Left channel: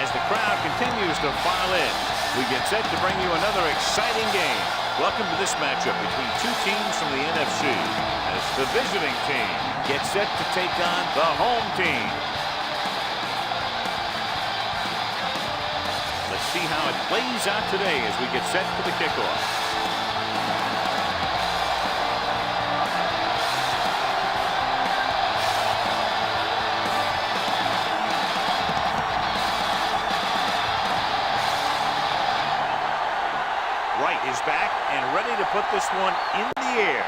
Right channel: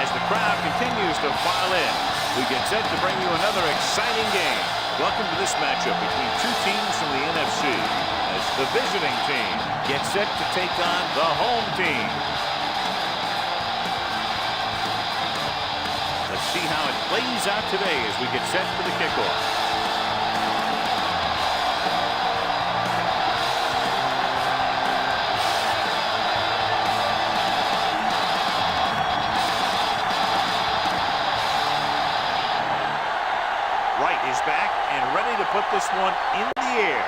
As the crowd continues to file in, we get set to bring you another exciting game. Welcome to this matchup between two teams from the NFC as the visiting team gets set to take on the home team. Let's see how it plays out today as we get set for the kickoff. Wright is back and ready to put this one in the air.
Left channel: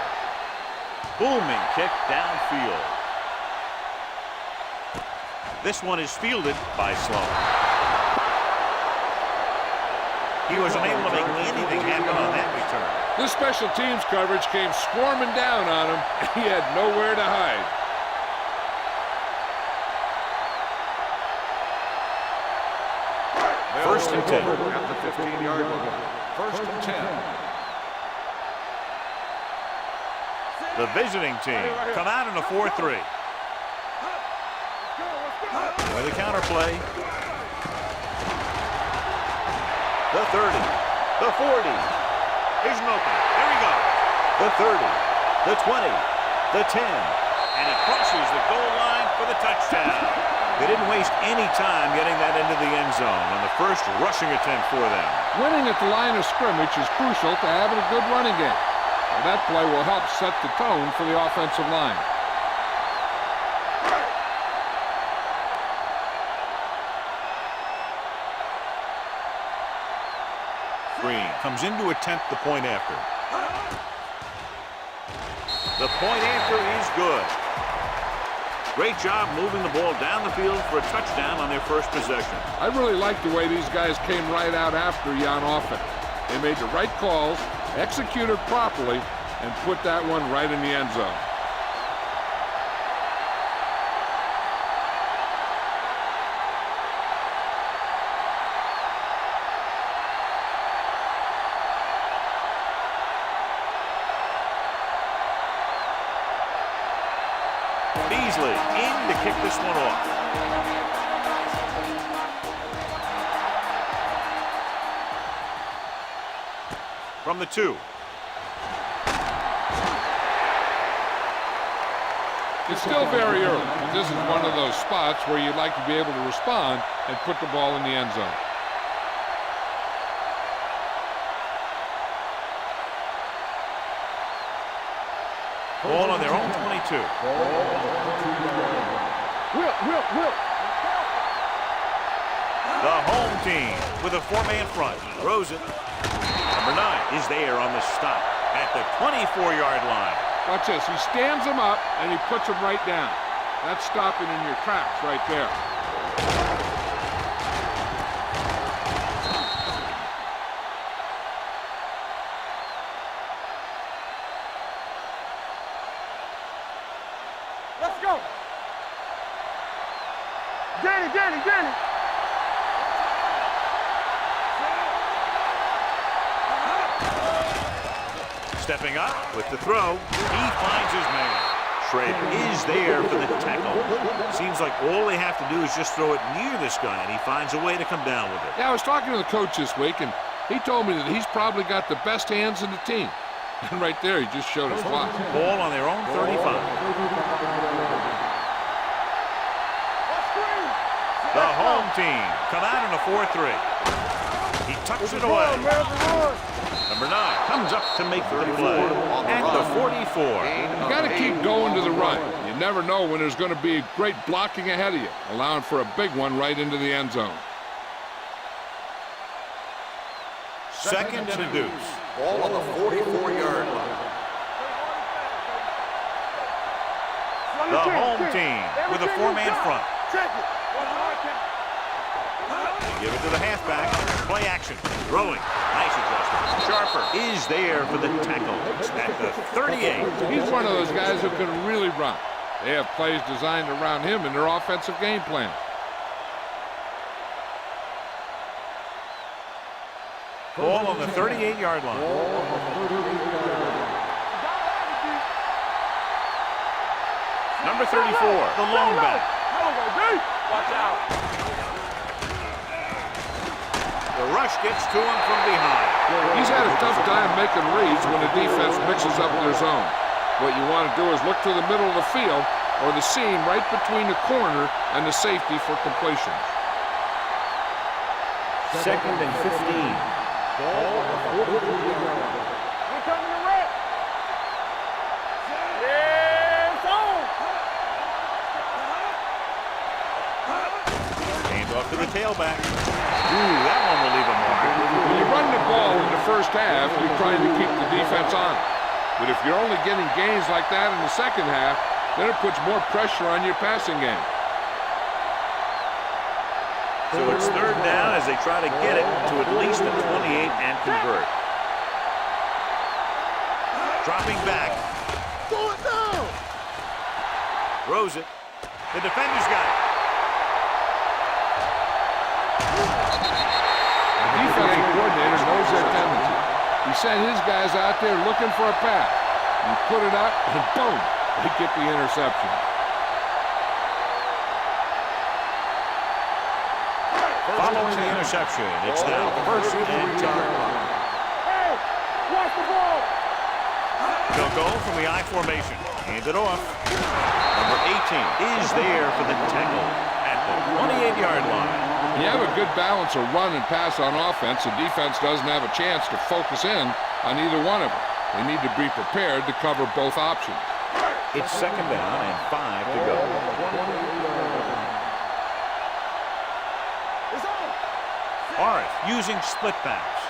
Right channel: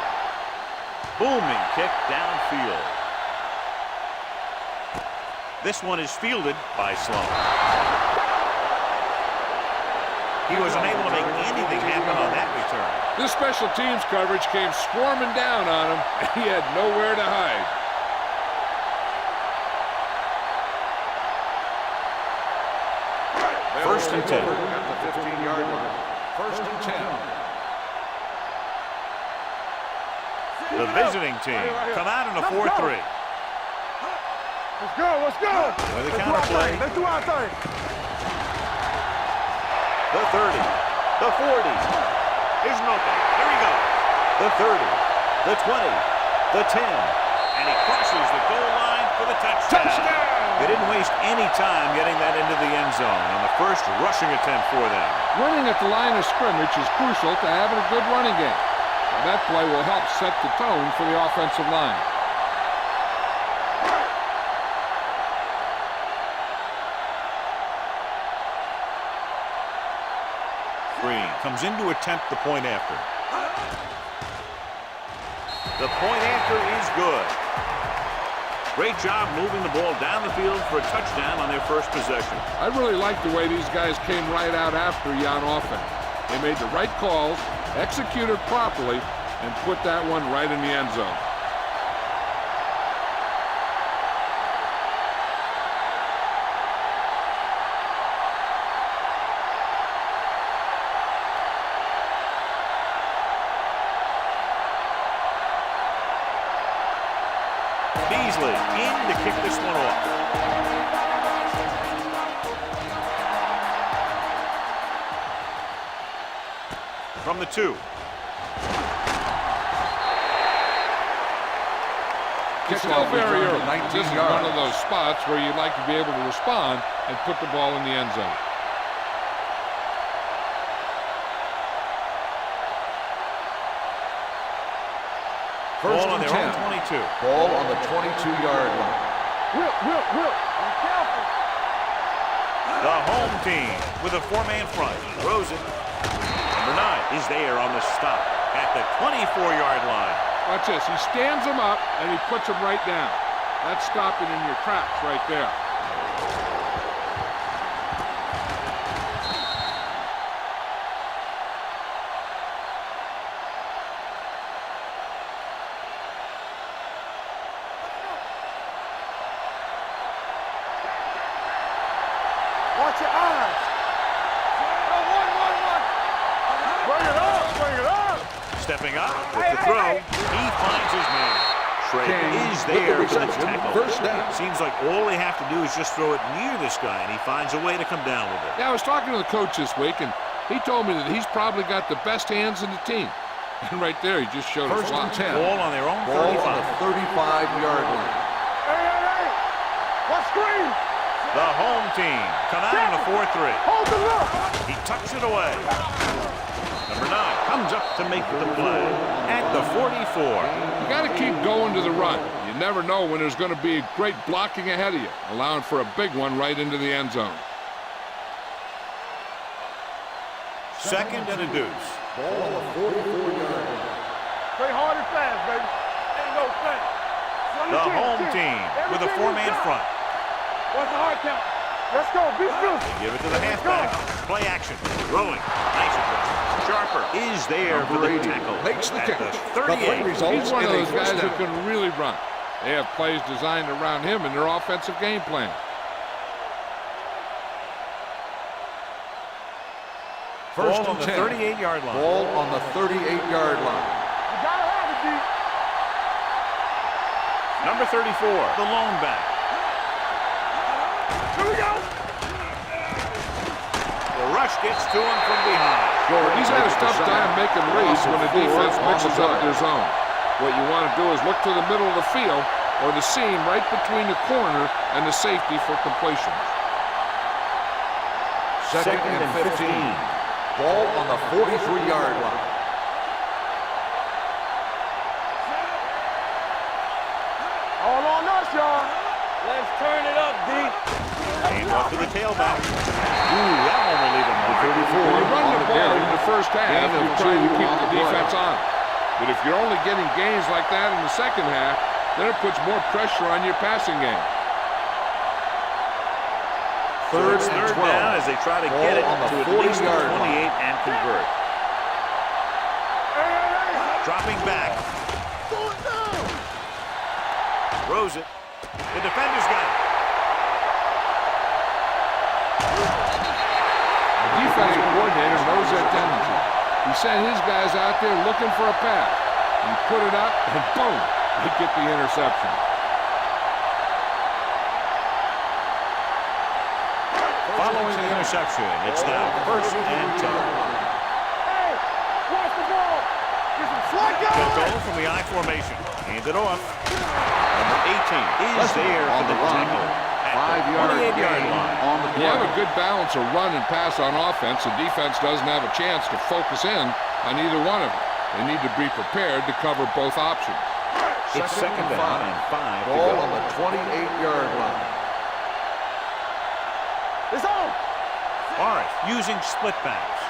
Booming kick downfield. This one is fielded by Sloan. He was unable to make anything happen on that return. This special teams coverage came swarming down on him, and he had nowhere to hide. First and 10. At the 15-yard line. First and 10. The visiting team come out in a 4-3. With a counter play. The 30. The 40. Here's an opening. There he goes. The 30. The 20. The 10. And he crosses the goal line for the touchdown. They didn't waste any time getting that into the end zone on the first rushing attempt for them. Winning at the line of scrimmage is crucial to having a good running game. So that play will help set the tone for the offensive line. Green comes in to attempt the point after. The point after is good. Great job moving the ball down the field for a touchdown on their first possession. I really like the way these guys came right out after you on offense. They made the right calls, executed properly, and put that one right in the end zone. Beasley in to kick this one off. From the 2. It's still very early. This is one of those spots where you'd like to be able to respond and put the ball in the end zone. Ball on their own 22. Ball on the 22-yard line. Will. Be careful. The home team with a 4-man front. Throws it. Number 9 is there on the stop at the 24-yard line. Watch this. He stands them up, and he puts them right down. That's stopping in your tracks right there. Danny. Watch your eyes. Stepping up with the throw. He finds his man. Shred is there for the tackle. Seems like all they have to do is just throw it near this guy, and he finds a way to come down with it. Yeah, I was talking to the coach this week, and he told me that he's probably got the best hands in the team. And right there, he just showed us why. Ball on their own 35. 35-yard line. Hey. Watch screen. The home team come out in a 4-3. He tucks it away. Number 9 comes up to make the play at the 44. You got to keep going to the run. You never know when there's going to be great blocking ahead of you, allowing for a big one right into the end zone. Second and a deuce. Ball on the 44-yard line. Stay hard and fast, baby. The home team with a 4-man front. What's the hard count? Let's go. They give it to the halfback. Play action. Throwing. Nice adjustment. Sharper is there for the tackle at the 38. He's one of those guys who can really run. They have plays designed around him in their offensive game plan. Ball on the 38-yard line. Ball on the 38-yard line. You gotta have it, D. Number 34, the lone back. rush gets to him from behind. He's had a tough time making reads when the defense mixes up their zone. What you want to do is look to the middle of the field or the seam right between the corner and the safety for completions. Second and 15. Ball on the 43-yard line. Here comes the red. It's on. All on us, y'all. Let's turn it up, D. Hand off to the tailback. Ooh, that one will leave a mark. When you run the ball in the first half, you're trying to keep the defense on it. But if you're only getting gains like that in the second half, then it puts more pressure on your passing game. So it's third down as they try to get it to at least the 28 and convert. Dropping back. Throws it. The defender's got it. The defensive coordinator knows their tendencies. He sent his guys out there looking for a pass. He put it up, and boom, they get the interception. Following the interception, it's now first and 10. Hey, watch the ball. They'll go from the I formation. Hand it off. Number 18 is there for the tackle at the 28-yard line. When you have a good balance of run and pass on offense, the defense doesn't have a chance to focus in on either one of them. They need to be prepared to cover both options. It's second down and 5 to Ball go. on the 28-yard line. It's on. Morris using split backs.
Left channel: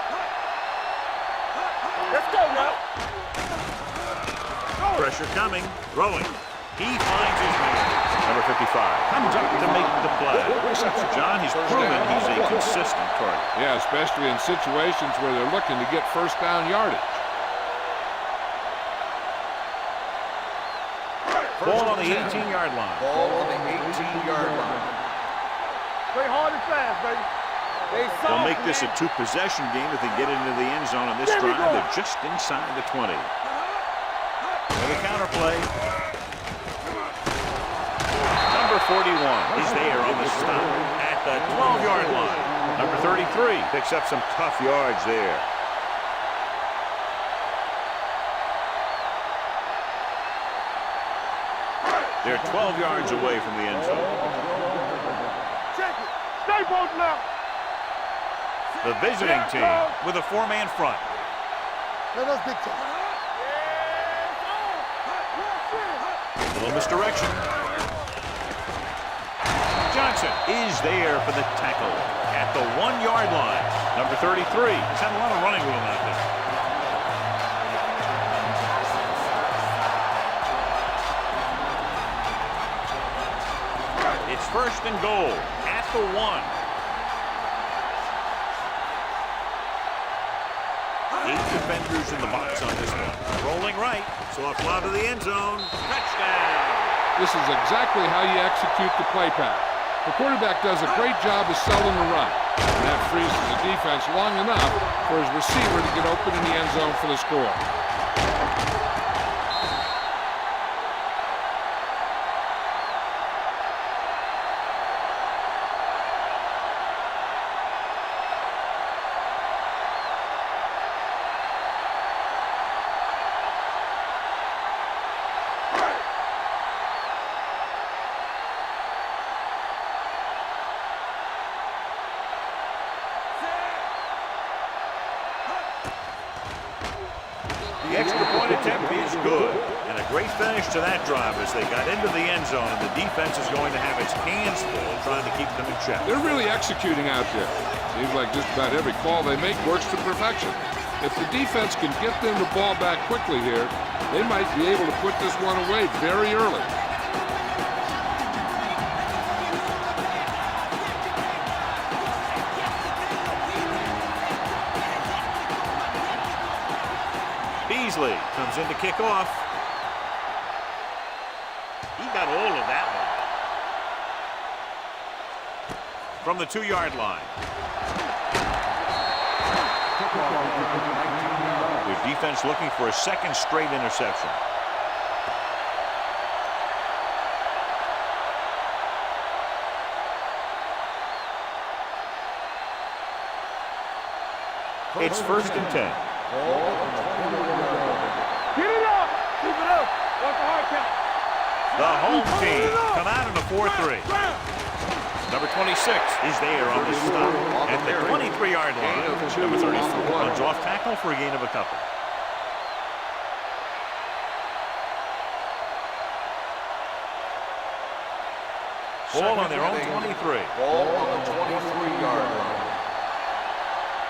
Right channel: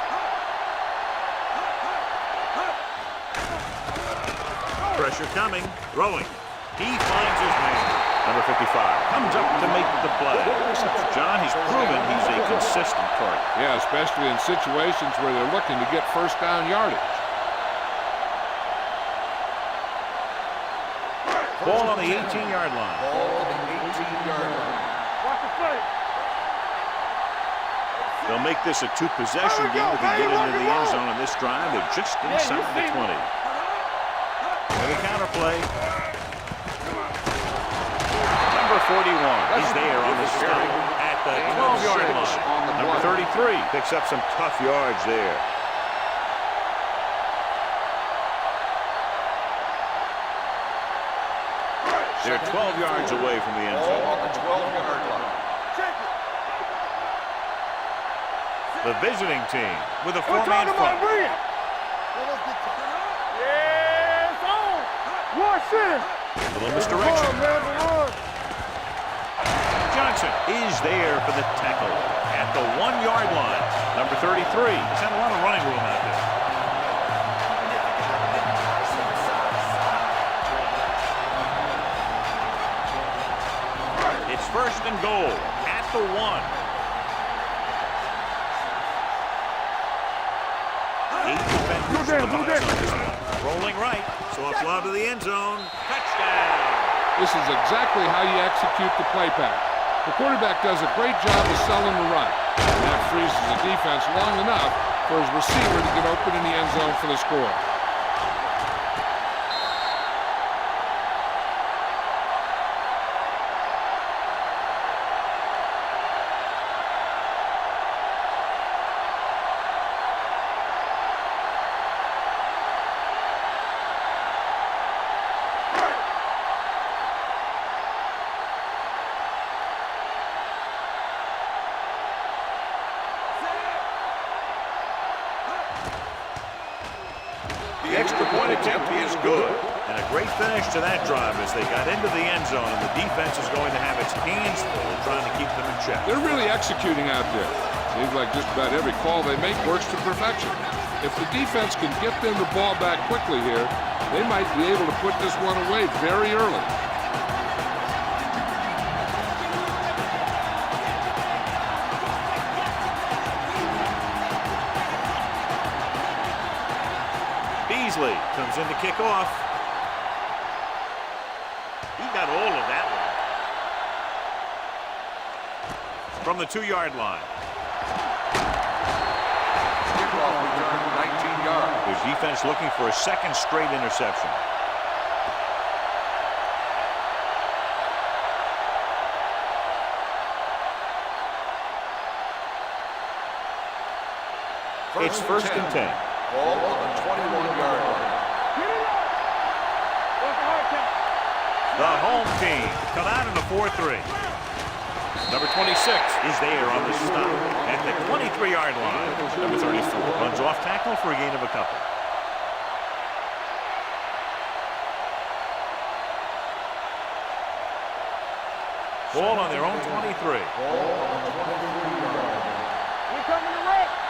Let's go, man. Pressure coming. Throwing. He finds his man. Number 55 comes up to make the play. John, he's proven he's a consistent target. Yeah, especially in situations where they're looking to get first down yardage. Ball on the 18-yard line. Ball on the 18-yard line. Watch the play. Play hard and fast, baby. They'll make this a two-possession game if they get into the end zone on this drive. They're just inside the 20. And the counterplay. Number 41 is there on the stop at the 12-yard line. Number 33 picks up some tough yards there. They're 12 yards away from the end zone. Check it. Stay both now. The visiting team with a four-man front. Let us big time. Yeah, it's on. Watch it. Little misdirection. Johnson is there for the tackle at the 1-yard line. Number 33 has had a lot of running room out there. It's first and goal at the 1. 8 defenders in the box on this one. Rolling right, so a fly to the end zone. Touchdown. This is exactly how you execute the play pack. The quarterback does a great job of selling the run. And that freezes the defense long enough for his receiver to get open in the end zone for the score. The extra point attempt is good. And a great finish to that drive as they got into the end zone, and the defense is going to have its hands full trying to keep them in check. They're really executing out there. Seems like just about every call they make works to perfection. If the defense can get them the ball back quickly here, they might be able to put this one away very early. Beasley comes in to kick off. He got all of that one. From the 2-yard line. Kickoff return 19 yards. Their defense looking for a second straight interception. It's first and 10. Ball on the 21-yard line. Get it up. Keep it up. What's the hard count? The home team come out in a 4-3. Number 26 is there on the stop at the 23-yard line. Number 34 runs off tackle for a gain of a couple. Ball on their own 23. Ball on the 23-yard line.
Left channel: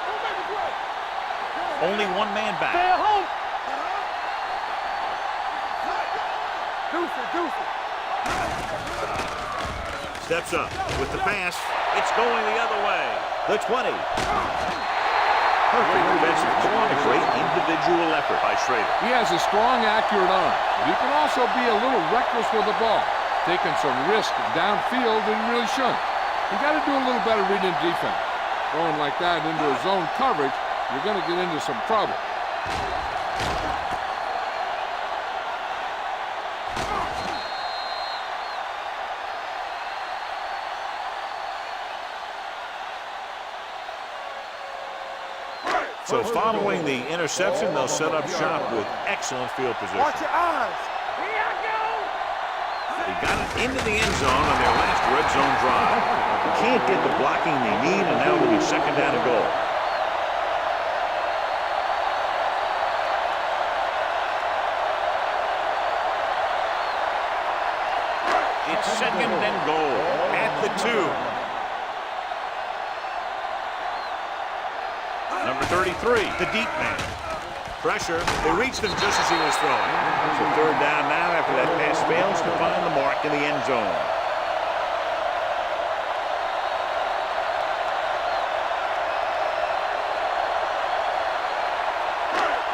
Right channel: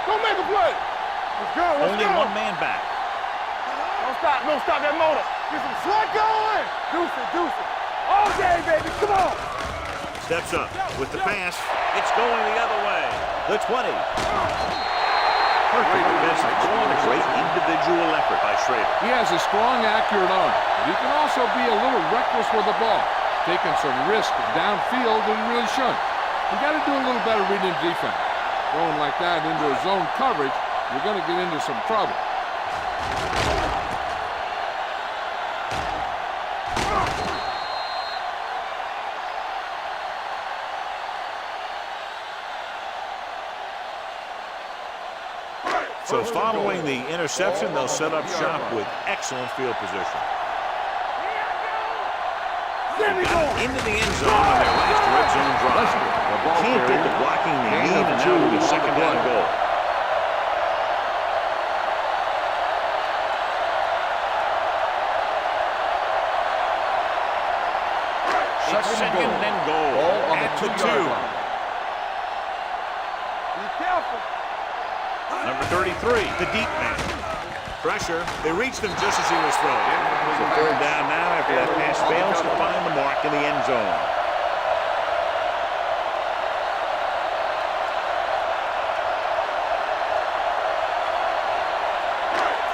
Don't make a play. Only one man Stay back. at home. Don't stop that motor. Let going. Deuce it. Okay, baby, come on. Steps up with the pass. It's going the other way. The 20. Perfect defensive pull and a great individual effort by Schrader. He has a strong, accurate arm, but he can also be a little reckless with the ball, taking some risk downfield that he really shouldn't. You got to do a little better reading defense. Throwing like that into a zone coverage, you're going to get into some trouble. So following the interception, they'll set up shop with excellent field position. They got it into the end zone on their last red zone drive. But they can't get the blocking they need, and now it'll be second down and goal. It's second and goal at the 2. Number 33, the deep man. Pressure. They reached him just as he was throwing. So third down now after that pass fails to find the mark in the end zone.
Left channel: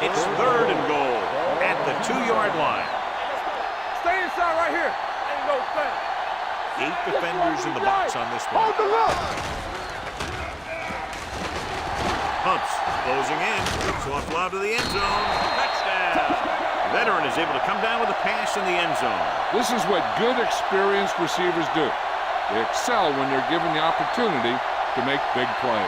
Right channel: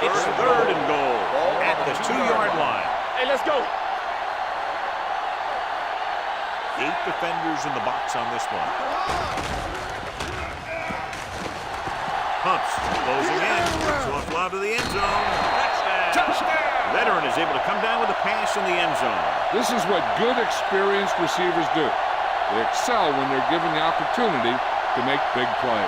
It's third and goal at the 2-yard line. Hey, let's go. Stay inside right here. And go fast. 8 defenders in the box on this one. Pumps, closing in, soft lob to the end zone. Touchdown. Veteran is able to come down with a pass in the end zone. This is what good, experienced receivers do. They excel when they're given the opportunity to make big plays.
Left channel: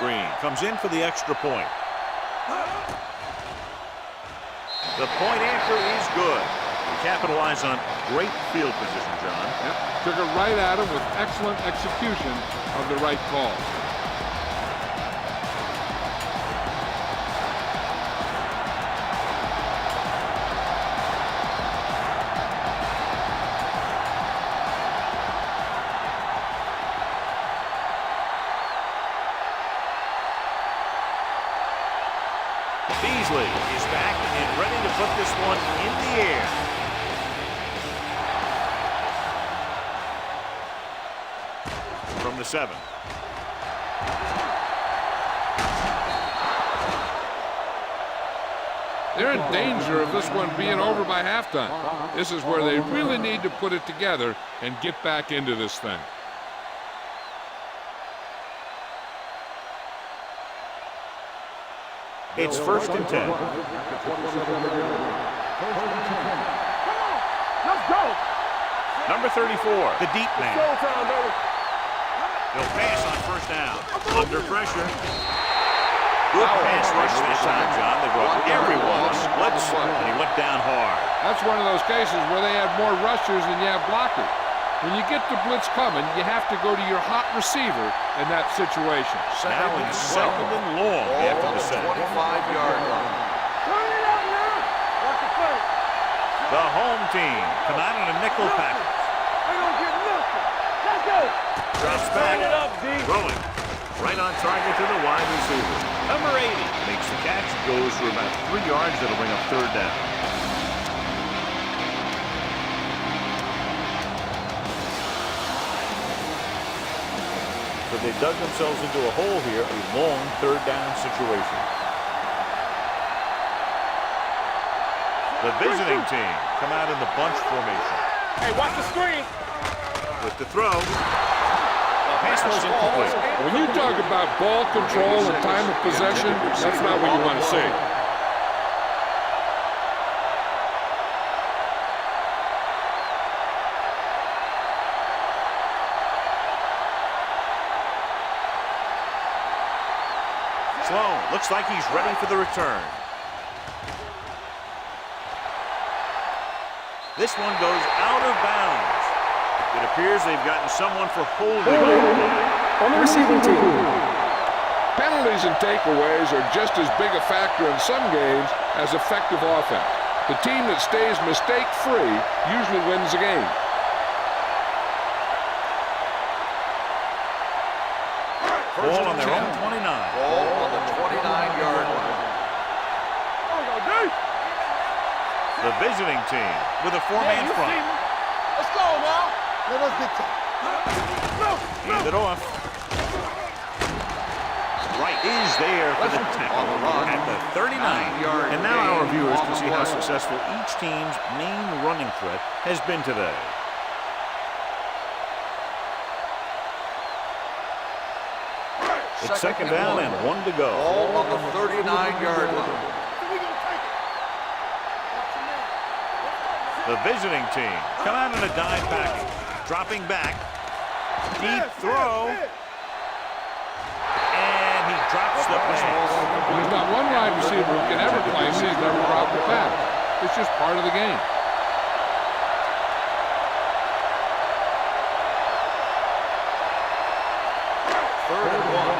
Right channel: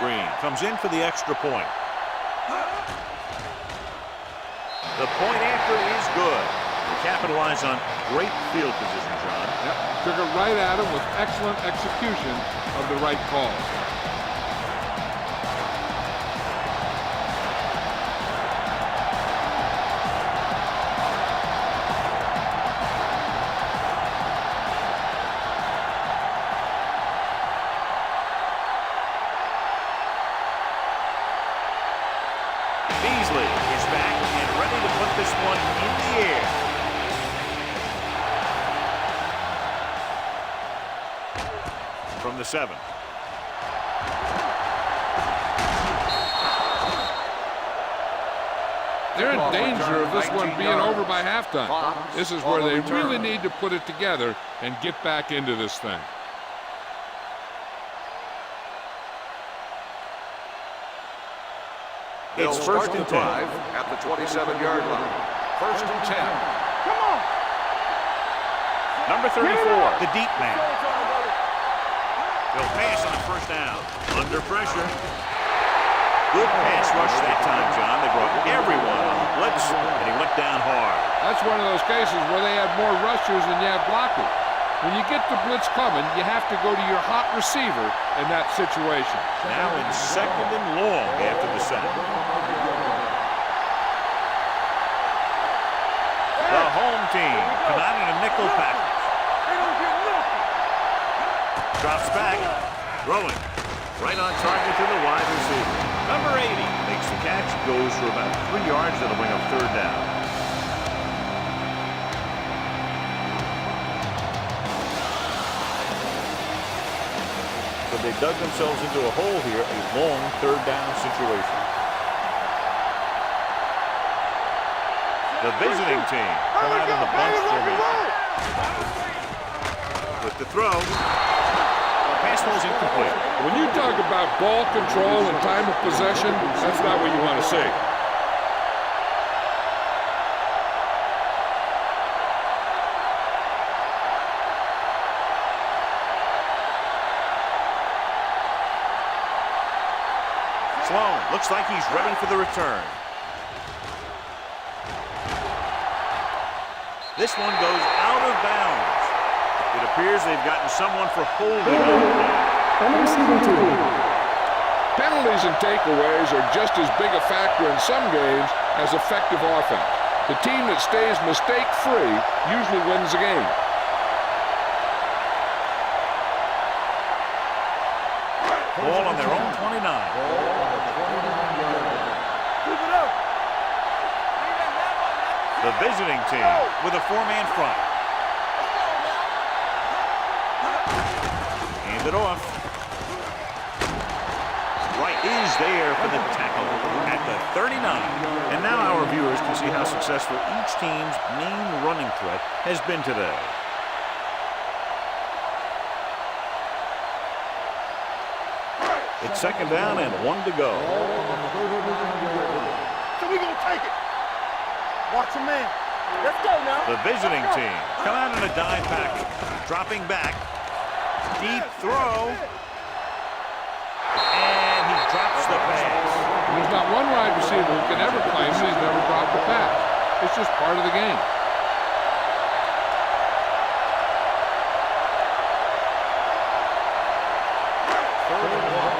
Green comes in for the extra point. The point after is good. To capitalize on great field position, John. Yep, took it right at him with excellent execution of the right call. Beasley is back and ready to put this one in the air. From the 7. They're in danger of this one being over by halftime. This is where they really need to put it together and get back into this thing. It's first and 10. At the 27-yard line. First and 10. Come on. Let's go. Number 34, the deep man. Showtime, baby. They'll pass on first down. Under pressure. Good pass rush that time, John. They brought everyone on the blitz, and he went down hard. That's one of those cases where they have more rushers than you have blockers. When you get the blitz coming, you have to go to your hot receiver in that situation. Now in second and long after the sack. 25-yard line. The home team come out in a nickel package. They don't get nothing. Let's go. Drops back, throwing. Right on target to the wide receiver. Number 80 makes the catch, goes for about 3 yards. That'll bring up third down. So they dug themselves into a hole here, a long third down situation. The visiting team come out in the bunch formation. With the throw, pass ball's incomplete. When you talk about ball control and time of possession, that's not what you want to see. Sloan looks like he's ready for the return. This one goes out of bounds. It appears they've gotten someone for holding on the play. Penalties and takeaways are just as big a factor in some games as effective offense. The team that stays mistake-free usually wins the game. Ball on their own 29. Ball on the 29-yard line. The visiting team with a four-man front. Let's go now. Hand it off. Right is there for the tackle at the 39. And now our viewers can see how successful each team's main running threat has been today. It's second down and 1 to go. Ball on the 39-yard line. So we gonna take it. Watch your man. Let's go now. The visiting team come out in a dive package. Dropping back. Deep throw. And he drops the pass. There's not one wide receiver who can ever claim that he's never dropped a pass. It's just part of the game. Third and 1.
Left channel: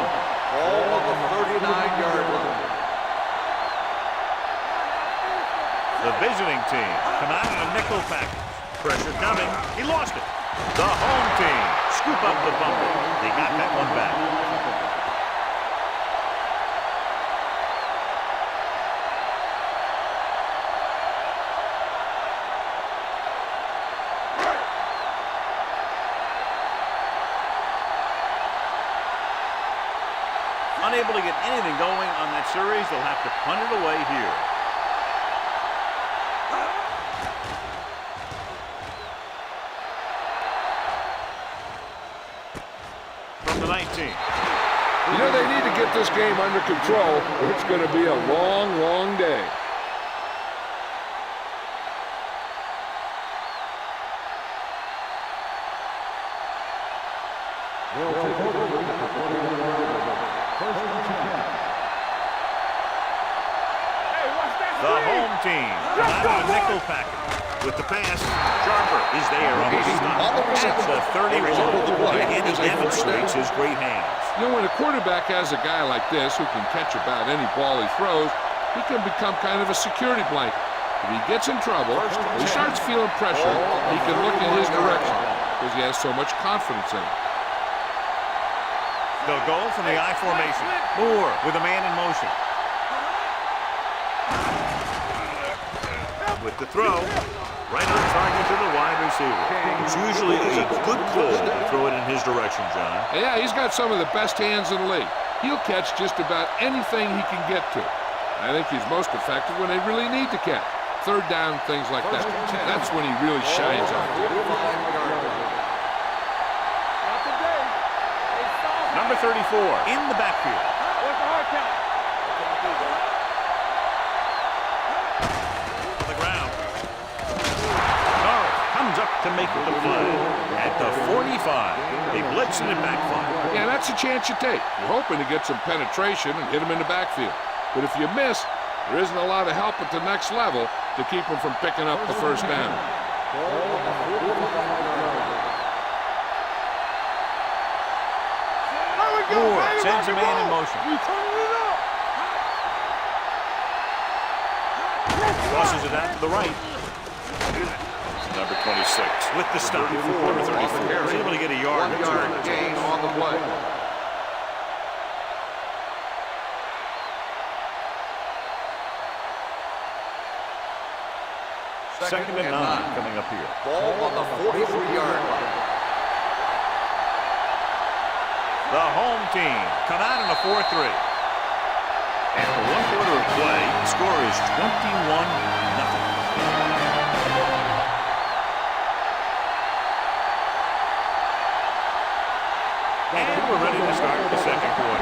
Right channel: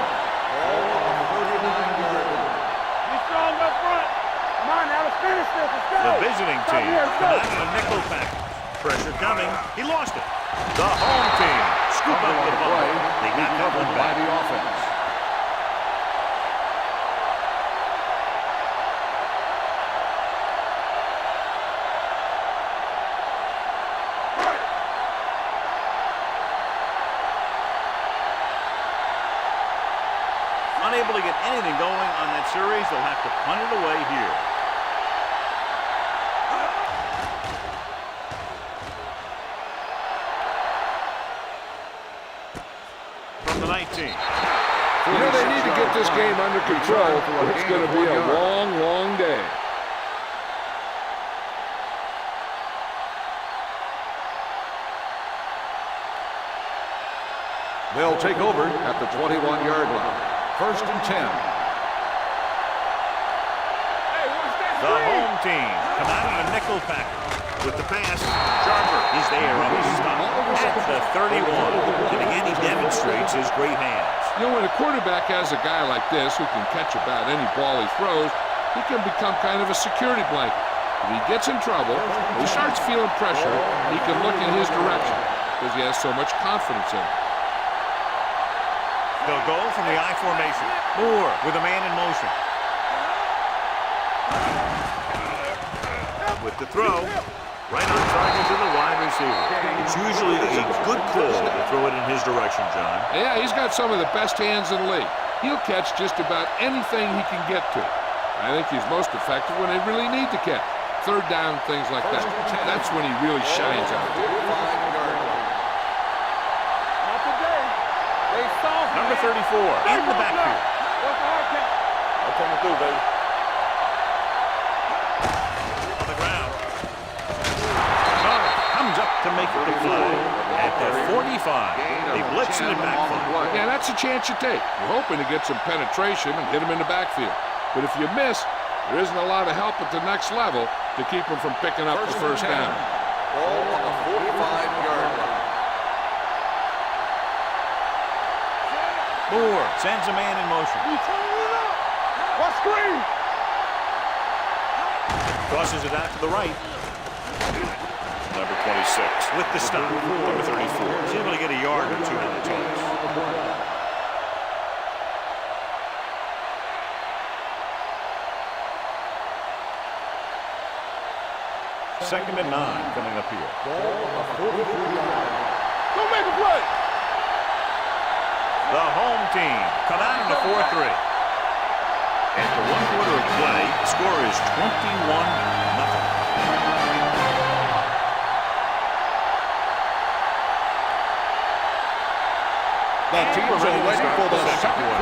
Ball on the 39-yard line. Come on now, let's finish this. Let's go. The visiting team come out in a nickel package. Pressure coming. He lost it. The home team scoop up the bumble. They got that one back. Unable to get anything going on that series, they'll have to punt it away here. From the 19. You know, they need to get this game under control, or it's going to be a long, long day. They'll take over at the 21-yard line. First and 10. Hey, watch that The screen. home team come out in a nickel package. With the pass, Sharper is there on the stop at the 31. And again, he demonstrates his great hands. You know, when a quarterback has a guy like this who can catch about any ball he throws, he can become kind of a security blanket. If he gets in trouble, or he starts feeling pressure, he can look in his direction because he has so much confidence in him. They'll go from the I formation. Moore with a man in motion. With the throw, right on target to the wide receiver. It's usually a good call to throw it in his direction, John. Yeah, he's got some of the best hands in the league. He'll catch just about anything he can get to. I think he's most effective when they really need to catch. Third down, things like that. That's when he really shines out there. 45-yard line. Not today. They saw Number 34 in the backfield. What's the hard count? I'm coming through, baby. On the ground. Norris comes up to make the play. At the 45, they blitz and it backfire. Yeah, that's a chance you take. You're hoping to get some penetration and hit him in the backfield. But if you miss, there isn't a lot of help at the next level to keep him from picking up the first down. Ball on the 45-yard line. Moore sends a man in motion. You turning it up. Watch screen. Tosses it out to the right. Number 26 with the stop. Number 34 is able to get a yard or two on the toss. On the play. Second and 9 coming up here. Ball on the 43-yard line. Go make a play. The home team come out in a 4-3. After 1 quarter of play, the score is 21-0. And we're ready to start the second quarter.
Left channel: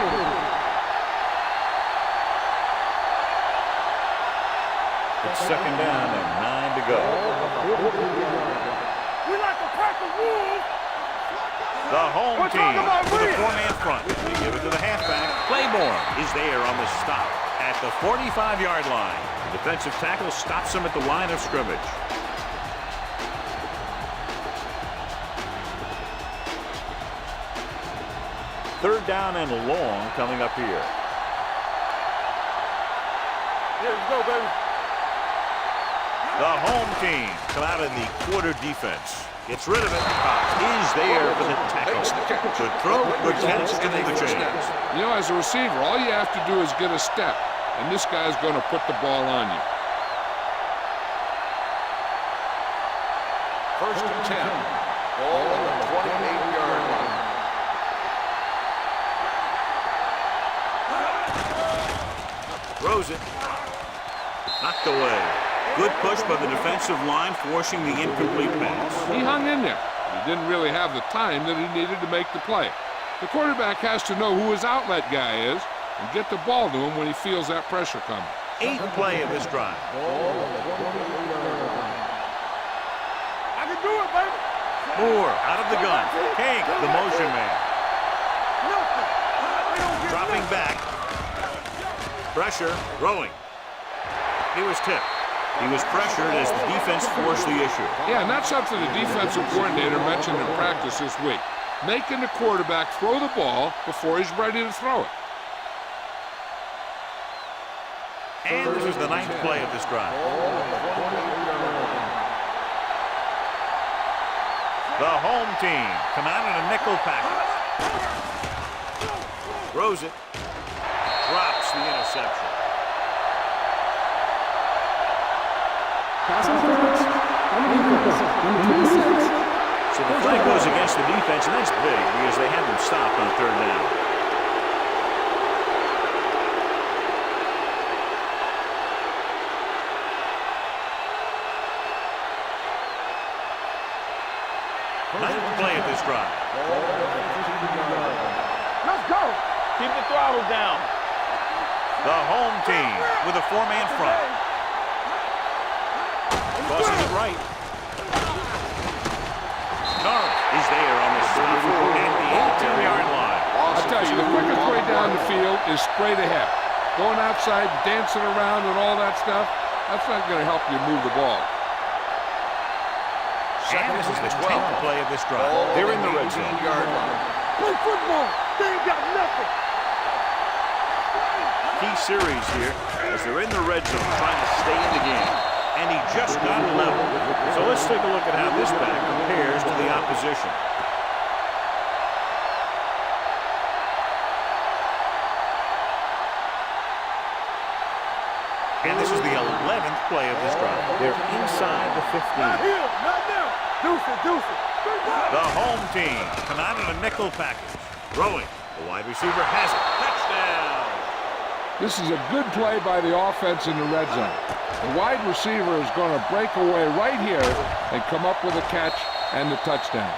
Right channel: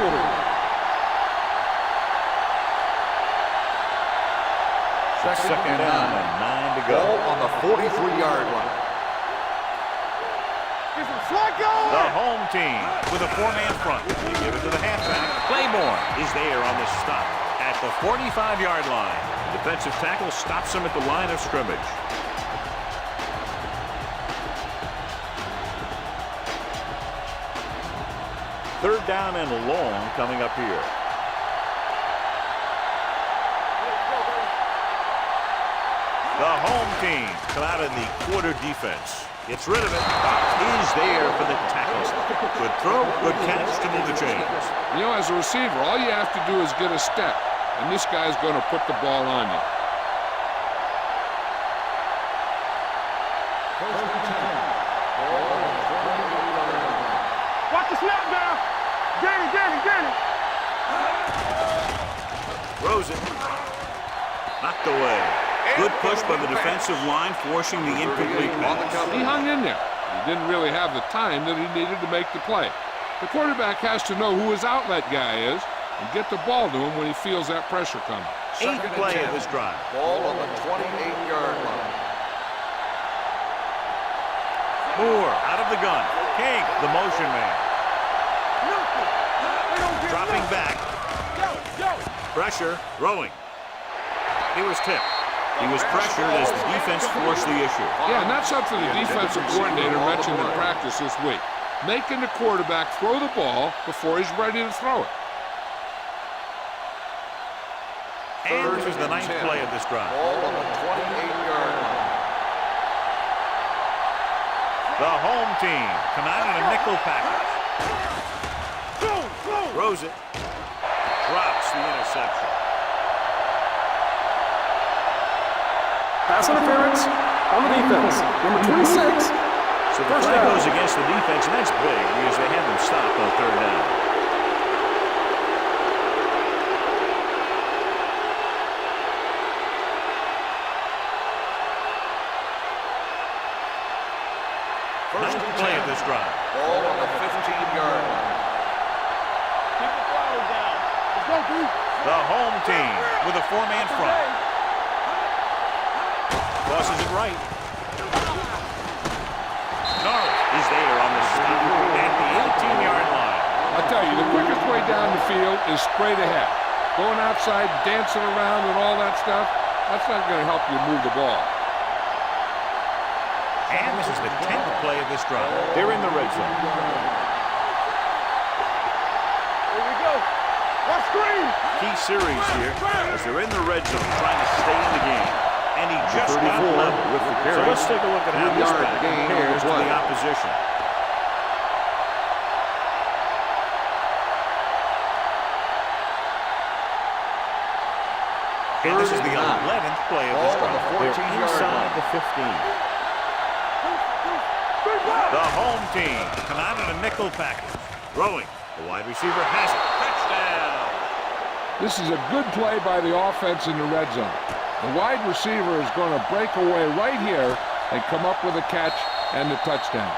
It's second down and 9 to go. Ball on the 43-yard line. We like to crack the wood. Is it Flacco? The home team with a 4-man front. They give it to the halfback. Claiborne is there on the stop at the 45-yard line. The defensive tackle stops him at the line of scrimmage. Third down and long coming up here. Let's go, baby. The home team come out in the quarter defense. Gets rid of it. Cox is there for the tackle. Good throw, good catch to move the chains. You know, as a receiver, all you have to do is get a step, and this guy's going to put the ball on you. First and 10. Ball on the 28-yard line. Watch the snap down. Get it. Throws it. Knocked away. Good push by the defensive line, forcing the incomplete pass. He hung in there. He didn't really have the time that he needed to make the play. The quarterback has to know who his outlet guy is and get the ball to him when he feels that pressure coming. 8th play of this drive. Ball on the 28-yard line. I can do it, baby. Moore out of the gun. King, the motion man. Nothing. They don't get Dropping nothing. back. Yo. Pressure. Throwing. He was tipped. He was pressured as the defense forced the issue. Yeah, and that's something the defensive coordinator mentioned in practice this week. Making the quarterback throw the ball before he's ready to throw it. And this is the 9th play of this drive. Ball on the 28-yard line. The home team come out in a nickel package. Throws it. Drops the interception. Pass interference on the defense. Number 26. So the flag goes against the defense, and that's big because they had them stopped on 3rd down. Ninth play of this drive. Ball on the 15-yard line. Let's go. Keep the throttle down. Let's go, dude. The home team with a 4-man front. Crosses it right. Norris is there on the stop at the 18-yard line. I tell you, the quickest way down the field is straight ahead. Going outside, dancing around and all that stuff, that's not going to help you move the ball. And this is the 10th play of this drive. They're in the red zone. Play football. They ain't got nothing. Here we go. Watch screen. Key series here as they're in the red zone trying to stay in the game. And he just got level. So let's take a look at how this back compares to the opposition. And this is the 11th play of this drive. They're inside the 15. Not here. Not now. Deuce it. Big ball. The home team come out in a nickel package. Throwing. The wide receiver has it. Touchdown. This is a good play by the offense in the red zone. The wide receiver is going to break away right here and come up with a catch and the touchdown.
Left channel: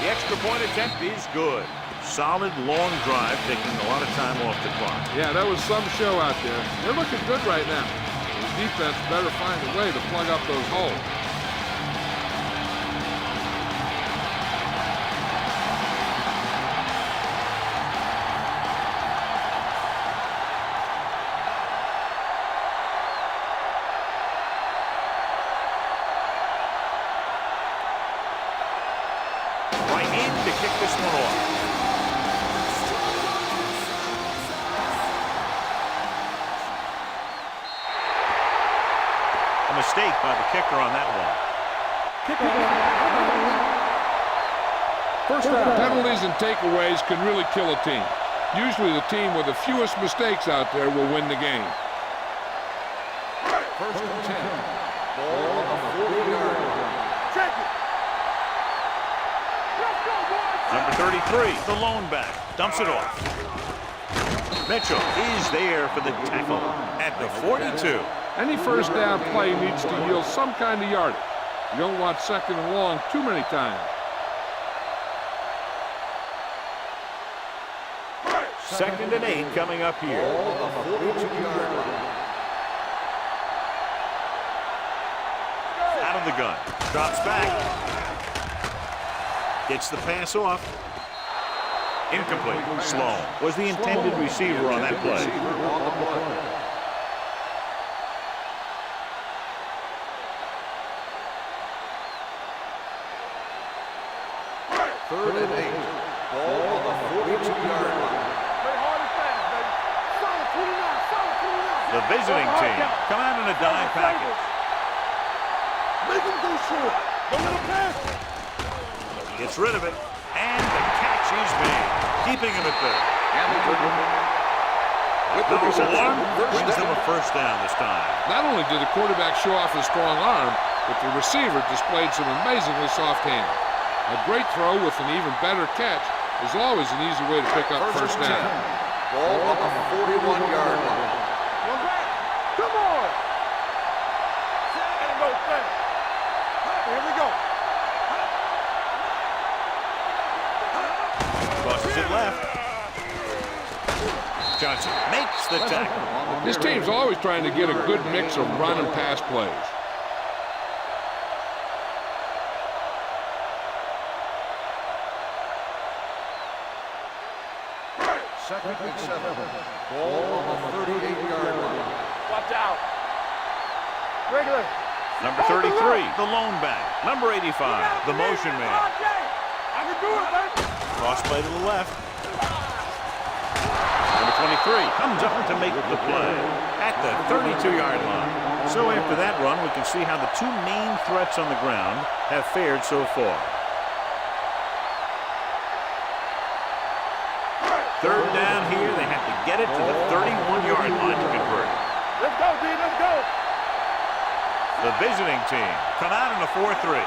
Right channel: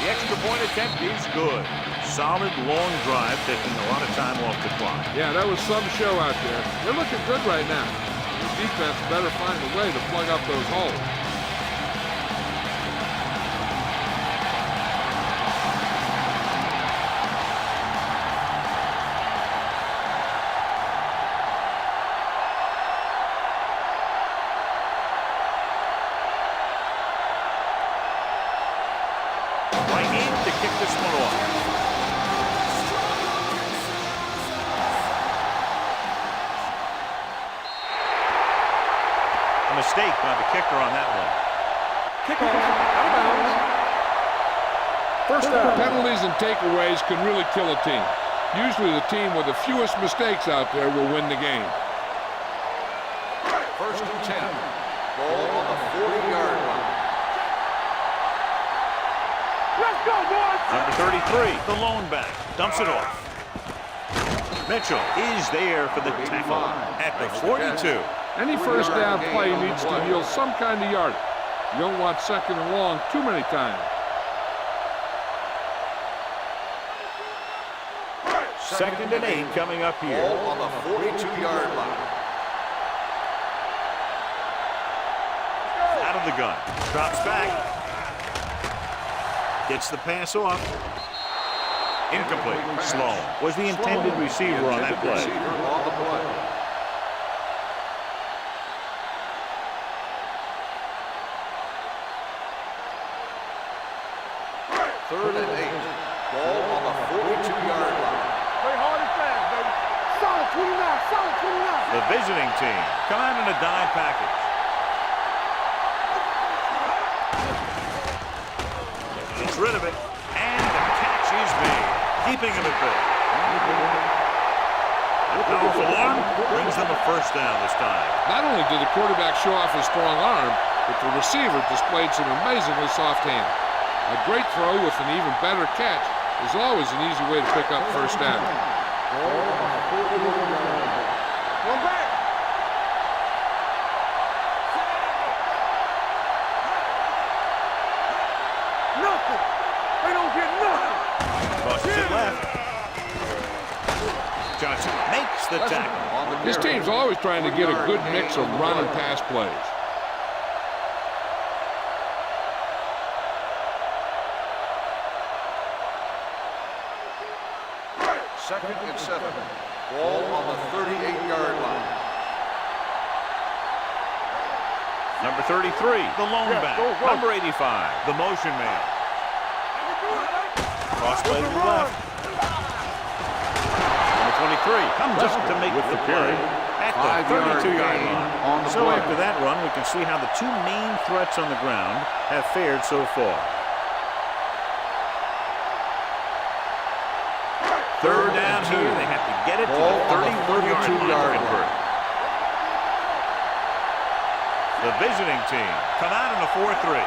The extra point attempt is good. Solid long drive, taking a lot of time off the clock. Yeah, that was some show out there. They're looking good right now. The defense better find a way to plug up those holes. Right in to kick this one off. A mistake by the kicker on that one. Kickoff out of bounds. First down. Penalties and takeaways can really kill a team. Usually the team with the fewest mistakes out there will win the game. First and 10. Ball on the 40-yard line. Let's go, boys. Number 33, the lone back, dumps it off. Mitchell is there for the tackle at the 42. Any first down play needs to yield some kind of yardage. You don't want second and long too many times. Second and 8 coming up here. Ball on the 42-yard line. Out of the gun. Drops back. Gets the pass off. Incomplete. Sloan was the intended receiver on that play. Third and 8. Ball on the 42-yard line. Play hard and fast, baby. Solid 29, solid 29. The visiting team come out in a dime package. Gets rid of it, and the catch is made, keeping him at bay. That powerful arm brings them a first down this time. Not only did the quarterback show off his strong arm, but the receiver displayed some amazingly soft hands. A great throw with an even better catch is always an easy way to pick up first down. Ball on the 41-yard line. One back. Come on. Here we go. Nothing. They don't get nothing. Crosses it left. Johnson makes the tackle. This team's always trying to get a good mix of run and pass plays. Second and 7. Ball on the 38-yard line. Watch out. Regular. Number 33, the lone back. Number 85, the motion man. I can do it, baby. Cross play to the left. Number 23 comes up to make the play at the 32-yard line. So after that run, we can see how the two main threats on the ground have fared so far. Third down here, they have to get it to the 31-yard line to convert. Let's go, D. Let's go. The visiting team come out in a 4-3.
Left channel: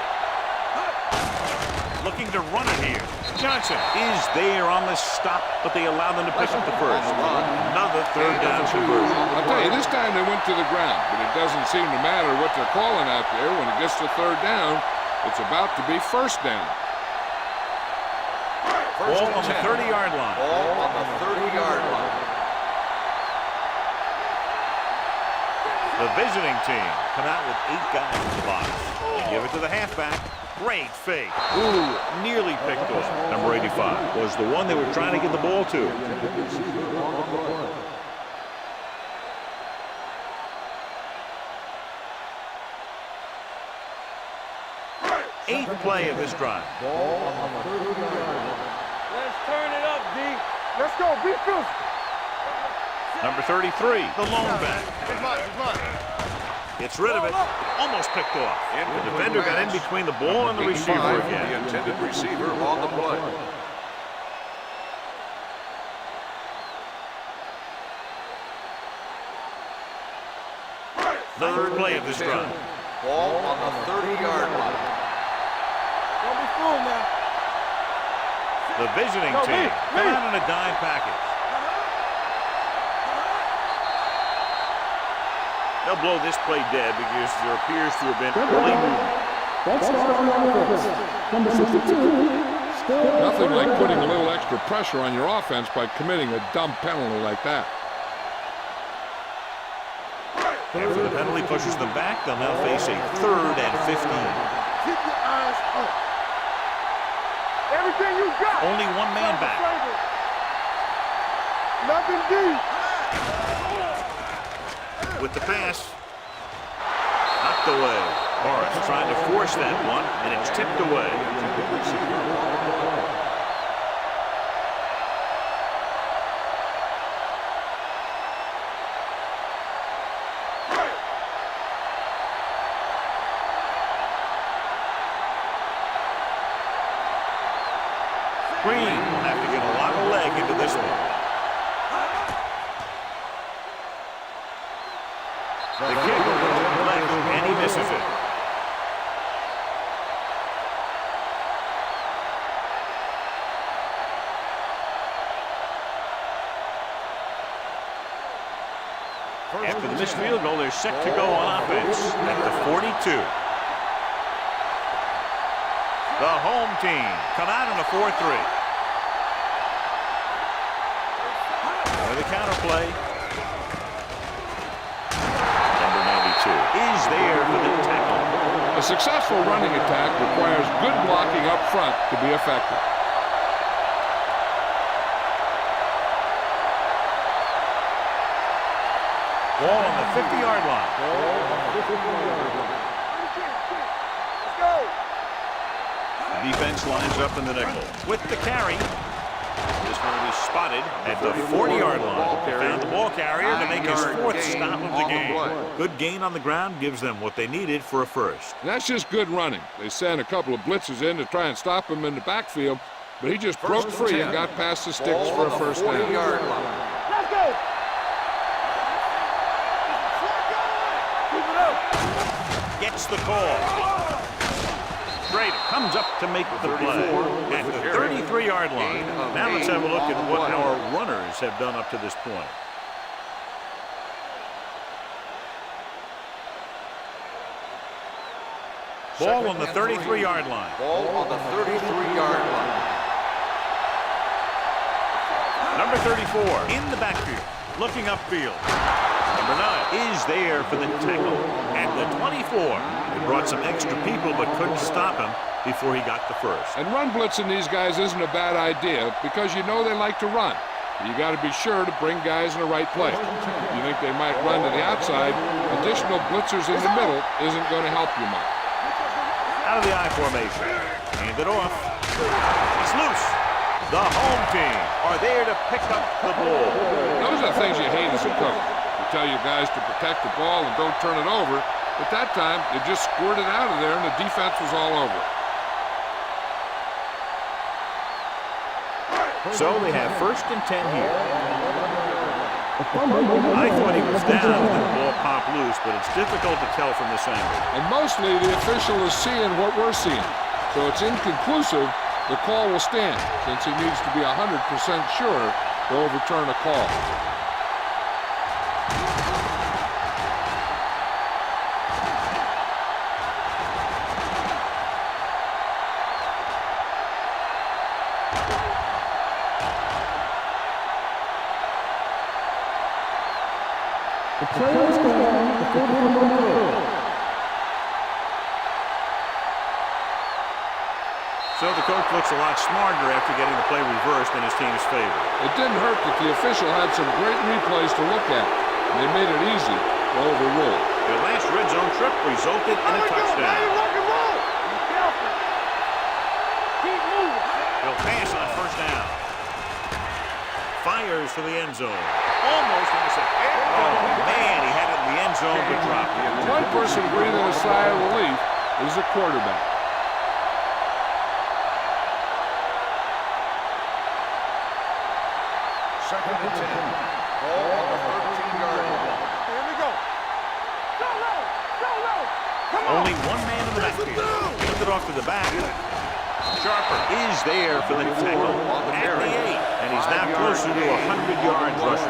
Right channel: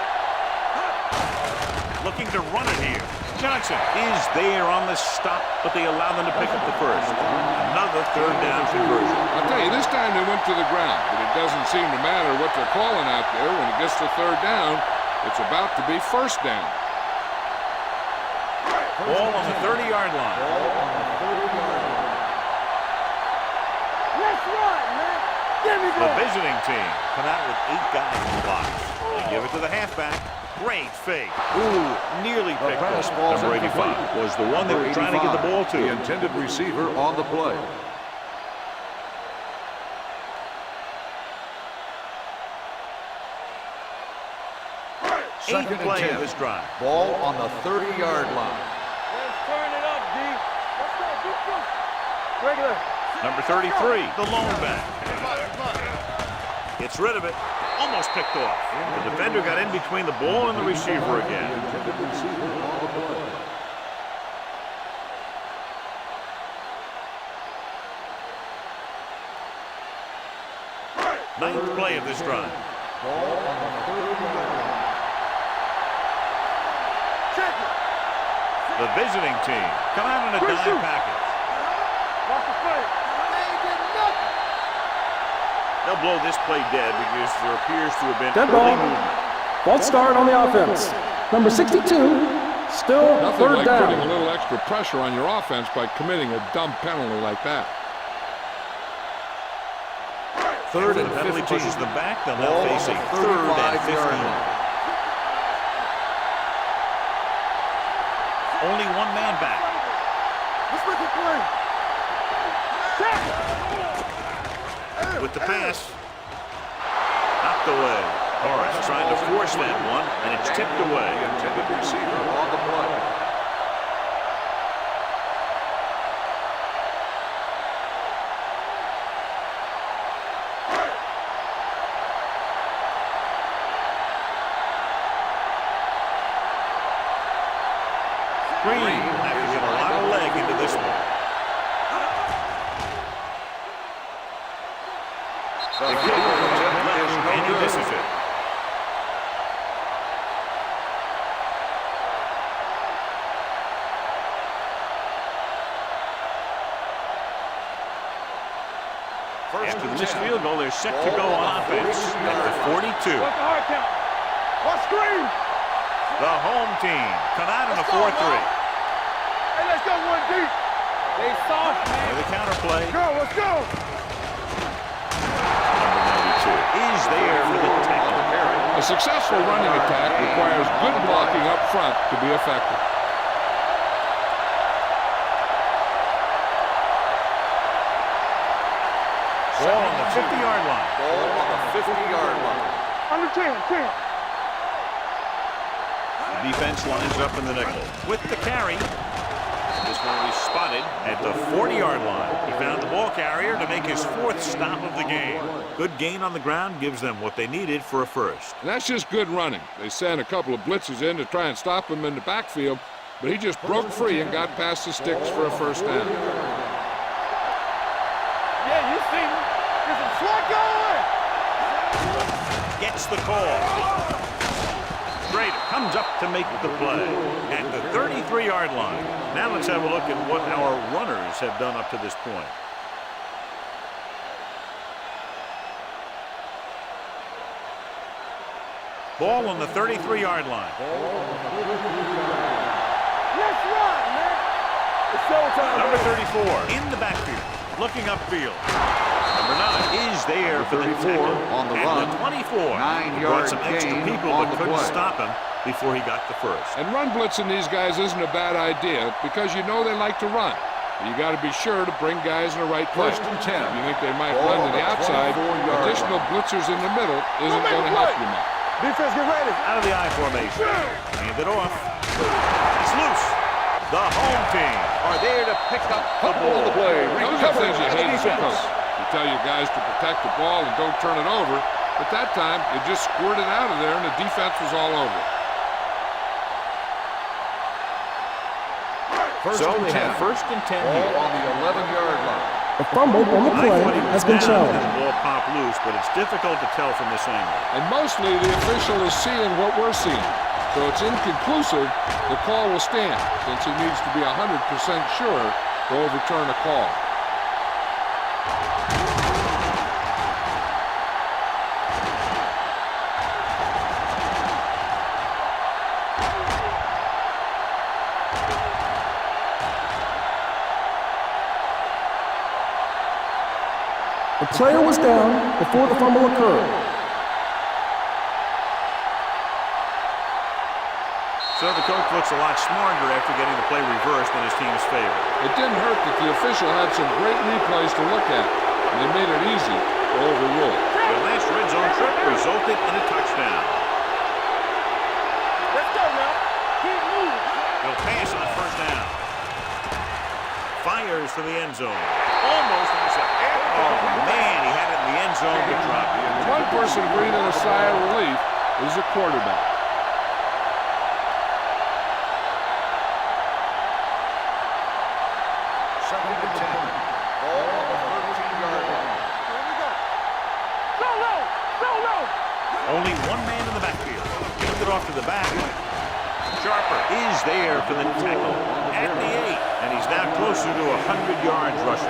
Looking to run it here. Johnson is there on the stop, but they allow them to pick up the first. Another third down conversion. I'll tell you, this time they went to the ground, but it doesn't seem to matter what they're calling out there. When it gets to third down, it's about to be first down. Ball on the 30-yard line. Ball on the 30-yard line. Let's run, man. Give me The that. visiting team come out with 8 guys in the box. They give it to the halfback. Great fake. Ooh, nearly picked off. Number 85 was the one they were trying to get the ball to. The intended receiver on the play. Eighth play of this drive. Ball on the 30-yard line. Let's turn it up, D. Let's go. Be physical. Regular. Number 33, the lone back. Gets rid of it. Almost picked off. The defender got in between the ball and the receiver again. The intended receiver on the play. Ninth play of this drive. Ball on the 30-yard line. Don't be fooled, man. Check it. The visiting team come out in a dime package. Off the play. They'll blow this play dead because there appears to have been Dead early ball. movement. False start on the offense. Number 62, still Nothing third like down. putting a little extra pressure on your offense by committing a dumb penalty like that. After the penalty pushes them back, they'll now face a 3rd and 15. Keep your eyes up. Everything you got. Only one man back. This looking play. Nothing D. With the pass, knocked away. Morris trying to force that one, and it's tipped away. The intended receiver on the play. Green will have to get a lot of leg into this one. The kick left, and he misses it. After the missed field goal, they're set to go on offense at the 42. The home team come out in a 4-3. With a counter play. Number 92 is there for the tackle. A successful running attack requires good blocking up front to be effective. Ball on the 50-yard line. Ball on the 50-yard line. Under 10. Let's go. The defense lines up in the nickel with the carry. This one will be spotted at the 40-yard line. They found the ball carrier to make his 4th stop of the game. Good gain on the ground gives them what they needed for a first. And that's just good running. They sent a couple of blitzes in to try and stop him in the backfield, but he just broke free and got past the sticks for a first down. Gets the call. Schrader comes up to make the play at the 33-yard line. Now let's have a look at what our runners have done up to this point. Ball on the 33-yard line. Ball on the 33-yard line. Number 34 in the backfield, looking upfield. Number 9 is there for the tackle at the 24. He brought some extra people but couldn't stop him before he got the first. And run blitzing these guys isn't a bad idea because you know they like to run. But you got to be sure to bring guys in the right place. If you think they might run to the outside, additional blitzers in the middle isn't going to help you much. Defense, get ready. Out of the I formation. Hand it off. It's loose. The home team are there to pick up the ball. Those are things you hate as a coach. You tell your guys to protect the ball and don't turn it over, but that time it just squirted out of there and the defense was all over it. So they have 1st and 10 here. On the 11-yard line. The fumble on the I thought he play was has been down and then challenged. the ball popped loose, but it's difficult to tell from this angle. And mostly the official is seeing what we're seeing. So it's inconclusive. The call will stand since he needs to be 100% sure to overturn a call. The player was down before the fumble occurred. So the coach looks a lot smarter after getting the play reversed in his team's favor. It didn't hurt that the official had some great replays to look at, and they made it easy to overrule. Their last red zone trip resulted in a touchdown. Let's go now. Keep moving. He'll pass on 1st down. Fires to the end zone. Almost intercepted. Oh, man, he had it in the end zone but dropped it. One person breathing a sigh of relief is the quarterback. Second and 10. Ball on the 13-yard line. Here we go. So low. Come on. Only one man in the backfield. Hand it off to the back. Sharper is there for the tackle at the 8, and he's now closer to 100 yards rushing.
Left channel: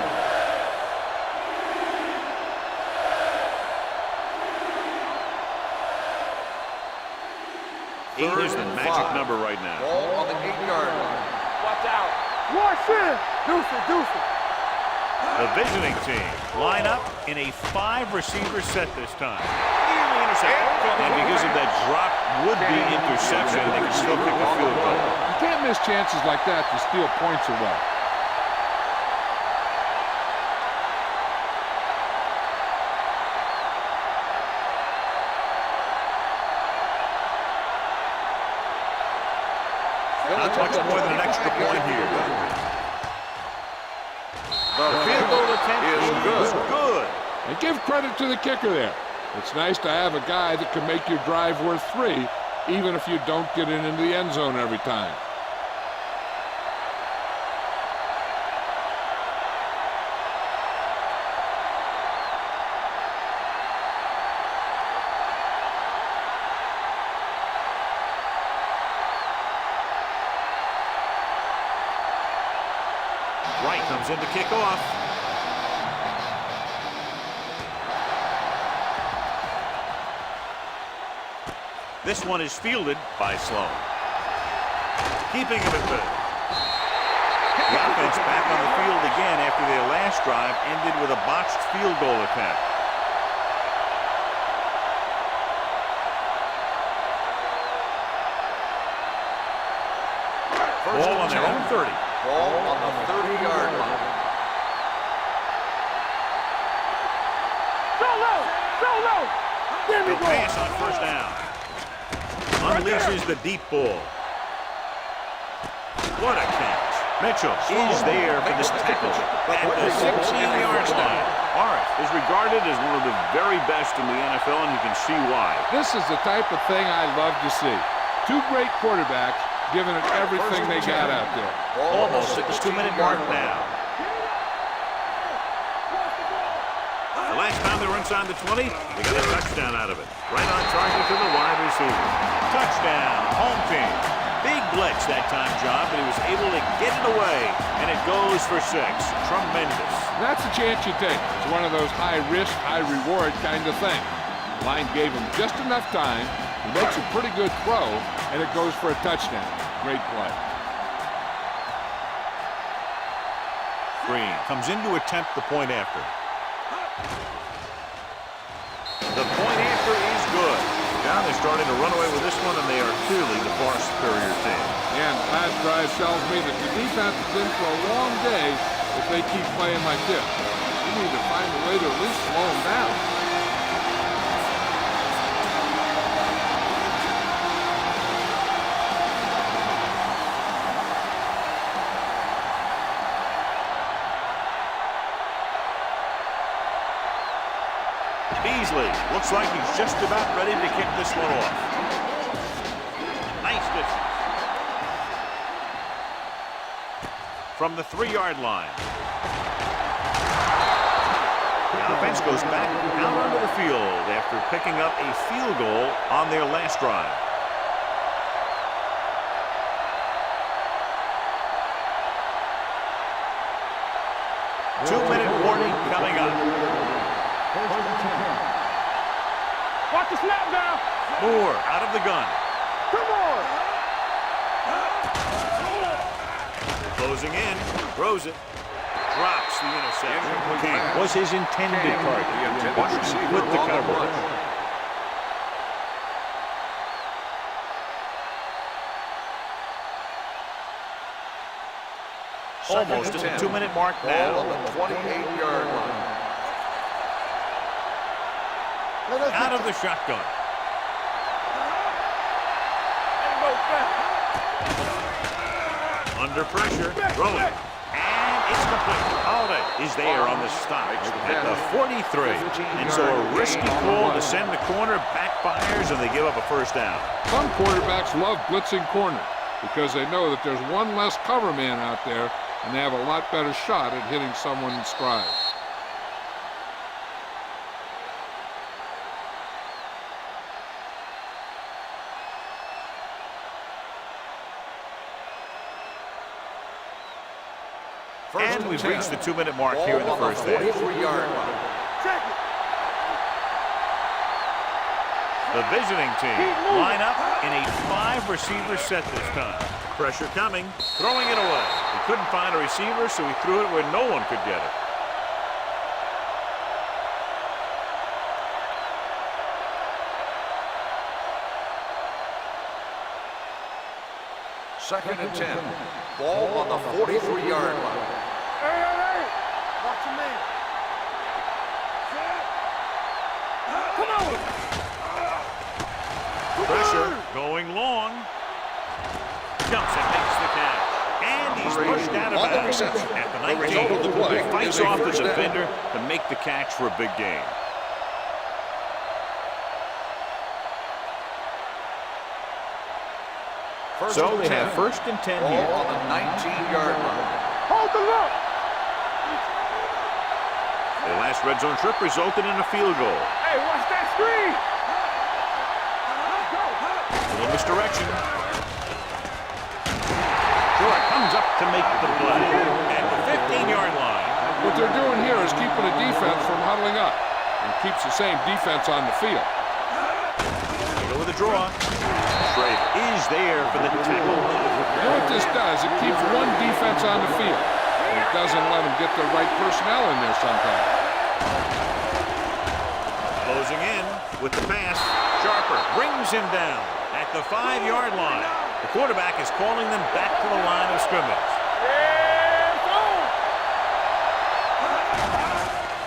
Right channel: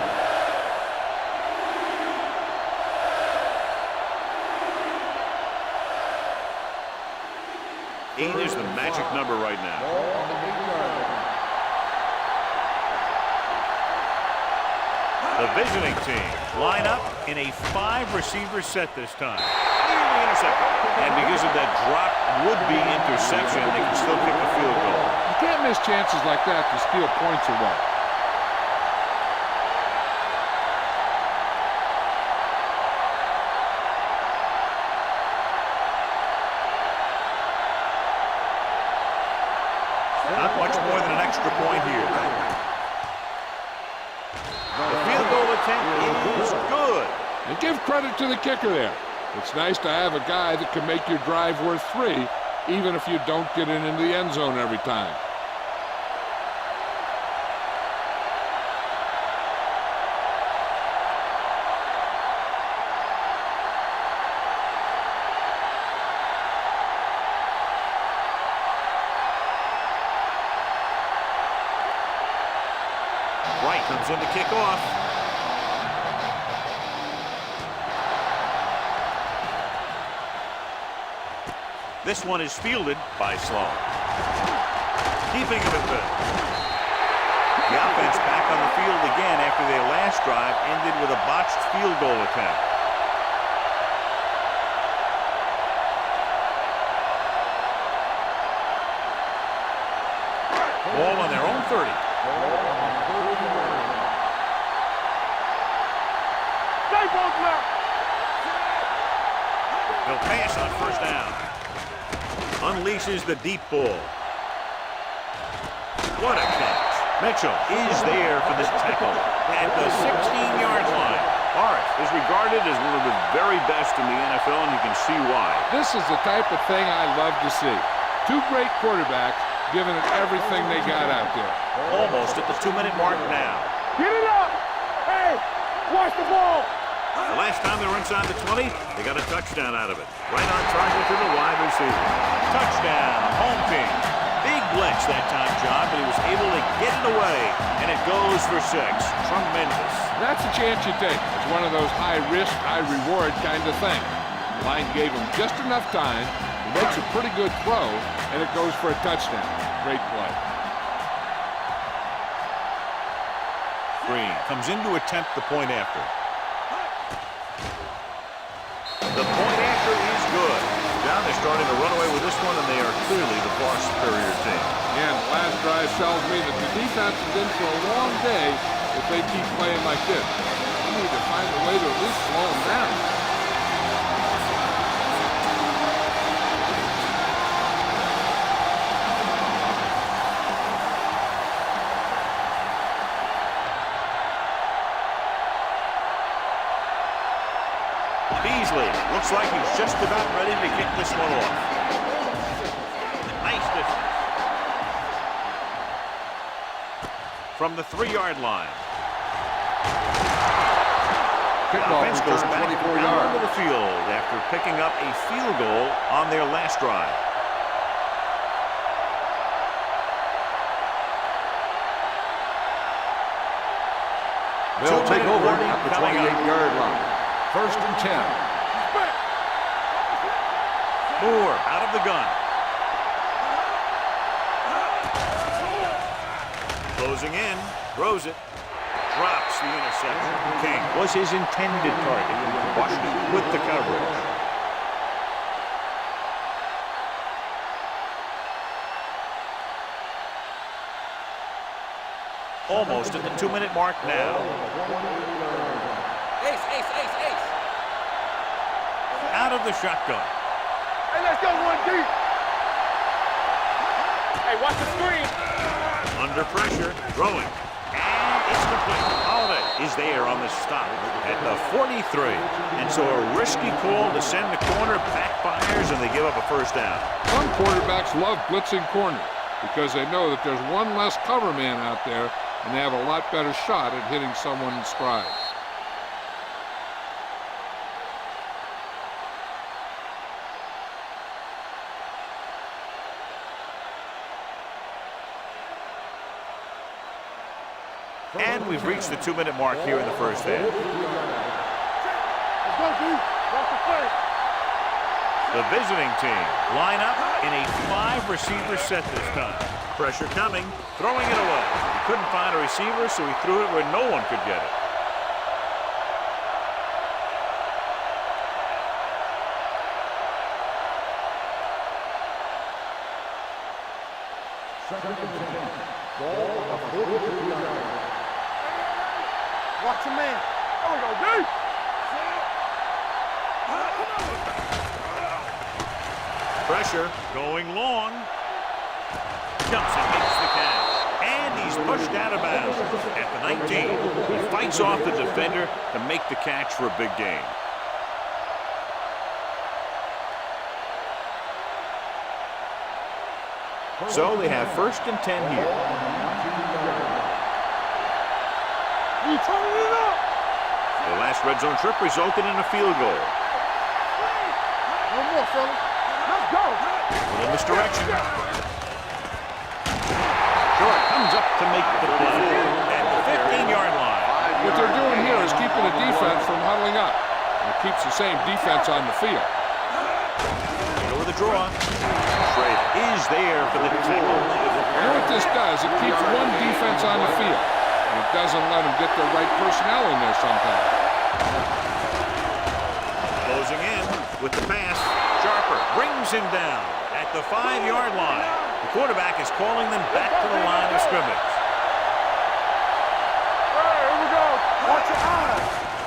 Eight is the magic number right now. Ball on the 8-yard line. Watch it. Deuce it. The visiting team line up in a 5-receiver set this time. Nearly intercepted. And because of that drop would-be interception, they can still kick a field goal. You can't miss chances like that to steal points away. Not much more than an extra point here. The field goal attempt is good. And give credit to the kicker there. It's nice to have a guy that can make your drive worth 3, even if you don't get it into the end zone every time. Wright comes in to kick off. This one is fielded by Sloan. Keeping him at third. The offense back on the field again after their last drive ended with a botched field goal attempt. Ball on their own 30. Ball on the 30-yard line. They'll pass on first down. Unleashes the deep ball. What a catch. Mitchell is there for this tackle at the 16-yard line. Morris is regarded as one of the very best in the NFL, and you can see why. This is the type of thing I love to see. Two great quarterbacks giving it everything they got out there. Almost at the 2-minute mark now. Get it up! Hey, watch the ball! The last time they were inside the 20, they got a touchdown out of it. Right on target to the wide receiver. Touchdown, home team. Big blitz that time, John, but he was able to get it away, and it goes for 6. Tremendous. That's a chance you take. It's one of those high-risk, high-reward kind of thing. The line gave him just enough time. He makes a pretty good throw, and it goes for a touchdown. Great play. Green comes in to attempt the point after. The point after is good. John, they're starting to run away with this one, and they are clearly the far superior team. And the last drive tells me that the defense is in for a long day if they keep playing like this. They need to find a way to at least slow them down. Beasley looks like he's just about ready to kick this one off. Nice distance. From the 3-yard line. The offense goes back out onto the field after picking up a field goal on their last drive. Two-minute warning coming up. First and 10. Watch the snap now. Moore out of the gun. Come on. Closing in. Throws it. Drops the interception. King was his intended target. Washington with the coverage. Almost at the 2-minute mark now. Out of the shotgun. Hey, let's go one deep. Hey, watch the screen. Under pressure, throwing. And it's complete. Holiday is there on the stop at the 43. And so a risky call to send the corner backfires, and they give up a first down. Some quarterbacks love blitzing corners because they know that there's one less cover man out there, and they have a lot better shot at hitting someone in stride. And we've reached the 2-minute mark here in the first half. Check it. Let's go deep. Watch the play. The visiting team line up in a 5-receiver set this time. Pressure coming, throwing it away. He couldn't find a receiver, so he threw it where no one could get it. Second and 10. Ball on the 43-yard line. Hey. Watch your man. Come on, go deep. Come on. Pressure going long. Jumps and makes the catch. And he's pushed out of bounds at the 19. He fights off the defender to make the catch for a big gain. So they have first and 10 here. On the 19-yard line. Hold the look. We turning it up. Their last red zone trip resulted in a field goal. Hey, watch that screen. One more, fella. Let's go. A little misdirection. Short comes up to make the play at the 15-yard line. What they're doing here is keeping the defense from huddling up. And it keeps the same defense on the field. They go with a draw. Trade is there for the tackle. You know what this does? It keeps one defense on the field, and it doesn't let them get the right personnel in there sometimes. Closing in with the pass. Sharper brings him down at the 5-yard line. The quarterback is calling them back to the line of scrimmage.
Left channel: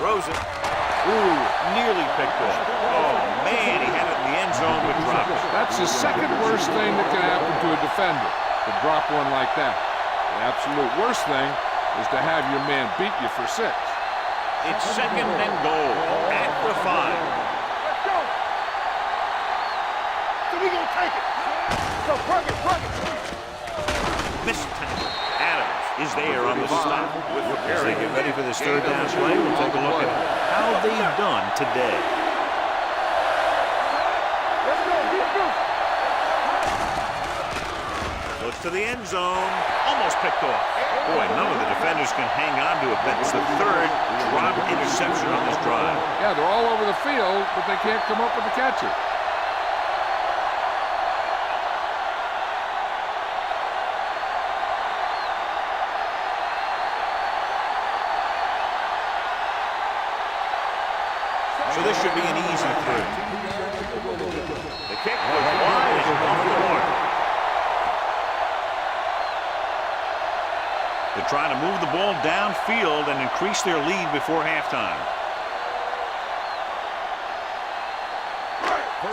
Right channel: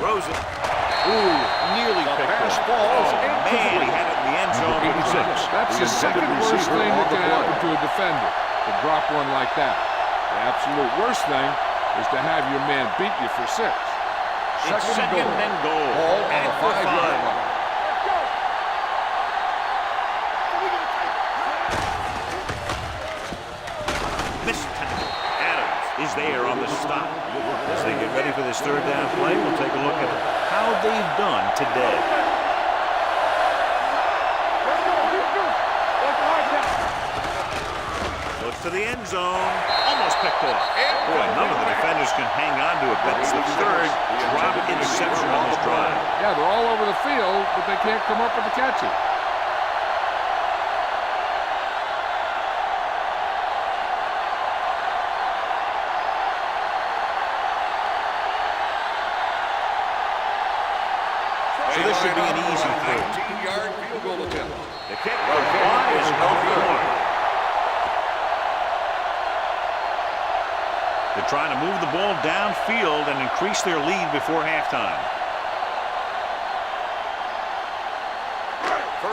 Throws it. Ooh, nearly picked off. Oh, man, he had it in the end zone but dropped it. That's the second worst thing that can happen to a defender, to drop one like that. The absolute worst thing is to have your man beat you for 6. It's second and goal at the 5. Let's go. So we gonna take it. Missed tackle. Adams is there on the stop. As they get ready for this third down play, we'll take a look at how they've done today. Let's go. Keep good. Looks to the end zone. Almost picked off. Boy, none of the defenders can hang on to it. That's the third drop interception on this drive. Yeah, they're all over the field, but they can't come up with the catches. So this should be an easy 19-yard field goal attempt. The kick was wide and off the mark. They're trying to move the ball downfield and increase their lead before halftime.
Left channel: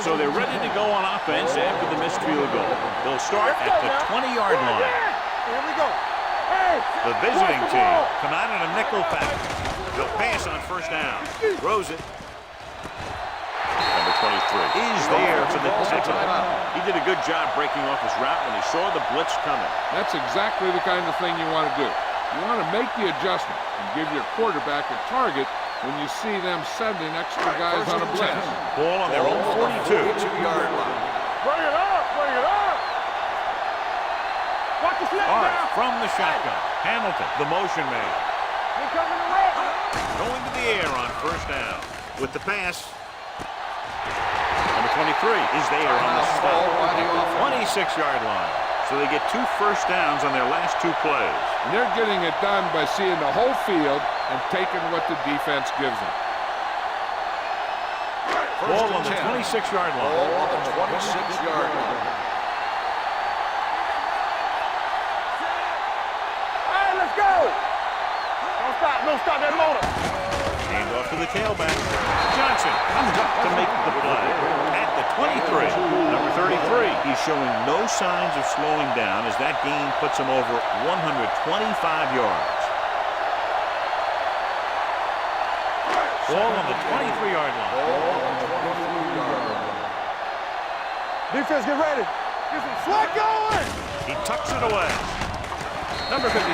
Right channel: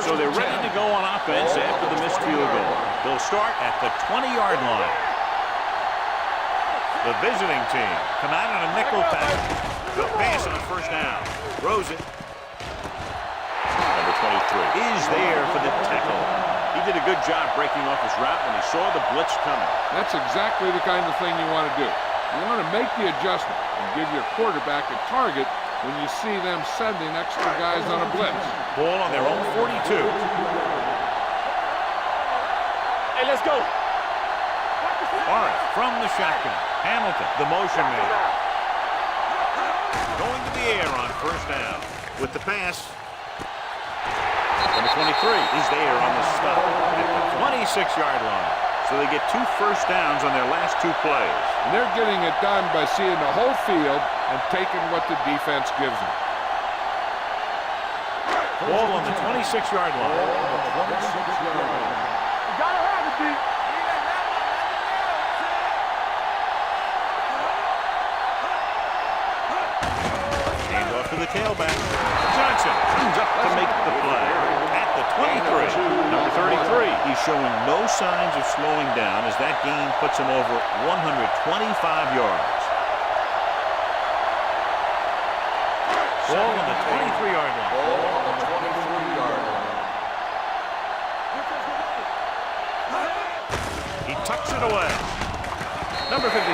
So they're ready to go on offense after the missed field goal. They'll start at the 20-yard line. The visiting team come out in a nickel package. They'll pass on first down. Throws it. Number 23 is there for the tackle. He did a good job breaking off his route when he saw the blitz coming. That's exactly the kind of thing you want to do. You want to make the adjustment and give your quarterback a target when you see them sending extra guys on a blitz. Ball on their own 42. 2-yard line. Hey, let's go. Watch the snap. All right, from the shotgun. Hamilton, the motion man. Going to the air on first down. With the pass. Number 23 is there on the stop at the 26-yard line. So they get 2 first downs on their last 2 plays. And they're getting it done by seeing the whole field and taking what the defense gives them. Ball on the 26-yard line. Hand off to the tailback. Johnson comes up to make the play. At the 23, number 33, he's showing no signs of slowing down as that gain puts him over 125 yards. Ball on the 23-yard line. Ball on the 23-yard line. Defense, get ready. Flat going. He tucks it away. Number 55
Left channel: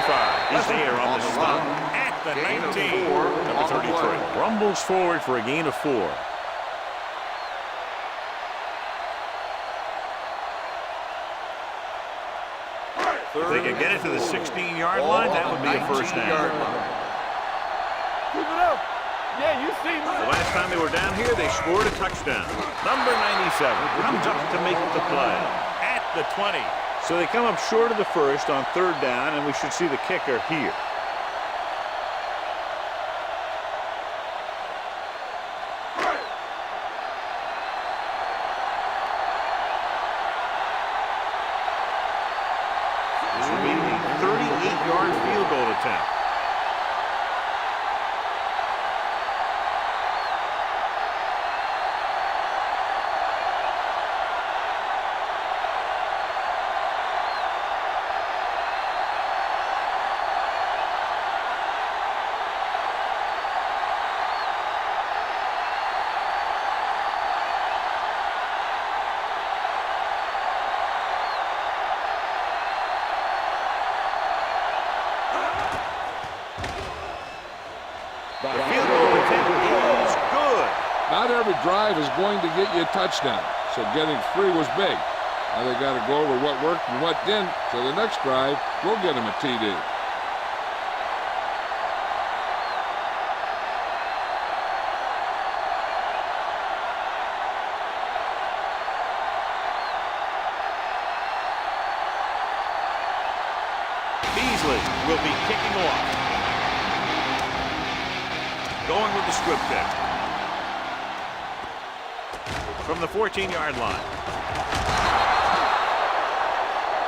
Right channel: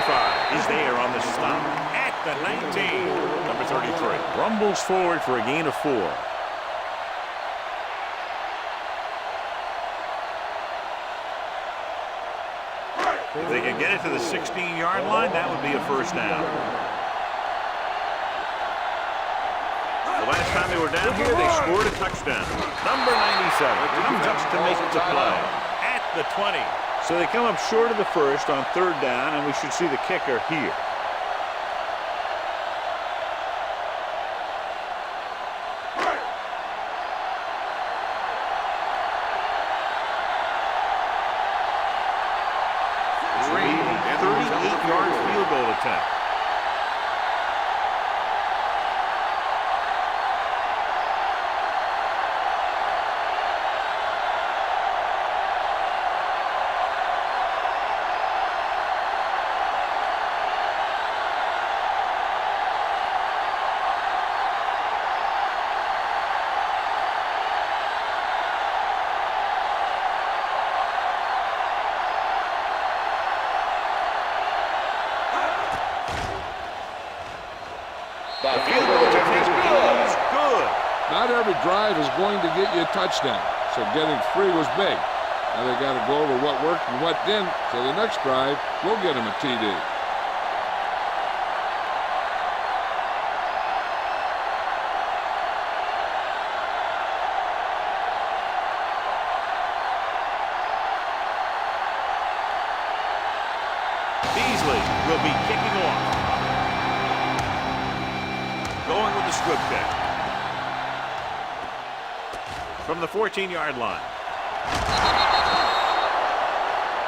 is there on the stop at the 19. Number 33 rumbles forward for a gain of 4. If they can get it to the 16-yard line, that would be a first down. The last time they were down here, they scored a touchdown. Number 97 comes up to make the play at the 20. So they come up short of the first on third down, and we should see the kicker here. This will be a 38-yard field goal attempt. The field goal attempt is good. Not every drive is going to get you a touchdown, so getting 3 was big. Now they got to go over what worked and what didn't, so the next drive will get them a TD. Beasley will be kicking off. Going with the squib kick. From the 14-yard line.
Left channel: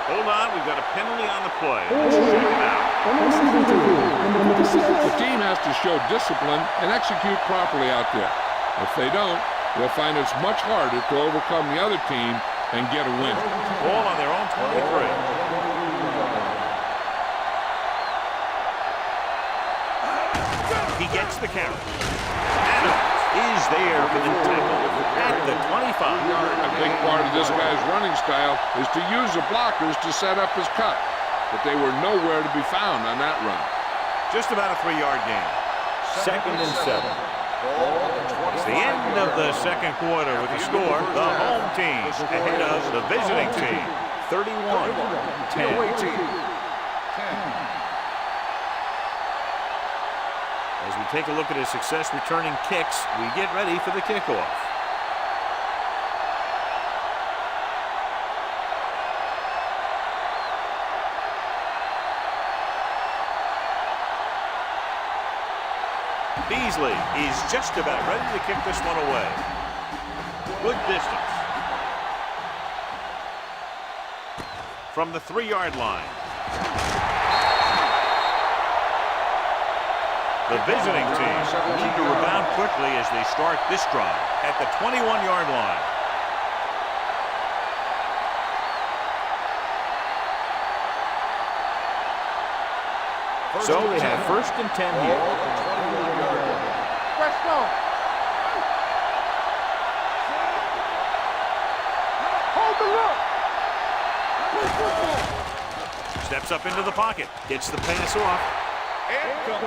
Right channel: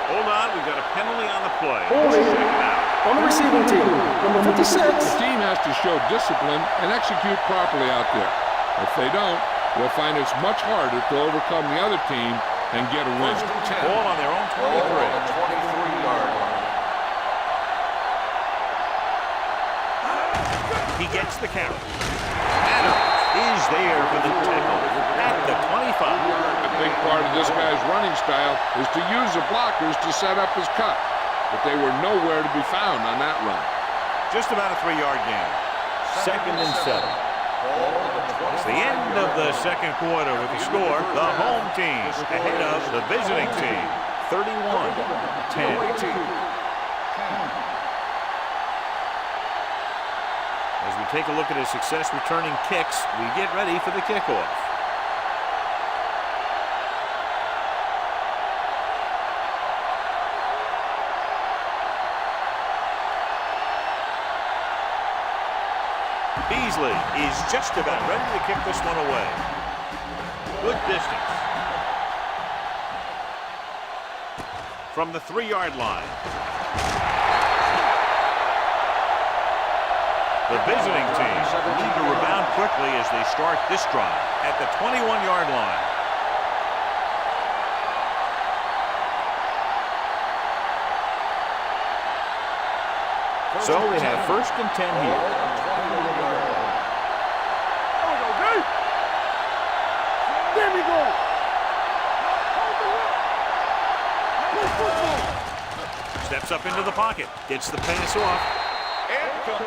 Hold on, we've got a penalty on the play. Let's check it out. On the receiving team, number 56. The team has to show discipline and execute properly out there. If they don't, they'll find it's much harder to overcome the other team and get a win. Ball on their own 23. 23-yard line. He gets the carry. Adams is there for the tackle at the 25. A big part of this guy's running style is to use the blockers to set up his cut, but they were nowhere to be found on that run. Just about a 3-yard gain. Second and 7. Ball on the 25-yard line. It's the end of the second quarter with the score. The home team ahead of the visiting team. 31-10. Away team. 10. As we take a look at his success returning kicks, we get ready for the kickoff. Beasley is just about ready to kick this one away. Good distance. From the 3-yard line. The visiting team need to rebound quickly as they start this drive at the 21-yard line. So they have first and 10 here. Ball on the 21-yard line. Let's go. There we go. Hold the look. Play football. Steps up into the pocket. Gets the pass off.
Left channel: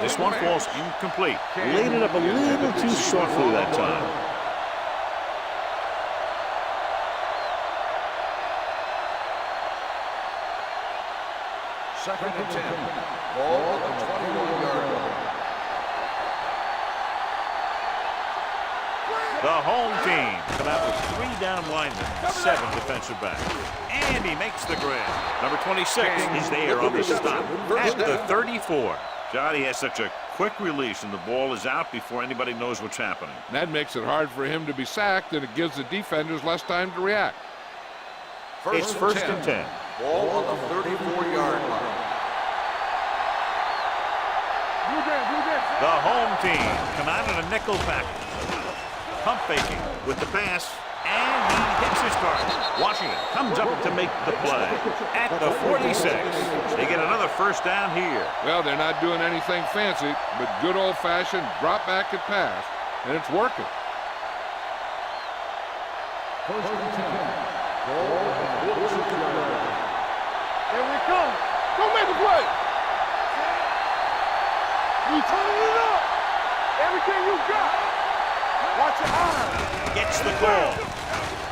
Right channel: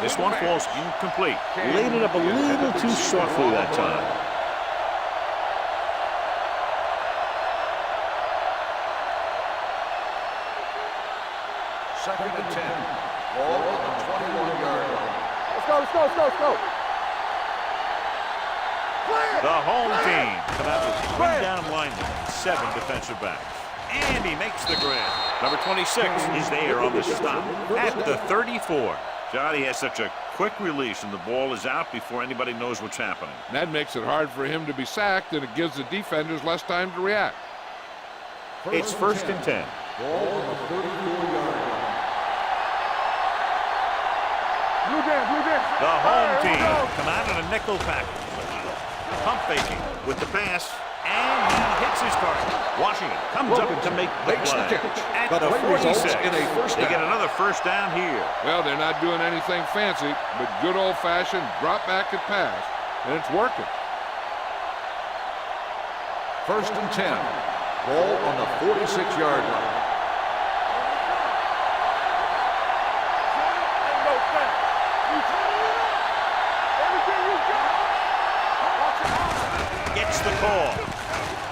This one falls incomplete. Laid it up a little too softly that time. Second and 10. Ball on the 21-yard line. Let's go. The home team come out with 3 down linemen and 7 defensive backs. And he makes the grab. Number 26 is there on the stop at the 34. Johnny has such a quick release and the ball is out before anybody knows what's happening. That makes it hard for him to be sacked, and it gives the defenders less time to react. It's first and 10. Ball on the 34-yard line. Blue dance. The home team come out in a nickel package. Pump faking with the pass, and he hits his target. Washington comes up to make the play at the 46. They get another first down here. Well, they're not doing anything fancy, but good old-fashioned drop back and pass, and it's working. First and 10. Ball on the 46-yard line. Here we come. Don't make the play. You total it up. Everything you got. Watch your eyes. Gets the call.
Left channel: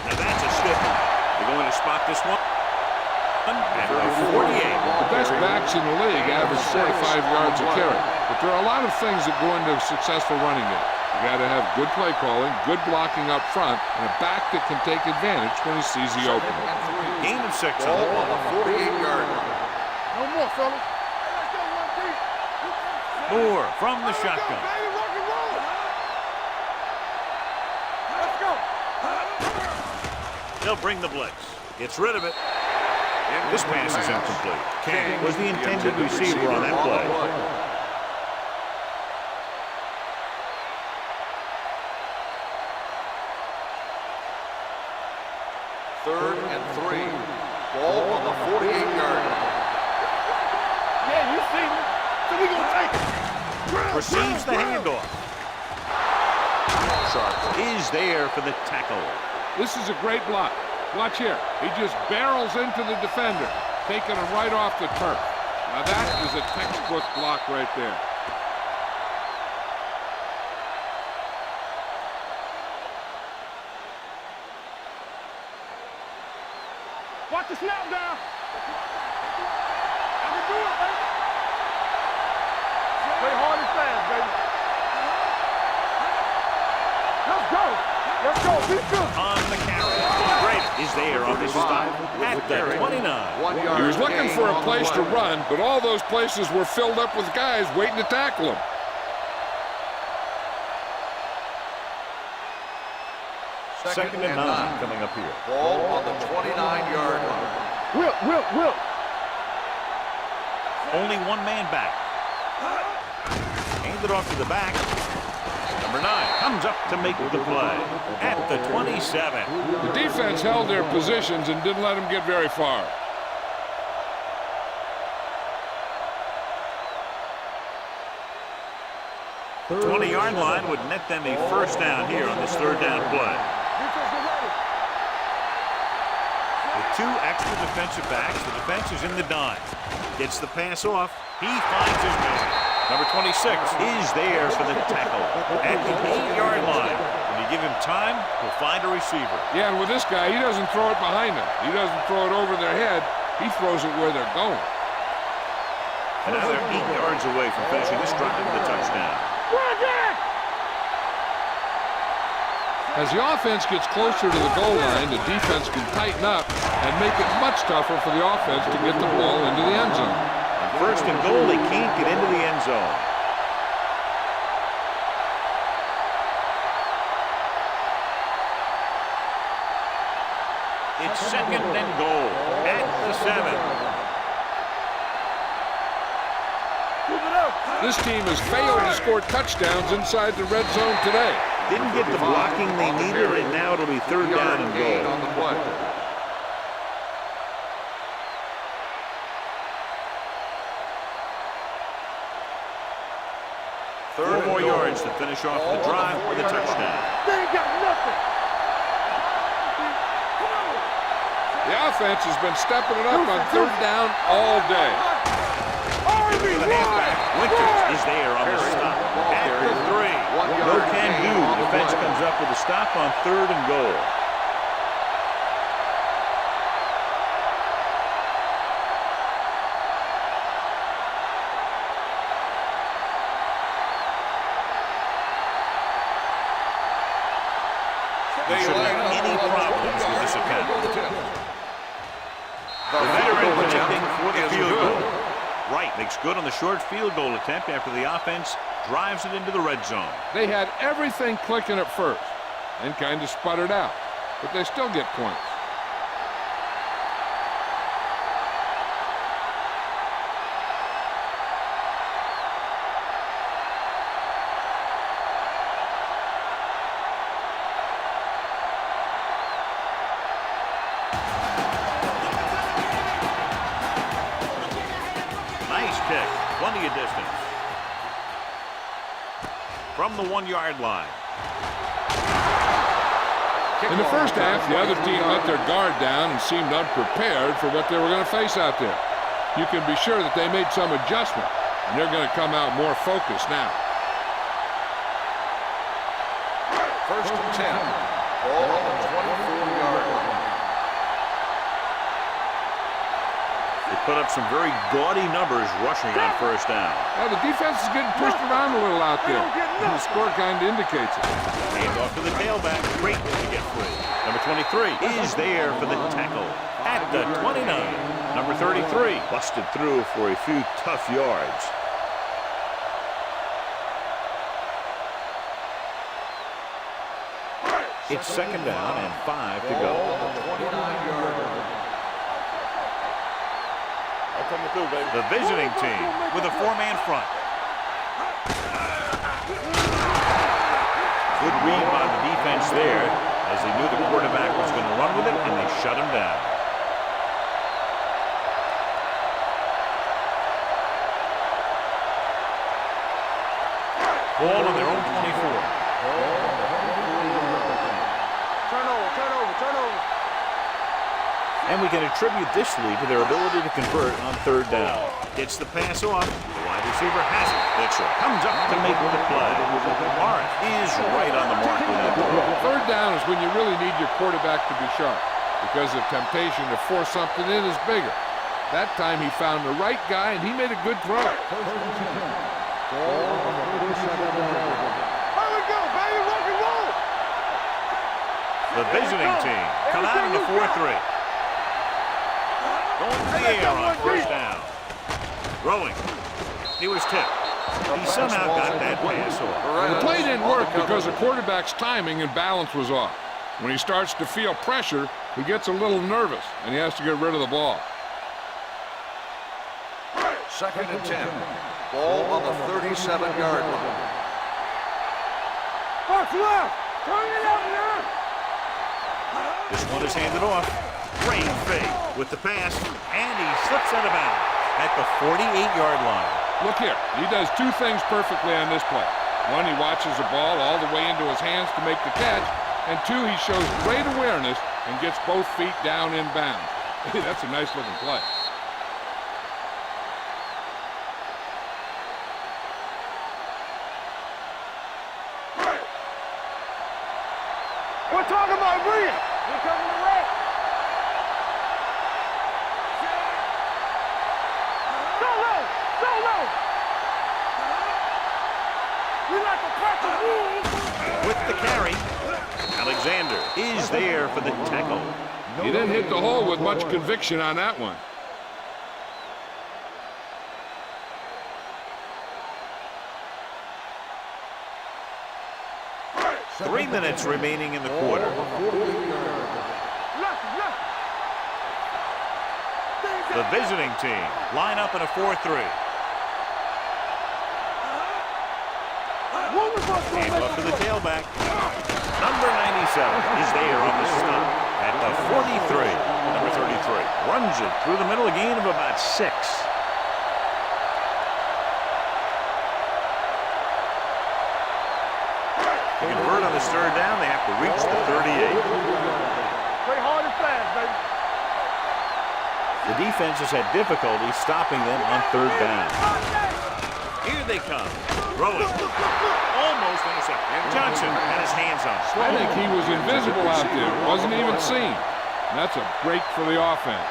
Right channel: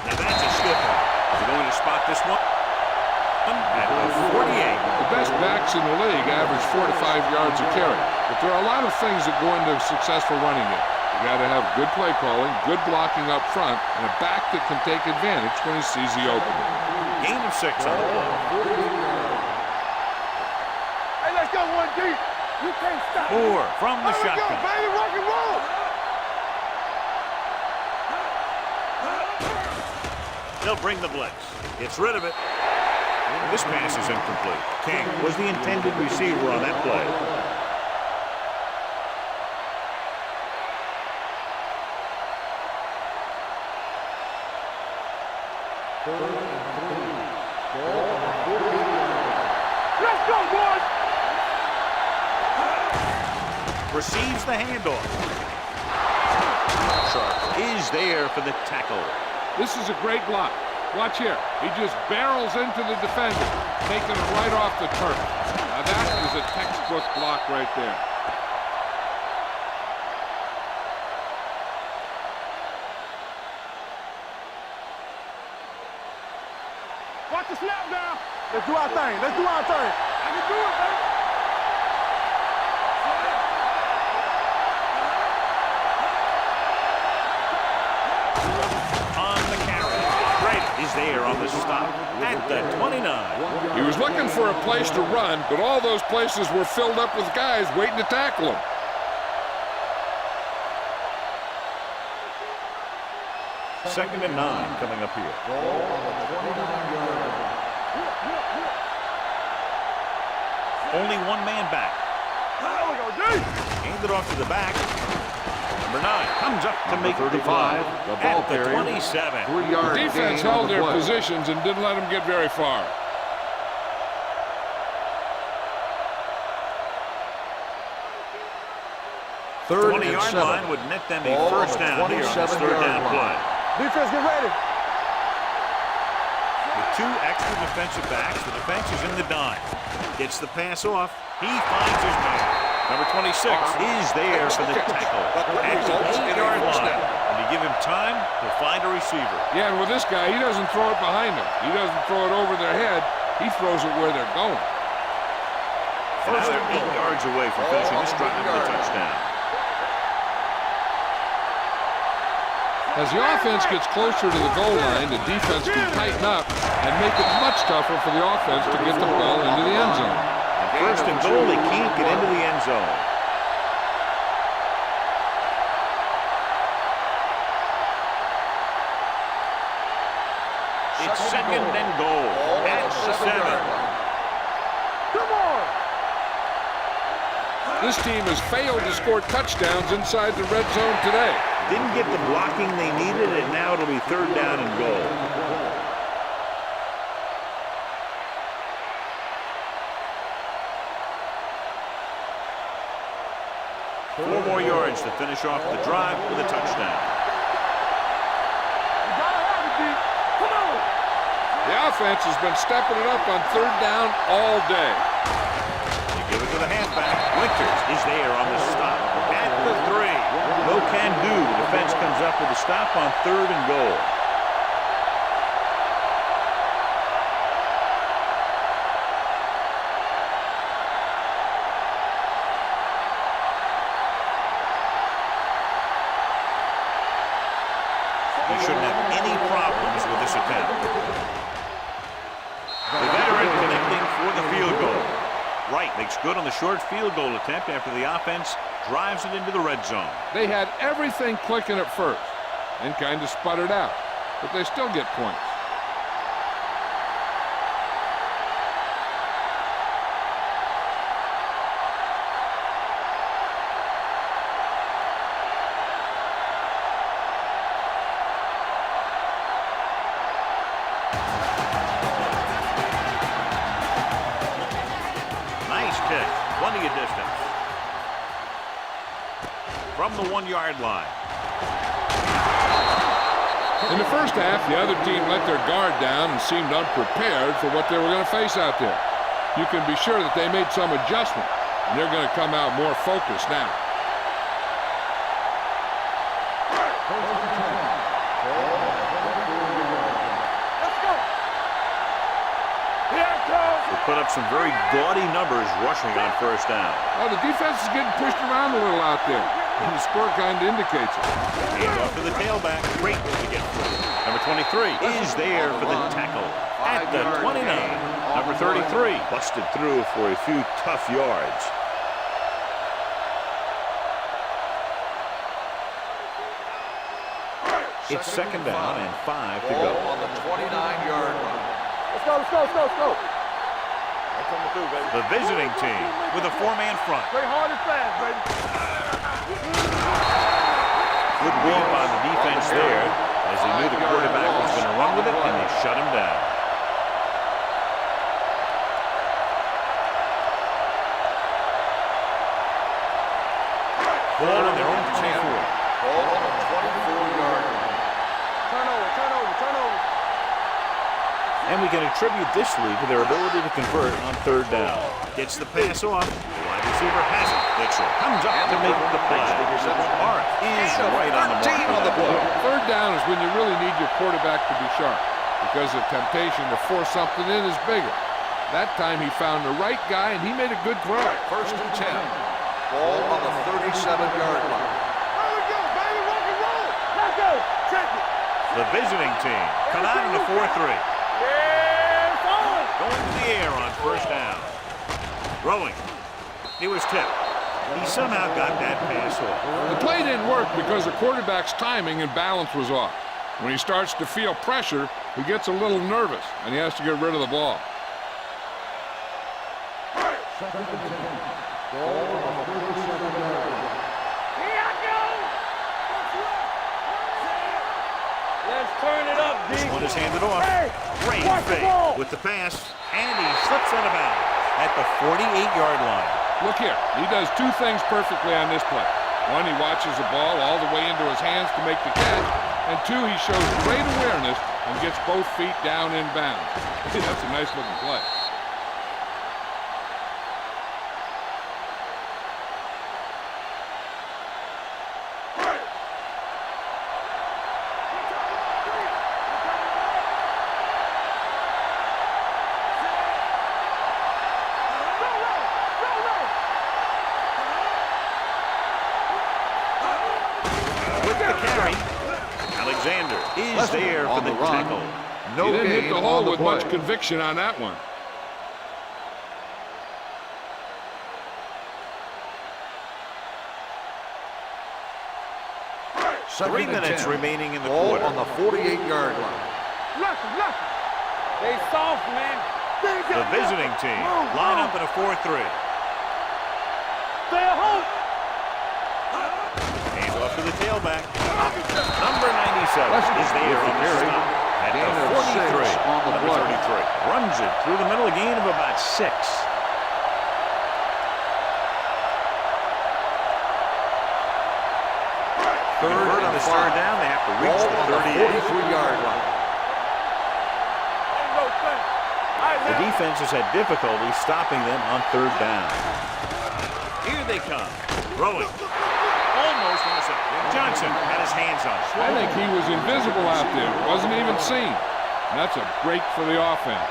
Now that's a stiff one. They're going to spot this one at the 48. The best backs in the league average 4 to 5 yards a carry, but there are a lot of things that go into a successful running game. You got to have good play calling, good blocking up front, and a back that can take advantage when he sees the opening. Gain of 6 on the play. 48-yard line. One more, fellas. Hey, let's go one deep. Moore from the shotgun. Let's go, baby. Rock and roll. They'll bring the blitz. Gets rid of it. This pass is incomplete. King was the intended receiver on that play. Third and 3. Ball on the 48-yard line. Let's go, boys. Yeah, you see me. So we can take. Receives the handoff. Sharp is there for the tackle. This is a great block. Watch here. He just barrels into the defender, taking him right off the turf. Now that is a textbook block right there. Watch the snap down. Let's do our thing. I can do it, baby. Stay hard and fast, baby. Let's go. On the carry. Great is there on the stop at the 29. He was looking for a place to run, but all those places were filled up with guys waiting to tackle him. Second and 9 coming up here. Ball on the 29-yard line. Whip. Only one man back. Hand it off to the back. Number 9 comes up to make the play at the 27. The defense held their positions and didn't let them get very far. The 20-yard line would net them a first down here on this third down play. Defense, get ready. With 2 extra defensive backs, the defense is in the dime. Gets the pass off. He finds his man. Number 26 is there for the tackle at the 8-yard line. When you give him time, he'll find a receiver. Yeah, and with this guy, he doesn't throw it behind him. He doesn't throw it over their head. He throws it where they're going. And now they're 8 yards away from finishing this drive with a touchdown. As the offense gets closer to the goal line, the defense can tighten up and make it much tougher for the offense to get the ball into the end zone. On first and goal, they can't get into the end zone. It's second and goal at the 7. This team has failed to score touchdowns inside the red zone today. Didn't get the blocking they needed, and now it'll be third down and goal. Four more yards to finish off the drive with a touchdown. The offense has been stepping it up on third down all day. Give it to the halfback. Winters is there on the stop at the 3. No can do. The defense comes up with a stop on third and goal. He shouldn't have any problems with this attempt. The veteran connecting for the field goal. Wright makes good on the short field goal attempt after the offense drives it into the red zone. They had everything clicking at first and kind of sputtered out, but they still get points. Nice kick, plenty of distance. From the 1-yard line. In the first half, the other team let their guard down and seemed unprepared for what they were going to face out there. You can be sure that they made some adjustment, and they're going to come out more focused now. First and 10. Ball on the 24-yard line. They put up some very gaudy numbers rushing on first down. Well, the defense is getting pushed around a little out there, and the score kind of indicates it. Hand off to the tailback. Great to get free. Number 23 is there for the tackle at the 29. Number 33 busted through for a few tough yards. It's second down and 5 to go. Ball on the 29-yard line. Let's go. I'm coming through, baby. The visiting team with a 4-man front. Play hard and fast, baby. Good read by the defense there as they knew the quarterback was going to run with it, and they shut him down. Ball on their own 24. Ball on the 24-yard line. Turnover. And we can attribute this lead to their ability to convert on third down. Gets the pass off. The wide receiver has it. Mitchell comes up to make the play. Morris is right on the mark on that play. Third down is when you really need your quarterback to be sharp, because the temptation to force something in is bigger. That time he found the right guy, and he made a good throw. First and 10. Ball on the 37-yard line. Here we go, baby. Rock and roll. Let's go. Check it. The visiting team come out in a 4-3. Going to the air on first down. Throwing. He was tipped. He somehow got that pass off. The play didn't work because the quarterback's timing and balance was off. When he starts to feel pressure, he gets a little nervous, and he has to get rid of the ball. 2nd and 10. Ball on the 37-yard line. This one is handed off. Great fake with the pass, and he slips out of bounds at the 48-yard line. Look here, he does two things perfectly on this play. One, he watches the ball all the way into his hands to make the catch, and two, he shows great awareness and gets both feet down in bounds. Hey, that's a nice-looking play. We're talking about Green. You're coming to red. So low. So low. With the carry, Alexander is there for the tackle. He didn't hit the hole with much conviction on that one. Three minutes remaining in the quarter. On the 48-yard line. Lucky. They soft, man. The visiting team line up in a 4-3. Hand off to the tailback. Number 97 is there on the stop at the 43. Number 33 runs it through the middle, a gain of about 6. To convert on this third down, they have to reach the 38. The defense has had difficulty stopping them on third down. Here they come. Throwing. Almost intercepted. Johnson had his hands on it. I think he was invisible out there. Wasn't even seen. And that's a break for the offense.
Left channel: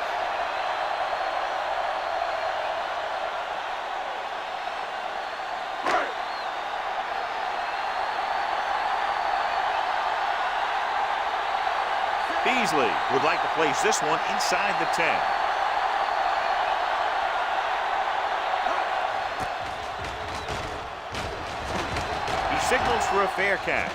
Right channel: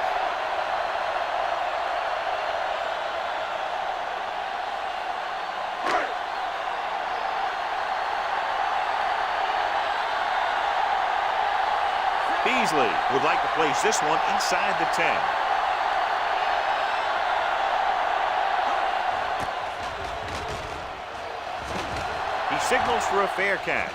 Beasley would like to place this one inside the 10. He signals for a fair catch.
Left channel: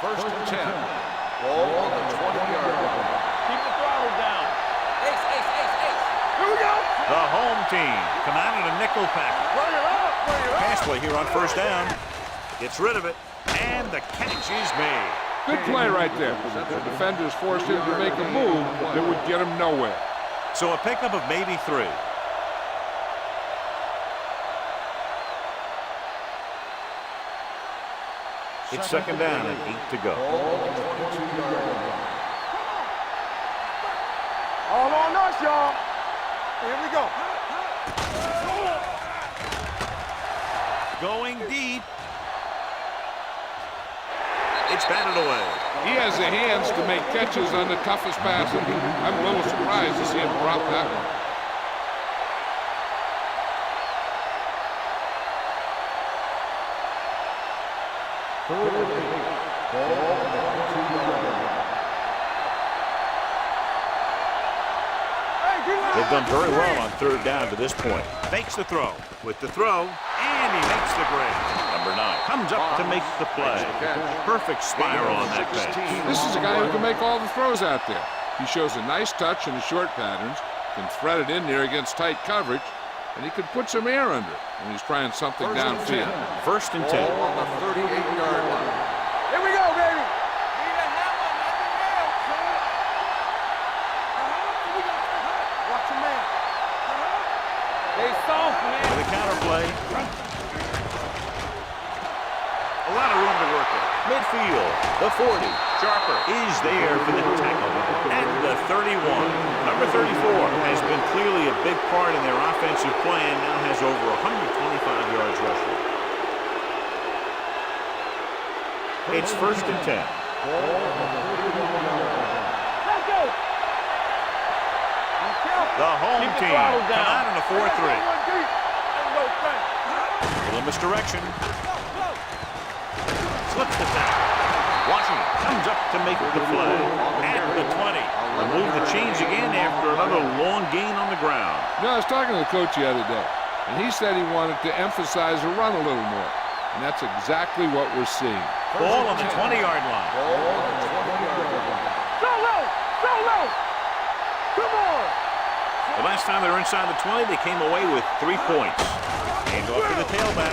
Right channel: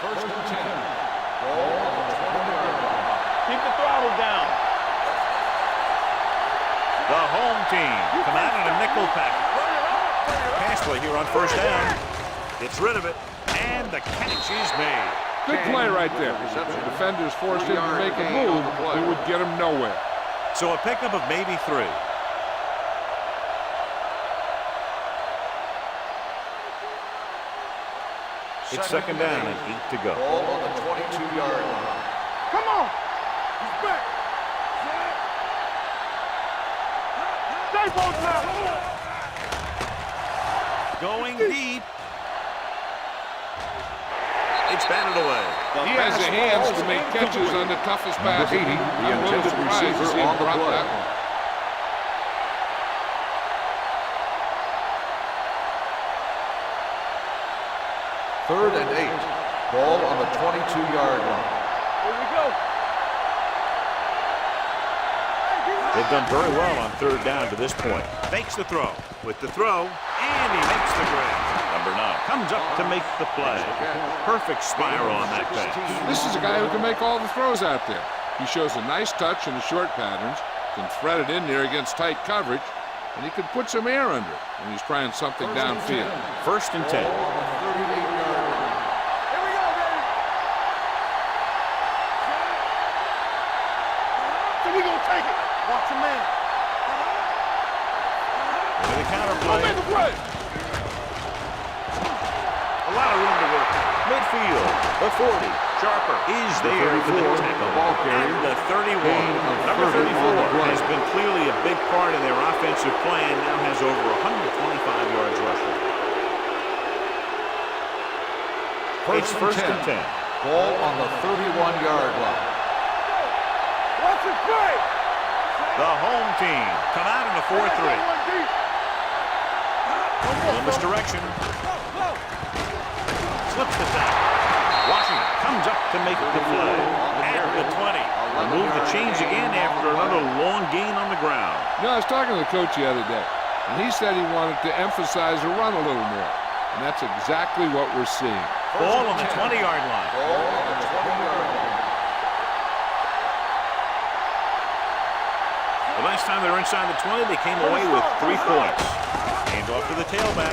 First and 10. Ball on the 20-yard line. Keep the throttle down. Ace. Here we go. The home team come out in a nickel package. Bring it up. Pass play here on first down. Gets rid of it, and the catch is made. Good play right there. The defenders forced him to make a move that would get him nowhere. So a pickup of maybe 3. It's second down and 8 to go. Ball on the 22-yard line. Come on. He's back. All on us, y'all. Here we go. Stay both sides. Going deep. It's batted away. He has the hands to make catches on the toughest passes. I'm a little surprised to see him drop that one. Third and 8. Ball on the 22-yard line. They've done very well on third down to this point. Fakes the throw. With the throw, and he makes the grab. Number 9 comes up to make the play. Perfect spiral on that pass. This is a guy who can make all the throws out there. He shows a nice touch in the short patterns, can thread it in there against tight coverage, and he could put some air under it when he's trying something downfield. First and 10. Ball on the 38-yard line. Here we go, baby. Watch a man. With a counter play. A lot of room to work with. Midfield, the 40. Sharper is there for the tackle. And the 31. Number 34 has been clearly a big part in their offensive plan. Now has over 125 yards rushing. It's first and 10. Ball on the 31-yard line. Let's go. The home team come out in a 4-3. Little misdirection. Slips the tackle. Washington comes up to make the play at the 20. They move the chains again after another long gain on the ground. You know, I was talking to the coach the other day, and he said he wanted to emphasize the run a little more. And that's exactly what we're seeing. Ball on the 20-yard line. Ball on the 20-yard line. The last time they were inside the 20, they came away with 3 points. Hand off to the tailback.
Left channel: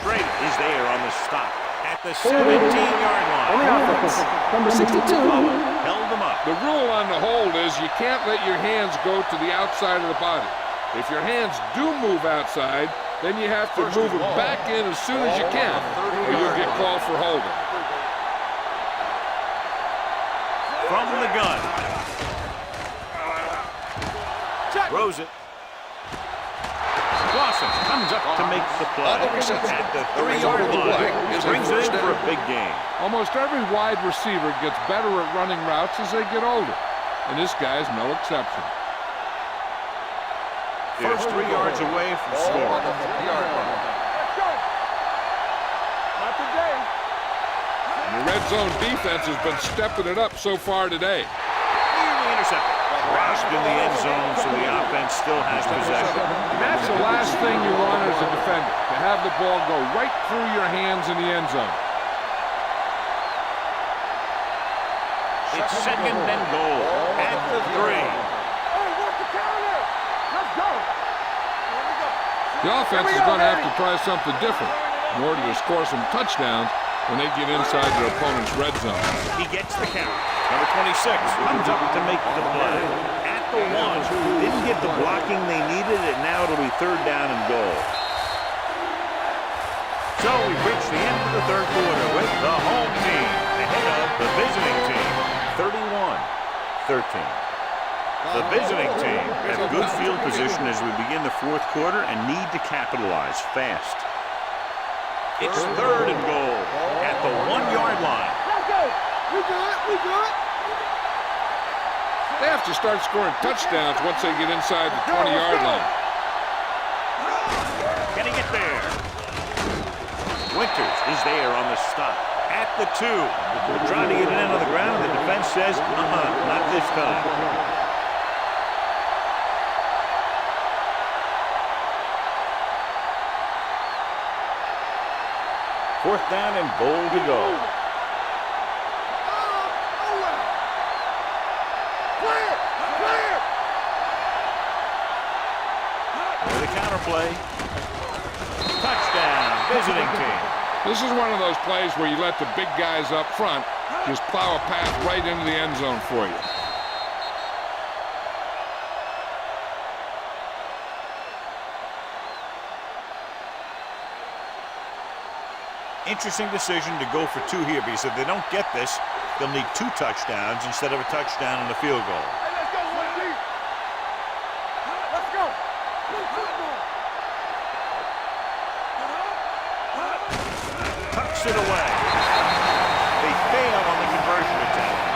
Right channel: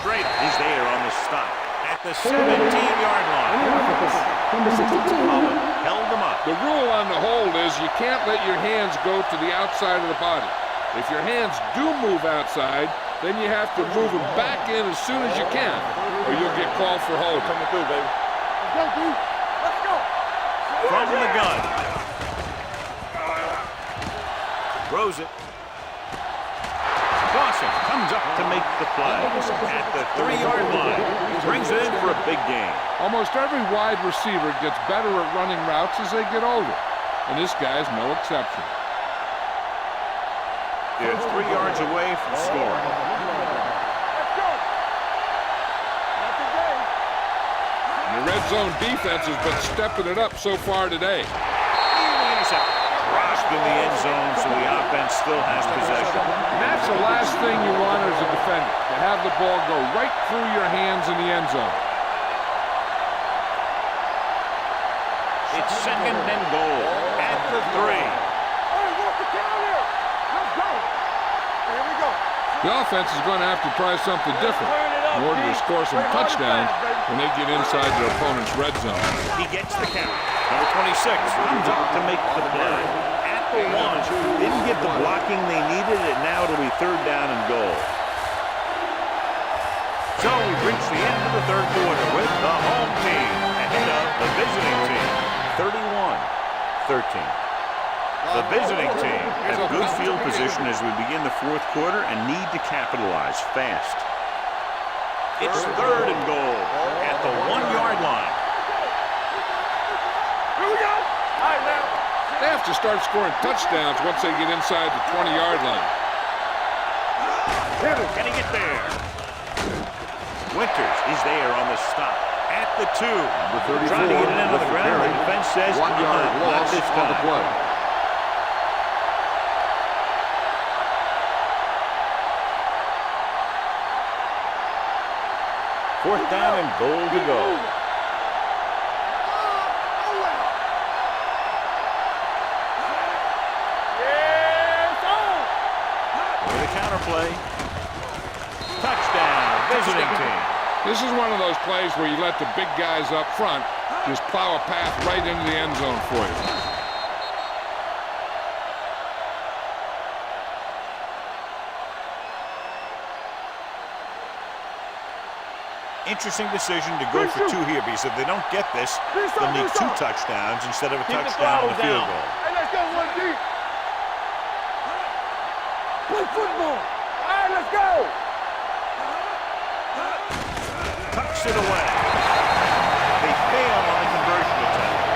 Schrader is there on the stop at the 17-yard On the line. offense, number 62. Bowen held them up. The rule on the hold is you can't let your hands go to the outside of the body. If your hands do move outside, then you have to move them back in as soon as you can, or you'll get called for holding. From the gun. Throws it. Clausen comes up to make the play at the 3-yard line. He brings it in for a big gain. Almost every wide receiver gets better at running routes as they get older, and this guy's no exception. It's 3 yards away from scoring. Let's go. Not today. And the red zone defense has been stepping it up so far today. Nearly intercepted. Crossed in the end zone, so the offense still has possession. And that's the last thing you want as a defender, to have the ball go right through your hands in the end zone. It's 2nd and goal at the 3. Hey, what's the counter? Let's go. Here we go. The offense is going to have to try something different in order to score some touchdowns when they get inside their opponent's red zone. He gets the count. Number 26 comes up to make the play at the 1. Didn't get the blocking they needed, and now it'll be 3rd down and goal. So we've reached the end of the 3rd quarter with the home team ahead of the visiting team, 31-13. The visiting team have good field position as we begin the 4th quarter and need to capitalize fast. It's 3rd and goal at the 1-yard line. Let's go. We good. We good. Here we go. All right, now. They have to start scoring touchdowns once they get inside the 20-yard line. Can he get there? Winters is there on the stop at the 2. They're trying to get it in on the ground, and the defense says, not this time. Fourth down and goal to go. With a counter play. Touchdown, visiting team. This is one of those plays where you let the big guys up front just plow a path right into the end zone for you. Interesting decision to go for 2 here, because if they don't get this, they'll need 2 touchdowns instead of a touchdown and a field goal. Hey, let's go, 1 deep. Let's go. Play football. All right, let's go. Tucks it away. They fail on the conversion attempt.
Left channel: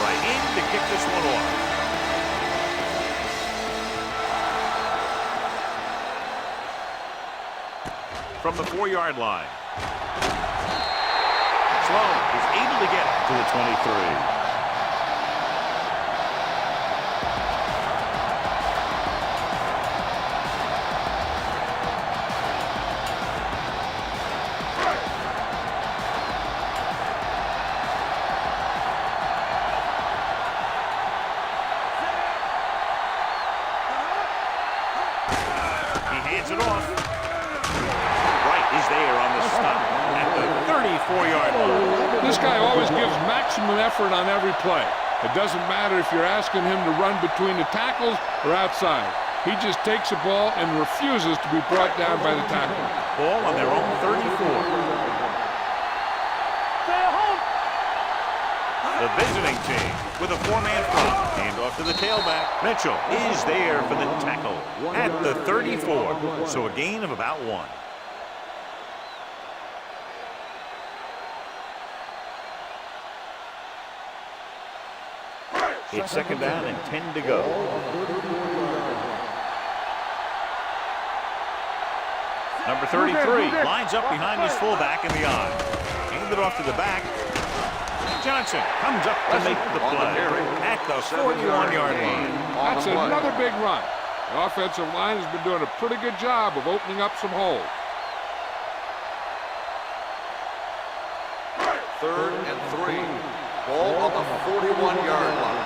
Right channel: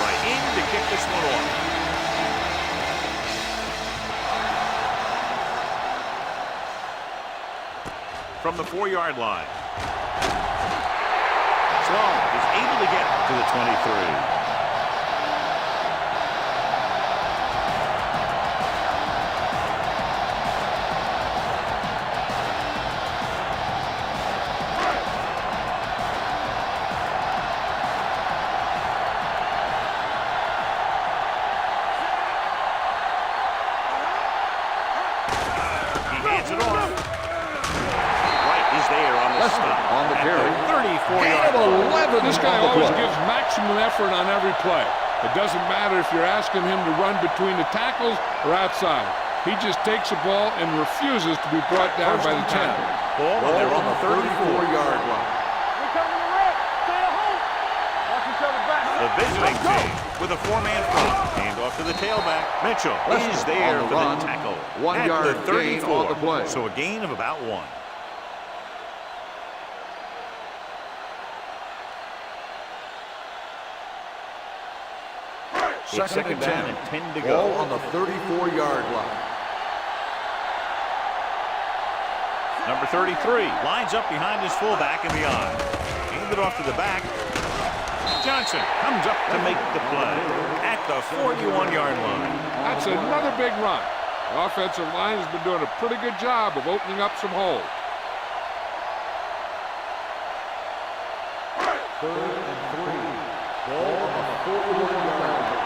Right in to kick this one off. From the 4-yard line. Sloan is able to get it to the 23. Hands it off. Wright is there on the stop at the 34-yard line. This guy always gives maximum effort on every play. It doesn't matter if you're asking him to run between the tackles or outside. He just takes the ball and refuses to be brought down by the tackle. Ball on their own 34. Stay at home. Watch each other back. The visiting team with a four-man front. Hand off to the tailback. Mitchell is there for the tackle at the 34. So a gain of about 1. It's second down and 10 to go. Ball on the 34-yard line. Number 33 lines up behind his fullback in the I. Handed off to the back. Johnson comes up to make the play at the 41-yard line. That's another big run. The offensive line has been doing a pretty good job of opening up some holes. 3rd and 3. Ball on the 41-yard line.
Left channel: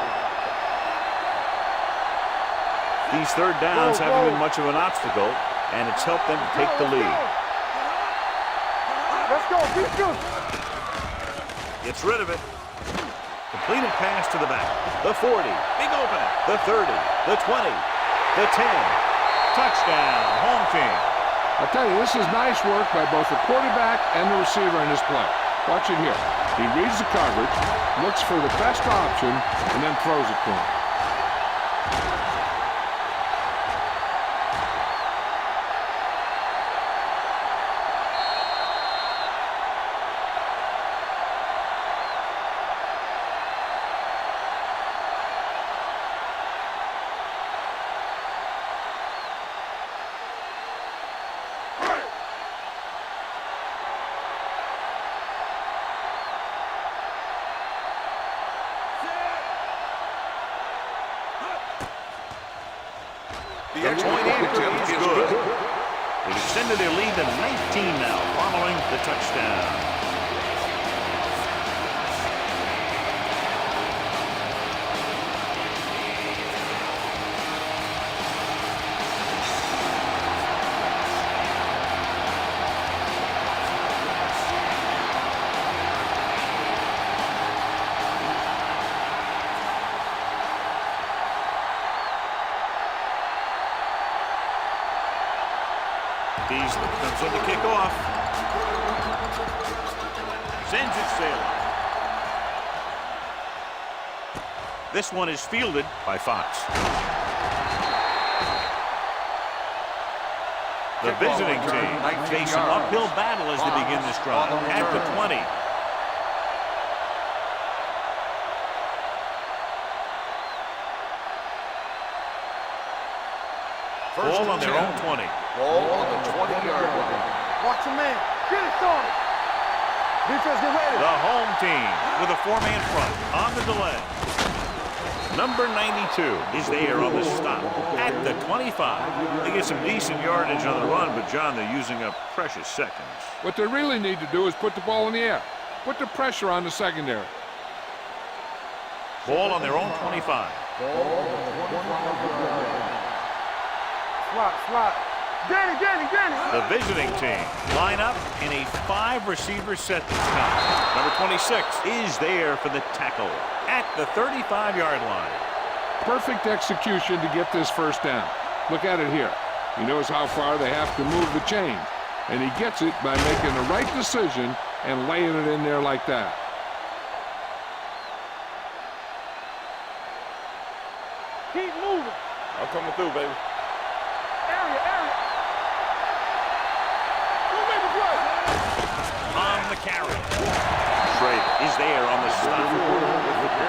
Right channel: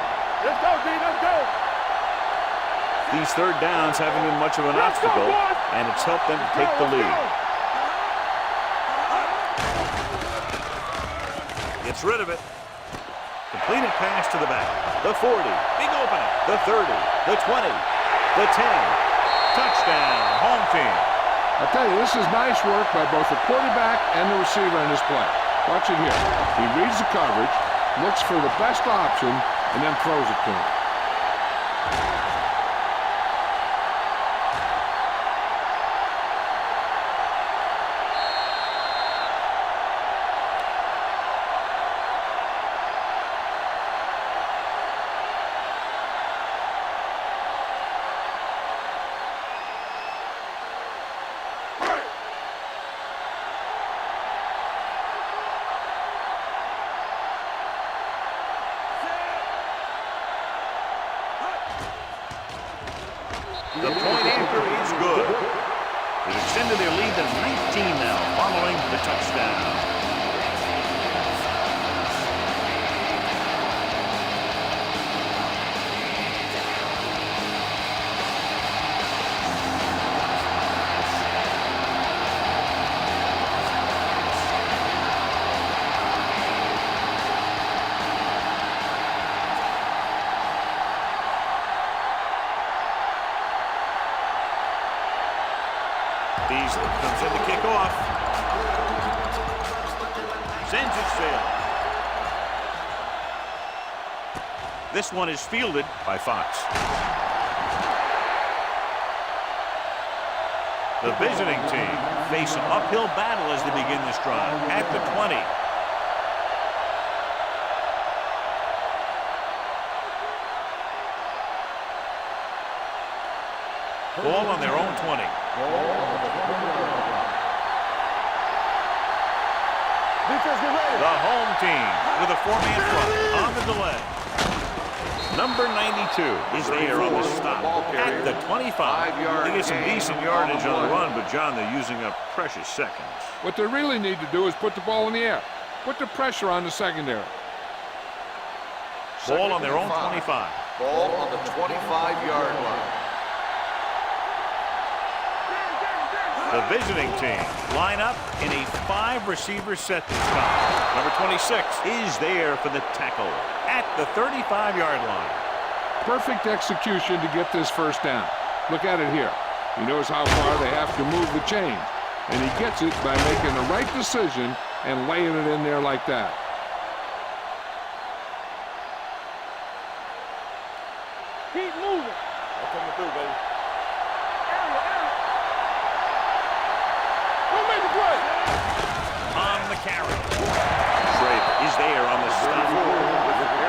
These third downs haven't been much of an obstacle, and it's helped them to take the lead. Gets rid of it. Completed pass to the back. The 40. Big opening. The 30. The 20. The 10. Touchdown. Home team. I'll tell you, this is nice work by both the quarterback and the receiver in this play. Watch it here. He reads the coverage, looks for the best option, and then throws it to him. The point after is good. They've extended their lead to 19 now following the touchdown. Beasley comes in to kick off. Sends it sailing. This one is fielded by Fox. The visiting team face an uphill battle as they begin this drive at the 20. Ball on their own 20. Ball on the 20-yard line. Watch your man. Get it going. Defense, get ready. The home team with a four-man front on the delay. Number 92 is there on the stop at the 25. They get some decent yardage on the run, but, John, they're using up precious seconds. What they really need to do is put the ball in the air. Put the pressure on the secondary. Ball on their own 25. Ball on the 25-yard line. Swat. Danny. The visiting team line up in a 5-receiver set this time. Number 26 is there for the tackle at the 35-yard line. Perfect execution to get this first down. Look at it here. He knows how far they have to move the chains, and he gets it by making the right decision and laying it in there like that. Keep moving. I'm coming through, baby. Area. Don't make a play. On the carry. Schrader is there on the stop.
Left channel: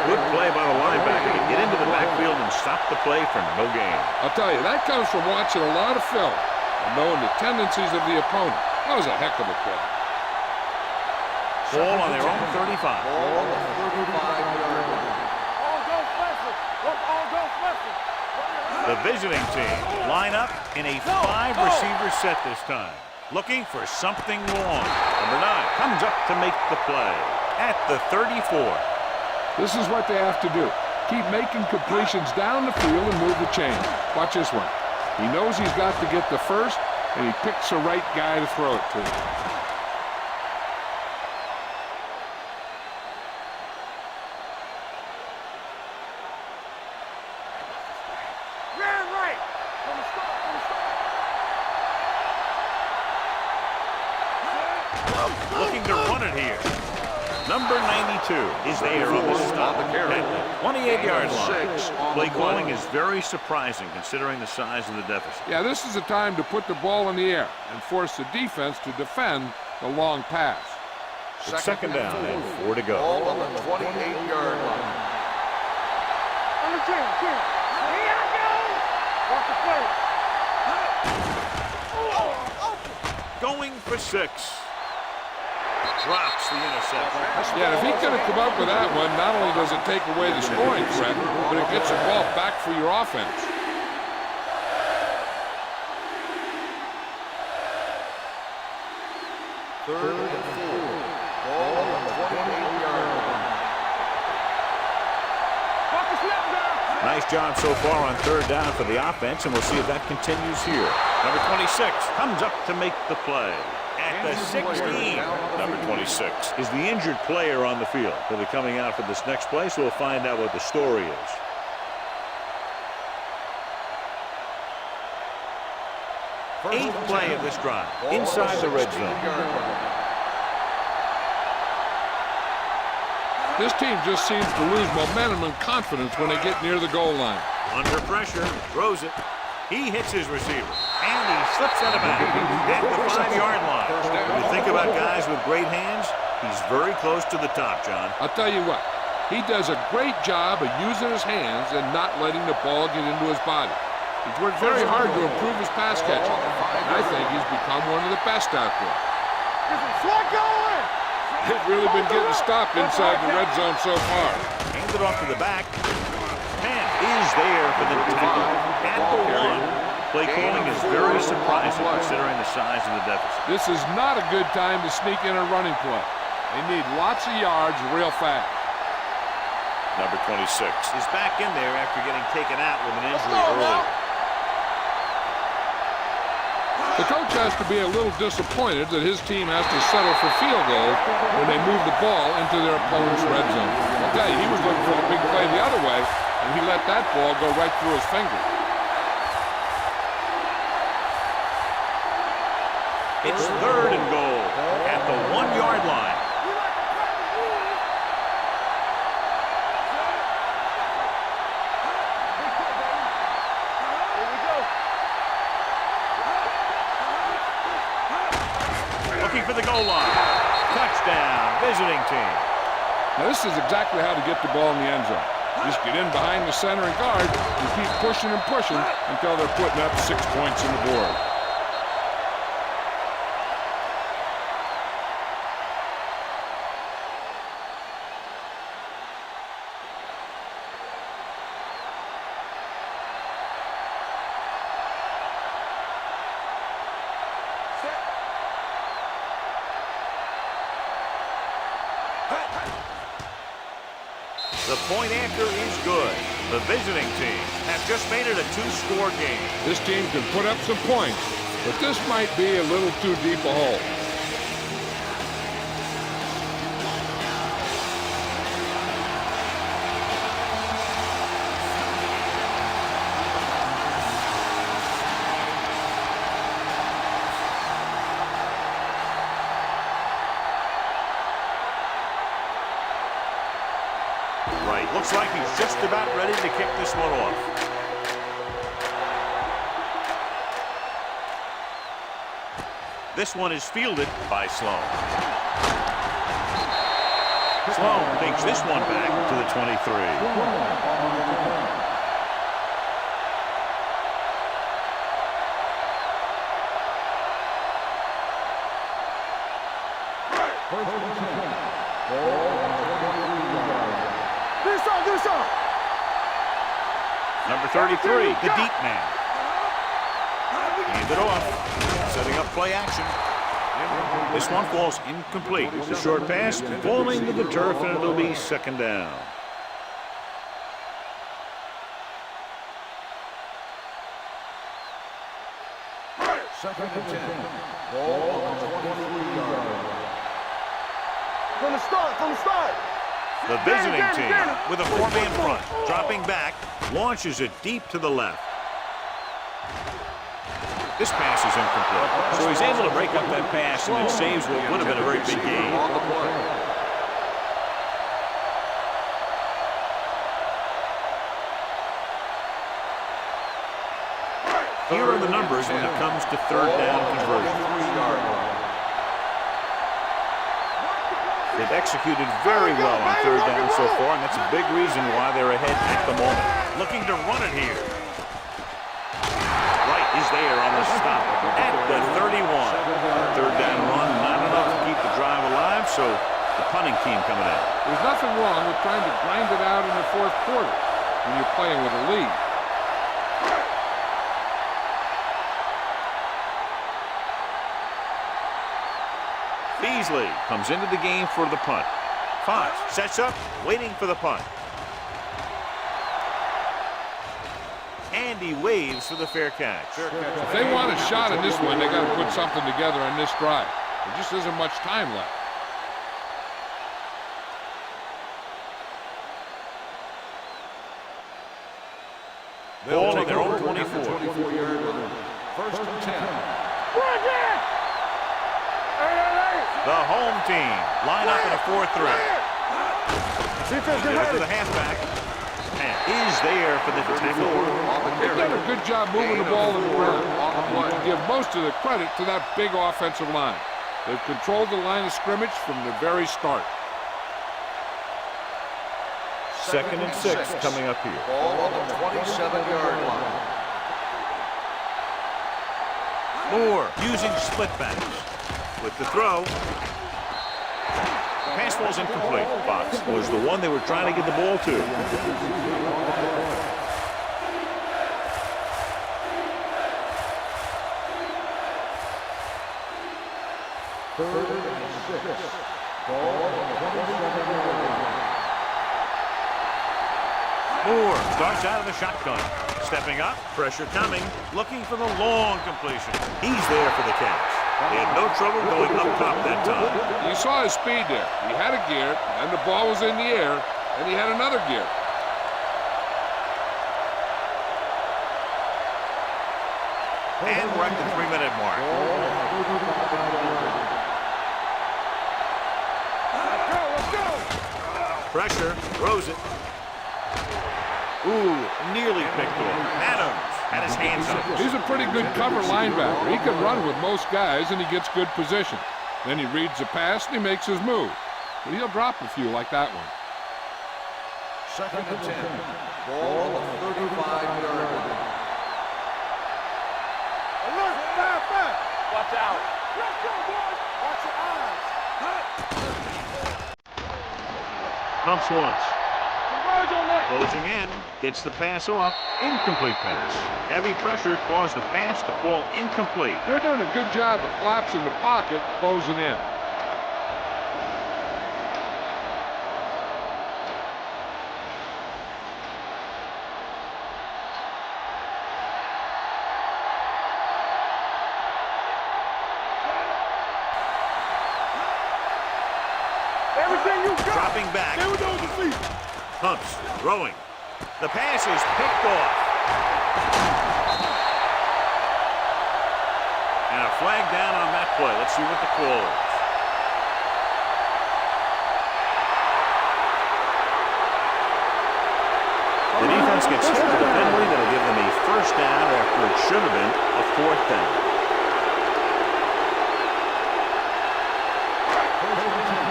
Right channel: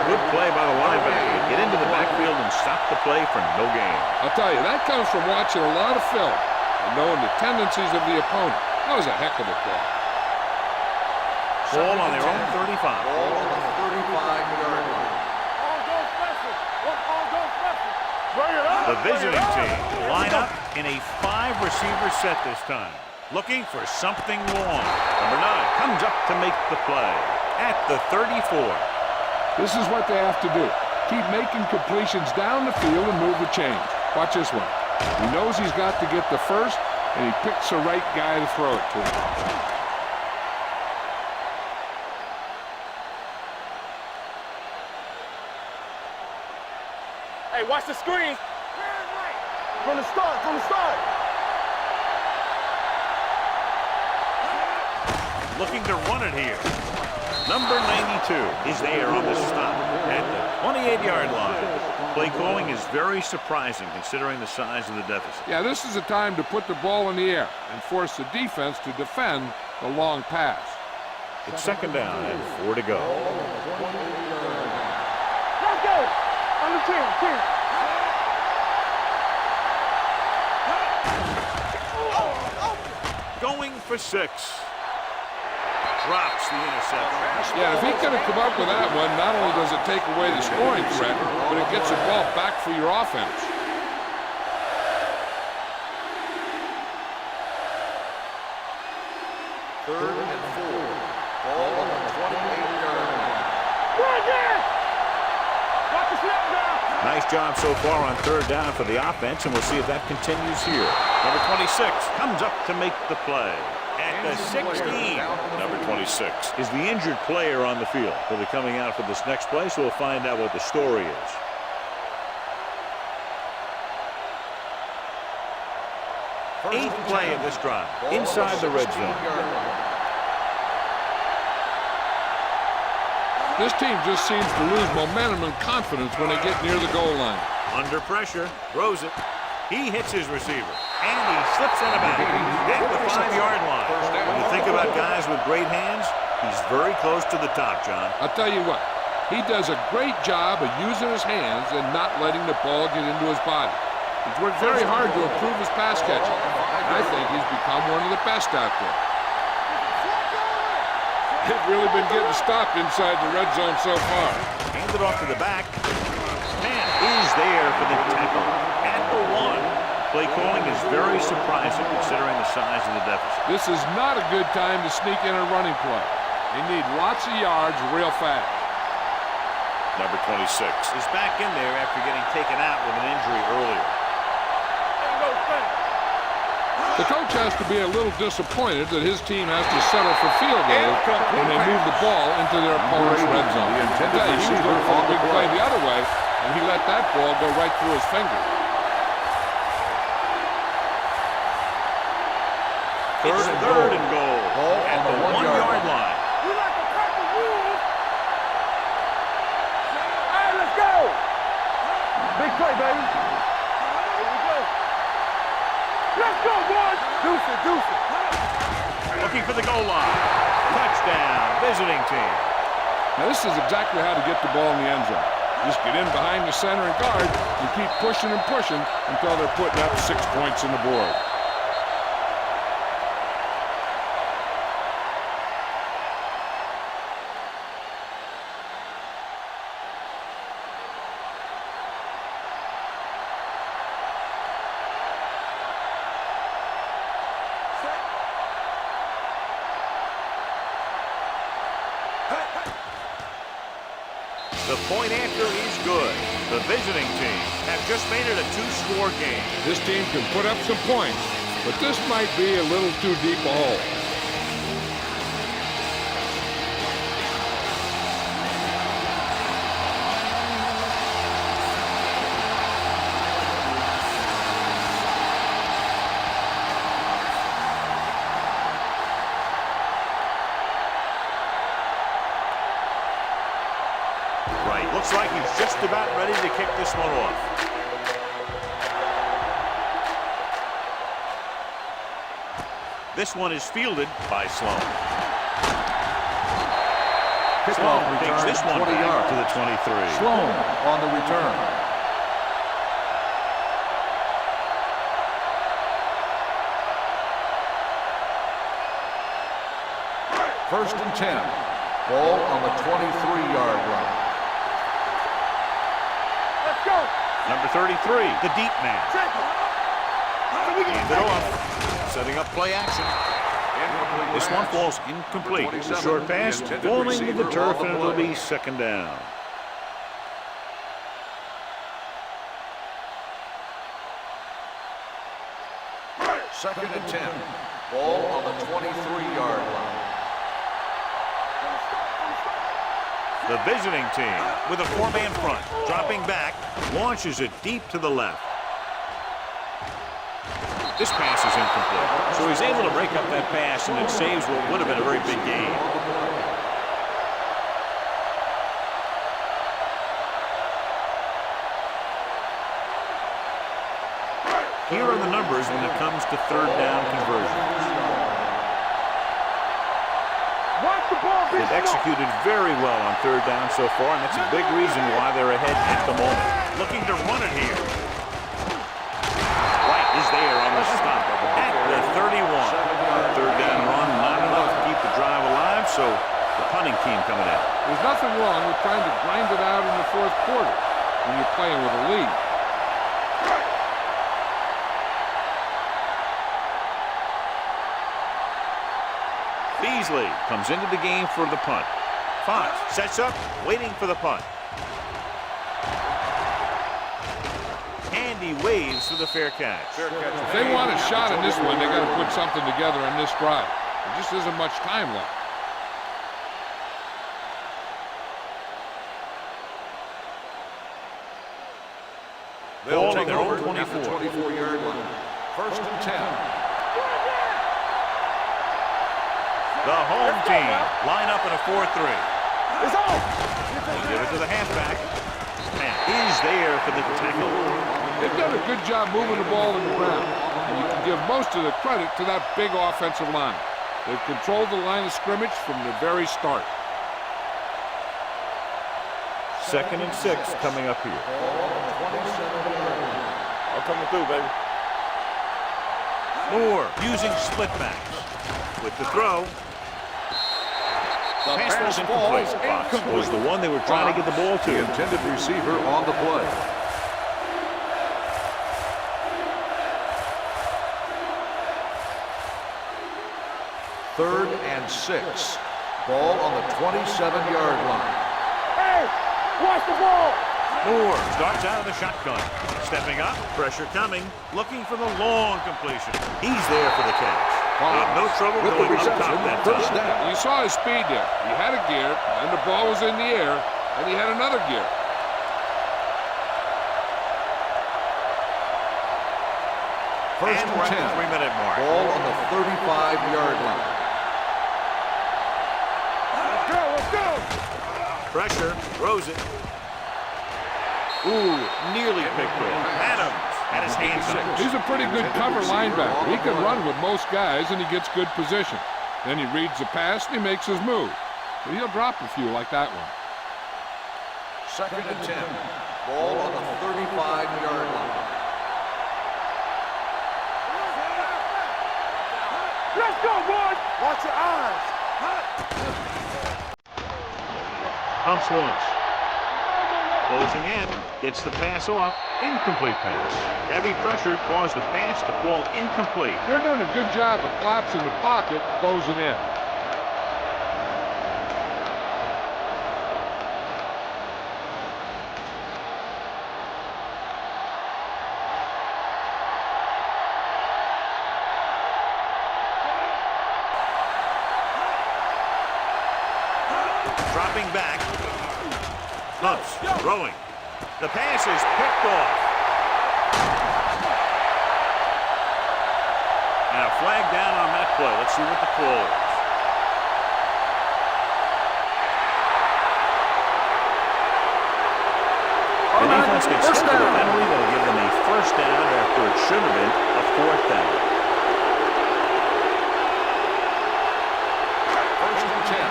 Good play by the linebacker to get into the backfield and stop the play for no gain. I'll tell you, that comes from watching a lot of film and knowing the tendencies of the opponent. That was a heck of a play. Ball on their own 35. Ball on the 35-yard line. All go special. What's all go special? The visiting team line up in a 5-receiver set this time, looking for something long. Number 9 comes up to make the play at the 34. This is what they have to do. Keep making completions down the field and move the chains. Watch this one. He knows he's got to get the first, and he picks the right guy to throw it to. Hey, watch the screen. Man, right. From the start, from the start. Looking to run it here. Number 92 is there on the stop at the 28-yard line. Play calling is very surprising considering the size of the deficit. Yeah, this is the time to put the ball in the air and force the defense to defend the long pass. It's second down and 4 to go. Ball on the 28-yard line. Let's go. Under 10. Going for 6. Drops the interception. Yeah, if he could have come up with that one, not only does it take away the scoring threat, but it gets the ball back for your offense. Third and 4. Ball on the 28-yard line. Watch the snap down. Nice job so far on third down for the offense, and we'll see if that continues here. Number 26 comes up to make the play. At the 16, number 26 is the injured player on the field. He'll be coming out for this next play, so we'll find out what the story is. Eighth play of this drive, inside the red zone. This team just seems to lose momentum and confidence when they get near the goal line. Under pressure, throws it. He hits his receiver, and he slips out of bounds at the 5-yard line. When you think about guys with great hands, he's very close to the top, John. I'll tell you what, he does a great job of using his hands and not letting the ball get into his body. He's worked very hard to improve his pass catching, and I think he's become one of the best out there. They've really been getting stopped inside the red zone so far. Handed off to the back. Man is there for the tackle at the 1. Play calling is very surprising considering the size of the deficit. This is not a good time to sneak in a running play. They need lots of yards real fast. Number 26 is back in there after getting taken out with an injury earlier. The coach has to be a little disappointed that his team has to settle for field goals when they move the ball into their opponent's red zone. I tell you, he was looking for the big play the other way, and he let that ball go right through his fingers. It's third and goal at the 1-yard line. We like to practice rules. All right, let's go. Big play, baby. Here we go. Let's go, boys. Deuce it. Looking for the goal line. Touchdown, visiting team. Now, this is exactly how to get the ball in the end zone. Just get in behind the center and guard and keep pushing and pushing until they're putting up 6 points on the board. The point after is good. The visiting team have just made it a 2-score game. This team can put up some points, but this might be a little too deep a hole. Right, looks like he's just about ready to kick this one off. This one is fielded by Sloan. Sloan takes this one back to the 23. Sloan on the return. First and 10. Ball on the 23-yard line. Let's go. Number 33, the deep man. Hand it off, setting up play action. This one falls incomplete. The short pass falling to the turf, and it'll be second down. Second and 10. Ball on the 23-yard line. From the start. The visiting team with a 4-man front, dropping back, launches it deep to the left. This pass is incomplete. So he's able to break up that pass, and it saves what would have been a very big gain. Here are the numbers when it comes to third down conversions. They've executed very well on third down so far, and that's a big reason why they're ahead at the moment. Looking to run it here. Wright is there on the stop at the 31. Third down run, not enough to keep the drive alive, so the punting team coming in. There's nothing wrong with trying to grind it out in the fourth quarter when you're playing with a lead. Beasley comes into the game for the punt. Fox sets up, waiting for the punt. And he waves for the fair catch. If they want a shot in this one, they got to put something together on this drive. There just isn't much time left. They'll take their own 24. 24-yard line. First and 10. The home team line up in a 4-3. Give it to the halfback. And is there for the tackle. They've done a good job moving the ball in the ground. And you can give most of the credit to that big offensive line. They've controlled the line of scrimmage from the very start. 2nd and 6 coming up here. Ball on the 27-yard line. Coming through, baby. Moore using split backs. With the throw. The pass ball's incomplete. Fox was the one they were trying to get the ball to. Intended receiver on the play. Third and 6. Ball on the 27-yard line. Hey, watch the ball. Moore starts out of the shotgun. Stepping up, pressure coming, looking for the long completion. He's there for the catch. They had no trouble going up top that time. You saw his speed there. He had a gear, and the ball was in the air, and he had another gear. And we're at the 3-minute mark. Ball on the 35-yard line. Let's go. Pressure, throws it. Ooh, nearly picked off. Adams had his hands up. He's a pretty good cover linebacker. He can run with most guys, and he gets good position. Then he reads the pass, and he makes his move. But he'll drop a few like that one. 2nd and 10. Ball on the 35-yard line. Alert, fire. Watch out. Let's go, boys. Watch your eyes. Pumps once. Closing in, gets the pass off, incomplete pass. Heavy pressure caused the pass to fall incomplete. They're doing a good job of collapsing the pocket, closing in. Dropping back. Pumps, throwing. The pass is picked off. And a flag down on that play. Let's see what the call is. The defense gets hit with a penalty that'll give them a first down after it should have been a 4th down. First and 10.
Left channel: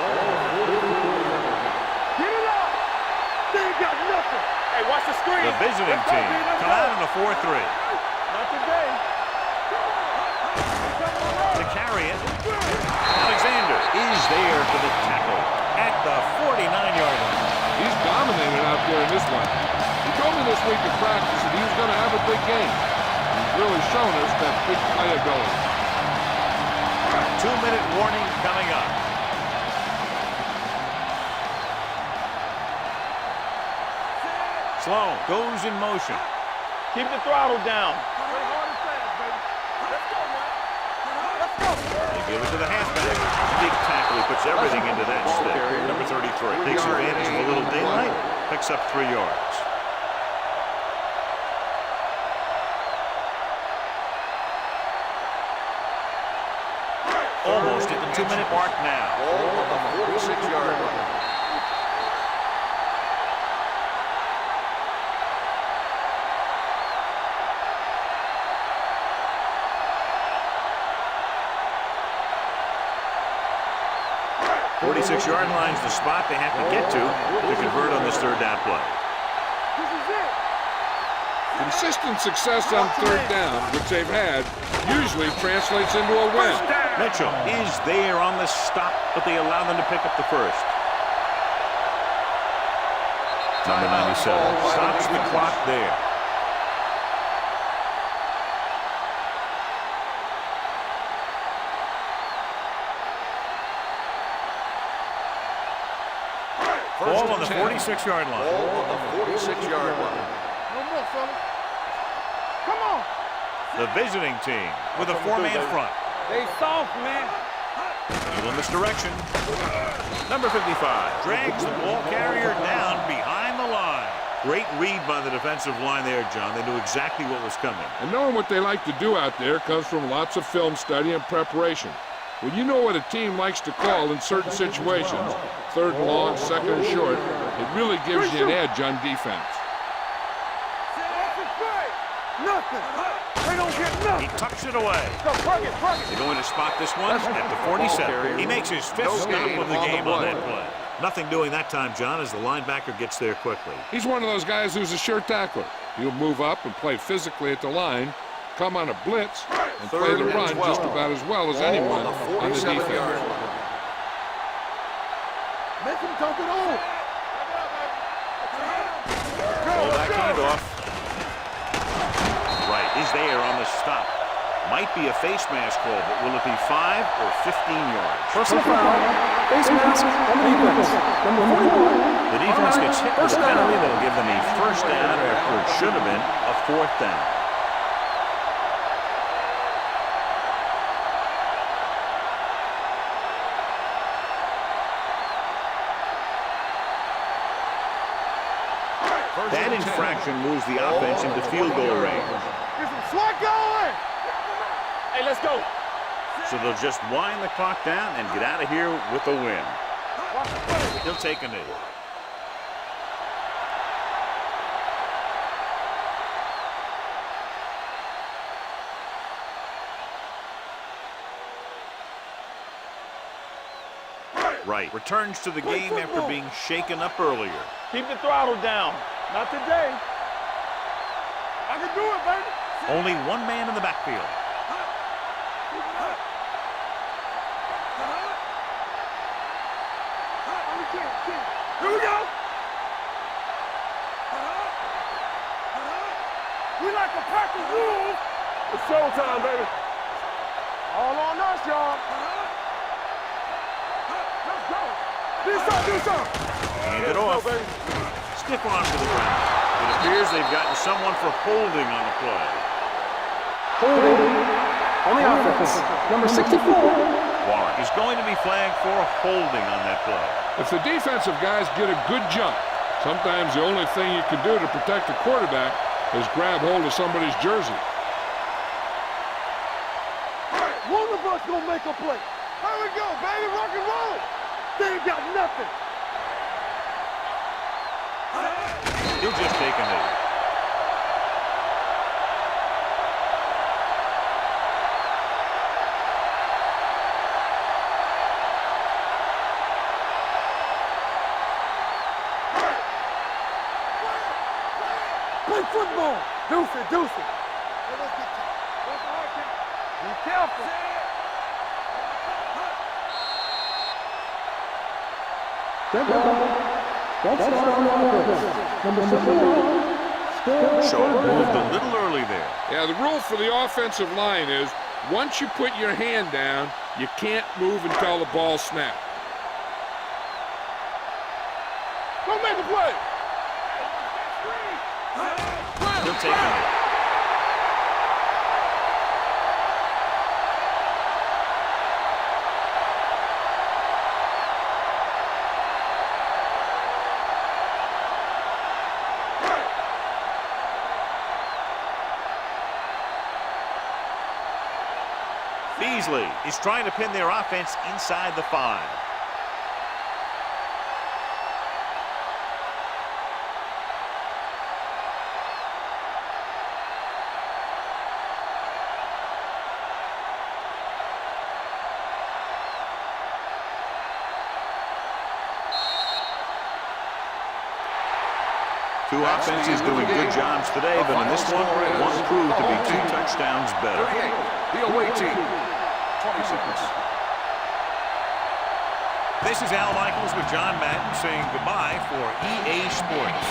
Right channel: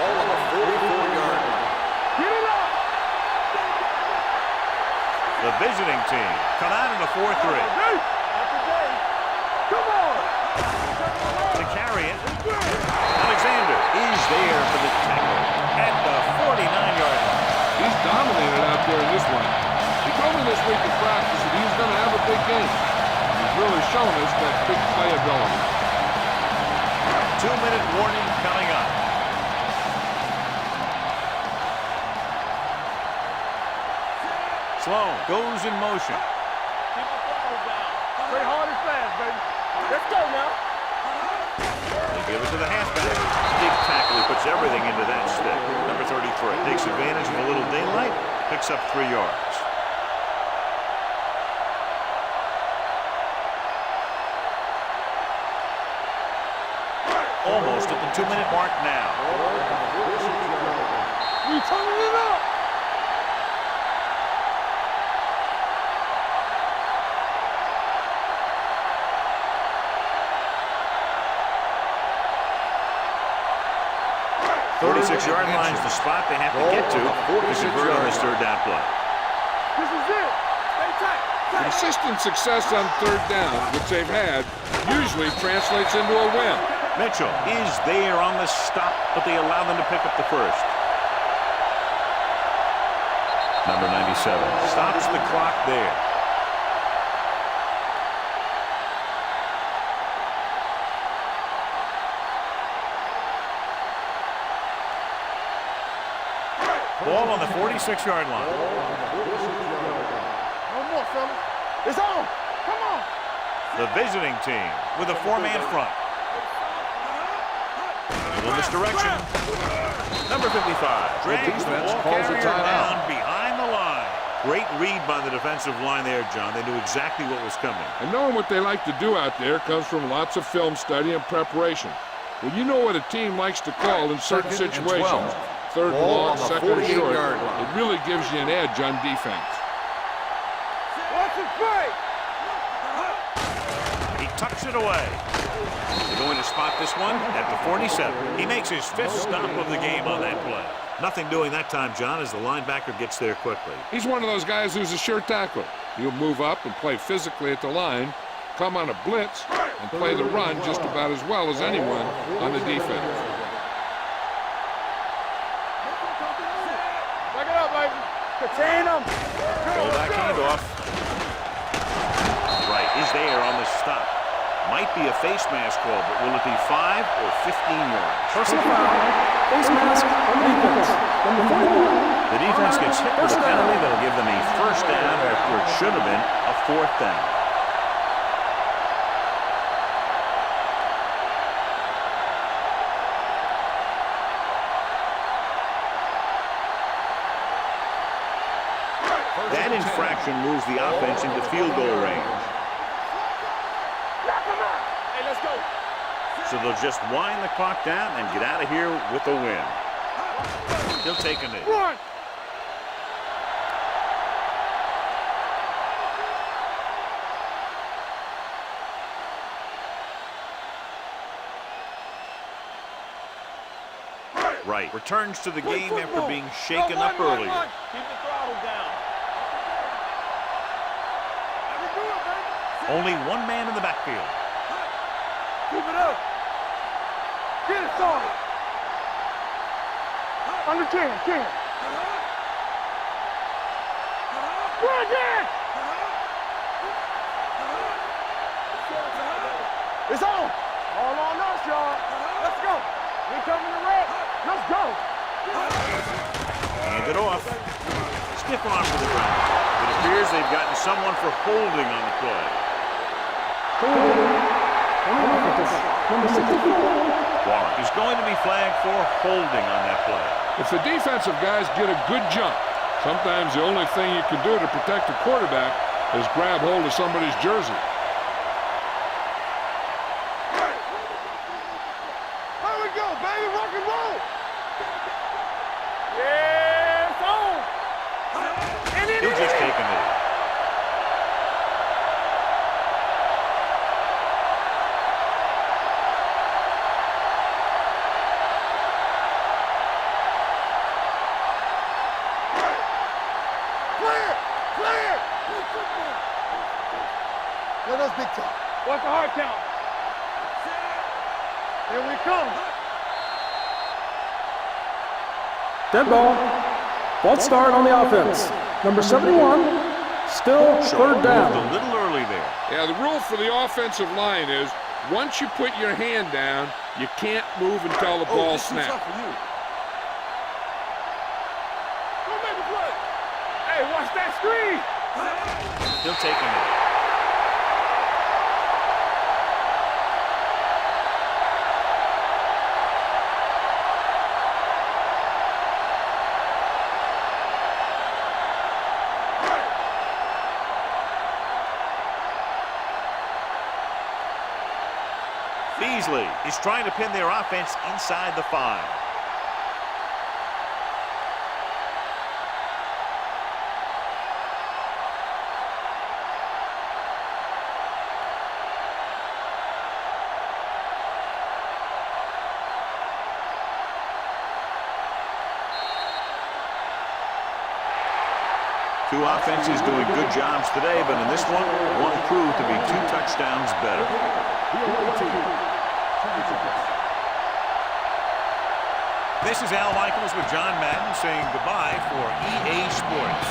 Ball on the 44-yard line. Get it up. Hey, watch the screen. The visiting team come out in a 4-3. Not today. Come on. To carry it, Alexander is there for the tackle at the 49-yard line. He's dominated out there in this one. He told me this week at practice that he was going to have a big game. And he's really shown us that big playability. 2-minute warning coming up. Sloan goes in motion. Keep the throttle down. Play hard and fast, baby. Let's go now. Let's go. They give it to the halfback. Big tackle. He puts everything into that stick. Number 33 takes advantage of a little daylight. Picks up 3 yards. almost at the 2-minute mark now. Ball on the 46-yard line. We turning it up. The 46-yard line is the spot they have to get to convert on this third down play. This is it. Consistent success on third down, which they've had, usually translates into a win. Mitchell is there on the stop, but they allow them to pick up the first. Number 97 stops the clock there. Ball on the 46-yard line. Ball on the 46-yard line. No more, fellas. It's on. Come on. The visiting team with a 4-man front. They soft, man. A little misdirection. Number 55 drags the ball carrier down behind the line. Great read by the defensive line there, John. They knew exactly what was coming. And knowing what they like to do out there comes from lots of film study and preparation. When you know what a team likes to call in certain situations, third and long, second and short, it really gives you an edge on defense. What's the play? Nothing. They don't get nothing. He tucks it away. They're going to spot this one at the 47. He makes his 5th stop of the game on that play. Nothing doing that time, John, as the linebacker gets there quickly. He's one of those guys who's a sure tackler. He'll move up and play physically at the line, come on a blitz, and play the run just about as well as anyone on the defense. Make him dump it on. Back it up, baby. Contain him. Roll back handoff. Right, is there on the stop. Might be a face mask call, but will it be 5 or 15 yards? Personal foul. Face mask on the defense. Number 41. The defense gets hit with a penalty that'll give them a first down after it should have been a 4th down. That infraction moves the offense into field goal range. Get some slack going. Knock him out. Hey, let's go. So they'll just wind the clock down and get out of here with a win. He'll take a knee. One. Right, returns to the game after being shaken up earlier. Keep the throttle down. Not today. I can do it, baby. Only one man in the backfield. Keep it up. Get it, son. Under 10. Here we go. Go again. We like the practice rules. It's showtime, baby. It's on. All on us, y'all. Let's go. We're coming to red. Let's go. Hand it off. Stiff arm to the ground. It appears they've gotten someone for holding on the play. Holding on the offense. Number 64. Warren is going to be flagged for holding on that play. If the defensive guys get a good jump, sometimes the only thing you can do to protect a quarterback is grab hold of somebody's jersey. One of us gonna make a play. Here we go, baby. Rock and roll. They ain't got nothing. Yeah, it's on. He'll just take a knee. Play football. Deuce it. Let us get you. What's the hard count? Be careful. Here we come. Dead ball. False start on the offense. Number 71. Still Shaw third down. moved a little early there. Yeah, the rule for the offensive line is once you put your hand down, you can't move until the ball snaps. Go make a play. Hey, watch that screen. He'll take a knee. Beasley is trying to pin their offense inside the 5. Two offenses doing good jobs today, but in this one proved to be 2 touchdowns better. The away team, 20 seconds. This is Al Michaels with John Madden saying goodbye for EA Sports.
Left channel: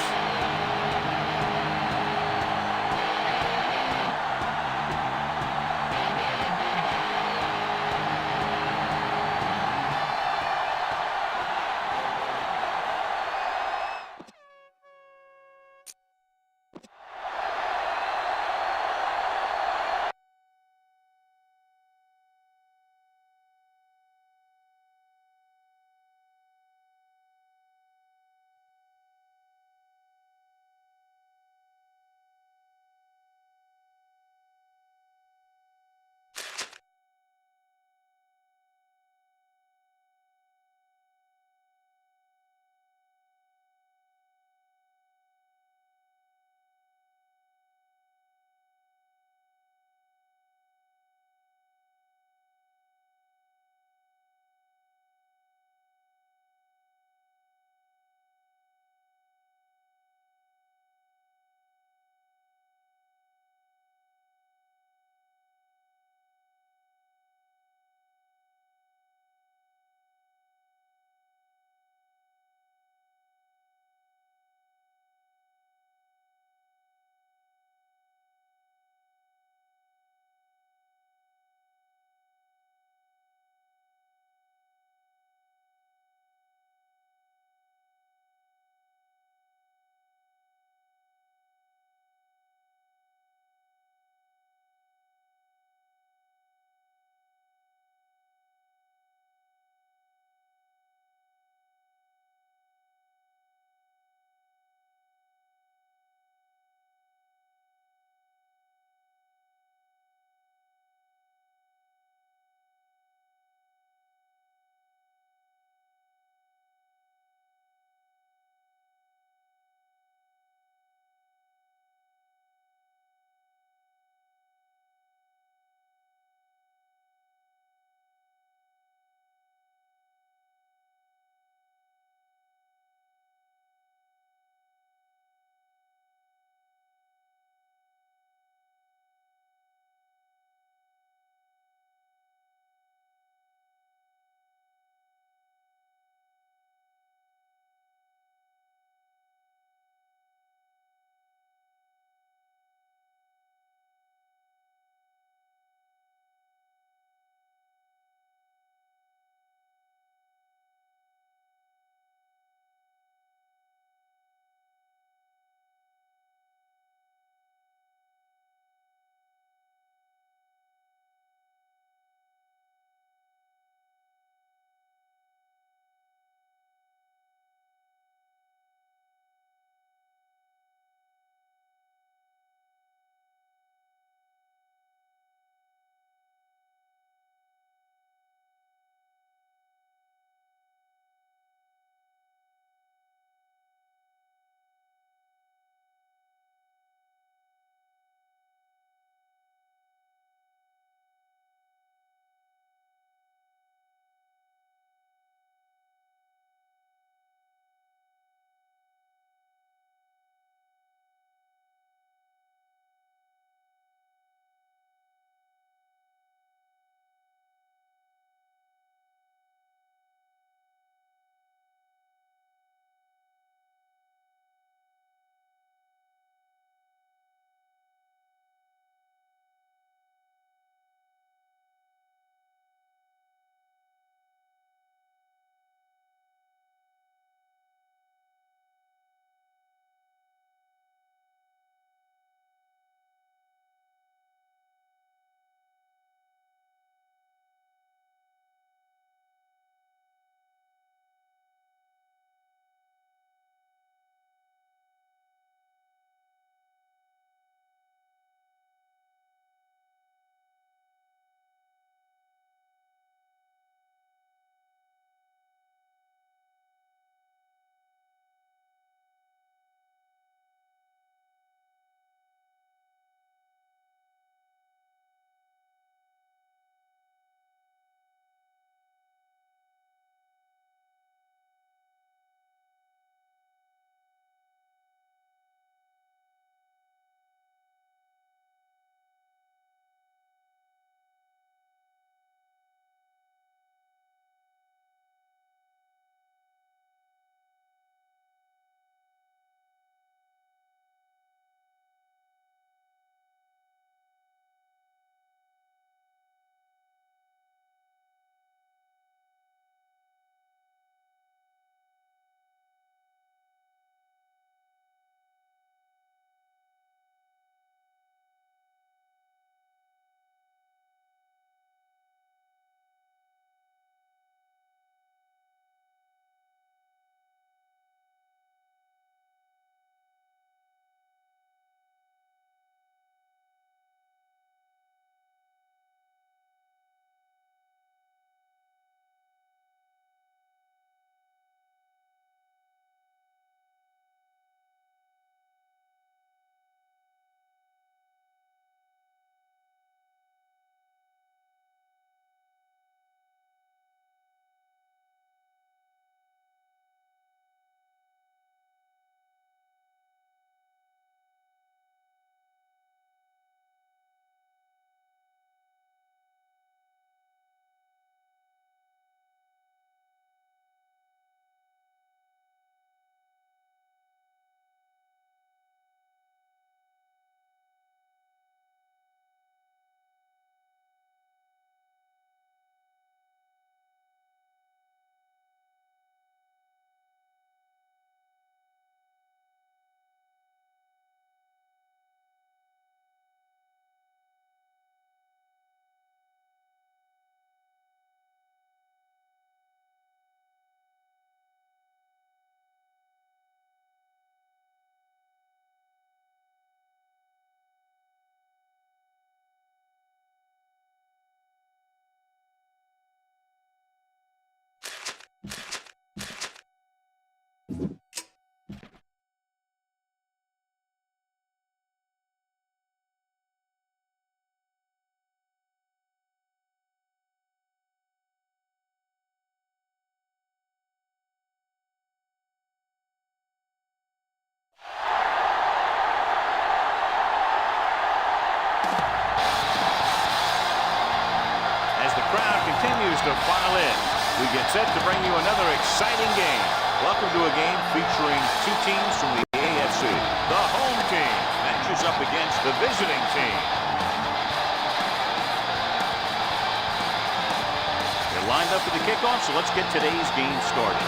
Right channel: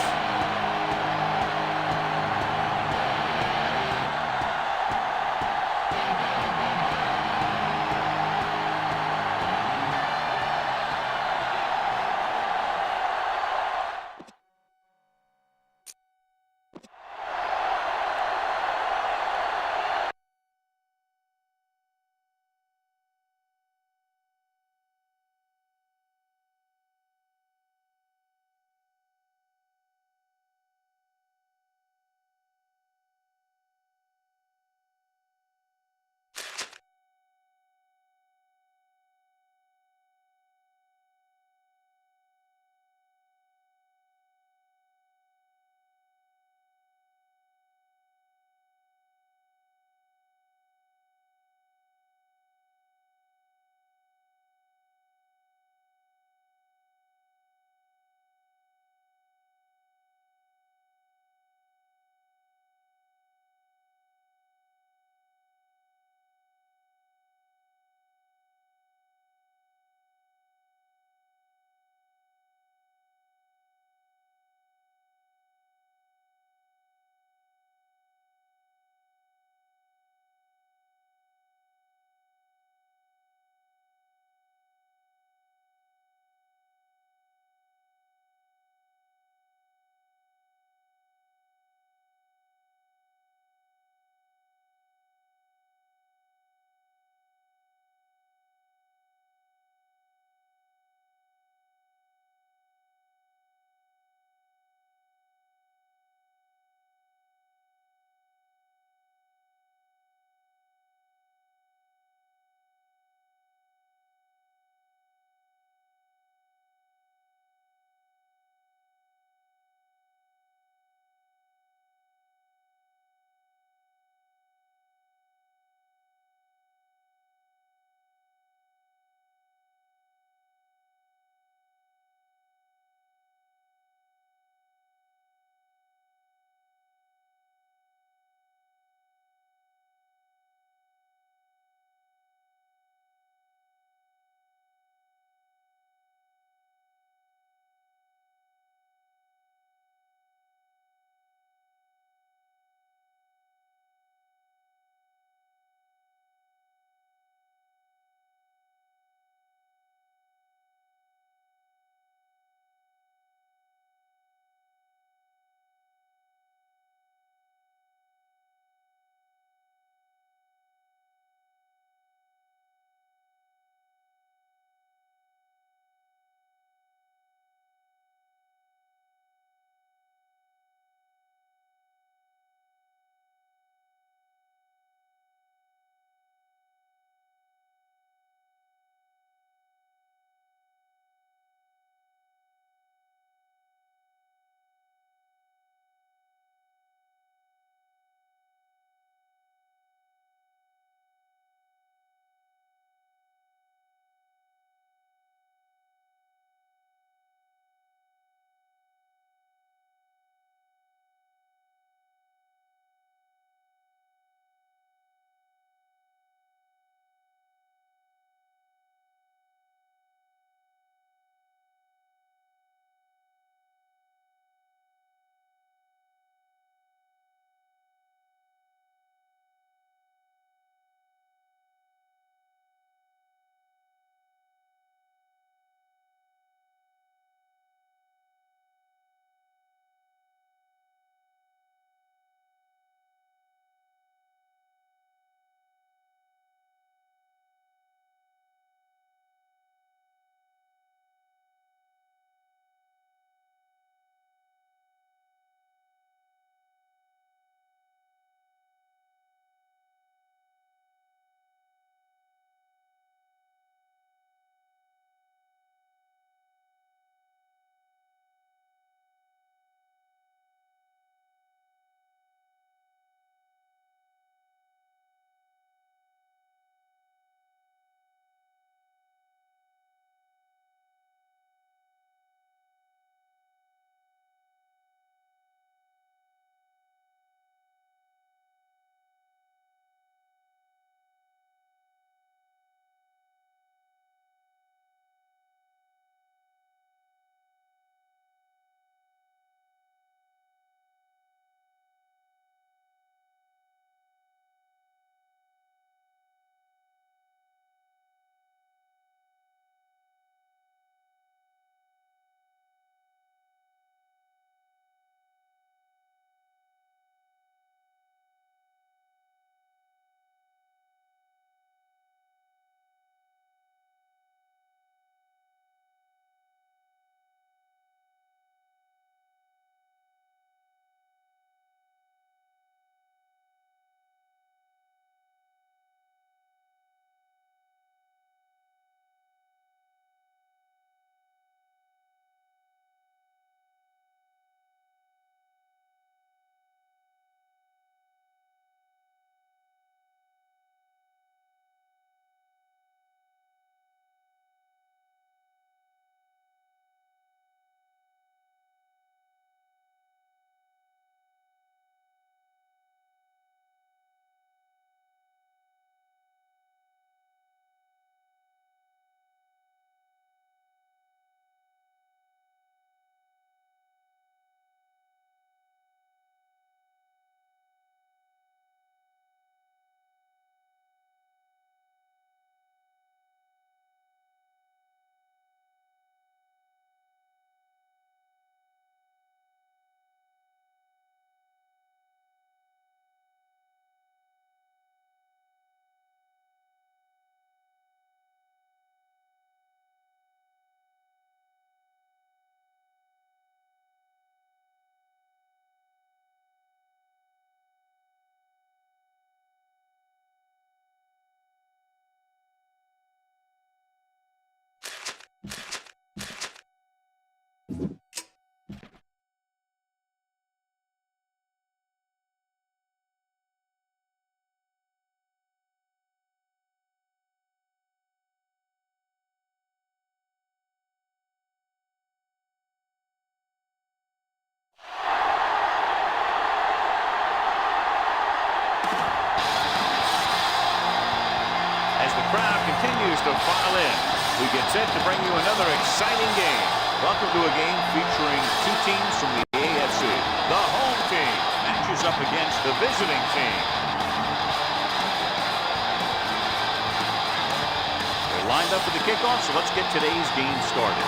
As the crowd continues to file in, we get set to bring you another exciting game. Welcome to a game featuring two teams from the AFC. The home team matches up against the visiting team. They're lined up for the kickoff, so let's get today's game started.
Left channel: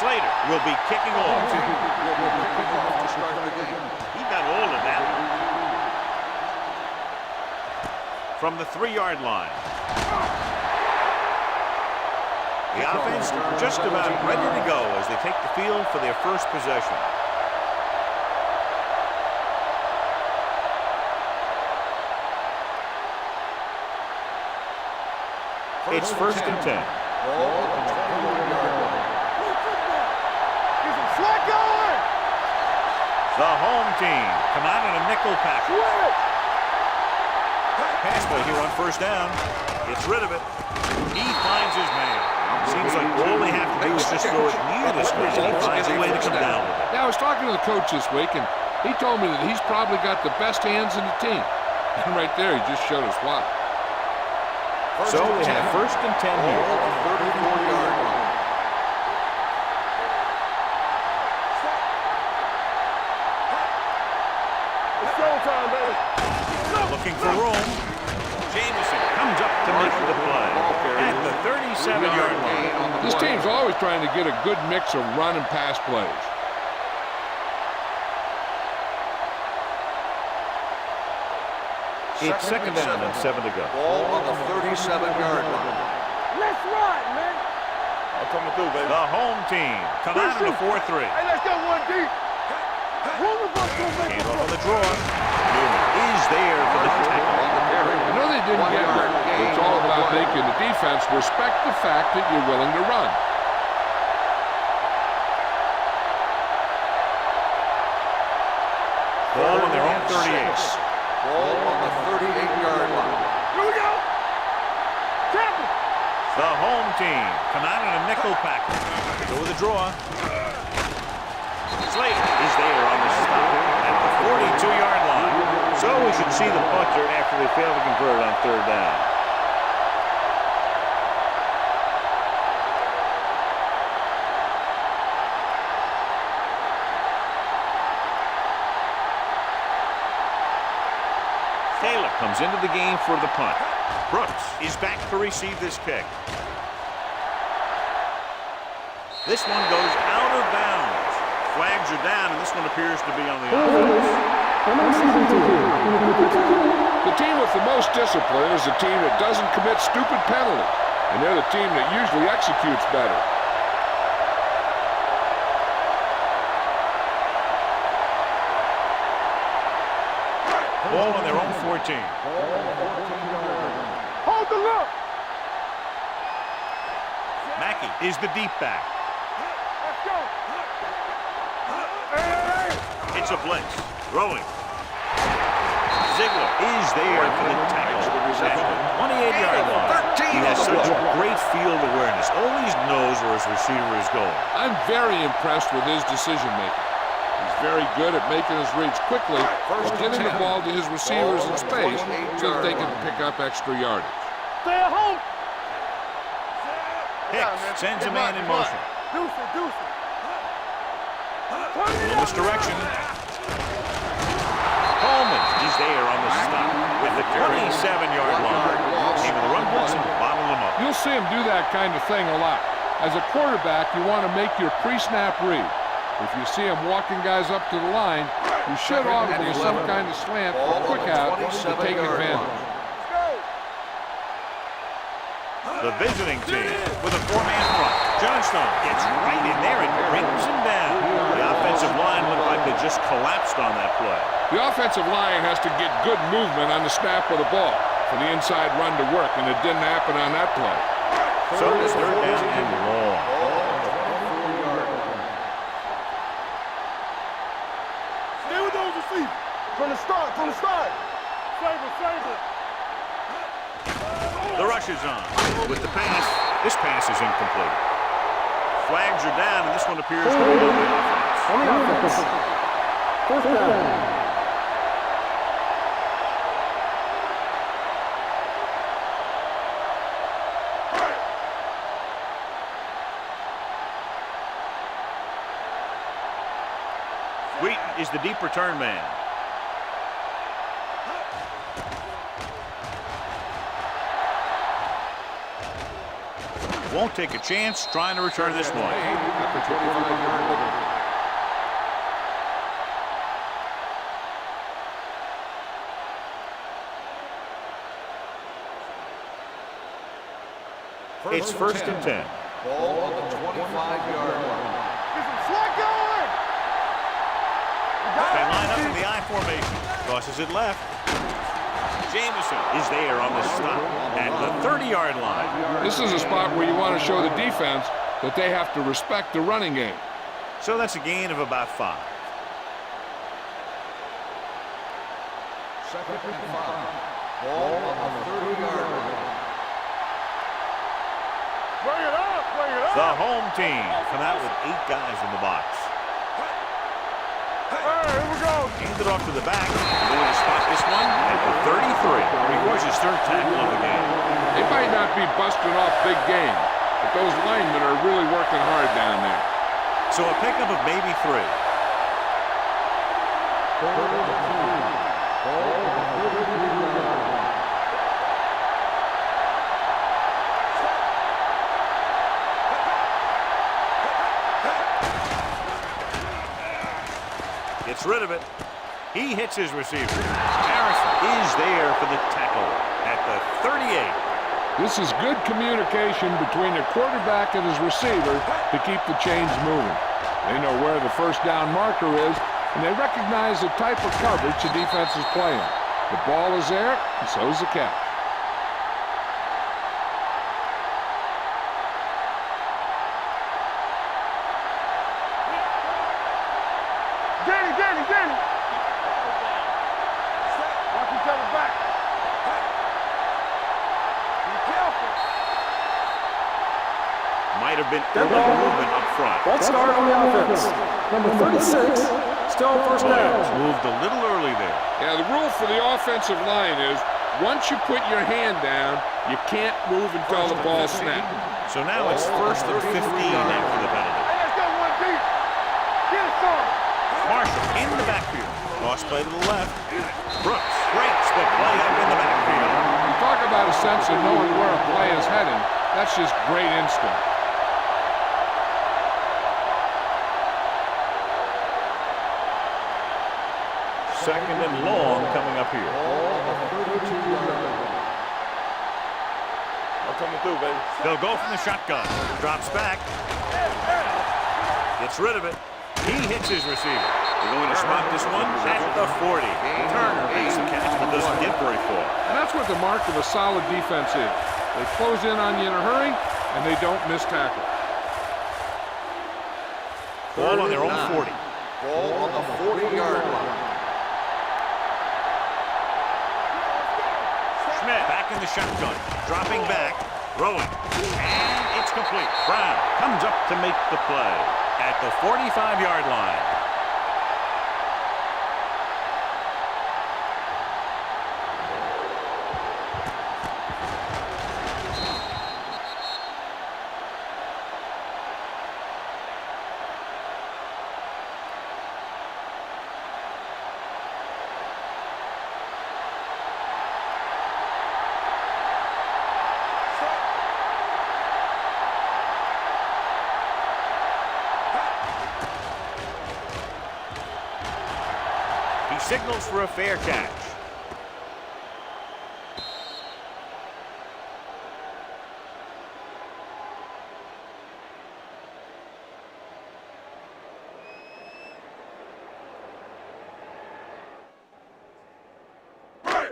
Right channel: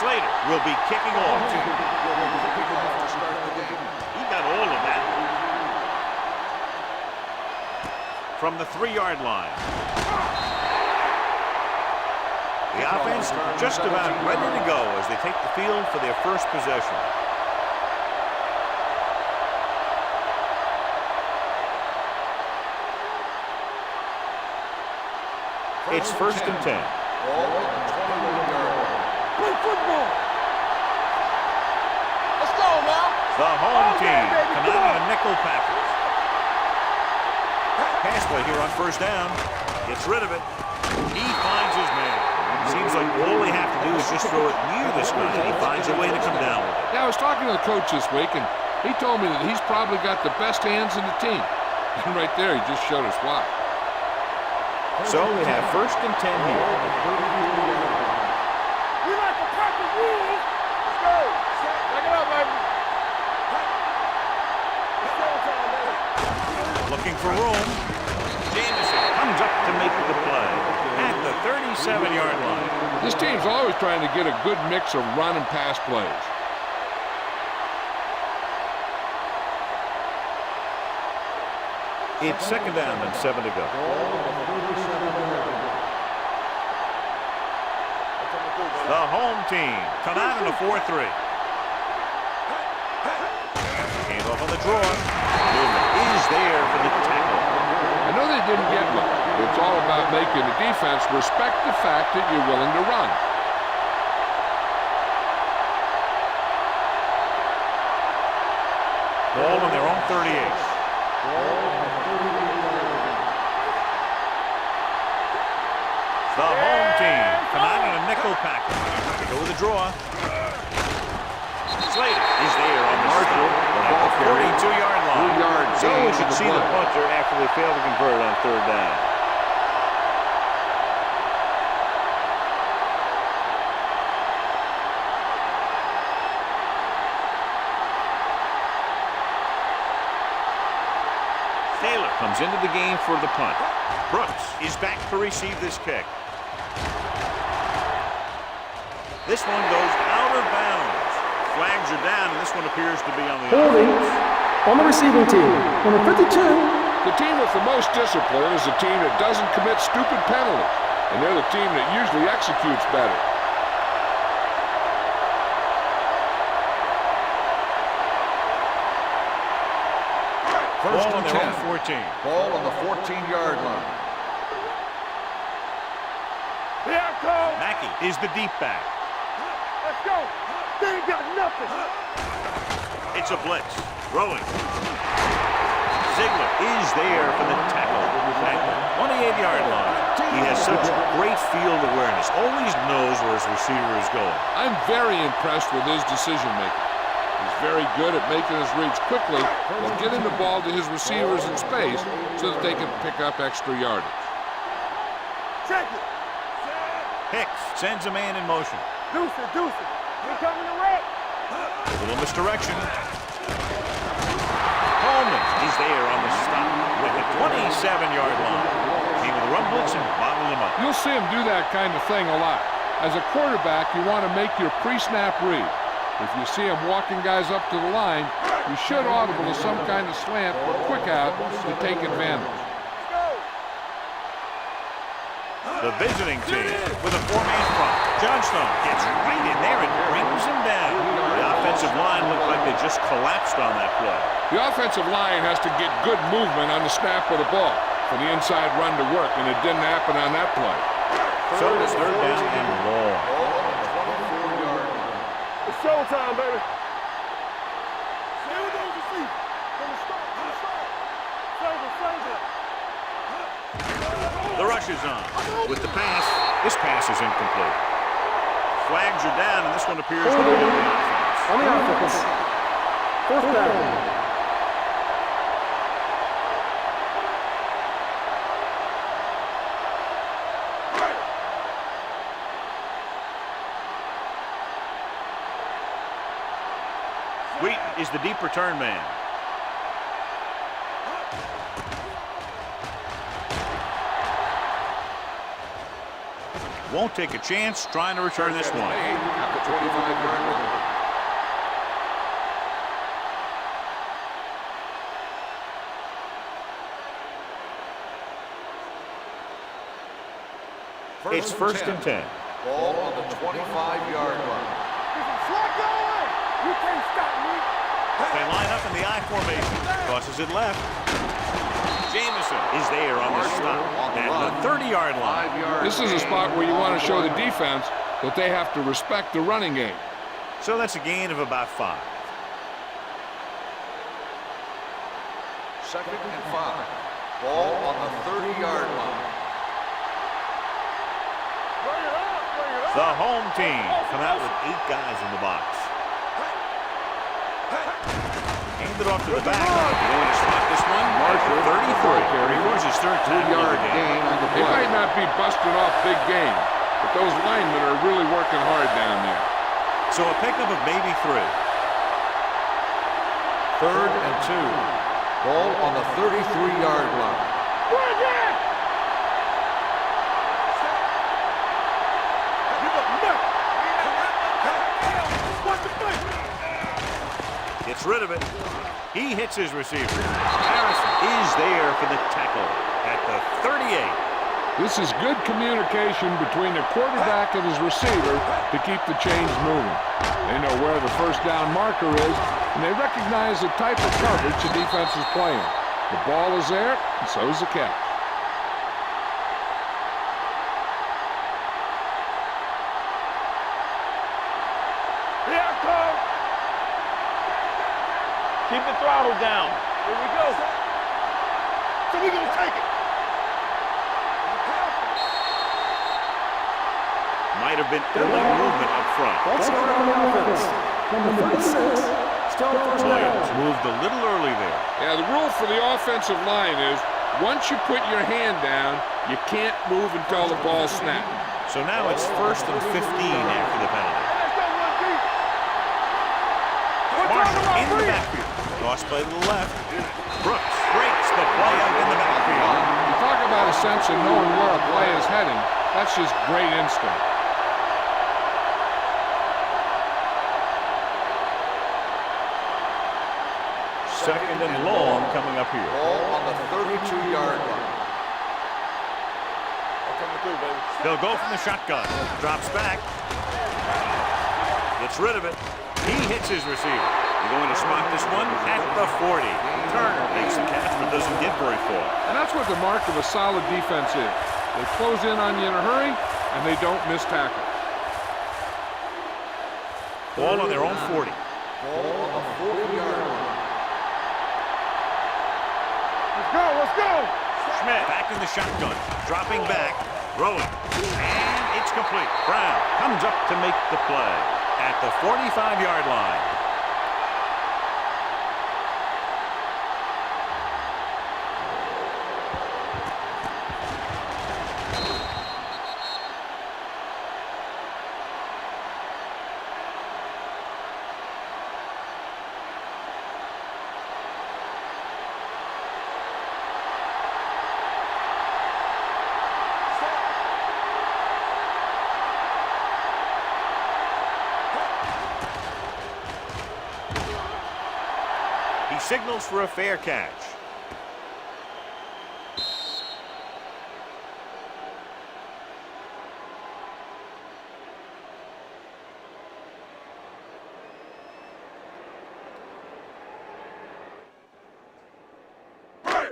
Slater will be kicking off. Team will be kicking off to start the game. He got all of that from the 3-yard line. The offense just about ready to go as they take the field for their first possession. It's first and 10. Ball on the 21-yard line. Play football. Flag going. Let's go now. The home team come out on a nickel package. Pass play here on first down. Gets rid of it. He finds his man. Seems like all they have to do is just throw it near this guy, and he finds a way to come down with it. Yeah, I was talking to the coach this week, and he told me that he's probably got the best hands in the team. And right there, he just showed us why. So they have first and 10 here. Looking for room. Jameson comes up to make the play at the 37-yard line. This team's always trying to get a good mix of run and pass plays. It's second down and 7 to go. Ball on the 37-yard line. Let's run, man. I'm coming through, baby. The home team come out in a 4-3. Hey, let's go one deep. Came off on the draw. Newman is there for the tackle. I know they didn't get much, but it's all about making the defense respect the fact that you're willing to run. Ball on their own 38. Ball on the 38-yard line. The home team come out in a nickel package. They go with a draw. Slater is there on the stop at the 42-yard line. So we should see the punter after they fail to convert on third down. Taylor comes into the game for the punt. Brooks is back to receive this kick. This one goes out of bounds. Flags are down, and this one appears to be on the offense. On the receiving team, number 52. The team with the most discipline is the team that doesn't commit stupid penalties, and they're the team that usually executes better. Ball on their own 14. Ball on the 14-yard line. Hold the look. Here it comes. Mackey is the deep back. Let's go. They ain't got nothing. It's a blitz. Throwing. Ziegler is there for the tackle at the 28-yard line. He has such great field awareness. Always knows where his receiver is going. I'm very impressed with his decision-making. He's very good at making his reads quickly while getting the ball to his receivers in space so that they can pick up extra yardage. Stay at home. Check it. Hicks sends a man in motion. Deuce it, deuce it. Here coming the red. A little misdirection. Coleman is there on the stop at the 27-yard line. Came with a run blitz and bottled him up. You'll see him do that kind of thing a lot. As a quarterback, you want to make your pre-snap read. If you see him walking guys up to the line, you should audible to some kind of slant or quick out to take advantage. The visiting team with a 4-man front. Johnstone gets right in there and brings him down. The offensive line looked like they just collapsed on that play. The offensive line has to get good movement on the snap of the ball for the inside run to work, and it didn't happen on that play. So it's third down and long. Ball on the 24-yard line. It's showtime, baby. Stay with those receivers. From the start, from the start. Save it, save it. This pass is incomplete. Flags are down, and this one appears to be on the offense. On the offense. 4th down. Wheaton is the deep return man. Won't take a chance trying to return this one. At the 25-yard line. It's 1st and 10. Ball on the 25-yard line. Get some slug going! You can't stop me! They line up in the I formation. Crosses it left. Jamison is there on the stop at the 30-yard line. This is a spot where you want to show the defense that they have to respect the running game. So that's a gain of about 5. 2nd and 5. Ball on the 30-yard line. Bring it up! Bring it up! The home team come out with 8 guys in the box. Hand it off to the back. They're going to spot this one at the 33. Records his 3rd tackle of the game. They might not be busting off big game, but those linemen are really working hard down there. So a pickup of maybe 3. 3rd and 2. Ball on the 33-yard line. Gets rid of it. He hits his receiver. Harrison is there for the tackle at the 38. This is good communication between the quarterback and his receiver to keep the chains moving. They know where the 1st down marker is, and they recognize the type of coverage the defense is playing. The ball is there, and so is the catch. Here I come! Danny! Keep the throttle down. Here we go. Knock each other back. So we're going to take it. Be careful. Might have been early movement up front. False start on the offense. Number 36, still 1st Williams down. moved a little early there. Yeah, the rule for the offensive line is once you put your hand down, you can't move until the ball snaps. So now it's 1st and 15 after the penalty. Hey, let's go one deep. Marshall in the backfield. Cross play to the left. Brooks breaks the play up in the backfield. You talk about a sense of knowing where a play is heading. That's just great instinct. Second and long coming up here. Ball on the 32-yard line. I'm coming through, baby. They'll go from the shotgun. Drops back. Gets rid of it. He hits his receiver. They're going to spot this one at the 40. Turner makes the catch but doesn't get very far. And that's what the mark of a solid defense is. They close in on you in a hurry, and they don't miss tackle. Ball on their own 40. Ball on the 40-yard line. Let's go. Schmidt back in the shotgun. Dropping back. Throwing. And it's complete. Brown comes up to make the play at the 45-yard line. He signals for a fair catch.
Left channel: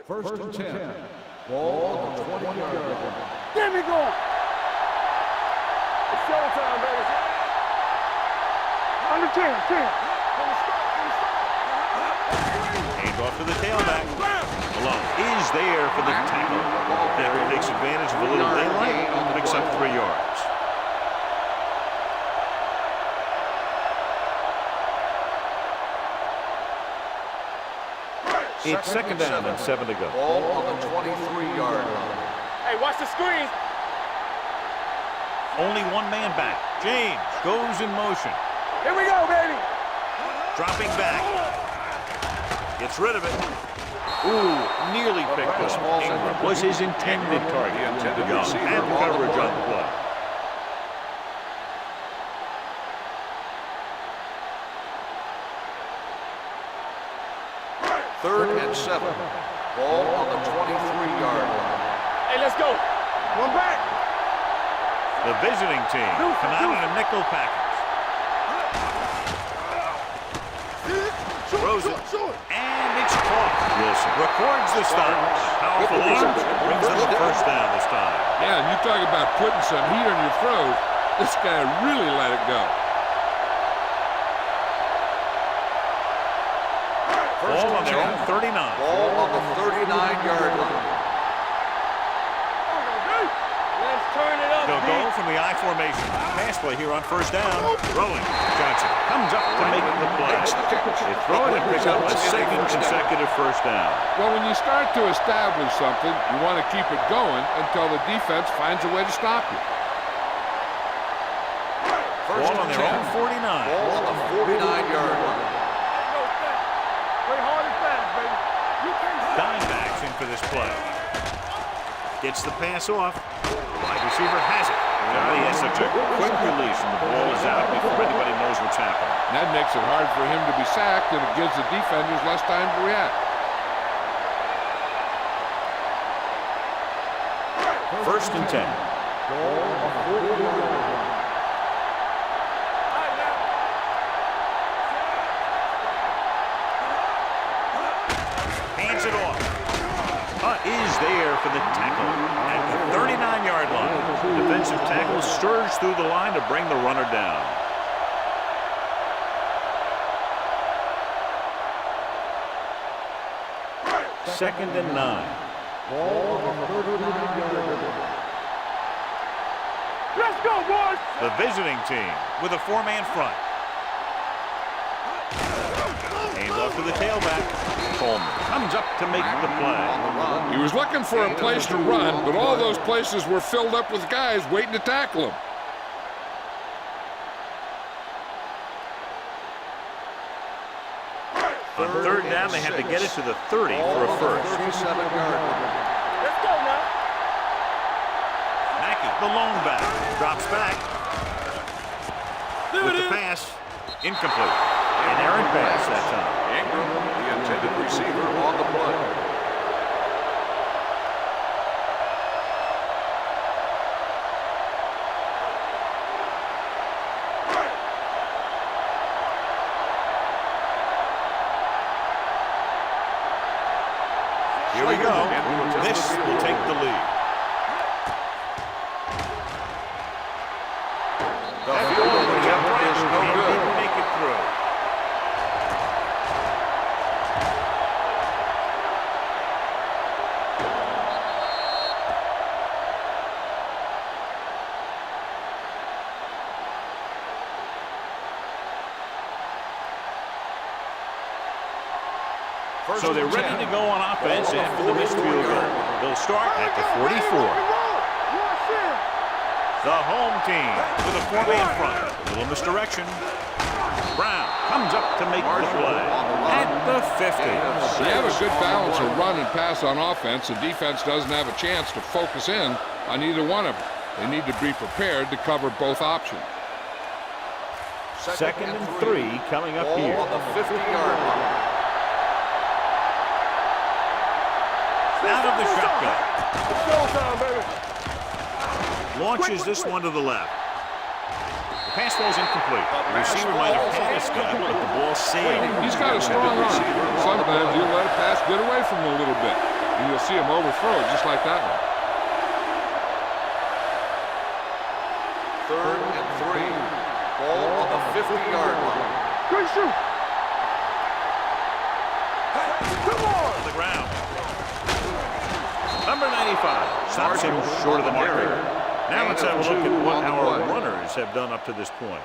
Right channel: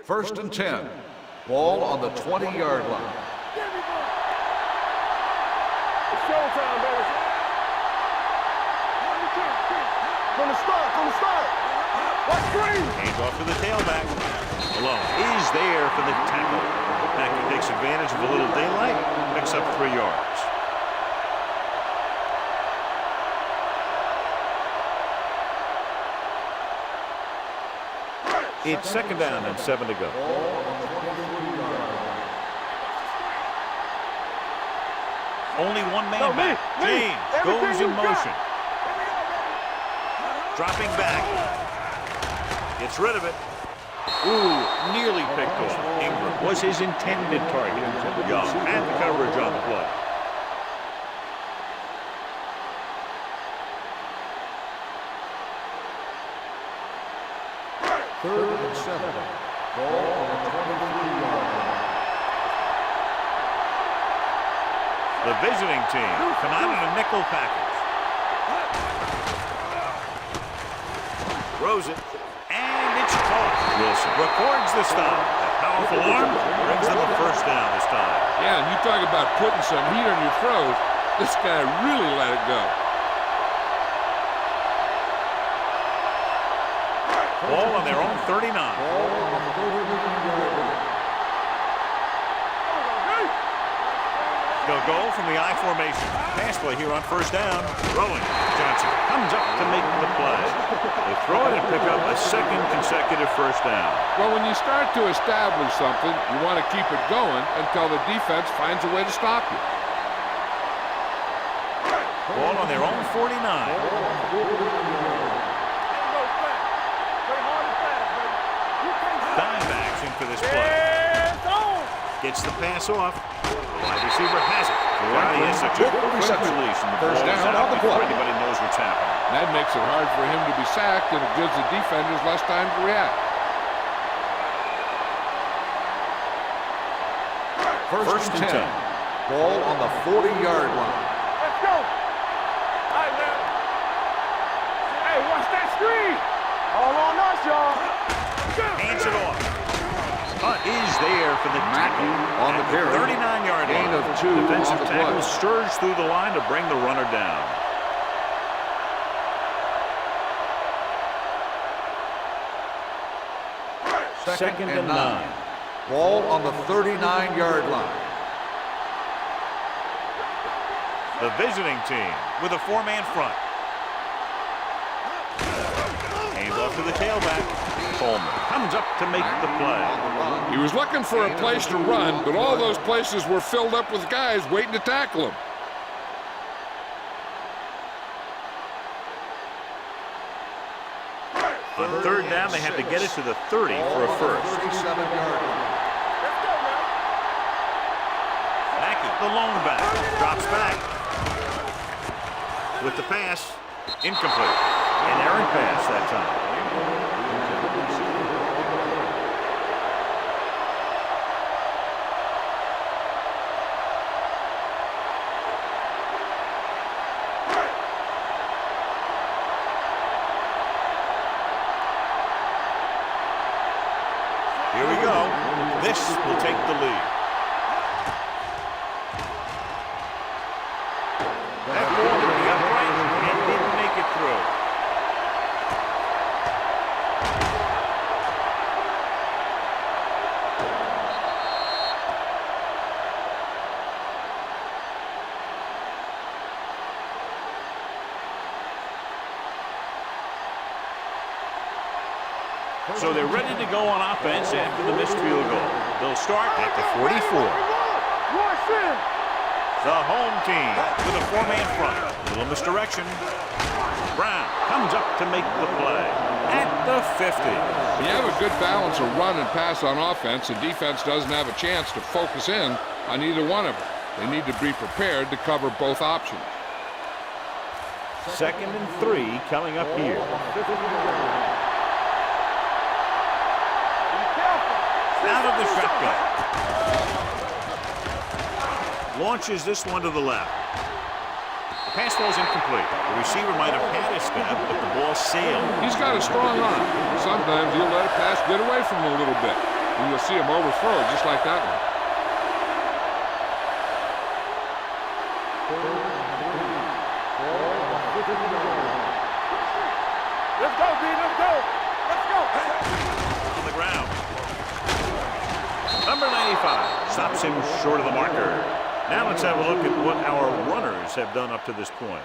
First and 10. Ball on the 20-yard line. Get me going. It's showtime, baby. On the 10. From the start. Watch screen. Hand off to the tailback. Malone is there for the tackle. Acme takes advantage of a little daylight, picks up 3 yards. It's second down and 7 to go. Ball on the 23-yard line. Hey, watch the screen. Only one man back. James goes in motion. Here we go, baby. Dropping back. Gets rid of it. Ooh, nearly picked off. Ingram was his intended target. Young had the coverage on the play. Third and 7. Ball on the 23-yard line. Hey, let's go. One back. The visiting team come out in a nickel package. Throws it, and it's caught. Wilson records the stop. That powerful arm brings them a first down this time. Yeah, and you talk about putting some heat on your throws. This guy really let it go. Ball on their own 39. Ball on the 39-yard line. Let's turn it up. They'll go from the I formation. Pass play here on first down. Throwing. Johnson comes up to make the play. They throw it and pick up a second consecutive first down. Well, when you start to establish something, you want to keep it going until the defense finds a way to stop you. Ball on their own 49. Ball on the 49-yard line. Ain't no fast. Play hard and fast, baby. You can't stop. Dimebacks in for this play. Gets the pass off. The wide receiver has it. Johnny has such a quick release, and the ball is out before anybody knows what's happening. And that makes it hard for him to be sacked, and it gives the defenders less time to react. First and 10. Ball on the 40-yard line. Let's go. All right, now. Hey, watch that screen. All on us, y'all. Hands it off. Hunt is there for the tackle at the 39-yard line. Defensive tackle stirs through the line to bring the runner down. Second and 9. Ball on the 39-yard line. Let's go, boys. The visiting team with a 4-man front. Hands off to the tailback. Coleman comes up to make the play. He was looking for a place to run, but all those places were filled up with guys waiting to tackle him. On third down, they had to get it to the 30 for a first. 37-yard line. Let's go now. Mackey, the lone back, drops back with the pass, incomplete. An errant pass that time. Ingram, the intended receiver, on the play. Here we go. This will take the lead. That ball hit the upright and didn't make it through. So they're ready to go on offense after the missed field goal. They'll start at the 44. The home team with a 4-man front. A little misdirection. Brown comes up to make the play at the 50. You have a good balance of run and pass on offense. The defense doesn't have a chance to focus in on either one of them. They need to be prepared to cover both options. Second and 3 coming up here. On the 50-yard line. Out of the shotgun. Launches this one to the left. The pass ball's incomplete. The receiver might have had a step, but the ball sailed. He's got a strong arm. Sometimes he'll let a pass get away from him a little bit, and you'll see him overthrow it just like that one. Third and 3. Ball on the 50-yard line. Good shoot. Let's go, D. Let's go. Let's go. On the ground. Number 95 stops him short of the marker. Now let's have a look at what our runners have done up to this point.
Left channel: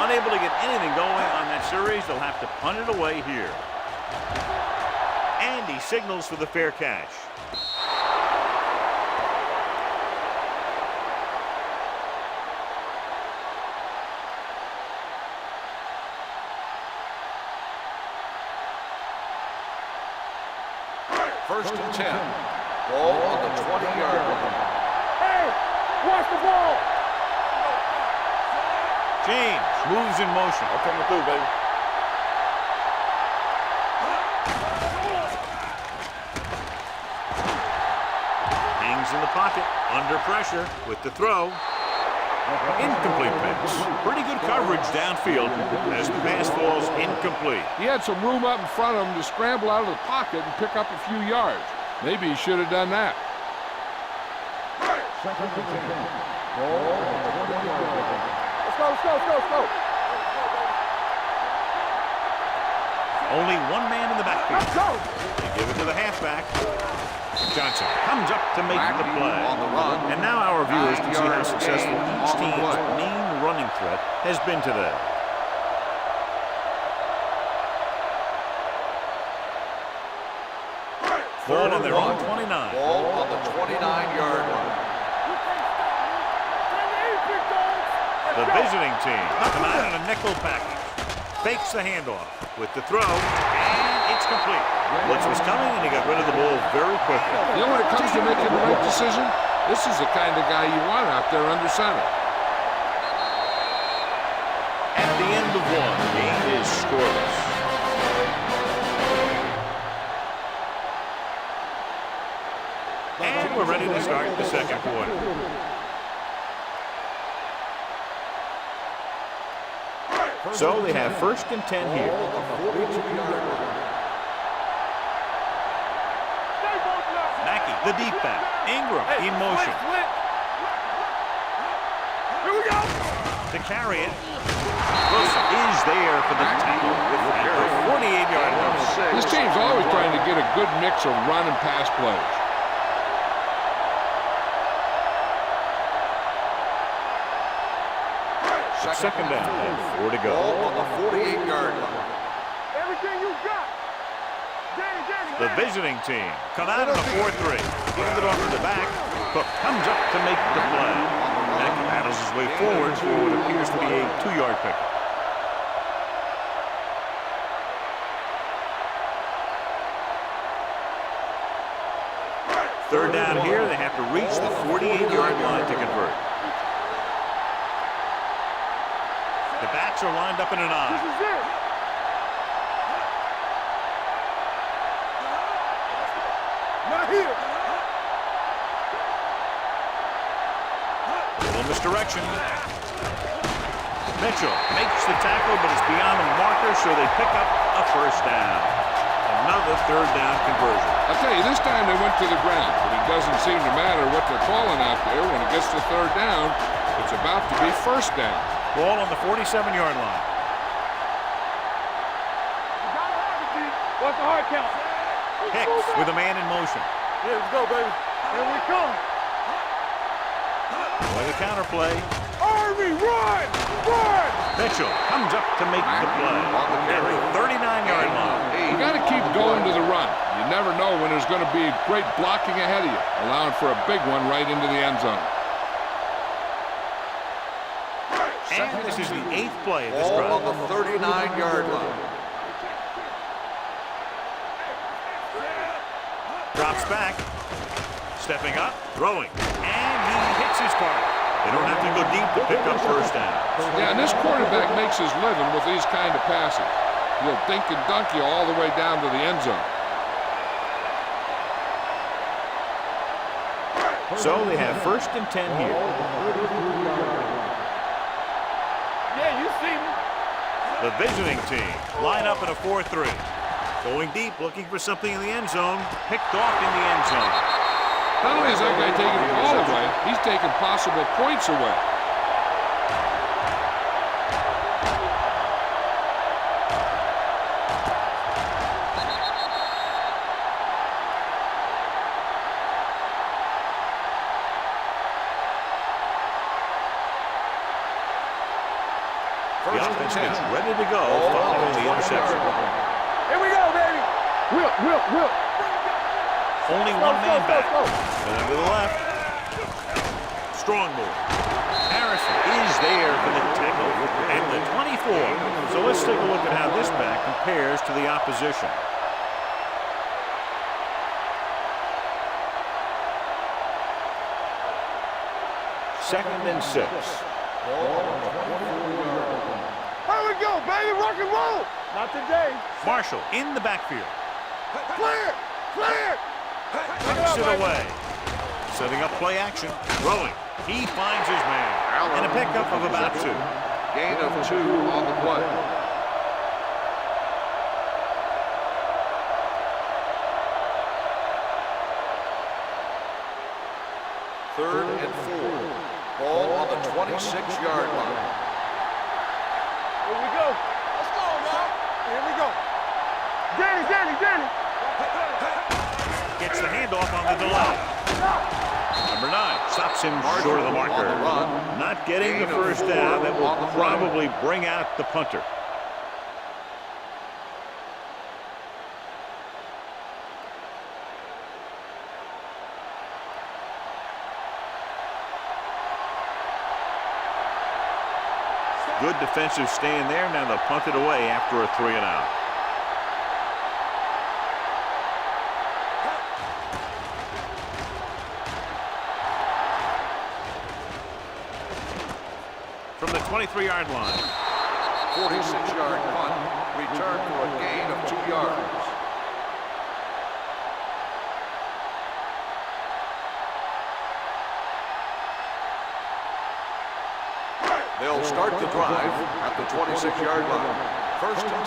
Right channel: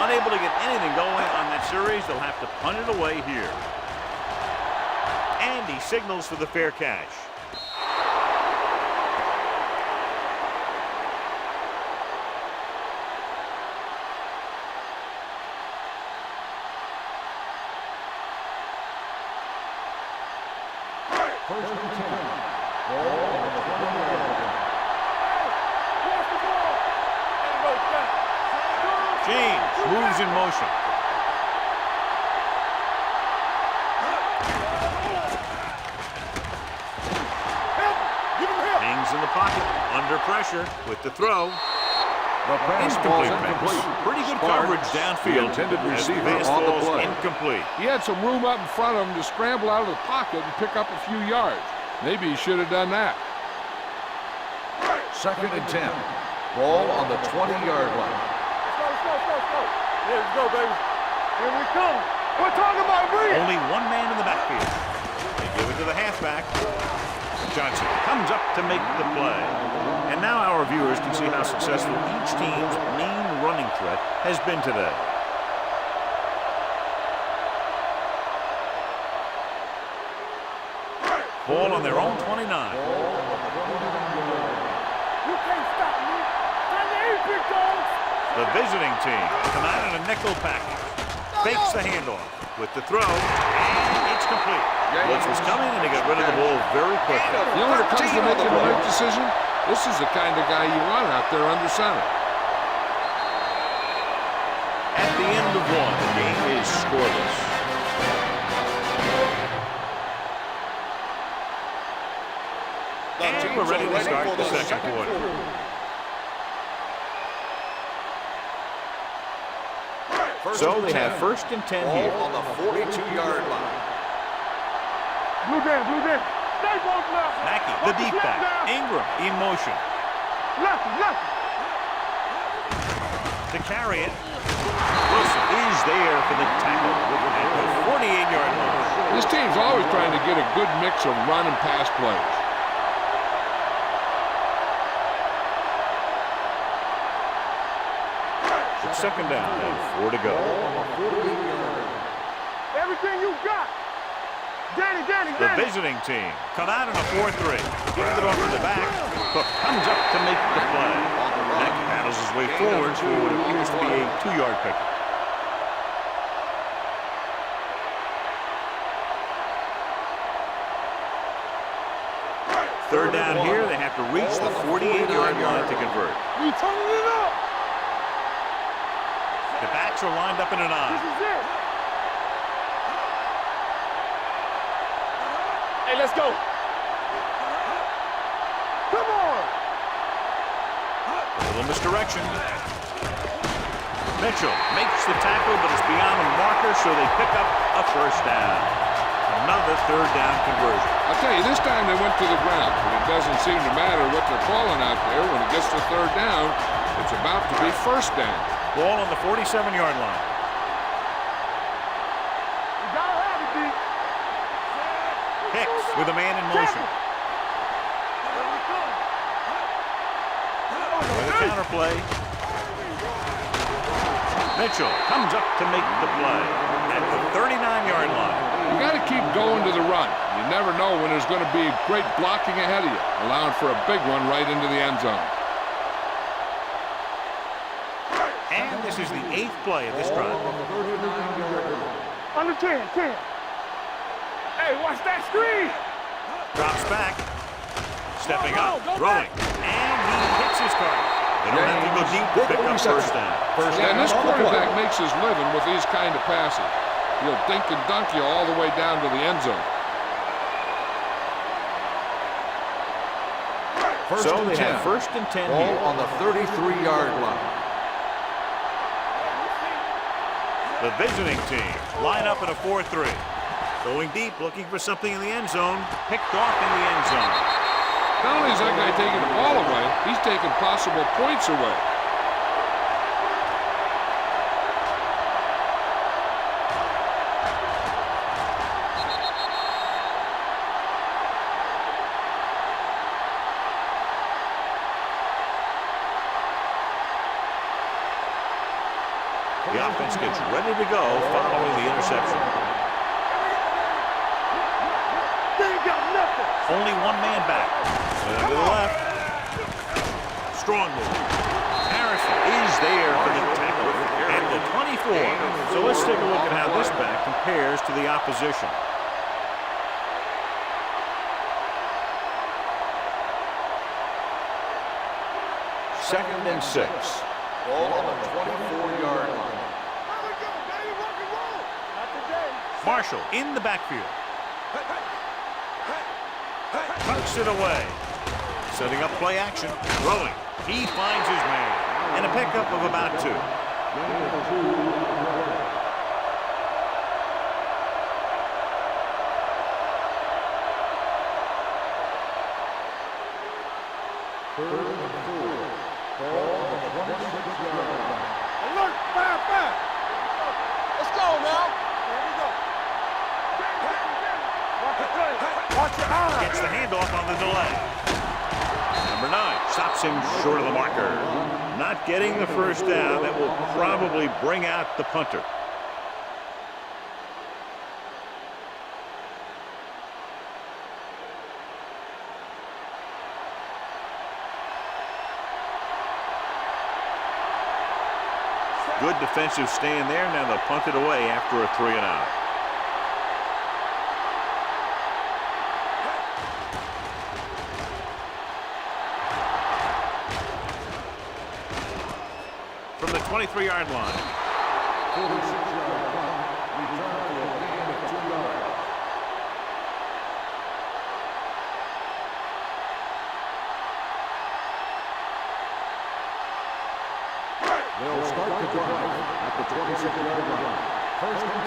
Unable to get anything going on that series, they'll have to punt it away here. And he signals for the fair catch. First and 10. Ball on the 20-yard line. Hey, watch the ball. Ain't no stop. James moves in motion. Coming through, baby. Hangs in the pocket, under pressure with the throw. Incomplete pass. Pretty good coverage downfield as the pass falls incomplete. He had some room up in front of him to scramble out of the pocket and pick up a few yards. Maybe he should have done that. Second and 10. Ball on the 20-yard line. Let's go, let's go, let's go, let's go. Let's go, baby. Here we come. We're talking about Reed. Only one man in the backfield. They give it to the halfback. Johnson comes up to make the play. And now our viewers can see how successful each team's main running threat has been today. Ball on their own 29. Ball on the 29-yard line. You can't stop me. Time to eat, big dogs. The visiting team come out in a nickel package. Fakes the handoff with the throw, and it's complete. Blitz was coming, and he got rid of the ball very quickly. You know, when it comes to making the right decision, this is the kind of guy you want out there under center. At the end of one, the game is scoreless. And we're ready to start the second quarter. So they have first and 10 here. Ball on the 42-yard line. Blue game, blue game. Stay both left. Mackey, the deep back. Ingram in motion. Left, left. Here we go. To carry it, Wilson is there for the tackle at the 48-yard line. This team's always trying to get a good mix of run and pass plays. It's second down and 4 to go. Ball on the 48-yard line. Everything you got. Danny, Danny, The Danny. visiting team come out in a 4-3. Giving it off to the back. Cook comes up to make the play. Mackey battles his way forward for what appears to be a 2-yard pickup. Third down here, they have to reach the 48-yard line to convert. We turning it up. The backs are lined up in an This eye. is it. Hey, let's go. Not here. Come on. A little misdirection. Mitchell makes the tackle, but it's beyond the marker, so they pick up a first down. Another third down conversion. I'll tell you, this time they went to the ground, but it doesn't seem to matter what they're calling out there. When it gets to third down, it's about to be first down. Ball on the 47-yard line. You gotta have it, D. What's the hard count? Hicks with a man in motion. Here we go, baby. Here we come. With a counterplay. Army, run! Run! Mitchell comes up to make the play at the 39-yard line. You got to keep going to the run. You never know when there's going to be great blocking ahead of you, allowing for a big one right into the end zone. And this is the 8th play of this Ball drive. on the 39-yard line. Under 10, 10. Hey, watch that screen! Drops back. Stepping up, throwing. And he hits his target. They don't have to go deep to pick up first down. Yeah, and this quarterback makes his living with these kind of passes. He'll dink and dunk you all the way down to the end zone. So they have first and 10 Ball here. on the 33-yard line. Yeah, you see me. The visiting team line up in a 4-3. Going deep, looking for something in the end zone. Picked off in the end zone. Not only is that guy taking the ball away, he's taking possible points away. The offense gets ready to go following the interception. Here we go, baby. Whip. Only one man back. To the left. Strong move. Harrison is there for the tackle at the 24. So let's take a look at how this back compares to the opposition. Second and 6. Ball on the 24-yard line. Here we go, baby. Rock and roll. Not today. Marshall in the backfield. Clear. Tucks it away. Setting up play action. Throwing. He finds his man. And a pickup of about 2. Gain of 2 on the play. Third and 4. Ball on the 26-yard line. Here we go. Let's go now. Here we go. Danny. Watch the play. Watch the arm. Gets the handoff on the delay. Number 9 stops him short of the marker. Not getting the first down. That will probably bring out the punter. Good defensive stand there. Now they'll punt it away after a 3 and out. From the 23-yard line. 46-yard punt. Return for a gain of 2 yards. They'll start the drive at the 26-yard line. First and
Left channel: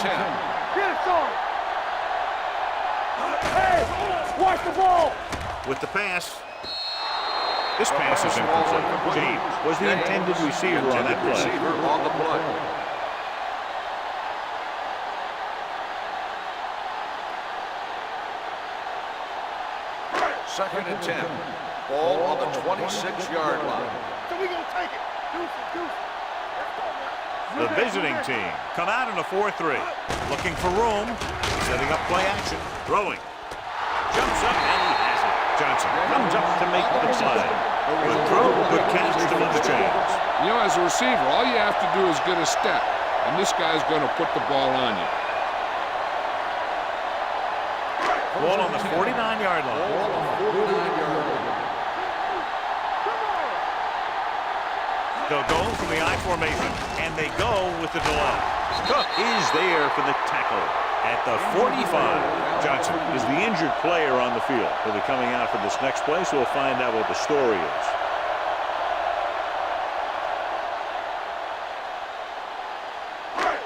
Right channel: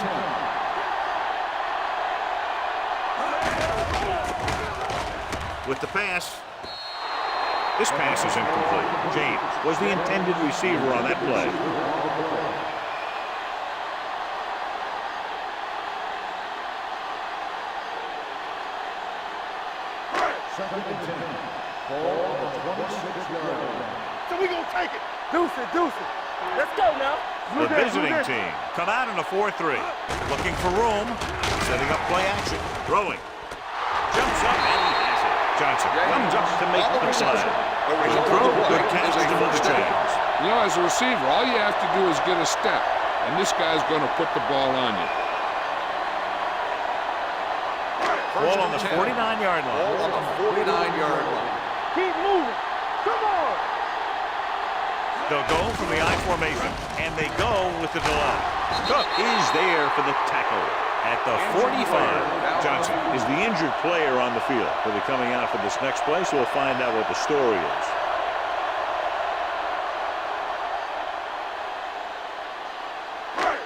10. With the pass. This pass is incomplete. James was the intended receiver on that play. Second and 10. Ball on the 26-yard line. So we gonna take it. Deuce it. Let's go now. The visiting team come out in a 4-3. Looking for room. Setting up play action. Throwing. Jumps up and he has it. Johnson comes up to make the play. Good throw, good catch to move the chains. You know, as a receiver, all you have to do is get a step, and this guy's going to put the ball on you. Ball on the 49-yard line. Ball on the 49-yard line. Keep moving. Come on. They'll go from the I formation, and they go with the delay. Cook is there for the tackle at the 45. Johnson is the injured player on the field. He'll be coming out for this next play, so we'll find out what the story is.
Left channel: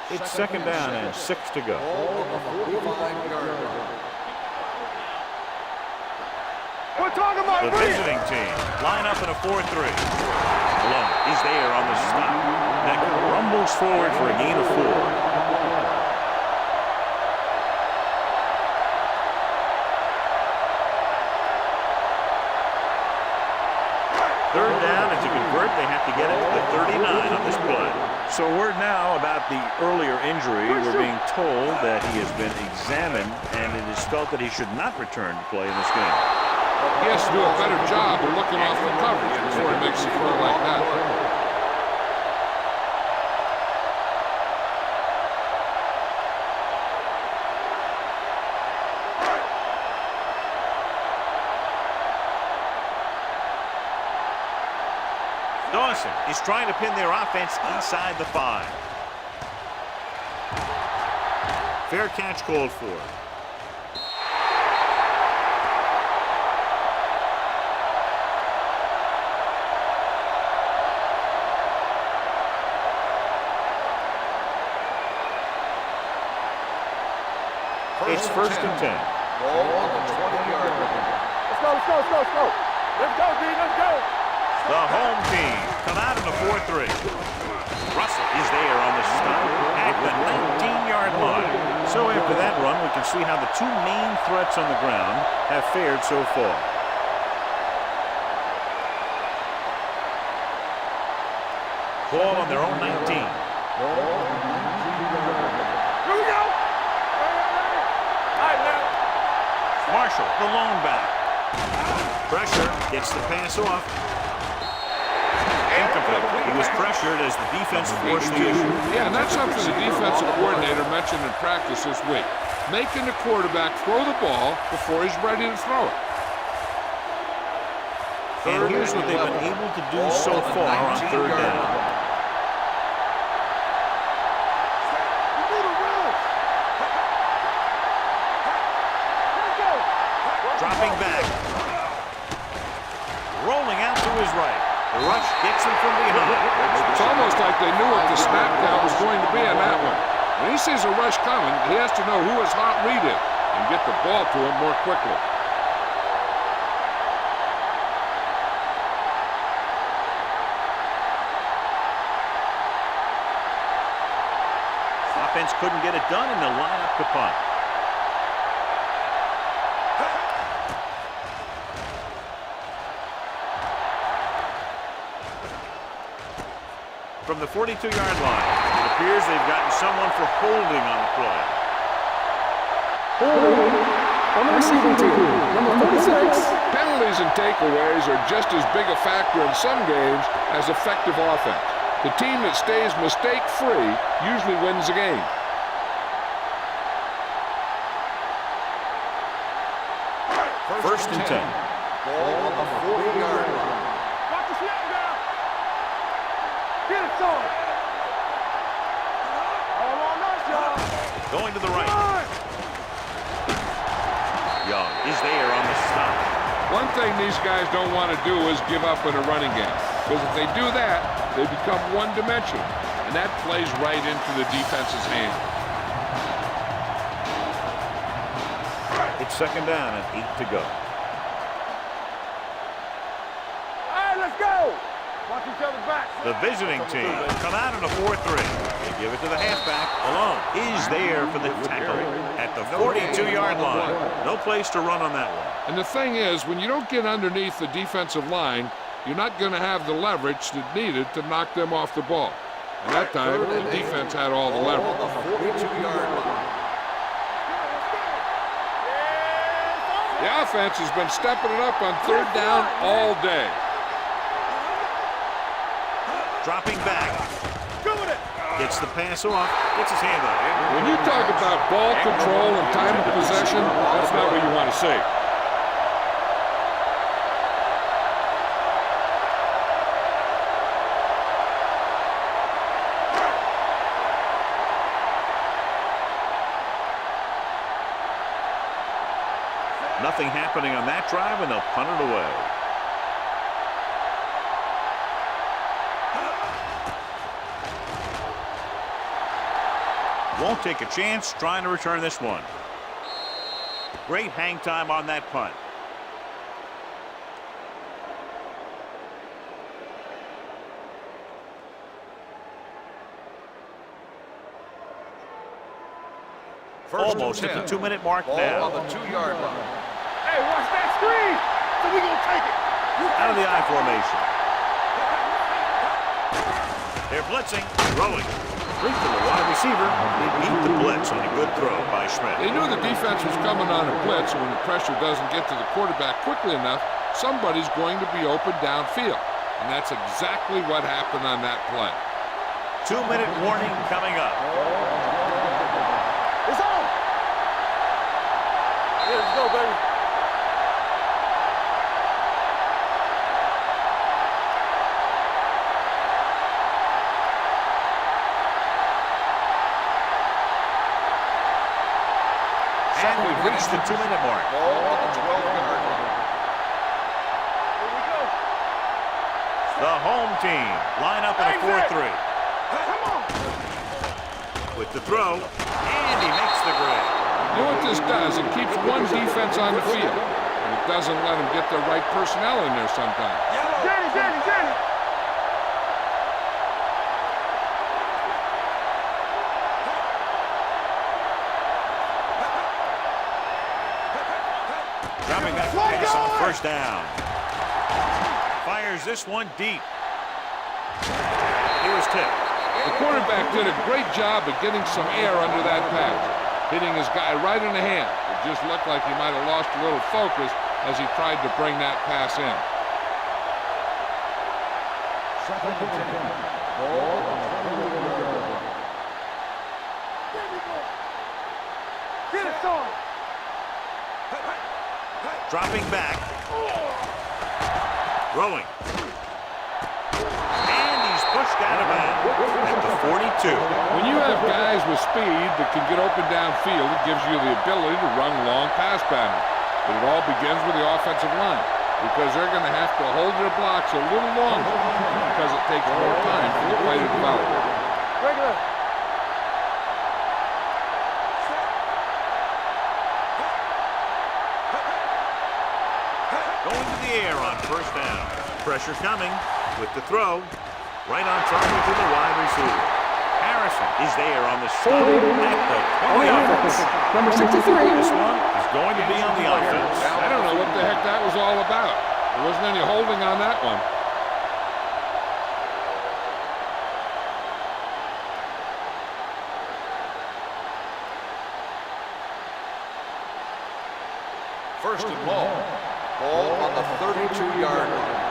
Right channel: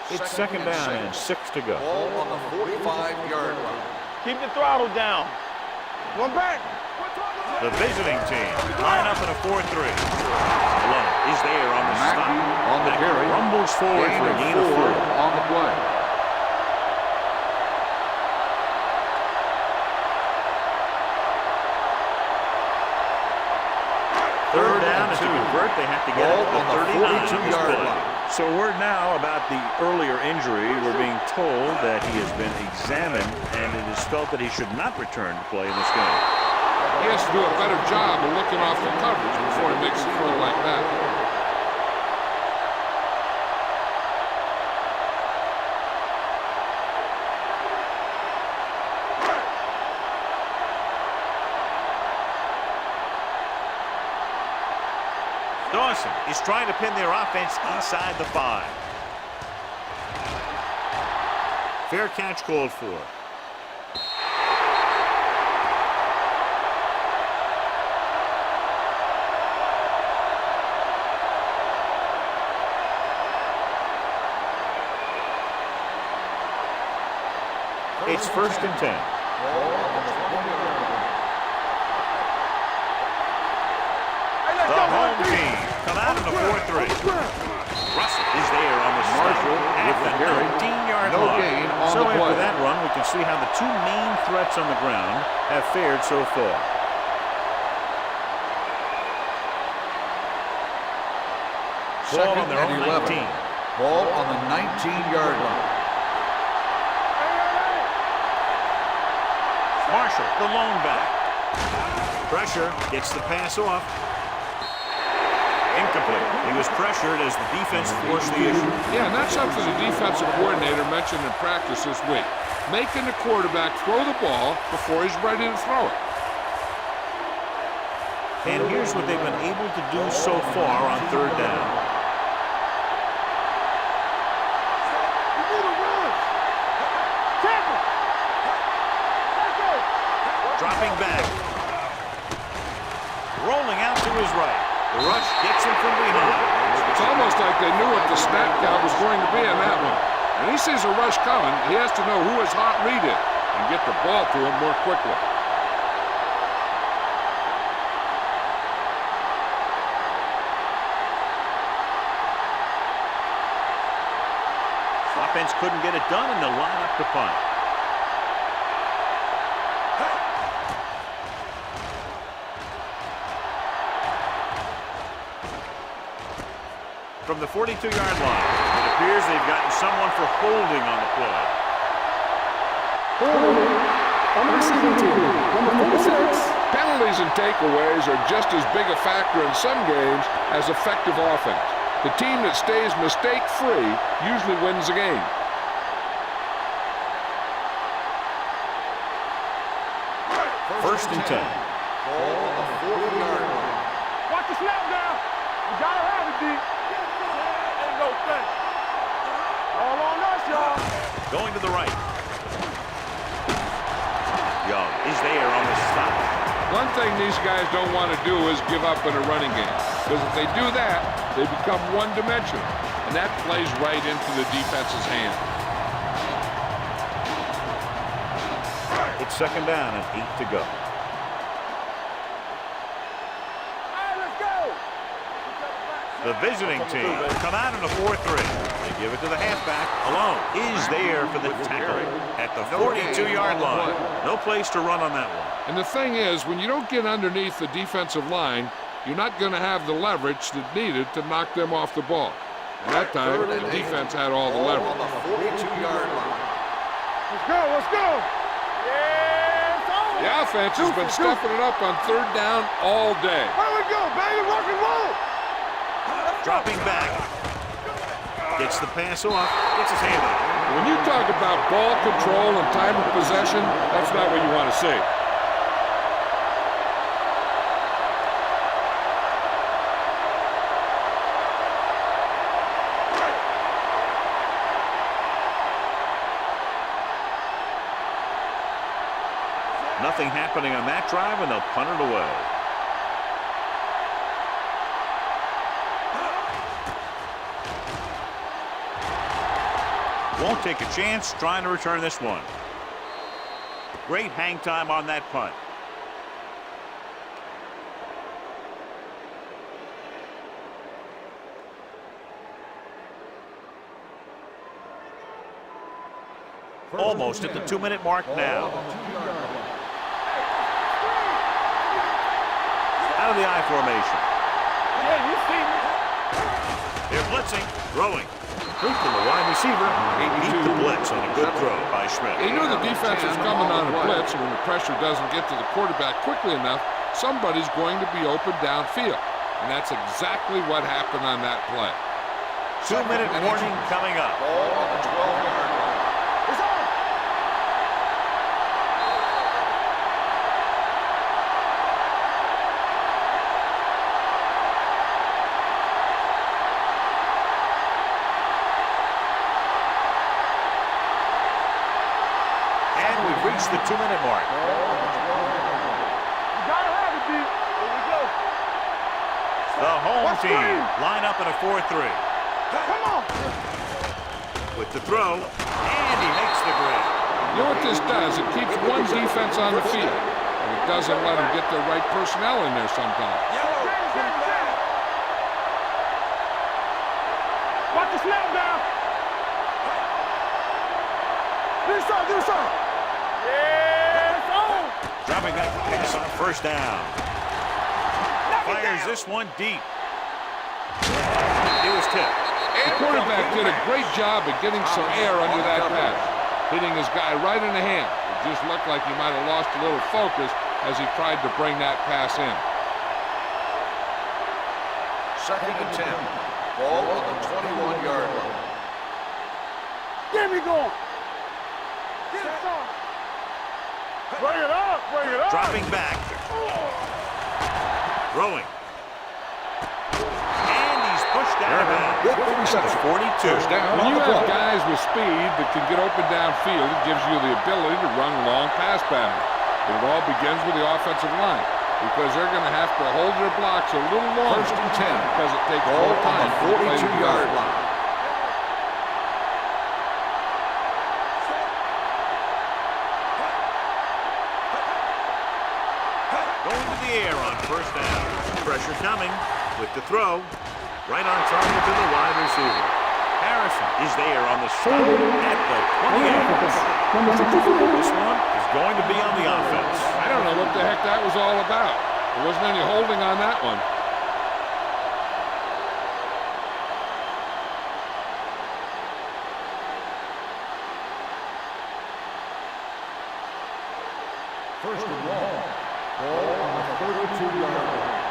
It's second down and 6 to go. Ball on the 45-yard line. Keep the throttle down. One back. We're talking about The visiting team line up in a 4-3. Malone is there on the stop. That rumbles forward for a gain of 4. On the play. Third down, and to convert, they have to get it to the 39 on this play. So word now about the earlier injury. We're being told that he has been examined, and it is felt that he should not return to play in this game. He has to do a better job of looking off the coverage before he makes a throw like that. Dawson is trying to pin their offense inside the 5. Fair catch called for. It's first and 10. Ball on the 20-yard line. Let's go, let's go, let's go, let's go. Let's go, B, let's go. Hey, let's The go. home team come out in the 4-3. Russell is there on the stop at the 19-yard line. So after that run, we can see how the two main threats on the ground have fared so far. Ball on their own 19. Ball on the 19-yard line. Here we go. Hey, hey, hey. All right, man. Marshall, the lone back. Pressure, gets the pass off. Incomplete. He was pressured as the defense forced the issue. Yeah, and that's something the defensive coordinator mentioned in practice this week. Making the quarterback throw the ball before he's ready to throw it. And here's what they've been able to do so far on third down. You need a rush. Tackle. Let's go. Dropping back. Rolling out to his right. The rush gets him from behind. It's almost like they knew what the snap count was going to be on that one. When he sees a rush coming, he has to know who his hot read is and get the ball to him more quickly. Offense couldn't get it done, and they'll line up to punt. From the 42-yard line, it appears they've gotten someone for holding on the play. Holding on the receiving team. Number 46. Penalties and takeaways are just as big a factor in some games as effective offense. The team that stays mistake-free usually wins the game. First and 10. Ball on the 40-yard line. Watch the snap down. You gotta have it, D. Get it to him. All on us, y'all. Going to the right. Young is there on the stop. One thing these guys don't want to do is give up in a running game. Because if they do that, they become one-dimensional. And that plays right into the defense's hand. It's second down and 8 to go. All right, let's go. Watch each other back. The visiting team come out in a 4-3. They give it to the halfback alone. He's there for the tackle at the 42-yard line. No place to run on that one. And the thing is, when you don't get underneath the defensive line, you're not going to have the leverage that needed to knock them off the ball. And that time, the defense had all the leverage. On the 42-yard line. Let's go, let's go. Yeah, it's over. The offense has been stepping it up on third down all day. Where we go, baby? Rock and roll. Dropping back. Go with it. Gets the pass off. Gets his hand up. When you talk about ball control and time of possession, that's not what you want to see. Nothing happening on that drive, and they'll punt it away. Won't take a chance trying to return this one. Great hang time on that punt. Almost at the 2-minute mark now. On the 2-yard line. Hey, watch that screen. So we gonna take it. Out of the I formation. Hey, you see me? They're blitzing, throwing. Complete to the wide receiver. They beat the blitz on a good throw by Schmidt. They knew the defense was coming on a blitz, and when the pressure doesn't get to the quarterback quickly enough, somebody's going to be open downfield. And that's exactly what happened on that play. 2-minute warning coming up. Ball on the 12-yard line. It's on. Let's go, baby. And we've reached the 2-minute mark. Ball on the 12-yard line. You gotta have it, D. Here we go. The home team line up in a 4-3. Come on. With the throw, and he makes the grab. You know what this does? It keeps one defense on the field, and it doesn't let them get the right personnel in there sometimes. Yellow. Get it. Watch the snap down. Do something. Dropping that pass on first down. Fires this one deep. He was tipped. The quarterback did a great job of getting some air under that pass, hitting his guy right in the hand. It just looked like he might have lost a little focus as he tried to bring that pass in. 2nd and 10. Ball on the 21-yard line. Get me going. Get it on. Bring it up. Dropping back. Throwing. And he's pushed out of bounds at the 42. When you have guys with speed that can get open downfield, it gives you the ability to run long pass patterns. But it all begins with the offensive line, because they're going to have to hold their blocks a little longer because it takes more time for the play to develop. Going to the air on first down. Pressure coming with the throw. Right on target to the wide receiver. Harrison is there on the stop at the 28. Number 63. This one is going to be on the offense. I don't know what the heck that was all about. There wasn't any holding on that one. First and long. Ball on the 32-yard line.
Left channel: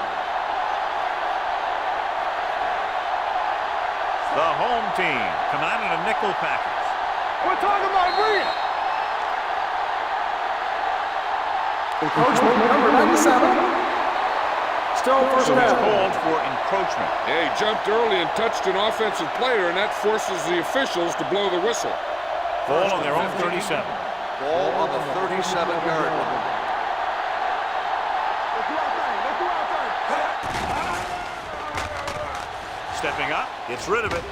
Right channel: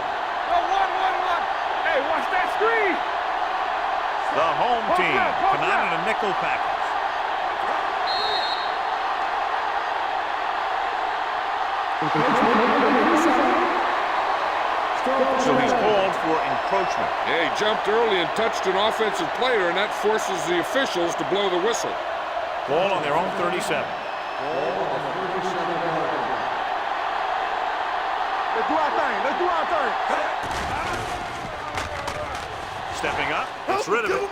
Hey, watch that screen. The home team come out in a nickel package. We're talking about green. Encroachment, number 97. Still first So he's down. called for encroachment. Yeah, he jumped early and touched an offensive player, and that forces the officials to blow the whistle. Ball on their own 37. Ball on the 37-yard line. Let's do our thing. Stepping up, gets rid of it.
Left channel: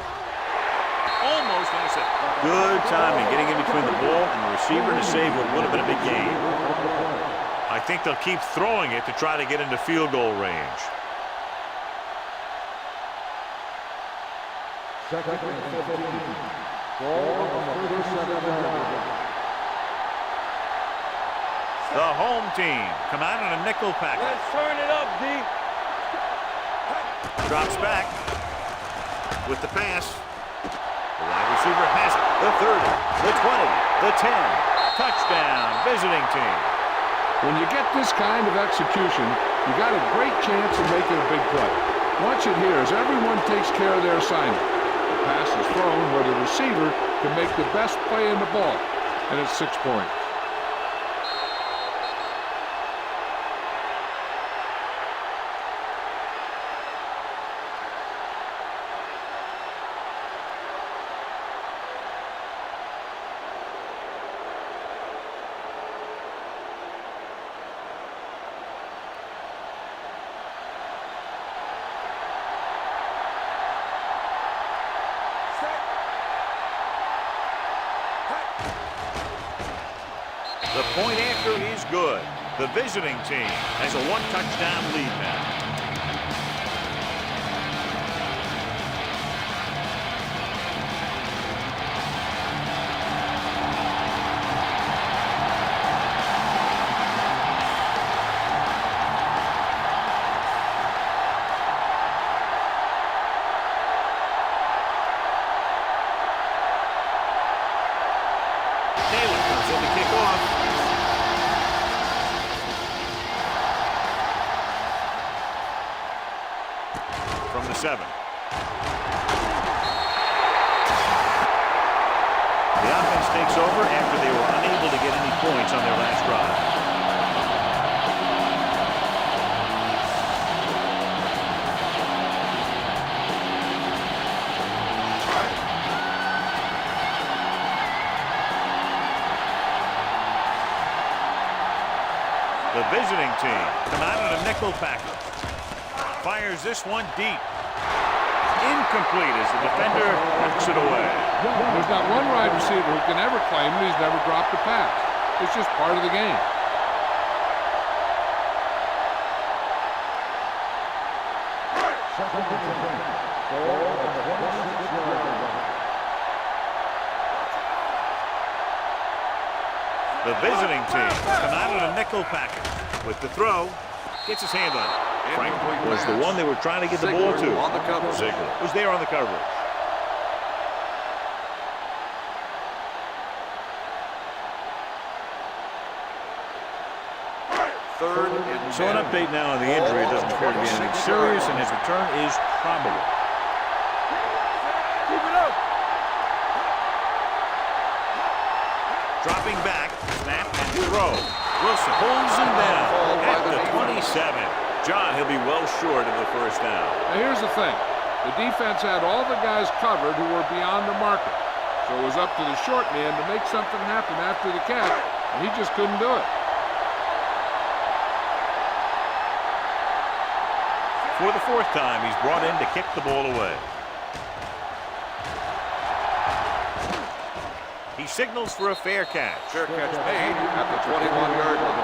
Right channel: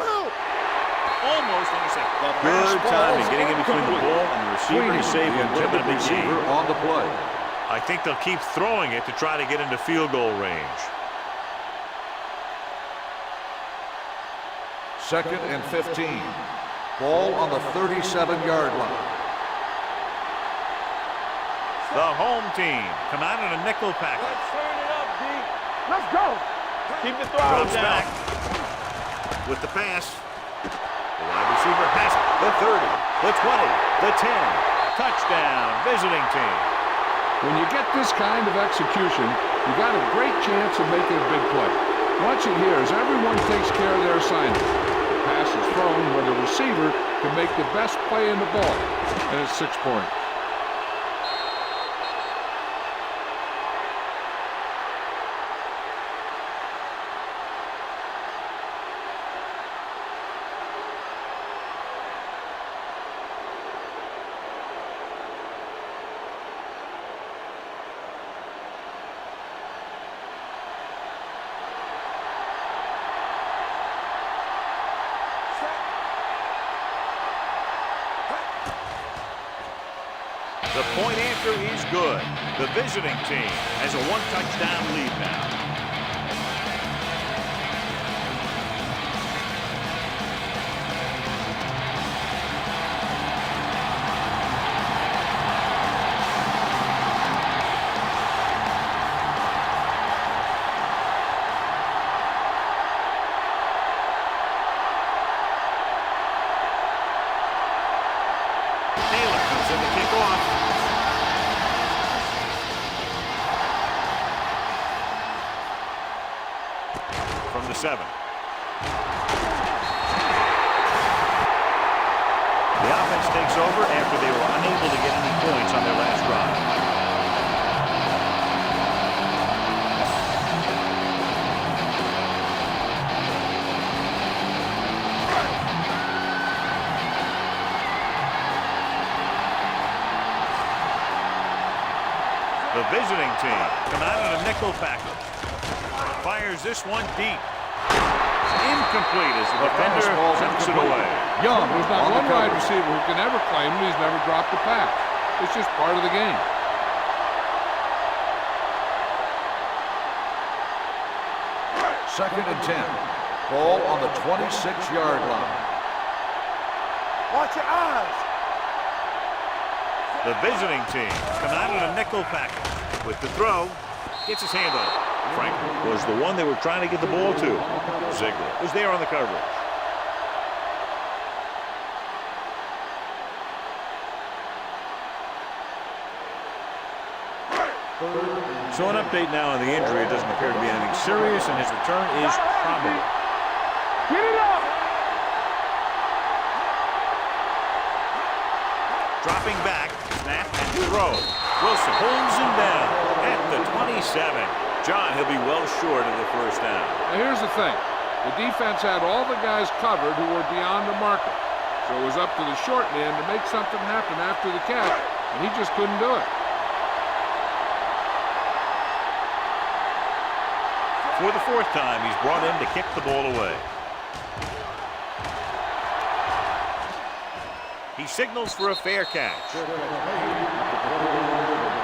Almost intercepted. Good timing getting in between the ball and the receiver to save what would have been a big gain. On the play. I think they'll keep throwing it to try to get into field goal range. 2nd and 15. Ball on the 37-yard line. The home team come out in a nickel package. Let's turn it up, D. Let's go. Keep the throw Drops down. back with the pass. The wide receiver has it. The 30, the 20, the 10. Touchdown, visiting team. When you get this kind of execution, you got a great chance of making a big play. Watch it here as everyone takes care of their assignment. The pass is thrown where the receiver can make the best play in the ball, and it's 6 points. The point after is good. The visiting team has a one-touchdown lead now. Taylor comes in to kick off. From the 7. The offense takes over after they were unable to get any points on their last drive. The visiting team come out in a nickel package. Fires this one deep. Incomplete as the defender knocks it away. There's not one wide receiver who can ever claim that he's never dropped a pass. It's just part of the game. Second and 10. Ball on the 26-yard line. Watch your eyes. The visiting team come out in a nickel package. With the throw, gets his hand on it. Franklin was the one they were trying to get the ball to. Ziegler was there on the coverage. So an update now on the injury. It doesn't appear to be anything serious, and his return is probable. Get it up. Keep it up. Dropping back, snap and throw. Wilson holds him down at the 27. John, he'll be well short of the first down. Now here's the thing. The defense had all the guys covered who were beyond the marker. So it was up to the short man to make something happen after the catch, and he just couldn't do it. For the fourth time, he's brought in to kick the ball away. He signals for a fair catch. Fair catch made at the 21-yard line.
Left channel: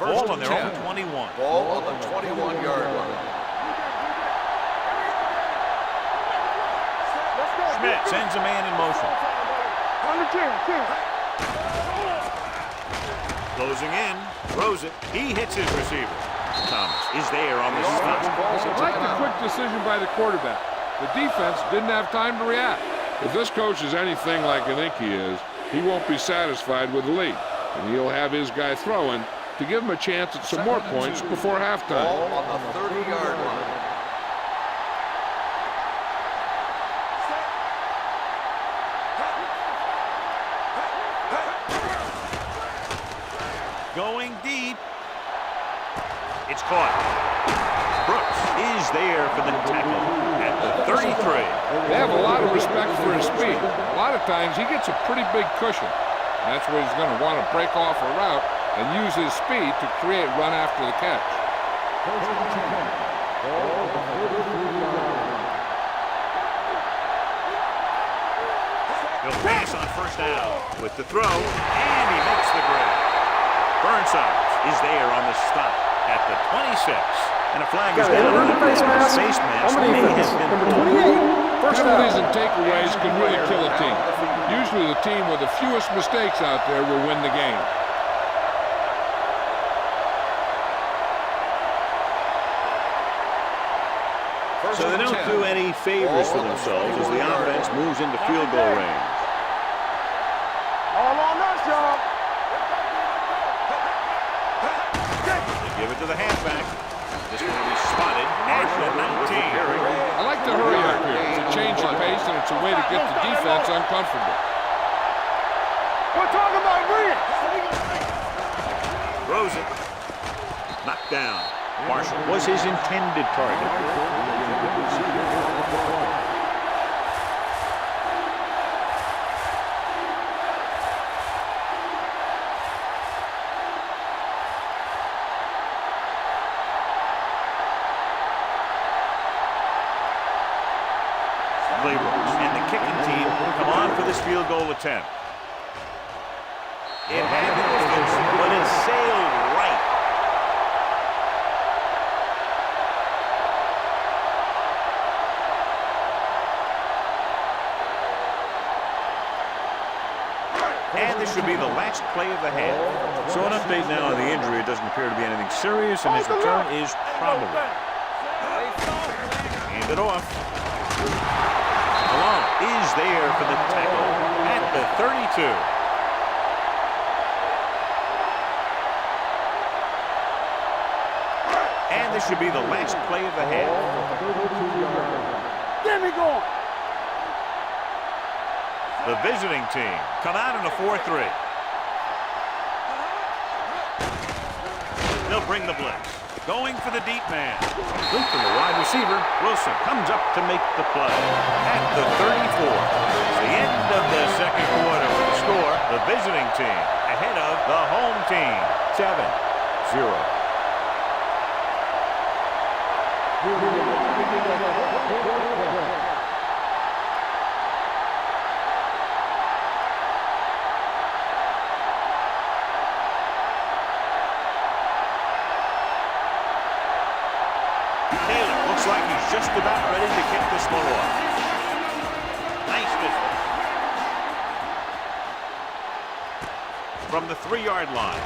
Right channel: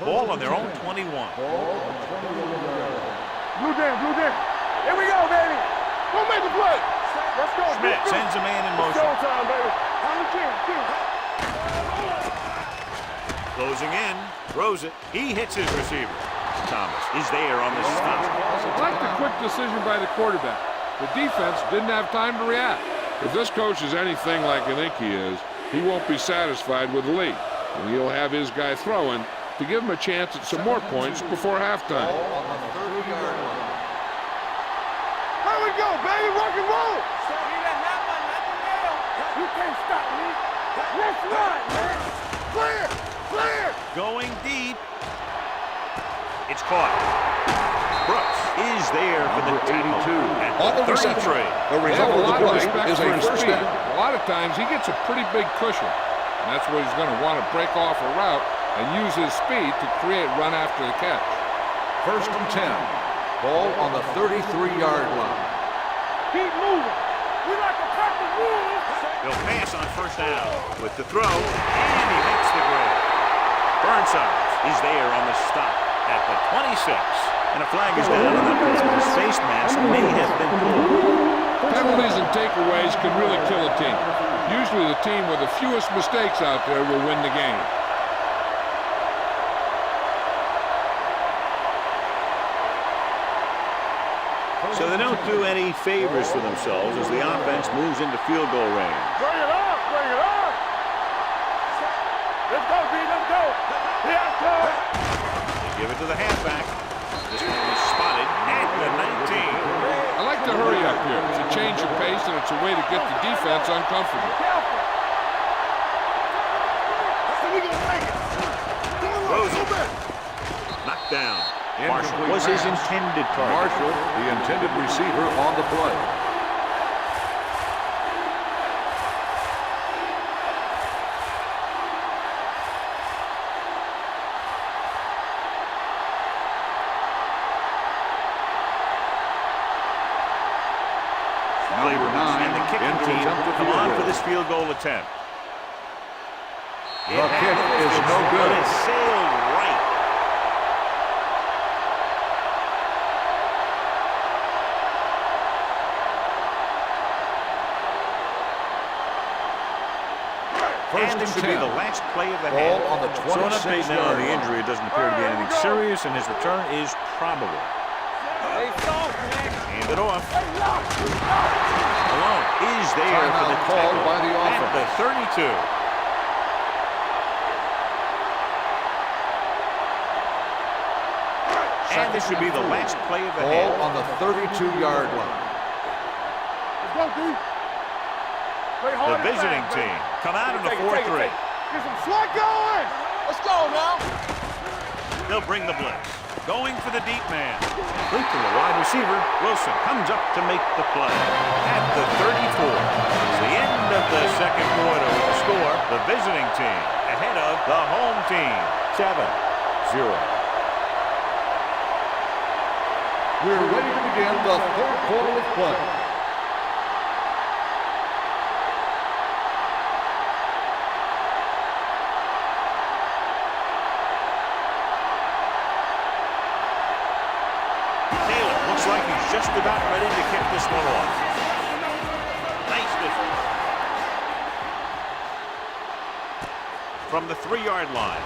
Ball on their own 21. Ball on the 21-yard line. Blue jam, blue jam. Here we go, baby. We'll make the play. Let's go. Schmidt sends a man in motion. Showtime, baby. On the chin. Closing in, throws it. He hits his receiver. Thomas is there on the stop. I like the quick decision by the quarterback. The defense didn't have time to react. If this coach is anything like I think he is, he won't be satisfied with the lead. And he'll have his guy throwing to give him a chance at some more points before halftime. Ball on the 30-yard line. Here we go, baby. Rock and roll. You can't stop me. Let's ride, man. Clear. Going deep. It's caught. Brooks is there for the tackle at the 33. They have a lot of respect for his speed. A lot of times he gets a pretty big cushion. And that's where he's going to want to break off a route and use his speed to create run after the catch. First and 10. Ball on the 33-yard line. Keep moving. We like to practice rules. He'll pass on first down with the throw, and he makes the grab. Burnside is there on the stop at the 26. And a flag is down on that play. His face mask may have been pulled. Penalties and takeaways can really kill a team. Usually the team with the fewest mistakes out there will win the game. So they don't do any favors for themselves as the offense moves into field goal range. Bring it up. All on us, y'all. Let's go, B. Let's go. They give it to the halfback. This one will be spotted at the 19. I like to hurry up here. It's a change of pace and it's a way to get the defense uncomfortable. We're talking about Green. So we gonna make it. Throws it. Knocked down. Marshall was his intended target. The intended receiver on the play. Laborers and the kicking team come on for this field goal attempt. It had the distance, but it sailed right. And this should be the last play of the half. So an update now on the injury. It doesn't appear to be anything serious, and his return is probable. Hand it off. Malone is there for the tackle at the 32. And this should be the last play of the half. On the 32-yard line. There we go. Let's go, B. The visiting team come out in a 4-3. Get some slot going. Let's go now. They'll bring the blitz. Going for the deep man. Complete to the wide receiver. Wilson comes up to make the play at the 34. It's the end of the second quarter with the score. The visiting team ahead of the home team. 7-0. We're ready to begin the third quarter of play. Taylor looks like he's just about ready to kick this one off. Nice distance. From the 3-yard line.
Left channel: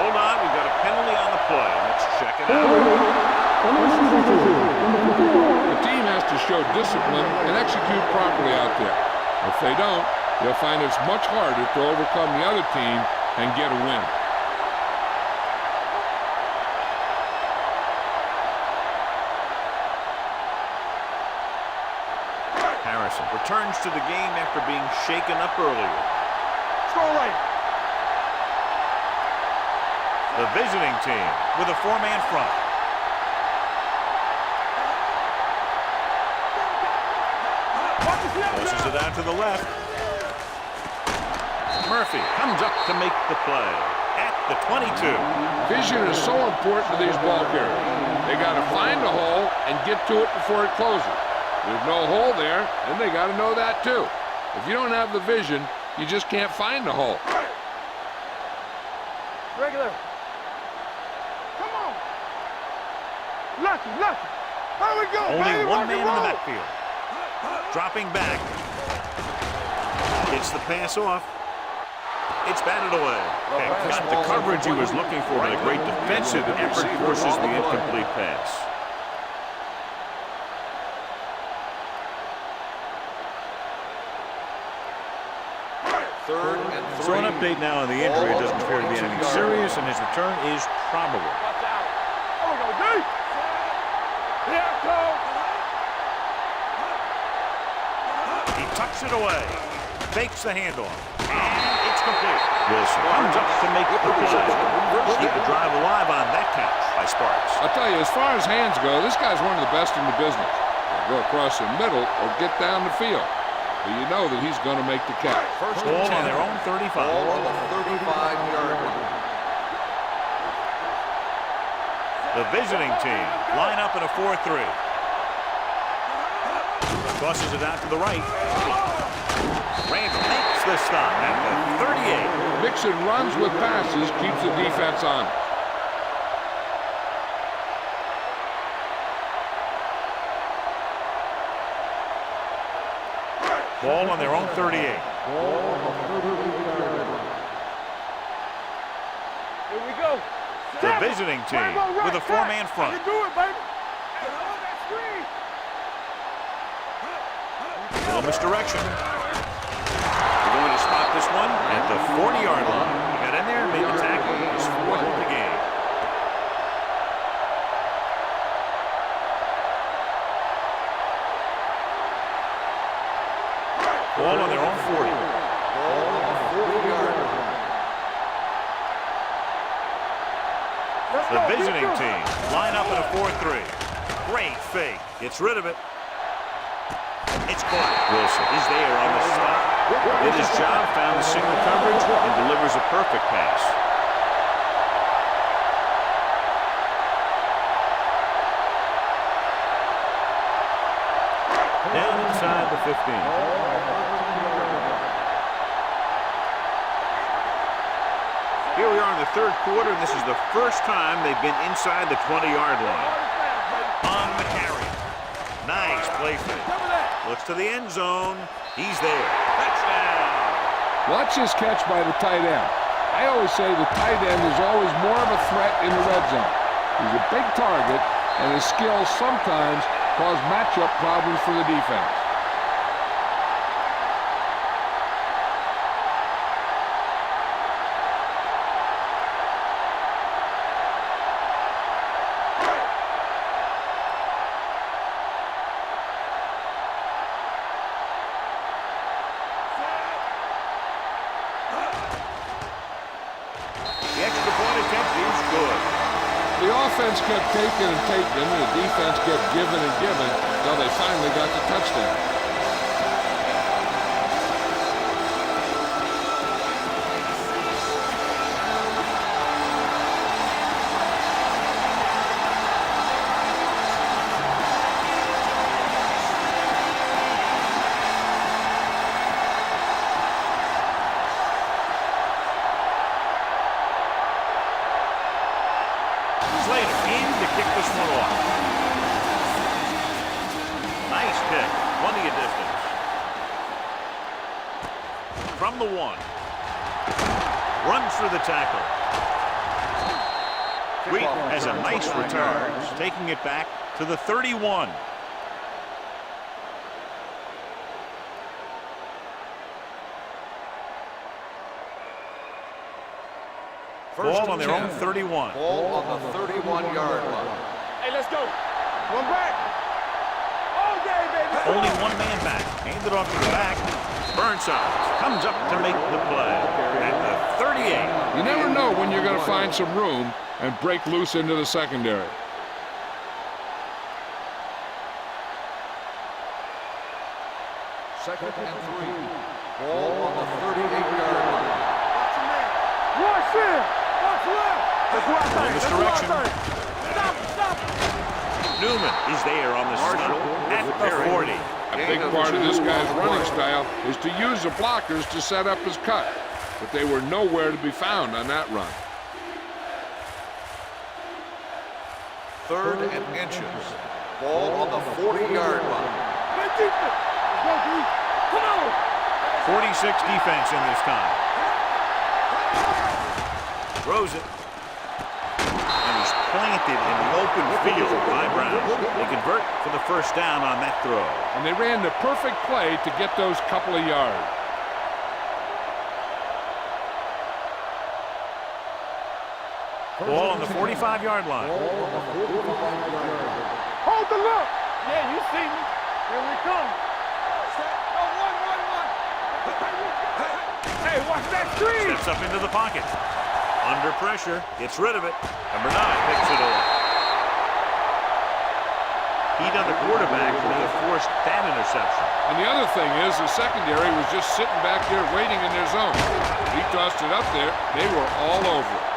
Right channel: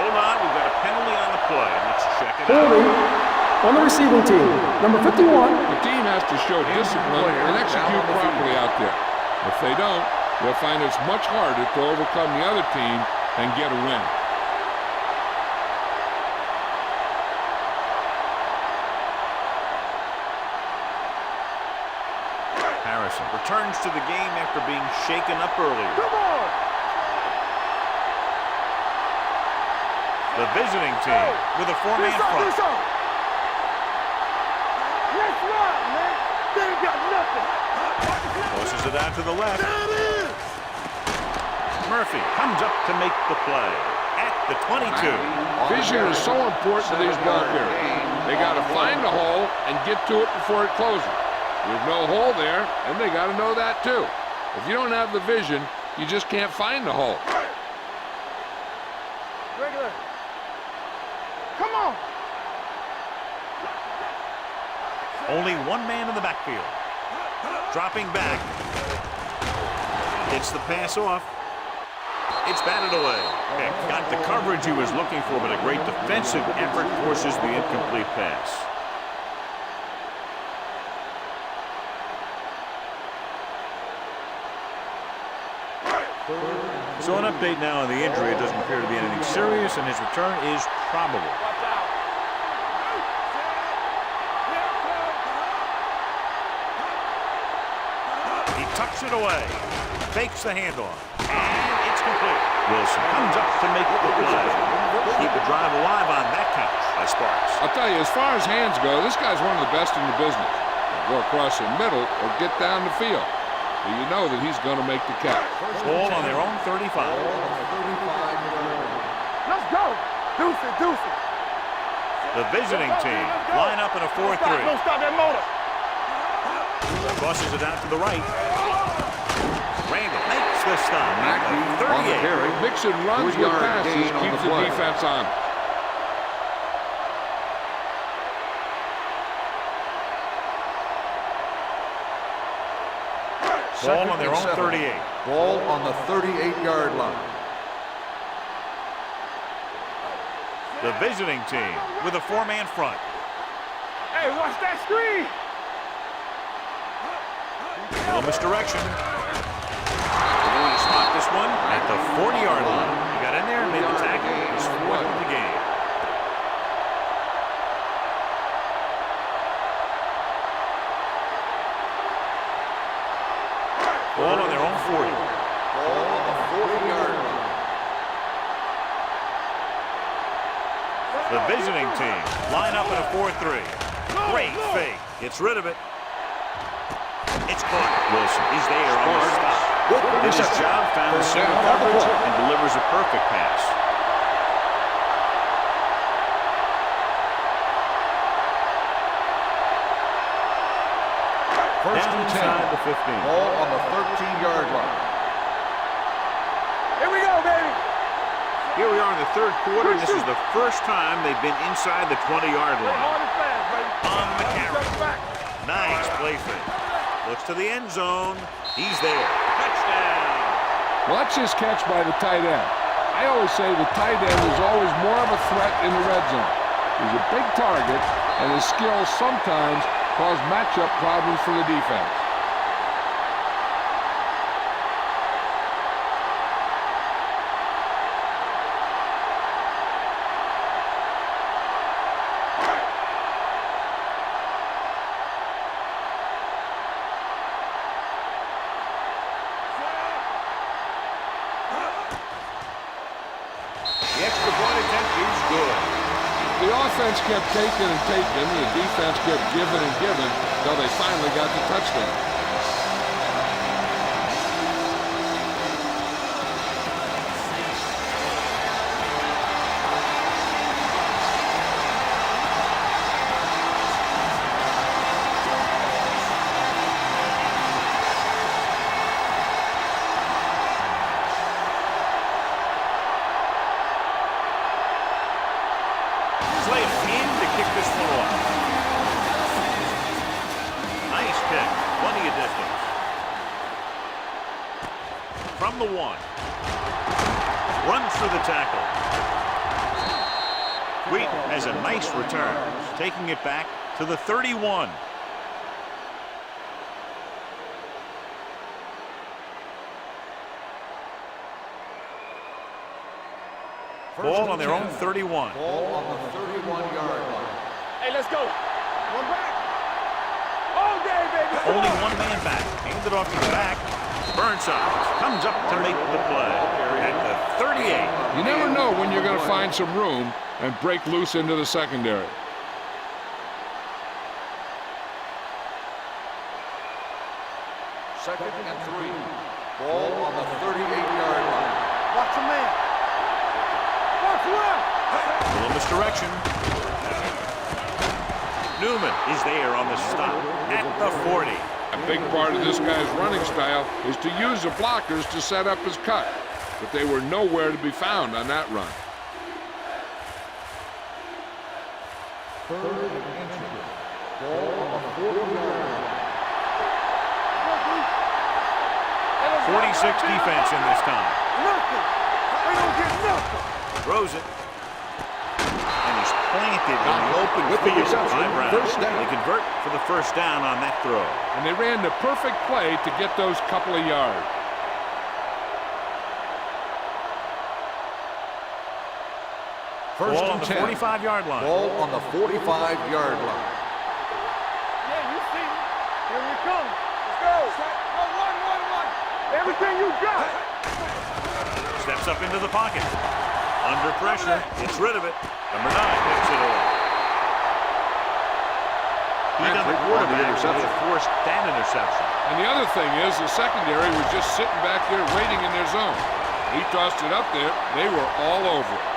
Hold on, we've got a penalty on the play, and let's check it Penalty out. on the receiving team. Number 51. The team has to show discipline and execute properly out there. If they don't, they'll find it's much harder to overcome the other team and get a win. Harrison returns to the game after being shaken up earlier. The visiting team with a 4-man front. Tosses it out to the left. Murphy comes up to make the play at the 22. Vision is so important to these ball carriers. They got to find the hole and get to it before it closes. There's no hole there, and they got to know that too. If you don't have the vision, you just can't find the hole. Regular. Come on. Lucky. How we go? Only one man in the backfield. Dropping back. Gets the pass off. It's batted away. Pick got the coverage he was looking for, but a great defensive effort forces the incomplete pass. So an update now on the injury. It doesn't appear to be anything serious, and his return is probable. Watch out. He tucks it away, fakes the handoff, and it's complete. Wilson comes up to make the play. Keep the drive alive on that catch by Sparks. I'll tell you, as far as hands go, this guy's one of the best in the business. He'll go across the middle or get down the field. But you know that he's going to make the catch. Ball on their own 35. Ball on the 35-yard line. Let's go. Deuce it. The visiting team line up in a 4-3. Don't stop that motor. Crosses it out to the right. Randall makes the stop at the 38. Mixing runs with passes keeps the defense honest. Ball on their own 38. Ball on the 38-yard line. Here we go. The visiting team with a 4-man front. Do it, baby. Hey, watch that screen. Little misdirection. They're going to spot this one at the 40-yard line. He got in there and made the tackle. He's 4th of the game. Ball on their own 40. Ball on the 40-yard line. The visiting team line up in a 4-3. Great fake. Gets rid of it. It's caught. Wilson is there on the stop. Did his job, found the single coverage, and delivers a perfect pass. Down inside the 15. Ball on the 13-yard line. Here we go, baby. Here we are in the third quarter, and this is the first time they've been inside the 20-yard line. Hard and fast, baby. On the carry. Nice play fake. Cover that. Looks to the end zone. He's there. Touchdown. Watch this catch by the tight end. I always say the tight end is always more of a threat in the red zone. He's a big target, and his skills sometimes cause matchup problems for the defense. The extra point attempt is good. The offense kept taking and taking, and the defense kept giving and giving until they finally got the touchdown. Slater in to kick this one off. Nice kick. Plenty of distance. From the 1. Runs through the tackle. Wheat has a nice return, taking it back to the 31. Ball on their own 31. Ball on the 31-yard line. Hey, let's go. One back. All day, baby. Only one man back. Handed off to the back. Burnside comes up to make the play at the 38. You never know when you're going to find some room and break loose into the secondary. Second and 3. Ball on the 38-yard line. Watch a man. Watch in. Watch left. A little misdirection. Newman is there on the stop at the 40. A big part of this guy's running style is to use the blockers to set up his cut, but they were nowhere to be found on that run. Third and inches. Ball on the 40-yard line. 46 defense in this time. Throws it. And he's planted in the open field by Brown. They convert for the first down on that throw. And they ran the perfect play to get those couple of yards. Ball on the 45-yard line. Ball on the 45-yard line. Hold the look. Yeah, you see me. Here we come. Let's go. No, 1-1-1. Everything you got. Hey, watch that three. Steps up into the pocket. Under pressure, gets rid of it. Number 9 picks it off. Heat on the quarterback may have forced that interception. And the other thing is the secondary was just sitting back there waiting in their zone. He tossed it up there. They were all over it.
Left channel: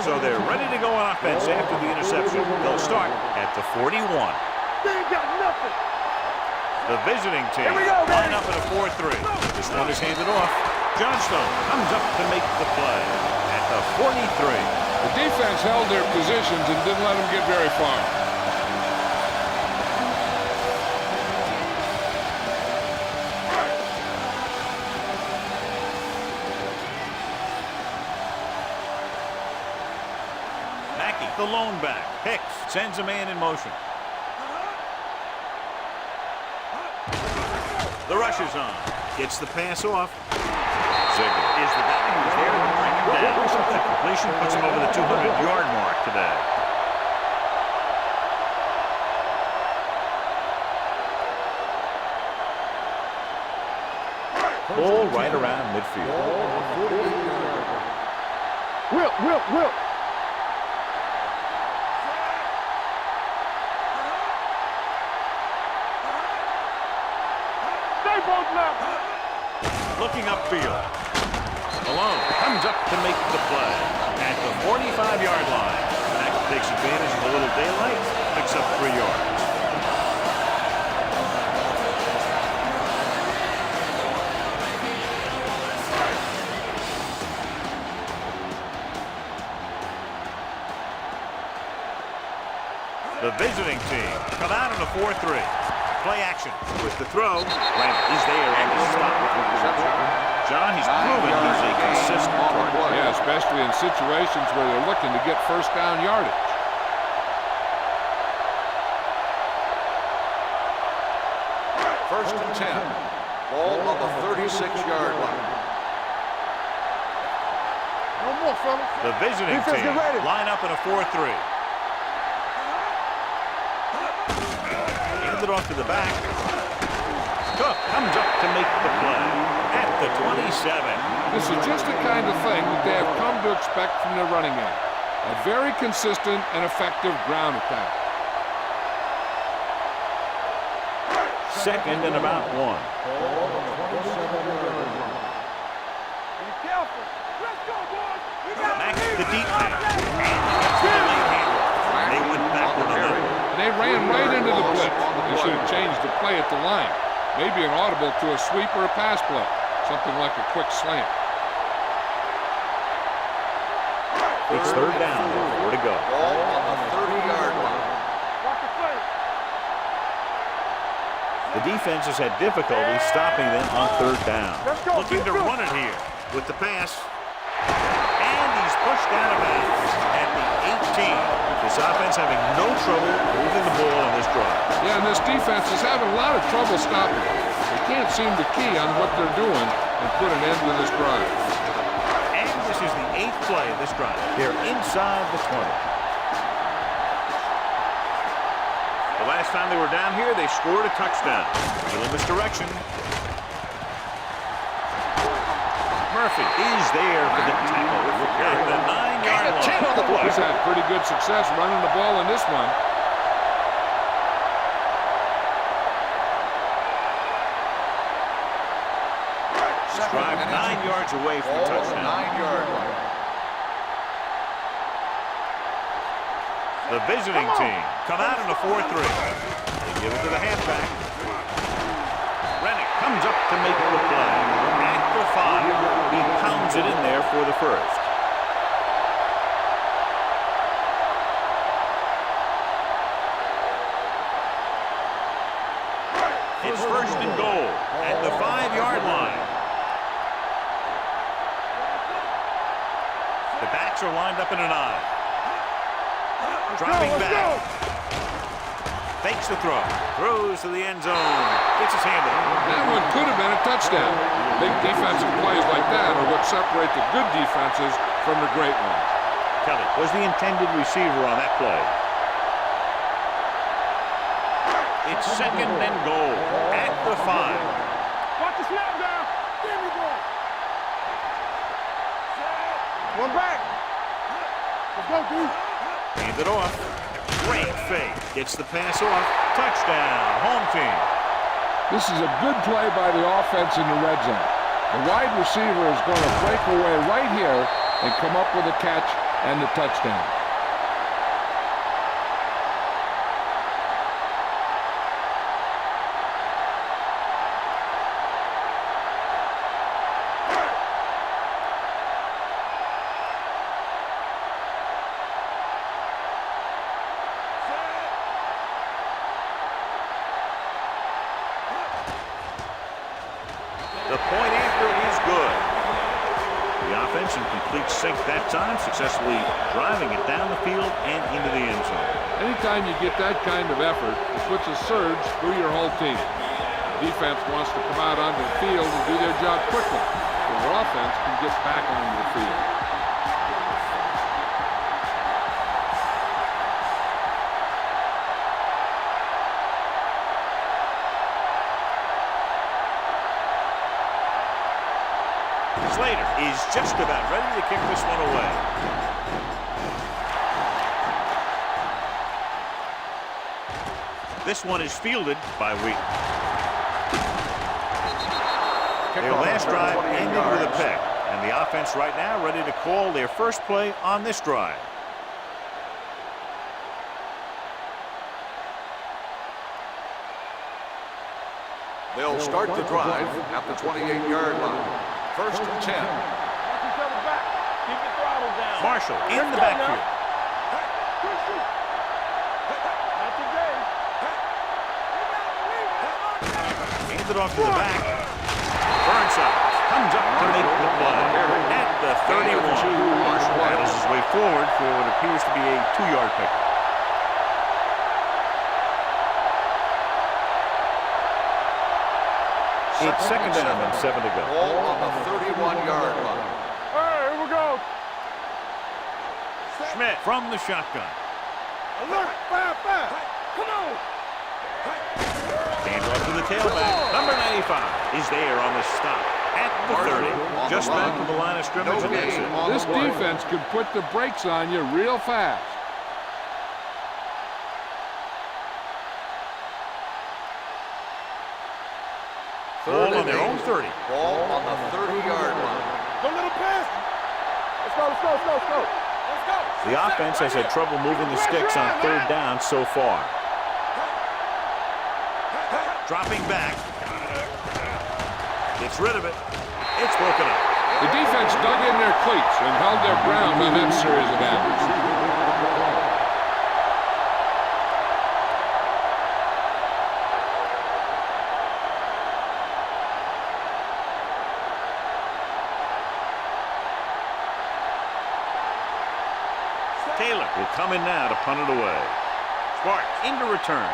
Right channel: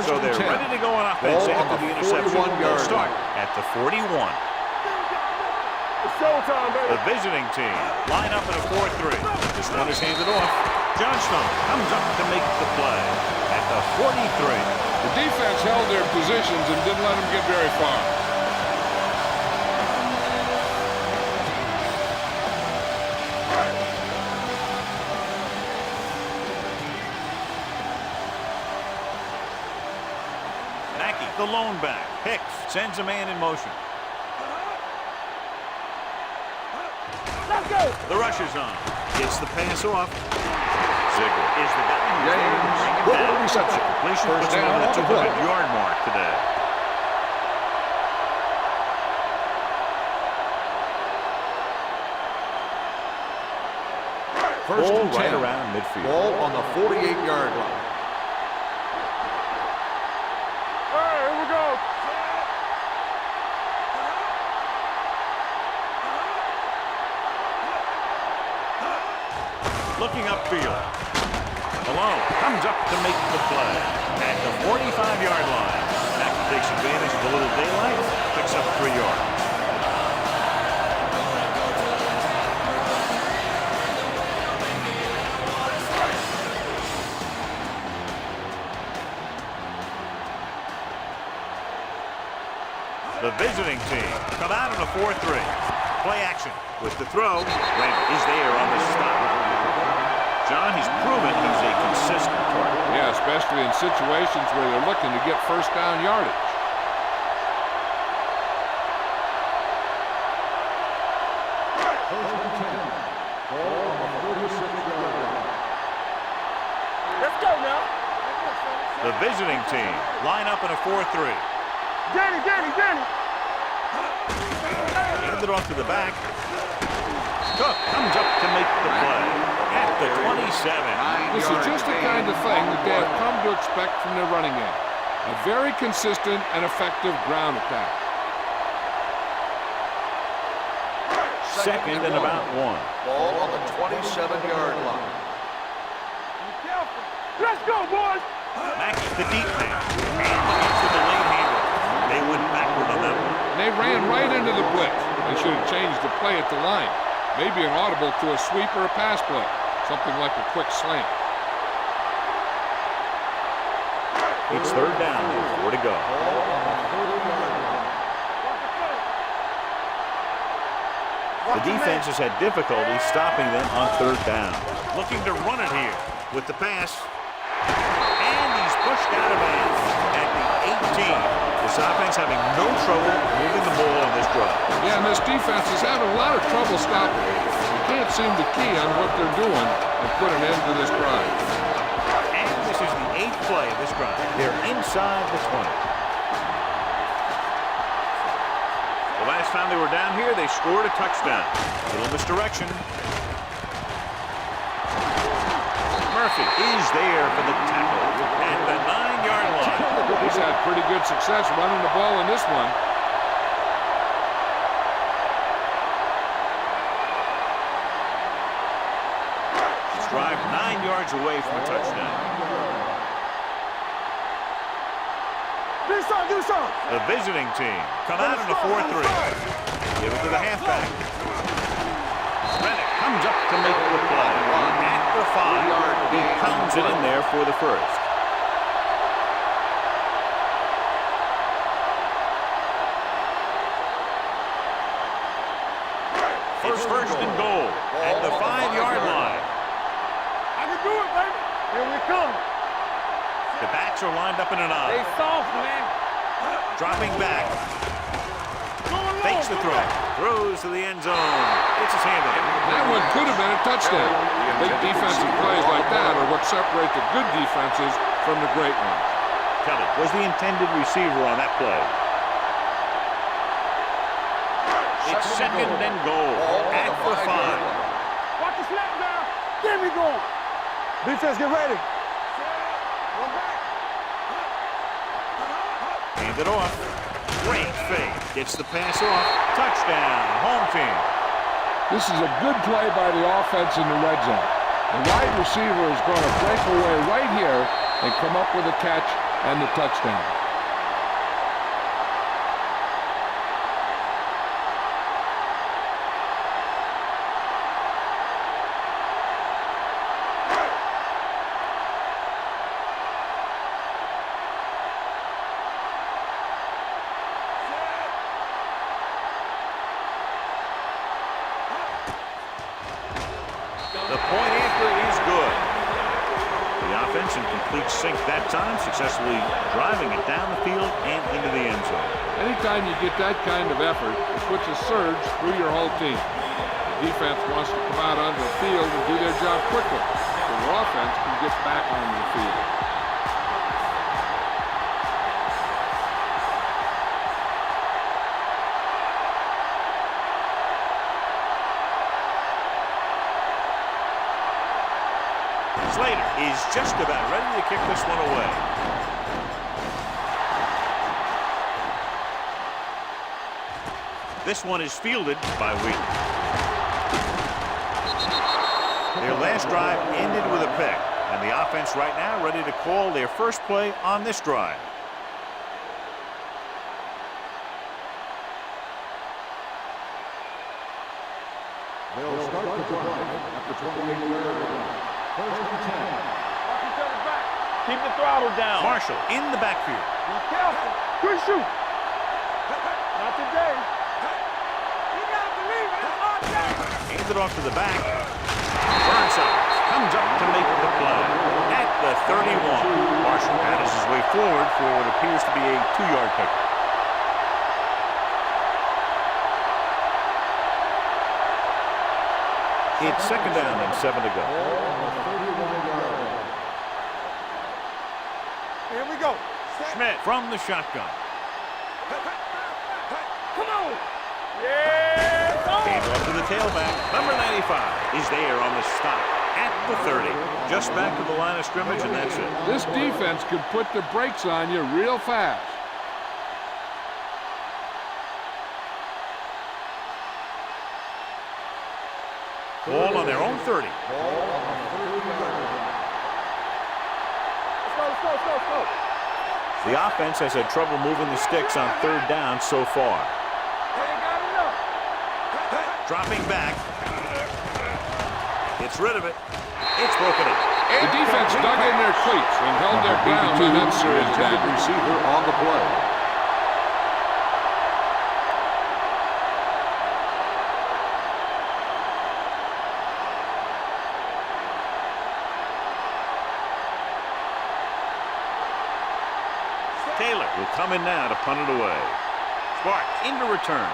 So they're ready to go on offense after the interception. They'll start at the 41. They ain't got nothing. It's showtime, baby. The visiting team line up in a 4-3. This one is handed off. Johnstone comes up to make the play at the 43. The defense held their positions and didn't let them get very far. The lone back. Hicks sends a man in motion. The rush is on. Gets the pass off. Ziegler is the guy who's there to bring him down. That completion puts him over the 200-yard mark today. Ball right around midfield. Ball on the 48-yard line. Whip. All right, here we go. Stay both left. Looking upfield. Malone comes up to make the play at the 45-yard line. Acme takes advantage of a little daylight, picks up 3 yards. The visiting team come out in a 4-3. Play action with the throw. Randall is there on the stop. John, he's proven he's a consistent target. Yeah, especially in situations where they're looking to get first down yardage. First and 10. Ball on the 36-yard line. Let's go now. One more, fellas. The visiting team line up in a 4-3. Danny. Hand it off to the back. Cook comes up to make the play at the 27. This is just the kind of thing that they have come to expect from their running game. A very consistent and effective ground attack. Second and about 1. Ball on the 27-yard line. Be careful. Let's go, boys. Max the deep man. And gets the delayed handle. They went backward on that one. And they ran right into the blitz. They should have changed the play at the line. Maybe an audible to a sweep or a pass play. Something like a quick slant. It's third down and 4 to go. Ball on the 30-yard line. Watch the play. The defense has had difficulty stopping them on third down. Looking to run it here with the pass. And he's pushed out of bounds at the 18. This offense having no trouble moving the ball on this drive. Yeah, and this defense is having a lot of trouble stopping it. They can't seem to key on what they're doing and put an end to this drive. And this is the 8th play of this drive. They're inside the 20. The last time they were down here, they scored a touchdown. A little misdirection. Murphy is there for the tackle at the 9-yard line. He's had pretty good success running the ball in this one. This drive 9 yards away from a Ball on the touchdown. 9-yard line. The visiting team come out in a 4-3. They give it to the halfback. Rennick comes up to make the play at the 5. He pounds it in there for the first. It's first and goal at the 5-yard line. I can do it, baby. Here we come. The backs are lined up in an Stay eye. soft, man. Dropping back. Fakes the throw. Throws to the end zone. Gets his hand on it. That one could have been a touchdown. Big defensive plays like that are what separate the good defenses from the great ones. Kelly was the intended receiver on that play. It's second and goal at the 5. Watch the snap down. There we go. Defense, get ready. Set. One back. Let's go, dude. Hand it off. Great fake. Gets the pass off. Touchdown. Home team. This is a good play by the offense in the red zone. The wide receiver is going to break away right here and come up with a catch and the touchdown. The point after is good. The offense in complete sync that time, successfully driving it down the field and into the end zone. Anytime you get that kind of effort, it puts a surge through your whole team. The defense wants to come out onto the field and do their job quickly, so their offense can get back onto the field. Slater is just about ready to kick this one away. This one is fielded by Wheaton. Their last drive ended with a pick, and the offense right now ready to call their first play on this drive. They'll start the drive at the 28-yard line. First and 10. Watch each other back. Keep the throttle down. Marshall in the backfield. Be careful. Good shoot. Not today. You gotta believe it. It's our day. Hands it off to the back. Burnside comes up to make the play at the 31. Marshall battles his way forward for what appears to be a 2-yard pickup. It's second down and 7 to go. Ball on the 31-yard line. All right, here we go. Here we go. Set. Schmidt from the shotgun. Come on. Handoff to the tailback. Number 95 is there on the stop at the 30. Just back to the line of scrimmage, and that's it. This defense could put the brakes on you real fast. Ball on their own 30. Ball on the 30-yard line. Don't let him pass. Let's go, let's go, let's go, let's go. Let's go. The offense has had trouble moving the sticks on third down so far. Dropping back. Gets rid of it. It's broken up. The defense dug in their cleats and held their ground on that series of downs. Receiver on the play. Taylor will come in now to punt it away. Sparks into return.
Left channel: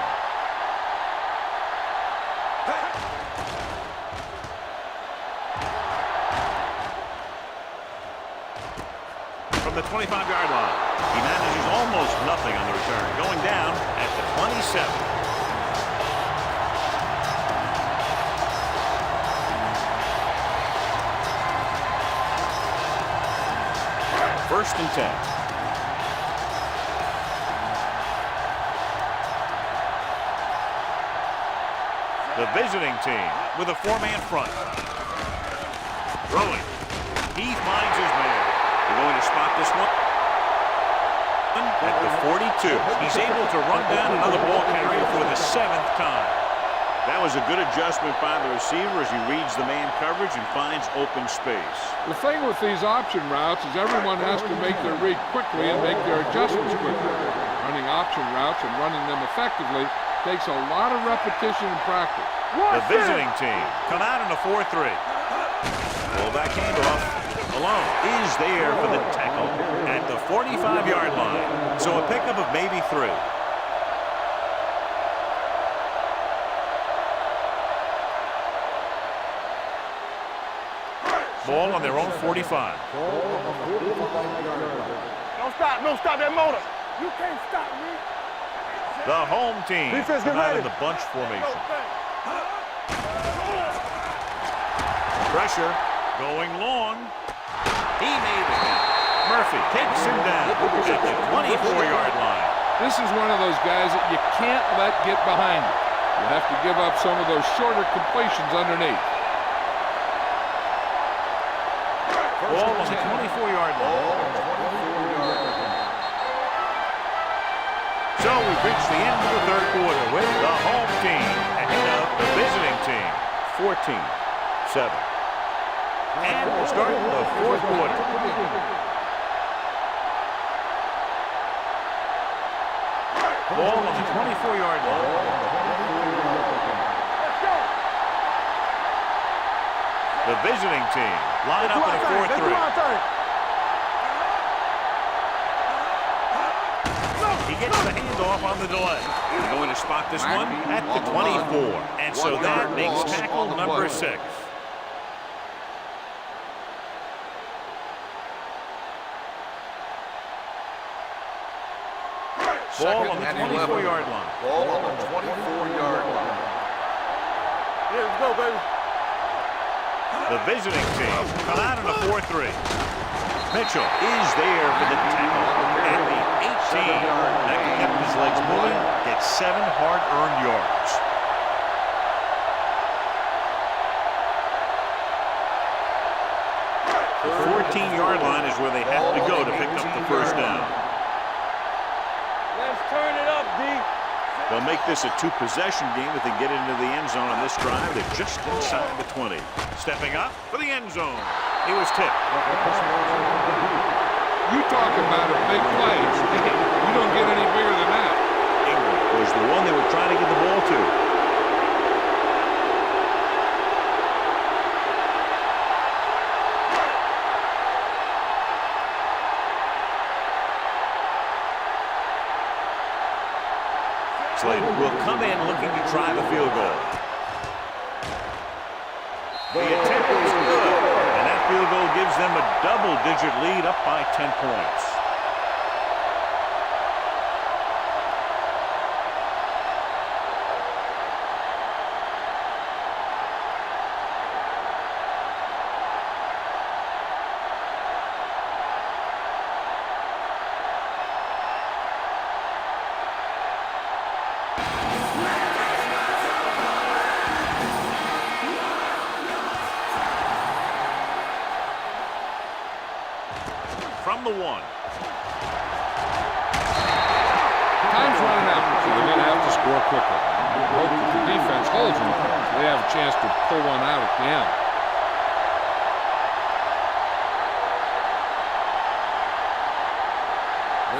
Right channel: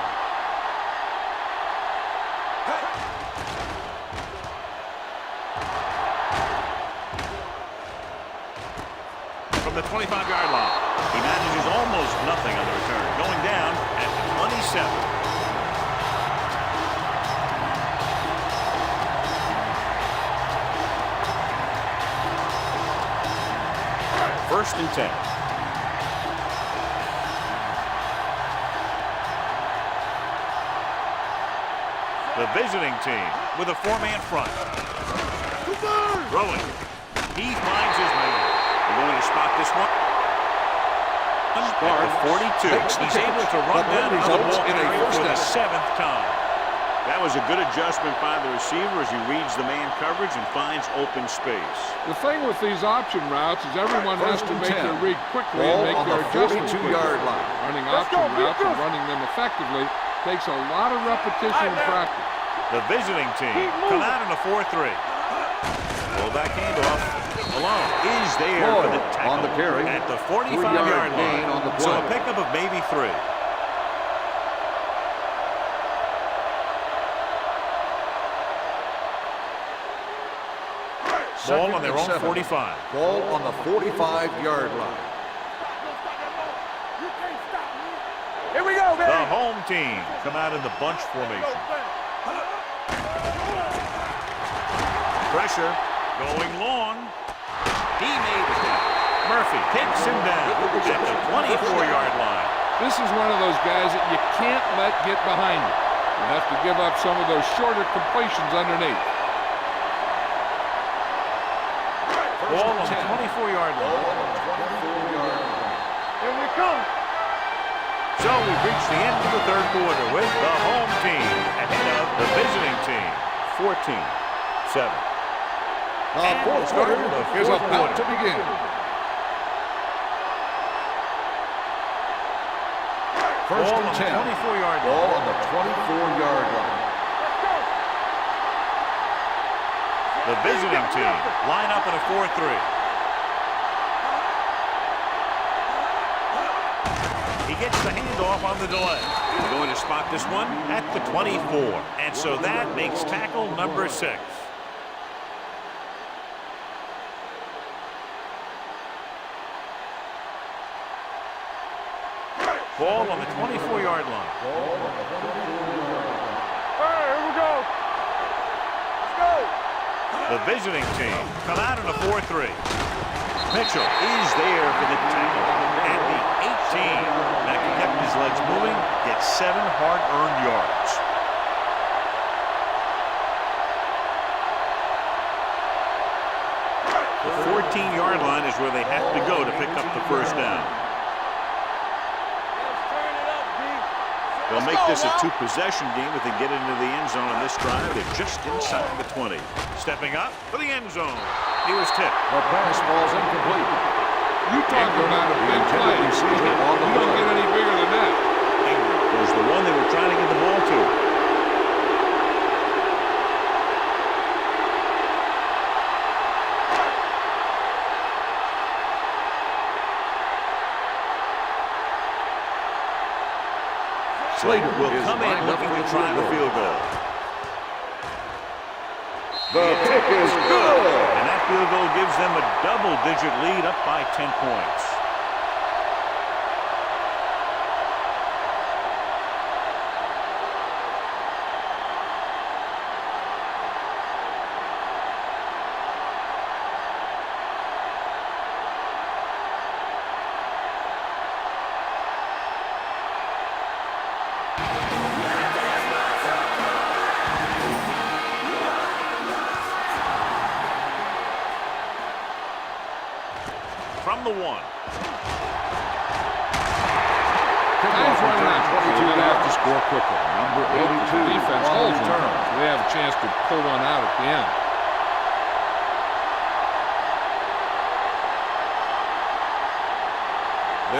From the 25-yard line, he manages almost nothing on the return, going down at the 27. First and 10. The visiting team with a four-man front. Throwing. He finds his man. They're going to spot this one at the 42. He's able to run down another ball carrier for the 7th time. That was a good adjustment by the receiver as he reads the man coverage and finds open space. The thing with these option routes is everyone has to make their read quickly and make their adjustments quickly. Running option routes and running them effectively takes a lot of repetition and practice. The visiting team come out in a 4-3. Fullback handoff alone is there for the tackle at the 45-yard line. So a pickup of maybe 3. Ball on their own 45. Ball on the 45-yard line. Don't stop that motor. You can't stop me. Here we go, baby. The home team come out in the bunch formation. Pressure going long. He made the catch. Murphy takes him down at the 24-yard line. This is one of those guys that you can't let get behind you. You have to give up some of those shorter completions underneath. Ball on the 24-yard line. So we've reached the end of the third quarter with the home team ahead of the visiting team. 14-7. And we'll start the fourth quarter. Ball on the 24-yard line. Let's go. The visiting team line up in a 4-3. He gets the handoff on the delay. They're going to spot this one at the 24. And so that makes tackle number 6. Ball on the 24-yard line. Ball on the 24-yard line. Here we go. Let's go, baby. Let's go. The visiting team come out in a 4-3. Mitchell is there for the tackle at the 18. That kept his legs moving, gets 7 hard-earned yards. The 14-yard line is where they have to go to pick up the first down. Let's turn it up, D. They'll make this a 2-possession game if they get into the end zone on this drive. They're just inside the 20. Stepping up for the end zone. He was tipped. The pass was incomplete. You talk about a big play. You don't get any bigger than that. Ingram was the one they were trying to get the ball to. Slater will come in looking to try the field goal. The attempt is good, and that field goal gives them a double-digit lead up by 10 points. from the 1. Time's running out, so they're going to have to score quickly. Hope that the defense holds them, so they have a chance to pull one out at the end.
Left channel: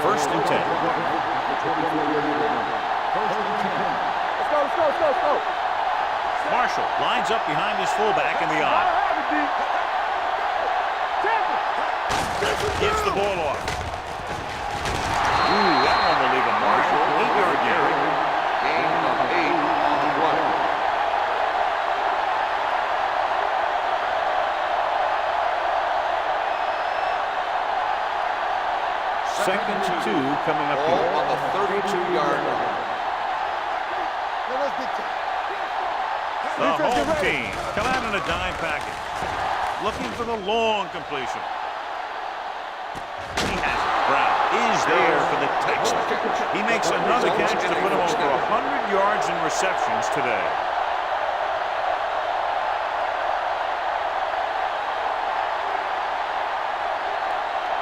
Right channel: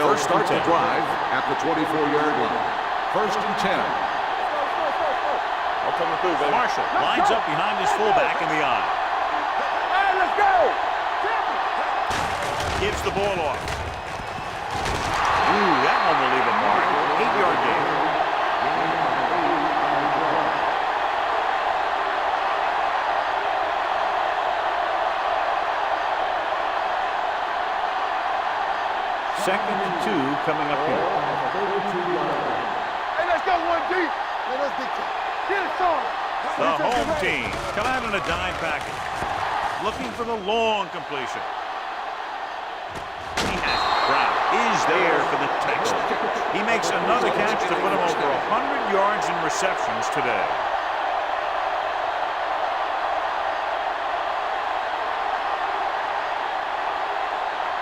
First and 10. At the 24-yard line. First and 10. Let's go, let's go, let's go, let's go. That's coming through, man. Marshall lines up behind his fullback in the eye. Let's go. Temple. Gives the ball off. Ooh, that one will leave a mark. 8-yard gain. Gain of 8 on the play. Second and 2 coming up Ball here. on the 32-yard line. Hey, let's go one deep. Let us dictate. Get it started. The home team come out in a dime package. Looking for the long completion. He has it. Brown is there for the tackle. He makes another catch to put him over 100 yards in receptions today.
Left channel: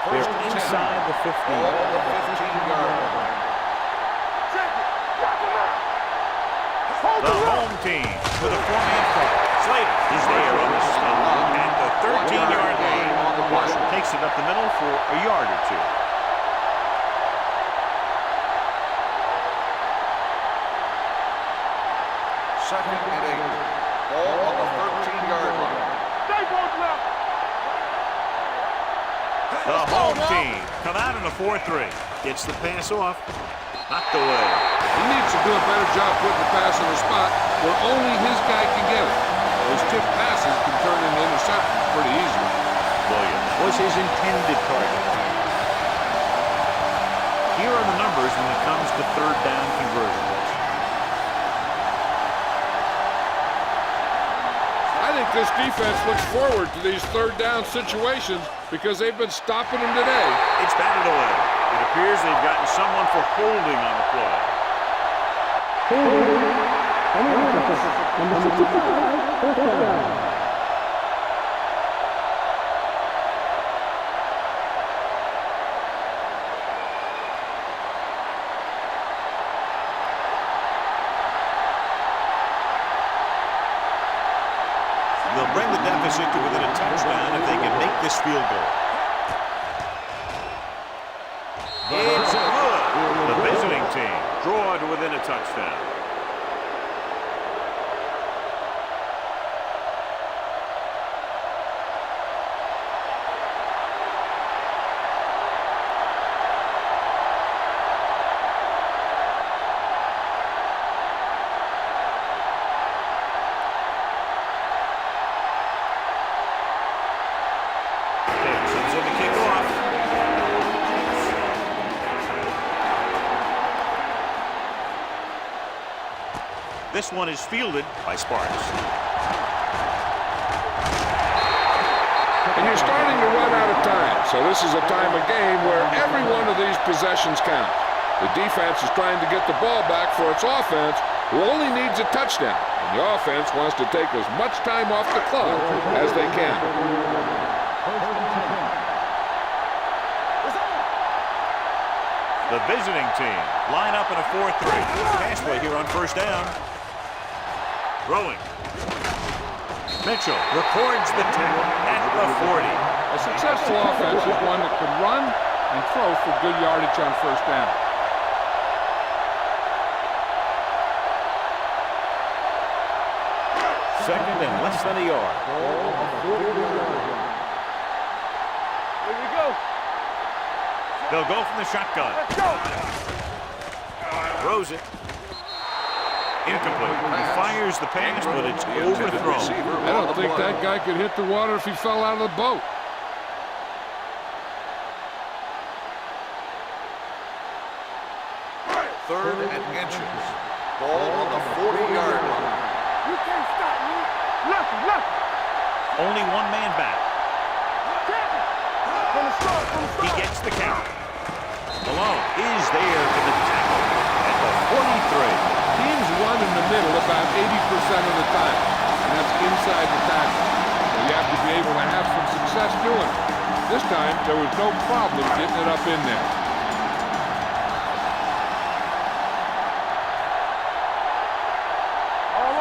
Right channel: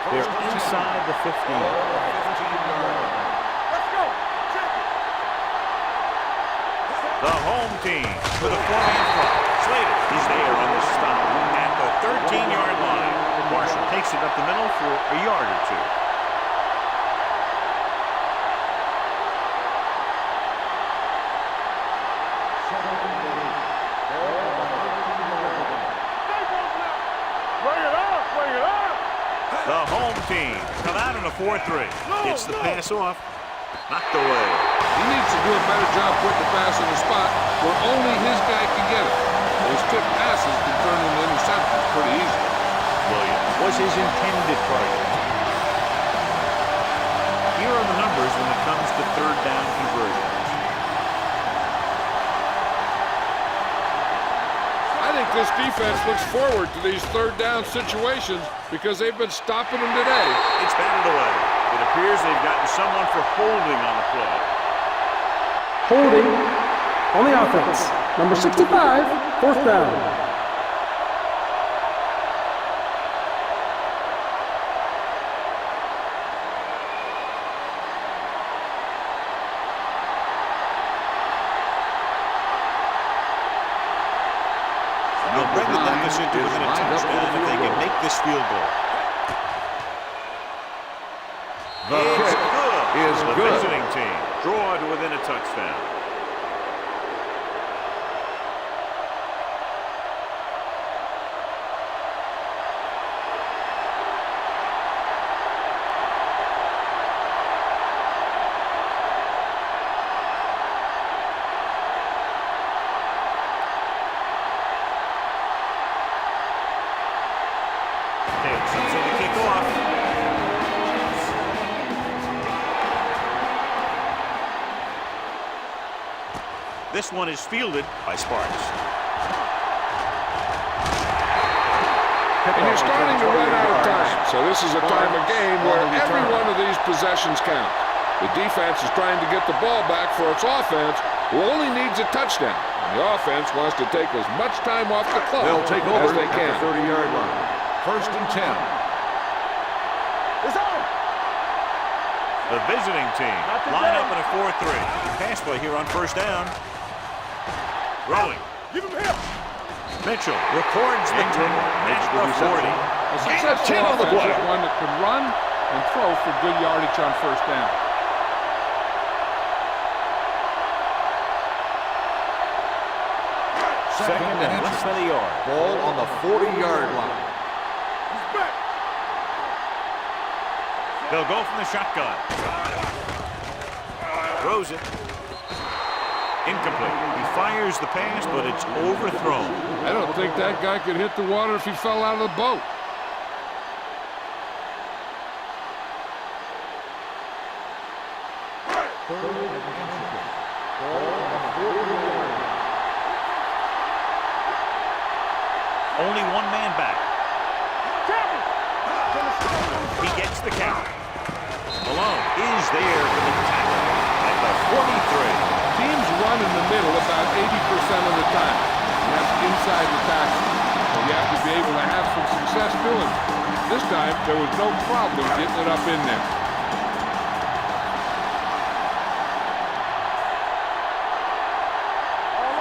They're inside the 15. Ball on the 15-yard line. Check it. The home team with a 4-man front. Slater is there on the stop at the 13-yard line. Marshall takes it up the middle for a yard or 2. Second and 8. Ball on the 13-yard line. Stay both now. Bring it up, bring it up. The home team come out in a 4-3. Gets the pass off. Knocked away. He needs to do a better job putting the pass in a spot where only his guy can get it. Those tipped passes can turn into interceptions pretty easily. Williams was his intended target. Here are the numbers when it comes to third down conversions. I think this defense looks forward to these third down situations because they've been stopping them today. It's batted away. It appears they've gotten someone for holding on the play. Holding on the offense. Number 65, fourth down. They'll bring the deficit to within a touchdown if they can make this field goal. It's good. The visiting team draw to within a touchdown. Taylor comes in to kick off. This one is fielded by Sparks. And you're starting to run out of time, so this is a time of game where every one of these possessions counts. The defense is trying to get the ball back for its offense, who only needs a touchdown, and the offense wants to take as much time off the clock as they can. 30-yard line. First and 10. It's on. The visiting team line up in a 4-3. Pass play here on first down. Throwing. Mitchell records the tackle at the 40. A successful offense is one that can run and throw for good yardage on first down. Second and less than a yard. Ball on the 40-yard line. Here we go. They'll go from the shotgun. Throws it. Incomplete. He fires the pass, but it's overthrown. I don't think that guy could hit the water if he fell out of the boat. Third and inches. Ball on the 40-yard line. You can't stop me. Look. Only one man back. Temple. From the start, from the He start. gets the count. Malone is there for the tackle at the 43. Teams run in the middle about 80% of the time, and that's inside the tackle. So you have to be able to have some success doing it. This time, there was no problem getting it up in there.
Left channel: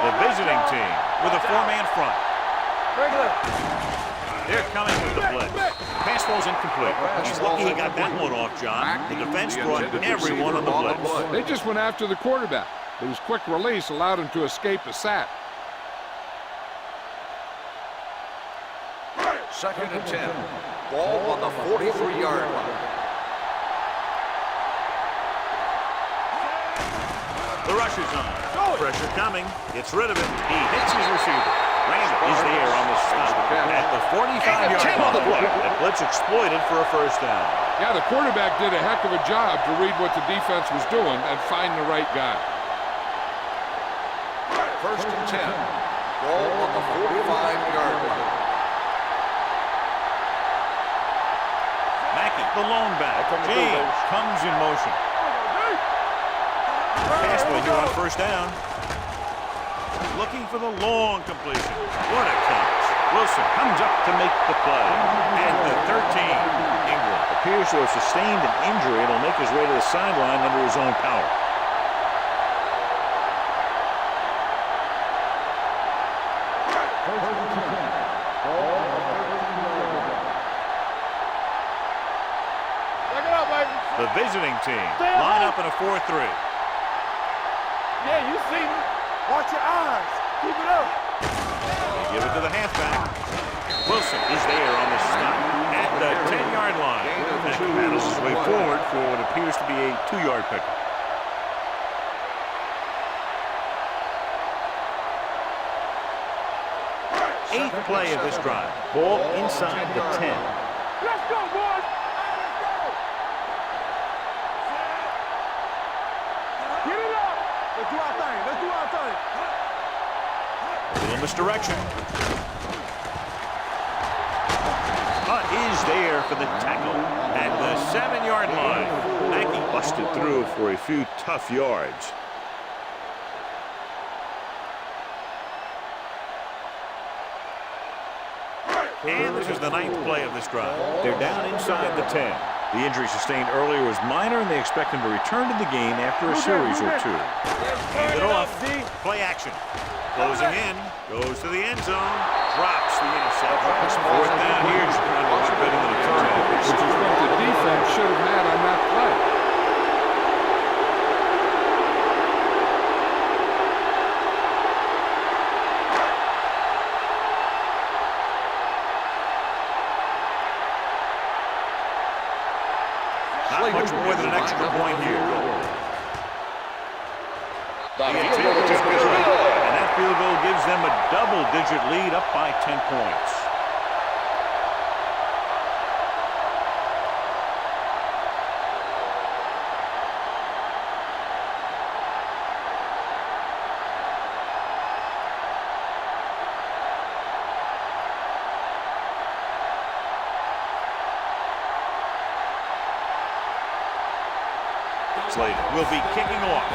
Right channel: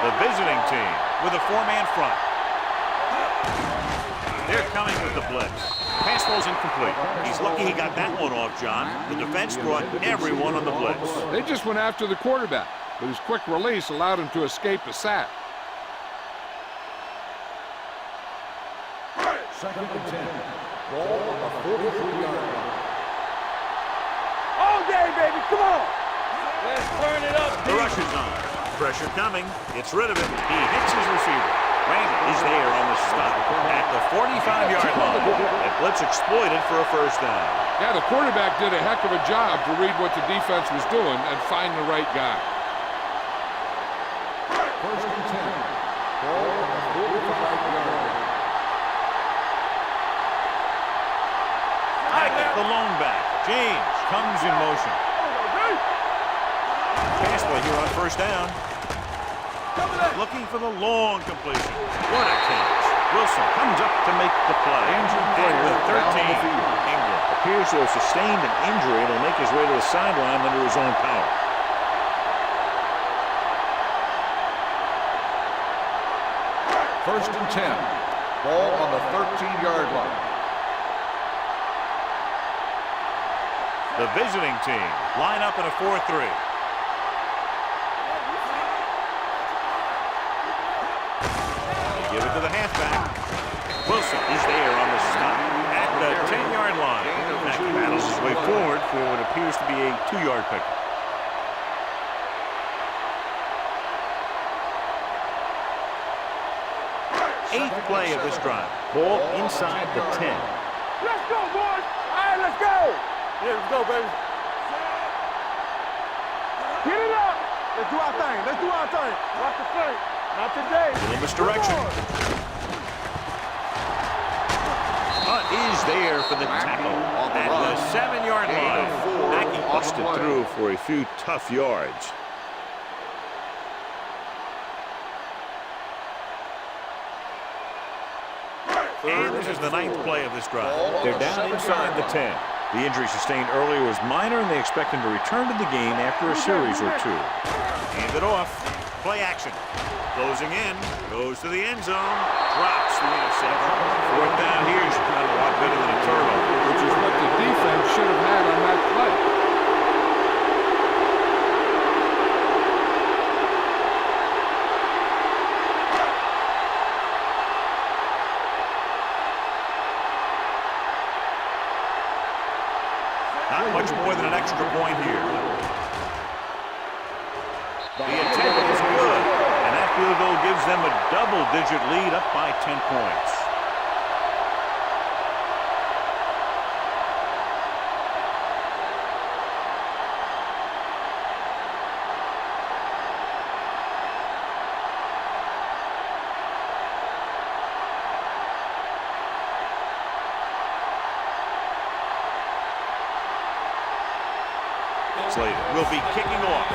The visiting team with a 4-man front. They're coming with the blitz. Pass ball's incomplete. He's lucky he got that one off, John. The defense brought everyone on the blitz. They just went after the quarterback, but his quick release allowed him to escape a sack. 2nd and 10. Ball on the 43-yard line. All day, baby, come on. The rush is on. Pressure coming. Gets rid of it. He hits his receiver. Randall is there on the stop at the 45-yard line. That blitz exploited for a first down. Yeah, the quarterback did a heck of a job to read what the defense was doing and find the right guy. 1st and 10. Ball on the 45-yard line. Acme, the lone back. James comes in motion. Pass play here on first down. Looking for the long completion. What a catch. Wilson comes up to make the play. At the 13. Ingram appears to have sustained an injury and will make his way to the sideline under his own power. First and 10. Ball on the 13-yard line. The visiting team line up in a 4-3. Watch your eyes. Keep it up. They give it to the halfback. Wilson is there on the stop at the 10-yard line. Acme battles his way forward for what appears to be a 2-yard pickup. Eighth play of this drive. Ball inside the 10. Let's go, boys. All right, let's go. Yeah, let's go, baby. Get it up. Let's do our thing. Let's do our thing. Not today. Not today. Little misdirection. Hunt is there for the tackle at the 7-yard line. Acme busted through for a few tough yards. And this is the 9th play of this drive. They're down inside the 10. The injury sustained earlier was minor, and they expect him to return to the game after a series or two. Hand it off. Play action. Closing in. Goes to the end zone. Drops the interception. 4th down here. John, a lot better than a turnover. Which is what the defense should have had on that play. Not much more than an extra point here. The attempt is good, and that field goal gives them a double-digit lead up by 10 points. Slater will be kicking off.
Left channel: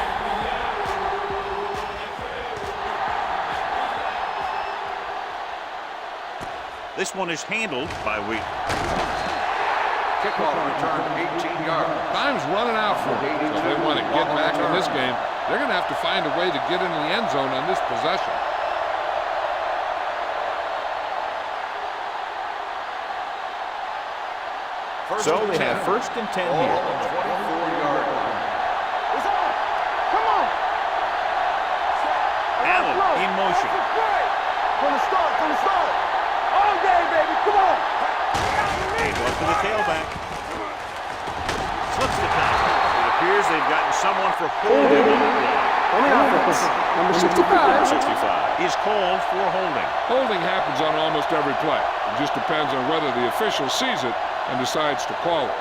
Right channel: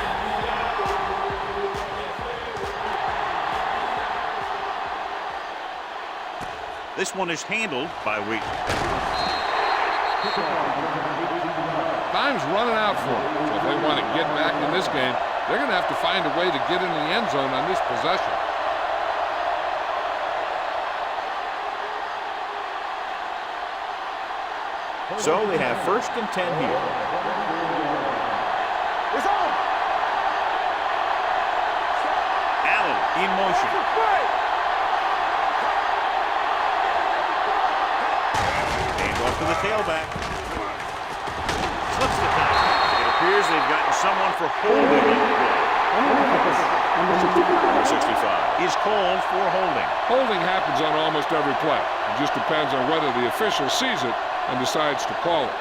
This one is handled by Wheaton. Kickoff return 18 yards. Time's running out for them, so if they want to get back in this game, they're going to have to find a way to get into the end zone on this possession. So they have 1st and 10 here. It's on. Come on. Allen in motion. From the start. From the start. All day, baby. Come on. Hand off to the tailback. Slips the tackle. It appears they've gotten someone for holding on the play. On the offense, number 65. Number 65 is called for holding. Holding happens on almost every play. It just depends on whether the official sees it and decides to call it.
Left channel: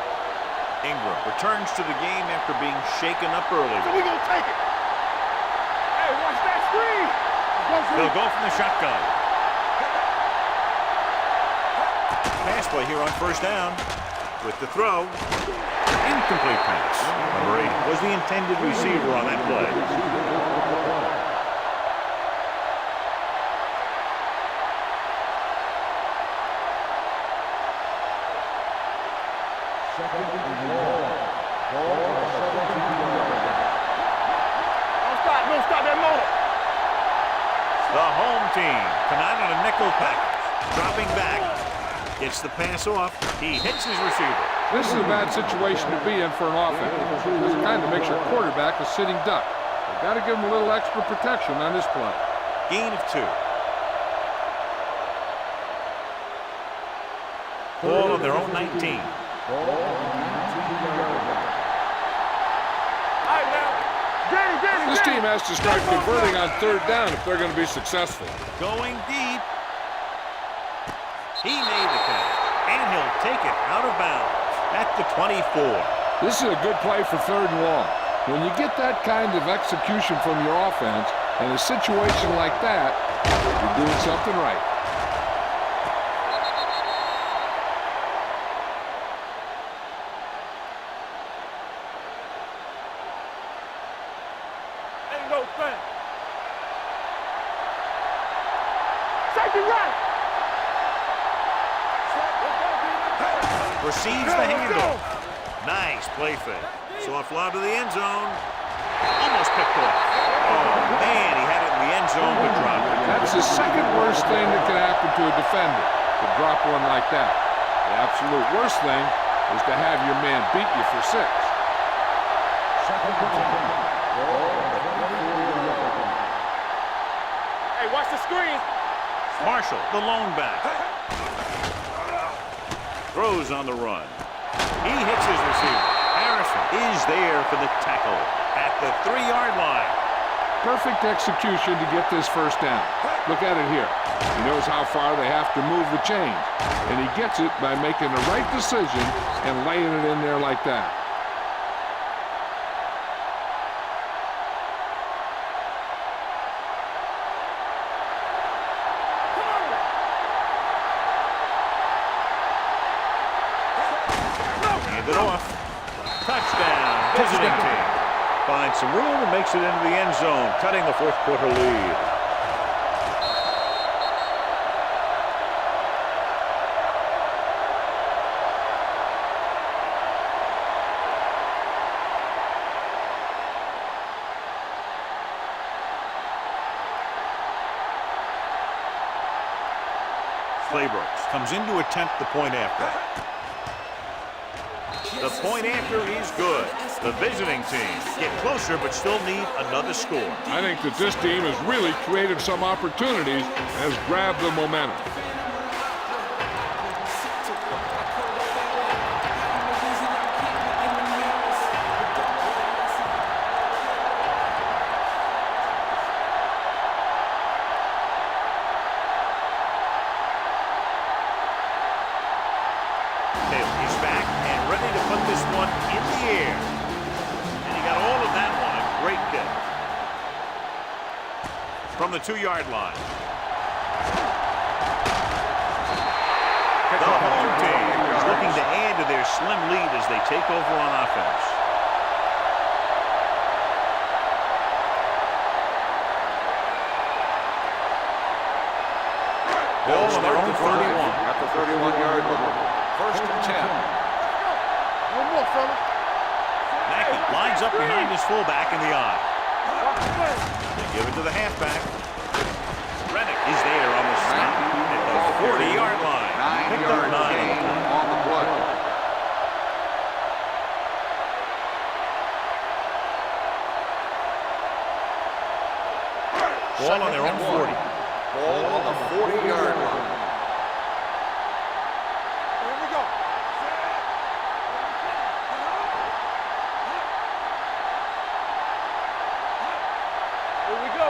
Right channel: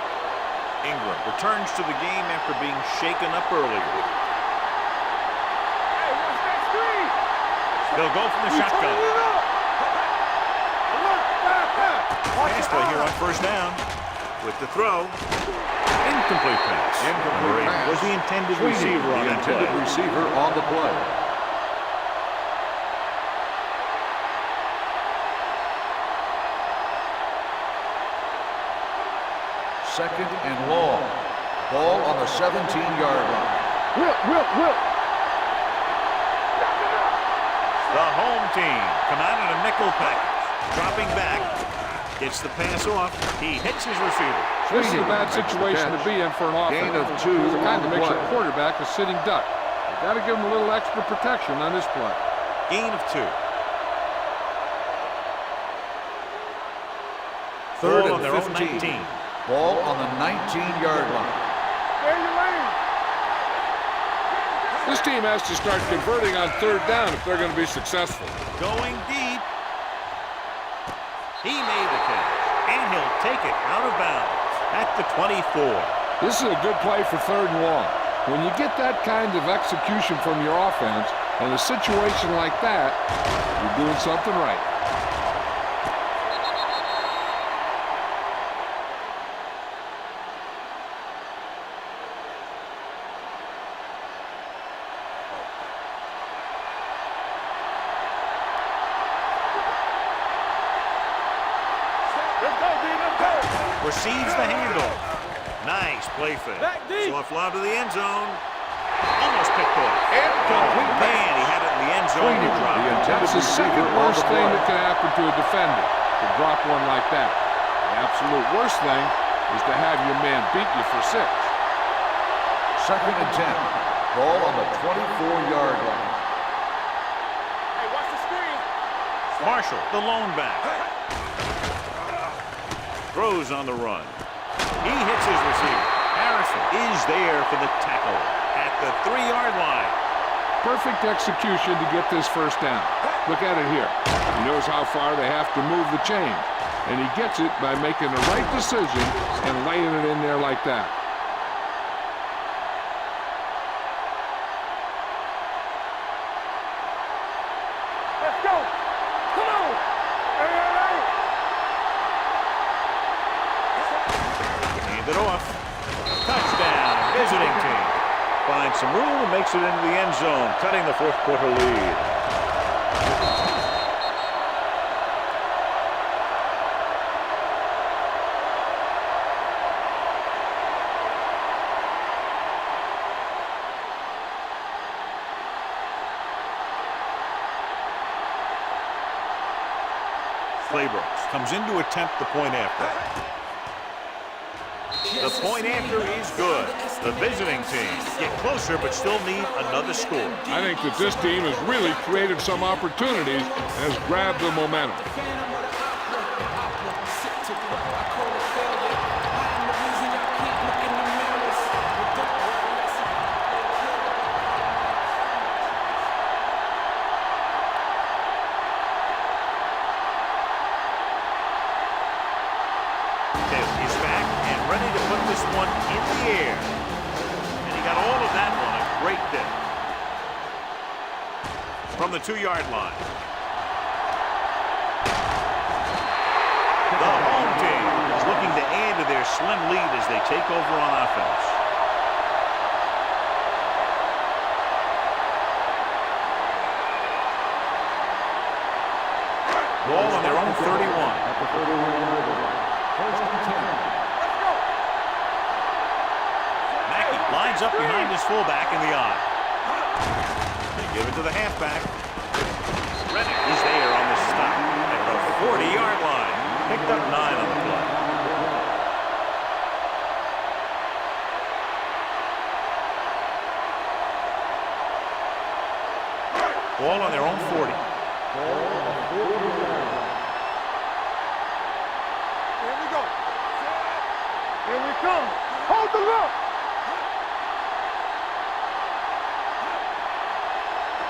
Ingram returns to the game after being shaken up earlier. We gonna take it. Hey, watch that screen. They'll go from the shotgun. Pass play here on first down. With the throw. Incomplete pass. Number 8 was the intended receiver on that play. Receiver on the play. Second and long. Ball on the 17-yard line. Whip. Don't stop that motor. The home team come out in a nickel package. Dropping back. Gets the pass off. He hits his receiver. This is a bad situation to be in for an offense, because it kind of makes your quarterback a sitting duck. They've got to give him a little extra protection on this play. Gain of 2. Ball on their own 19. Ball on the 19-yard line. This team has to start converting on third down if they're going to be successful. Going deep. He made the catch, and he'll take it out of bounds at the 24. This is a good play for third and long. When you get that kind of execution from your offense, in a situation like that, you're doing something right. Receives the handle. Nice play fake. So a fly to the end zone. Almost picked off. Oh, man, he had it in the end zone but dropped it. That's the second worst thing that can happen to a defender, to drop one like that. The absolute worst thing is to have your man beat you for 6. Second and 10. Ball on the 24-yard line. Hey, watch the screen. Marshall, the lone back. Throws on the run. He hits his receiver. Harrison is there for the tackle at the 3-yard line. Perfect execution to get this first down. Look at it here. He knows how far they have to move the chains, and he gets it by making the right decision and laying it in there like that. Let's go. Come on. Hand it off. Touchdown, visiting team. Finds some room and makes it into the end zone, cutting the fourth quarter lead. Claybrooks comes in to attempt the point after. The point after is good. The visiting team get closer but still need another score. I think that this team has really created some opportunities and has grabbed the momentum. Taylor is back and ready to put this one in the air. And he got all of that one. A great kick. From the 2-yard line. The home team is looking to add to their slim lead as they take over on offense. Ball on their own 31. At the 31-yard line. First and 10. Let's go. One more, fella. Mackey lines up behind his fullback in the eye. They give it to the halfback. Rennick is there on the stop at the 40-yard line. Picked up 9 on the play. Ball on their own 40. Ball on the 40-yard line. Here we go. Here we come. Hold the look. Here we go.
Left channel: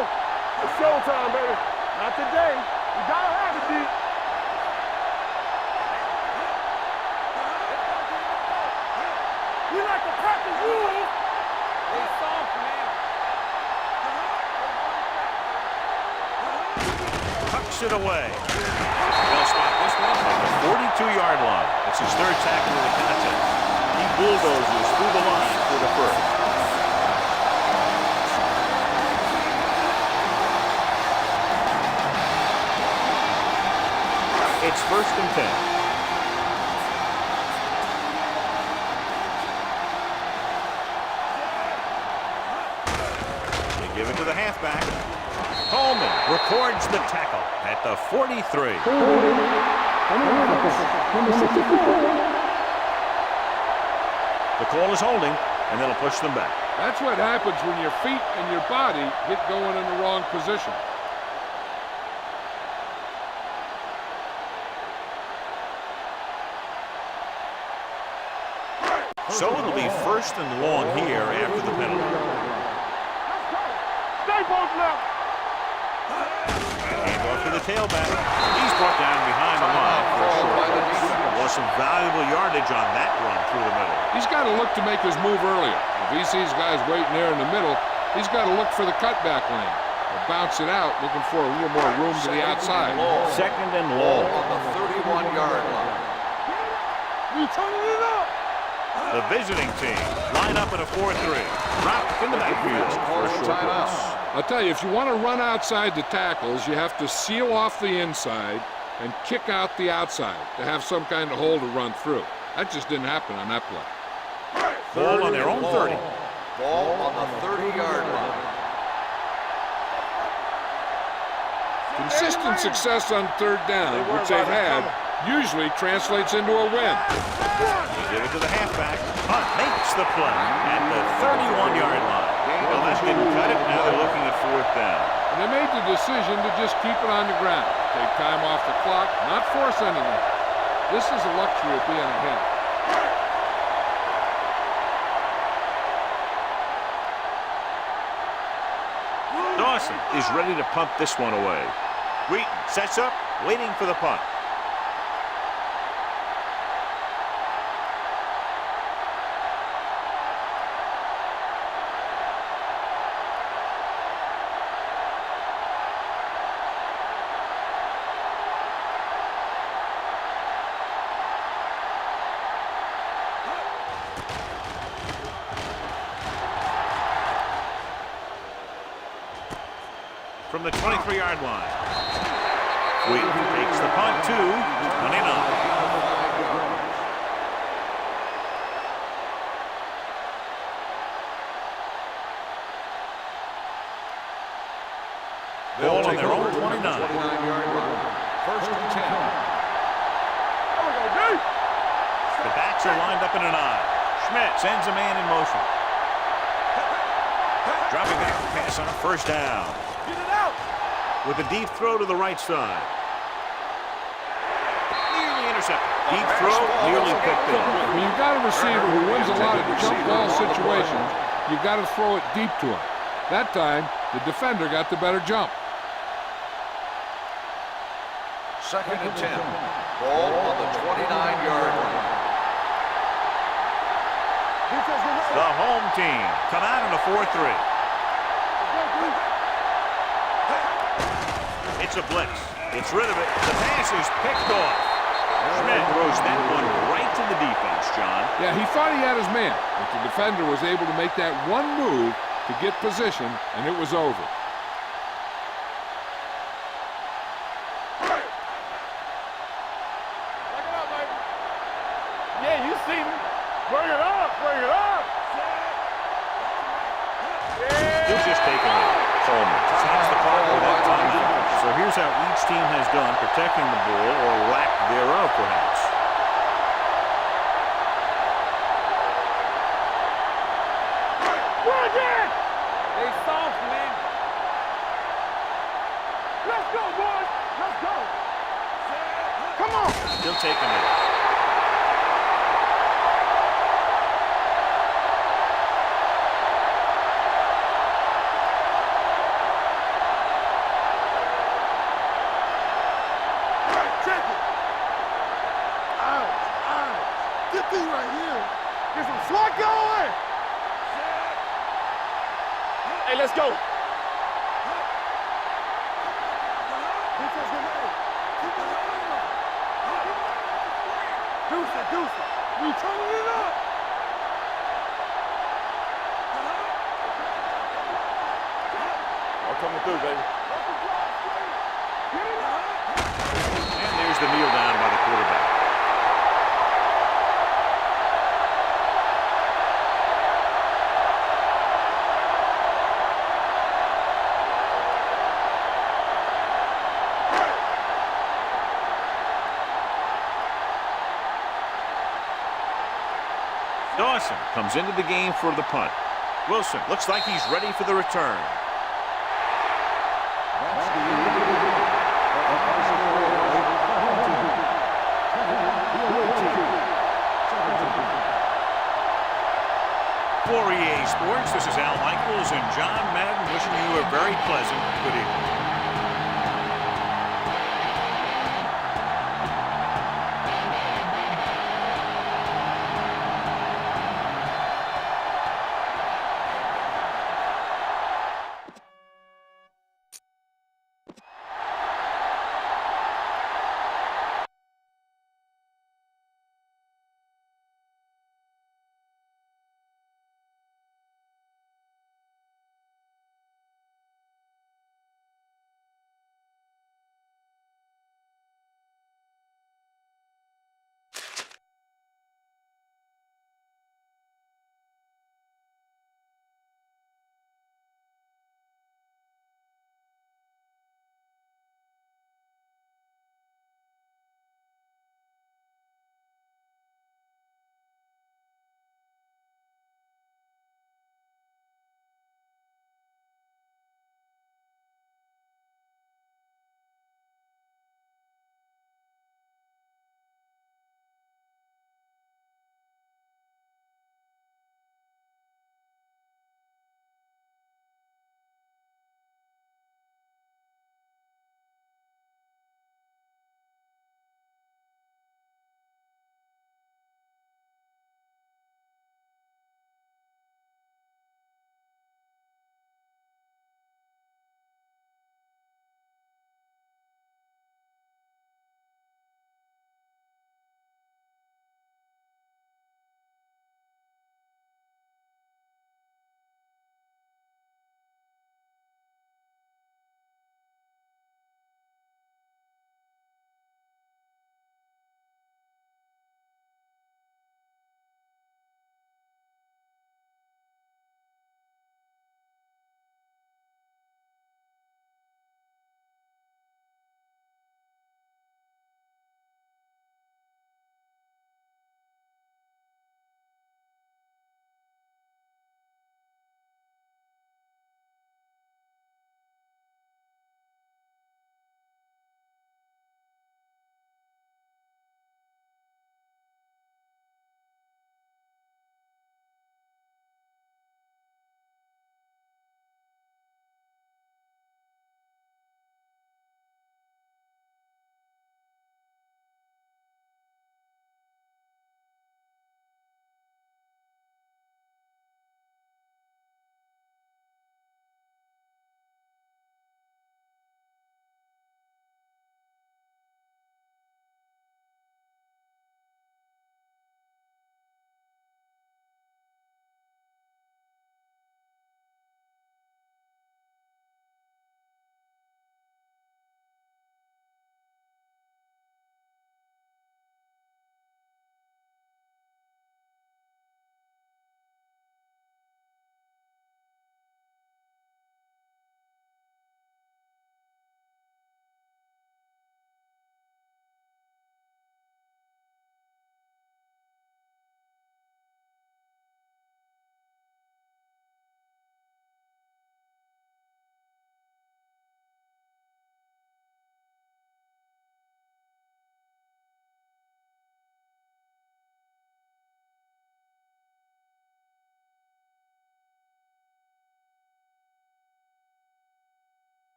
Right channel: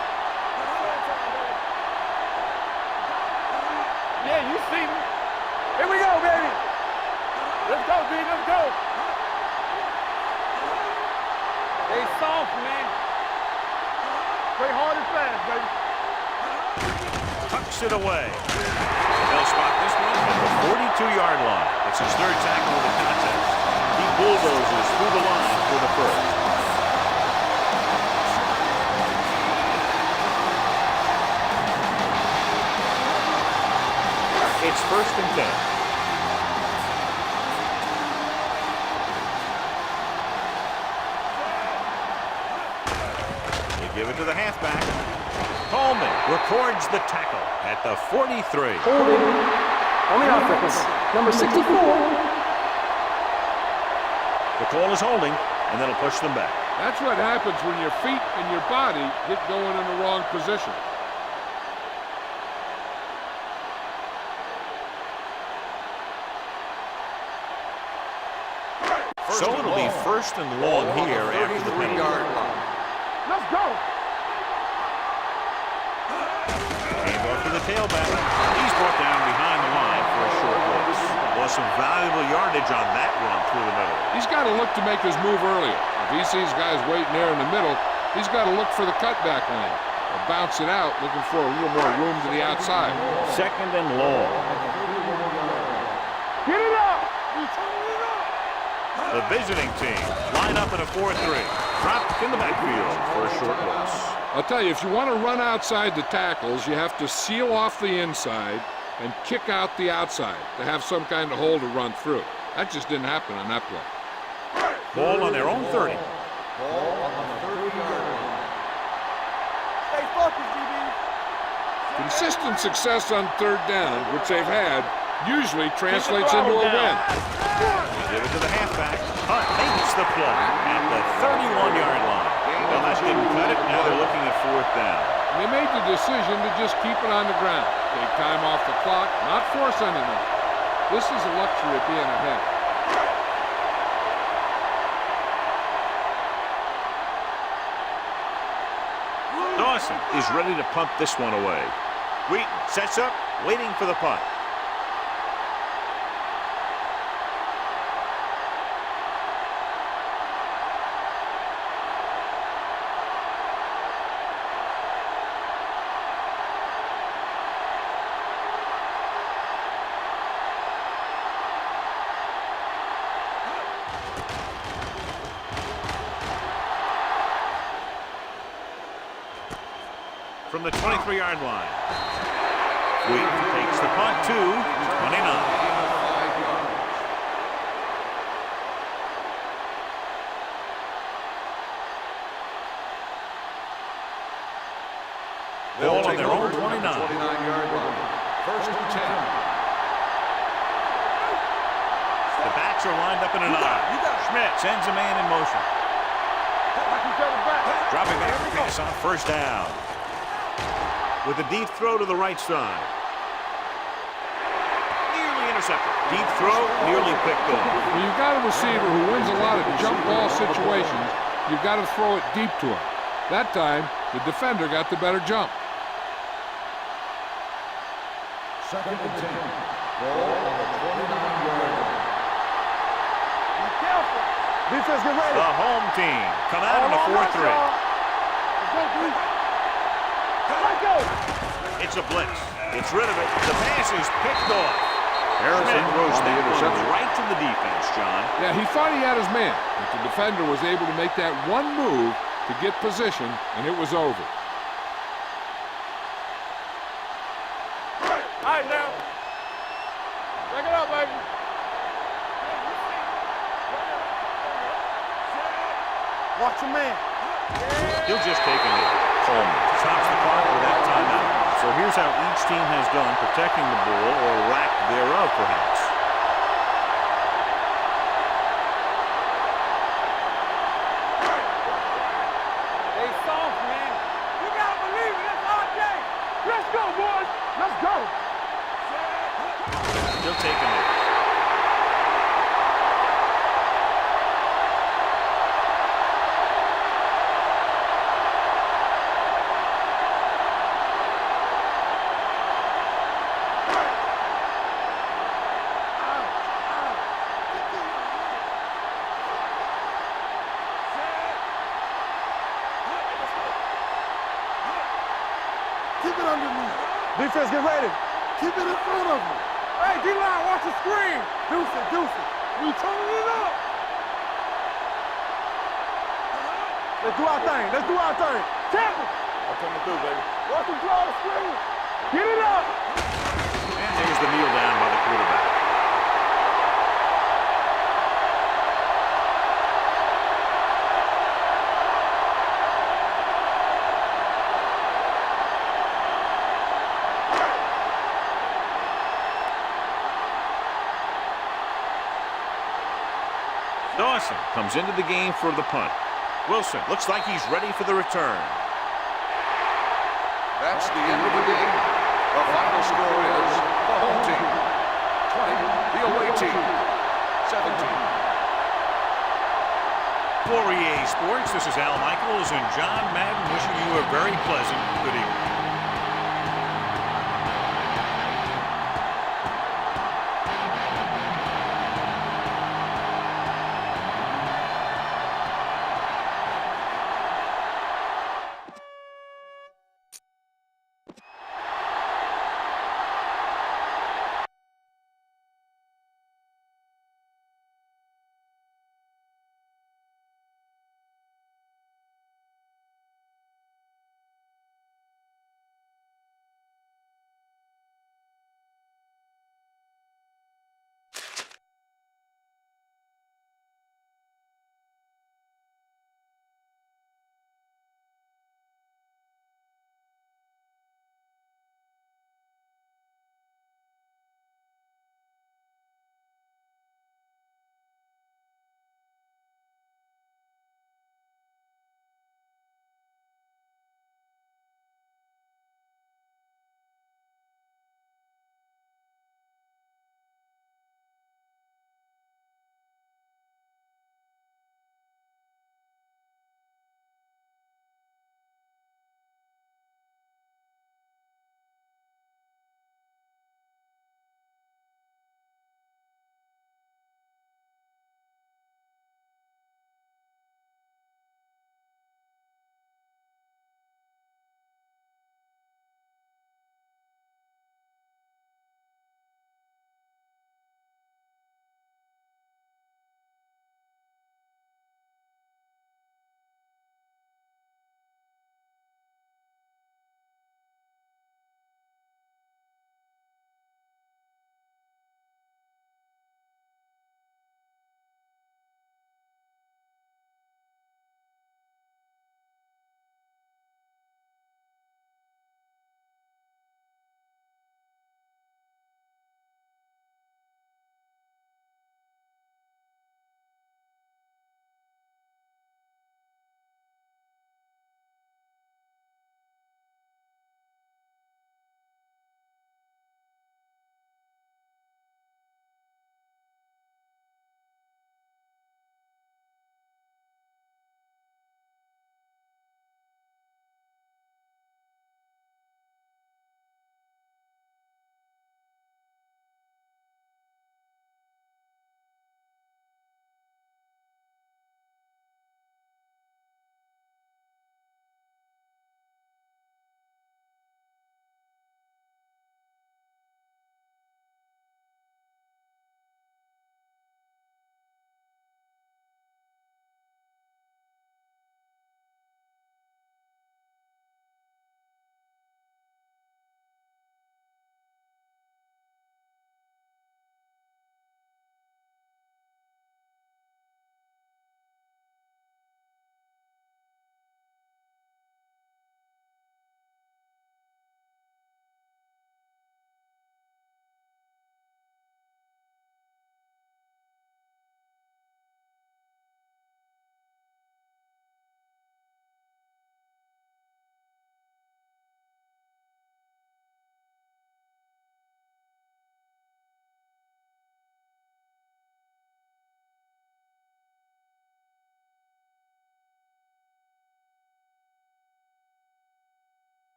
It's showtime, baby. Not today. You gotta have it, D. Yeah, you see me. Here we go, baby. Let's go, D. Let's go. We like the practice, boys. They soft, man. Play hard and fast, baby. Tucks it away. They'll spot this one at the 42-yard line. That's his 3rd tackle of the contest. He bulldozes through the line for the first. It's 1st and 10. give it to the halfback. Coleman records the tackle at the 43. Holding on the offense. Number 64. The call is holding, and that'll push them back. That's what happens when your feet and your body get going in the wrong position. So it'll be first and long here after the penalty. Let's go. Stay both now. Hand off to the tailback. He's brought down behind the line for a short loss. Lost some valuable yardage on that run through the middle. He's got to look to make his move earlier. If he sees guys waiting there in the middle, he's got to look for the cutback lane or bounce it out, looking for a little more room to the outside. Second and long. On the 31-yard line. Get it up. We turning it up. The visiting team line up in a 4-3. Dropped in the backfield for a short loss. I'll tell you, if you want to run outside the tackles, you have to seal off the inside and kick out the outside to have some kind of hole to run through. That just didn't happen on that play. Ball on their own 30. Ball on the 30-yard line. Stay focused, DB. Consistent success on third down, which they've had, usually translates into a win. Give it to the halfback. Hunt makes the play at the 31-yard line. Well, that didn't cut it. Now they're looking at fourth down. And they made the decision to just keep it on the ground. Take time off the clock, not force anything. This is a luxury of being ahead. Dawson is ready to punt this one away. Wheaton sets up, waiting for the punt. From the 23-yard line. Wheaton takes the punt to 29. Ball on their own 29. 29-yard line. First and 10. The backs are lined up in an I. Schmidt sends a man in motion. Dropping back to pass on first down. With a deep throw to the right side. Nearly intercepted. Deep throw, nearly picked off. When you've got a receiver who wins a lot of jump ball situations, you've got to throw it deep to him. That time, the defender got the better jump. Second and 10. Ball on the 29-yard line. Defense, get ready. The home team come out in a 4-3. Let's go, dude. It's a blitz. Gets rid of it. The pass is picked off. Schmidt throws that one right to the defense, John. Yeah, he thought he had his man, but the defender was able to make that one move to get position, and it was over. All right, now. Back it up, baby. Yeah, you see me. Bring it up, bring it up. Set. Watch your man. Yeah. He'll just take a knee. Coleman stops the clock with that timeout. So here's how each team has done protecting the ball, or lack thereof, perhaps. They soft, man. You gotta believe it. It's our day. Let's go, boys. Let's go. Come on. He'll take a knee. Let's go. Keep it under me. Defense, get ready. Keep it in front of him. Hey, D-line, watch the screen. Deuce it, deuce it. We turning it up. Let's do our thing. Let's do our thing. Champion. I'm coming through, baby. Watch him draw the screen. Get it up. And there's the kneel down by the quarterback. Dawson comes into the game for the punt. Wilson looks like he's ready for the return. That's the end of the game. The final score is the home team 20, the away team 17. For EA Sports, this is Al Michaels and John Madden wishing you a very pleasant good evening.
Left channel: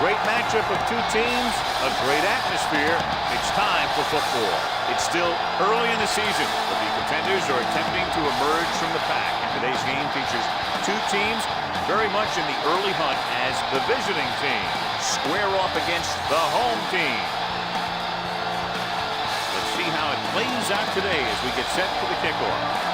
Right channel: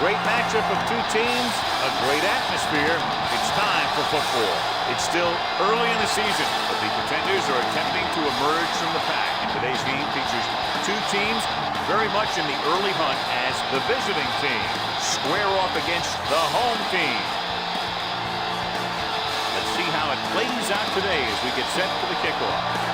Great matchup of two teams, a great atmosphere. It's time for football. It's still early in the season, but the contenders are attempting to emerge from the pack. And today's game features two teams very much in the early hunt as the visiting team square off against the home team. Let's see how it plays out today as we get set for the kickoff.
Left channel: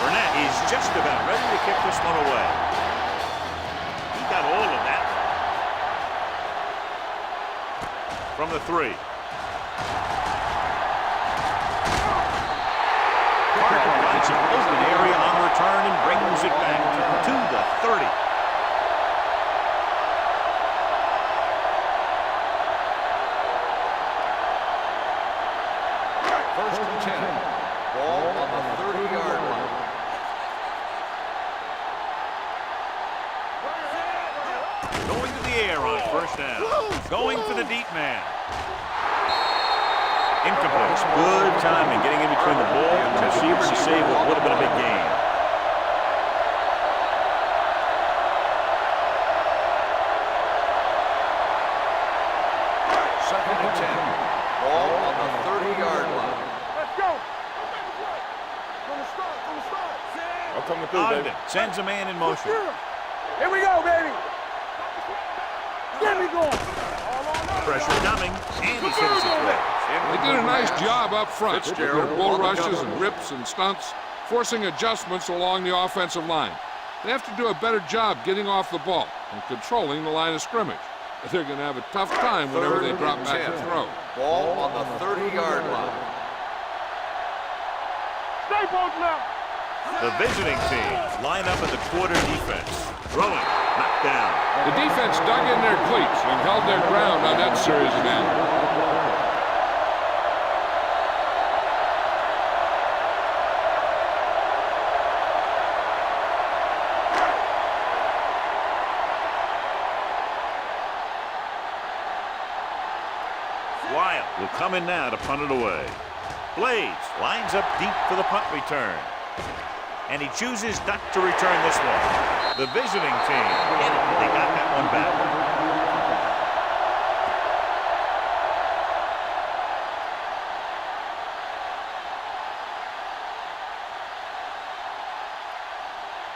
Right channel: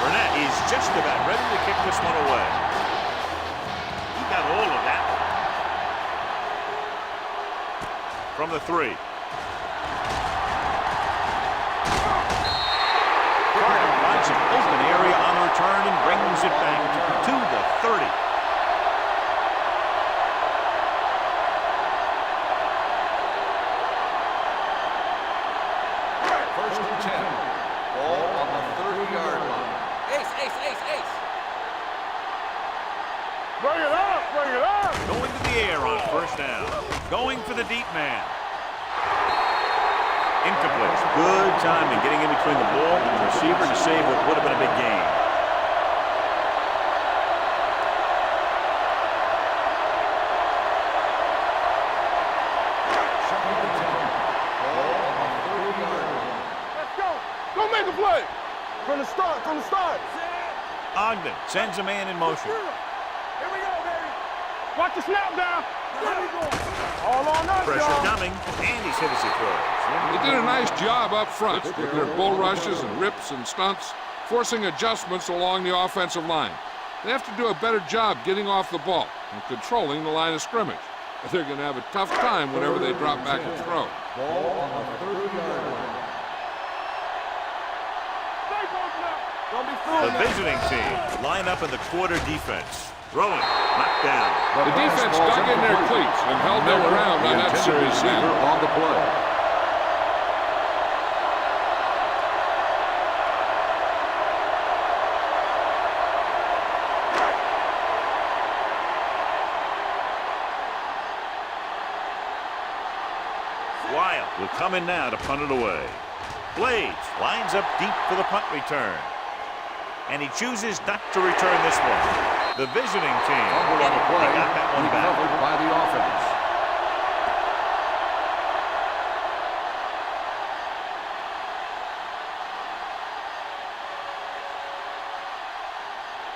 Burnett is just about ready to kick this one away. He got all of that one. From the 3. Carter finds some open area on the return and brings it back to the 30. First and 10. Ball on the 30-yard line. Going to the air on first down. Going for the deep man. Incomplete. Good timing getting in between the ball and the receiver to save what would have been a big gain. Second and 10. Ball on the 30-yard line. Let's go. Go make a play. From the start. Ogden sends a man in motion. Here we go, baby. Watch the snap down. Get me going. All on us, Pressure y'all. coming, and he's hit as he throws. They did a nice job up front with their bull rushes and rips and stunts, forcing adjustments along the offensive line. They have to do a better job getting off the ball and controlling the line of scrimmage. But they're going to have a tough time whenever they drop back to throw. Ball on the 30-yard line. Stay posted up. The visiting team line up in the quarter defense. Throwing, knocked down. The defense dug in their cleats and held their ground on that series down. On the play. Wild will come in now to punt it away. Blades lines up deep for the punt return. And he chooses not to return this one. The visiting team, they got that one back. Recovered by the offense.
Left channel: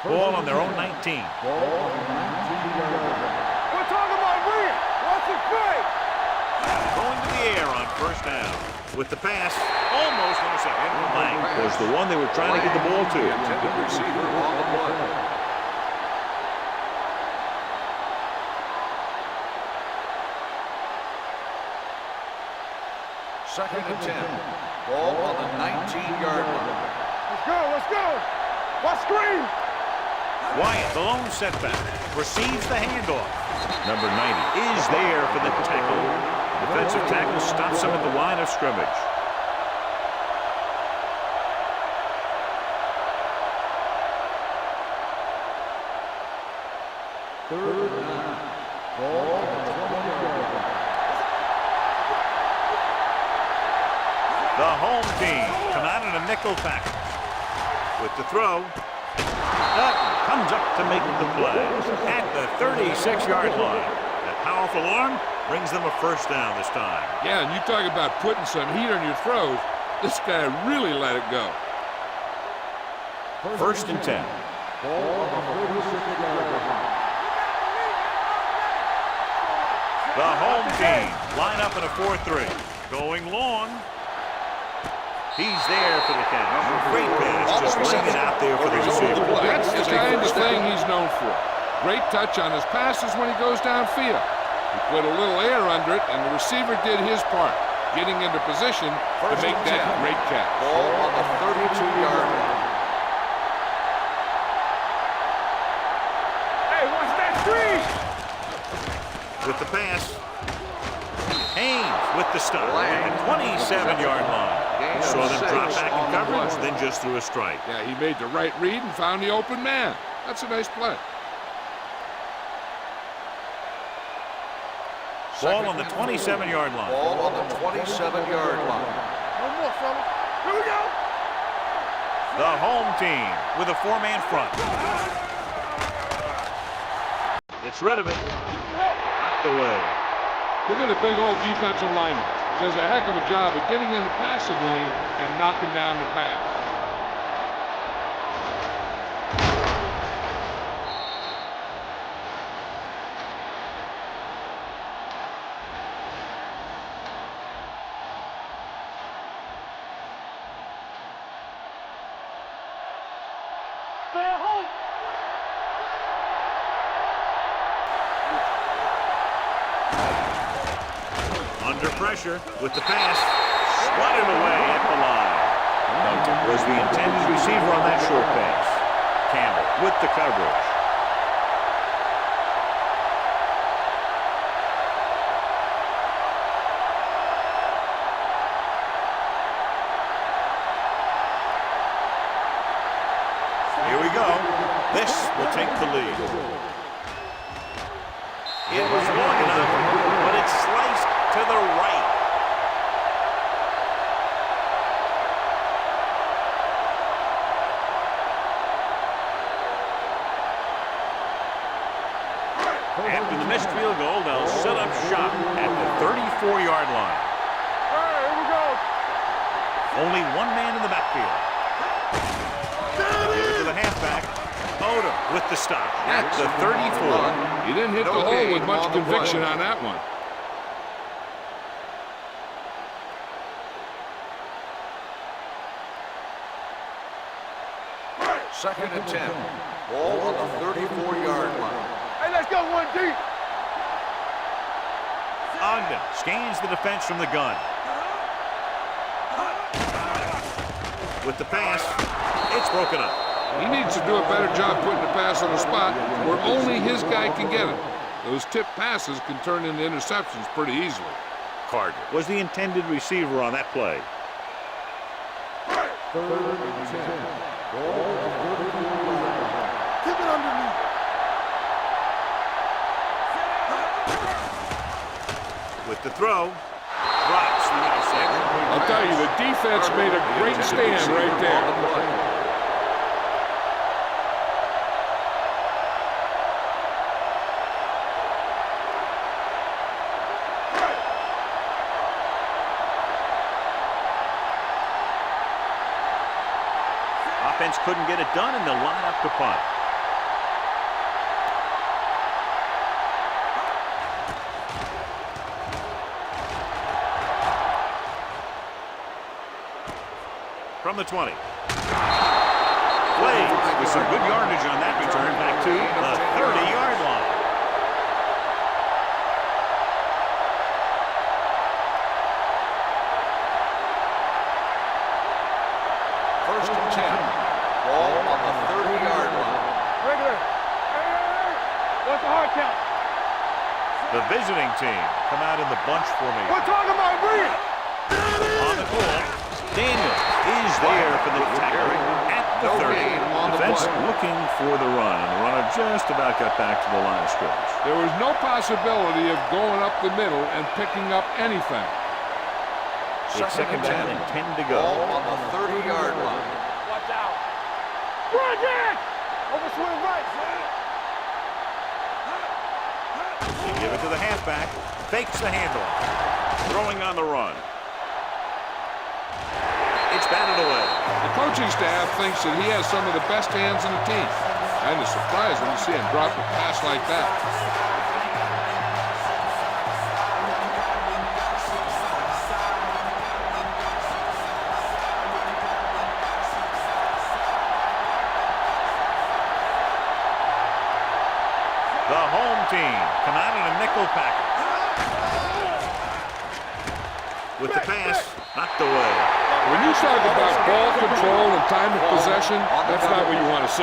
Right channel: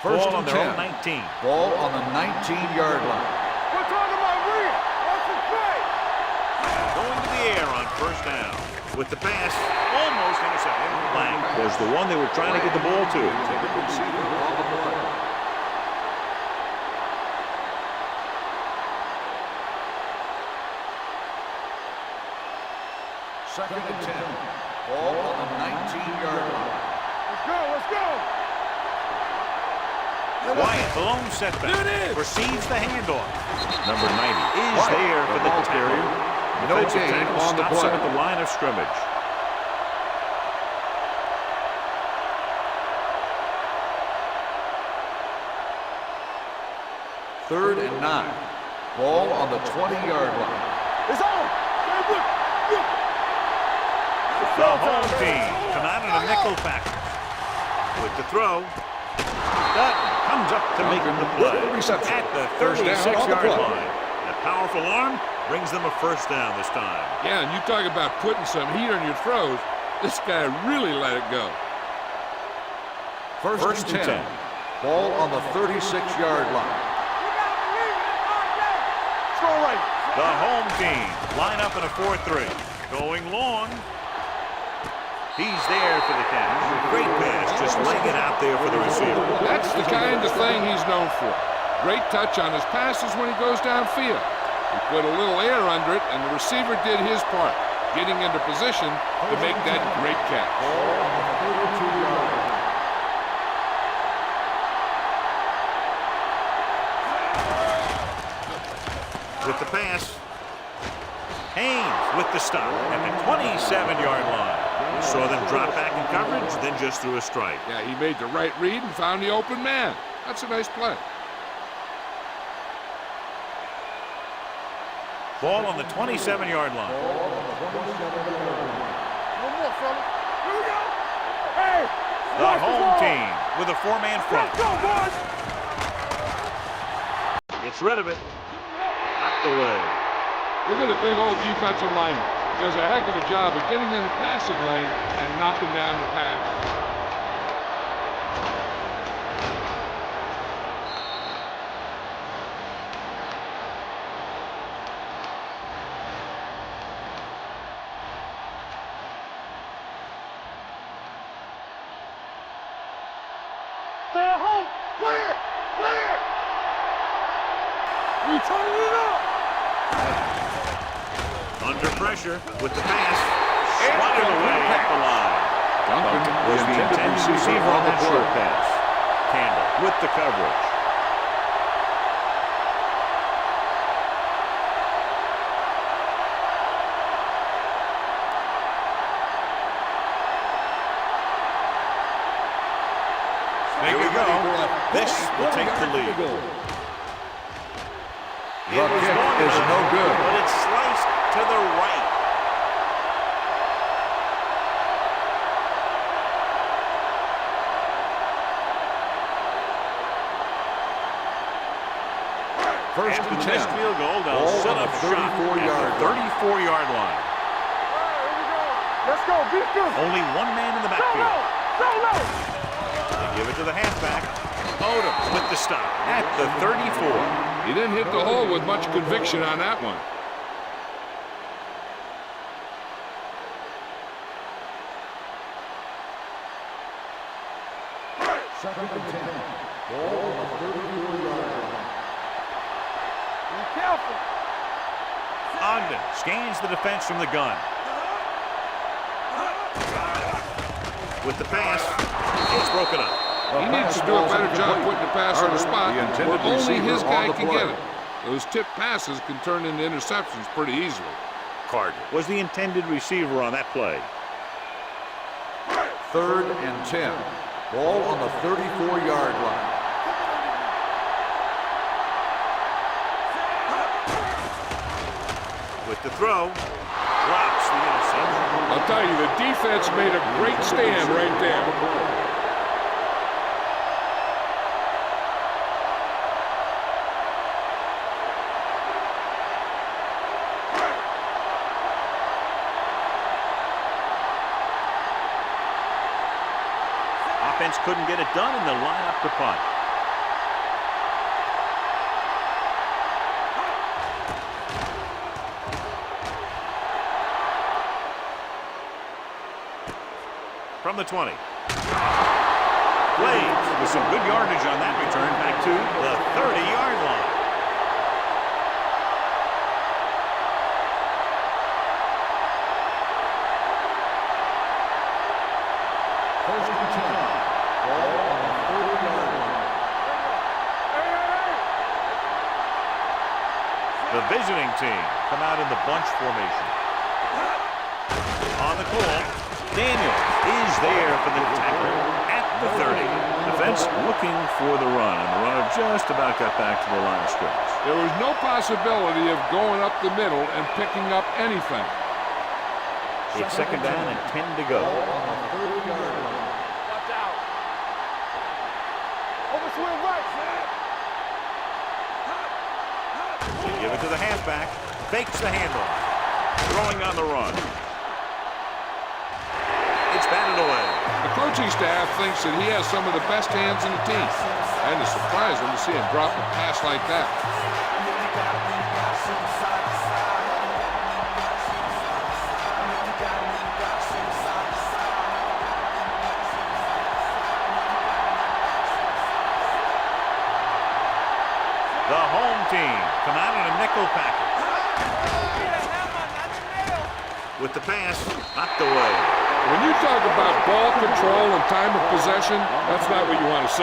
Ball on their own 19. Ball on the 19-yard line. We're talking about Reed. Watch the play. Going to the air on first down. With the pass, almost intercepted. Lang was the one they were trying to get the ball to. The intended receiver on the play. Second and 10. Ball on the 19-yard line. Let's go. Watch screen. Wyatt, the lone setback, receives the handoff. Number 90 is there for the tackle. Defensive tackle stops him at the line of scrimmage. Third and 9. Ball on the 20-yard line. It's on. The home team come out in a nickel package. With the throw, Dutton comes up to make the play at the 36-yard line. That powerful arm brings them a first down this time. Yeah, and you talk about putting some heat on your throws. This guy really let it go. First and 10. Ball on the 36-yard line. The home team line up in a 4-3. Going long. He's there for the catch. Great pass, just laying it out there for the receiver. That's the kind of thing he's known for. Great touch on his passes when he goes downfield. He put a little air under it, and the receiver did his part, getting into position to make that great catch. Ball on the 32-yard line. With the pass, Haynes with the stop at the 27-yard line. Saw them drop back in coverage, then just threw a strike. Yeah, he made the right read and found the open man. That's a nice play. Ball on the 27-yard line. Ball on the 27-yard line. No more, fellas. Here we go. Hey. The home team with a 4-man front. Let's go, boys. Gets rid of it. Knocked away. Look at the big old defensive lineman. Does a heck of a job of getting in the passing lane and knocking down the pass. Stay at home. Clear. Clear. You turning it up. Under pressure with the pass. Swatted away at the line. Duncan was the intended receiver on that short pass. Campbell with the coverage. Here we go. This will take the lead. It was long enough, but it's sliced to the right. After the missed field goal, they'll set up shop at the 34-yard line. All right, here we go. Let's go. Be good. Only one man in the backfield. They give it to the halfback. Otto with the stop at the 34. He didn't hit the hole with much conviction on that one. Second and 10. Ball on the 34-yard line. Hey, let's go 1 deep. Be careful. Ogden scans the defense from the gun. With the pass, it's broken up. He needs to do a better job putting the pass on the spot where only his guy can get it. Those tipped passes can turn into interceptions pretty easily. Carter was the intended receiver on that play. Third and 10. Ball on the 34-yard line. With the throw, drops the interception. I'll tell you, the defense made a great stand right there. Offense couldn't get it done, and they'll line up to punt. From the 20. Blades with some good yardage on that return back to the 30-yard line. First and 10. Ball on the 30-yard line. Regular. Hey. That's a hard count. The visiting team come out in the bunch formation. We're talking about read. On the call, Daniels is there for the tackle at the 30. Defense looking for the run, and the runner just about got back to the line of scrimmage. There was no possibility of going up the middle and picking up anything. It's second down and 10 to go. Ball on the 30-yard line. Watch out. Run it. Over swing right. They give it to the halfback. Fakes the handoff. Throwing on the run. It's batted away. The coaching staff thinks that he has some of the best hands in the team. And it's surprising to see him drop a pass like that. The home team come out in a nickel package. With the pass, knocked away. When you talk about ball control and time of possession, that's not what you want to see.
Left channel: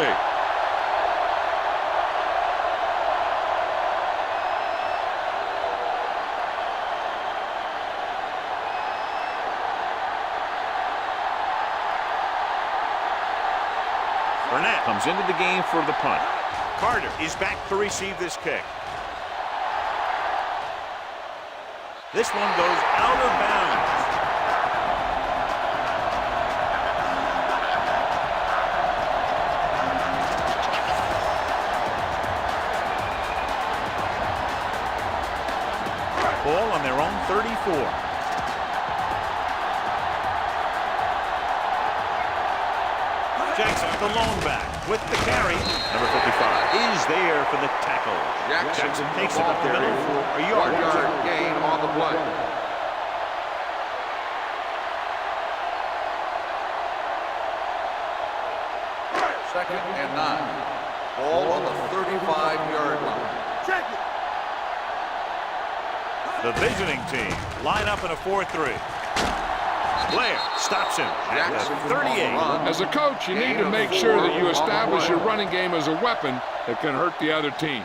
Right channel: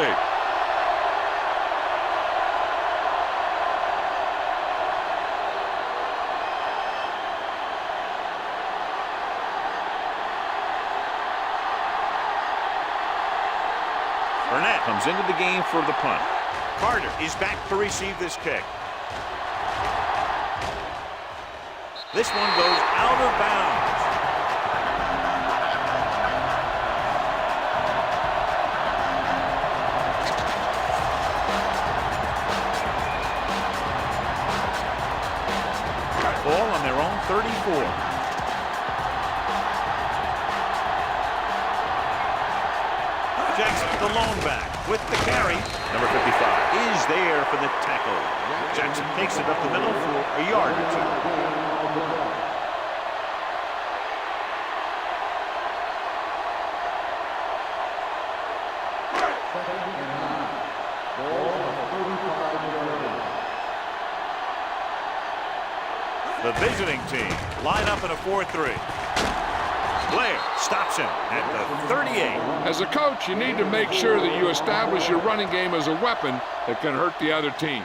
Burnett comes into the game for the punt. Carter is back to receive this kick. This one goes out of bounds. Ball on their own 34. Jackson, the lone back, with the carry. Number 55 is there for the tackle. Jackson takes it up the middle for a yard or two. Game on the play. Second and 9. Ball on the 35-yard line. The visiting team line up in a 4-3. Blair stops him at the 38. As a coach, you need to make sure that you establish your running game as a weapon that can hurt the other team.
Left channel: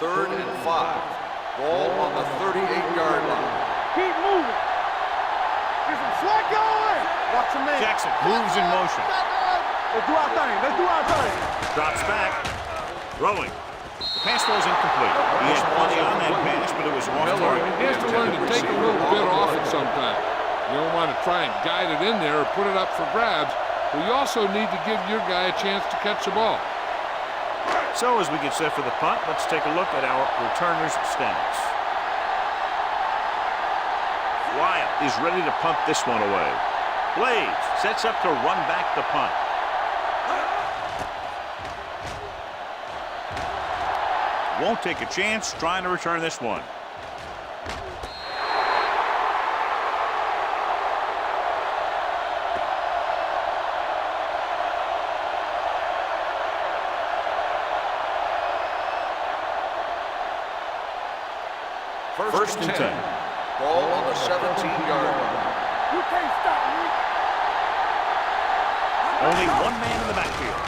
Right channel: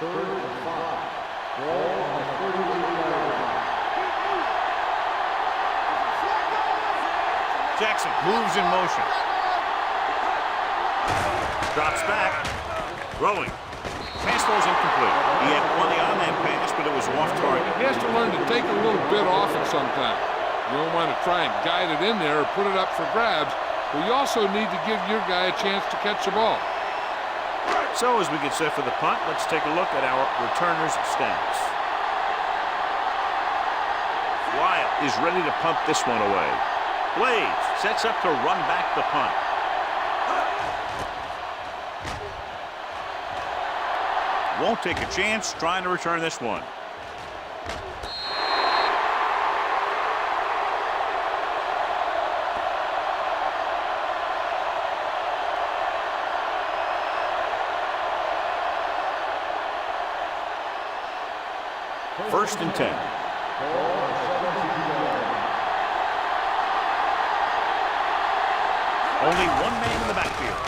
Third and 5. Ball on the 38-yard line. Keep moving. Get some slack going. Jackson moves in motion. Let's do our thing. Let's do our thing. Drops back. Throwing. Pass ball's incomplete. He had plenty on that pass, but it was off target. He has to learn to take a little bit off it sometime. You don't want to try and guide it in there or put it up for grabs, but you also need to give your guy a chance to catch the ball. So as we get set for the punt, let's take a look at our returners' stats. Wild is ready to punt this one away. Blaze sets up to run back the punt. Won't take a chance trying to return this one. First and 10. Ball on the 17-yard line. Only one man in the backfield.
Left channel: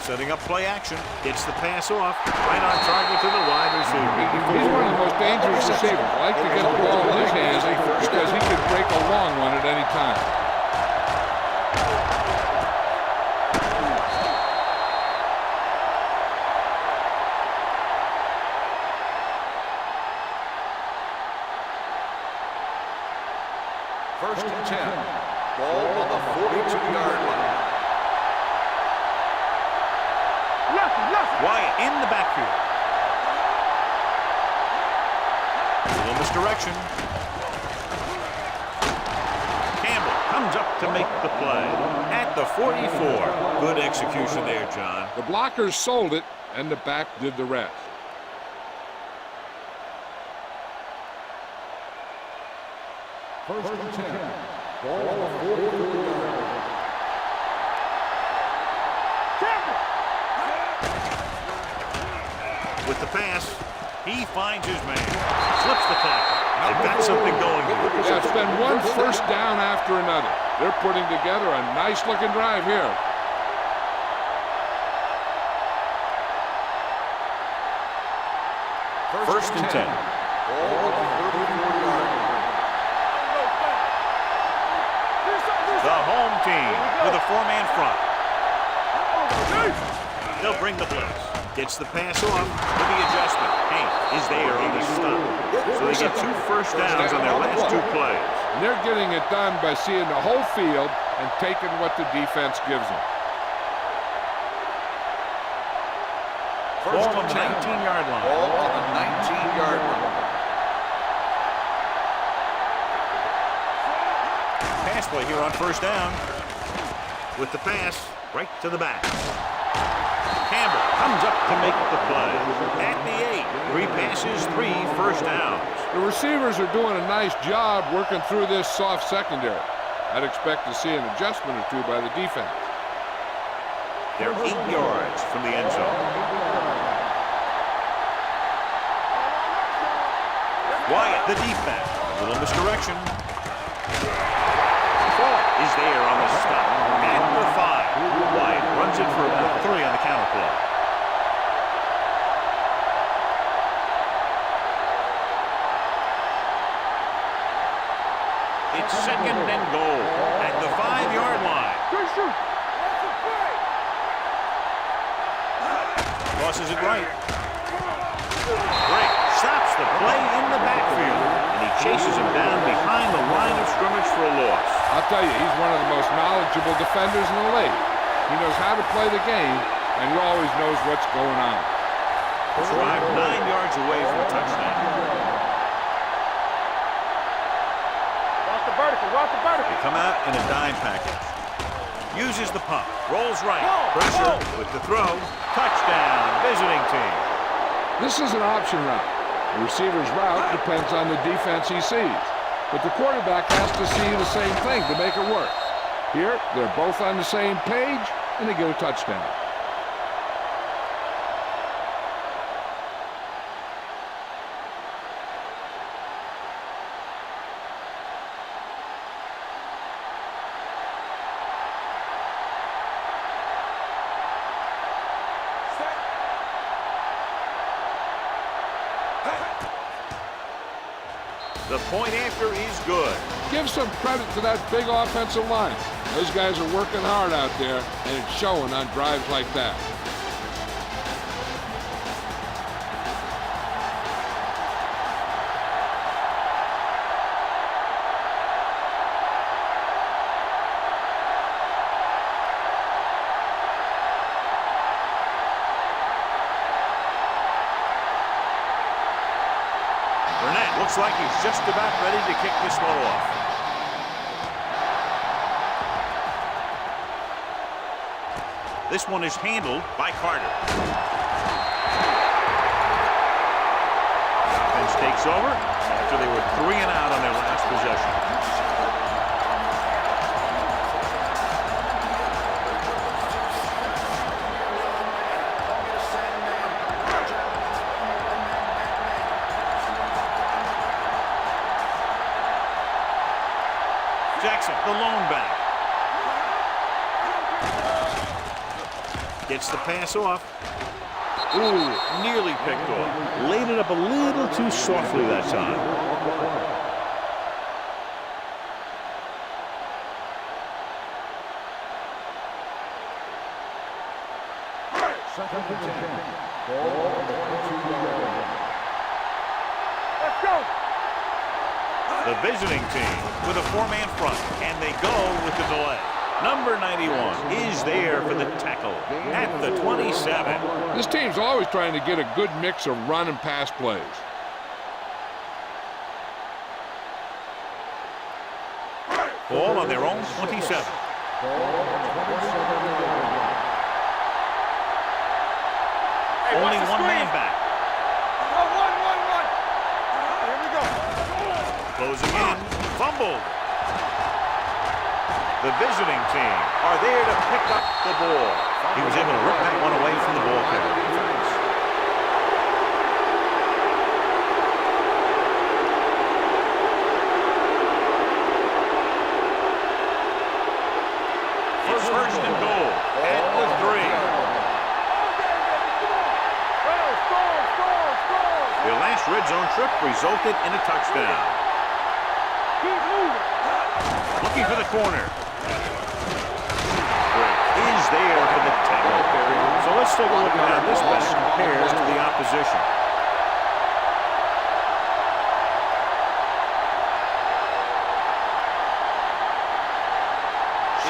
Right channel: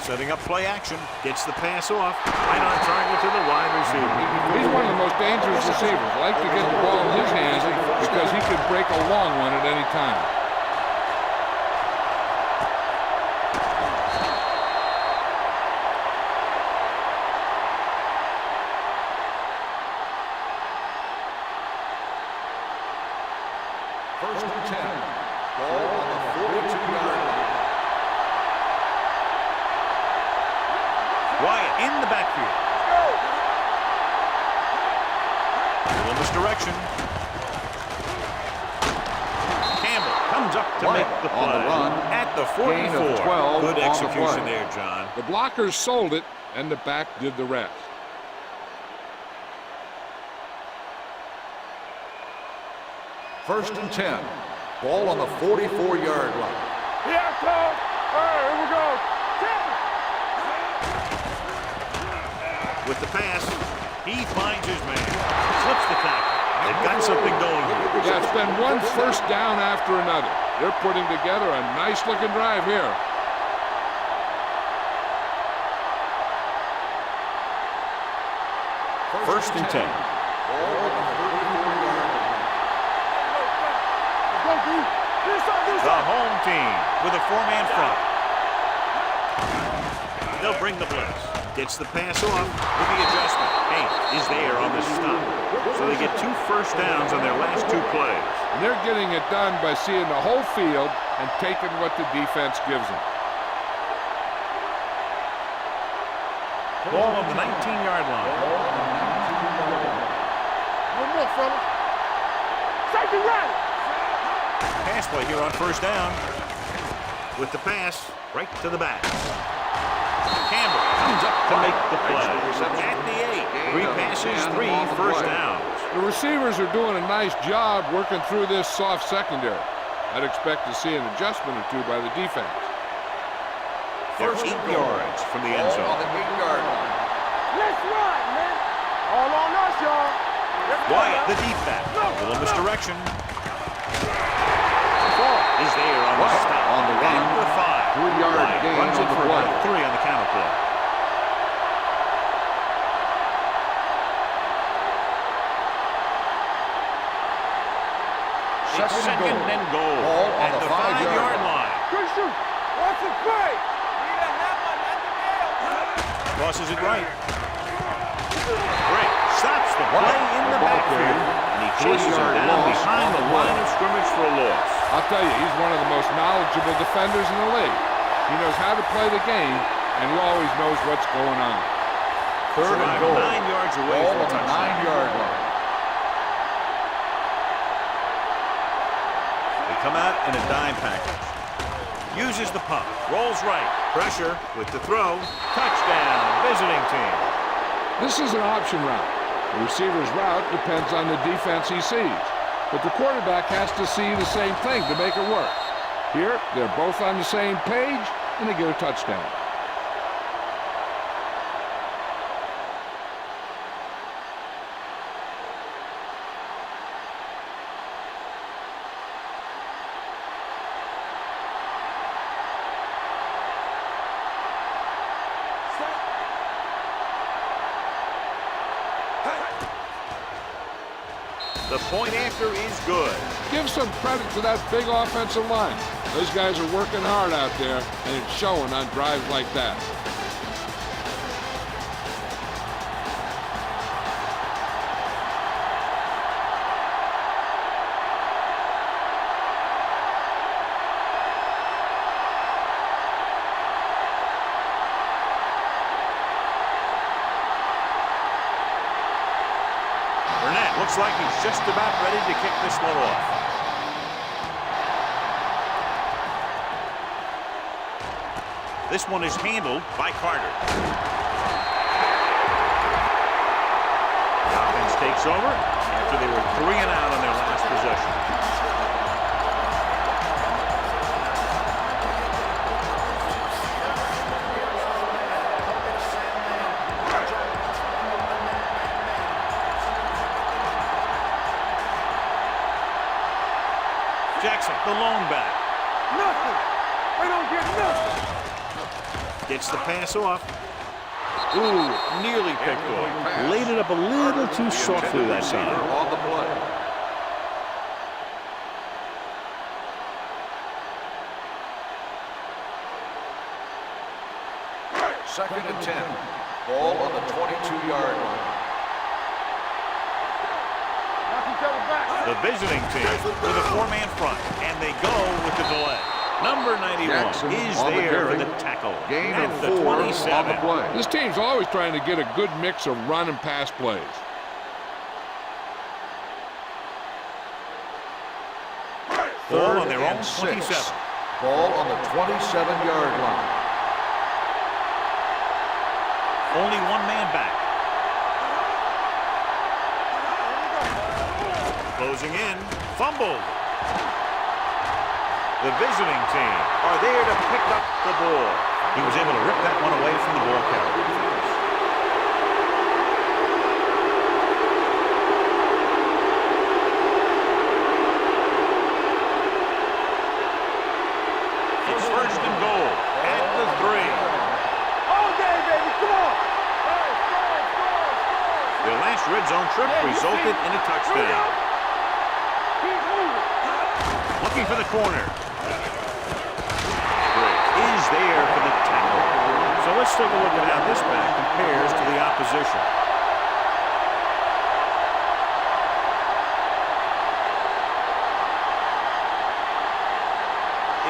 Setting up play action. Gets the pass off. Right on target to the wide receiver. He's one of the most dangerous receivers. Like to get the ball in his hands because he could break a long one at any time. First and 10. Ball on the 42-yard line. Wyatt in the backfield. A little misdirection. Campbell comes up to make the play at the 44. Good execution there, John. The blockers sold it, and the back did the rest. First and 10. Ball on the 44-yard line. Here I come. All right, here we go. Temple. With the pass, he finds his man. Slips the tackle. They've got something going here. Yeah, it's been one first down after another. They're putting together a nice-looking drive here. First and 10. Ball on the 34-yard line. The home team with a four-man front. They'll bring the blitz. Gets the pass off with the adjustment. Haynes is there on the stop. So they get 2 first downs on their last 2 plays. And they're getting it done by seeing the whole field and taking what the defense gives them. Ball on the 19-yard line. Ball on the 19-yard line. Pass play here on first down. With the pass right to the back. Campbell comes up to make the play. At the 8, 3 passes, 3 first downs. The receivers are doing a nice job working through this soft secondary. I'd expect to see an adjustment or two by the defense. They're 8 yards from the end zone. All on us, y'all. Wyatt, the deep back. A little misdirection. Ball is there on the stop. At the 5. Wyatt runs it for about 3 on the counter play. It's second and goal at the 5-yard line. Good shoot. What's the play? Tosses it right. Break stops the play in the backfield, and he chases him down behind the line of scrimmage for a loss. I'll tell you, he's one of the most knowledgeable defenders in the league. He knows how to play the game, and he always knows what's going on. Drive 9 yards away from a touchdown. They come out in a dime package. Uses the pump, rolls right, pressure with the throw, touchdown, visiting team. This is an option route. The receiver's route depends on the defense he sees, but the quarterback has to see the same thing to make it work. Here, they're both on the same page, and they get a touchdown. The point after is good. Give some credit to that big offensive line. Those guys are working hard out there, and it's showing on drives like that. Looks like he's just about ready to kick this one off. This one is handled by Carter. The offense takes over after they were 3 and out on their last possession. Jackson, the lone back. Gets the pass off. Ooh, nearly picked off. Laid it up a little too softly that time. Second and 10. Ball on the 22-yard line. The visiting team with a 4-man front, and they go with the delay. Number 91 is there for the tackle at the 27. This team's always trying to get a good mix of run and pass plays. Ball on their own 27. Ball on the 27-yard line. Only one man back. Closing in, fumbled. The visiting team are there to pick up the ball. He was able to rip that one away from the ball carrier. It's first and goal at the 3. All day, baby, come on. Score. Their last red zone trip resulted in a touchdown. Keep moving. Looking for the corner. Brick is there for the tackle. So let's take a look at how this back compares to the opposition.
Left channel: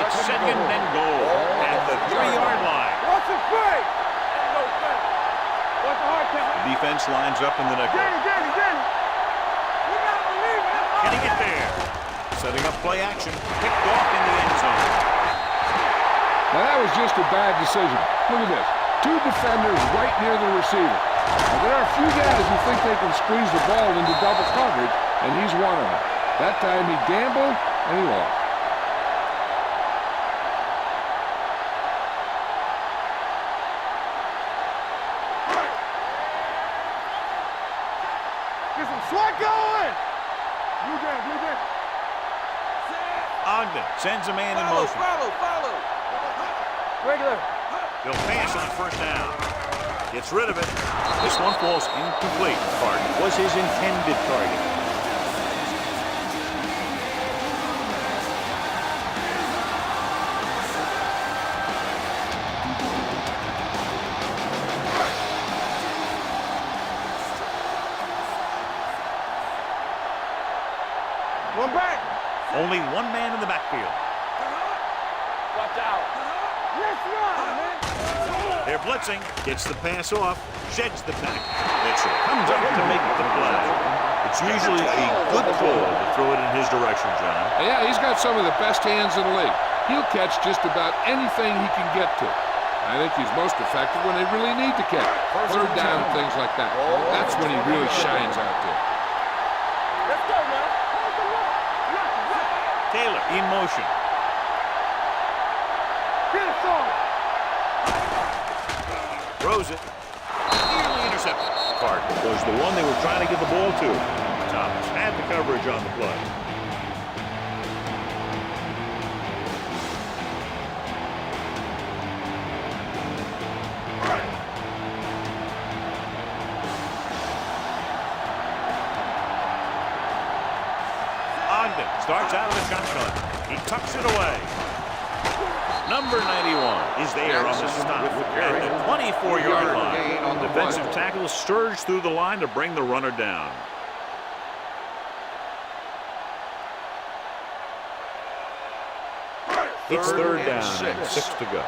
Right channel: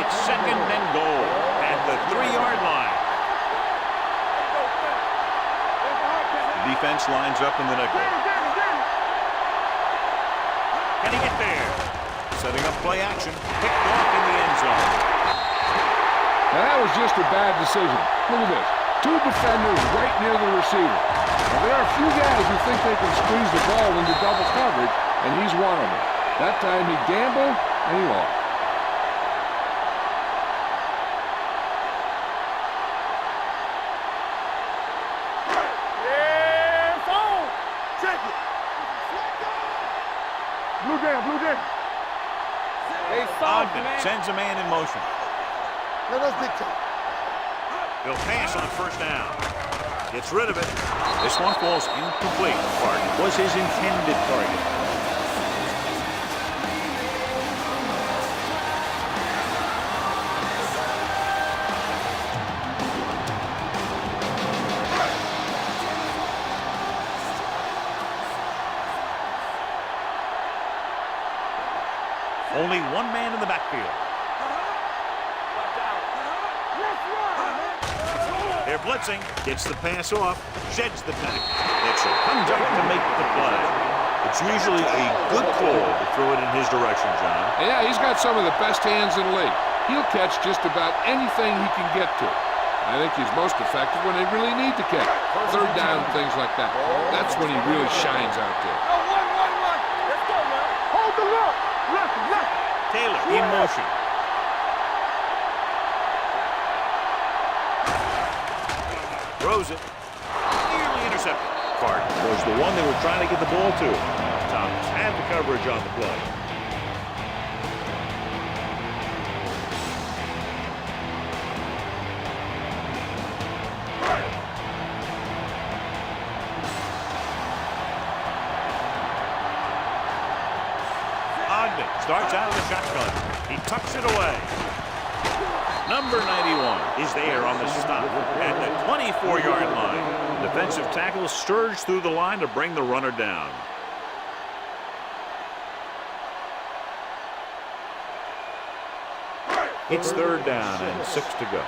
It's second and goal at the 3-yard line. That's a play. Ain't no play. That's a hard count. The defense lines up in the nickel. Can he get there? Setting up play action. Picked off in the end zone. Now that was just a bad decision. Look at this. 2 defenders right near the receiver. Now, there are a few guys who think they can squeeze the ball into double coverage, and he's one of them. That time he gambled, and he lost. Blue down. Ogden sends a man in motion. They'll pass on first down. Gets rid of it. This one falls incomplete. Target was his intended target. Only one man in the backfield. Watch out. Let's run, man. They're blitzing. Gets the pass off. Sheds the tackle. Mitchell comes up to make the play. It's usually a good call to throw it in his direction, John. Yeah, he's got some of the best hands in the league. He'll catch just about anything he can get to. I think he's most effective when they really need to catch. Third down, things like that. That's when he really shines out there. Let's go now. Hold the look. Left. Taylor in motion. Throws it. Nearly intercepted. Carter was the one they were trying to get the ball to. Thomas had the coverage on the play. Ogden starts out of the shotgun. He tucks it away. Number 91 is there on the stop at the 24-yard line. The defensive tackle surged through the line to bring the runner down. It's third down and 6 to go.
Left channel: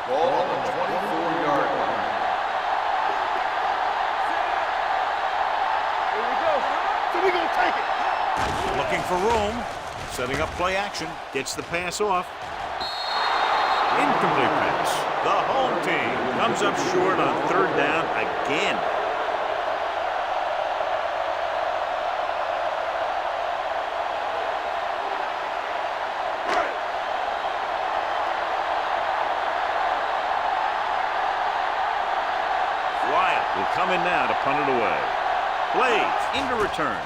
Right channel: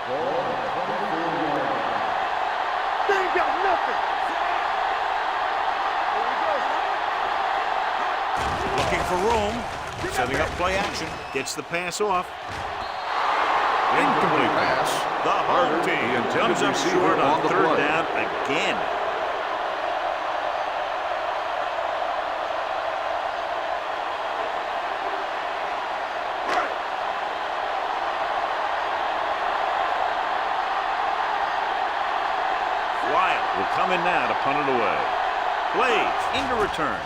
Looking for room, setting up play action, gets the pass off. Incomplete pass. The home team comes up short on third down again. Wyatt will come in now to punt it away. Blades into return.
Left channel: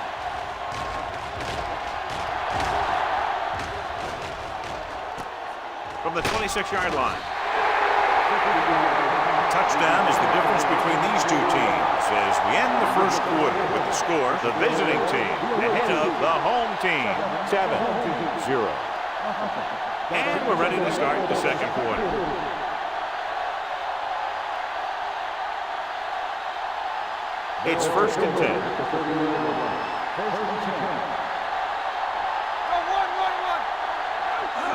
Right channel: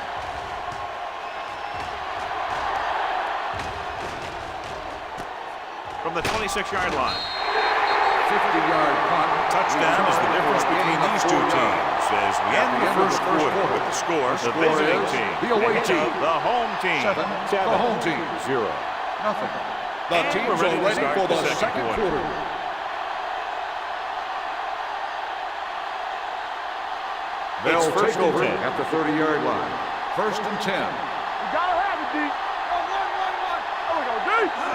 From the 26-yard line. 50-yard punt. Touchdown is the difference between these two teams as we end the first quarter with the score. The visiting team ahead of the home team. 7-0. Nothing. And we're ready to start the second quarter. It's first and 10. At the 30-yard line. First and 10.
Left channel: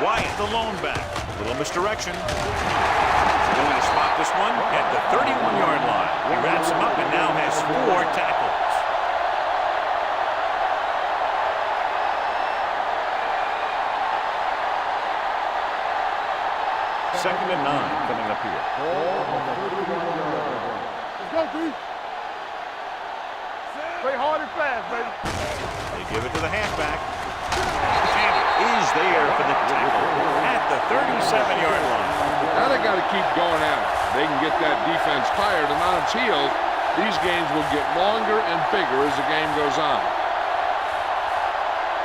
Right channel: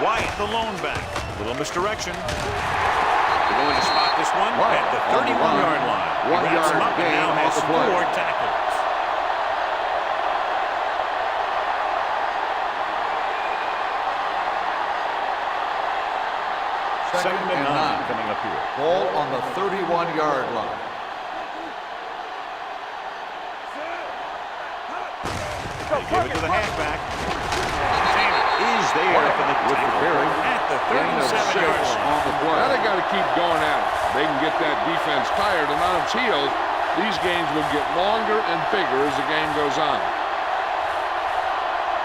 Wyatt, the lone back. Little misdirection. They're going to spot this one at the 31-yard line. He wraps him up and now has 4 tackles. Second and 9 coming up here. Ball on the 31-yard line. They give it to the halfback. Sanders is there for the tackle at the 37-yard line. Now they got to keep going at it. They can get that defense tired and on its heels. These games will get longer and bigger as the game goes on.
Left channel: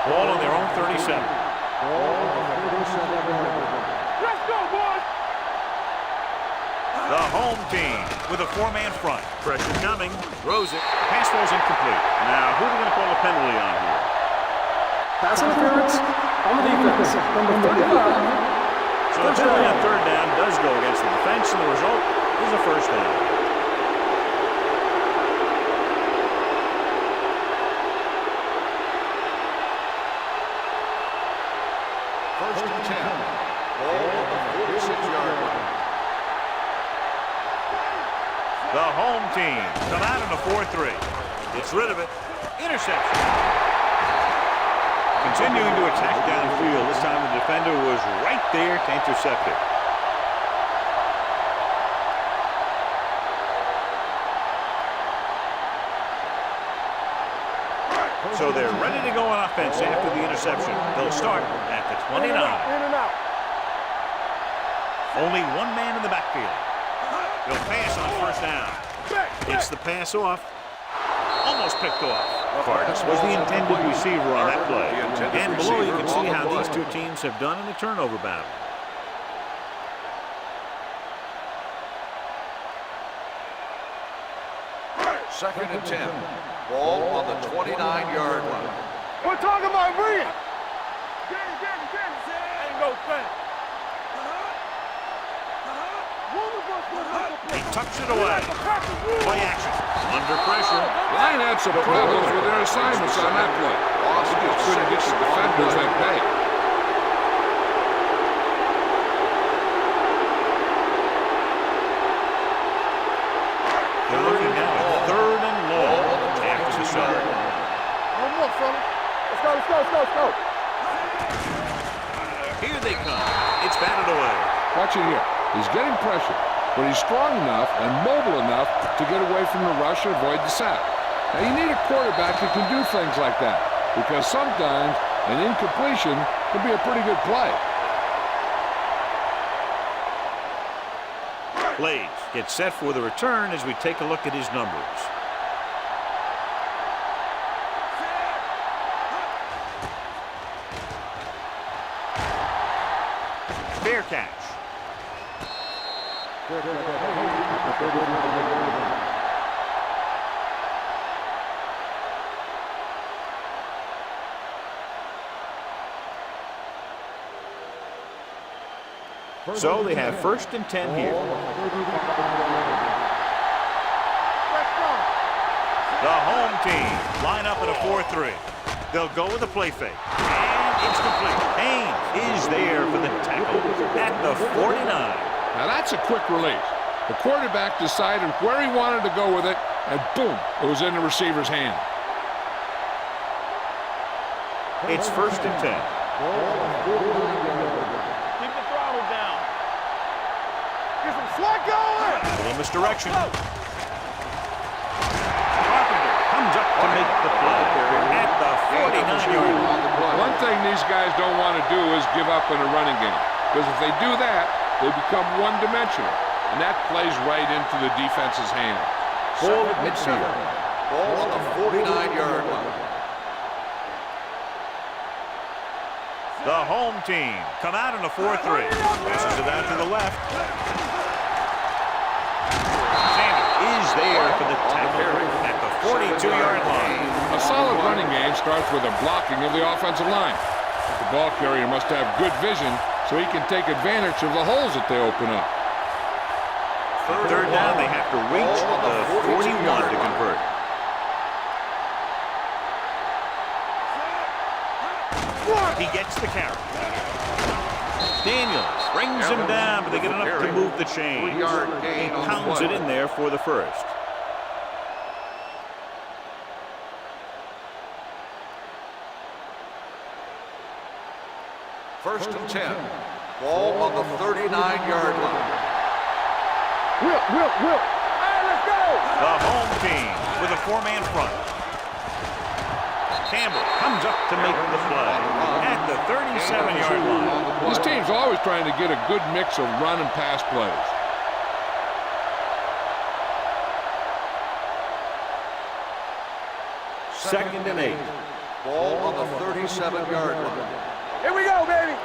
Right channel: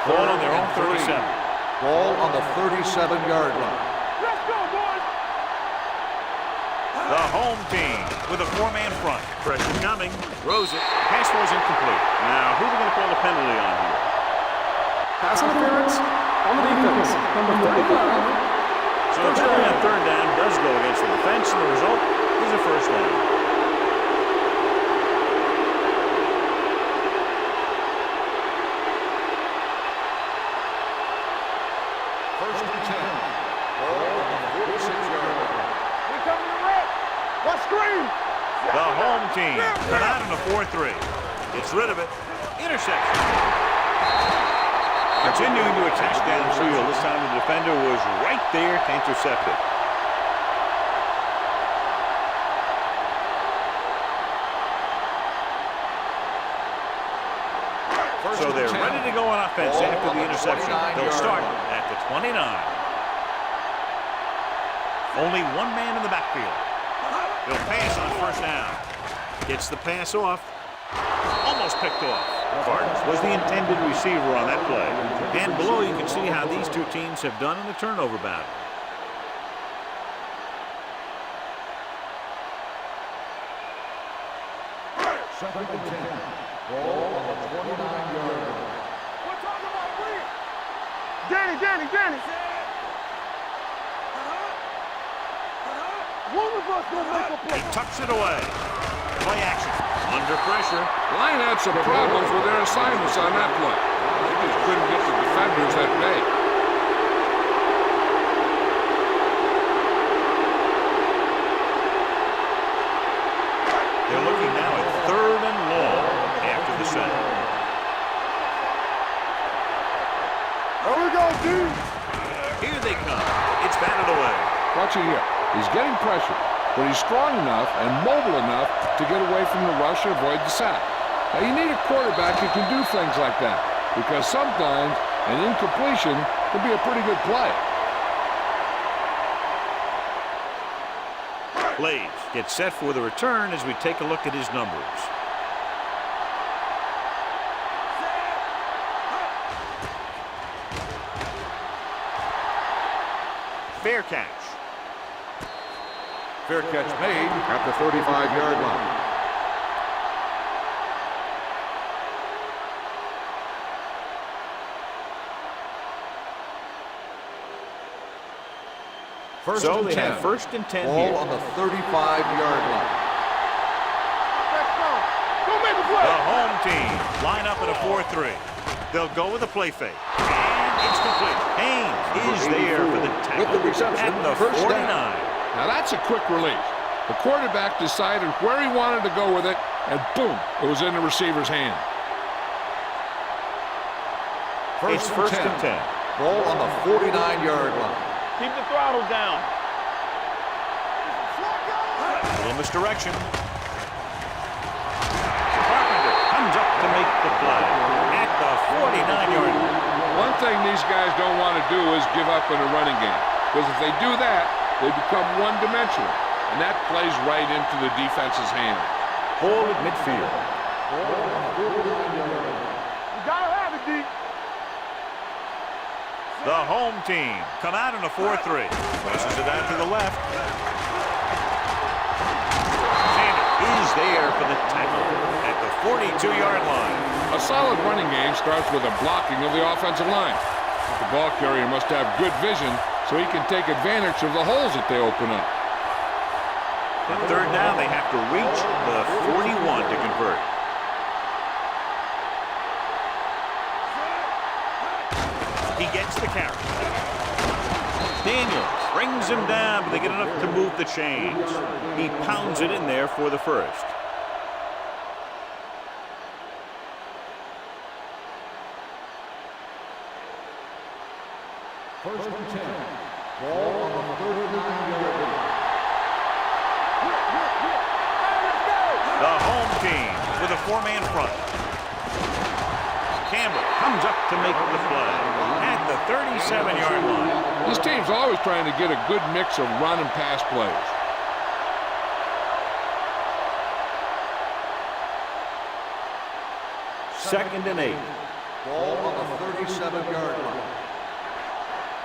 Ball on their own 37. Ball on the 37-yard line. Let's go, boys. The home team with a 4-man front. Pressure coming. Throws it. Pass falls incomplete. Now, who are they going to call a penalty on here? Pass interference on the defense. Number 35. So the penalty on third down does go against the defense, and the result is a first down. First and 10. Ball on the 46-yard line. The home team come out in a 4-3. Gets rid of it. Interception. Continuing to attack downfield. This time the defender was right there to intercept it. So they're ready to go on offense after the interception. They'll start at the 29. Only one man in the backfield. They'll pass on first down. Gets the pass off. Almost picked off. Cardis was the intended receiver on that play. And below you can see how these two teams have done in the turnover battle. Second and 10. Ball on the 29-yard line. We're talking about Green. Danny. Ain't no thing. One of us will make a play. He tucks it away. Play action. Under pressure. Line had some problems with their assignments on that play. They just couldn't get the defenders at bay. set. One more, fella. Let's go. There we go, dude. Here they come. It's batted away. Watch it here. He's getting pressure, but he's strong enough and mobile enough to get away from the rush and avoid the sack. Now, you need a quarterback who can do things like that, because sometimes an incompletion can be a pretty good play. Plays get set for the return as we take a look at his numbers. Fair catch. Fair catch made at the 35-yard line. So they have 1st and 10 Ball here. on the 35-yard line. The home team line up at a 4-3. They'll go with a play fake. And it's complete. Haynes is there for the tackle at the 49. Now, that's a quick release. The quarterback decided where he wanted to go with it, and boom, it was in the receiver's hand. It's 1st and 10. Ball on the 49-yard line. Keep the throttle down. Get some slack going. A little misdirection. Carpenter comes up to make the play at the 49-yard line. One thing these guys don't want to do is give up in a running game, because if they do that, they become one-dimensional, and that plays right into the defense's hands. Ball at midfield. Ball on the 49-yard line. You gotta have it, D. The home team come out in a 4-3. Pushes it out to the left. Sanders is there for the tackle at the 42-yard line. A solid running game starts with a blocking of the offensive line. But the ball carrier must have good vision so he can take advantage of the holes that they open up. On 3rd down, they have to reach the 41 to convert. He gets the carry. Daniels brings him down, but they get enough to move the chains. He pounds it in there for the 1st. First and 10. Ball on the 39-yard line. Whip. Hey, let's go. The home team with a 4-man front. Campbell comes up to make the play at the 37-yard line. This team's always trying to get a good mix of run and pass plays. Second and 8. Ball on the 37-yard line. Here we go, baby.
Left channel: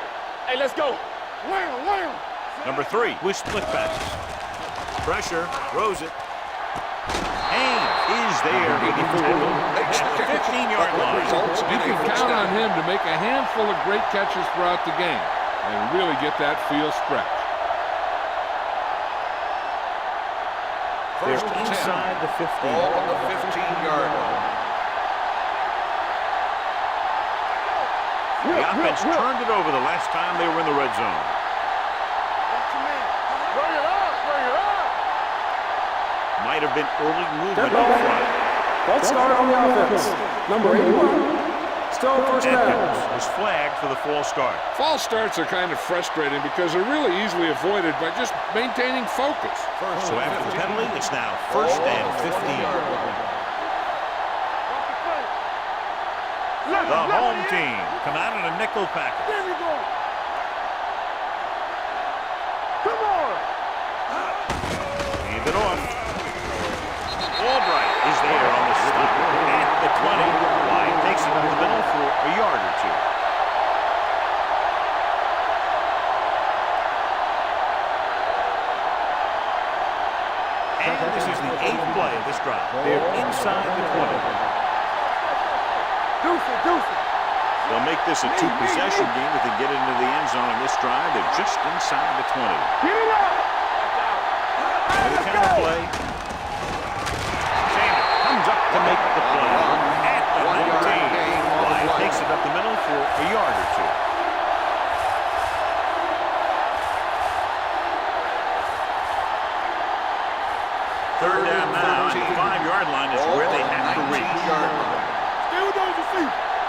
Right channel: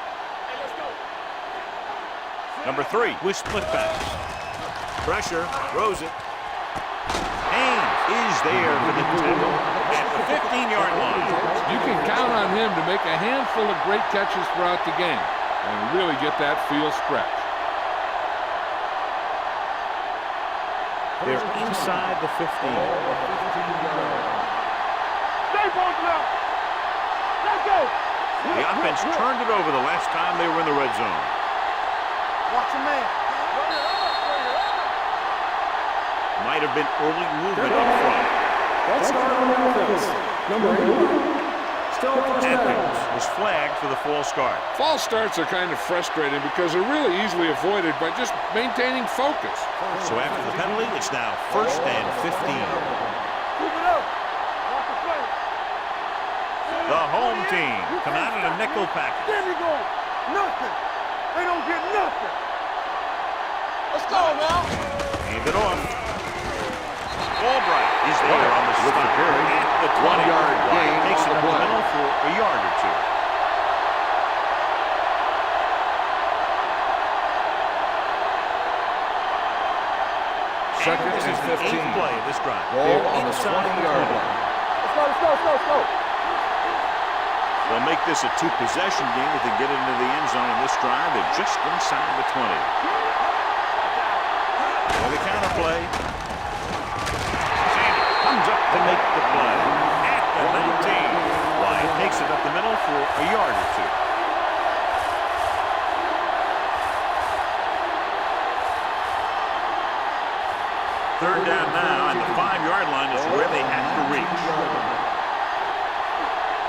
Hey, let's go. Number 3 with split pass. Pressure, throws it. Haynes is there for the tackle at the 15-yard line. You can count on him to make a handful of great catches throughout the game and really get that field stretch. They're inside the 15. Ball on the 15-yard line. Stay bolted up. Let's go. The offense turned it over the last time they were in the red zone. Watch your man. Bring it up. Might have been early movement up front. False start on the offense. Number 81. Still 1st down. Atkins was flagged for the false start. False starts are kind of frustrating because they're really easily avoided by just maintaining focus. So after the penalty, it's now 1st and 15. The home team come out in a nickel package. There we go. Nothing. They don't get nothing. Come on. Let's go now. Hand it off. Albright is there on the stop at the 20. White takes it up the middle for a yard or 2. And this is the 8th play of this drive. They're inside the 20. They'll make this a 2-possession game if they get into the end zone in this drive. They're just inside the 20. With a counter play. Sanders comes up to make the play at the 19. Wyatt takes it up the middle for a yard or 2. Third down now, and the 5-yard line is where they have to reach.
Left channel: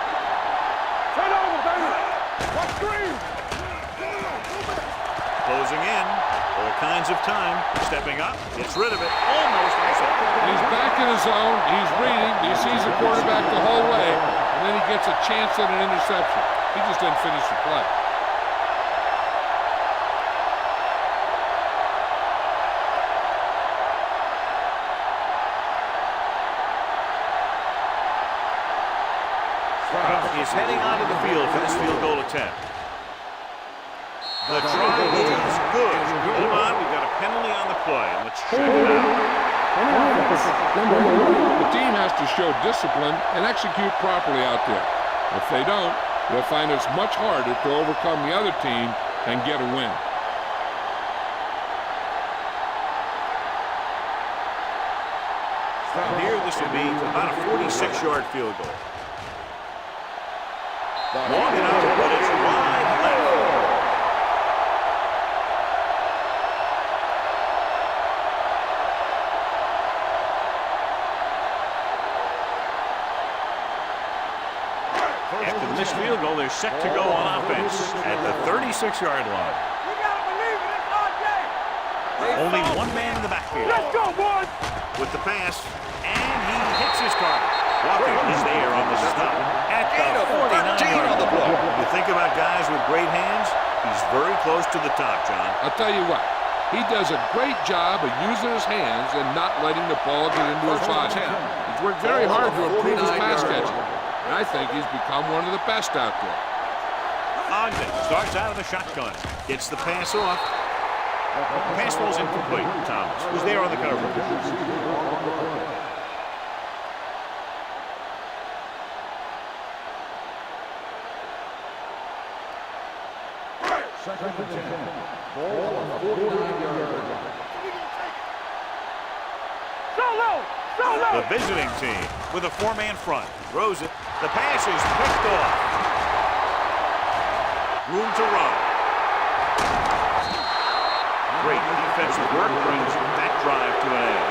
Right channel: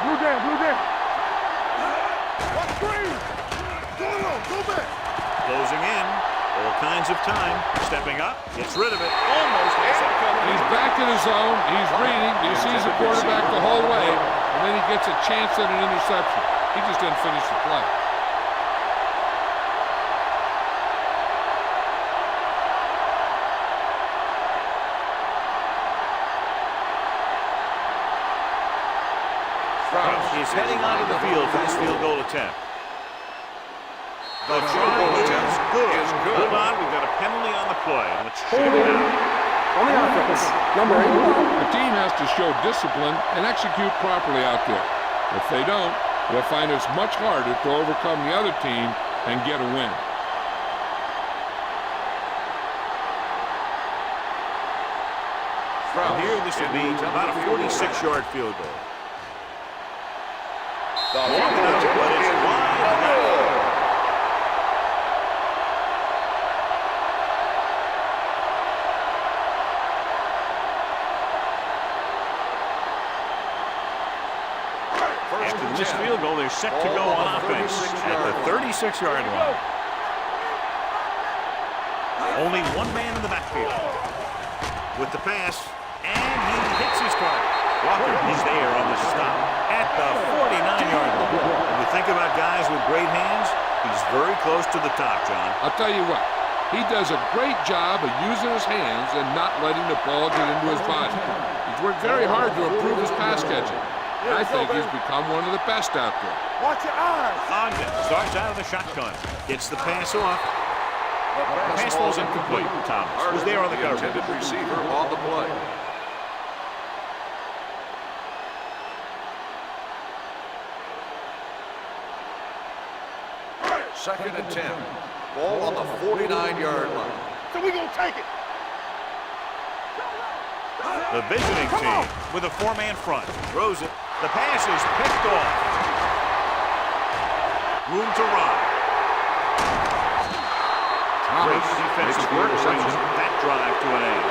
Blue down. Watch green. Go back. Closing in. All kinds of time. Stepping up. Gets rid of it. Almost intercepted. He's back in his zone. He's reading. He sees the quarterback the whole way, and then he gets a chance at an interception. He just didn't finish the play. Is heading onto the field for this field goal attempt. The try is good. Hold on, we've got a penalty on the play, and let's check it out. On the offense, number 81. The team has to show discipline and execute properly out there. If they don't, they'll find it's much harder to overcome the other team and get a win. From here, this will be about a 46-yard field goal. Long enough, but it's wide left. After the missed field goal, they're set to go on offense at the 36-yard line. Only one man in the backfield. With the pass, and he hits his target. Walker is there on the stop at the 49-yard line. When you think about guys with great hands, he's very close to the top, John. I'll tell you what, he does a great job of using his hands and not letting the ball get into his body. He's worked very hard to improve his pass catching, and I think he's become one of the best out there. Watch your eyes. Ogden starts out of the shotgun, gets the pass off. Pass ball's incomplete. Thomas was there on the coverage. Receiver on the play. Second and 10. Ball on the 49-yard line. So we gonna take it. The visiting team with a 4-man front. Throws it. The pass is picked off. Room to run. Great defensive work brings that drive to an end.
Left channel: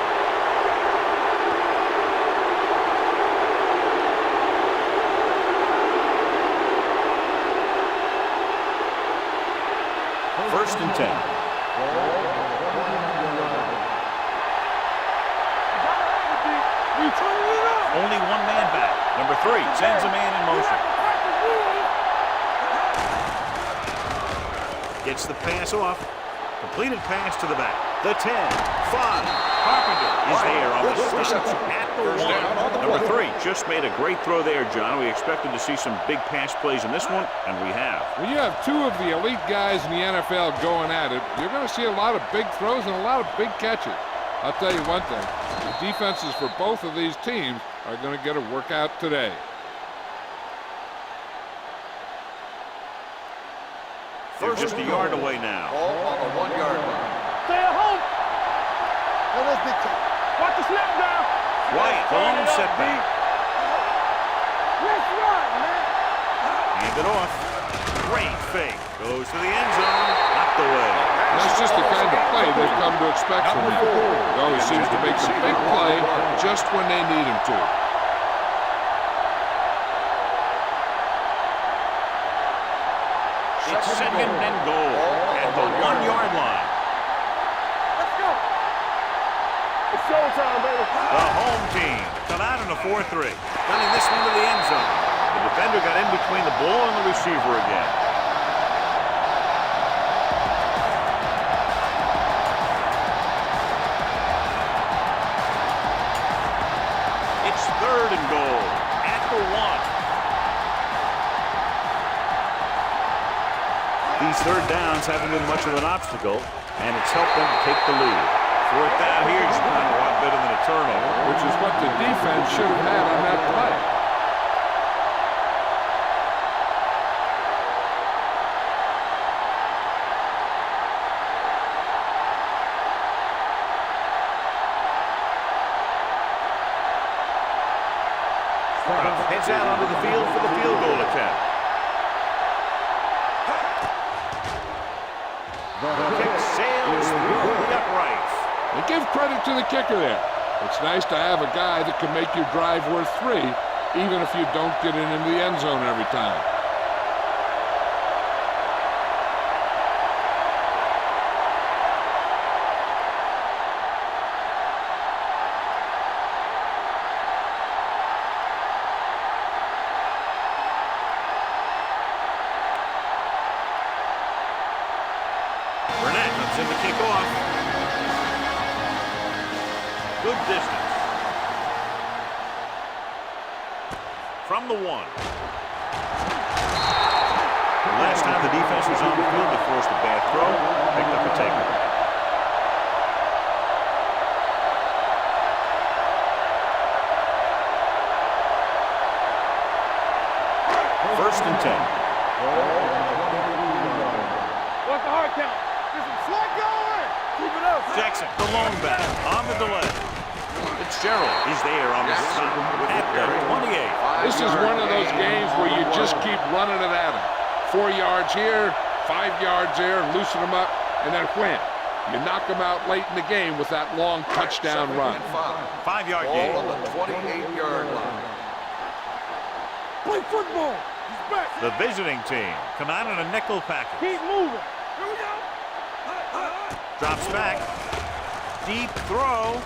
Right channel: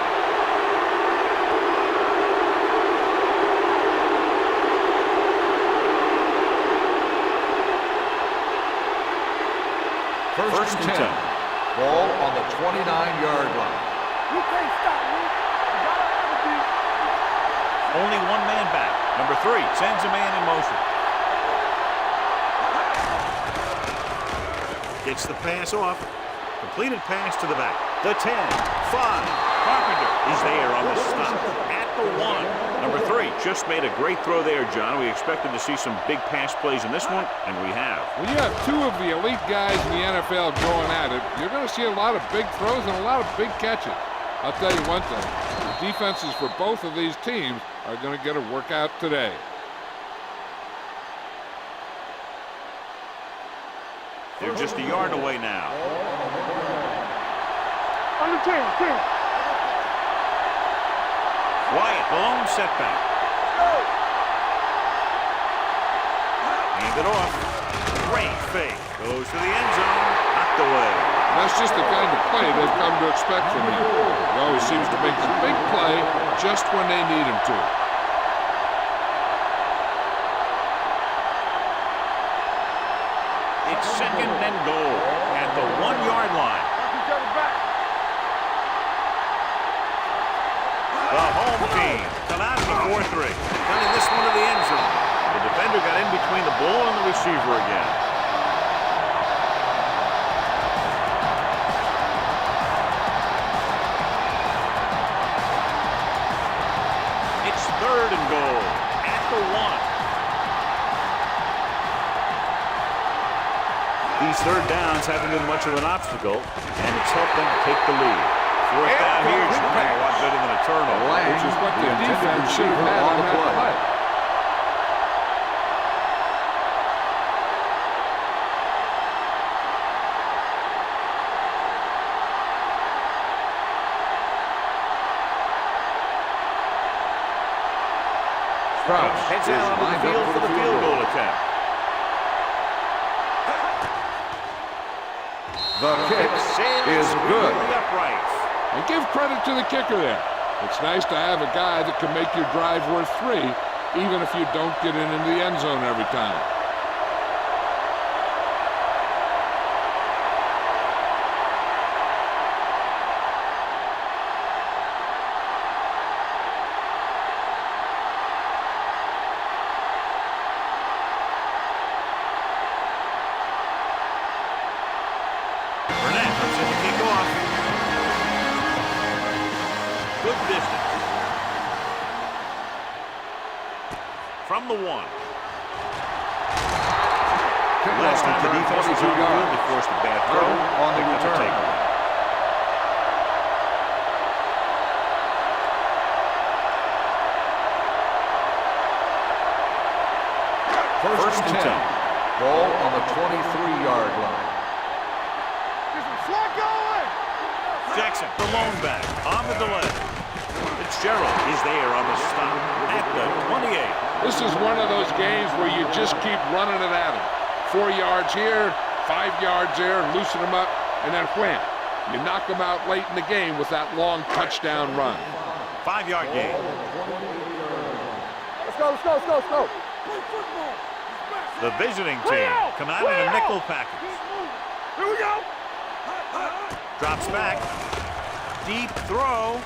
First and 10. Ball on the 29-yard line. You can't stop me. You gotta have it, D. We turn it up. Only one man back. Number 3 sends a man in motion. Gets the pass off. Completed pass to the back. The 10, 5. Carpenter is there on the stop at the 1. Number 3 just made a great throw there, John. We expected to see some big pass plays in this one, and we have. When you have two of the elite guys in the NFL going at it, you're going to see a lot of big throws and a lot of big catches. I'll tell you one thing, the defenses for both of these teams are going to get a workout today. They're just a yard away now. Ball on the 1-yard line. Stay at home on the 10. Watch the snap now. Wyatt, the lone setback. Hand it off. Great fake. Goes to the end zone. Knocked away. And that's just the kind of play they've come to expect from him. He always seems to make the big play just when they need him to. It's second and goal at the 1-yard line. The home team come out in a 4-3. Gunning this one to the end zone. The defender got in between the ball and the receiver again. It's third and goal at the 1. These third downs haven't been much of an obstacle, and it's helped them to take the lead. Fourth down here is a lot better than a turnover. Which is what the defense should have had on that play. Heads out onto the field for the field goal attempt. The kick Sails is through good. the uprights. And give credit to the kicker there. It's nice to have a guy that can make your drive worth 3, even if you don't get it into the end zone every time. Burnett comes in to kick off. Good distance. From the 1. The last time the defense was on the field, they forced a bad throw, picked up a takeaway. First and 10. Ball on the 23-yard line. What's the hard count? This is slot going. Keep it up. Jackson, the lone back, on the delay. Fitzgerald is there on the stop at the 28. This is one of those games where you just keep running it at him. 4 yards here, 5 yards there, loosen him up, and then wham. You knock him out late in the game with that long touchdown run. 5-yard gain. Ball on the 28-yard line. Let's go. Play football. He's back. The visiting team come out in a nickel package. Keep moving. Here we go. Drops back. Deep throw.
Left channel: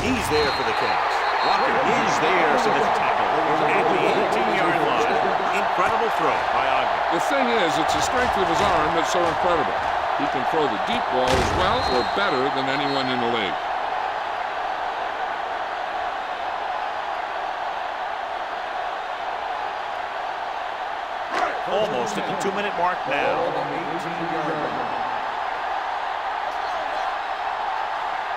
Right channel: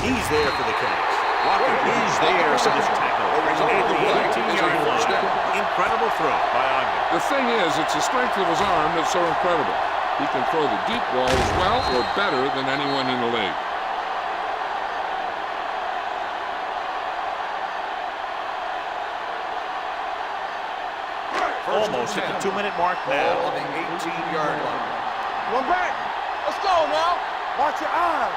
He's there for the catch. Walker is there for this tackle at the 18-yard line. Incredible throw by Ogden. The thing is, it's the strength of his arm that's so incredible. He can throw the deep ball as well or better than anyone in the league. Almost at the 2-minute mark Ball now. on the 18-yard line. Run back. Let's go, now. Watch your eyes.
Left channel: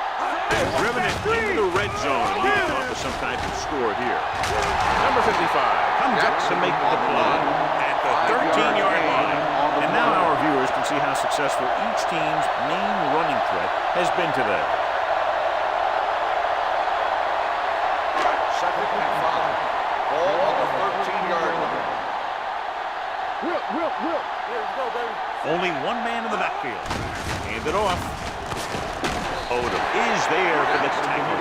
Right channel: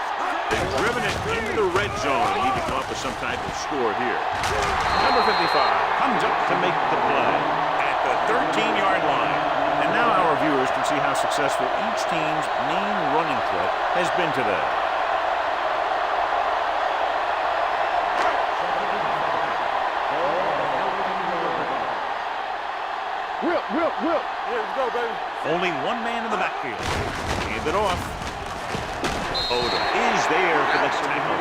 They've driven it into the red zone and need to come up with some type of score here. Number 55 comes up to make the play at the 13-yard line. And now our viewers can see how successful each team's main running threat has been today. Second and 5. Ball on the 13-yard line. Whip. Yeah, let's go, baby. Only one man in the backfield. Hand it off. Otto is there for the tackle.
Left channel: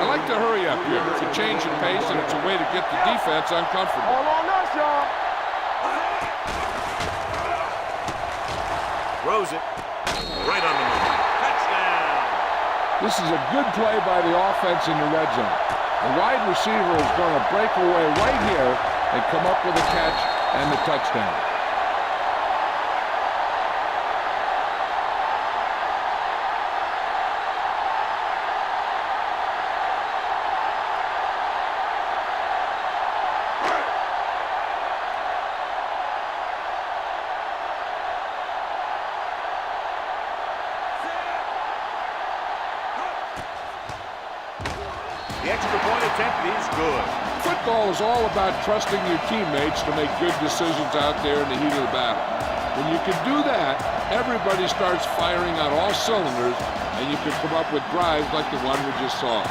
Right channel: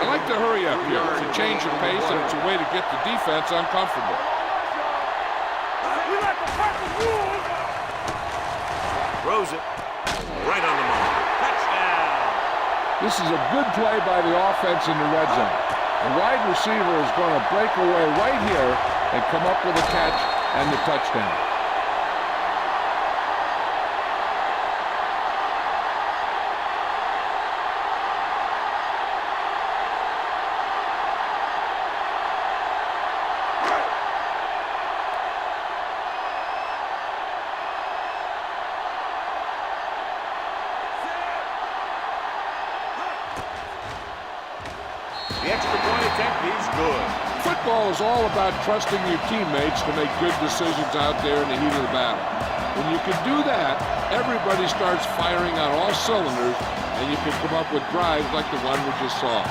I like to hurry up here. It's a change of pace, and it's a way to get the defense uncomfortable. All on us, y'all. Throws it right on the money. Touchdown. This is a good play by the offense in the red zone. The wide receiver is going to break away right here and come up with a catch and the touchdown. The extra point attempt is good. Football is all about trusting your teammates to make good decisions out there in the heat of the battle. When you can do that, everybody starts firing on all cylinders, and you can come up with drives like the one we just saw.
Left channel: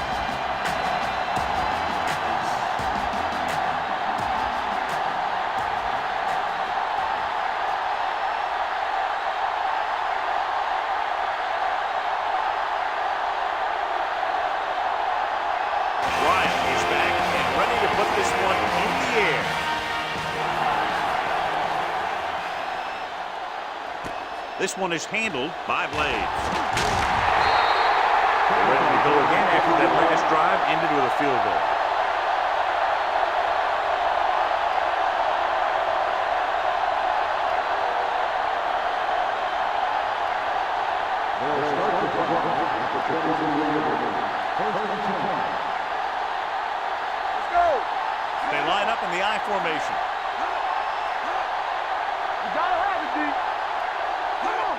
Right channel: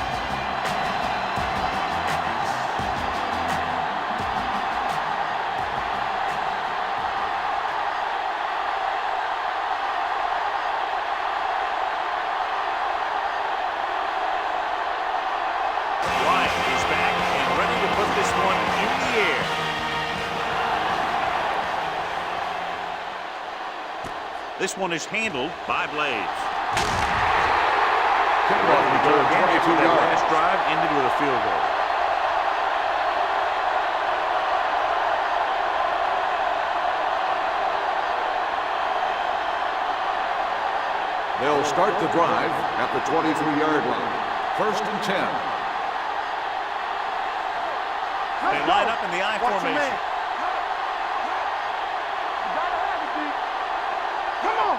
Ryan is back and ready to put this one in the air. This one is handled by Blades. They're ready to go again after that last drive ended with a field goal. They'll start the drive at the 23-yard line. First and 10. They line up in the I formation. You gotta have it, D. Come on.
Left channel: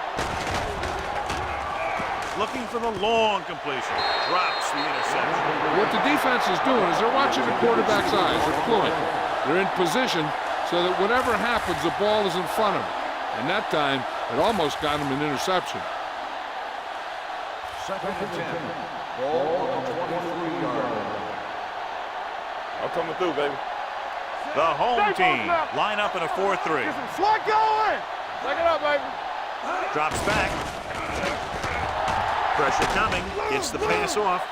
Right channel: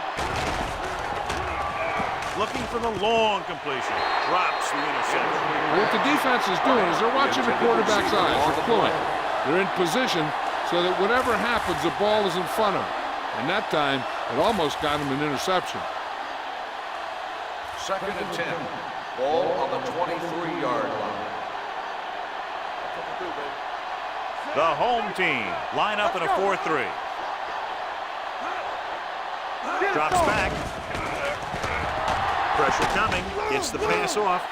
Looking for the long completion. Drops the interception. What the defense is doing is they're watching the quarterback's eyes. They're fluent. They're in position so that whatever happens, the ball is in front of them. And that time, it almost got him an interception. Second and 10. Ball on the 23-yard line. I'm coming through, baby. The home team line up in a 4-3. Slot going. Take it up, baby. Drops back. Pressure coming. Gets the pass off.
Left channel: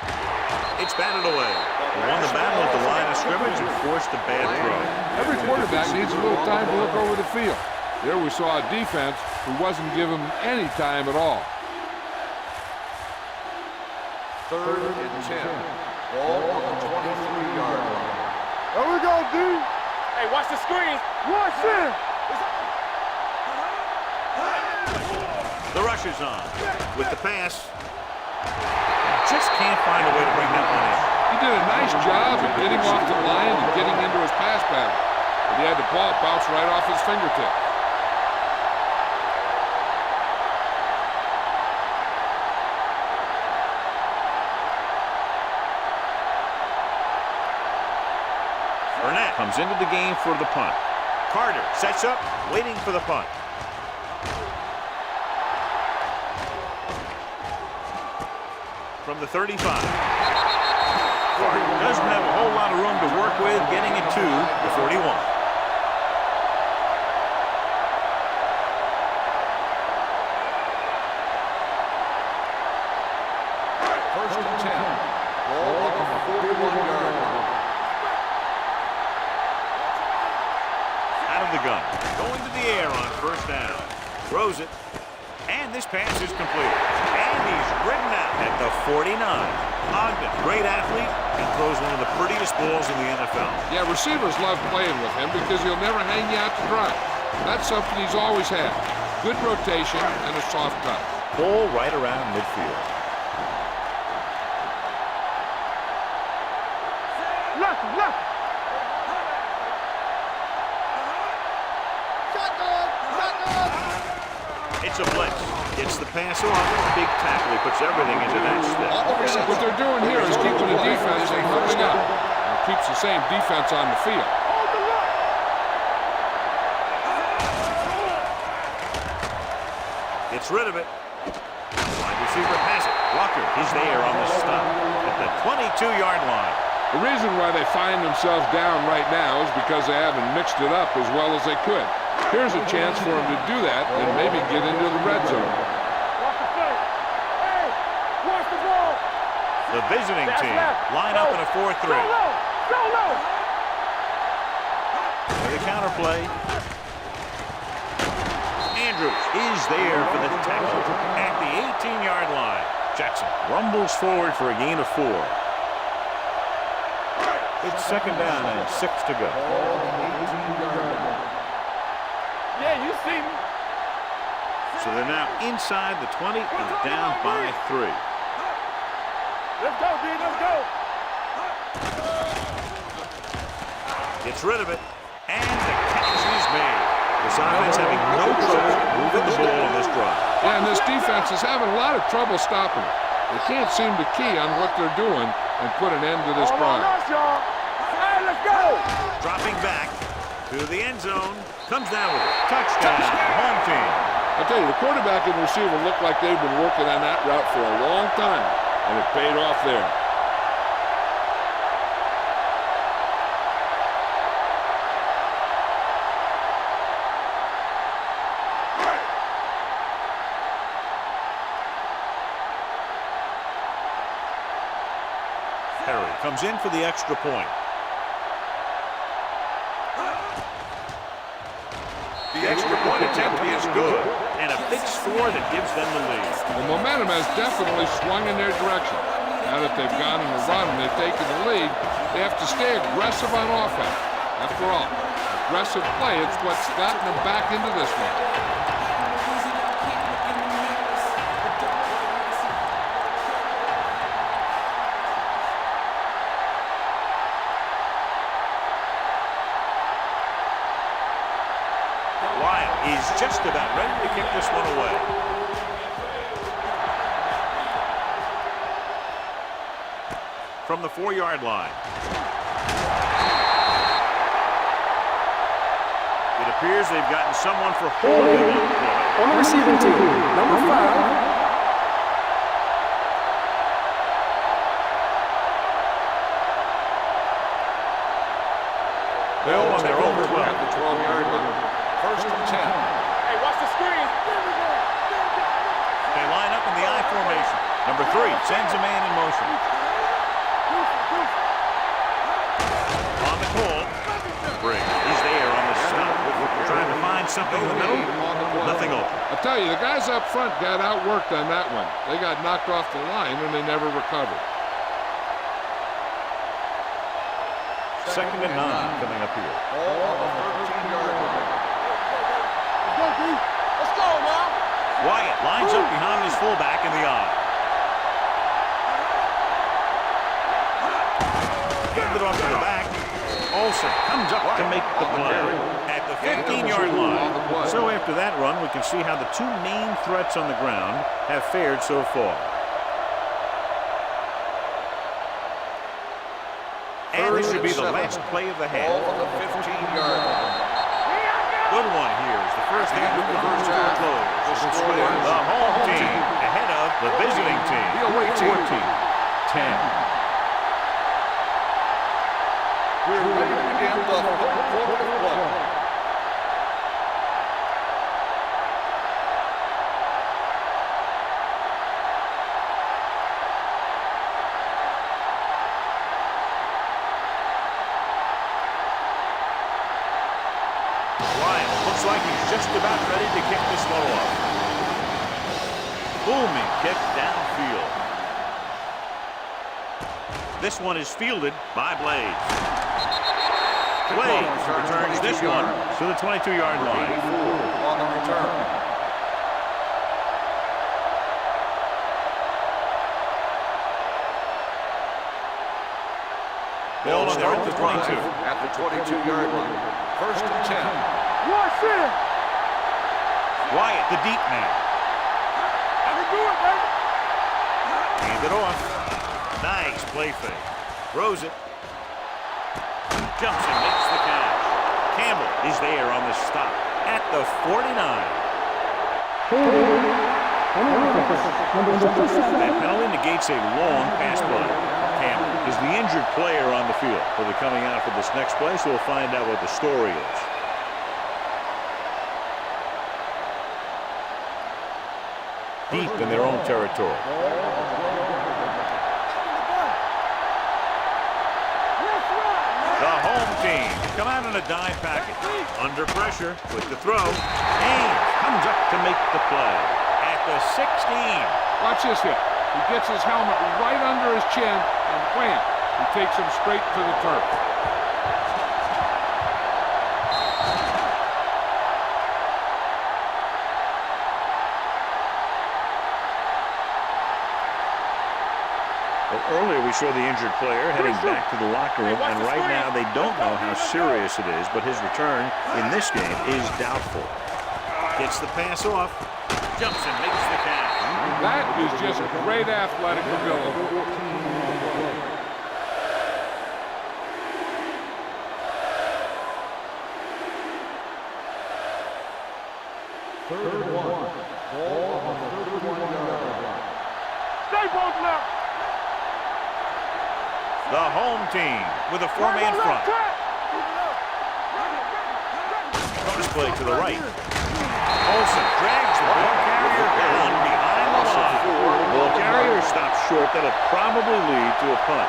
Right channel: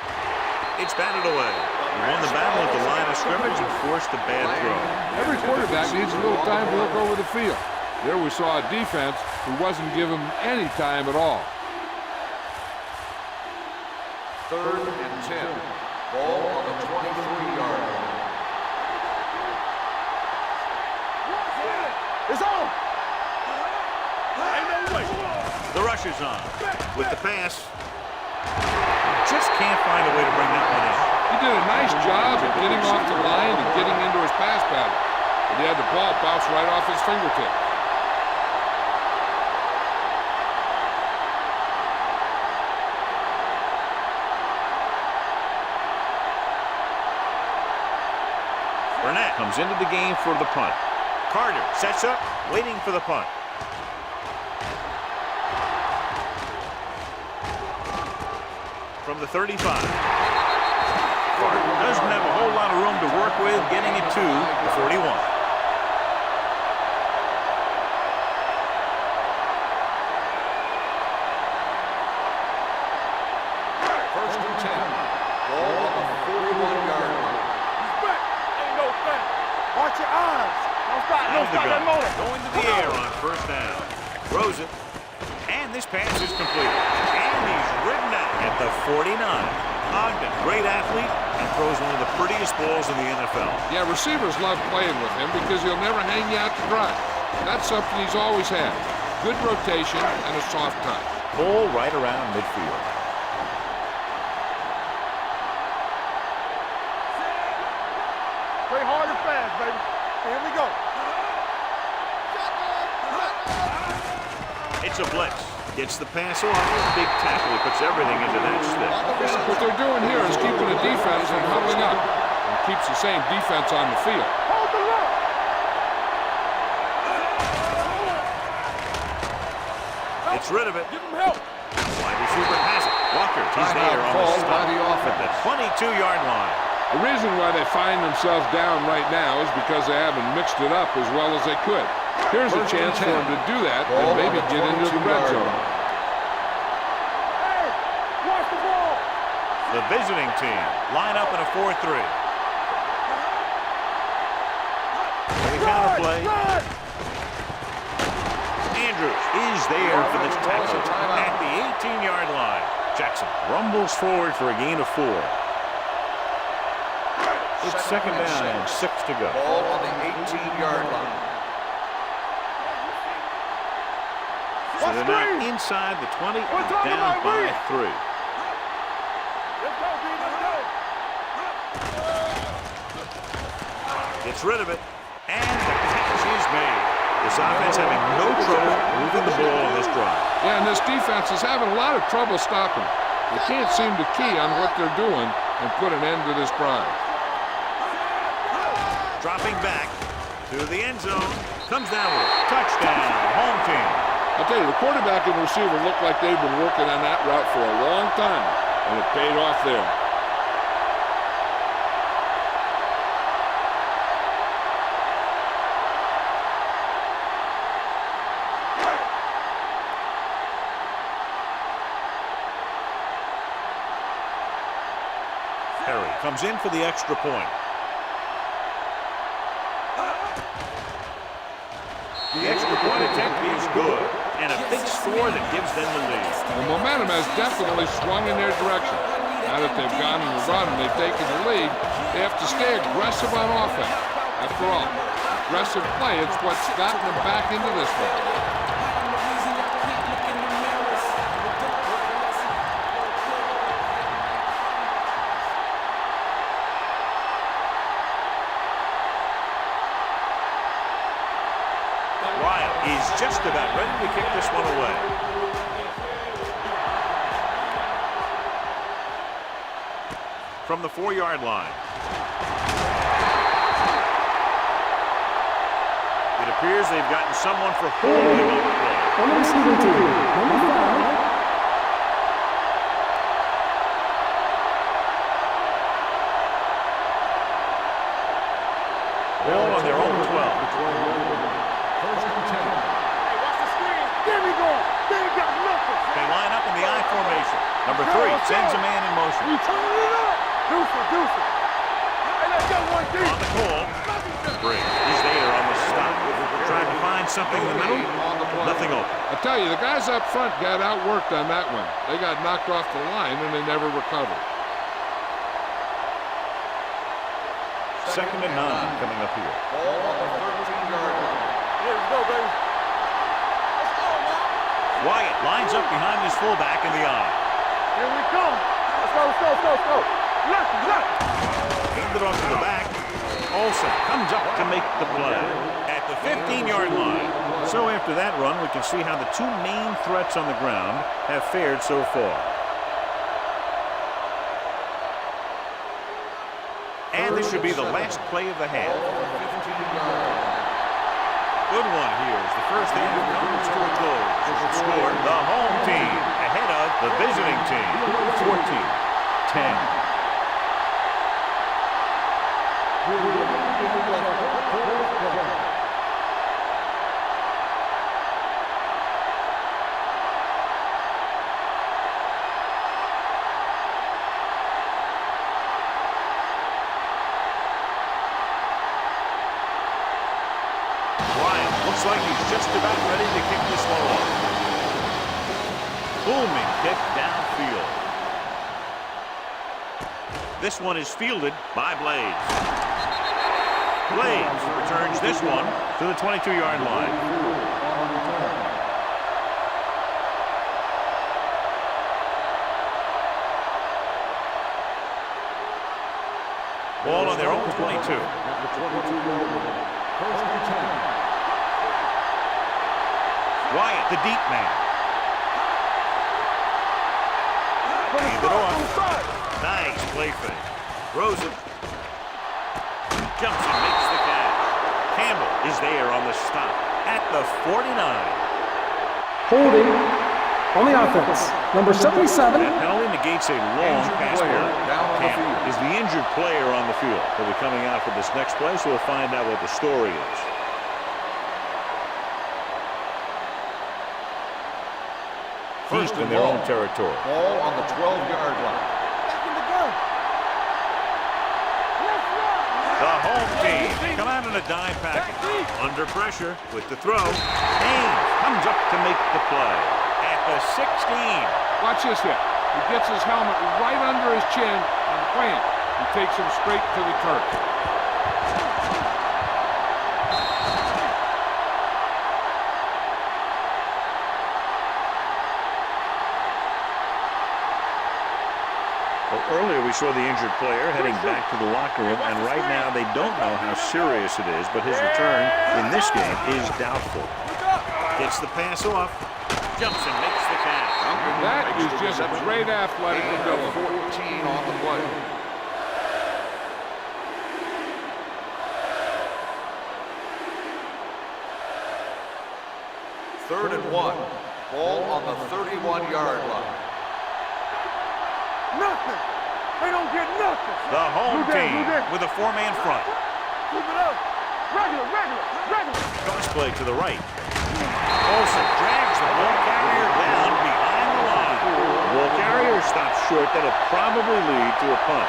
It's batted away. He won the battle at the line of scrimmage and forced a bad throw. Every quarterback needs a little time to look over the field. There we saw a defense who wasn't giving him any time at all. 3rd and 10. Ball on the 23-yard line. There we go, dude. Hey, watch the screen. Watch it. It's on. The rush is on. With the pass. Just can't find a way to bring that one in. He did a nice job of getting off the line and getting into his pass pattern. But he had the ball bounce right off his fingertips. Burnett comes into the game for the punt. Carter sets up, waiting for the punt. From the 35. Carter doesn't have a whole lot of room to work with, getting it to the 41. First and 10. Ball on the 41-yard line. Out of the gun, going to the air on first down. Throws it, and this pass is completed. And he's ridden out at the 49. Ogden, great athlete, and throws one of the prettiest balls in the NFL. Yeah, receivers love playing with him because he'll never hang you out to dry. That's something he's always had. Good rotation and a soft touch. Ball right around midfield. It's a blitz. Gets the pass off. Big tackle. He puts everything into that stick. What they're doing here is keeping the defense from huddling up. And it keeps the same defense on the field. Hold the look. Gets rid of it. Wide receiver has it. Walker, he's there on the stop at the 22-yard line. The reason why they find themselves down right now is because they haven't mixed it up as well as they could. Here's a chance for them to do that and maybe get into the red zone. Hey, watch the ball. The visiting team line up in a 4-3. For the counterplay. Andrews is there for the tackle at the 18-yard line. Jackson rumbles forward for a gain of 4. It's second down and 6 to go. Ball on the 18-yard line. So they're now inside the 20 and down by 3. Let's go, D, let's go. Gets rid of it, and the catch is made. This offense having no trouble moving the ball on this drive. Yeah, and this defense is having a lot of trouble stopping it. They can't seem to key on what they're doing and put an end to this drive. Dropping back to the end zone, comes down with it. Touchdown, home team. I'll tell you, the quarterback and receiver look like they've been working on that route for a long time, and it paid off there. Perry comes in for the extra point. The extra point attempt is good, and a big score that gives them the lead. The momentum has definitely swung in their direction. Now that they've gone on the run and they've taken the lead, they have to stay aggressive on offense. After all, aggressive play is what's gotten them back into this one. Wild is just about ready to kick this one away. From the 4-yard line. It appears they've gotten someone for holding on the play. On the receiving team, number 5. Ball on their own 12. First and 10. Hey, watch the screen. There we go. They ain't got nothing. They line up in the I formation. Number 3 sends a man in motion. You turn it up. Deuce it. Hey, let's go, one, two. On the call, Briggs is there on the stop. Trying to find something in the middle. Nothing open. I tell you, the guys up front got outworked on that one. They got knocked off the line and they never recovered. 2nd and 9 coming up here. Ball on the 13-yard line. Here we go, baby. Let's go, D. Let's go now. Wyatt lines up behind his fullback in the I. Here we come. Let's go. Handed off to the back. Olsen comes up to make the play at the 15-yard line. So after that run, we can see how the 2 main threats on the ground have fared so far. And this should be the last play of the half. Ball on the 15-yard line. Good one here as the first half comes to a close. With the score, the home team ahead of the visiting team, 14-10. We're ready to begin the fourth quarter of play. Wild looks like he's just about ready to kick this one off. Booming kick downfield. This one is fielded by Blades. Blades returns this one to the 22-yard line. On the return. Ball on their own 22. At the 22-yard line. 1st and 10. Wyatt, the deep man. Hand it off. Nice play fake. Throws it. Jumps and makes the catch. Campbell is there on the stop at the 49. Holding on the offense. Number 77. That penalty negates a long pass play. Campbell is the injured player on the field. He'll be coming out for this next play, so we'll find out what the story is. Deep in their own territory. Ball on the 12-yard line. Back in the gun. Let's run. The home team come out in a dime package. Under pressure with the throw. Haynes comes up to make the play at the 16. Watch this hit. He gets his helmet right under his chin and wham, he takes him straight to the turf. Well, earlier we saw the injured player heading back to the locker room, and right now they don't know how serious it is, but his return in this game is doubtful. Gets the pass off, jumps and makes the catch. That is just great athletic ability. 14 on the play. Third and 1. Ball on the 31-yard line. They both now. Nothing. They don't get nothing. The home team with a 4-man front. Keep it up. Regular. Bonus play to the right. Olsen drags the ball carrier down behind the line. The ball carrier stops short. That'll probably lead to a punt.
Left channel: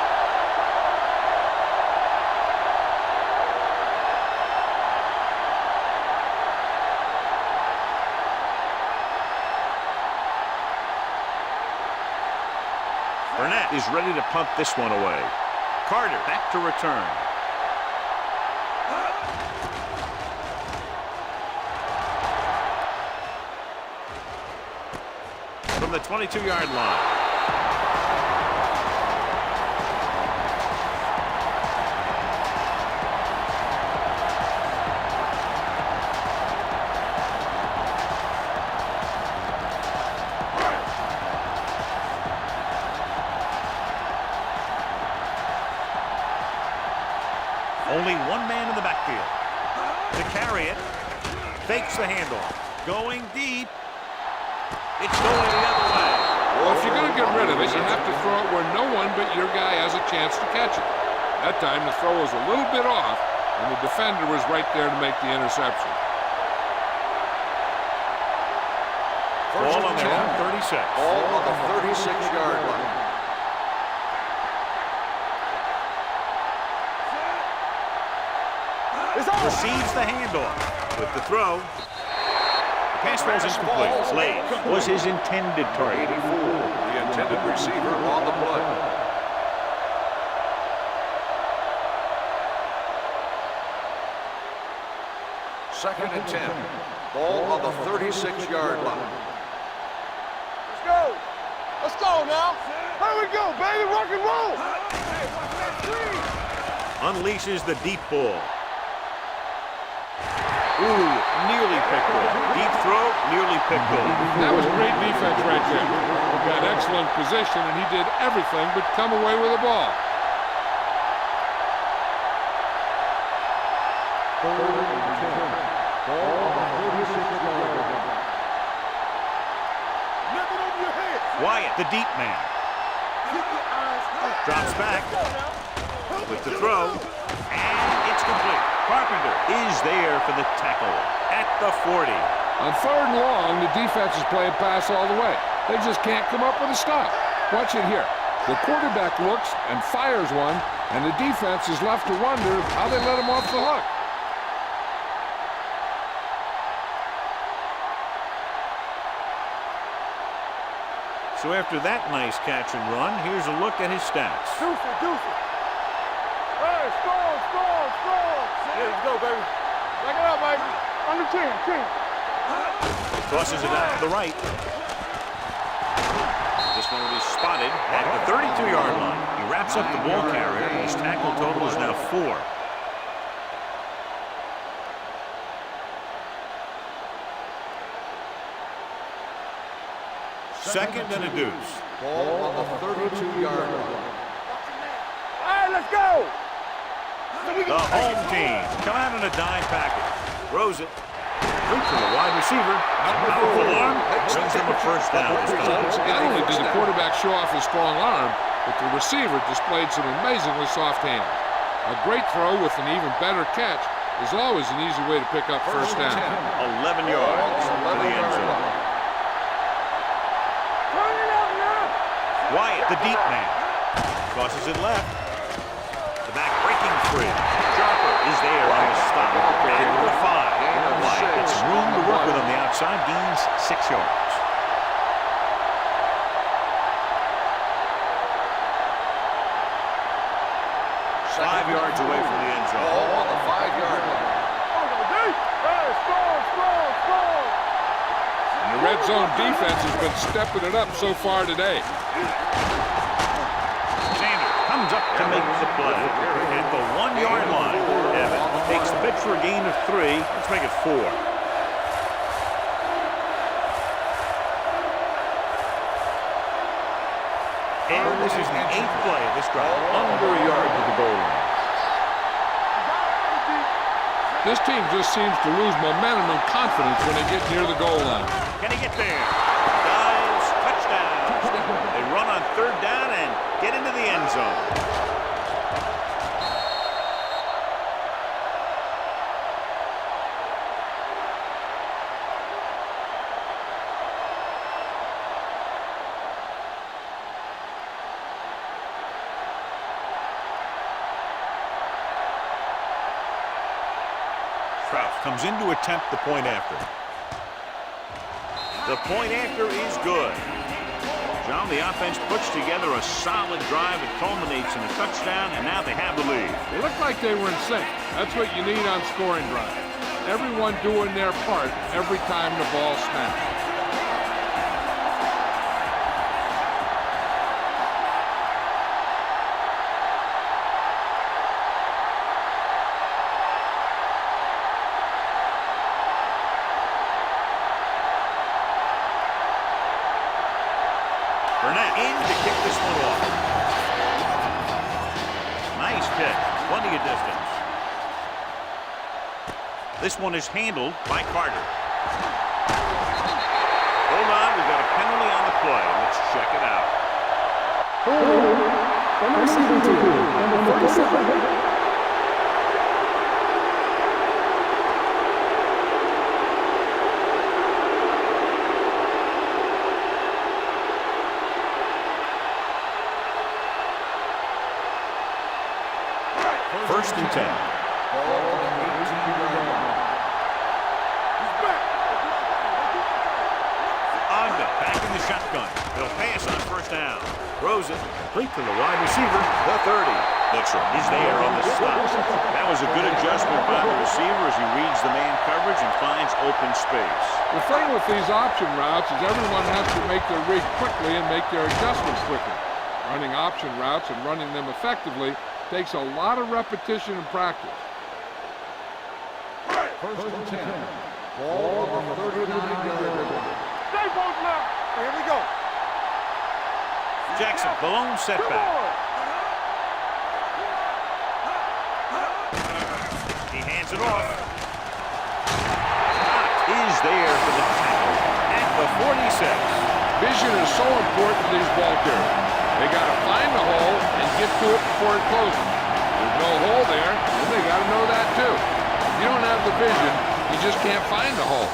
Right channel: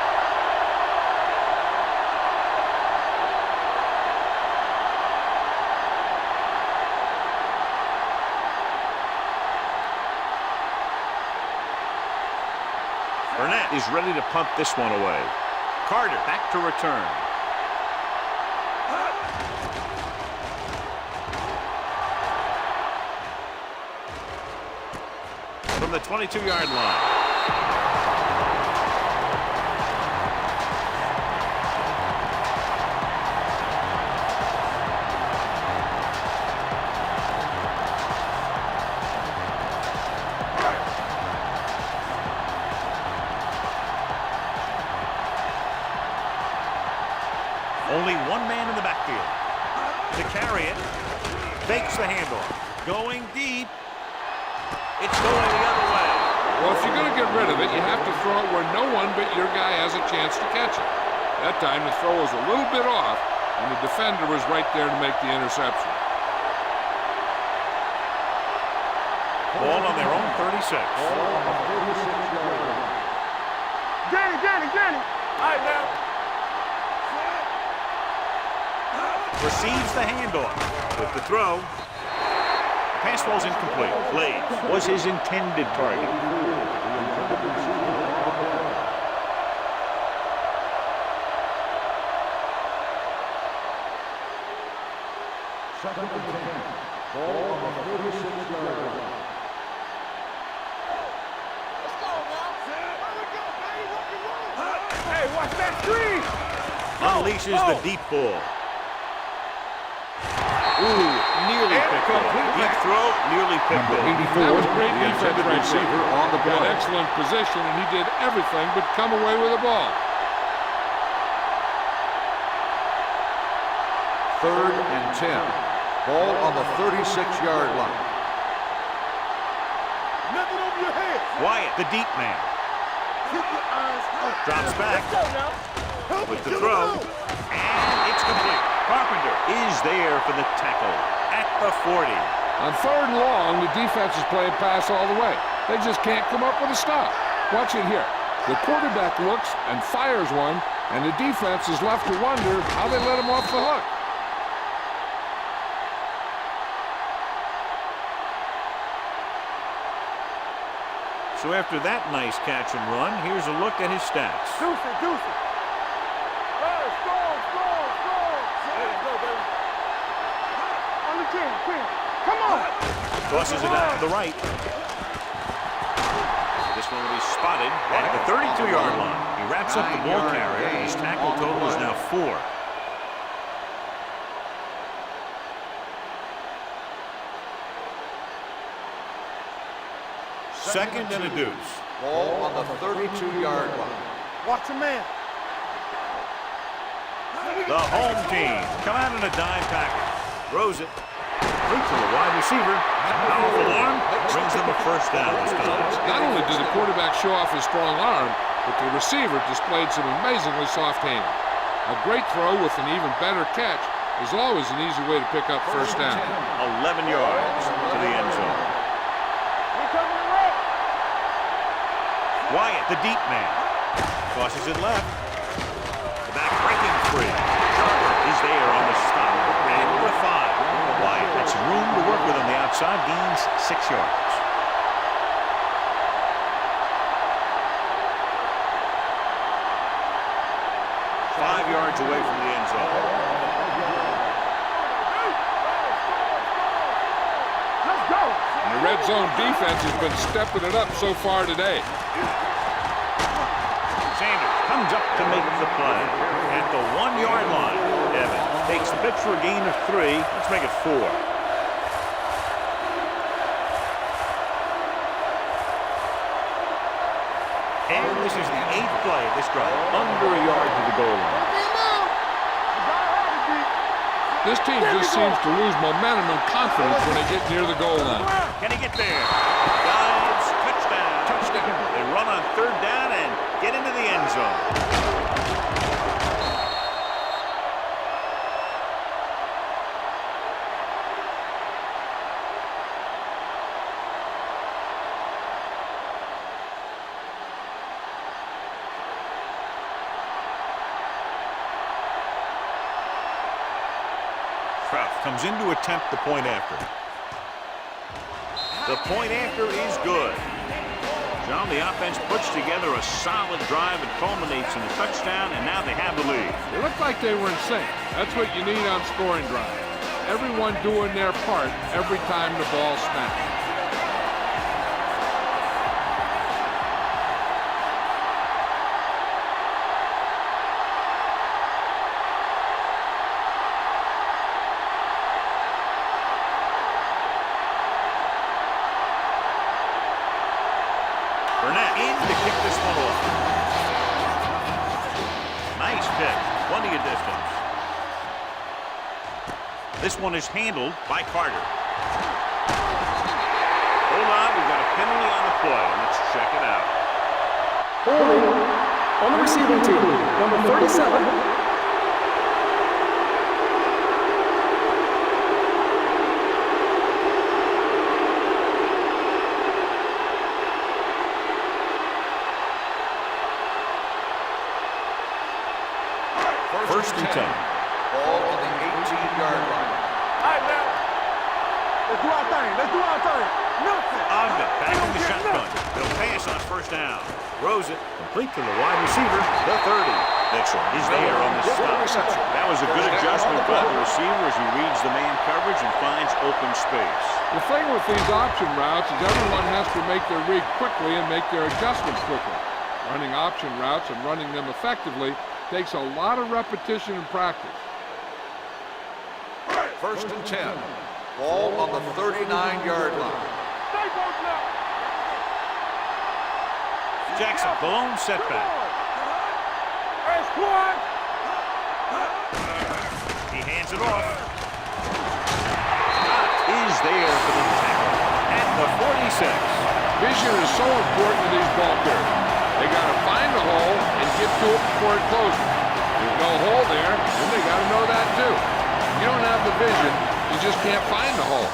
Burnett is ready to punt this one away. Carter back to return. From the 22-yard line. Only one man in the backfield. To carry it. Fakes the handoff. Going deep. It's going the other way. Well, if you're going to get rid of it, you have to throw it where no one but your guy has a chance to catch it. That time, the throw was a little bit off, and the defender was right there to make the interception. Ball on their own 36. Ball on the 36-yard line. Danny. All right, now. Receives the handoff with the throw. The pass falls incomplete. Slaves was his intended target. 84, the intended receiver on the play. Second and 10. Ball on the 36-yard line. Let's go now. Here we go, baby. Rock and roll. Hey, watch that screen. Unleashes the deep ball. Ooh, nearly picked off. Deep throw, nearly picked off. That was great defense right there. Got excellent position, and he did everything but come away with the ball. Third and 10. Ball on the 36-yard line. Nothing over your head. Wyatt, the deep man. Keep your eyes up. Drops back with the throw, and it's complete. Carpenter is there for the tackle at the 40. On 3rd and long, the defense is playing pass all the way. They just can't come up with a stop. Watch it here. The quarterback looks and fires one, and the defense is left to wonder how they let him off the hook. So after that nice catch and run, here's a look at his stats. Deuce it. Hey, score. Yeah, let's go, baby. Back it up, baby. Under 10. Come on. Tosses it out to the right. This one will be spotted at the 32-yard line. He wraps up the ball carrier. His tackle total is now 4. Second and a deuce. Ball on the 32-yard line. Watch him, man. All right, let's go. The home team come out in a dime package. Throws it. Complete to the wide receiver. A powerful arm brings them a first down this time. Not only did the quarterback show off his strong arm, but the receiver displayed some amazingly soft hands. A great throw with an even better catch is always an easy way to pick up first down. 11 yards to the end zone. Wyatt, the deep man, tosses it left. The back breaking free. Sharper is there on the stop at the 5. Wyatt had some room to work with on the outside, gains 6 yards. Five yards away from the end zone. And the red zone defense has been stepping it up so far today. Sanders comes up to make the play at the 1-yard line. Evans takes the pitch for a gain of 3. Let's make it 4. And this is the 8th play of this drive. Under a yard to the goal line. This team just seems to lose momentum and confidence when they get near the goal line. Can he get there? Dives, touchdown. They run on 3rd down and get into the end zone. Kraft comes in to attempt the point after. The point after is good. John, the offense puts together a solid drive. It culminates in a touchdown, and now they have the lead. They look like they were in sync. That's what you need on scoring drives. Everyone doing their part every time the ball snaps. Burnett in to kick this one off. Nice kick. Plenty of distance. This one is handled by Carter. Hold on, we've got a penalty on the play. Let's check it out. Holding on the receiving team, number 37. First and 10. Ball on the 18-yard line. Let's do our thing. Let's do our thing. Ogden back in the shotgun. He'll pass on first down. Throws it complete to the wide receiver, the 30. Mitchell is there on the stop. That was a good adjustment by the receiver as he reads the man coverage and finds open space. The thing with these option routes is everyone has to make their read quickly and make their adjustments quickly. Running option routes and running them effectively takes a lot of repetition and practice. First and 10. Ball on the 39-yard line. Stay both now. Here we go. Jackson, the lone setback. He hands it off. Scott is there for the tackle at the 46. Vision is so important to these ball carriers. They got to find the hole and get to it before it closes. There's no hole there, and they got to know that too. If you don't have the vision, you just can't find the hole.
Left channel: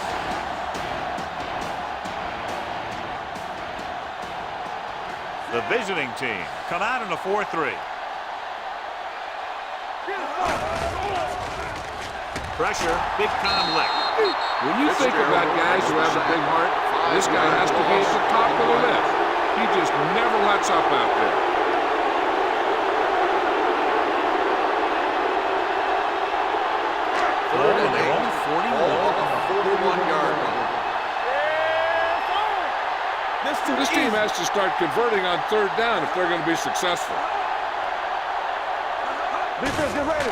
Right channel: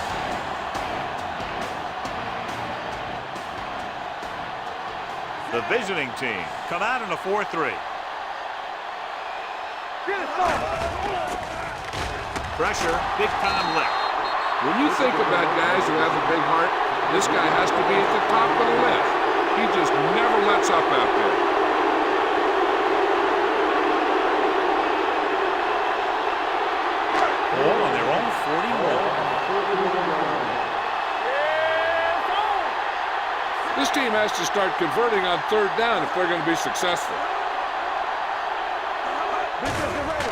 The visiting team come out in a 4-3. Pressure, big time lick. When you think about guys who have a big heart, this guy has to be at the top of the list. He just never lets up out there. Ball on their own 41. This team has to start converting on third down if they're going to be successful. Defense, get ready.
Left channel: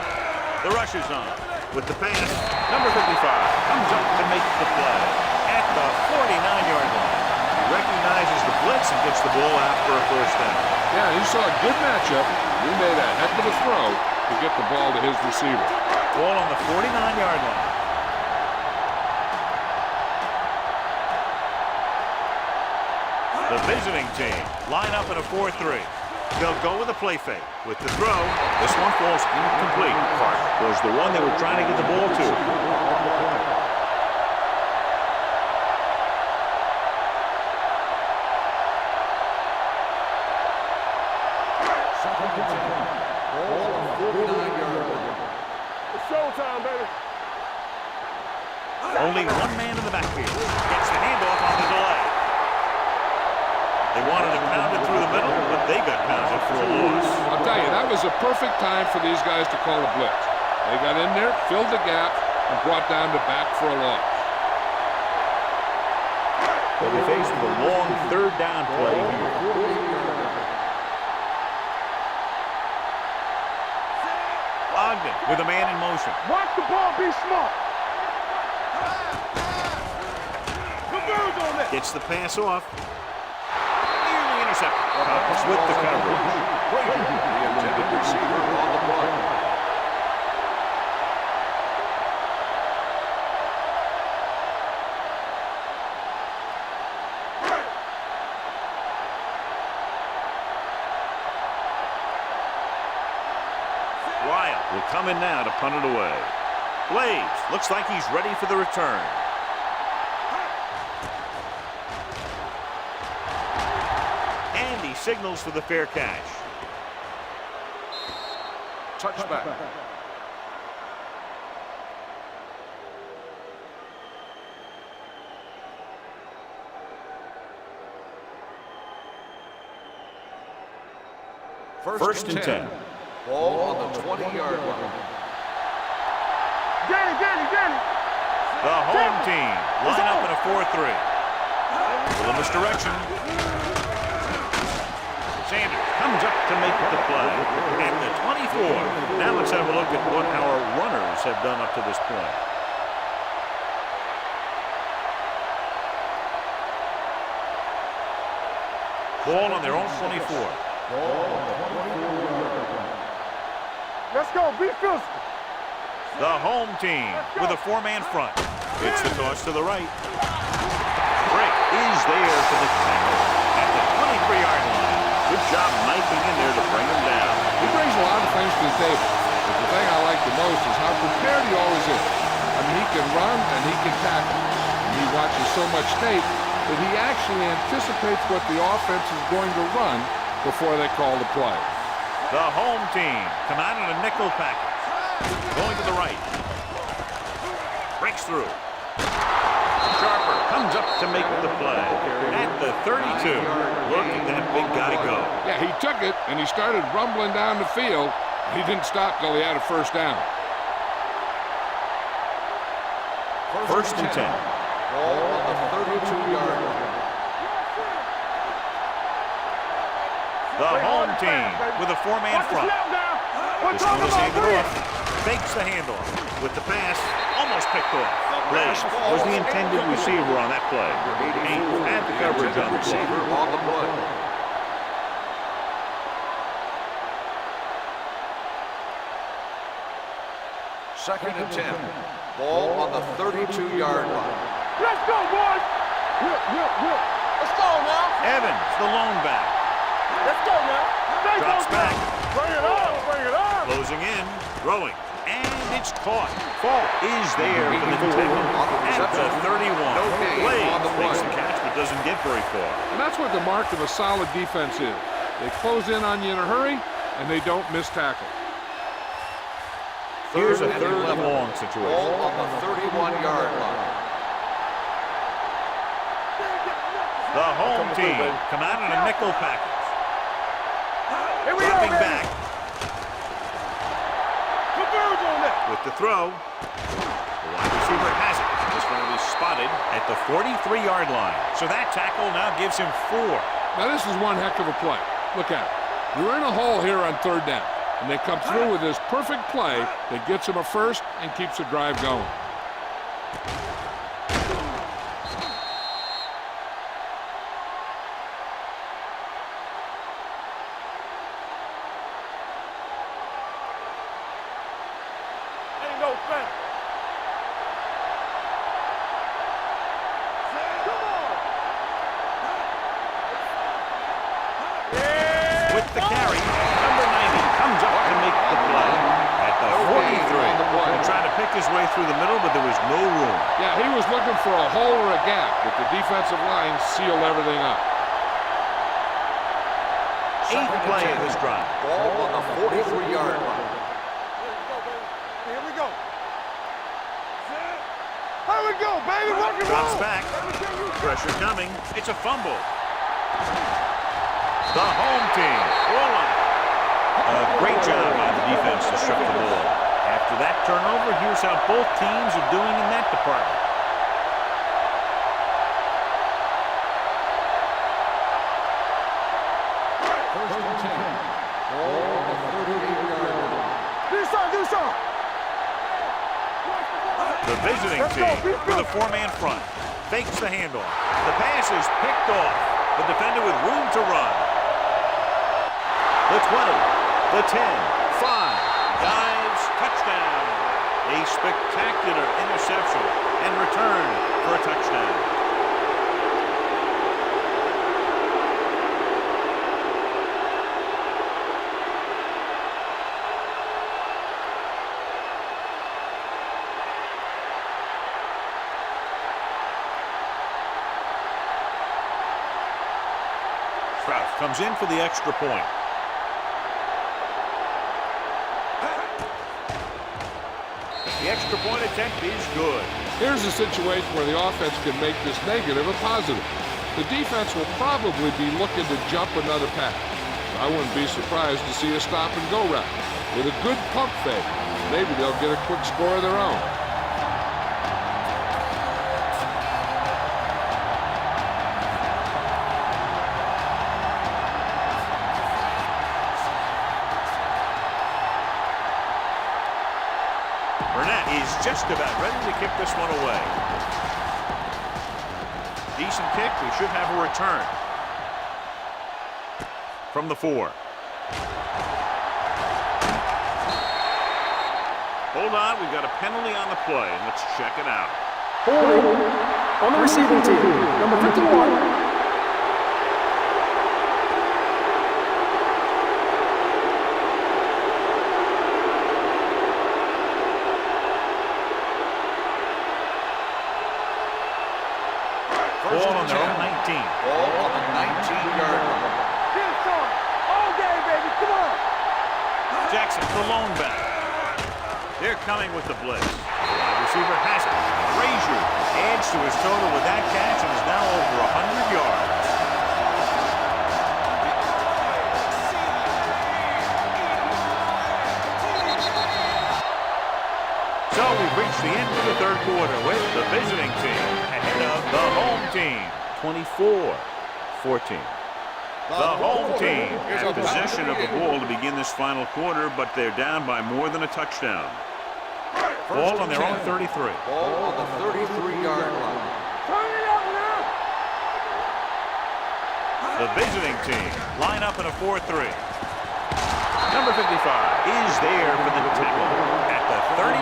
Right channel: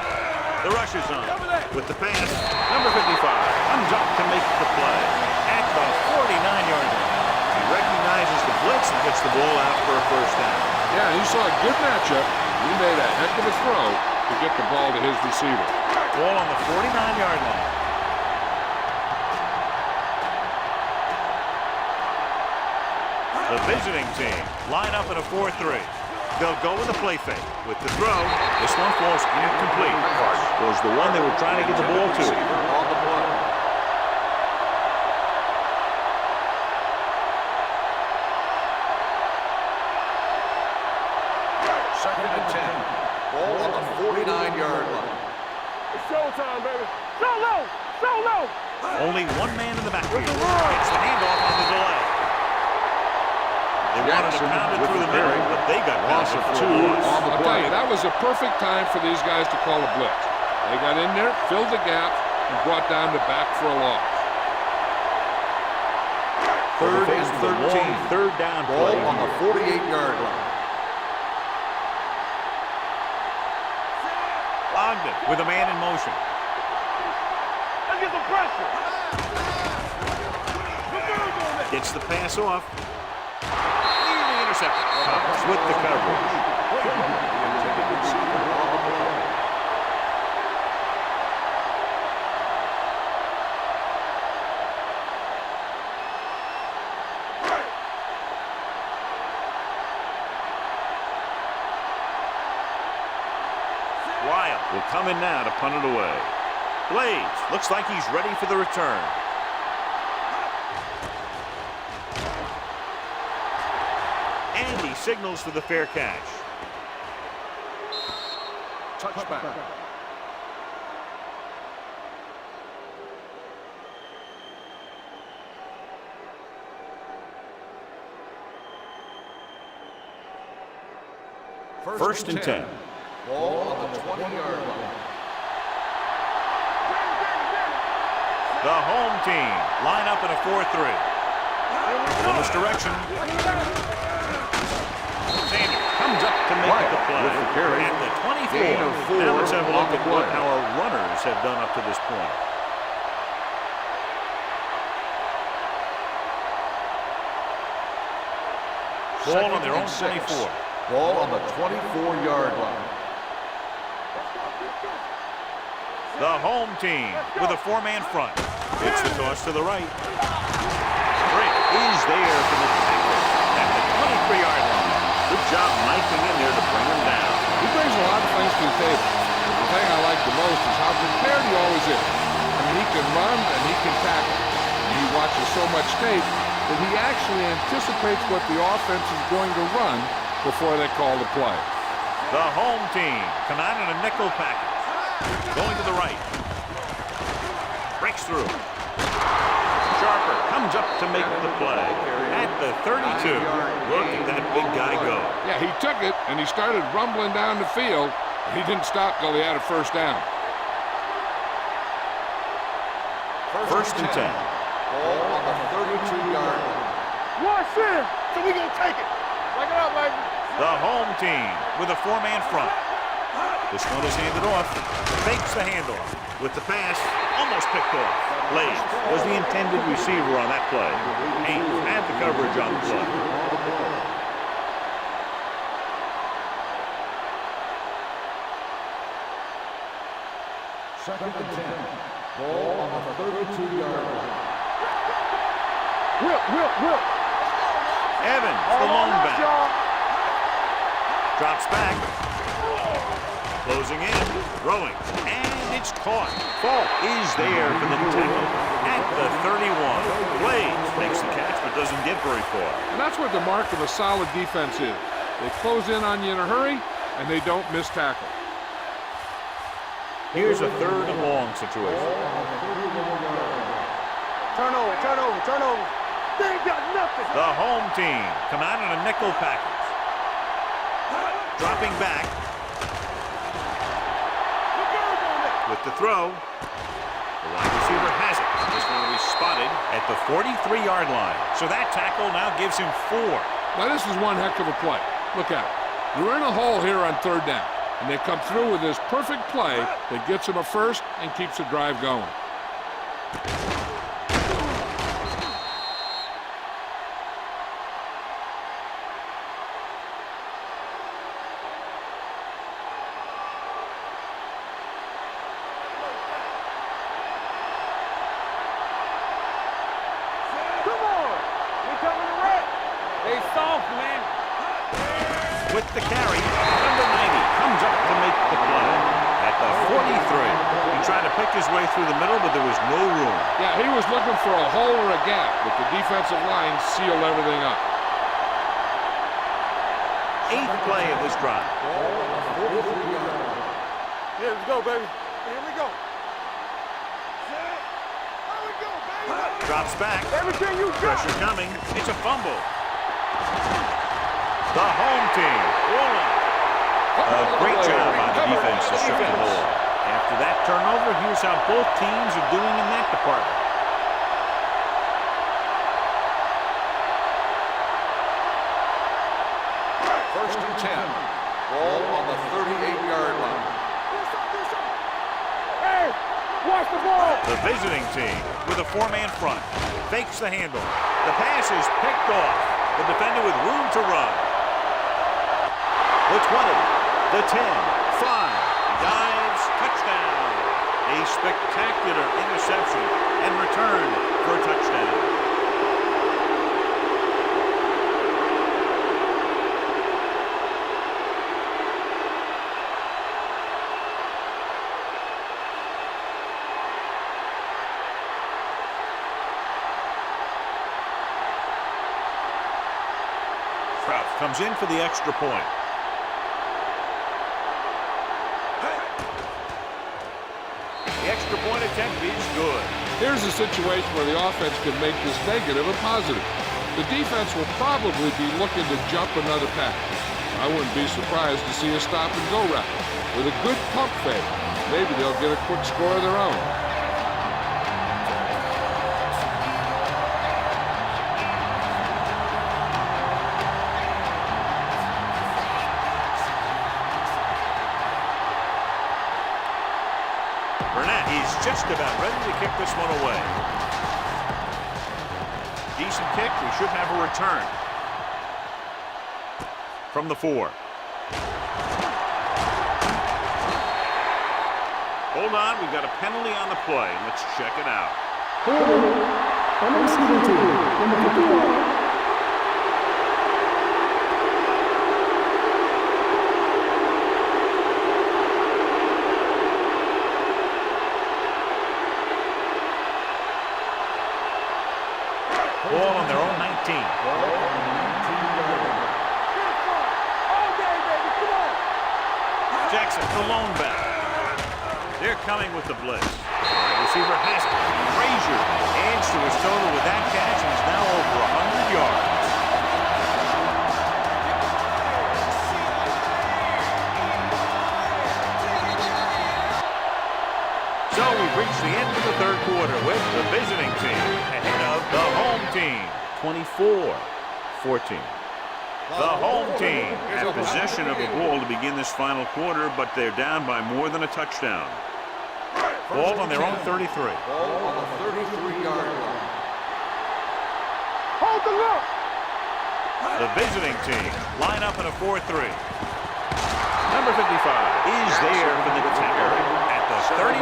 The rush is on with the pass. Number 55 comes up to make the play at the 49-yard line. He recognizes the blitz and gets the ball out for a first down. Yeah, he saw a good matchup. He made a heck of a throw to get the ball to his receiver. Ball on the 49-yard line. The visiting team line up in a 4-3. They'll go with a play fake. With the throw, this one falls incomplete. Hart was the one they were trying to get the ball to. Second and 10. Ball on the 49-yard line. It's showtime, baby. Go low. Go low. Only one man in the backfield. Gets the handoff on the delay. They wanted to pound it through the middle, but they got pounded for a loss. I'll tell you, that was a perfect time for these guys to call a blitz. They got in there, filled the gaps, and brought down the back for a loss. They'll be faced with a long third down play here. 48-yard line. Ogden with a man in motion. Watch the ball, be smart. Look at the pressure. Good birds on that. Gets the pass off. Nearly intercepted. Cox with the coverage. Brady, the intended receiver on the play. Wild will come in now to punt it away. Blades looks like he's ready for the return. And he signals for the fair catch. Touchback. First and 10. Ball on the 20-yard line. Get it. The home team line up in a 4-3. Little misdirection. Sanders comes up to make the play at the 24. Now let's have a look at what our runners have done up to this point. Ball on their own 24. Ball on the 24-yard line. Let's go. Be physical. The home team with a four-man front. It's the toss to the right. Brick is there for the tackle at the 23-yard line. Good job knifing in there to bring him down. He brings a lot of things to the table, but the thing I like the most is how prepared he always is. I mean, he can run and he can tackle. And he watches so much tape that he actually anticipates what the offense is going to run before they call the play. The home team come out in a nickel package. Going to the right. Breaks through. Sharper comes up to make the play. At the 32. Look at that big guy go. Yeah, he took it, and he started rumbling down the field. He didn't stop till he had a first down. First and 10. Ball on the 32-yard line. Watch it. So we gonna take it. Take it up, baby. The home team with a four-man front. This one is handed off. Fakes the handoff. With the pass, almost picked off. Blaze was the intended receiver on that play. Ames had the coverage on the play. Second and 10. Ball on the 32-yard line. Let's go, boys. Whip. Let's go now. Evans, the lone back. Let's go now. Drops back. Bring it on. Closing in. Throwing. And it's caught. Fault is there for the tackle at the 31. Blaze makes the catch but doesn't get very far. And that's what the mark of a solid defense is. They close in on you in a hurry, and they don't miss tackle. Here's a third and long situation. Ball on the 31-yard line. Turnover. They ain't got nothing. The home team come out in a nickel package. Dropping back Converge on that. with the throw. The wide receiver has it. This one will be spotted at the 43-yard line. So that tackle now gives him 4. Now, this is one heck of a play. Look at it. They're in a hole here on third down, and they come through with this perfect play that gets them a first and keeps the drive going. Ain't no thing. Come on. They coming right. They soft, man. With the carry, number 90 comes up to make the play at the 43. He tried to pick his way through the middle, but there was no room. Yeah, he was looking for a hole or a gap, but the defensive line sealed everything up. 8th play of this drive. Ball on the 43-yard line. Yeah, let's go, baby. Here we go. Set. Here we go, baby. Drops back. Everything you got. Pressure coming. It's a fumble. The home team. Goal line. A great job by the defense to strip the ball. After that turnover, here's how both teams are doing in that department. First and 10. Ball on the 38-yard line. Do something. Hey, watch the ball. The visiting team with a four-man front. Fakes the handoff. The pass is picked off. The defender with room to run. The 20, the 10, 5. He dives, touchdown. A spectacular interception and return for a touchdown. Trout comes in for the extra point. The extra point attempt is good. Here's a situation where the offense can make this negative a positive. The defense will probably be looking to jump another pass. So I wouldn't be surprised to see a stop-and-go route. With a good pump fake, maybe they'll get a quick score of their own. Burnett is just about ready to kick this one away. Decent kick. We should have a return from the 4. Hold on. We've got a penalty on the play. Let's check it out. Holding on the receiving team, number 51. Ball on their own 19. Ball on the 19-yard line. Get it on. All day, baby. Come on. Jackson, the lone back. They're coming with the blitz. The wide receiver has it. Frazier adds to his total with that catch and is now over 100 yards. So we've reached the end of the third quarter with the visiting team ahead of the home team, 24-14. The home team has possession of the ball to begin this final quarter, but they're down by more than a touchdown. Ball on their own 33. Ball on the 33-yard line. Hold the look. The visiting team line up in a 4-3. Number 55 is there for the tackle at the 39.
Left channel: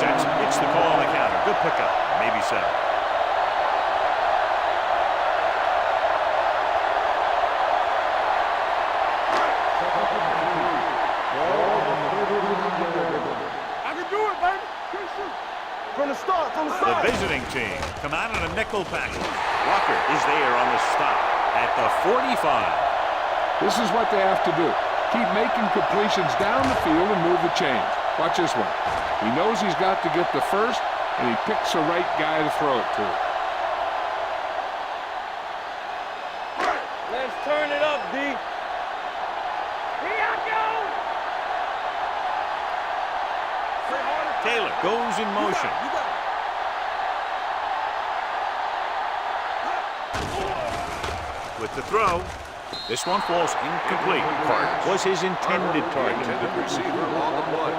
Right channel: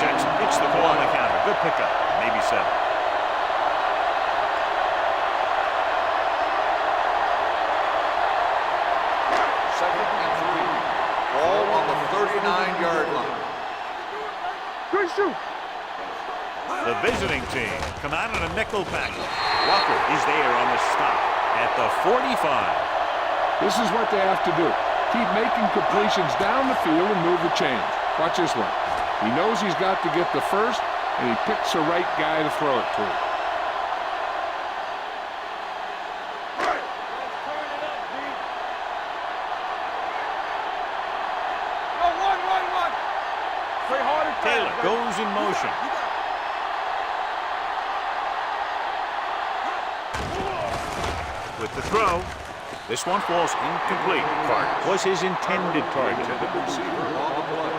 Jackson hits the call on the counter. Good pickup, maybe 7. Second and 3. Ball on the 39-yard line. I can do it, baby. Good shoot. From the start. The visiting team come out in a nickel package. Walker is there on the stop at the 45. This is what they have to do. Keep making completions down the field and move the chains. Watch this one. He knows he's got to get the first, and he picks the right guy to throw it to. Let's turn it up, D. Here I go. Oh, run. Play harder. Taylor goes in motion. You got it. With the throw, this one falls incomplete. Carter was his intended target. Intended receiver on the play.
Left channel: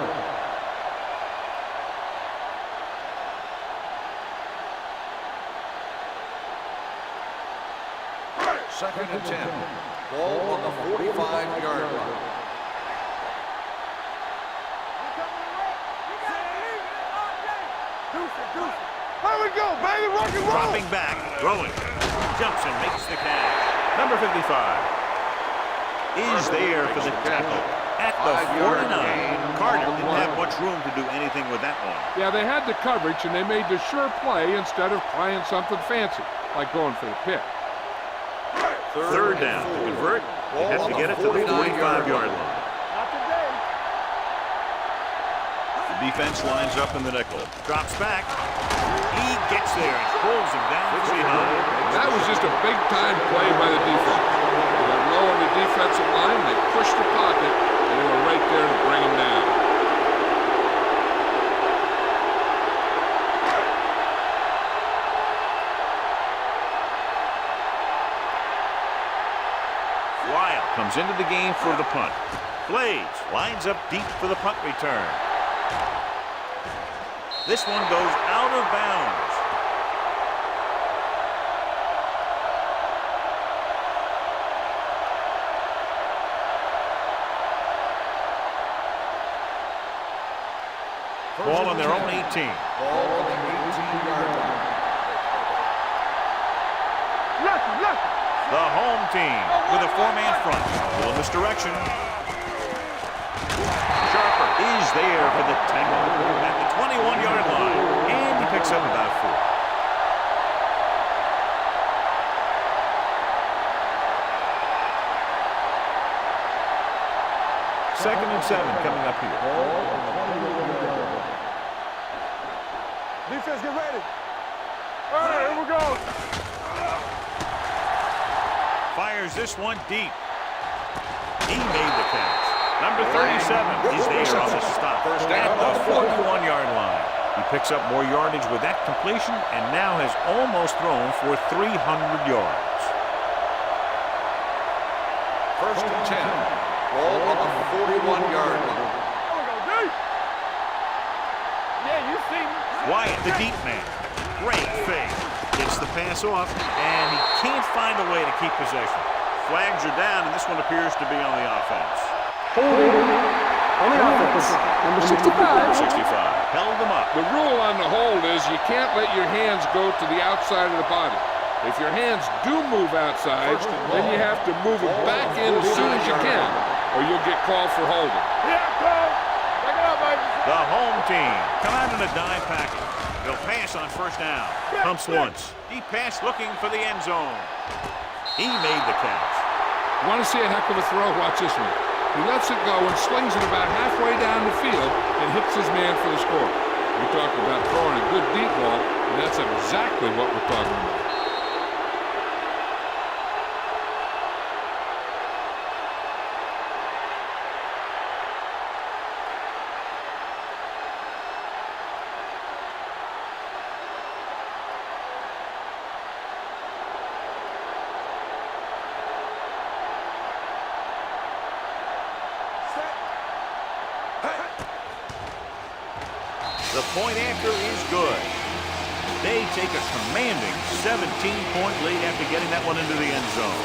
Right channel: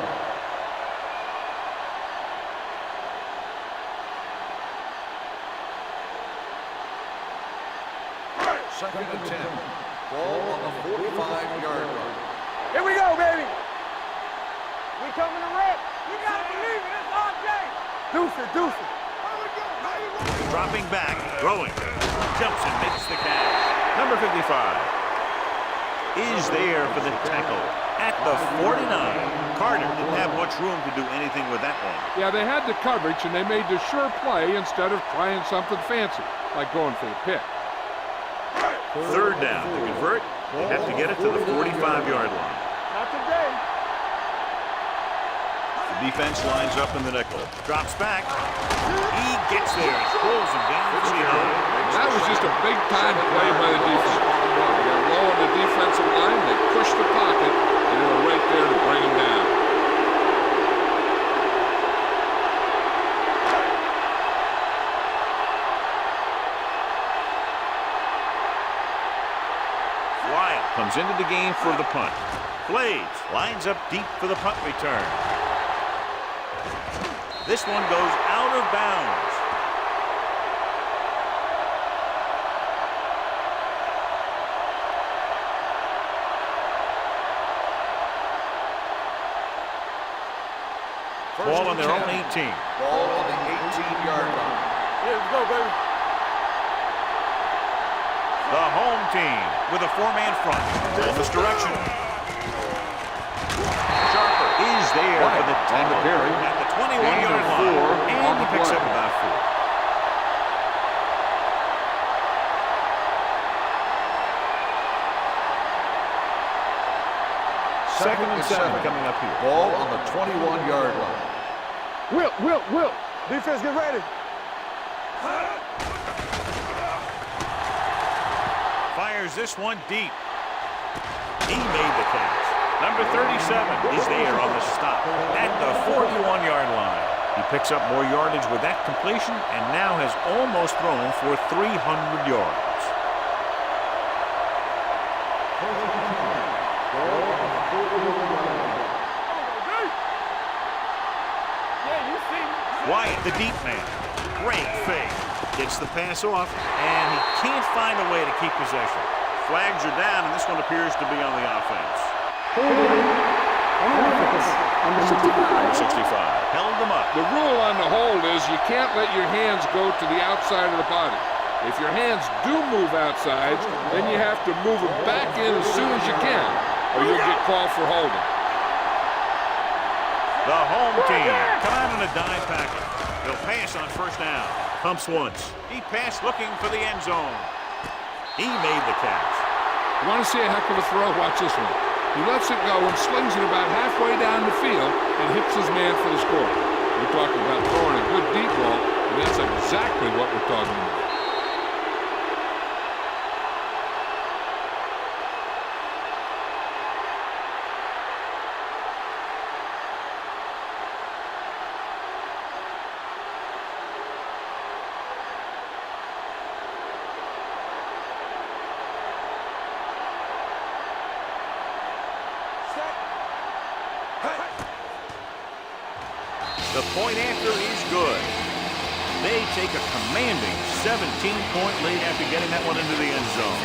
Second and 10. Ball on the 45-yard line. Here we go, baby. We coming to wreck. You gotta believe it. It's RJ. Deuce it. Here we go, baby. Dropping back, throwing. Jumps and makes the catch. Number 55 is there for the tackle at the 49. Carter didn't have much room to do anything with that one. Yeah, they had the coverage, and they made the sure play instead of trying something fancy, like going for the pick. Third down. To convert, they have to get it to the 45-yard line. Not today. The defense lines up in the nickel. Drops back. He gets there and pulls him down from behind. That was just a big-time play by the defense. They got low on the defensive line, they pushed the pocket, and they were right there to bring him down. Wild comes into the game for the punt. Blades lines up deep for the punt return. This one goes out of bounds. Ball on their own 18. Ball on the 18-yard line. The home team with a 4-man front. Little misdirection. Sharper is there for the tackle at the 21-yard line, and he picks up about 4. Second and 7 coming up here. Ball on the 21-yard line. Will. Defense, get ready. All right, here we go. Fires this one deep. He made the catch. Number 37 is there on the stop at the 41-yard line. He picks up more yardage with that completion and now has almost thrown for 300 yards. First and 10. Ball on the 41-yard line. Here we go, D. Yeah, you see me. Wyatt, the deep man. Great fake. Gets the pass off, and he can't find a way to keep possession. Flags are down, and this one appears to be on the offense. Holding on the offense. Number 65. Number 65 held them up. The rule on the hold is you can't let your hands go to the outside of the body. If your hands do move outside, then you have to move them back in as soon as you can, or you'll get called for holding. The home team come out in a dime package. They'll pass on first down. Pumps once. He passed looking for the end zone. He made the catch. You want to see a heck of a throw? Watch this one. He lets it go and slings it about halfway down the field and hits his man for the score. You're talking about throwing a good deep ball, and that's exactly what we're talking about. The point after is good. They take a commanding 17-point lead after getting that one into the end zone.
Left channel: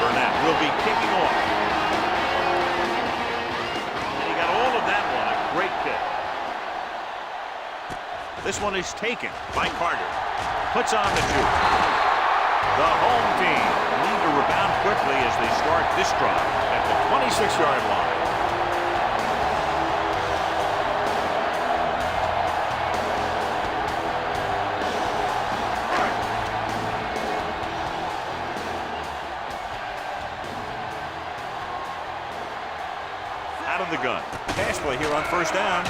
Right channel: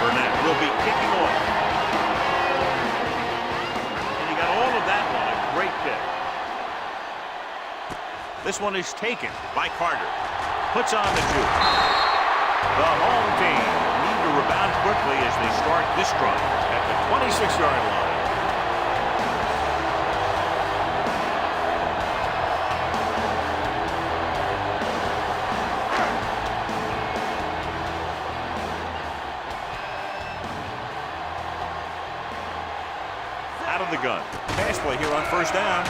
Burnett will be kicking off. And he got all of that one, a great kick. This one is taken by Carter. Puts on the juke. The home team need to rebound quickly as they start this drive at the 26-yard line. Out of the gun. Pass play here on first down.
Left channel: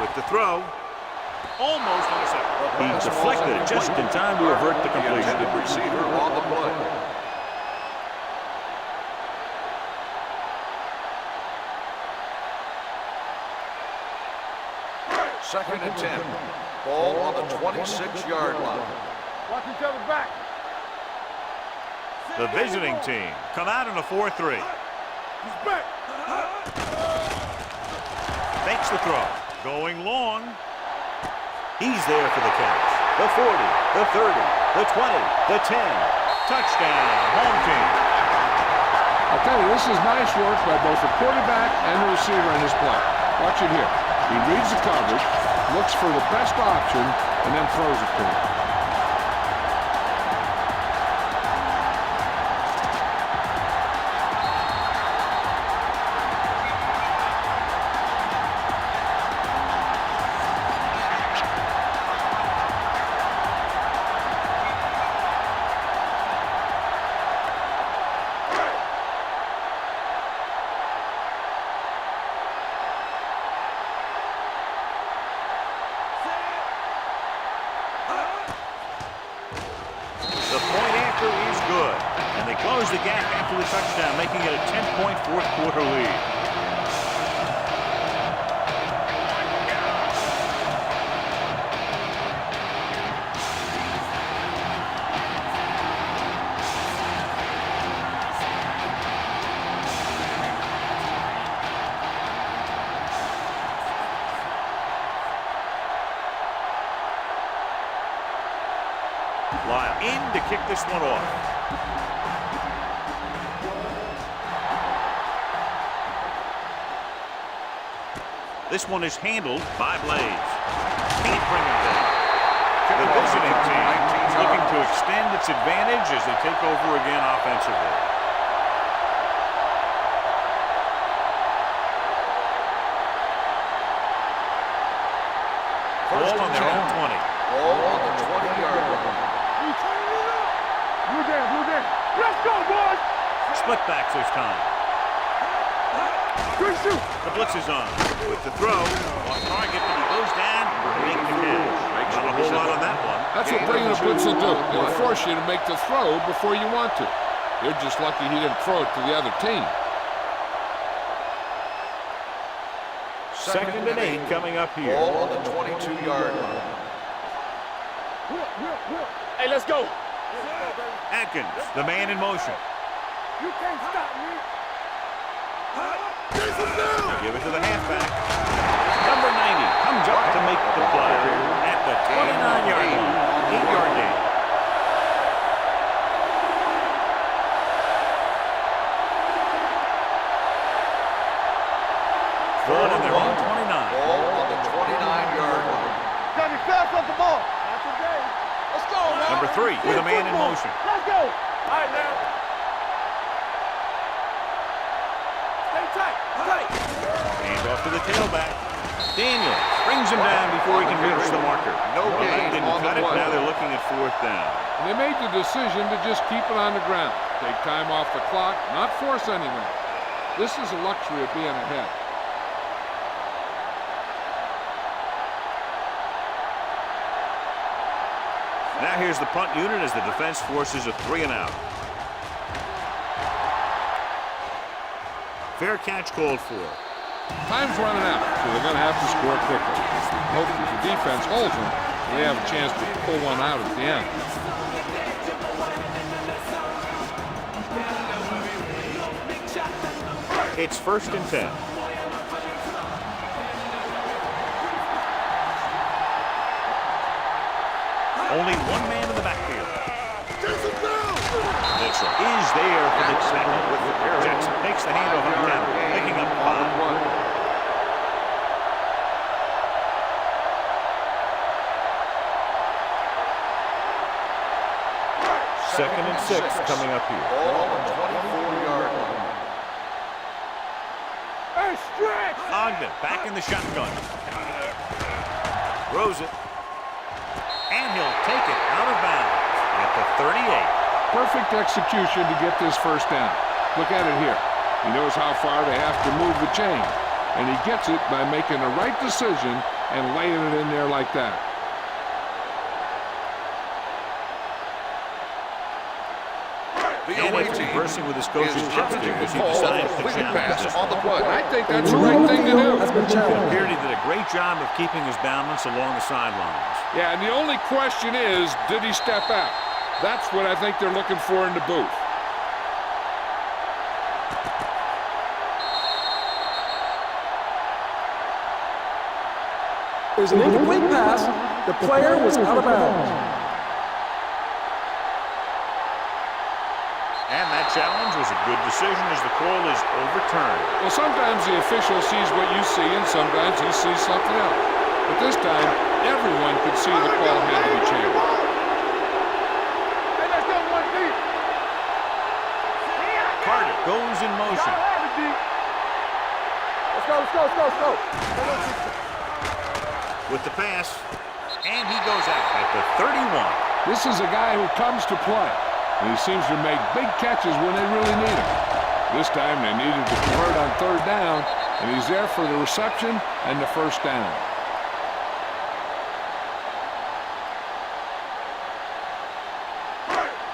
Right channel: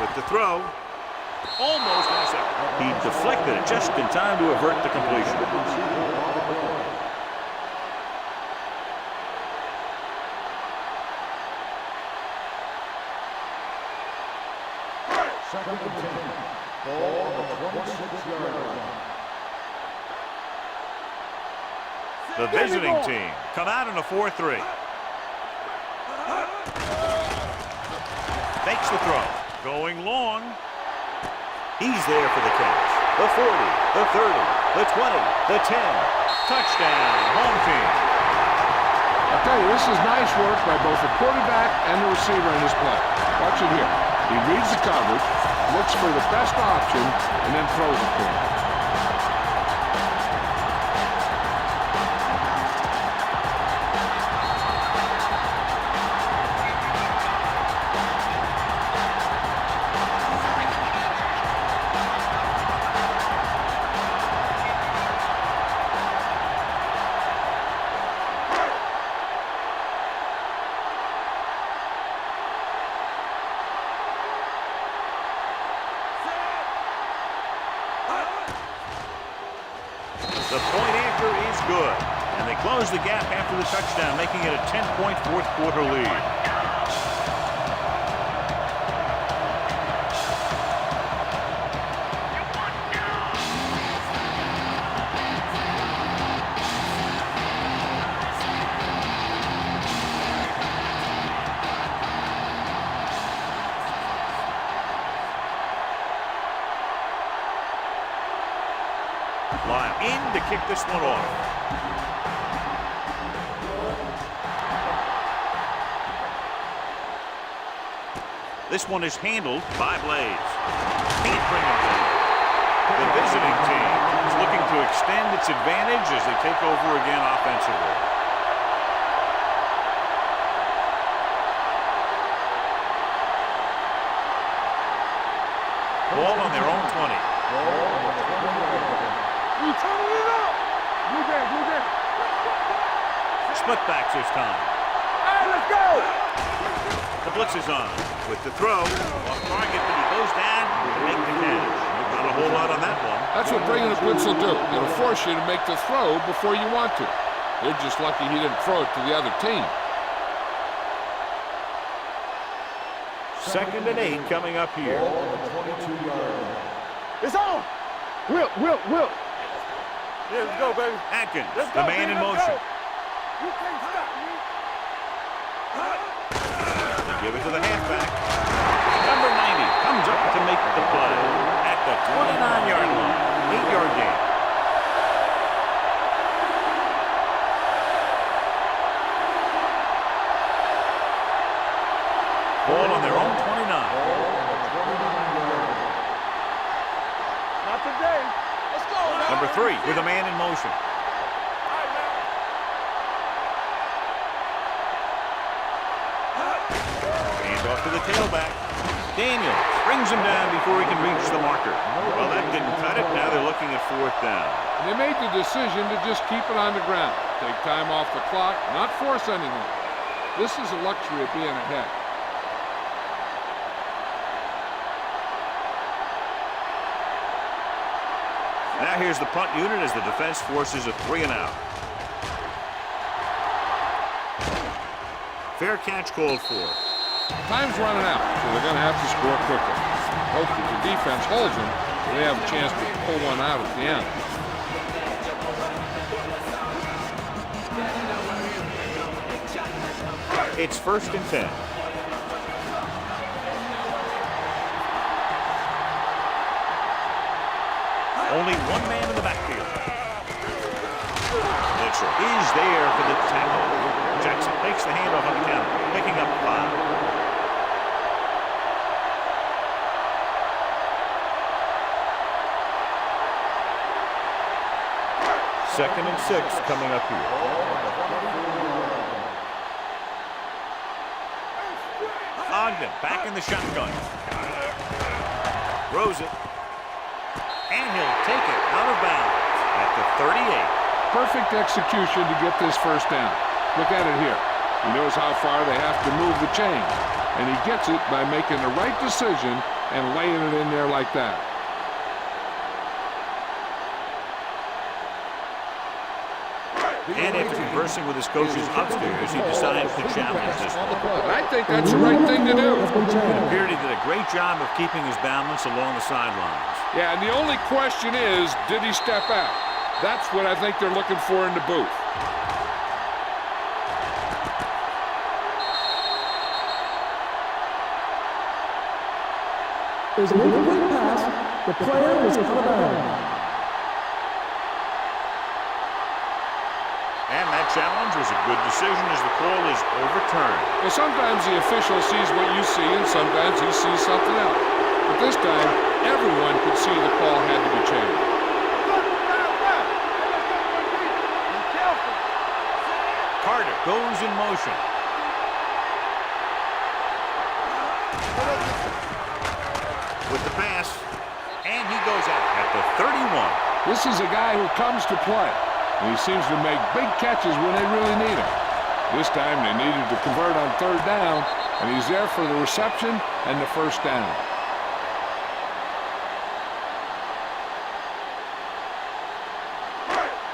With the throw. Almost intercepted. He deflected it just in time to avert the completion. Receiver on the play. Second and 10. Ball on the 26-yard line. Watch each other back. The visiting team come out in a 4-3. Fakes the throw. Going long. He's there for the catch. The 40, the 30, the 20, the 10. Touchdown, home team. I'll tell you, this is nice work by both the quarterback and the receiver in this play. Watch it here. He reads the coverage, looks for the best option, and then throws it to him. The point after is good, and they close the gap after the touchdown, making it a 10-point fourth-quarter lead. Lyle in to kick this one off. This one is handled by Blades. Can't bring him down. The visiting team is looking to extend its advantage as they take over again offensively. Ball on their own 20. You turning it up. Blue game, blue game. Let's go, boys. Split backs this time. Let's go. The blitz is on with the throw. Off target, but he goes down to make the catch. Not a whole lot on that one. That's what bringing a blitz will do. It'll force you to make the throw before you want to. You're just lucky he didn't throw it to the other team. 2nd and 8 coming up here. Ball on the 22-yard line. It's on. Will. Hey, let's go. Let's go, baby. Atkins, Let's the go, man baby, in let's motion. go. You can't stop me. They give it to the halfback. Number 90 comes up to make the play at the 29-yard line. 8-yard gain. Ball on their own 29. Ball on the 29-yard line. Got me back. Number 3 with a man in motion. Let's go. All right, now. Hands off to the tailback. Daniels brings him down before he can reach the marker. Well, that didn't cut it. Now they're looking at 4th down. And they made the decision to just keep it on the ground. Take time off the clock, not force anything. This is a luxury of being ahead. Now here's the punt unit as the defense forces a 3-and-out. Fair catch called for. Time's running out, so they're going to have to score quickly. Hope that the defense holds them so they have a chance to pull one out at the end. It's 1st and 10. Only one man in the backfield. Mitchell is there for the tackle. Jackson takes the handoff on the counter, picking up 5. Second and 6 coming up here. Ogden back in the shotgun. Throws it. And he'll take it out of bounds at the 38. Perfect execution to get this 1st down. Look at it here. He knows how far they have to move the chain. And he gets it by making the right decision and laying it in there like that. And after conversing with his coaches upstairs, he decides to challenge this one. And I think that's the right thing to do. It appeared he did a great job of keeping his balance along the sidelines. Yeah, and the only question is, did he step out? That's what I think they're looking for in the booth. There's an incomplete pass. The player is out of bounds. And that challenge was a good decision as the call is overturned. Well, sometimes the official sees what you see, and sometimes he sees something else. But this time, everyone could see the call had to be changed. Hey, let's go, 1 deep. Carter goes in motion. Let's go. With the pass, and he goes out at the 31. This is a guy who comes to play, and he seems to make big catches when they really need him. This time they needed to convert on 3rd down, and he's there for the reception and the 1st down.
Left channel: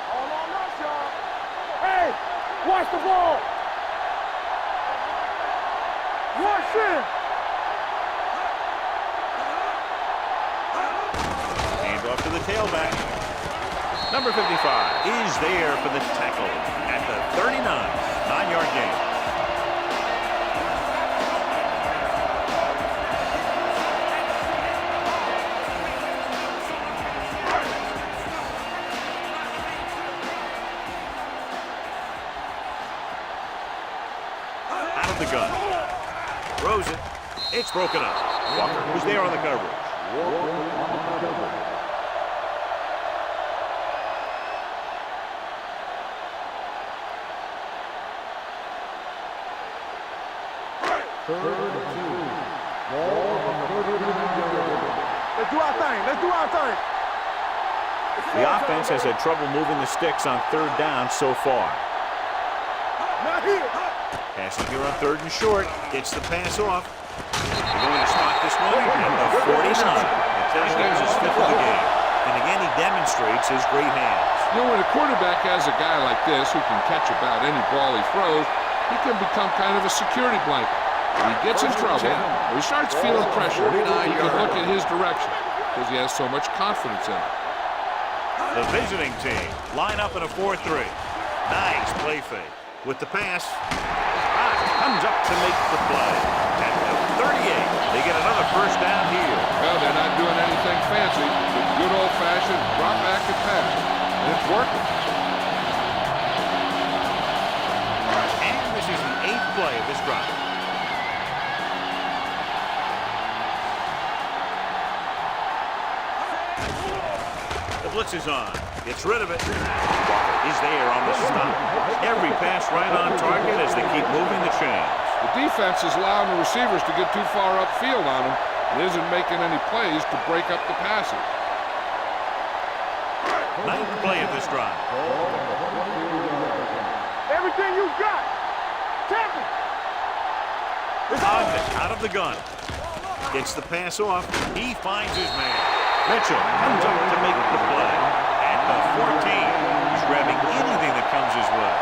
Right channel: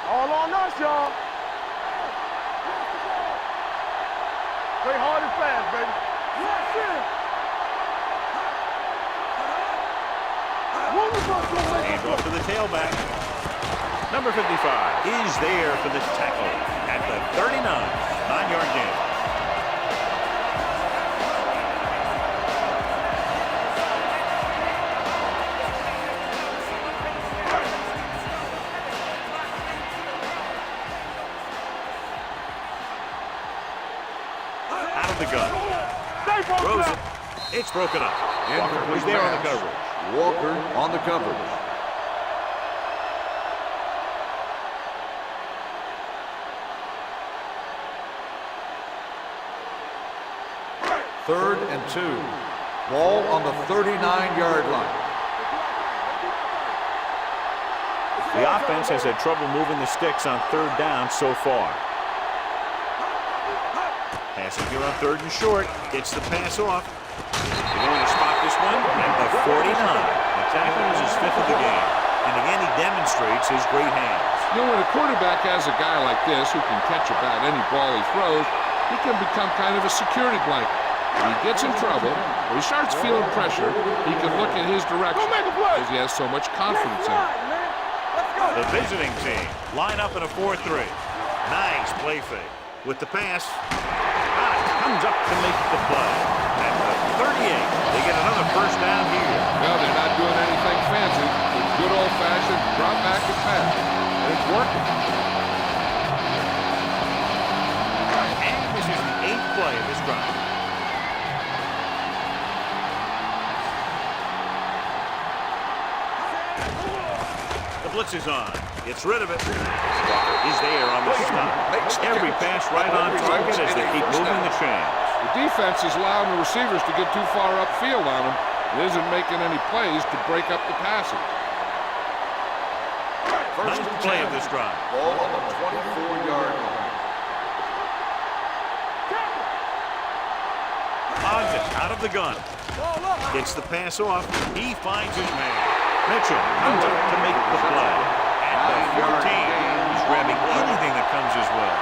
All on us, y'all. Hey, watch the ball. Play hard and fast, baby. Rush in. Hand off to the tailback. Number 55 is there for the tackle at the 39. 9-yard gain. Out of the gun. Throws it. It's broken up. Walker was there on the coverage. Walker on the coverage. Third and 2. Ball on the 39-yard line. Let's do our thing. The offense has had trouble moving the sticks on 3rd down so far. Passing here on 3rd and short. Gets the pass off. They're going to spot this one at the 49. The tackle is his 5th of the game. And again, he demonstrates his great hands. You know, when a quarterback has a guy like this who can catch about any ball he throws, he can become kind of a security blanket. When he gets in trouble, or he starts feeling pressure, he can look in his direction because he has so much confidence in it. The visiting team line up in a 4-3. Nice play fake. With the pass, comes up to make the play. At the 38, they get another 1st down here. Well, they're not doing anything fancy, but good old-fashioned drop back and pass. And it's working. And this is the 8th play of this drive. The blitz is on. Gets rid of it. Walker is there on the stop. Every pass right on target as they keep moving the chains. The defense is allowing the receivers to get too far upfield on him and isn't making any plays to break up the passage. Ninth play of this drive. Ball on the 24-yard line. Everything you got. Tackle. Ogden out of the gun. Gets the pass off. He finds his man. Mitchell comes up to make the play. At the 14, he's grabbing anything that comes his way.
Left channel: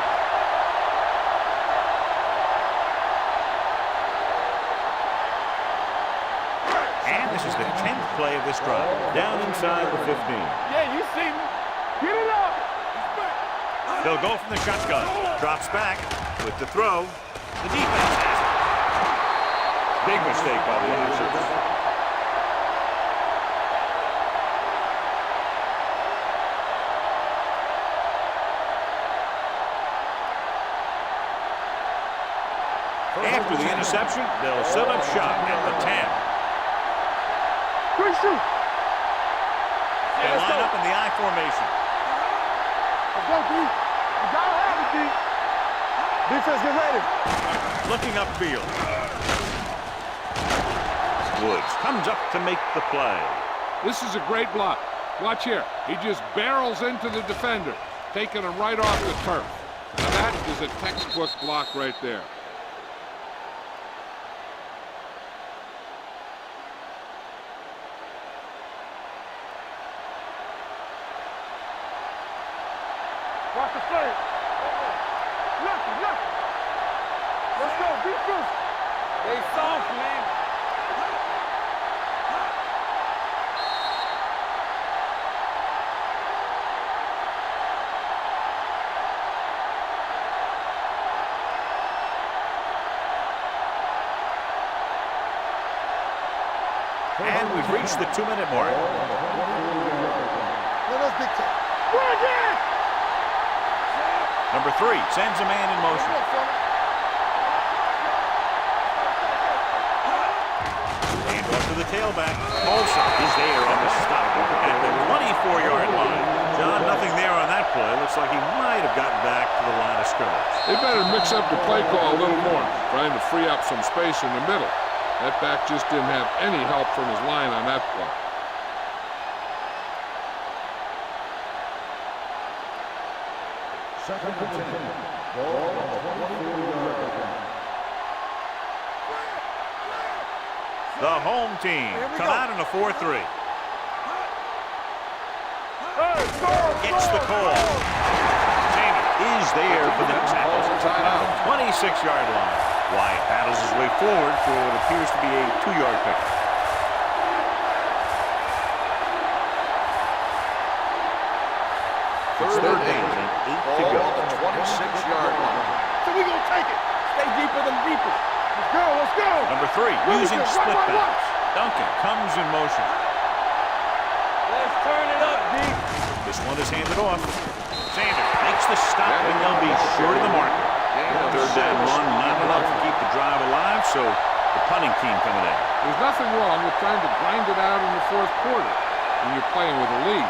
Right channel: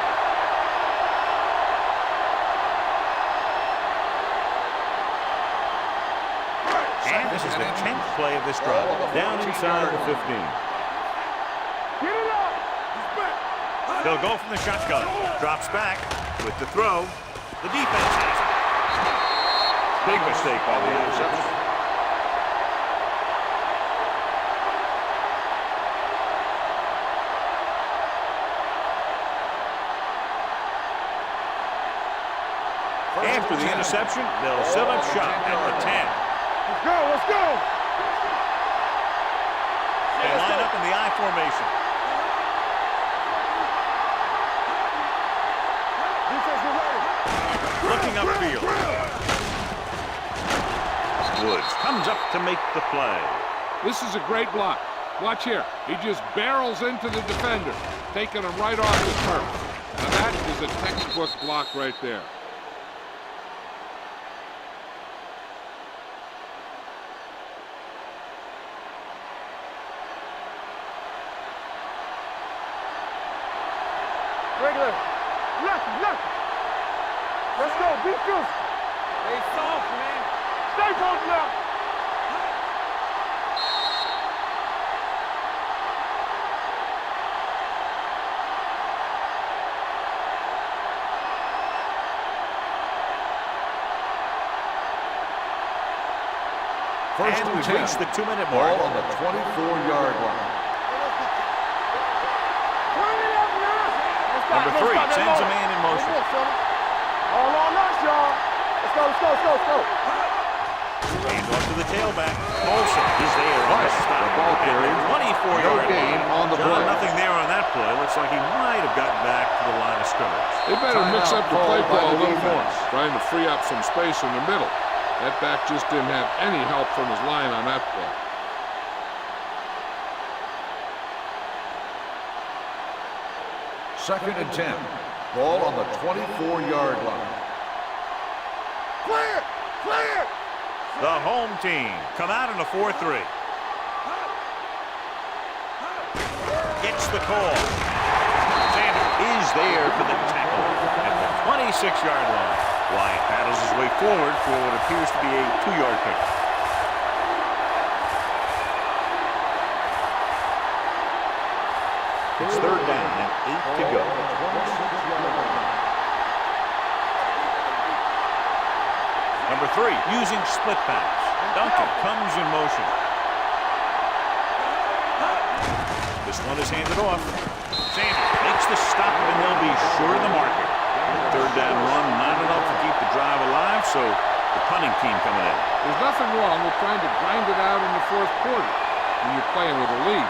And this is the 10th play of this drive. Down inside the 15. Yeah, you see me. Get it up. They'll go from the shotgun. Drops back with the throw. The defense has it. Big mistake by the interception. After the interception, they'll set up shop at the 10. Let's go. Let's go. Quick shoot. They line up in the I formation. Let's go, D. Defense, get ready. Looking upfield. Woods comes up to make the play. This is a great block. Watch here. He just barrels into the defender, taking him right off the turf. Now that is a textbook block right there. Watch the play. Regular. Lucky. Let's go. Be physical. They soft, man. Stay soft now. And we've reached the 2-minute mark. Ball on the 24-yard line. Number 3 sends a man in motion. Hand off to the tailback. Olsen is there on the stop at the 24-yard line. John, nothing there on that play. Looks like he might have gotten back to the line of scrimmage. They better mix up the play call a little more, trying to free up some space in the middle. That back just didn't have any help from his line on that play. Second and 10. Ball on the 24-yard line. The home team come out in a 4-3. Gets the call. Sanders is there for the tackle at the 26-yard line. Wyatt battles his way forward for what appears to be a 2-yard pickup. It's third down and 8 to go. 26-yard line. We gonna take it. Stay deeper than deeper. Let's go. Number 3 using split pass. Duncan comes in motion. Let's turn it up, D. This one is handed off. Sanders makes the stop and they'll be short of the marker. Third down run, not enough to keep the drive alive, so the punting team coming in. There's nothing wrong with trying to grind it out in the fourth quarter when you're playing with a lead.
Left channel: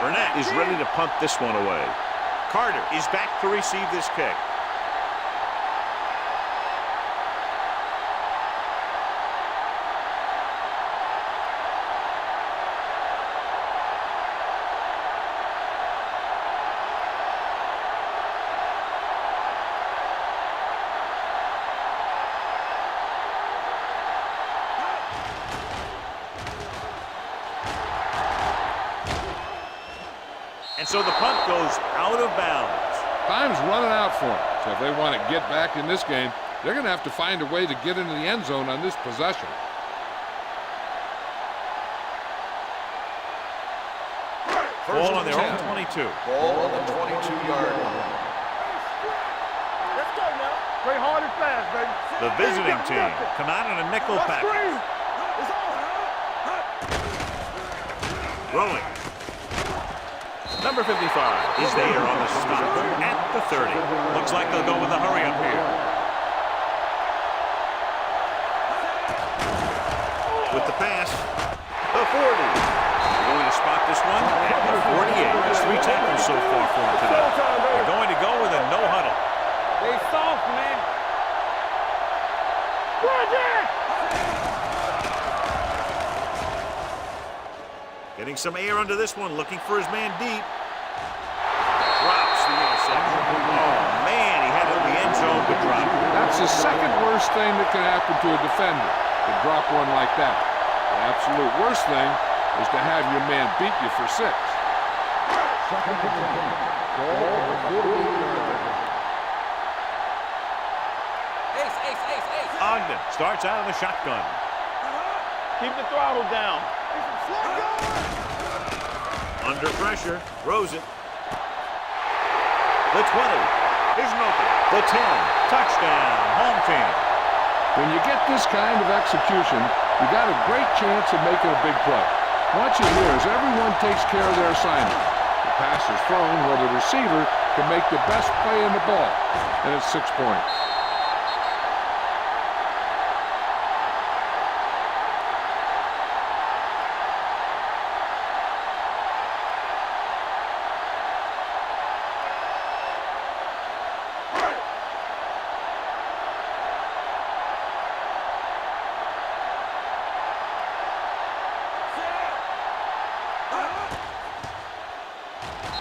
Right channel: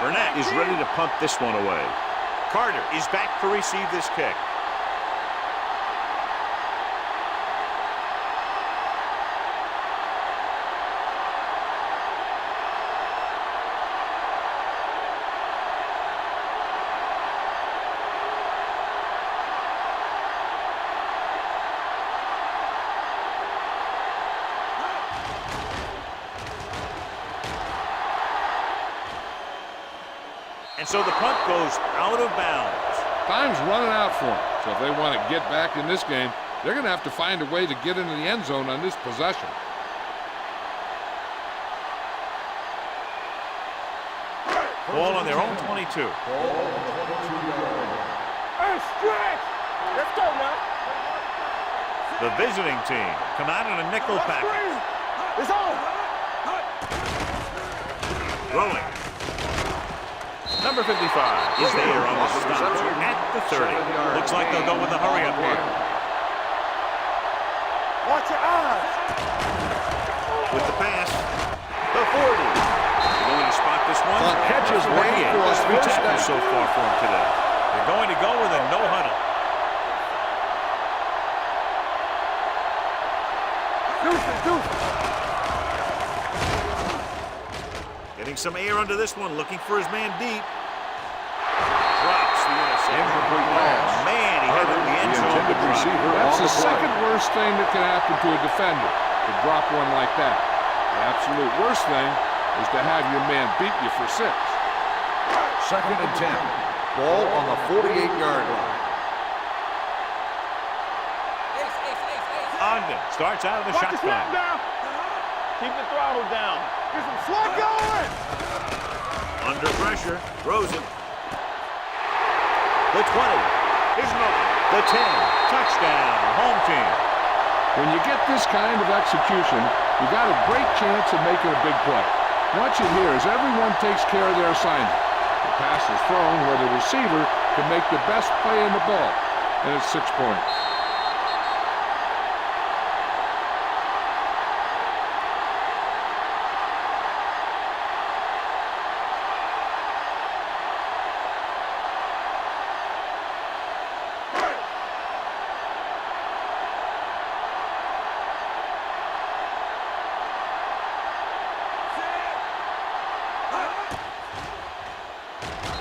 Burnett is ready to punt this one away. Carter is back to receive this kick. And so the punt goes out of bounds. Time's running out for them, so if they want to get back in this game, they're going to have to find a way to get into the end zone on this possession. Ball on their own 22. Ball on the 22-yard line. Hey, stretch. Let's go now. Play hard and fast, baby. The visiting team come out in a nickel package. It's on. Rolling. Number 55 is there on the stop at the 30. Looks like they'll go with a hurry up here. with the pass. The 40. They're going to spot this one at the 48. There's 3 tackles so far for him today. They're going to go with a no huddle. Stay soft, man. Getting some air under this one, looking for his man deep. Drops the interception. Oh, man, he had it in the end zone, but dropped it. That's the second worst thing that can happen to a defender, to drop one like that. The absolute worst thing is to have your man beat you for 6. 2nd and 10. Ball on the 48-yard line. Ogden starts out of the shotgun. Keep the throttle down. Get some slug going. Under pressure, throws it. The 20 isn't open. The 10, touchdown, home team. When you get this kind of execution, you got a great chance of making a big play. What you hear is everyone takes care of their assignment. The pass is thrown where the receiver can make the best play in the ball, and it's 6 points.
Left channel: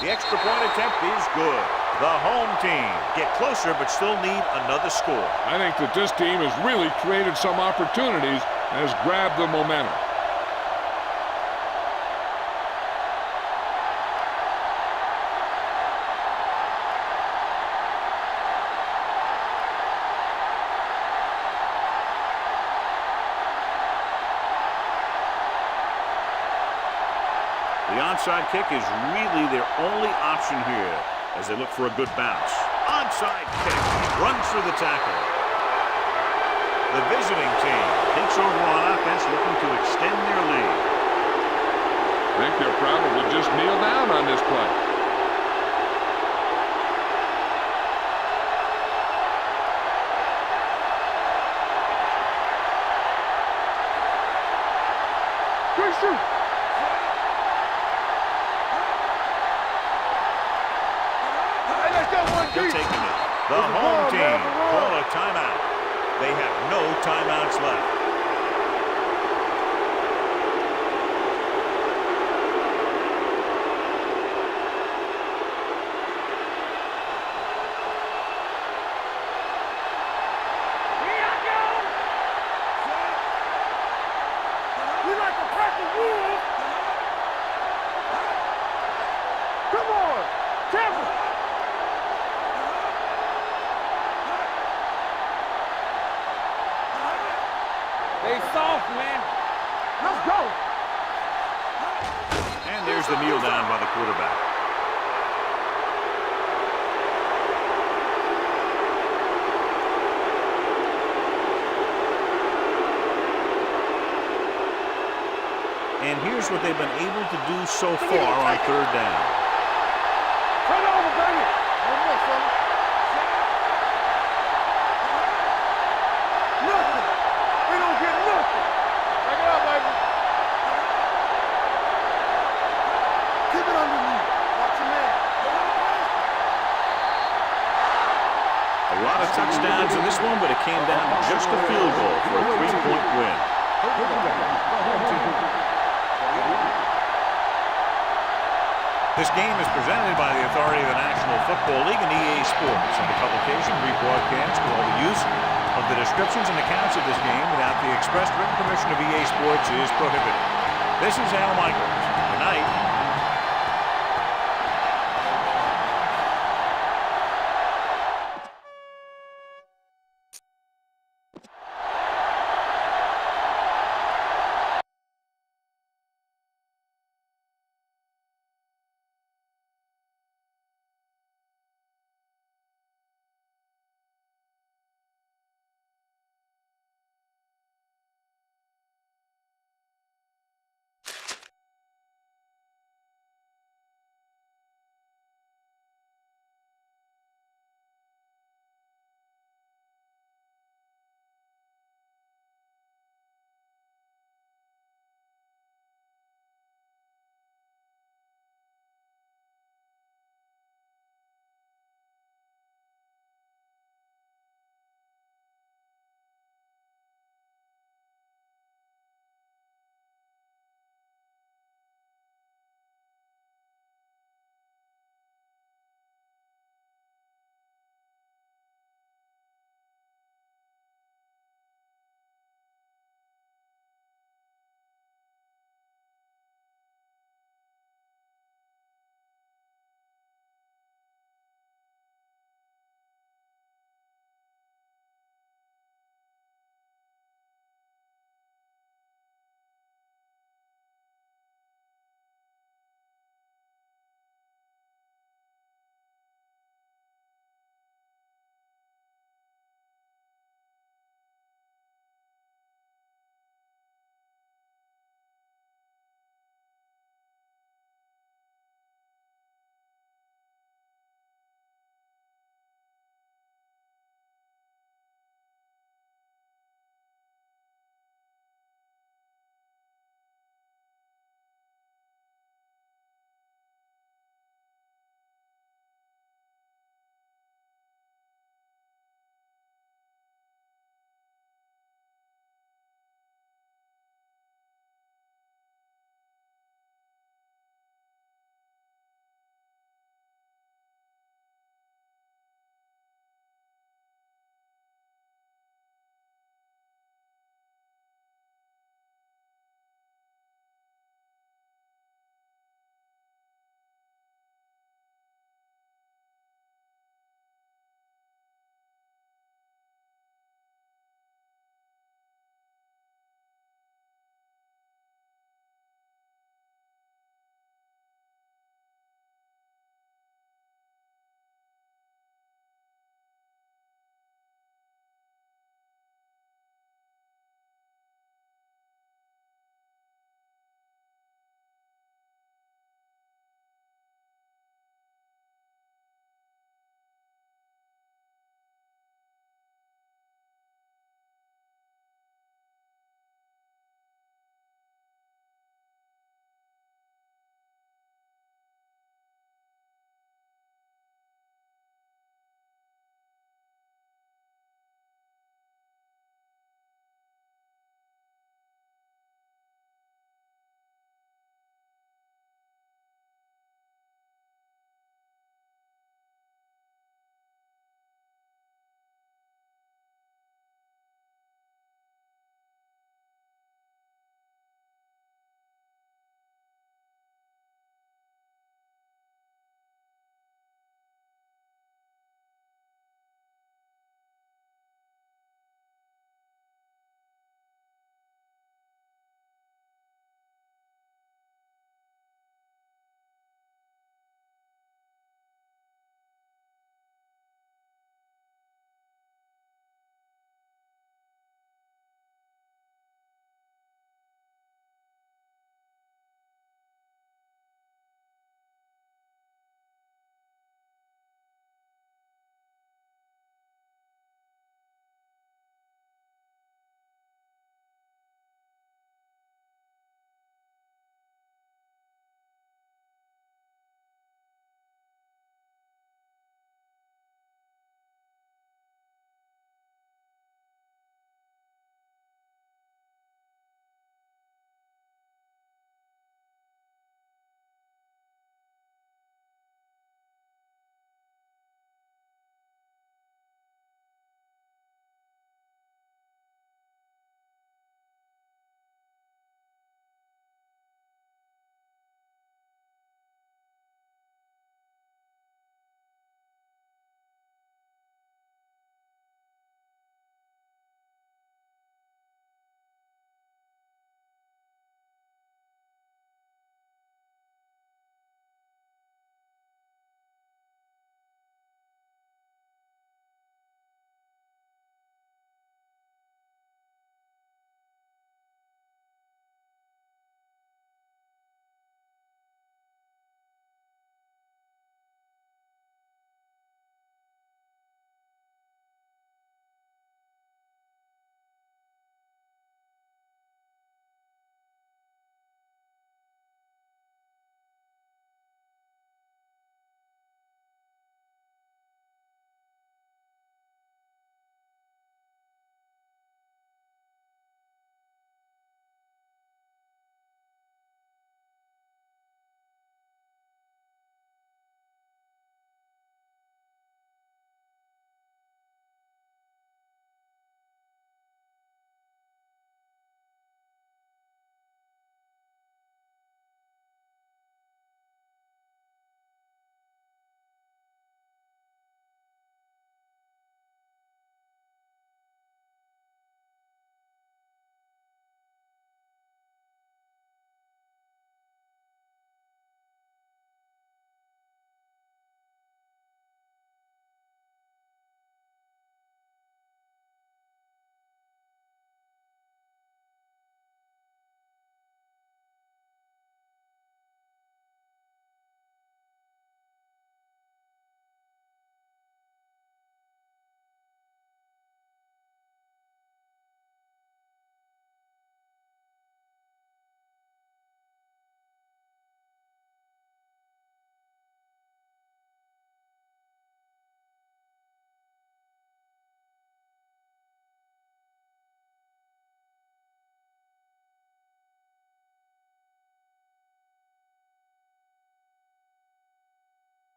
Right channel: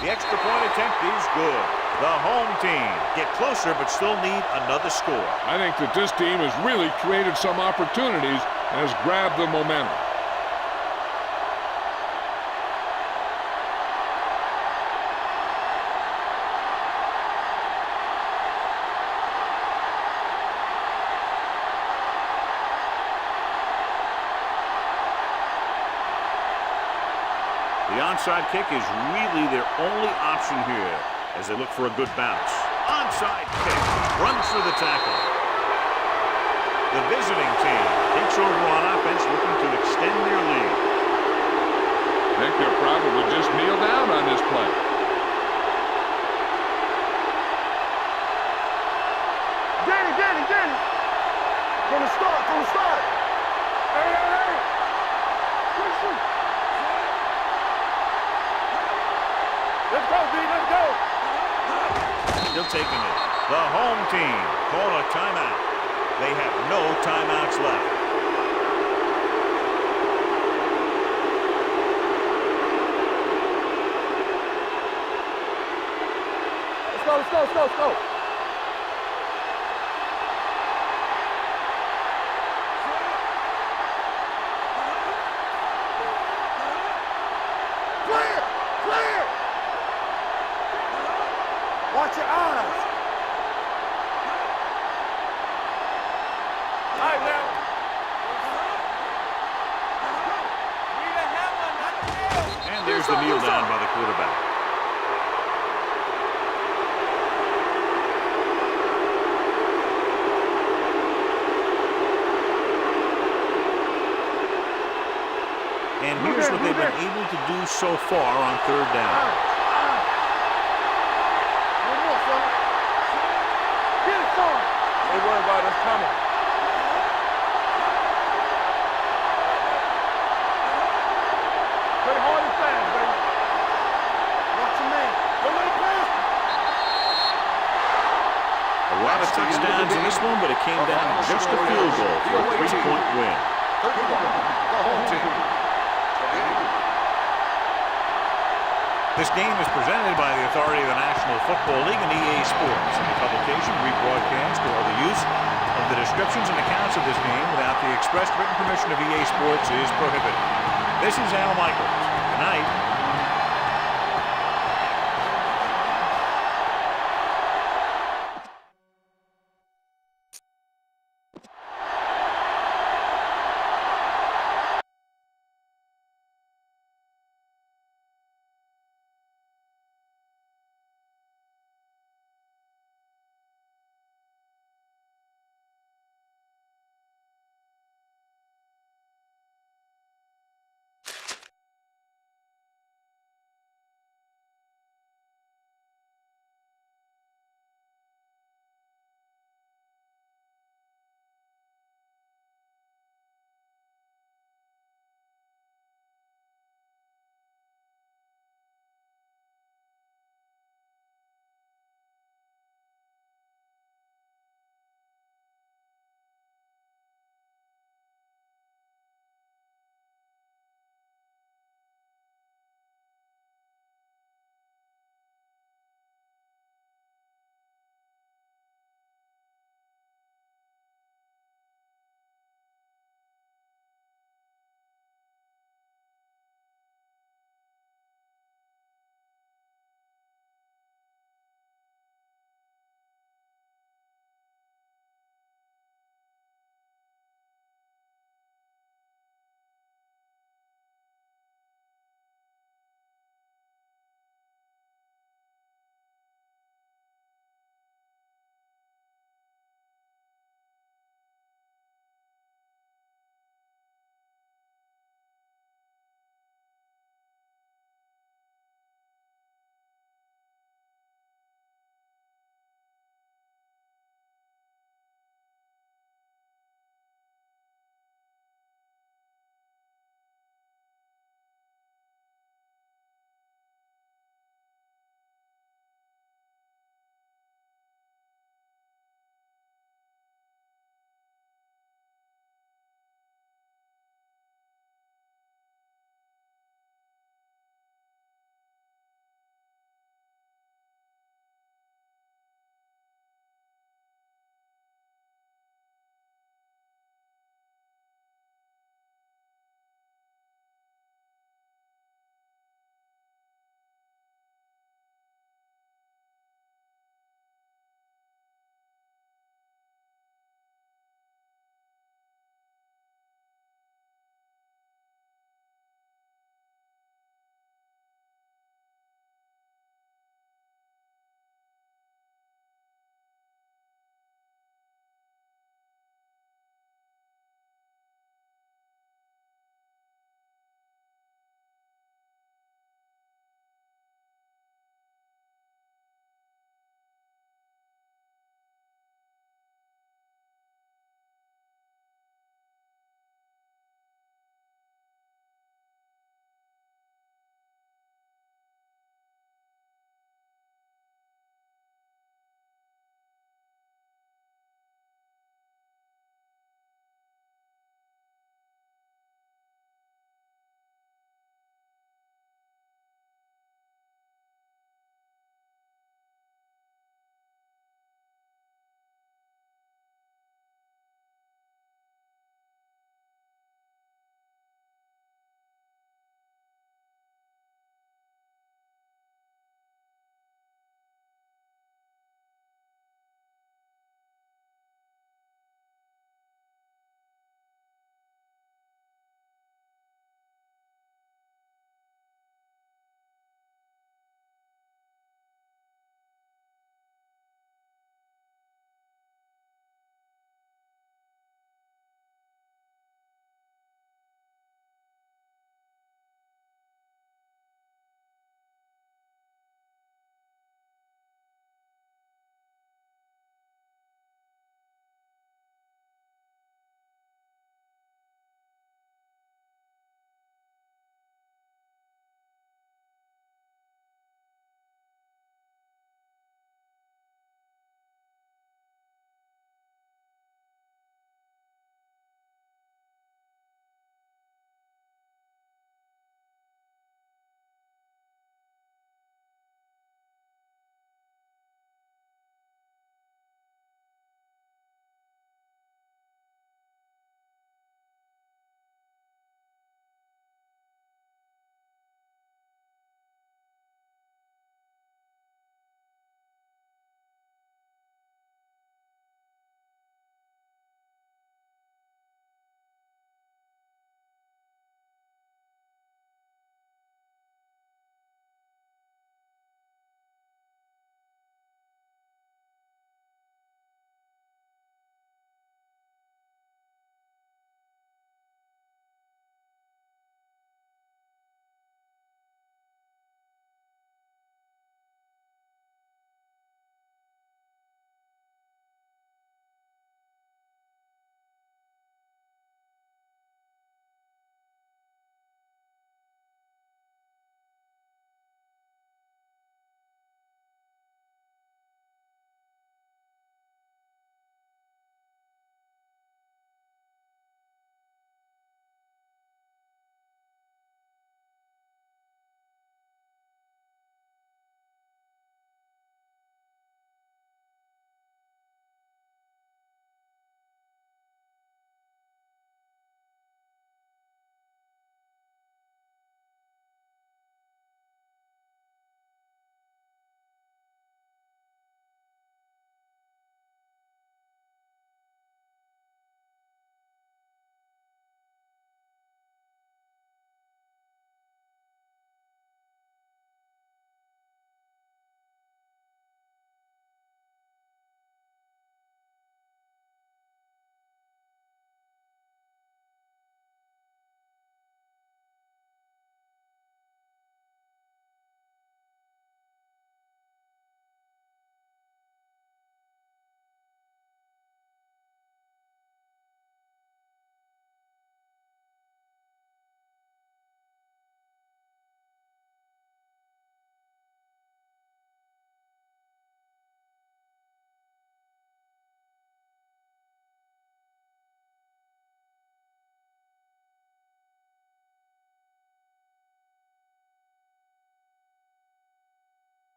The extra point attempt is good. The home team get closer but still need another score. I think that this team has really created some opportunities and has grabbed the momentum. The onside kick is really their only option here as they look for a good bounce. Onside kick runs through the tackle. The visiting team takes over on offense, looking to extend their lead. I think they'll probably just kneel down on this play. Danny. From the start. Good shoot. They'll take a minute. The home team call a timeout. They have no timeouts left. Let's go. Watch your eyes. All right, now. They soft, man. Let's go. And there's the kneel down by the quarterback. And here's what they've been able to do so far on 3rd down. A lot of touchdowns in this one, but it came down to just a field goal for a 3-point win. 31, the home team. 28. This game is presented by the authority of the National Football League and EA Sports. Any publication, rebroadcast, or other use of the descriptions and accounts of this game without the expressed written permission of EA Sports is prohibited. This is Al Michaels. Good night.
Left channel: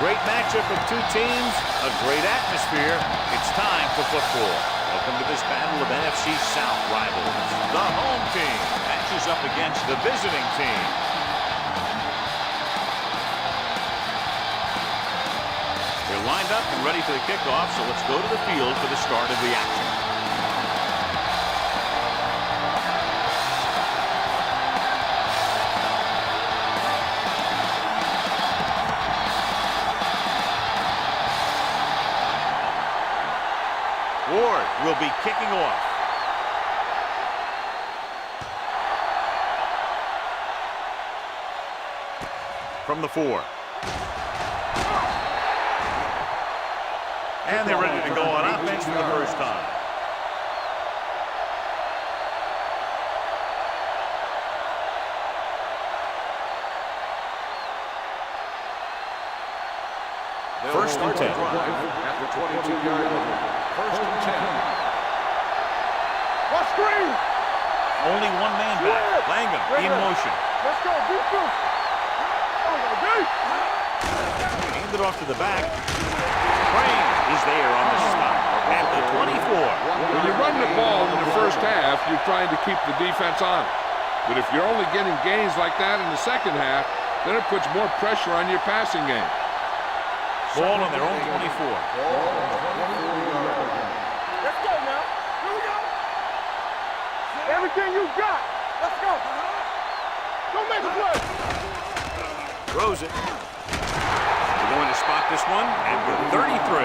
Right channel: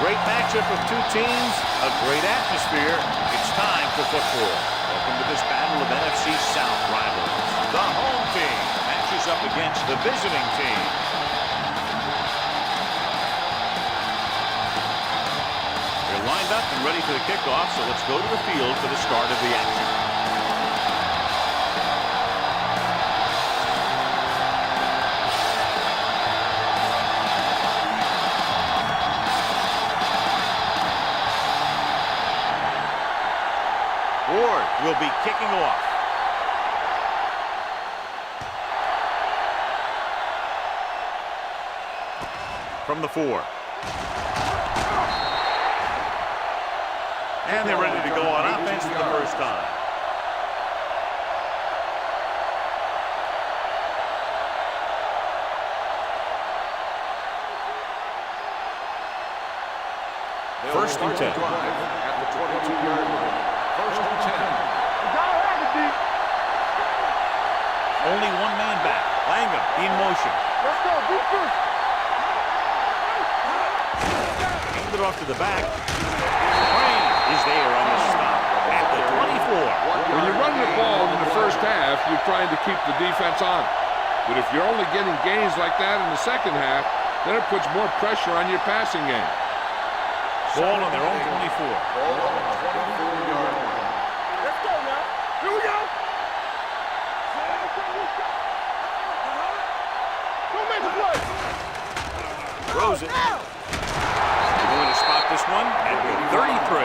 Great matchup of two teams, a great atmosphere. It's time for football. Welcome to this battle of NFC South rivals. The home team matches up against the visiting team. They're lined up and ready for the kickoff, so let's go to the field for the start of the action. Ward will be kicking off. From the 4. And they're ready to go on offense for the first time. First and 10. Drive at the 22-yard line. First and 10. Only one man back. Langham in motion. Let's go. Be first. Aimed it off to the back. Crane is there on the stop at the 24. When you run the ball in the first half, you're trying to keep the defense on it. But if you're only getting gains like that in the second half, then it puts more pressure on your passing game. Ball on their own 24. Ball on the 24-yard line. Let's go now. Here we go. Everything you got. Let's go. Don't make a play. Throws it. They're going to spot this one at the 33.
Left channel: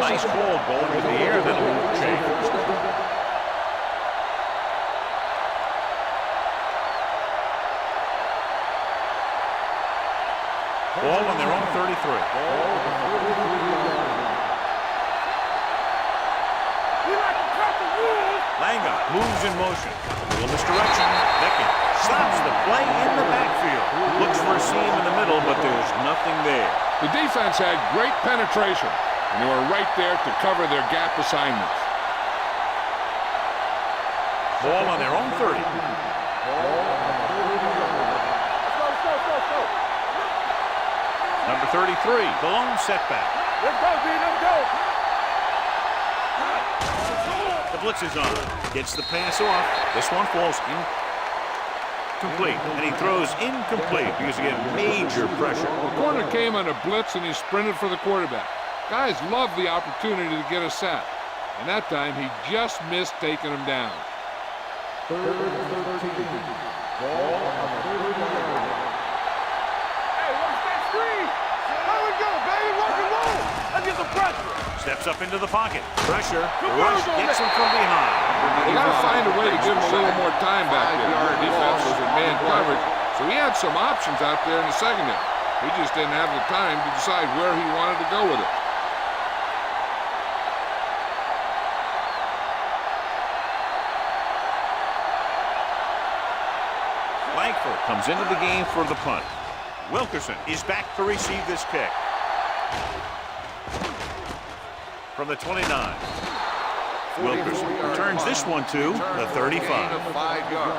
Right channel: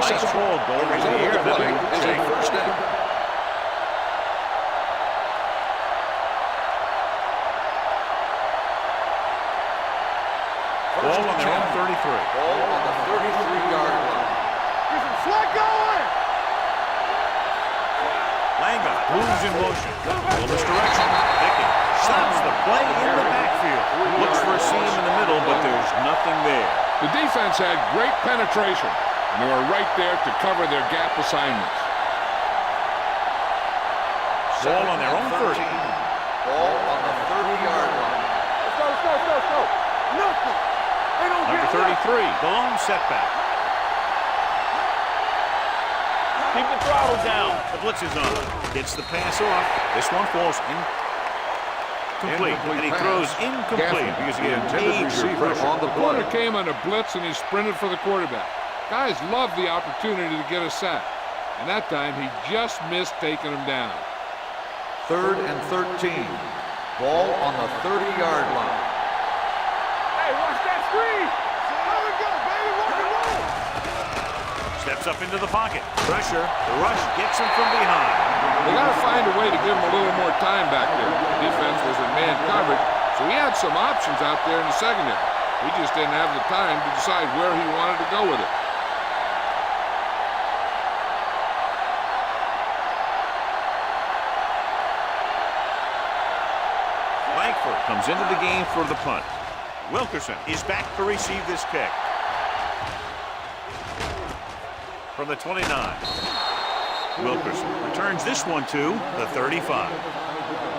Nice ball going to the air. That'll change. First down. Ball on their own 33. Ball on the 33-yard line. Langham moves in motion. Will misdirection. Bicken stops the play in the backfield. Looks for a seam in the middle, but there's nothing there. The defense had great penetration, and they were right there to cover their gap assignments. Ball on their own 30. Ball on the 30-yard line. Let's go, let's go, let's go, let's go. Number 33, the lone setback. Let's go, D, let's go. Keep the throttle down. The blitz is on. Gets the pass off. This one falls incomplete. And he throws incomplete because he gets major pressure. The corner came on a blitz, and he sprinted for the quarterback. Guys love the opportunity to get a sack. And that time, he just missed taking him down. 3rd and 13. Ball on the 30-yard line. Hey, watch that screen. There we go, baby. Rock and roll. Get the pressure. Steps up into the pocket. Pressure. The rush gets him from behind. They got to find a way to give him a little more time back there. The defense was in man coverage, so he had some options out there in the secondary. He just didn't have the time to decide where he wanted to go with it. Langford comes into the game for the punt. Wilkerson is back to receive this kick. From the 29. Wilkerson returns this one to the 35. 5 yards.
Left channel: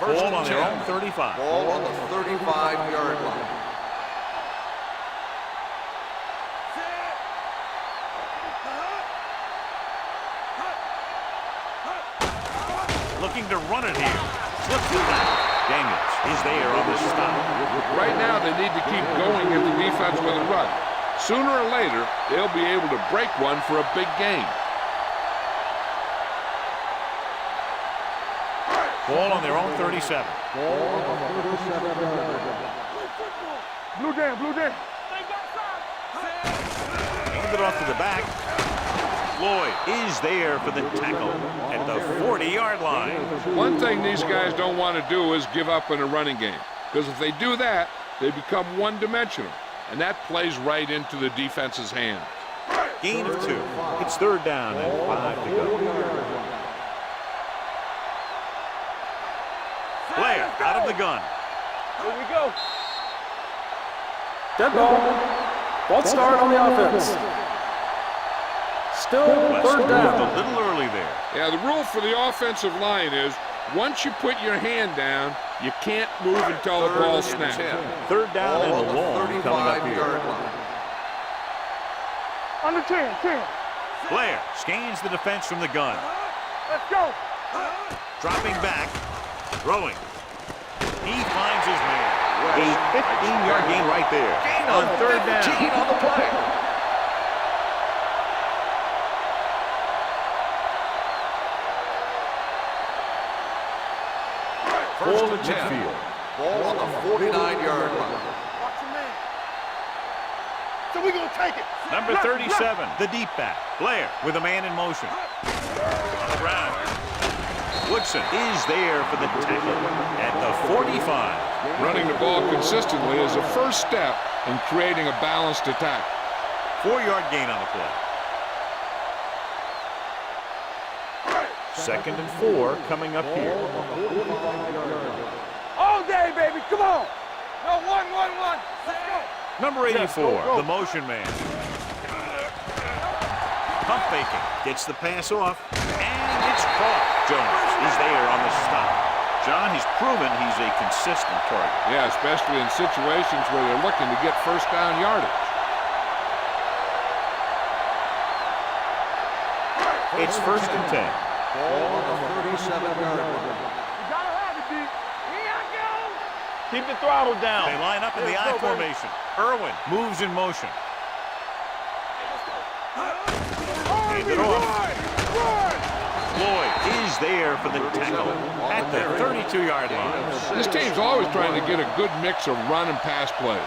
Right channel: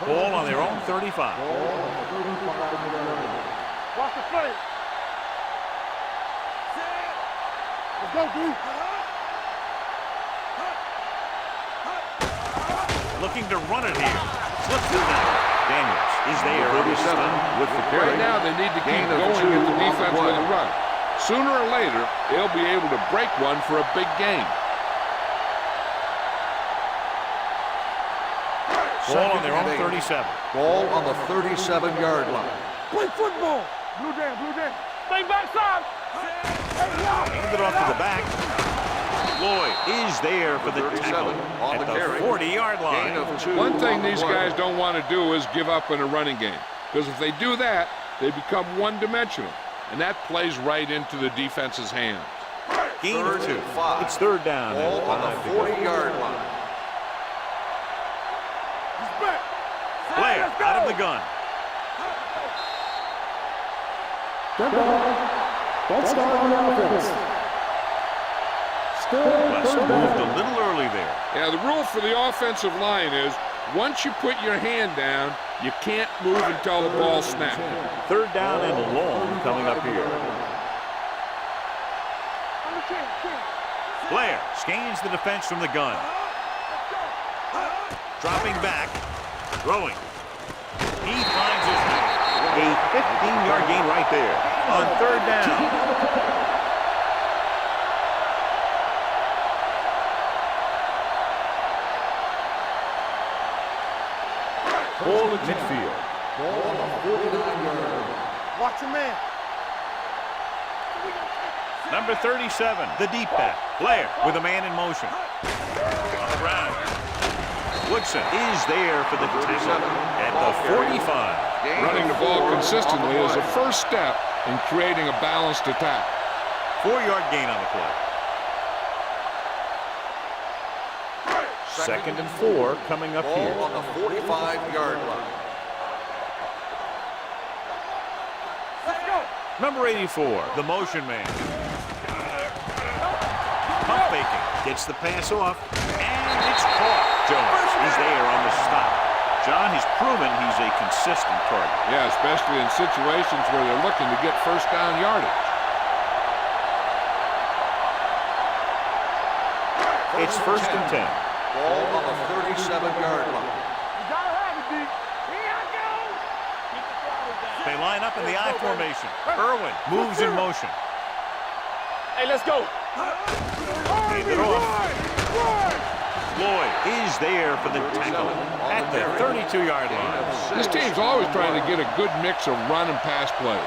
Ball on their own 35. Ball on the 35-yard line. Watch the play. Set. Let's go, dude. Looking to run it here. Flip the tackle. Daniels is there on the stop. Right now, they need to keep going at the defense with a run. Sooner or later, they'll be able to break one for a big gain. Ball on their own 37. Ball on the 37-yard line. Play football. Blue down, blue down. Stay backside. Hand it off to the back. Lloyd is there for the tackle at the 40-yard line. One thing these guys don't want to do is give up in a running game, because if they do that, they become one-dimensional, and that plays right into the defense's hands. Gain of 2. It's 3rd down and 5 to go. 40-yard line. Blair out of the gun. Here we go. Dead ball. False start on the offense. Still West third moved down. a little early there. Yeah, the rule for the offensive line is once you put your hand down, you can't move until the ball snaps. Third down and long coming up here. Under 10, 10. Blair scans the defense from the gun. Let's go. Dropping back. Throwing. He finds his man. A 15-yard gain right there on third down. Ball at midfield. Ball on the 49-yard line. Watch your man. So we gonna take it. Number 37, the deep back. Blair with a man in motion. On the ground. Woodson is there for the tackle at the 45. Running the ball consistently is a first step in creating a balanced attack. 4-yard gain on the play. Second and 4 coming up here. Ball on the 45-yard line. All day, baby. Come on. No, 1. Let's go. Number 84, the motion man. Pump faking, gets the pass off, and it's caught. Jones is there on the stop. John, he's proven he's a consistent target. Yeah, especially in situations where they're looking to get first down yardage. It's first and 10. Ball on the 37-yard line. You gotta have it, D. Here I go. Keep the throttle down. They line up in the I formation. Irwin moves in motion. Hey, let's go. Hand it off. Lloyd is there for the tackle at the 32-yard line. This team's always trying to get a good mix of run and pass plays.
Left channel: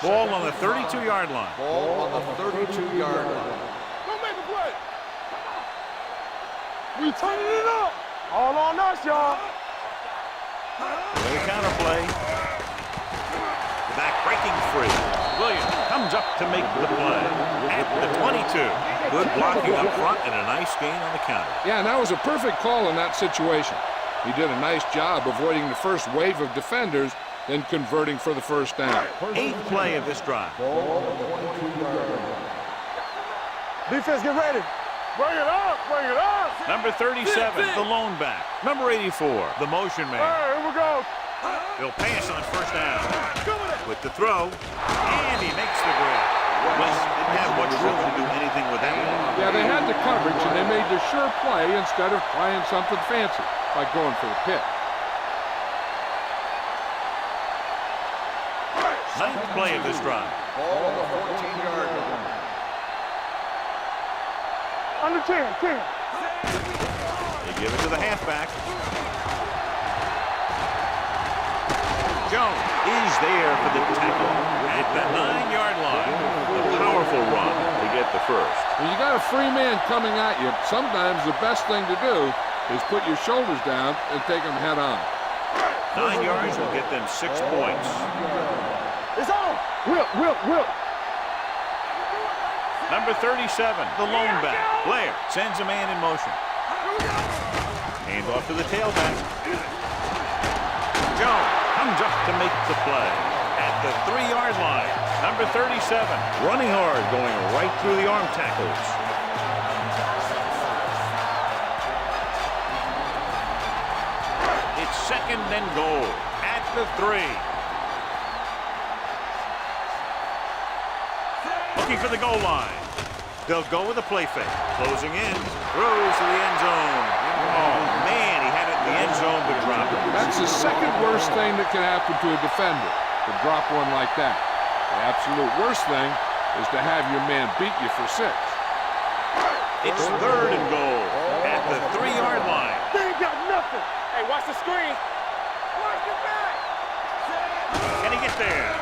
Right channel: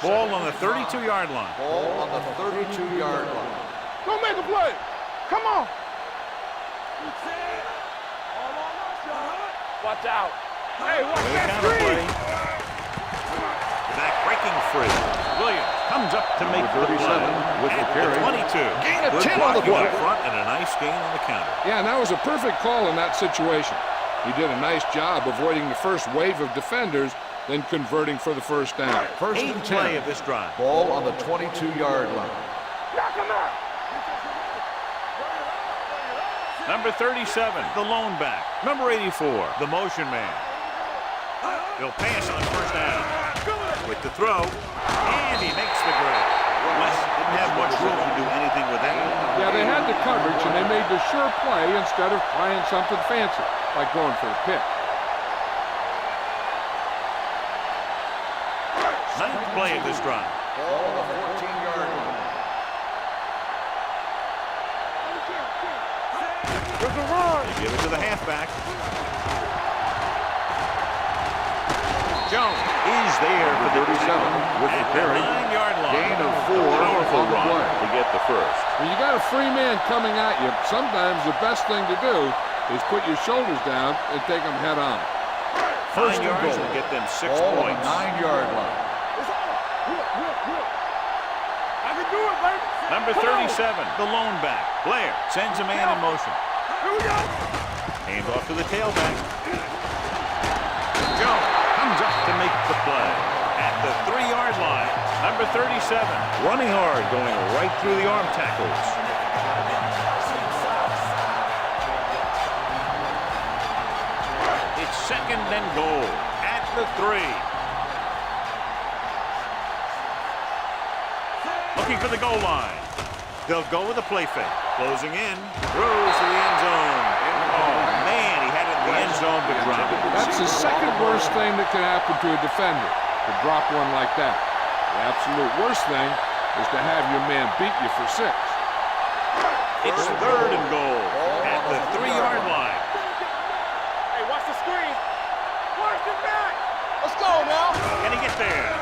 Ball on the 32-yard line. Ball on the 32-yard line. Go make a play. Come on. We turning it up. All on us, y'all. Watch out. Hey, With a counter play. Back breaking free. Williams comes up to make the play at the 22. Good blocking up front and a nice gain on the counter. Yeah, and that was a perfect call in that situation. He did a nice job avoiding the first wave of defenders, then converting for the first down. Eighth play of this drive. Ball on the 22-yard line. defense, get ready. Bring it up. Number 37, the lone back. Number 84, the motion man. Here we go. He'll pass on first down. With the throw, and he makes the grab. West didn't have much room to do anything with that one. Yeah, they had the coverage, and they made the sure play instead of trying something fancy, like going for the pick. Ninth play of this drive. Ball on the 14-yard line. Under 10. They give it to the halfback. Jones is there for the tackle at the 9-yard line. A powerful run to get the first. When you got a free man coming at you, sometimes the best thing to do is put your shoulders down and take them head on. 9 yards will get them 6 Ball points. 9-yard line. It's on. Whip. I can do it, baby. Number 37, the lone back. Blair sends a man in motion. Here we go. Hand off to the tailback. Jones comes up to make the play at the 3-yard line. Number 37, running hard, going right through the arm tackles. It's second and goal at the 3. Looking for the goal line. They'll go with a play fake. Closing in, throws to the end zone. Oh, man, he had it in the end zone, but dropped it. That's the second worst thing that can happen to a defender, to drop one like that. The absolute worst thing is to have your man beat you for 6. It's third and goal at the 3-yard line. Hey, watch the screen. Watch it back. Let's go now. Can he get there?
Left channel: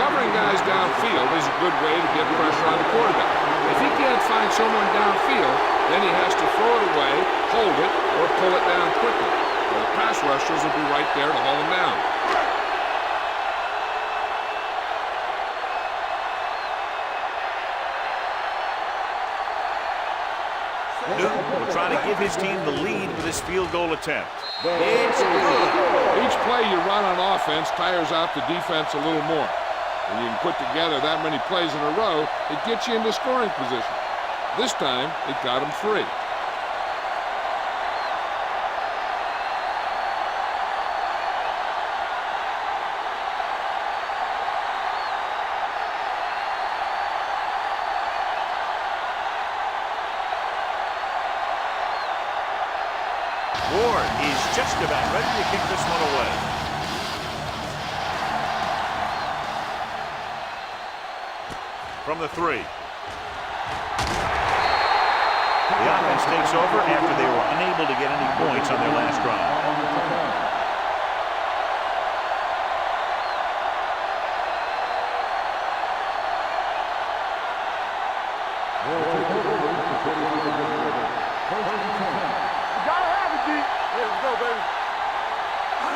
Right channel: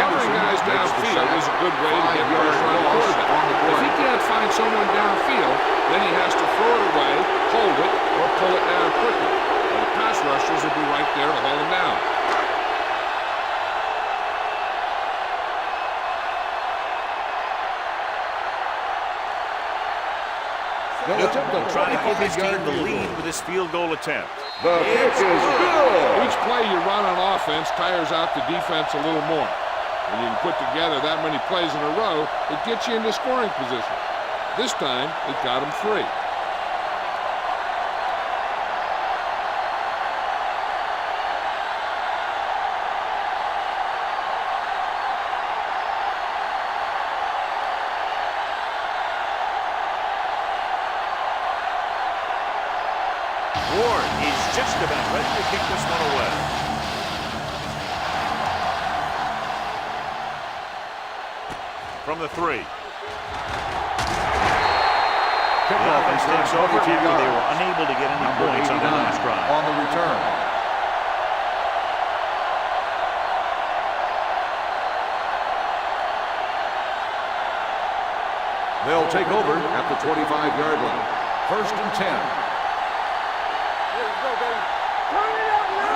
Covering guys downfield is a good way to get pressure on the quarterback. If he can't find someone downfield, then he has to throw it away, hold it, or pull it down quickly, or the pass rushers will be right there to haul him down. Newton will try to give his team the lead with this field goal attempt. It's good. Each play you run on offense tires out the defense a little more. When you can put together that many plays in a row, it gets you into scoring position. This time, it got them free. Ward is just about ready to kick this one away. From the 3. The offense takes over after they were unable to get any points on their last drive. On the return. They'll take over at the 25-yard line. 1st and 10. Let's go, baby.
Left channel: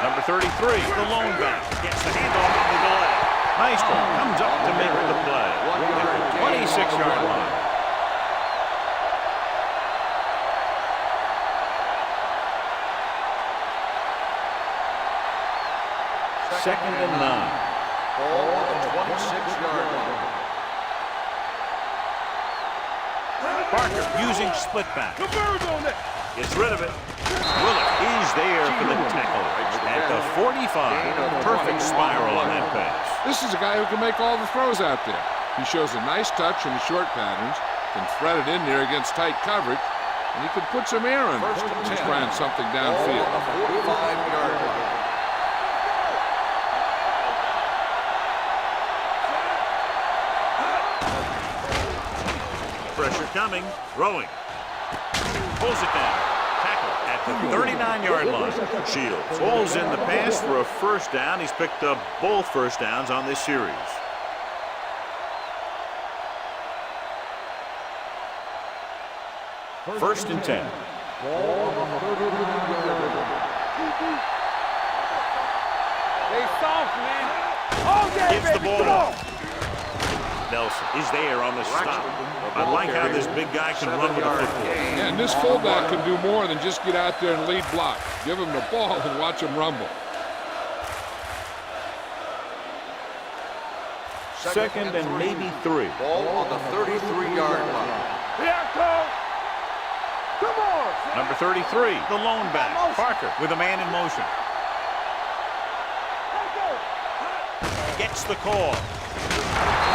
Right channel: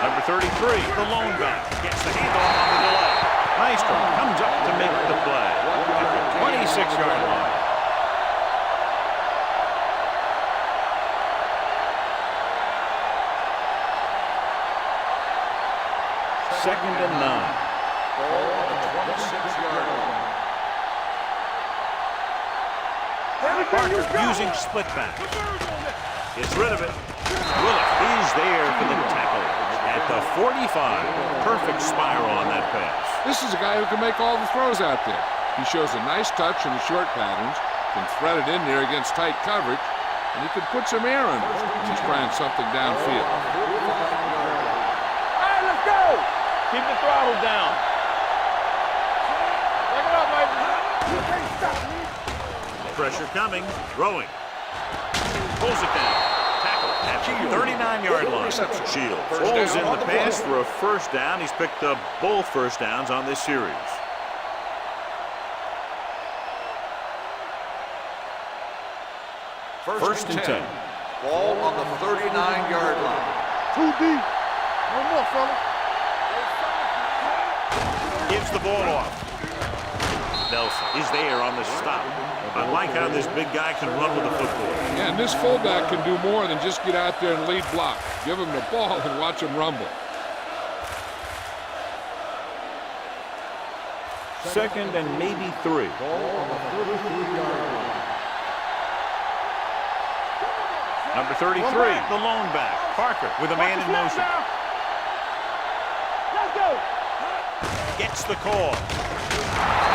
Number 33, the lone back, gets the handoff on the delay. Maestro comes up to make the play at the 26-yard line. Second and 9. Ball on the 26-yard line. Parker using split back. Gets rid of it. Willett is there for the tackle at the 45. Perfect spiral on that pass. This is a guy who can make all the throws out there. He shows a nice touch in the short patterns, can thread it in there against tight coverage, and he could put some air in when he's trying something downfield. 45-yard line. Let's go. Keep the throttle down. Pressure coming. Throwing. Pulls it down. Tackle at the 39-yard line. Shields pulls in the pass for a first down. He's picked up both first downs on this series. First and 10. Ball on the 39-yard line. Too deep. One more, fella. They soft, man. Gives the ball off. Nelson is there on the stop. I like how this big guy can run with the football. Yeah, and this fullback can do more than just get out there and lead block. Give him the ball and watch him rumble. Second and maybe 3. Ball on the 33-yard line. Come on. Number 33, the lone back. Parker with a man in motion. Let's go. Gets the call.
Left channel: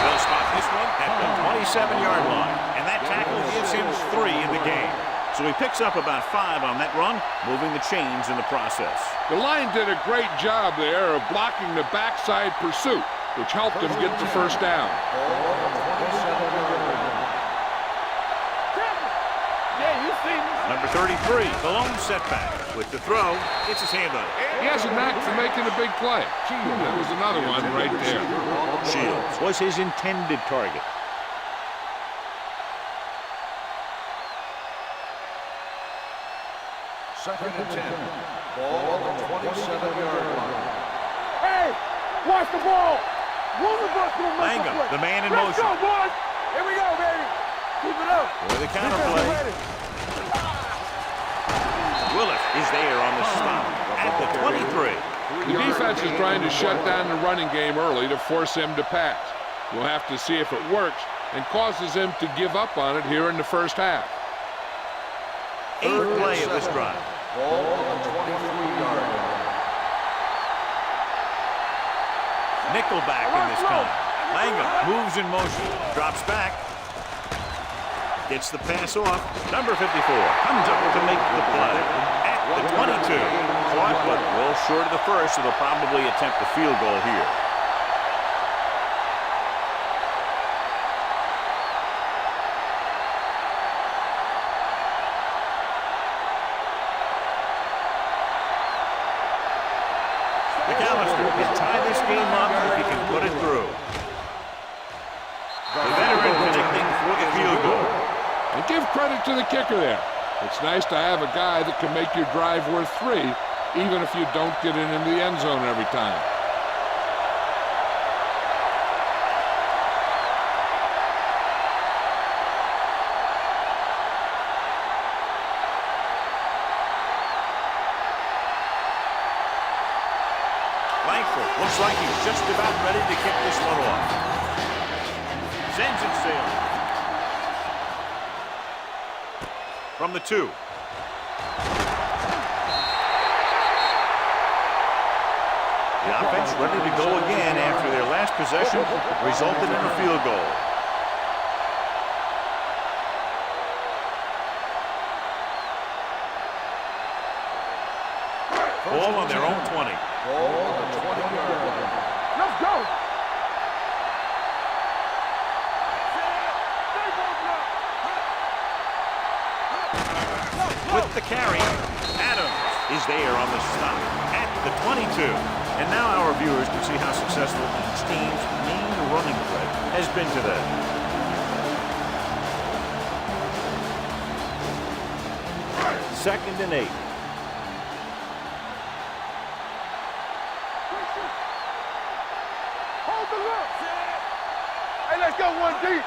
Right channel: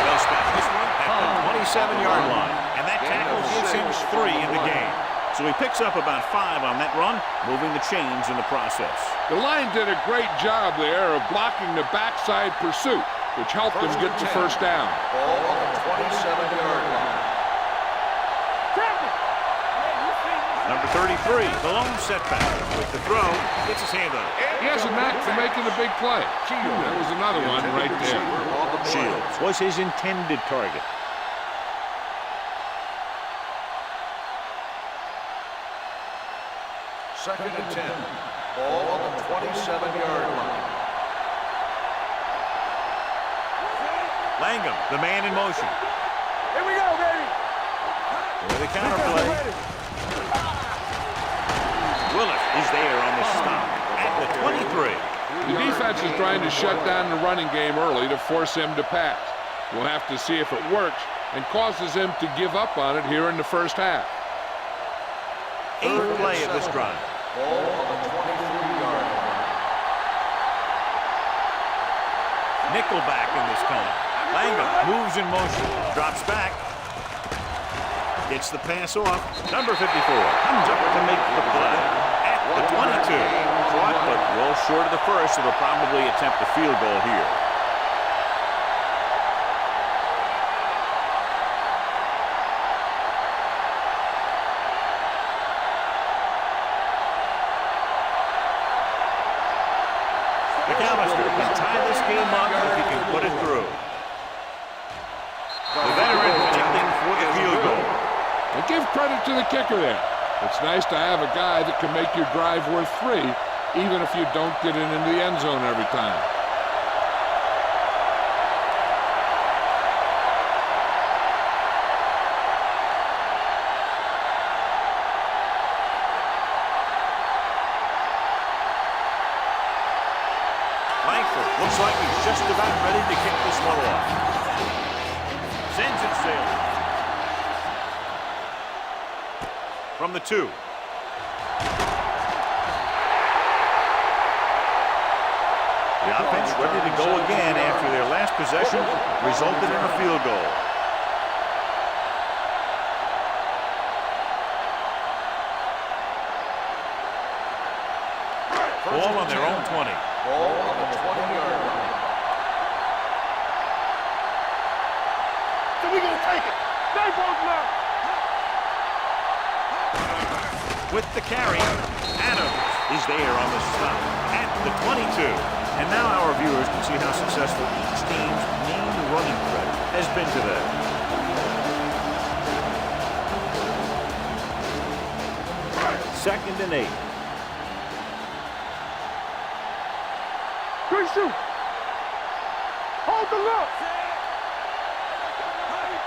They'll spot this one at the 27-yard line. And that tackle gives him 3 in the game. So he picks up about 5 on that run, moving the chains in the process. The line did a great job there of blocking the backside pursuit, which helped him get the first down. Ball on the 27-yard line. Yeah, you see me. Number 33, the lone setback. With the throw, gets his hand on it. He has a knack for making a big play. That was another one right there. Shields was his intended target. Second and 10. Ball on the 27-yard line. Hey, watch the ball. Langham, the man in motion. Here we go, baby. With a counterplay. Willis is there on the stop at the 23. The defense is trying to shut down the running game early to force him to pass. We'll have to see if it works and causes him to give up on it here in the first half. 8th play of this drive. Ball on the 23-yard line. Nickelback in this time. Langham moves in motion, drops back, gets the pass off. Number 54 comes up to make the play at the 22. Caught, but well short of the first, so they'll probably attempt a field goal here. McAllister can tie this game up if he can put it through. The veteran connecting for the field goal. And give credit to the kicker there. It's nice to have a guy that can make your drive worth 3, even if you don't get it into the end zone every time. thankful. Looks like he's just about ready to kick this one off. Sends it sailing. From the 2. The offense ready to go again after their last possession resulted in a field goal. Ball on their own 20. Ball on the 20-yard line. Let's go. So we gonna take it. Stay both now. With the carry, Adams is there on the stop at the 22. And now our viewers can see how successful each team's main running threat has been today. Second and 8. Good shoot. Hold the look. Hey, let's go one deep.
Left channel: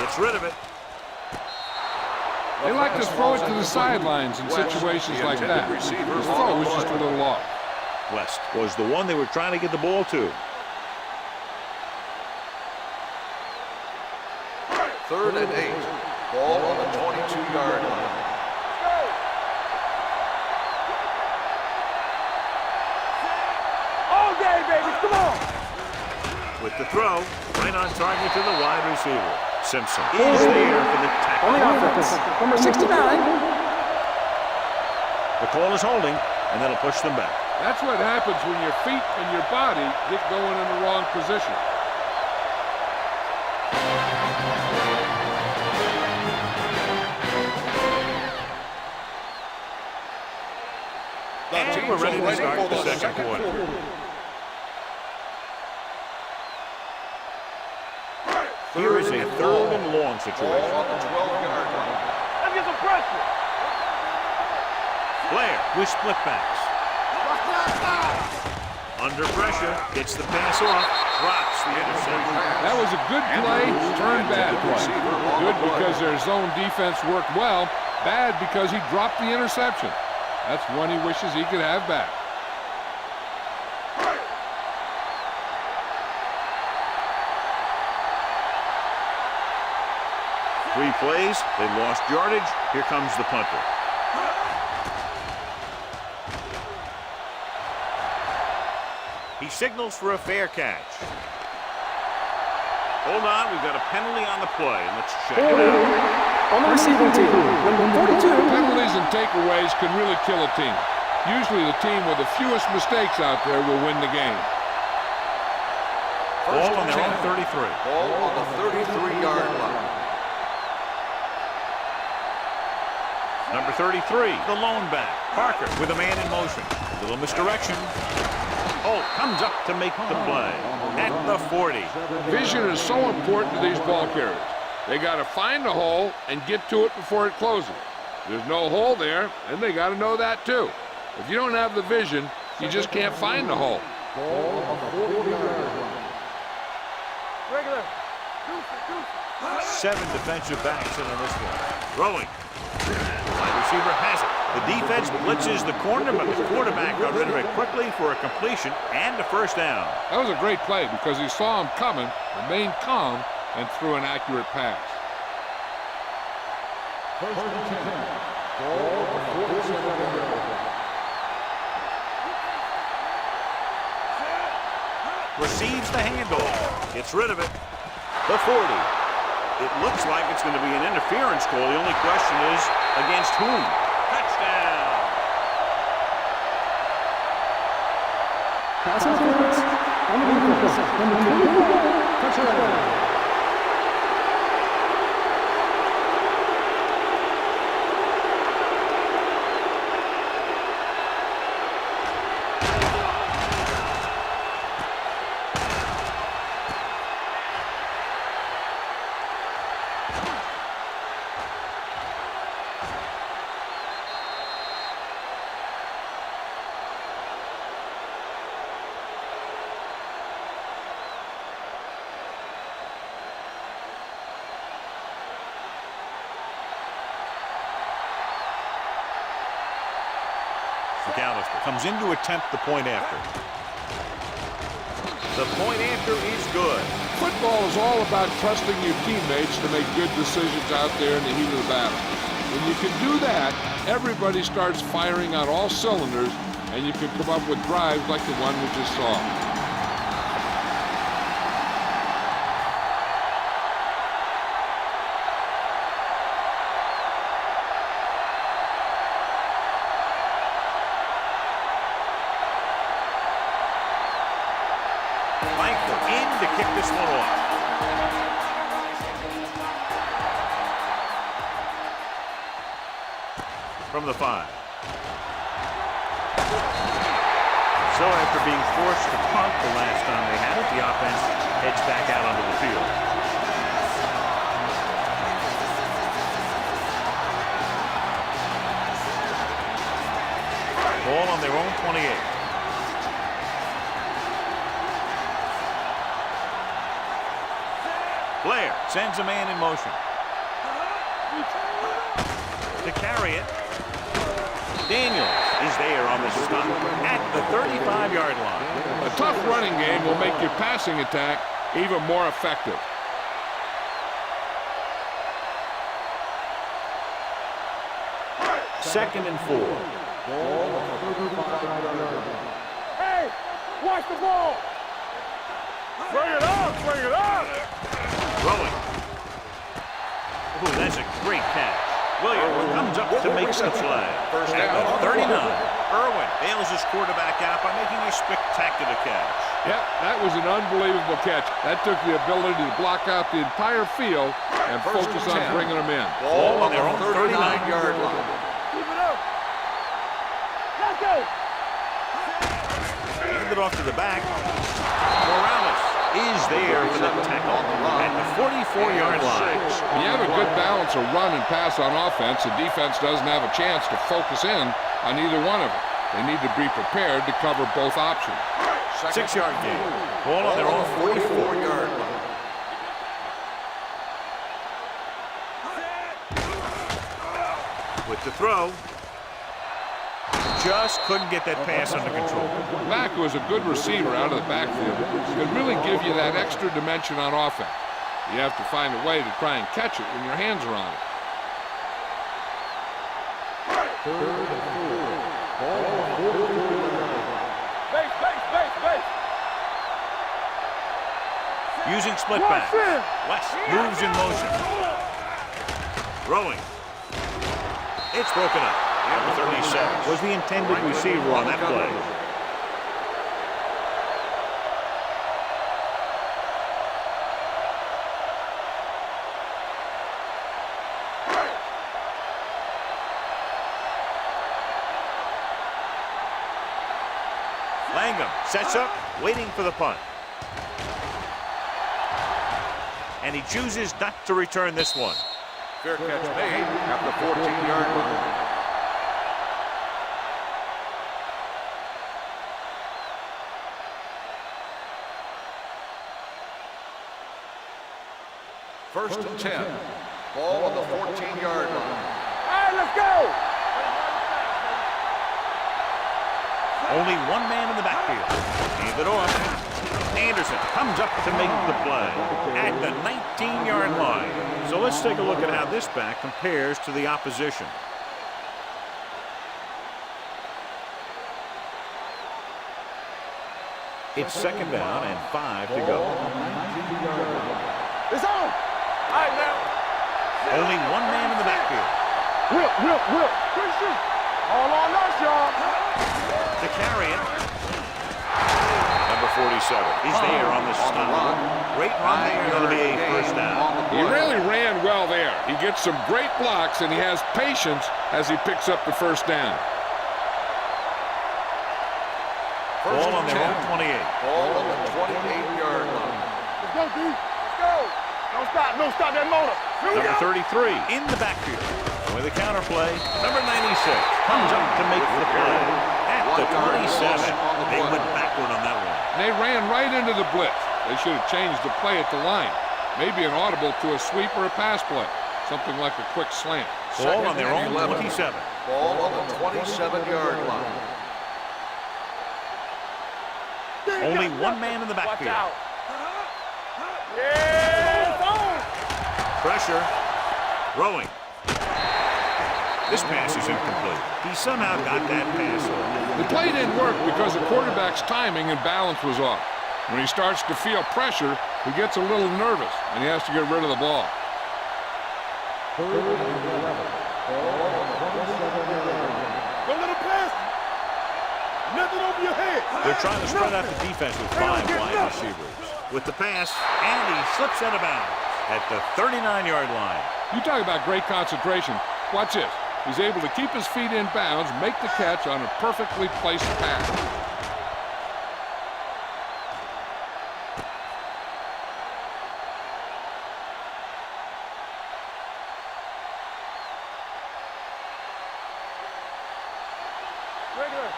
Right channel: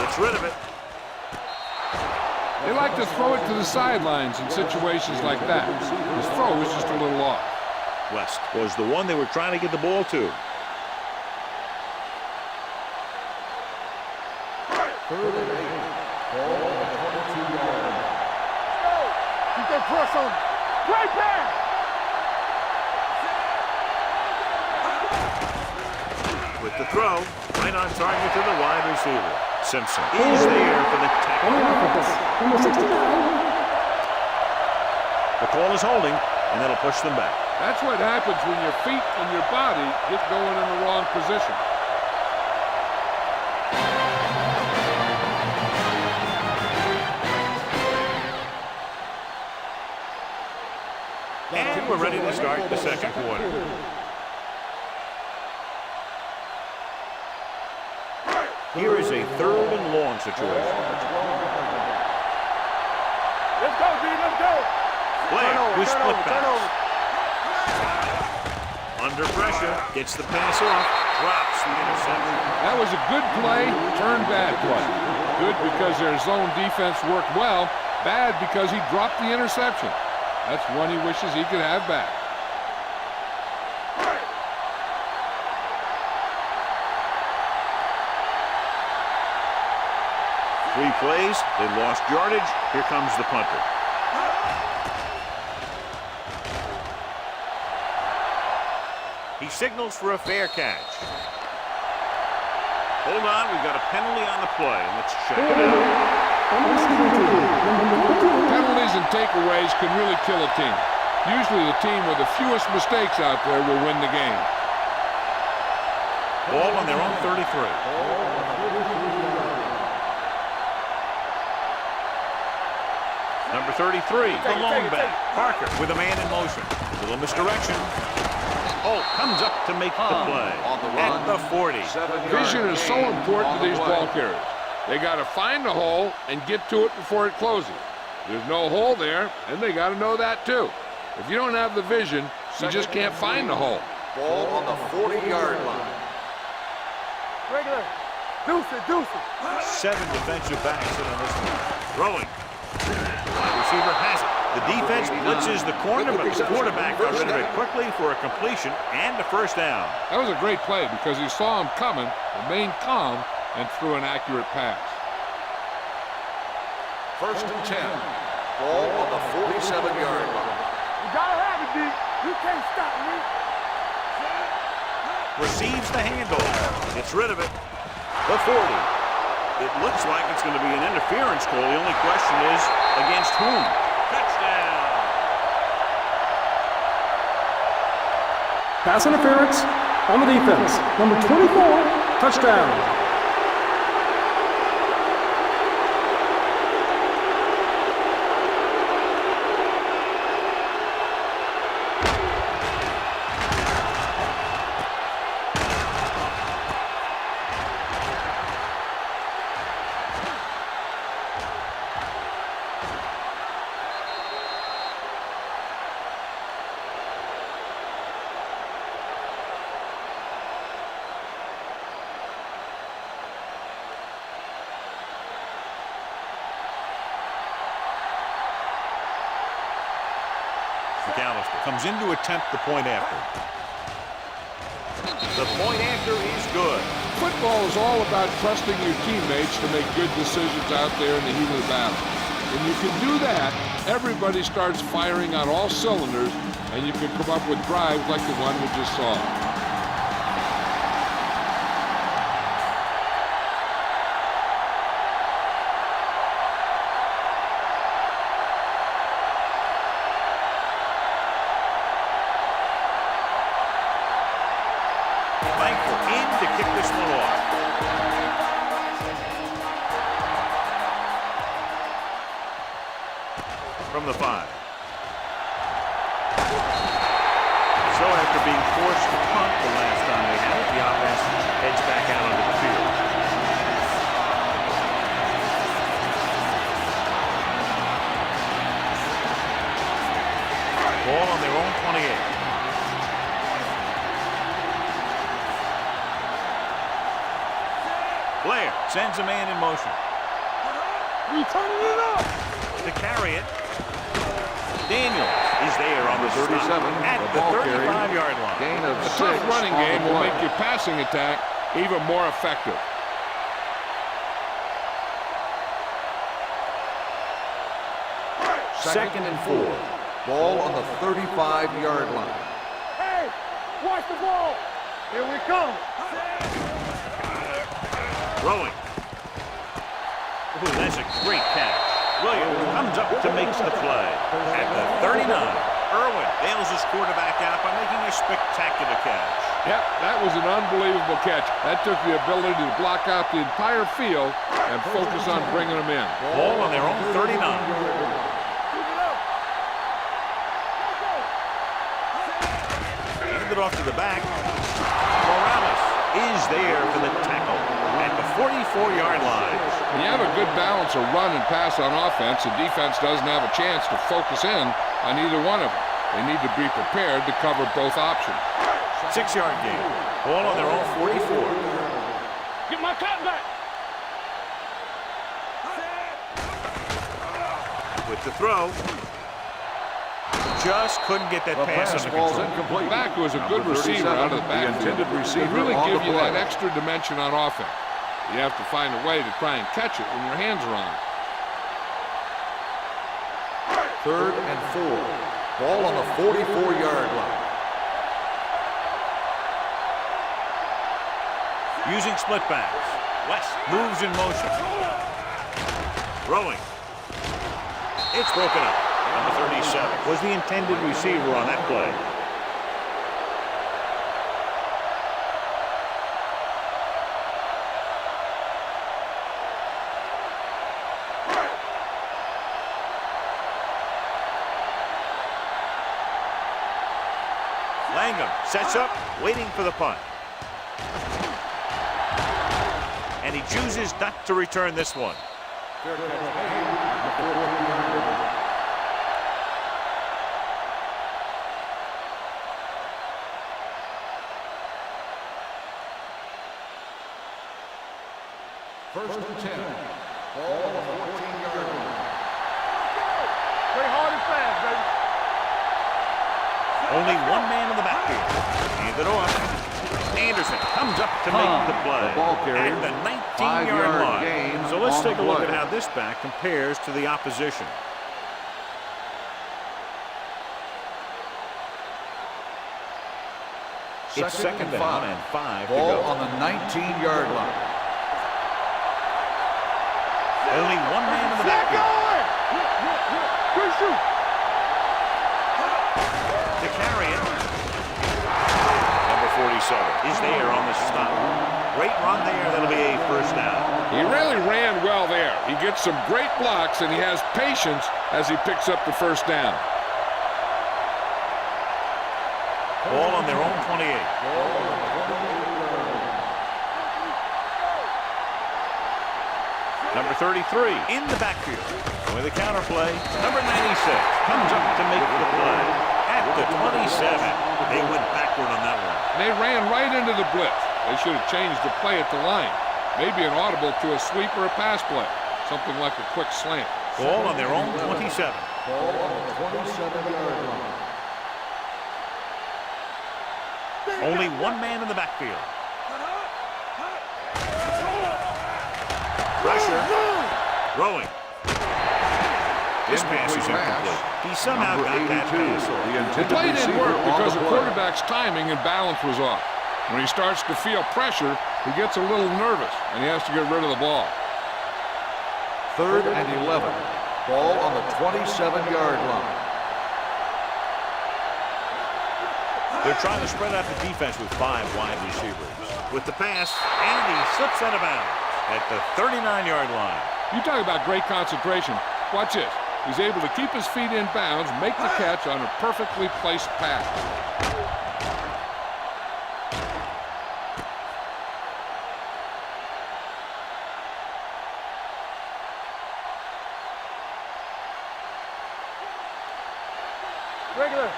Gets rid of it. They like to throw it to the sidelines in situations like that. His throw was just a little off. West was the one they were trying to get the ball to. Third and 8. Ball on the 22-yard line. Let's go. You can press on. Right back. All day, baby. Come on. With the throw, right on target to the wide receiver. Simpson is there for the tackle. Number 69. The call is holding, and that'll push them back. That's what happens when your feet and your body get going in the wrong position. And we're ready to start the second quarter. Here is a third and long situation. Blair with split backs. Under pressure, gets the pass off, drops the interception. That was a good play, turned bad play. Good because their zone defense worked well, bad because he dropped the interception. That's one he wishes he could have back. Three plays, they lost yardage. Here comes the punter. He signals for a fair catch. Hold on, we've got a penalty on the play, and let's check it out. On the receiving team, number 42. Penalties and takeaways can really kill a team. Usually the team with the fewest mistakes out there will win the game. Ball on their own 33. Ball on the 33-yard line. Number 33, the lone back. Parker with a man in motion. Little misdirection. Oh, comes up to make the play at the 40. Vision is so important to these ball carriers. They got to find the hole and get to it before it closes. There's no hole there, and they got to know that too. If you don't have the vision, you just can't find the hole. Ball on the 40-yard line. Regular. Deuce it. 7 defensive backs in on this one. Throwing. The wide receiver has it. The defense blitzes the corner, but the quarterback got rid of it quickly for a completion and a first down. That was a great play because he saw him coming, remained calm, and threw an accurate pass. First and 10. Ball on the 47-yard line. You gotta have it, D. You can't stop me. Receives the handoff. Gets rid of it. The 40. It looks like it's going to be an interference call. The only question is, against whom? Touchdown. Pass interference on the defense. Number 24, touchdown. McAllister comes in to attempt the point after. The point after is good. Football is all about trusting your teammates to make good decisions out there in the heat of the battle. When you can do that, everybody starts firing on all cylinders, and you can come up with drives like the one we just saw. Langford in to kick this one off. From the 5. So after being forced to punt the last time they had it, the offense heads back out onto the field. Ball on their own 28. Blair sends a man in motion. To carry it. Daniels is there on the stop at the 35-yard line. A tough running game will make your passing attack even more effective. Second and 4. Ball on the 35-yard line. Hey, watch the ball. Here we come. Bring it on, bring it on. Throwing. Ooh, that's a great catch. Williams comes up to make the play. At the 39, Irwin bails his quarterback out by making a spectacular catch. Yep, that was an unbelievable catch. That took the ability to block out the entire field and focus on bringing them in. Ball on their own 39. Keep it up. Let's go. Hand it off to the back. Morales is there for the tackle at the 44-yard line. When you have a good balance of run and pass on offense, the defense doesn't have a chance to focus in on either one of them. They need to be prepared to cover both options. 6-yard gain. Ball on their own 44-yard line. Get my cut back. With the throw. Just couldn't get that pass under control. Back was a good receiver out of the backfield. Could really give you that extra dimension on offense. You have to find a way to try and catch it when your hands are on it. 3rd and 4. Ball on the 44-yard line. Using split backs. West moves in motion. Throwing. It's broken up. Number 37 was the intended receiver on that play. Langham sets up, waiting for the punt. And he chooses not to return this one. Fair catch made at the 14-yard line. First and 10. Ball on the 14-yard line. All right, let's go. Play hard and fast, baby. Only one man in the backfield. Hand it off. Anderson comes up to make the play at the 19-yard line. So let's take a look at how this back compares to the opposition. It's second down and 5 to go. Ball on the 19-yard line. It's on. All right, now. Only one man in the backfield. Whip. Good shoot. All on us, y'all. To carry it. Number 47 is there on the stop. Great run there. That'll be a first down. He really ran well there. He gets some great blocks, and he has patience as he picks up the first down. Ball on their own 28. Ball on the 28-yard line. Let's go, D. Let's go. Don't stop that motor. Number 33 in the backfield. With a counter play, number 96 comes up to make the play at the 27. They went backward on that one. And they ran right into the blitz. They should have changed the play at the line. Maybe an audible to a sweep or a pass play. Something like a quick slant. Ball on their own 27. Ball on the 27-yard line. Only one man in the backfield. Pressure. Throwing. This pass is incomplete. He somehow got that pass off. The play didn't work because the quarterback's timing and balance was off. When he starts to feel pressure, he gets a little nervous, and he has to get rid of the ball. 3rd and 11. Ball on the 27-yard line. They're trying to spread out the defense with 5 wide receivers. With the pass, and he slips out of bounds at the 39-yard line. You talk about great concentration. Watch this. He's able to keep his feet in bounds, make the catch on a perfectly placed pass. Regular.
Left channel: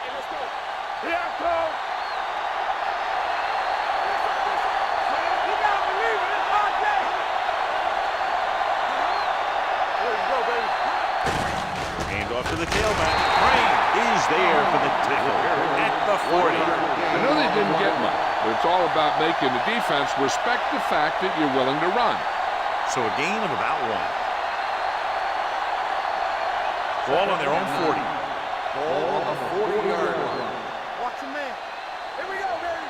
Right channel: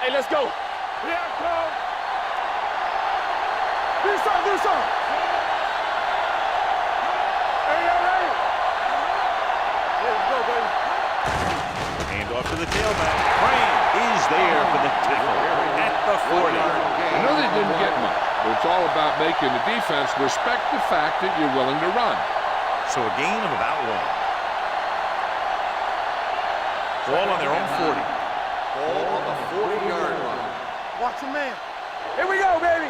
Hey, let's go. Here I come. Do something. Here we go, baby. Hand off to the tailback. Crane is there for the tackle at the 40. I know they didn't get much, but it's all about making the defense respect the fact that you're willing to run. So a gain of about 1. Ball on their own 40. Ball on the 40-yard line. Watch your man. Here we go, baby.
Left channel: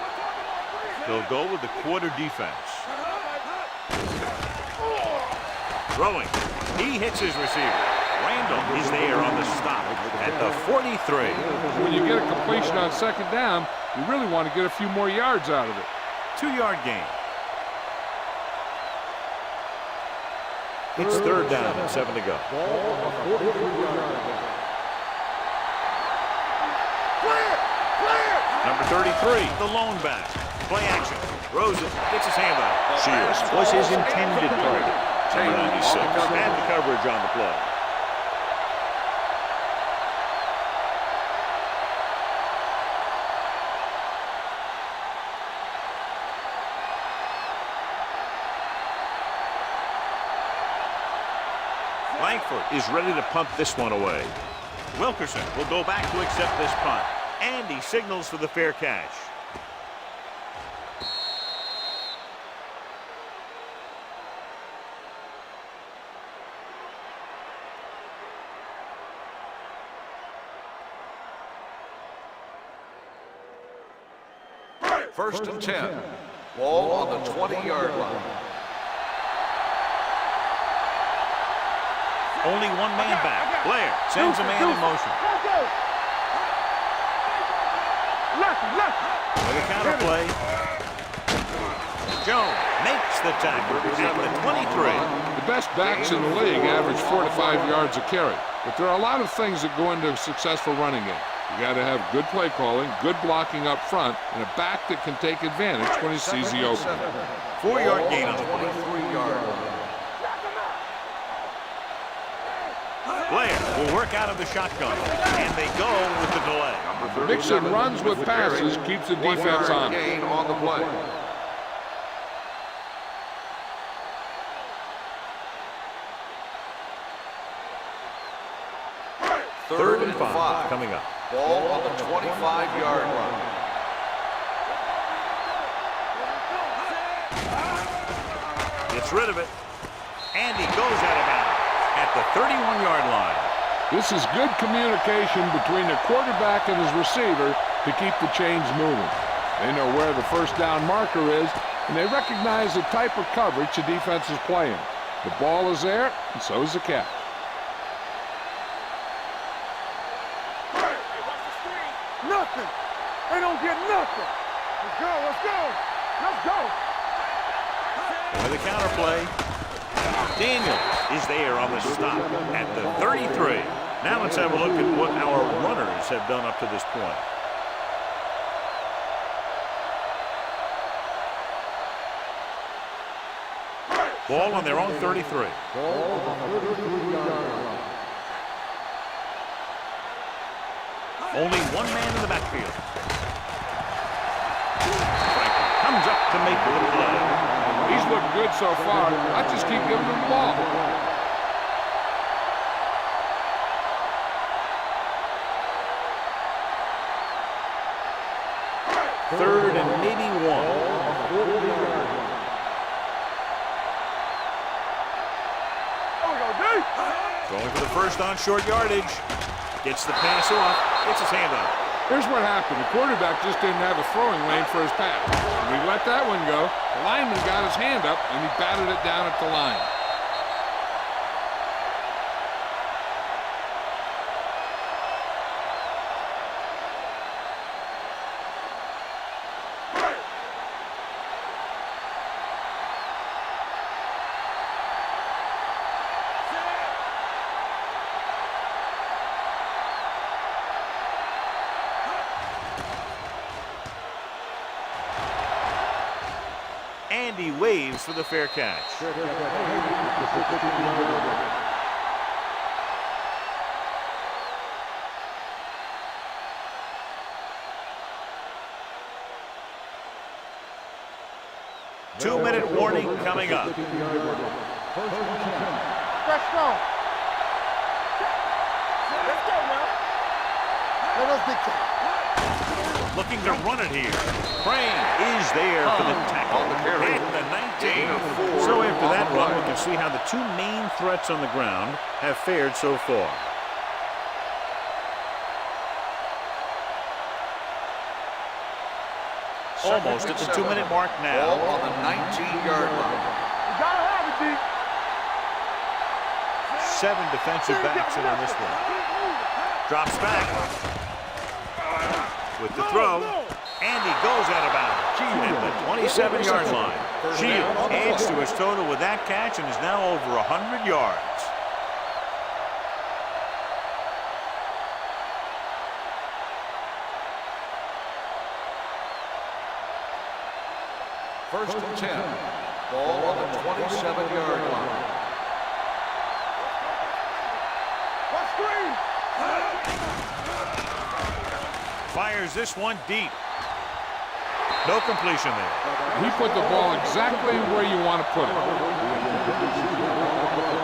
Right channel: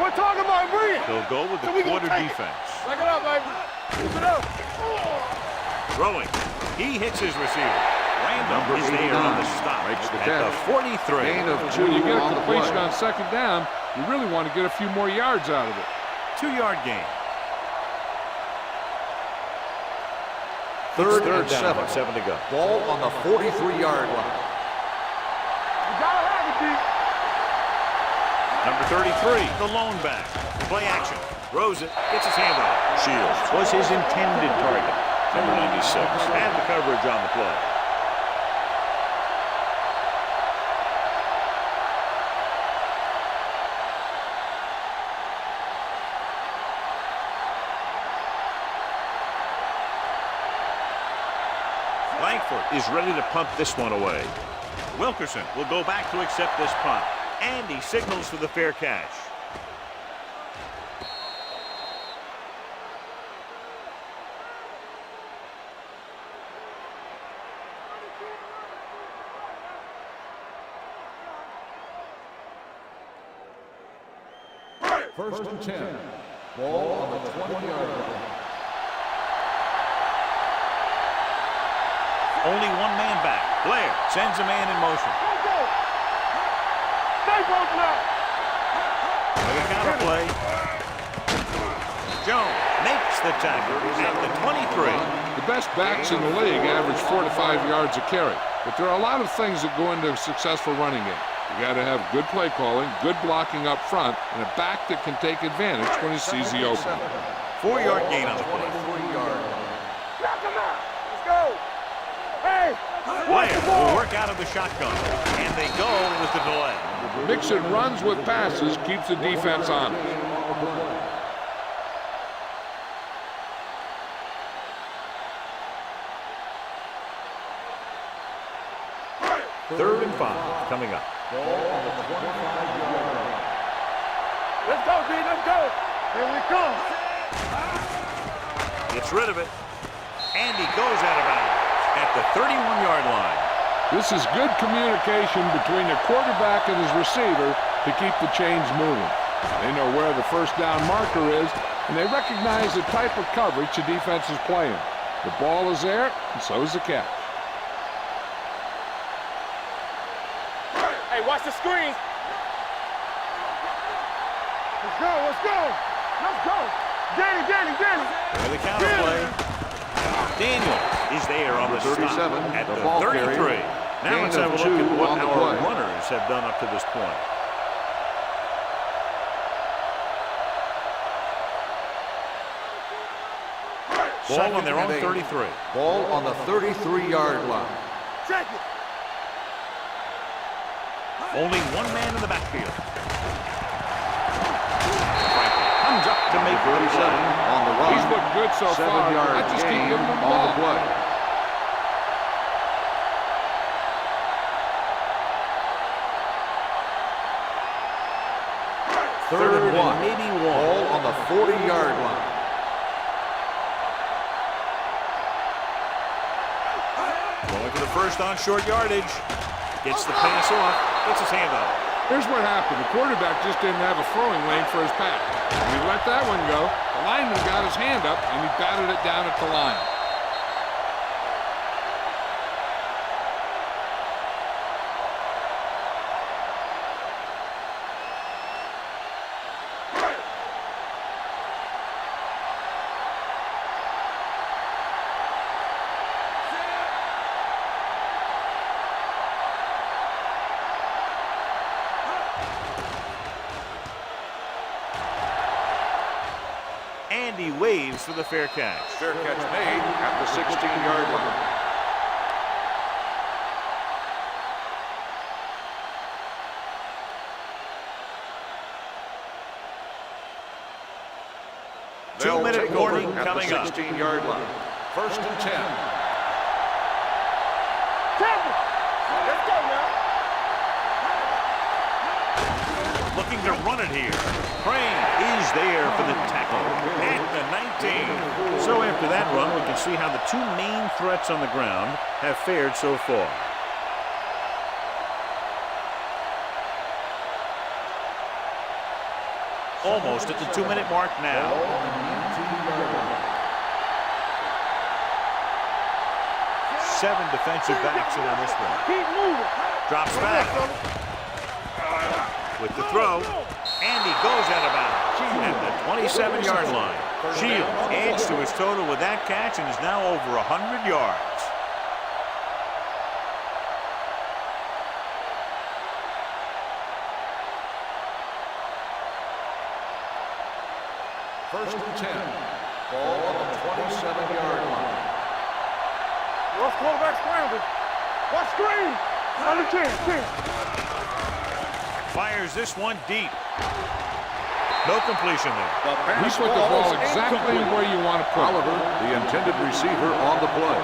We're talking about bringing. They'll go with the quarter defense. Throwing. He hits his receiver. Randall is there on the stop at the 43. When you get a completion on 2nd down, you really want to get a few more yards out of it. 2-yard gain. It's 3rd down and 7 to go. Ball on the 43-yard line. Number 33, the lone back. Play action. Throws it. Gets his hand on it. Shields was his intended target. Number 96 had the coverage on the play. Langford is ready to punt this one away. Wilkerson will go back to accept this punt. And he signals for the fair catch. First and 10. Ball on the 20-yard line. Only one man back. Blair sends a man in motion. Let's go. With a counter play. Jones makes the tackle at the 23. The best backs in the league average 4 to 5 yards a carry. But there are a lot of things that go into a successful running game. You got to have good play calling, good blocking up front, and a back that can take advantage when he sees the opening. 4-yard gain on the play. 23-yard line. Knock him out. Let's go. Hey. Blair will work out of the shotgun, and they go with the delay. Mixing runs with passes keeps the defense on. Gain on the play. Third and 5 coming up. Ball on the 25-yard line. Let's go, B. Let's go. Here we come. Gets rid of it, and he goes out of bounds at the 31-yard line. This is good communication between the quarterback and his receiver to keep the chains moving. They know where the first down marker is, and they recognize the type of coverage the defense is playing. The ball is there, and so is the catch. Hey, watch the screen. Nothing. They don't get nothing. Let's go. Let's go. Let's go. Get it. With the counter play. Daniels is there on the stop at the 33. Now let's have a look at what our runners have done up to this point. Ball on their own 33. Ball on the 33-yard line. Only one man in the backfield. Franklin comes up to make the play. On the run. He's looked good so far. I just keep giving him the ball. Third and maybe one. Ball on the 40-yard line. Going for the first on short yardage. Gets the pass off. Gets his hand on it. Here's what happened. The quarterback just didn't have a throwing lane for his pass. When we let that one go, the lineman got his hand up, and he batted it down at the line. And he waves for the fair catch. Fair catch made at the 16-yard line. Two-minute warning coming up. 16-yard line. First and 10. Let's go. Let's go now. Let's get you. Looking to run it here. Crane is there for the tackle at the 19. So after that run, we can see how the two main threats on the ground have fared so far. Almost at the 2-minute mark now. Ball on the 19-yard line. 7 defensive backs in on this one. Keep moving. Drops back. With the throw, and he goes out of bounds at the 27-yard line. Shields adds to his total with that catch and is now over 100 yards. First and 10. Ball on the 27-yard line. Watch quarterback scramble. Watch screen. Fires this one deep. No completion there. He put the ball exactly where you want to put it. However, the intended receiver on the play.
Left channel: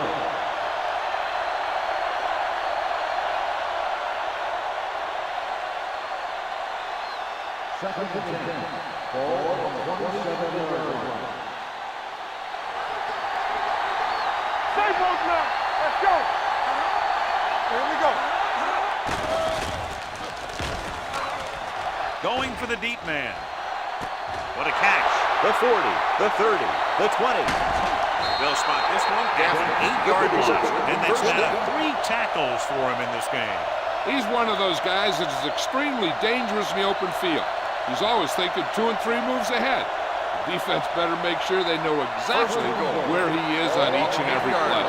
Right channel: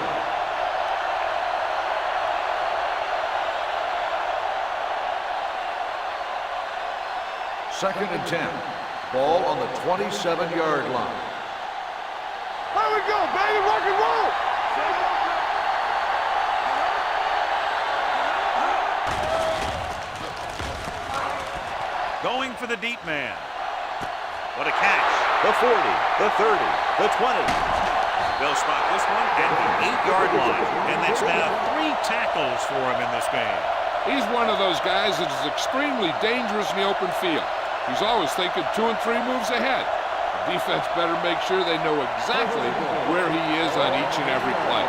Second and 10. Ball on the 27-yard line. There we go, baby. Rock and roll. Stay both now. Let's go. Here we go. Going for the deep man. What a catch. The 40, the 30, the 20. They'll spot this one at the 8-yard line. And that's now 3 tackles for him in this game. He's one of those guys that is extremely dangerous in the open field. He's always thinking 2 and 3 moves ahead. The defense better make sure they know exactly where he is on each and every play.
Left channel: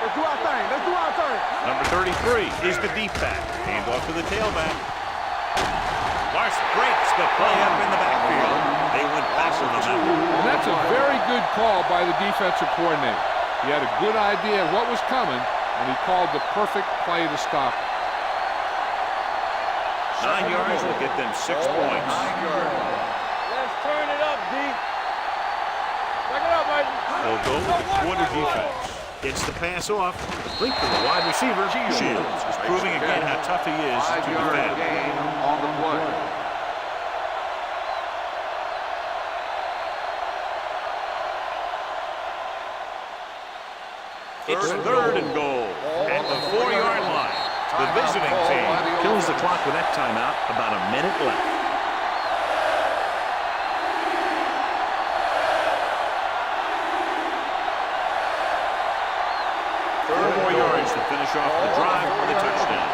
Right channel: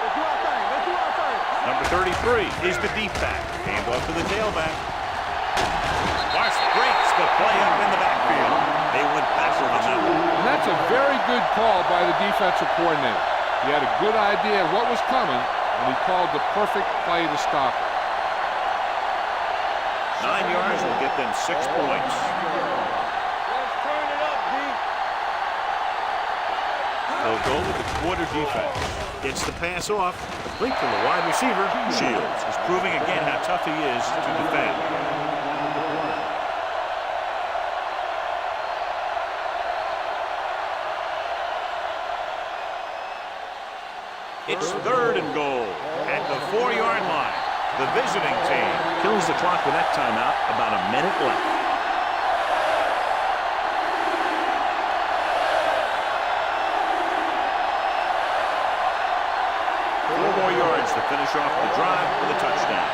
Let's do our thing. Let's do our thing. Number 33 is the deep back. Hand off to the tailback. Larson breaks the play up in the backfield. They went backward on that one. And that's a very good call by the defensive coordinator. He had a good idea of what was coming, and he called the perfect play to stop it. 9 yards will get them 6 points. 9-yard line. Let's turn it up, D. Turn it up, Mike. They'll go with the quarter defense. Gets the pass off. Complete to the wide receiver. Shields is proving again how tough he is to 5-yard defend. gain on the play. It's 3rd and goal at the 4-yard line. The visiting team kills the clock with that timeout. About a minute left. 4 more yards to finish off the drive with a touchdown.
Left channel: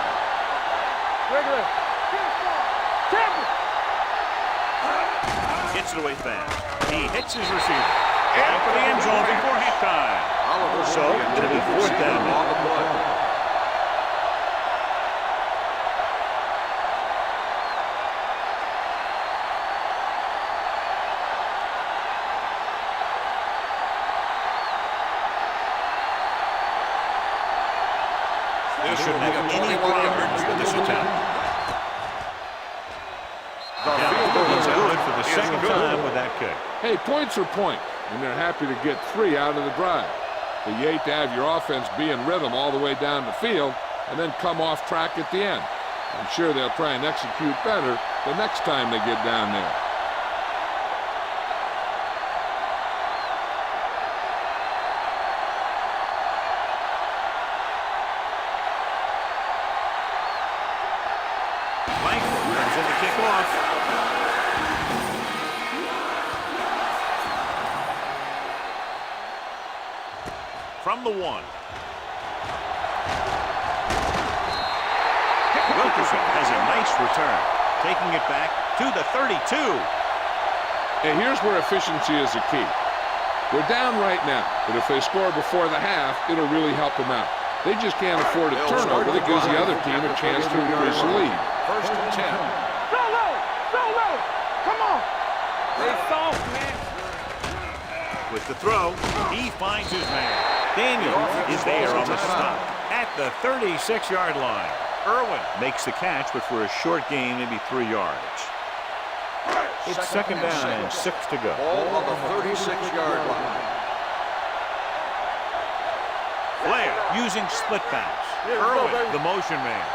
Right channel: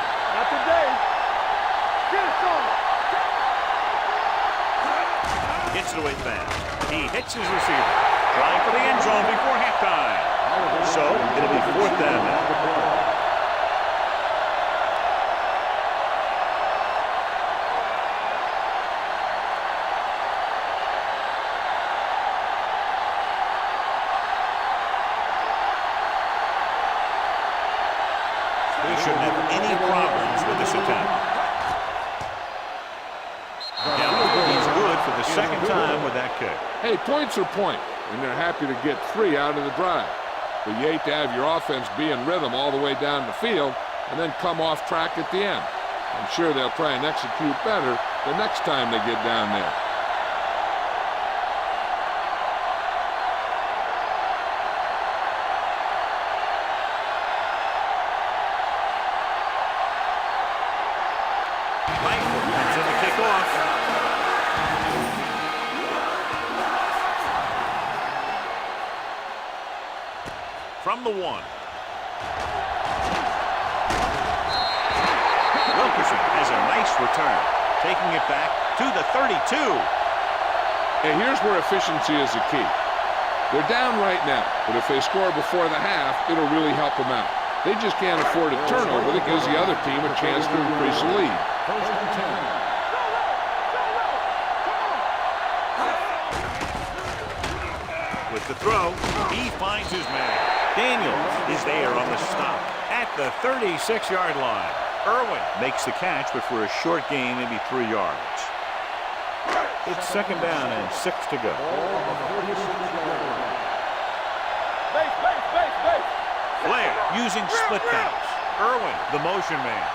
Gets it away fast. He hits his receiver. Trying for the end zone before halftime. So it'll be 4th down now. He shouldn't have any problems with this attempt. He's good for the second time with that kick. Hey, points are points, and they're happy to get 3 out of the drive. But you hate to have your offense be in rhythm all the way down the field and then come off track at the end. I'm sure they'll try and execute better the next time they get down there. Langford comes in to kick off. From the 1. Wilkerson has a nice return, taking it back to the 32. And here's where efficiency is the key. They're down right now, but if they score before the half, it'll really help them out. They just can't afford a turnover that gives the other team a chance to increase the lead. First and 10. So low! So low! Come on! Stay soft, man. With the throw, he finds his man. Daniels is there on the stop at the 36-yard line. Irwin makes the catch, but for a short gain, maybe 3 yards. It's second down and 6 to go. Ball on the 36-yard line. Blair using split backs. Irwin, the motion man.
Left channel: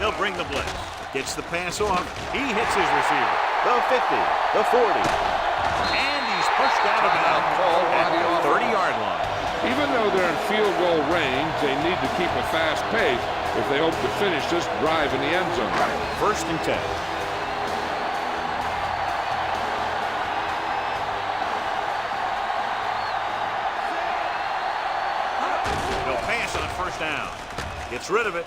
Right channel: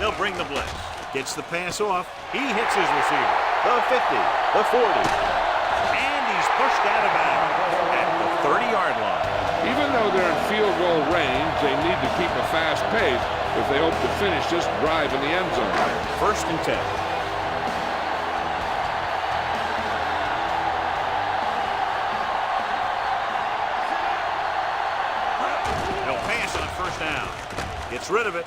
They'll bring the blitz. Gets the pass off. He hits his receiver. The 50, the 40. And he's pushed out of bounds at the 30-yard line. Even though they're in field goal range, they need to keep a fast pace if they hope to finish this drive in the end zone. First and 10. No pass on first down. Gets rid of it.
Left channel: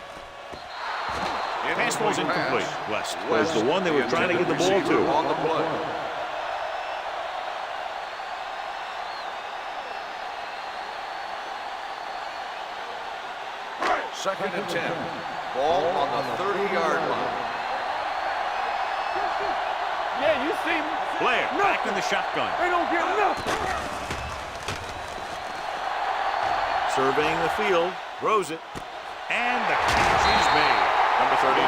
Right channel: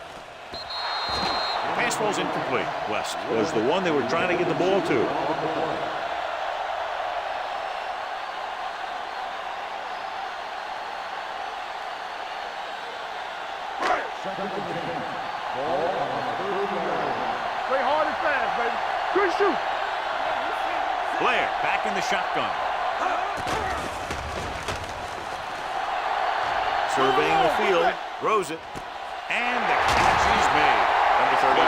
Pass falls incomplete. West was the one they were trying to get the ball to. On the play. Second and 10. Ball on the 30-yard line. Play hard and fast, baby. Good shoot. Yeah, you see me. Blair back in the shotgun. They don't get enough. Surveying the field, throws it, and the catch is made. Number 39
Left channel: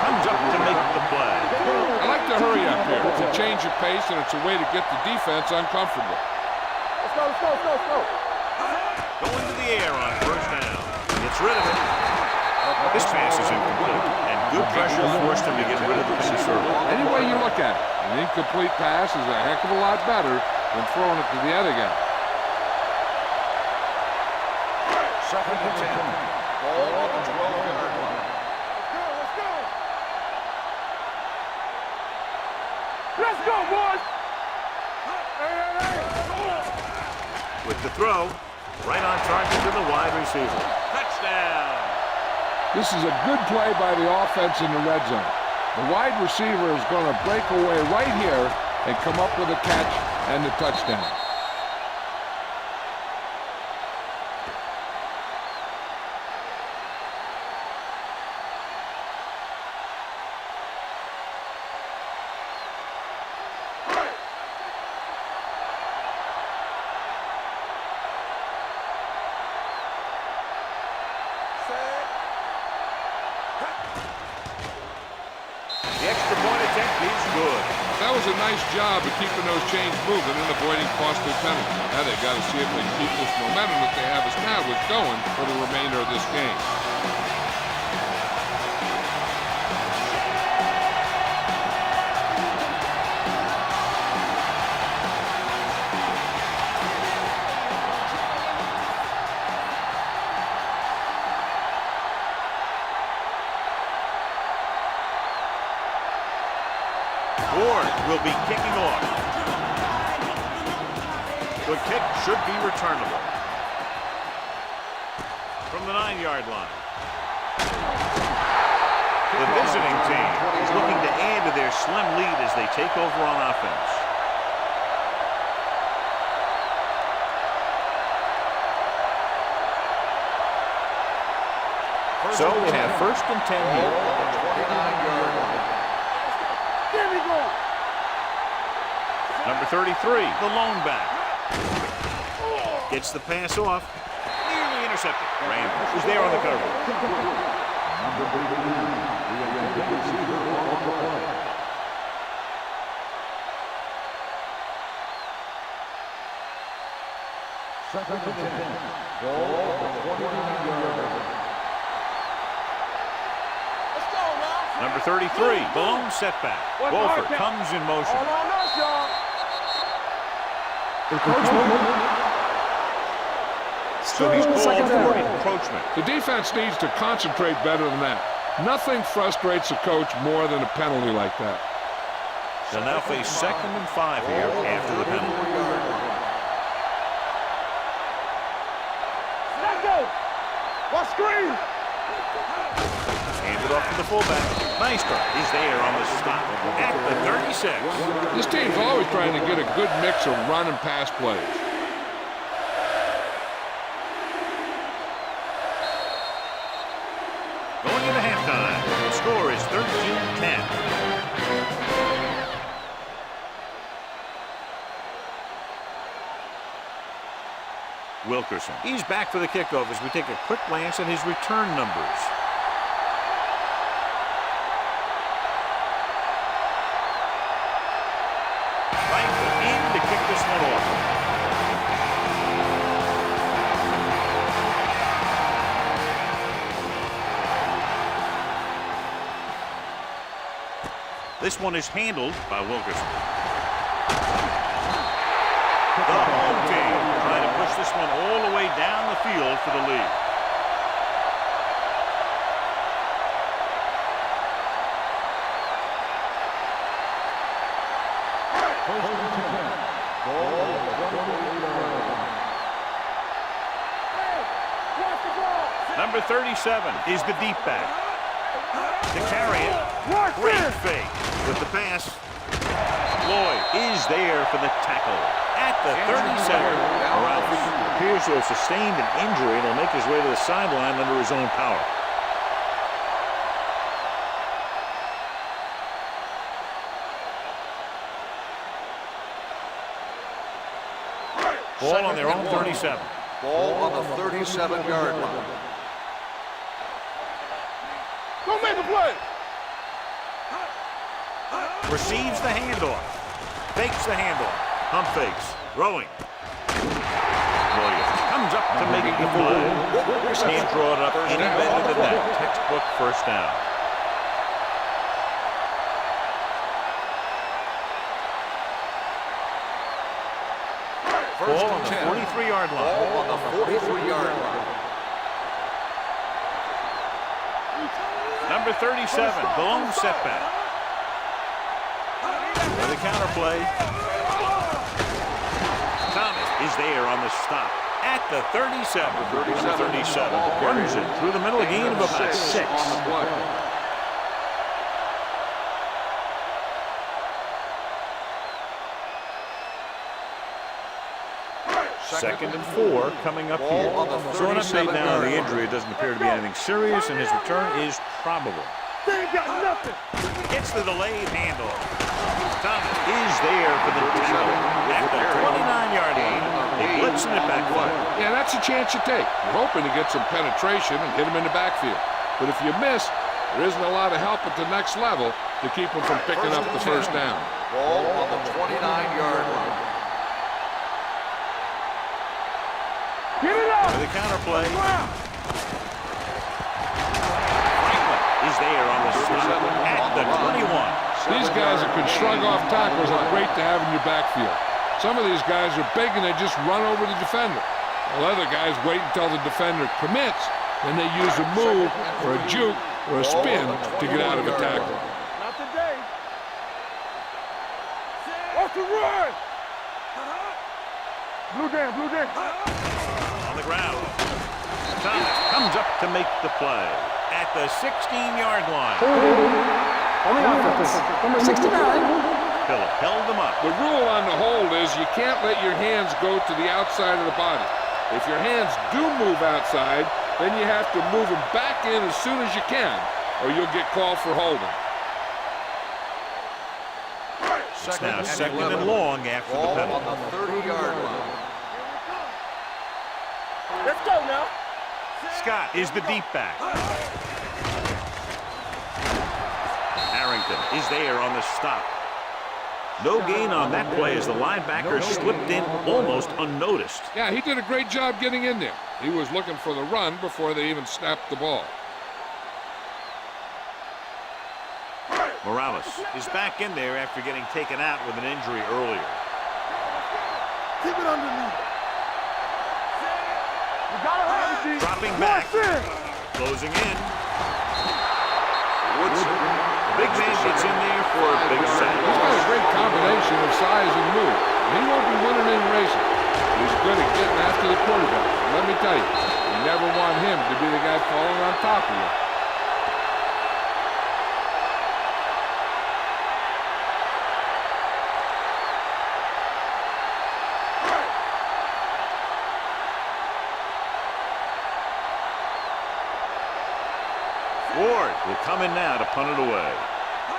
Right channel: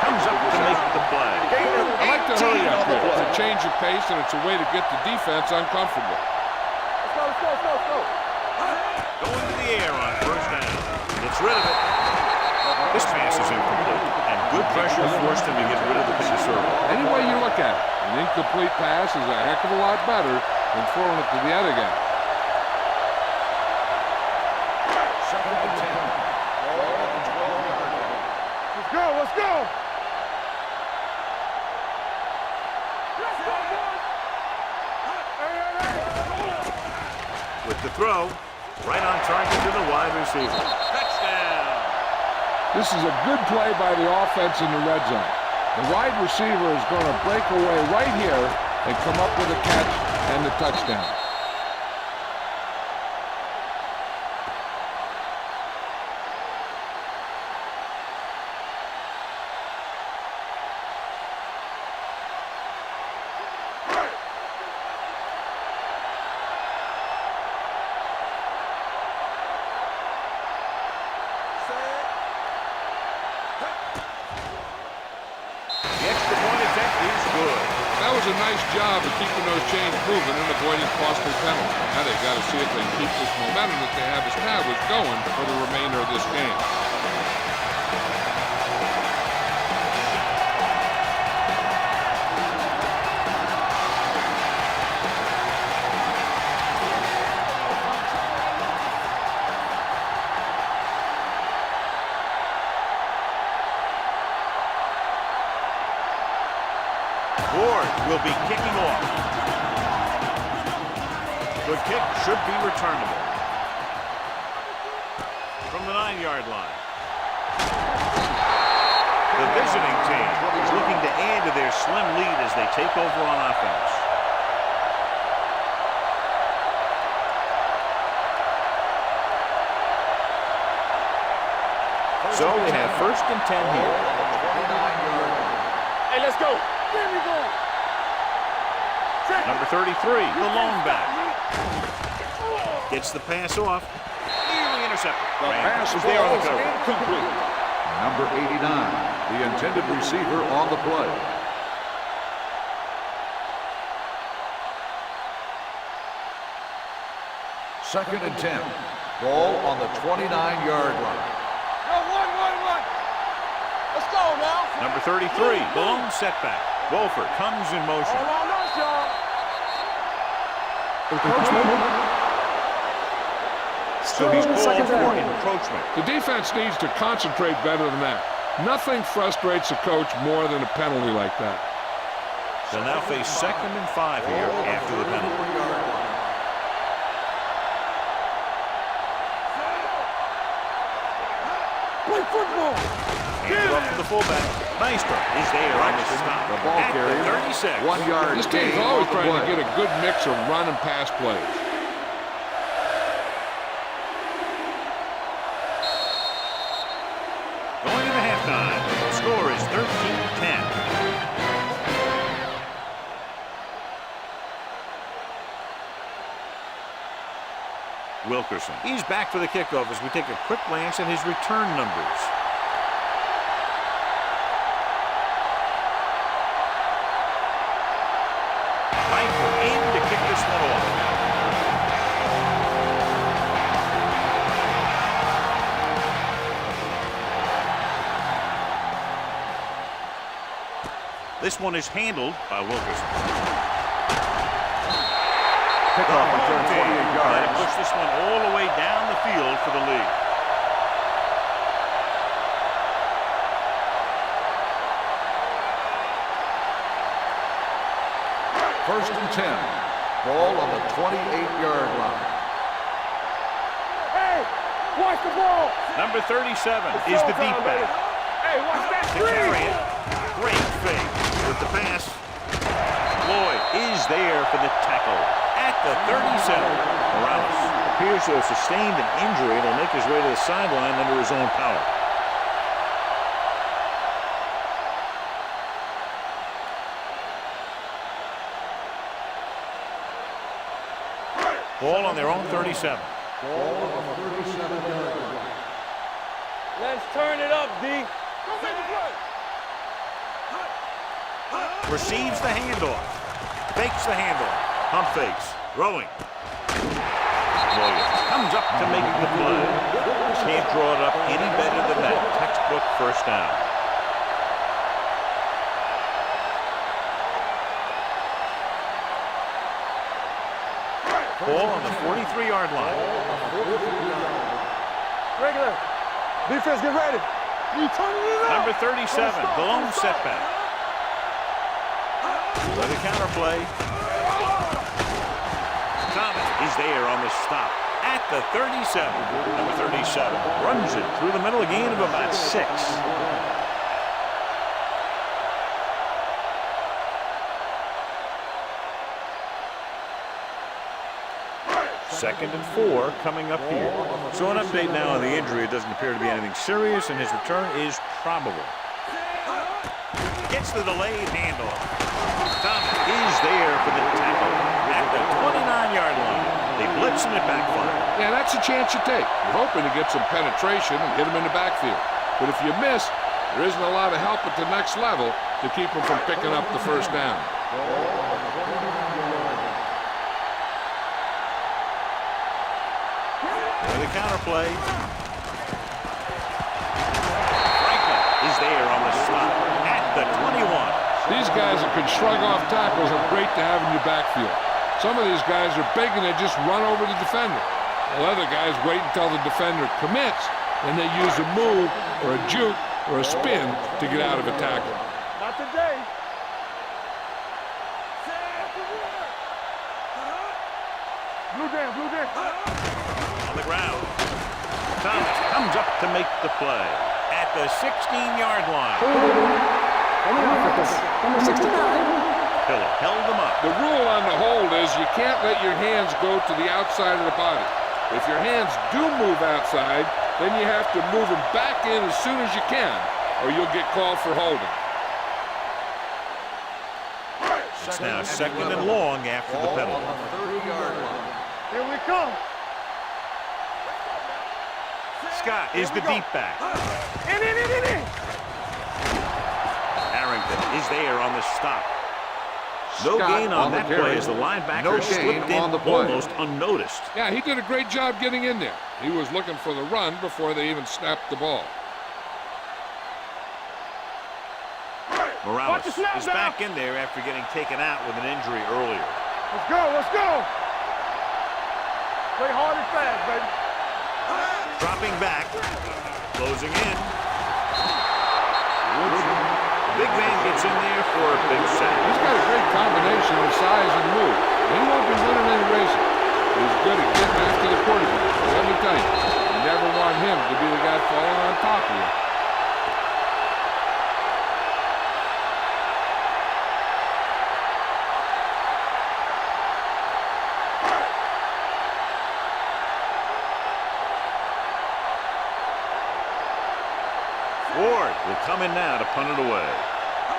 comes up to make the play. I like to hurry up here. It's a change of pace, and it's a way to get the defense uncomfortable. Let's go, let's go, let's go, let's go. Going to the air on first down. Gets rid of it. This pass is incomplete, and good pressure forced him to get rid of the pass early. Any way you look at it, an incomplete pass is a heck of a lot better than throwing it to the other guy. Second and 10. Ball on the 12-yard line. Let's go, let's go. Let's go, boys. Hey, hey, hey. With the throw, right on target to the wide receiver. Touchdown! This is a good play by the offense in the red zone. The wide receiver is going to break away right here and come up with a catch and the touchdown. The extra point attempt is good. That was a nice job of keeping those chains moving and avoiding costly penalties. Now they've got to see if they can keep this momentum that they have established going for the remainder of this game. Ward will be kicking off. The kick should be returnable. From the 9-yard line. The visiting team is looking to add to their slim lead as they take over on offense. So they have first and 10 here. On the 29-yard line. Hey, let's go. Get me going. Number 33, the lone back. Gets the pass off. Nearly intercepted. Rand was there on the cover. Complete. Number 89, the intended receiver on the play. Second and 10. Ball on the 29-yard line. go now. Number 33, the lone setback. Wolford comes in motion. All on us, y'all. Encroachment. So he's called Second for down. encroachment. The defense needs to concentrate better than that. Nothing frustrates a coach more than a penalty like that. They'll now face 2nd and 5 here after the penalty. Let's go. Watch screen. Play football. Handed off to the fullback. Maestro is there on the stop at the 36. 1 yard. This team's always trying to get a good mix of run and pass plays. Going into halftime. Score is 13-10. Wilkerson. He's back for the kickoff as we take a quick glance at his return numbers. Langford in to kick this one off. This one is handled by Wilkerson. The home team trying to push this one all the way down the field for the lead. First and 10. Ball on the 28-yard line. Hey, watch the ball. Number 37 is the deep back. To carry it. Great fake with the pass. Lloyd is there for the tackle at the 37. Morales appears to have sustained an injury and will make his way to the sideline under his own power. Ball on their own 37. Ball on the 37-yard line. Let's turn it up, D. Go make a play. Receives the handoff. Fakes the handoff. Pump fakes. Throwing. Williams comes up to make the play. Can't draw it up any better than that. Textbook first down. Ball on the 43-yard line. Ball on the 43-yard line. Regular. Defense, get ready. Number 37, the lone setback. For the counter play. Thomas is there on the stop at the 37. Number 37 runs it through the middle, a gain of about 6. Second and 4 coming up here. So an update now on the injury. It doesn't appear to be anything serious, and his return is probable. Gets the delayed handoff. Thomas is there for the tackle at the 29-yard line. They blitz and it backfire. Yeah, that's a chance you take. You're hoping to get some penetration and hit him in the backfield. But if you miss, there isn't a lot of help at the next level to keep him from picking up the first down. Ball on the 29-yard line. For the counter play. Franklin is there on the stop at the 21. These guys that can shrug off tackles are great to have in your backfield. Some of these guys are big and they just run over the defender. While other guys wait until the defender commits, then they use a move or a juke or a spin to get out of a tackle. Not today. Off the run. Blue down, blue down. On the ground. Thomas comes up to make the play at the 16-yard line. Holding on the offense. Number 69. Pillow held them up. The rule on the hold is you can't let your hands go to the outside of the body. If your hands do move outside, then you have to move them back in as soon as you can, or you'll get called for holding. It's now second and long after the Ball penalty. on the 30-yard line. Here we come. Let's go now. Scott is the deep back. In. Harrington is there on the stop. No gain on that play as the linebacker slipped in almost unnoticed. Yeah, he did a great job getting in there. He was looking for the run before they even snapped the ball. Morales is back in there after getting taken out with an injury earlier. Let's go, let's go. Keep it underneath. Play hard and fast, baby. You gotta have Dropping back, closing in. The big man gets in there for a big sack. He's got a great combination of size and move. He won't be winning any races. He's good at getting after the quarterback. But let me tell you, you never want him to be the guy falling on top of you. Ward will come in now to punt it away.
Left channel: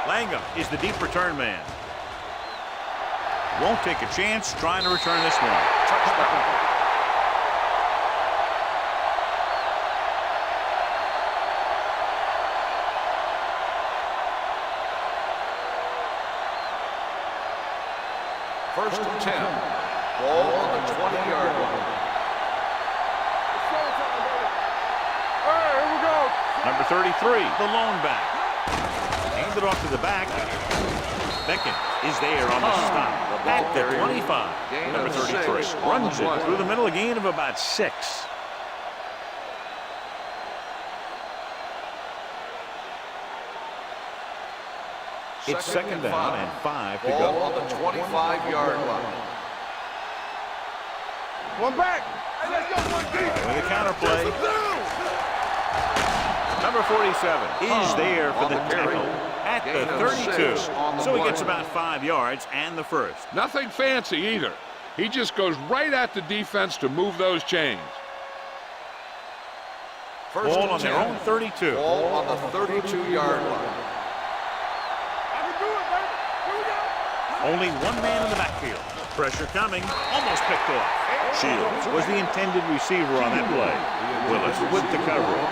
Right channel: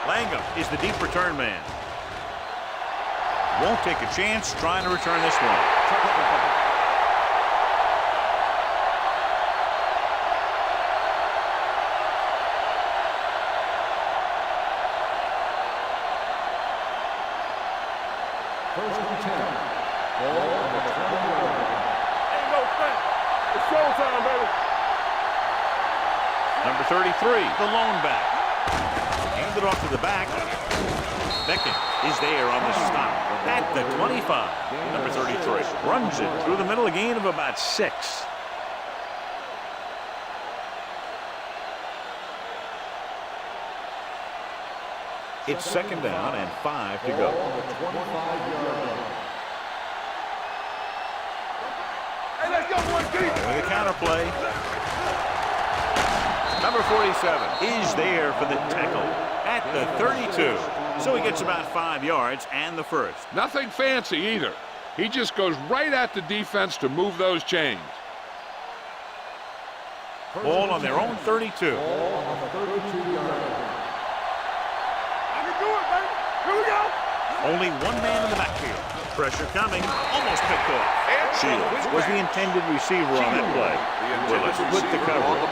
Langham is the deep return man. Won't take a chance trying to return this one. First and 10. Ball on the 20-yard line. It's showtime, baby. All right, here we go. Number 33, the lone back. Handed off to the back. Beckett is there on the stop at the 25. Number 33 runs it through the middle, a gain of about 6. It's second down and 5 to go. On the 25-yard line. One back. Hey, let's go, one deep. With a counter play. Number 47 is there for the tackle at the 32. So he gets about 5 yards and the first. Nothing fancy either. He just goes right at the defense to move those chains. Ball on their own 32. Ball on the 32-yard line. I can do it, baby. Here we go. Only one man in the backfield. Pressure coming, almost picked off. Shields was the intended receiver on that play. Willis with the coverage.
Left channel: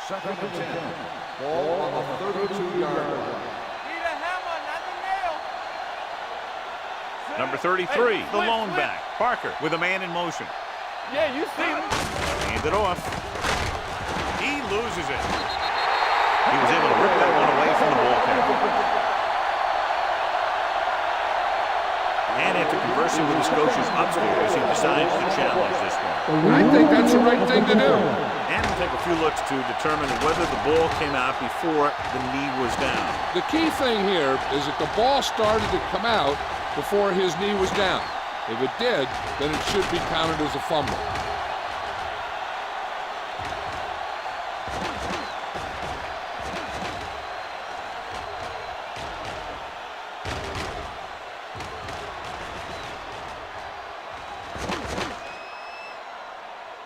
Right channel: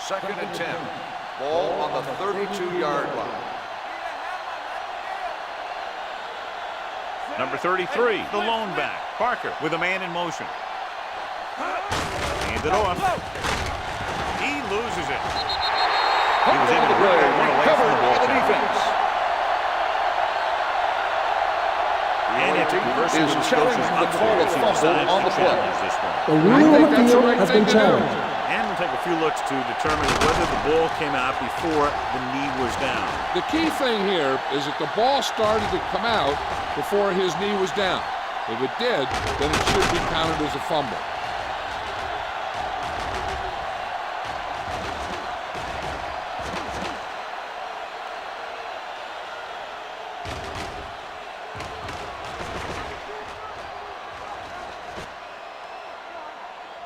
Second and 10. Ball on the 32-yard line. Need a hammer, not the nail. Number 33, the lone back. Parker with a man in motion. Yeah, you see it. Hand it off. He loses it. He was able to rip that one away from the ball carrier. And after conversing with his coaches upstairs, he decides to challenge this one. I think that's the right thing to do. And we'll take a few looks to determine whether the ball came out before the knee was down. The key thing here is that the ball started to come out before his knee was down. If it did, then it should be counted as a fumble.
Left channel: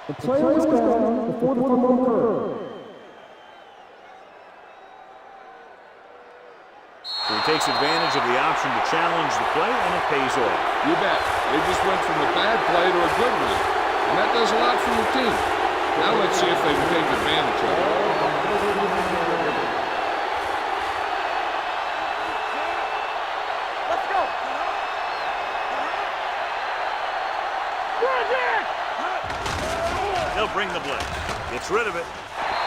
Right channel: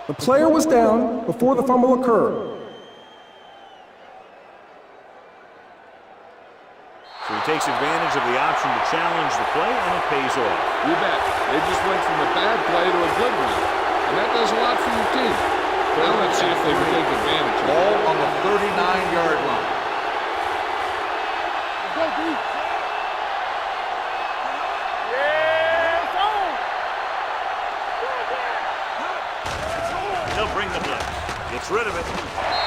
The player was down before the fumble occurred. So he takes advantage of the option to challenge the play, and it pays off. You bet. They just went from a bad play to a good one. And that does a lot for your team. Now let's see if they can take advantage of it. Ball on the 39-yard line. They'll bring the blitz. Gets rid of it.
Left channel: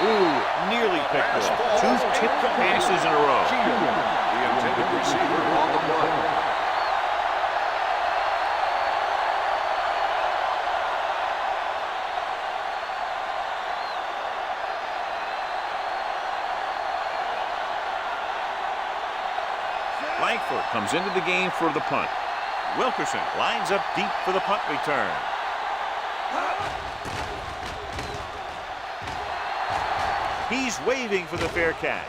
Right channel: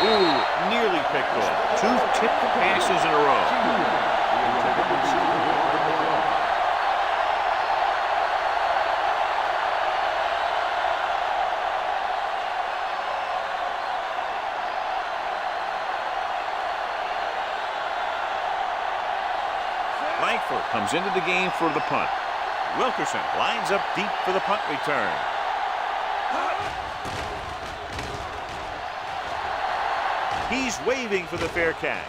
Ooh, nearly picked off. 2 tipped passes in a row. The intended receiver on the play. Langford comes into the game for the punt. Wilkerson lines up deep for the punt return. He's waving for the fair catch.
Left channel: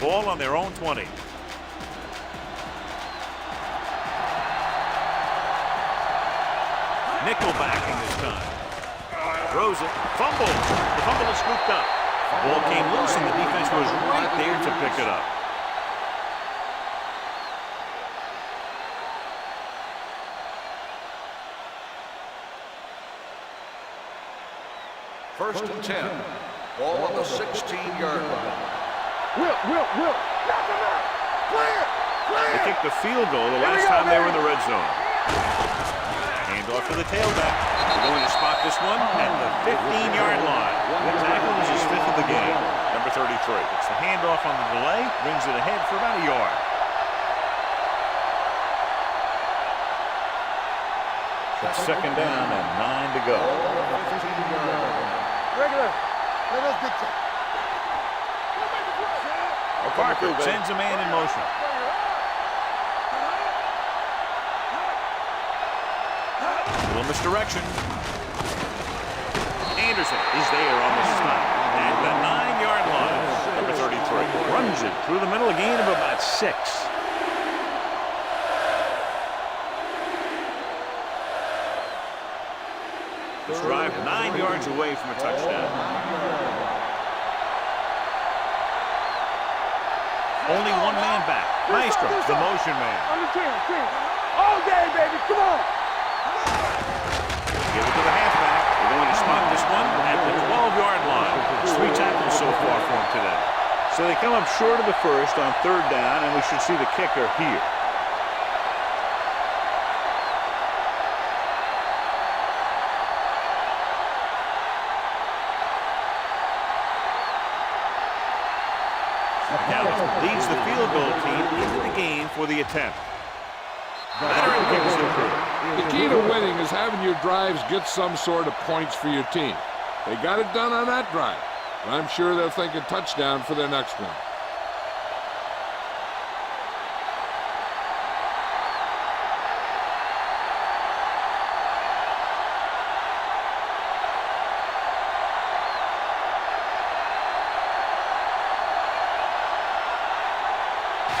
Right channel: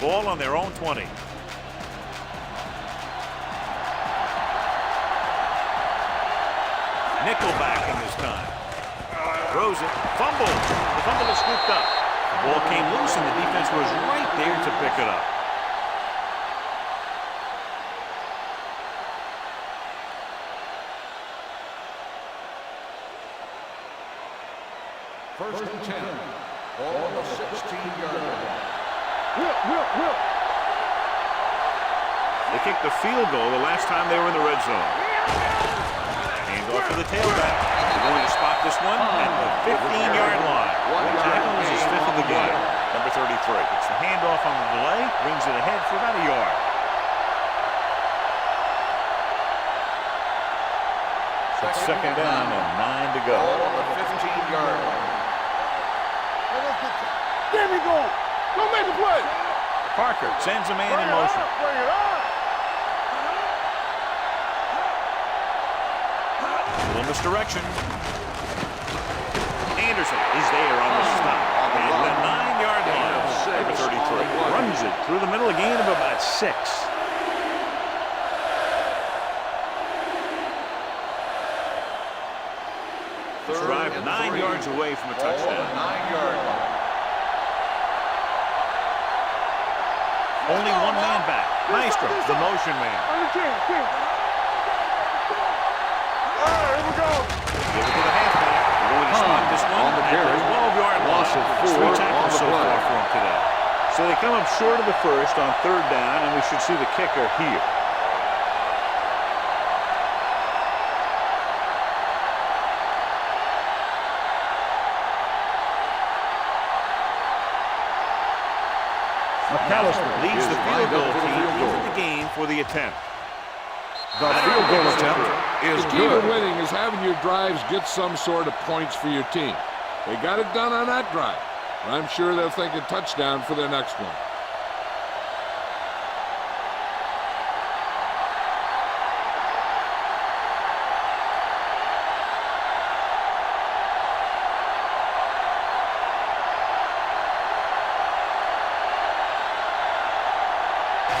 Ball on their own 20. Nickel backing this time. Throws it. Fumble. The fumble is scooped up. The ball came loose and the defense was right there to pick it up. First and 10. Ball on the 16-yard line. Will. They kicked a field goal the last time they were in the red zone. Hand off to the tailback. They're going to spot this one at the 15-yard line. The tackle is his 5th of the game. Number 33. It's the handoff on the delay. Brings it ahead for about a yard. It's second down and 9 to go. Ball on the 15-yard line. Regular. Let us get to. There we go. Don't make a play. Parker sends a man in motion. Bring it on. A little misdirection. Anderson is there on the stop at the 9-yard line. Number 33 runs it through the middle, a gain of about 6. This drive 9 yards away from a touchdown. 9-yard line. Only one man back. Maestro, the motion man. On the 10. All day, baby. Come on. Here we go. Give it to the halfback. They're going to spot this one at the 12-yard line. It's 3 tackles so far for him today. So they come up short of the first on 3rd down, and we should see the kicker here. Leads the field goal team into the game for the attempt. The key to winning is having your drives get some sort of points for your team. They got it done on that drive, but I'm sure they're thinking touchdown for their next one.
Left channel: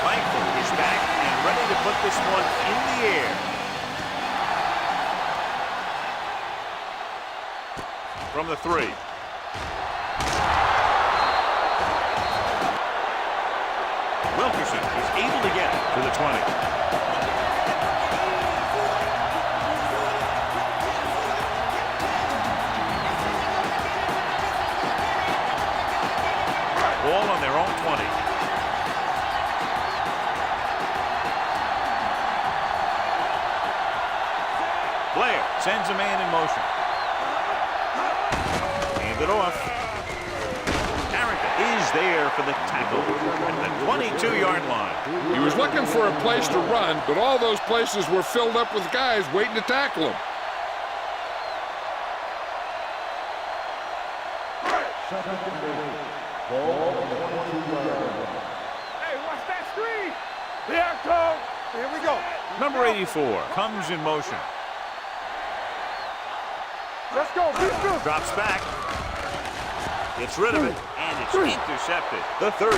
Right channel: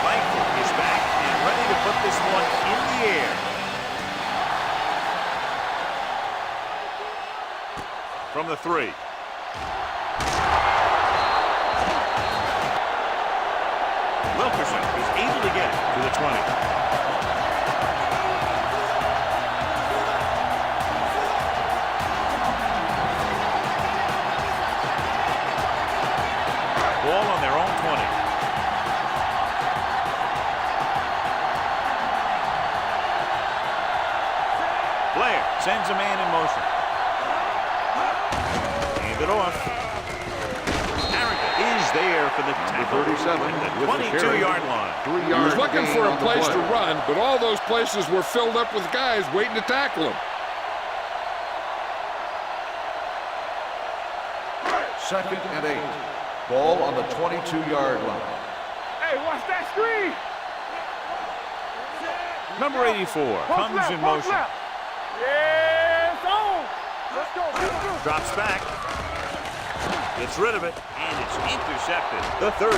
Langford is back and ready to put this one in the air. From the 3. Wilkerson is able to get it to the 20. Ball on their own 20. Blair sends a man in motion. Hand it off. Harrington is there for the tackle at the 22-yard line. He was looking for a place to run, but all those places were filled up with guys waiting to tackle him. Second and 8. Ball on the 22-yard line. Hey, watch that screen. Here it comes. Here we go. Number 84 comes in motion. Yeah, it's on. Let's go. Beat this. Drops back. Gets rid of it, and it's intercepted. The 30.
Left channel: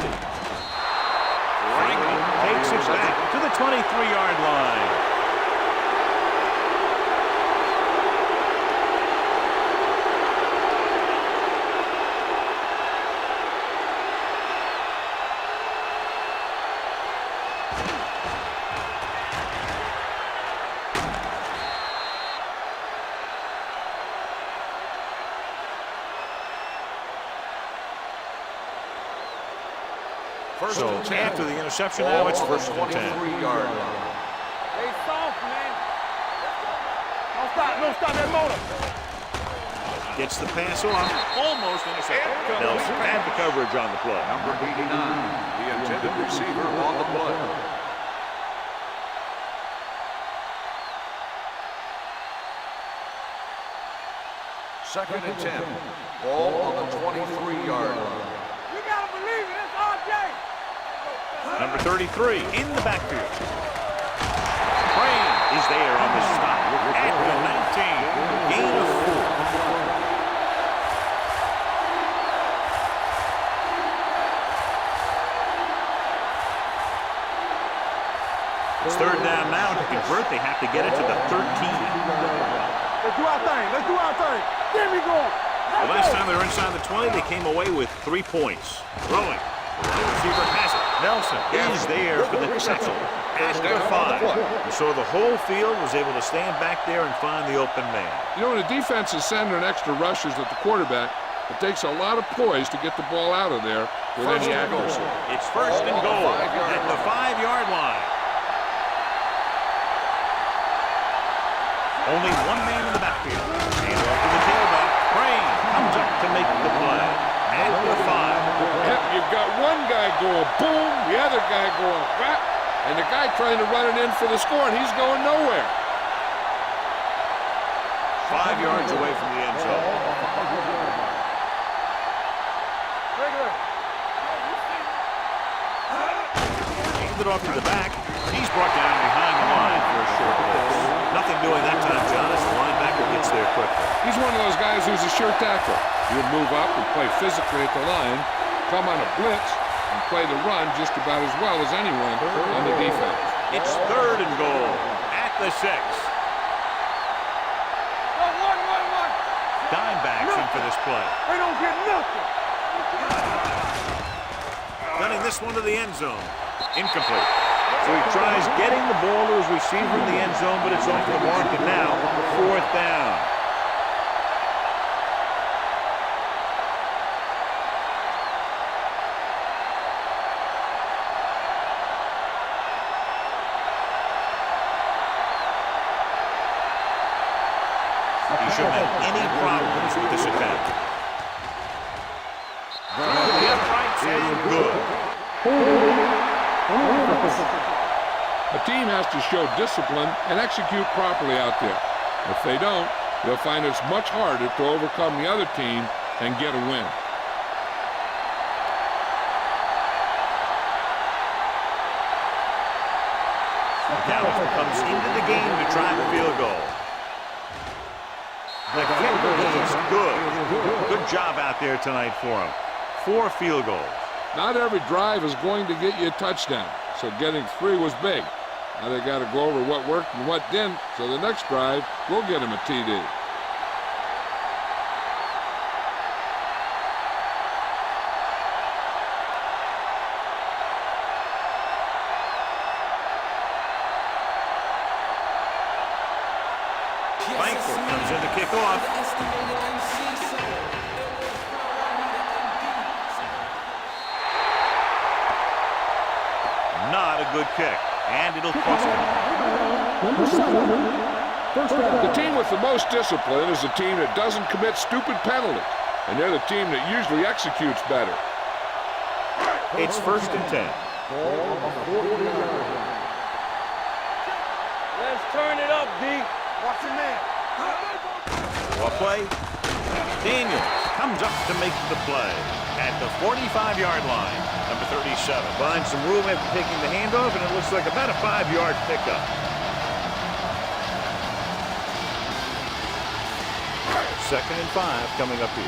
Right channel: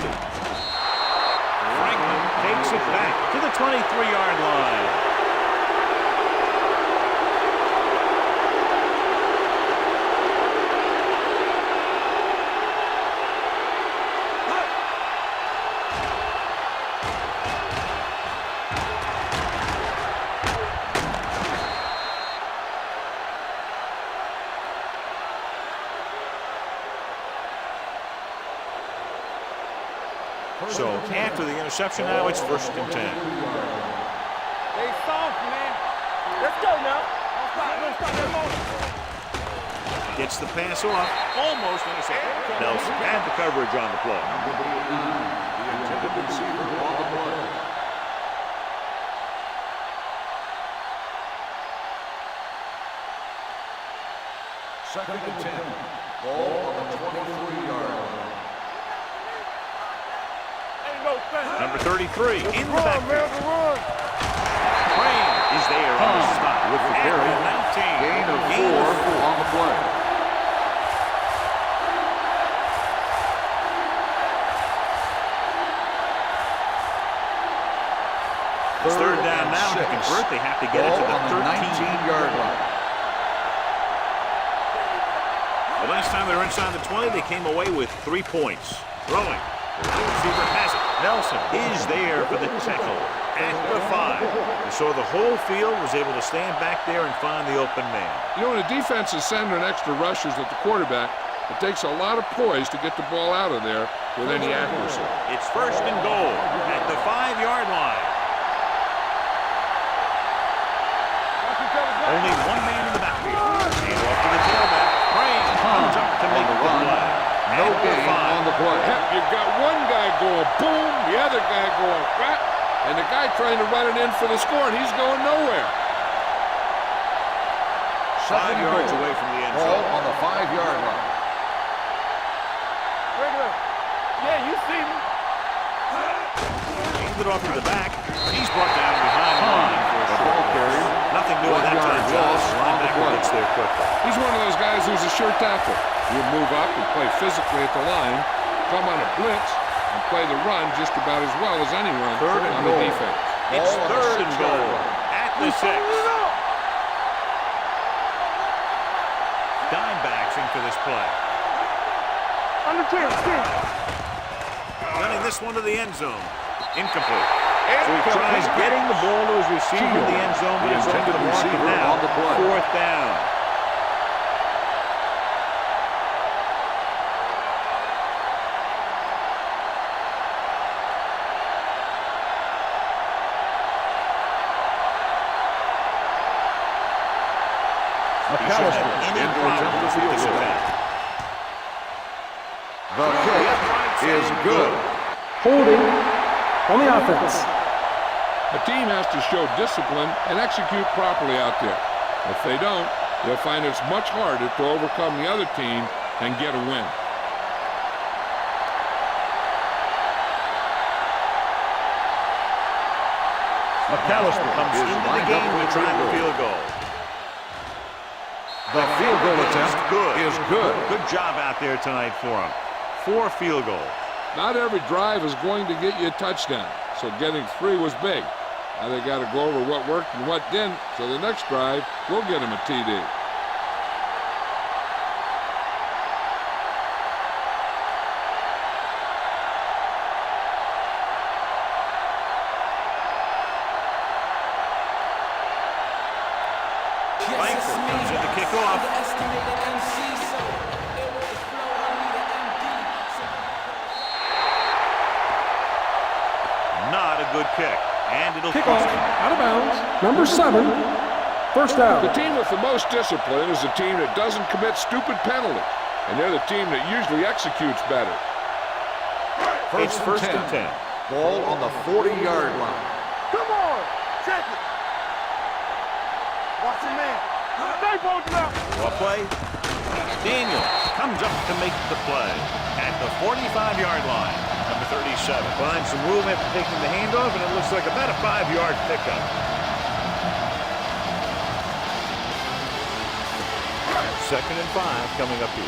Franklin takes it back to the 23-yard line. So after the interception now, it's 1st and 10. They soft, man. Let's go now. Don't stop that motor. Gets the pass off, almost intercepted. Nelson had the coverage on the play. Number 89, the intended receiver on the play. Second and 10. Ball on the 23-yard line. You gotta believe it. It's RJ. Number 33 in the backfield. Crane is there on the stop at the 19. Gain of 4. It's 3rd down now. To convert, they have to get it to the 13-yard line. Let's do our thing. Let's do our thing. There we go. The last time they were inside the 20, they came away with 3 points. Throwing. The wide receiver has it. Nelson is there for the tackle at the 5. You saw the whole field was able to stand back there and find the open man. You know, when the defense is sending extra rushers at the quarterback, It takes a lot of poise to get the ball out of there with any accuracy. It's first and goal at the 5-yard line. Only one man in the backfield. Hand off to the tailback. Crane comes up to make the play. At the 5. Yep, you've got one guy going boom, the other guy going whap, and the guy trying to run it in for the score, and he's going nowhere. 5 yards away from the end Ball zone. on the 5-yard line. Regular. Yeah, you see me. Handed off to the back. He's brought down behind the line for a short loss. Nothing doing that time, John, as the linebacker gets there quickly. He's one of those guys who's a sure tackler. He'll move up and play physically at the line, come on a blitz, and play the run just about as well as anyone on the defense. It's third and goal at the 6. Dime backs in for this play. Gunning this one to the end zone. Incomplete. So he tries getting the ball to his receiver in the end zone, but it's off the mark, and now 4th down. He shouldn't have any problems with this attack. Through the uprights and good. Holding on the offense. A team has to show discipline and execute properly out there. If they don't, they'll find it's much harder to overcome the other team and get a win. McAllister comes into the game to try the field goal. The kick is good. Good job out there tonight for him. 4 field goals. Not every drive is going to get you a touchdown, so getting 3 was big. Now they got to go over what worked and what didn't, so the next drive will get him a TD. Langford comes in to kick off. Not a good kick, and it'll cost him. Out of bounds. Number 7. First down. The team with the most discipline is the team that doesn't commit stupid penalties, and they're the team that usually executes better. It's first and 10. Ball on the 40-yard line. Come on. Check it. Let's turn it up, D. Watch the man. Well play. Daniels comes up to make the play at the 45-yard line. Number 37 finds some room after taking the handoff, and it looks like about a 5-yard pickup. Second and 5 coming up here.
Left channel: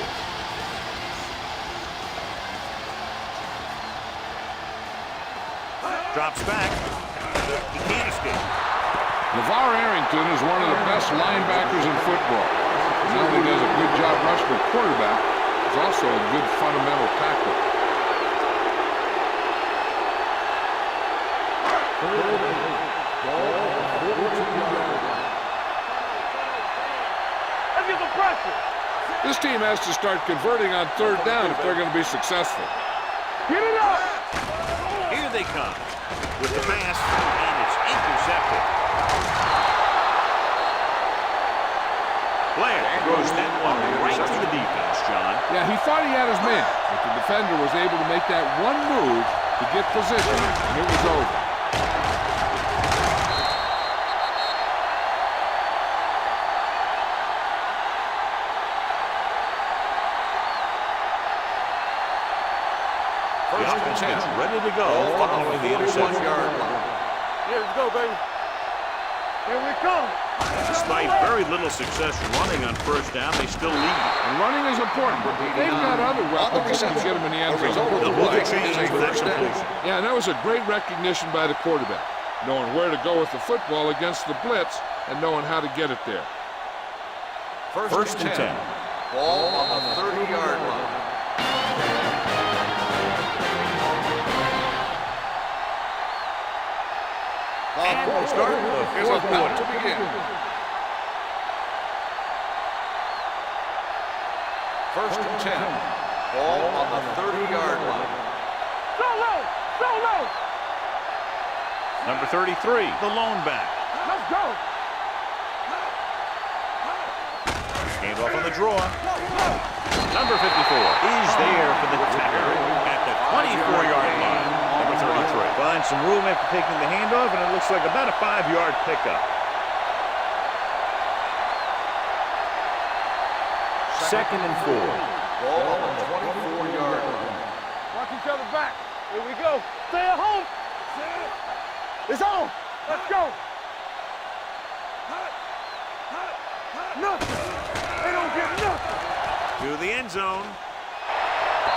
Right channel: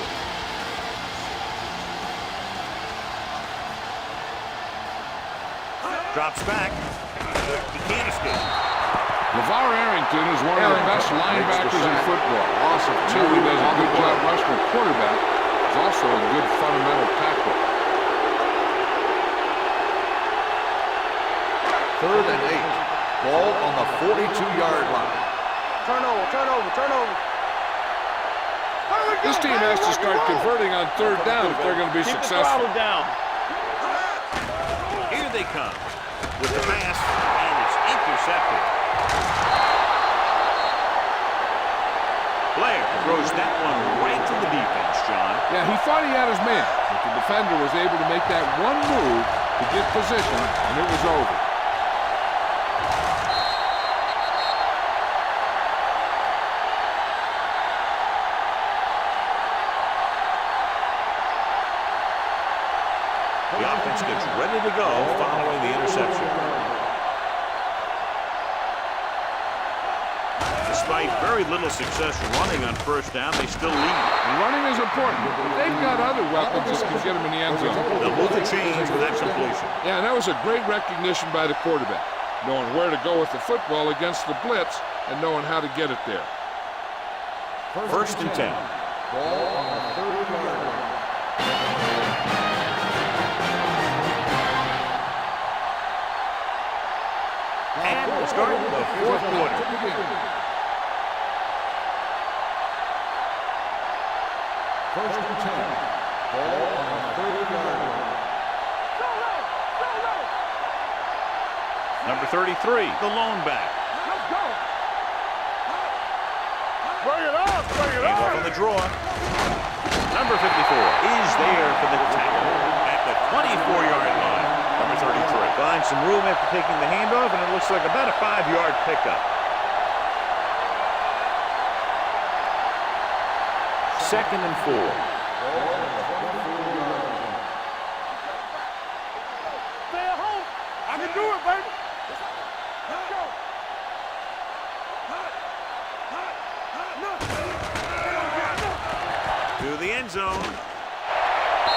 Drops back. He can't escape. LeVar Arrington is one of the best linebackers in football. He not only does a good job rushing a quarterback, he's also a good fundamental tackler. Third and 8. Ball on the 42-yard line. Turn over. Let's get the pressure. This team has to start converting on 3rd down if they're going to be successful. Get it up. Here they come with the pass, and it's intercepted. Blair throws that one right to the defense, John. Yeah, he thought he had his man, but the defender was able to make that one move to get position, and it was over. The offense gets ready to go following the interception. Here we go, baby. Here we come. Despite very little success running on 1st down, they still lead. And running is important. They've got other weapons that can get them in the end zone. They'll move the chains with that completion. Yeah, and that was a great recognition by the quarterback, knowing where to go with the football against the blitz and knowing how to get it there. First and 10. Ball on the 30-yard line. And we'll start the 4th quarter. First and 10. Ball on the 30-yard line. Solo! Number 33, the lone back. Let's go! Bring it up! Hand off on the draw. Number 54 is there for the tackle at the 24-yard line. Number 33 finds some room after taking the handoff, and it looks like about a 5-yard pickup. Second and 4. Ball on the 24-yard line. Watch each other back. Here we go. Stay at home. I can do it, baby. It's on. Let's go. Nothing. They don't get nothing. To the end zone.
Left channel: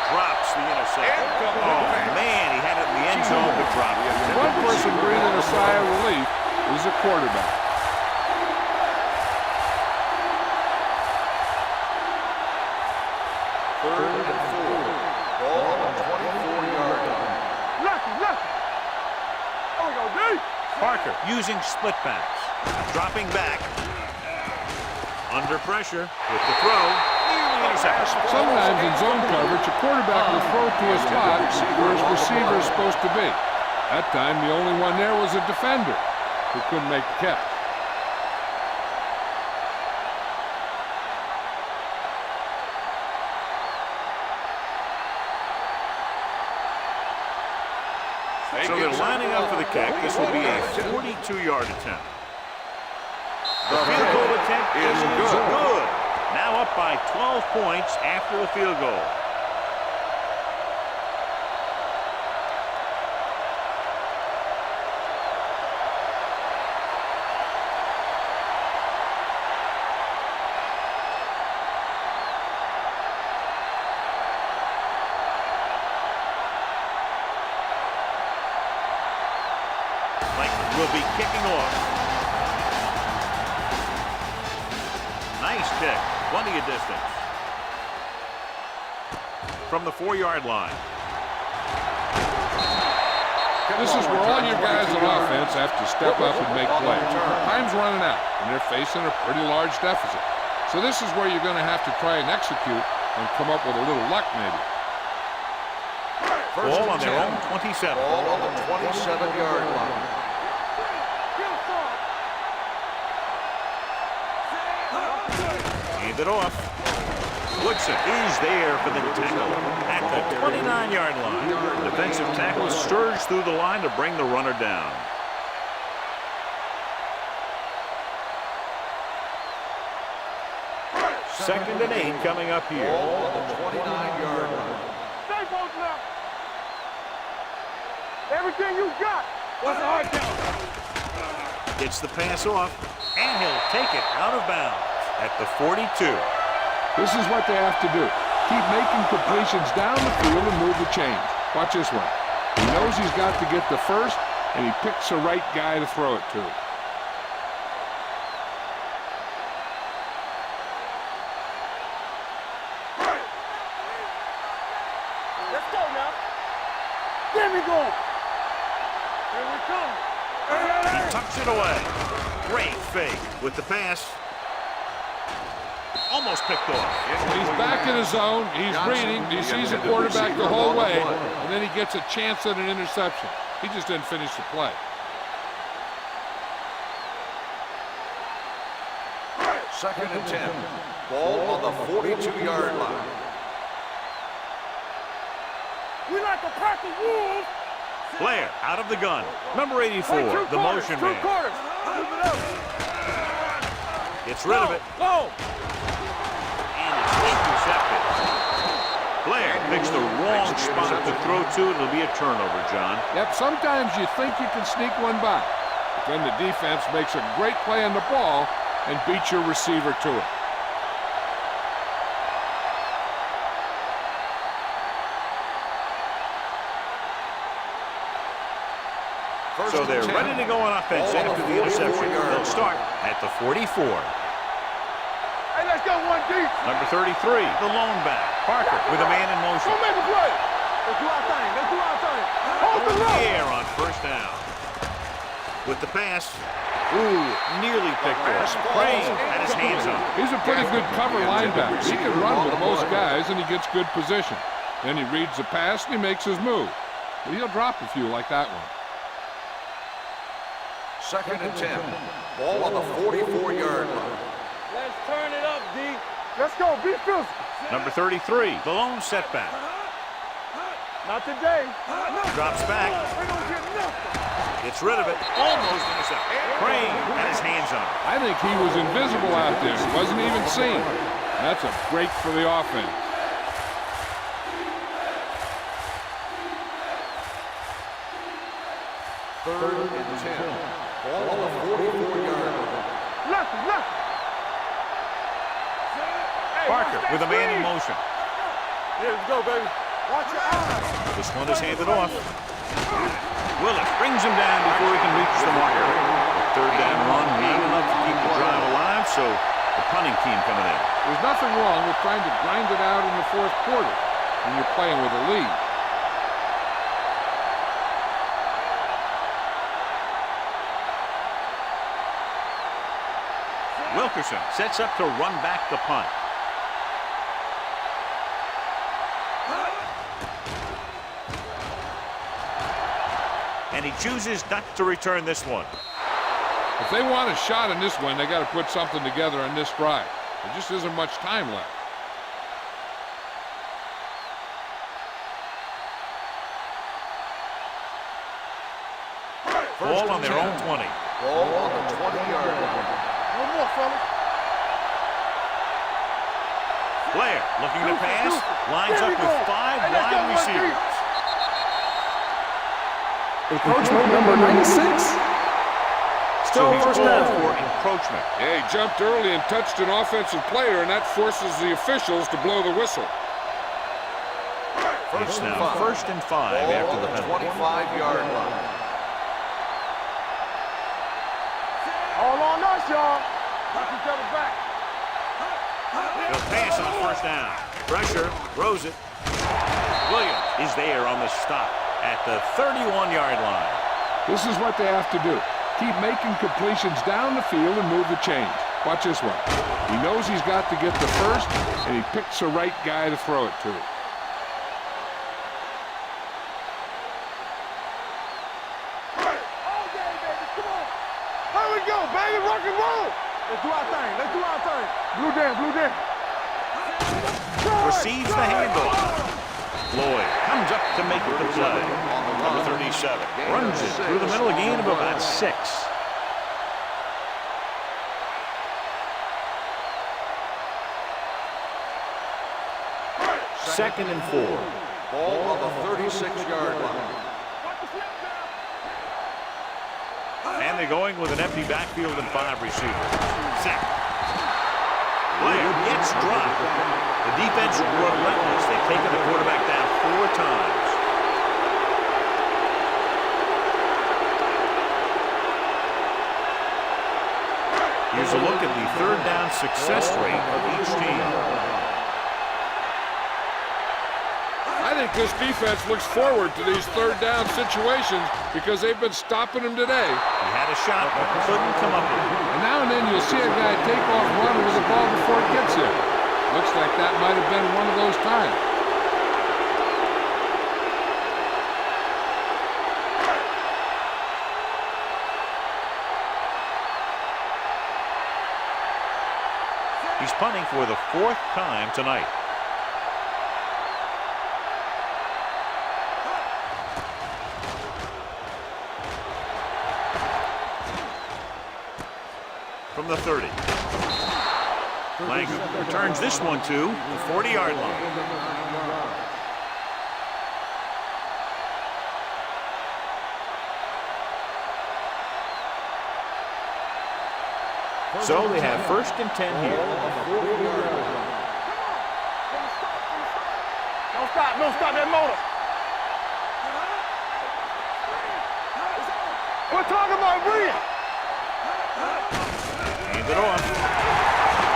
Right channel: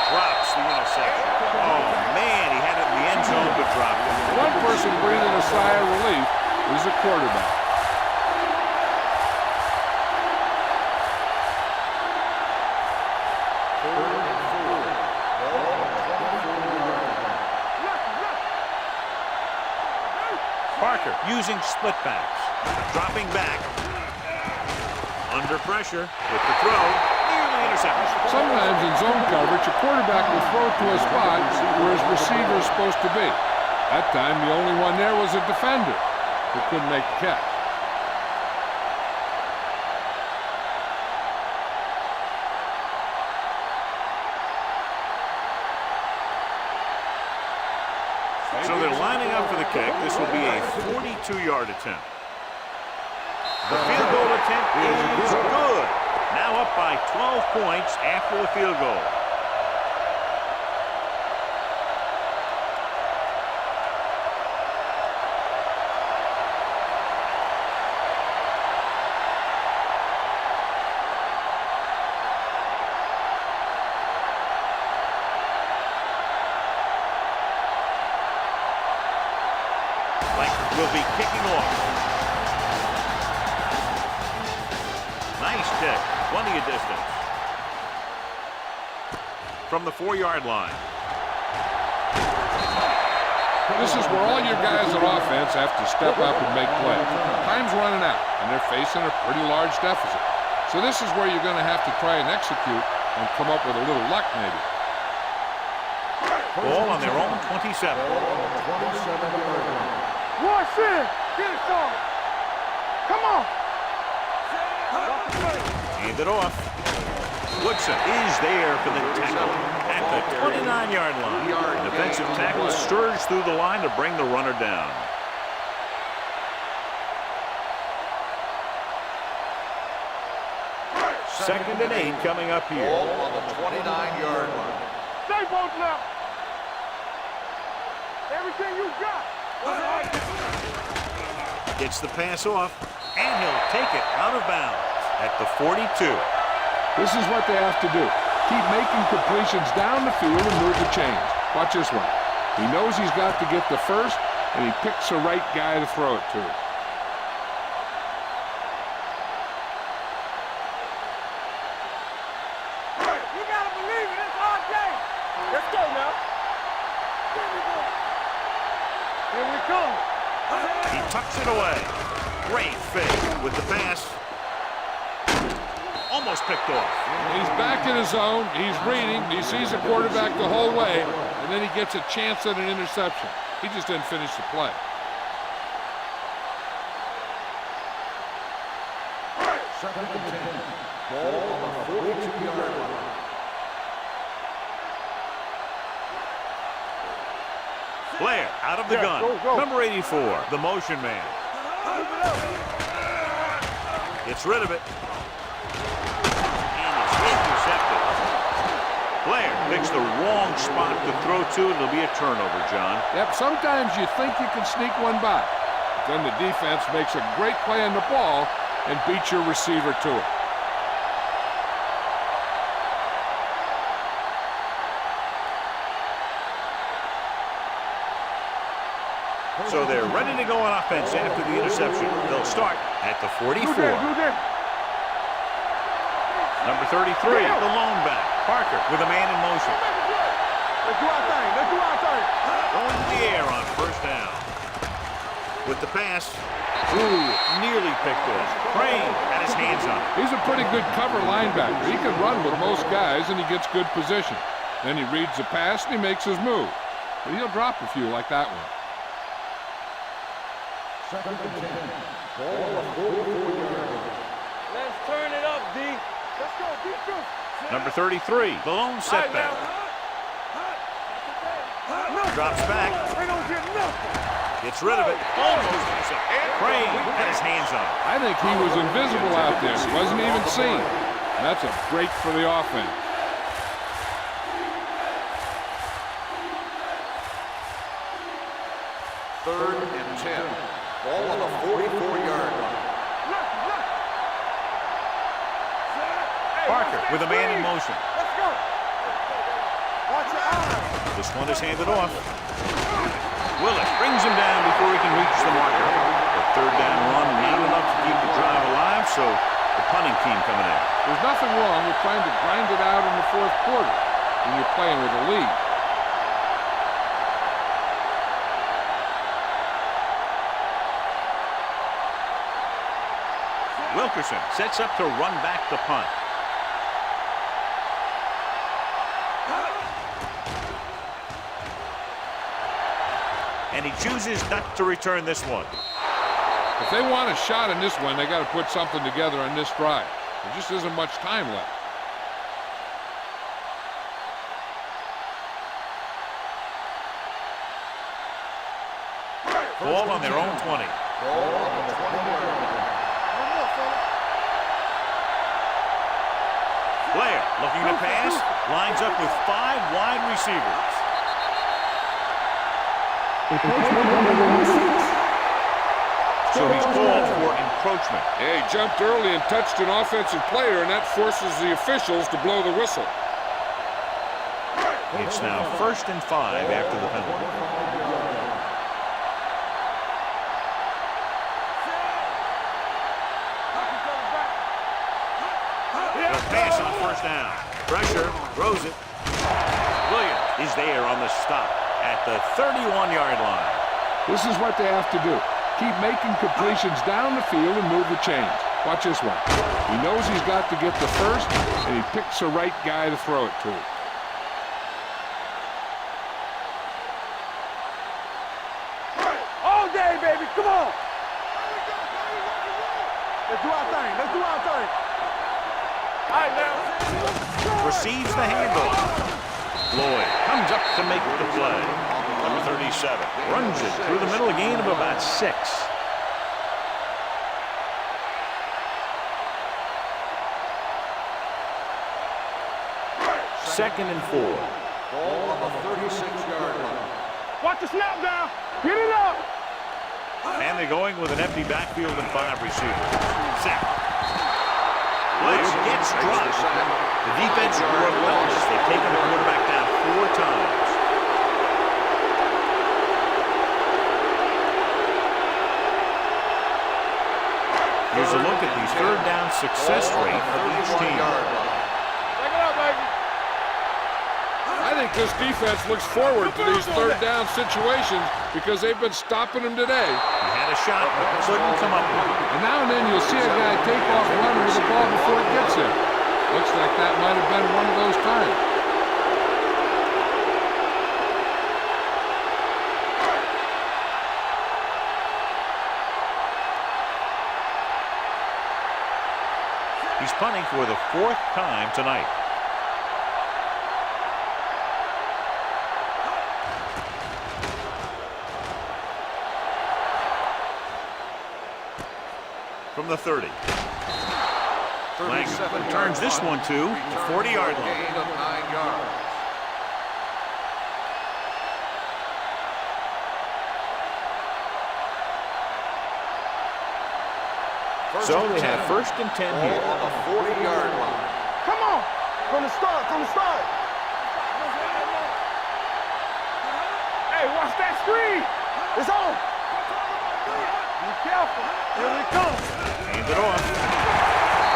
Drops the interception. Oh, man, he had it in the end zone, but dropped it. One person breathing a sigh of relief is the quarterback. Third and 4. Ball on the 24-yard line. Lucky. Parker using split backs. Dropping back. Under pressure with the throw. Nearly intercepted. Sometimes in zone coverage, a quarterback will throw it to a spot where his receiver is supposed to be. That time, the only one there was a defender who couldn't make the catch. So they're lining up for the kick. This will be a 42-yard attempt. The field goal attempt is good. Now up by 12 points after the field goal. Langford will be kicking off. Nice kick. Plenty of distance. From the 4-yard line. This is where all your guys on offense have to step up and make plays. Time's running out, and they're facing a pretty large deficit. So this is where you're going to have to try and execute and come up with a little luck, maybe. Ball on their own 27. Ball on the 27-yard line. Watch it. Get it started. Come on. Hand it off. Woodson is there for the tackle at the 29-yard line. Defensive tackle surged through the line to bring the runner down. Second and 8 coming up here. Ball on the 29-yard line. Stay both now. Everything you got. What's the hard down? Gets the pass off, and he'll take it out of bounds at the 42. This is what they have to do. Keep making completions down the field and move the chains. Watch this one. He knows he's got to get the first, and he picks the right guy to throw it to. You gotta believe it. It's our game. Let's go now. There we go. Here we come. He tucks it away. Great fake with the pass. Almost picked off. He's back in his zone. He's reading. He sees the quarterback the whole way, and then he gets a chance at an interception. He just didn't finish the play. Second and 10. Ball on the 42-yard line. We like to pack the wolves. Blair out of the gun. Number 84, the motion man. Gets rid of it. And it's intercepted. Blair picks the wrong spot to throw to. It'll be a turnover, John. Yep, sometimes you think you can sneak one by, but then the defense makes a great play on the ball and beats your receiver to it. So they're ready to go on offense after the interception. They'll start at the 44. Hey, let's go one deep. Number 33, the lone back. Parker with a man in motion. Don't make a play. Let's do our thing. Let's do our thing. Going in the air on first down. With the pass, Ooh, nearly picked off. Crane had his hands on it. He's a pretty good cover linebacker. He can run with most guys, and he gets good position. Then he reads the pass, and he makes his move. But he'll drop a few like that one. 2nd and 10. Ball on the 44-yard line. Let's turn it up, D. Let's go. Be true. Number 33, the lone setback. Not today. Drops back. They don't get nothing. Gets rid of it. Almost intercepted. Crane had his hands on it. I think he was invisible out there. He wasn't even seen. That's a break for the offense. Third and 10. Ball on the 44-yard line. Left. Parker with a man in motion. Let's go. There you go, baby. Watch your eyes. This one is handed off. Willis brings him down before he can reach the marker. The third down run, not enough to keep the drive alive, so the punting team coming in. There's nothing wrong with trying to grind it out in the fourth quarter when you're playing with a lead. Wilkerson sets up to run back the punt. And he chooses not to return this one. If they want a shot in this one, they got to put something together on this drive. There just isn't much time left. Ball on their own 20. Ball on the 20-yard line. One more, fellas. Blair looking to pass. Lines up with 5 wide receivers. Encroachment number 96. So he's called for encroachment. Yeah, he jumped early and touched an offensive player, and that forces the officials to blow the whistle. It's now 1st and 5 after the penalty. 25-yard line. All on us, y'all. Knock each other back. He'll pass on 1st down. Pressure, throws it. Williams is there on the stop at the 31-yard line. This is what they have to do. Keep making completions down the field and move the chains. Watch this one. He knows he's got to get the first, and he picks the right guy to throw it to. All day, baby. Come on. Here we go, baby. Rock and roll. Let's do our thing. Blue jam. All right, man. Receives the handoff. Lloyd comes up to make the play. Number 37 runs it through the middle, a gain of about 6. Second and 4. Ball on the 36-yard line. Watch the snap down. Get it up. And they're going with an empty backfield and 5 receivers. Sack. Blair gets dropped. The defense relentless. They've taken the quarterback down 4 times. Here's a look at the 3rd down success rate of each team. I think this defense looks forward to these 3rd down situations because they've been stopping them today. He had a shot, but couldn't come up with it. And now and then you'll see a guy take off running with the ball before it gets there. Looks like that might have been one of those times. He's punting for the 4th time tonight. From the 30. Langham returns this one to the 40-yard line. Gain of 9 yards. So they have 1st and 10 here. Ball on the 40-yard line. Come on. From the start. Don't stop that motor. Hey, watch that screen. It's on. We're talking about Williams. Be careful. Hand it off.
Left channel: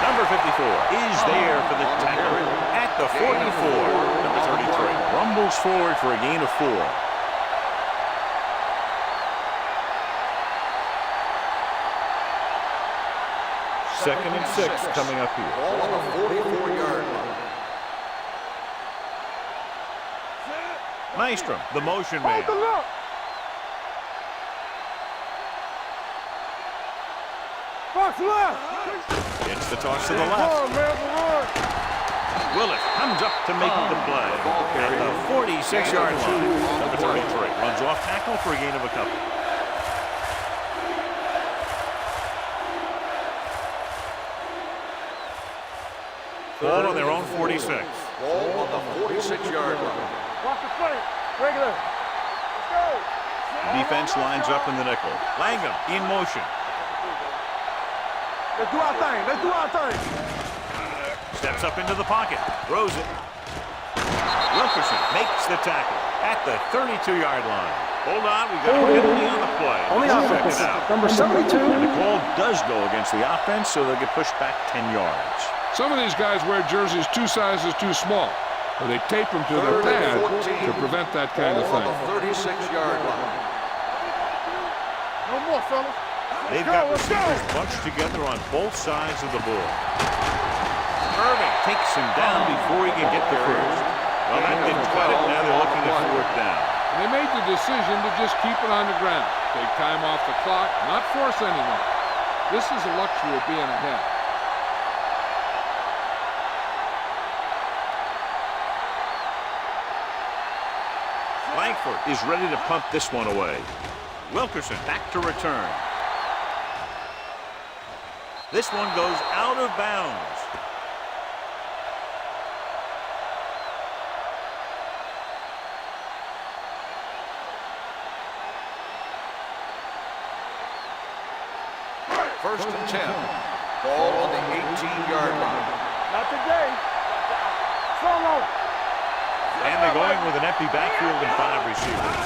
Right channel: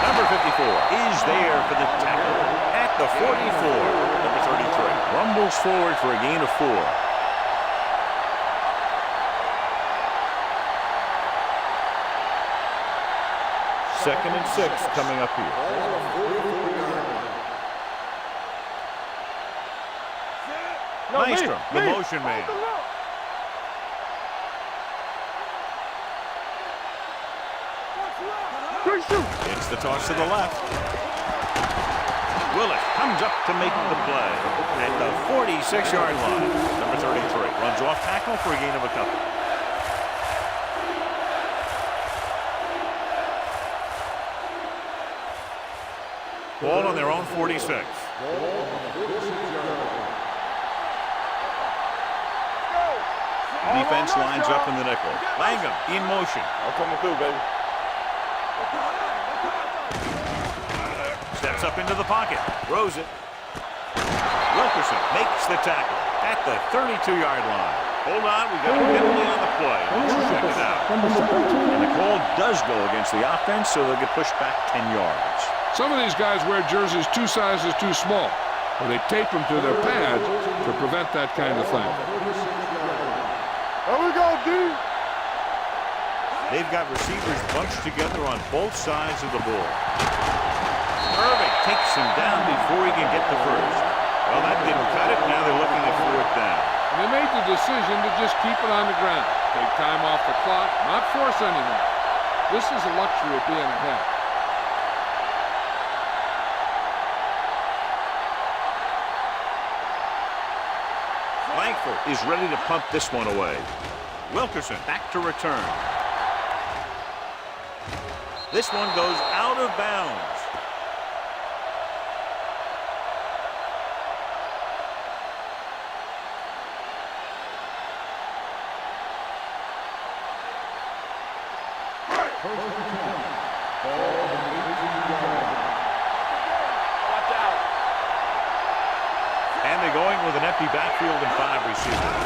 Number 54 is there for the tackle at the 44. Number 33 rumbles forward for a gain of 4. 2nd and 6 coming up here. Ball on the 44-yard line. Maestrom, the motion man. It's the toss to the left. Willis comes up to make the play at the 46-yard line. Number 33 runs off tackle for a gain of a couple. Ball on their own 46. Ball on the 46-yard line. Defense lines up in the nickel. Langham in motion. I'm coming through, baby. Let's do our thing. Let's do our thing. Steps up into the pocket. Throws it. Wilkerson makes the tackle at the 32-yard line. Hold on, we've got a penalty on the play. Let's check it out. Number 72. And the call does go against the offense, so they'll get pushed back 10 yards. Some of these guys wear jerseys 2 sizes too small, or they tape them to their pads to prevent that kind of thing. Ball on the 36-yard line. There we go, dude. No more, fella. They've got receivers bunched together on both sides of the ball. Irving takes him down before he can get the first. Well, that didn't cut it. Now they're looking at 4th down. And they made the decision to just keep it on the ground. Take time off the clock, not force anything. This is a luxury of being ahead. Langford is ready to punt this one away. Wilkerson back to return. This one goes out of bounds. First and 10. Ball on the 18-yard line. Not today. Watch out. Solo. And they're going with an empty backfield and 5 receivers.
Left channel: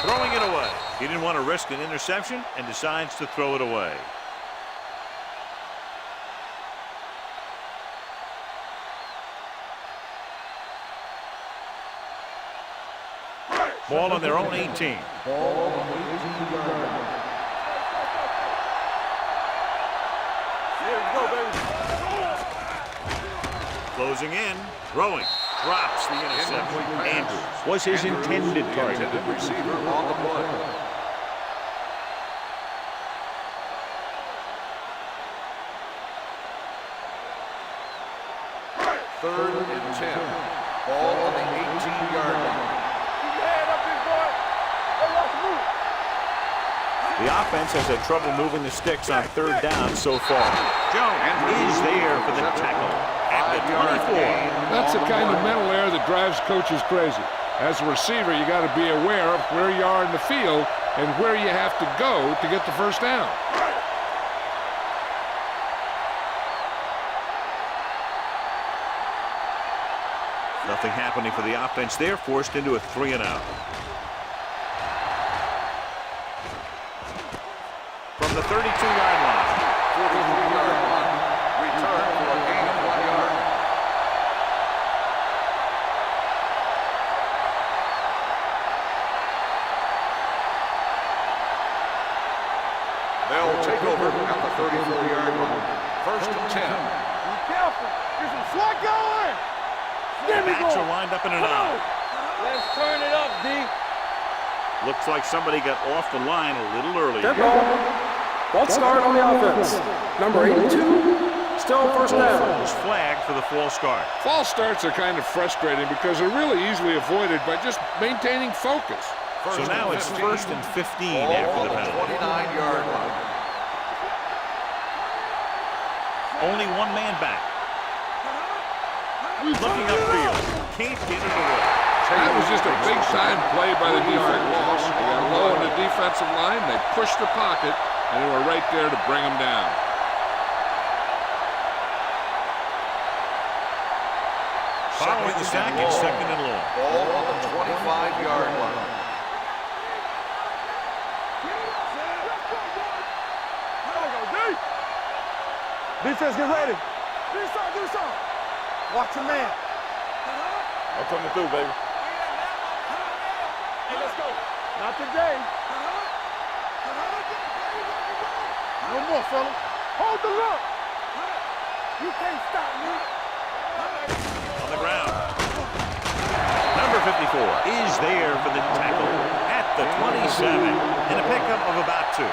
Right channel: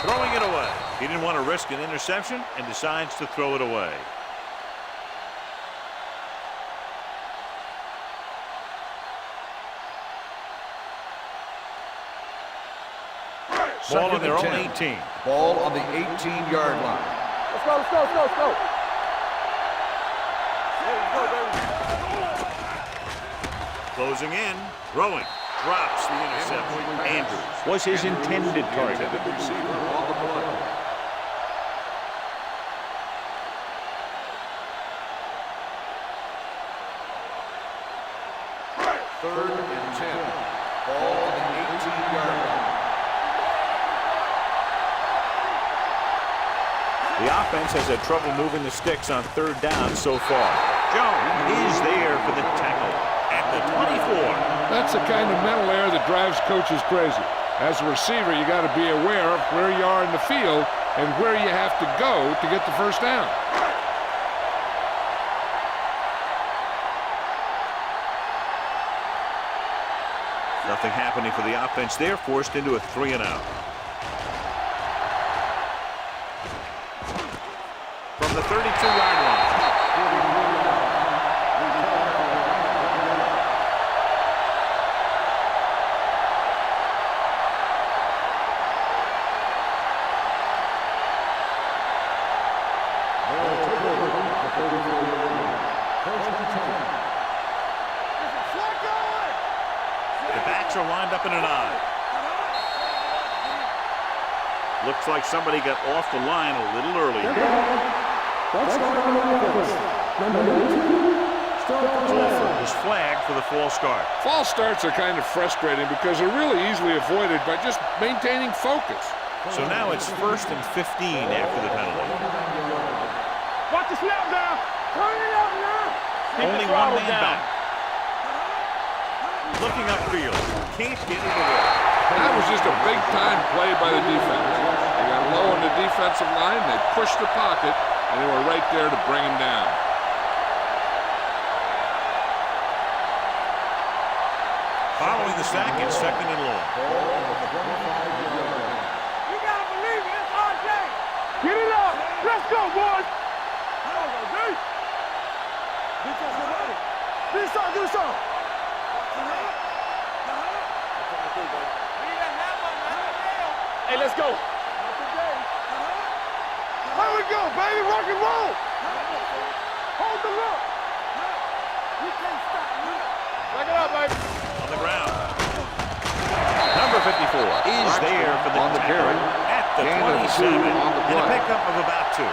Throwing it away. He didn't want to risk an interception and decides to throw it away. Ball on their own 18. Ball on the 18-yard line. Let's go, let's go, let's go, let's go. Here we go, baby. Closing in. Throwing. Drops the interception. Andrews was his intended target. Intended receiver on the play. Third and 10. Ball on the 18-yard line. Keep your head up, big boy. The offense has had trouble moving the sticks on 3rd down so far. Jones is there for the tackle at the 24. That's the kind of mental error that drives coaches crazy. As a receiver, you got to be aware of where you are in the field and where you have to go to get the first down. Nothing happening for the offense there, forced into a 3-and-out. From the 32-yard line. They'll take over at the 34-yard line. First and 10. Be careful. Get some slack going. The backs are lined up in an I. Let's turn it up, D. Looks like somebody got off the line a little early Dead here. ball. False start on the offense. Number 82, still first Wolford down. was flagged for the false start. False starts are kind of frustrating because they're really easily avoided by just maintaining focus. So now it's 1st and 15 after the penalty. 29-yard line. Watch the snap now. Turn it up now. Only one man back. Looking upfield. Can't get it away. That was just a big-time play by the defense. They got low on the defensive line, they pushed the pocket, and they were right there to bring him down. Following the sack, it's 2nd and long. Ball on the 25-yard line. Get it up. Let's go, boys. There we go, D. Defense, get ready. Do something, do something. Watch your man. I'm coming through, baby. Need a hammer, not a nail. Hey, let's go. Not today. There we go, baby. Rock and roll. One more, fella. Hold the look. You can't stop me. On the ground. Number 54 is there for the tackle at the 27 and a pickup of about 2.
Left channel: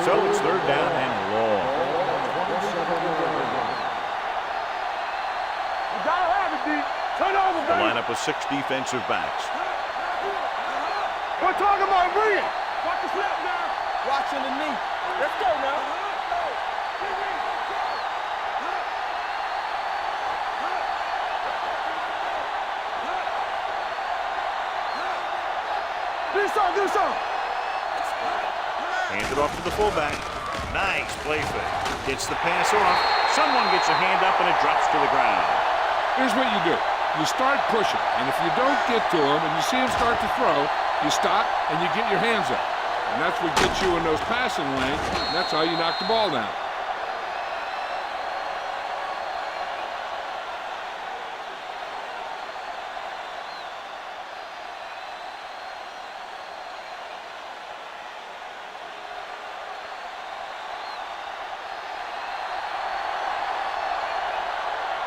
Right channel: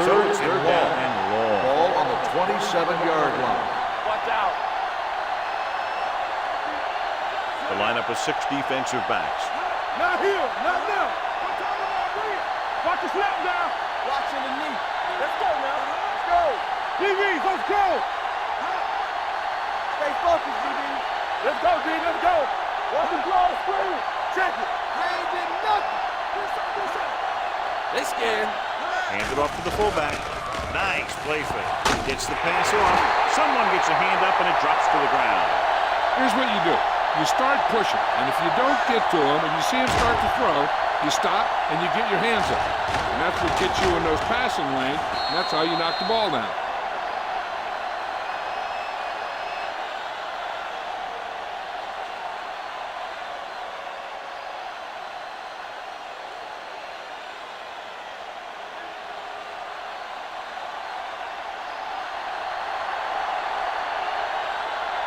So it's 3rd down and long. Ball on the 27-yard line. Watch out. You gotta have it, D. Turn over. The lineup of 6 defensive backs. Not here. Not now. We're talking about bringing. Watch the snap now. Watching the knee. Let's go now. Let's go. DBs, let's go. Stay focused, DBs. Let's go, D. Let's go. Watch the draw screen. Check it. I ain't getting nothing. Do something. They scared. Hand it off to the fullback. Nice play fake. Gets the pass off. Someone gets a hand up and it drops to the ground. Here's what you do. You start pushing, and if you don't get to him and you see him start to throw, you stop and you get your hands up. And that's what gets you in those passing lanes, and that's how you knock the ball down.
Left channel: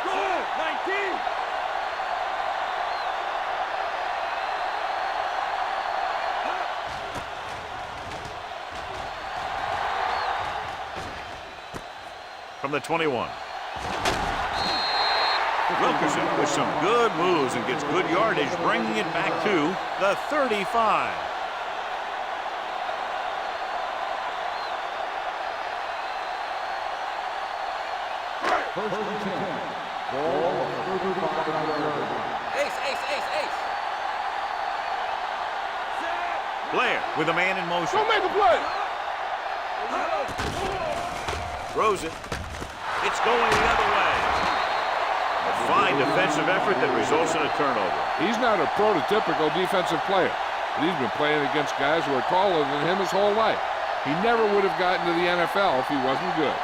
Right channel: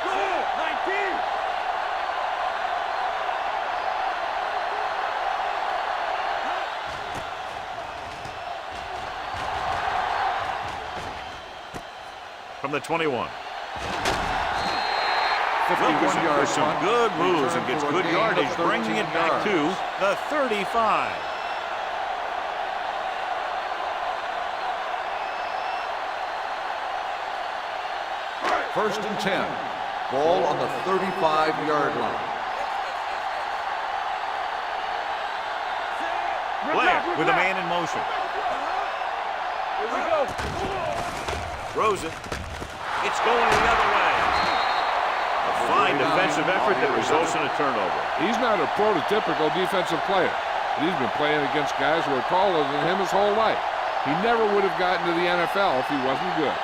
Go. 19. From the 21. Wilkerson with some good moves and gets good yardage, bringing it back to the 35. First and 10. Ball on the 35-yard line. Blair with a man in motion. Throws it. It's going the other way. A fine defensive effort that results in a turnover. He's not a prototypical defensive player, but he's been playing against guys who are taller than him his whole life. He never would have gotten to the NFL if he wasn't good.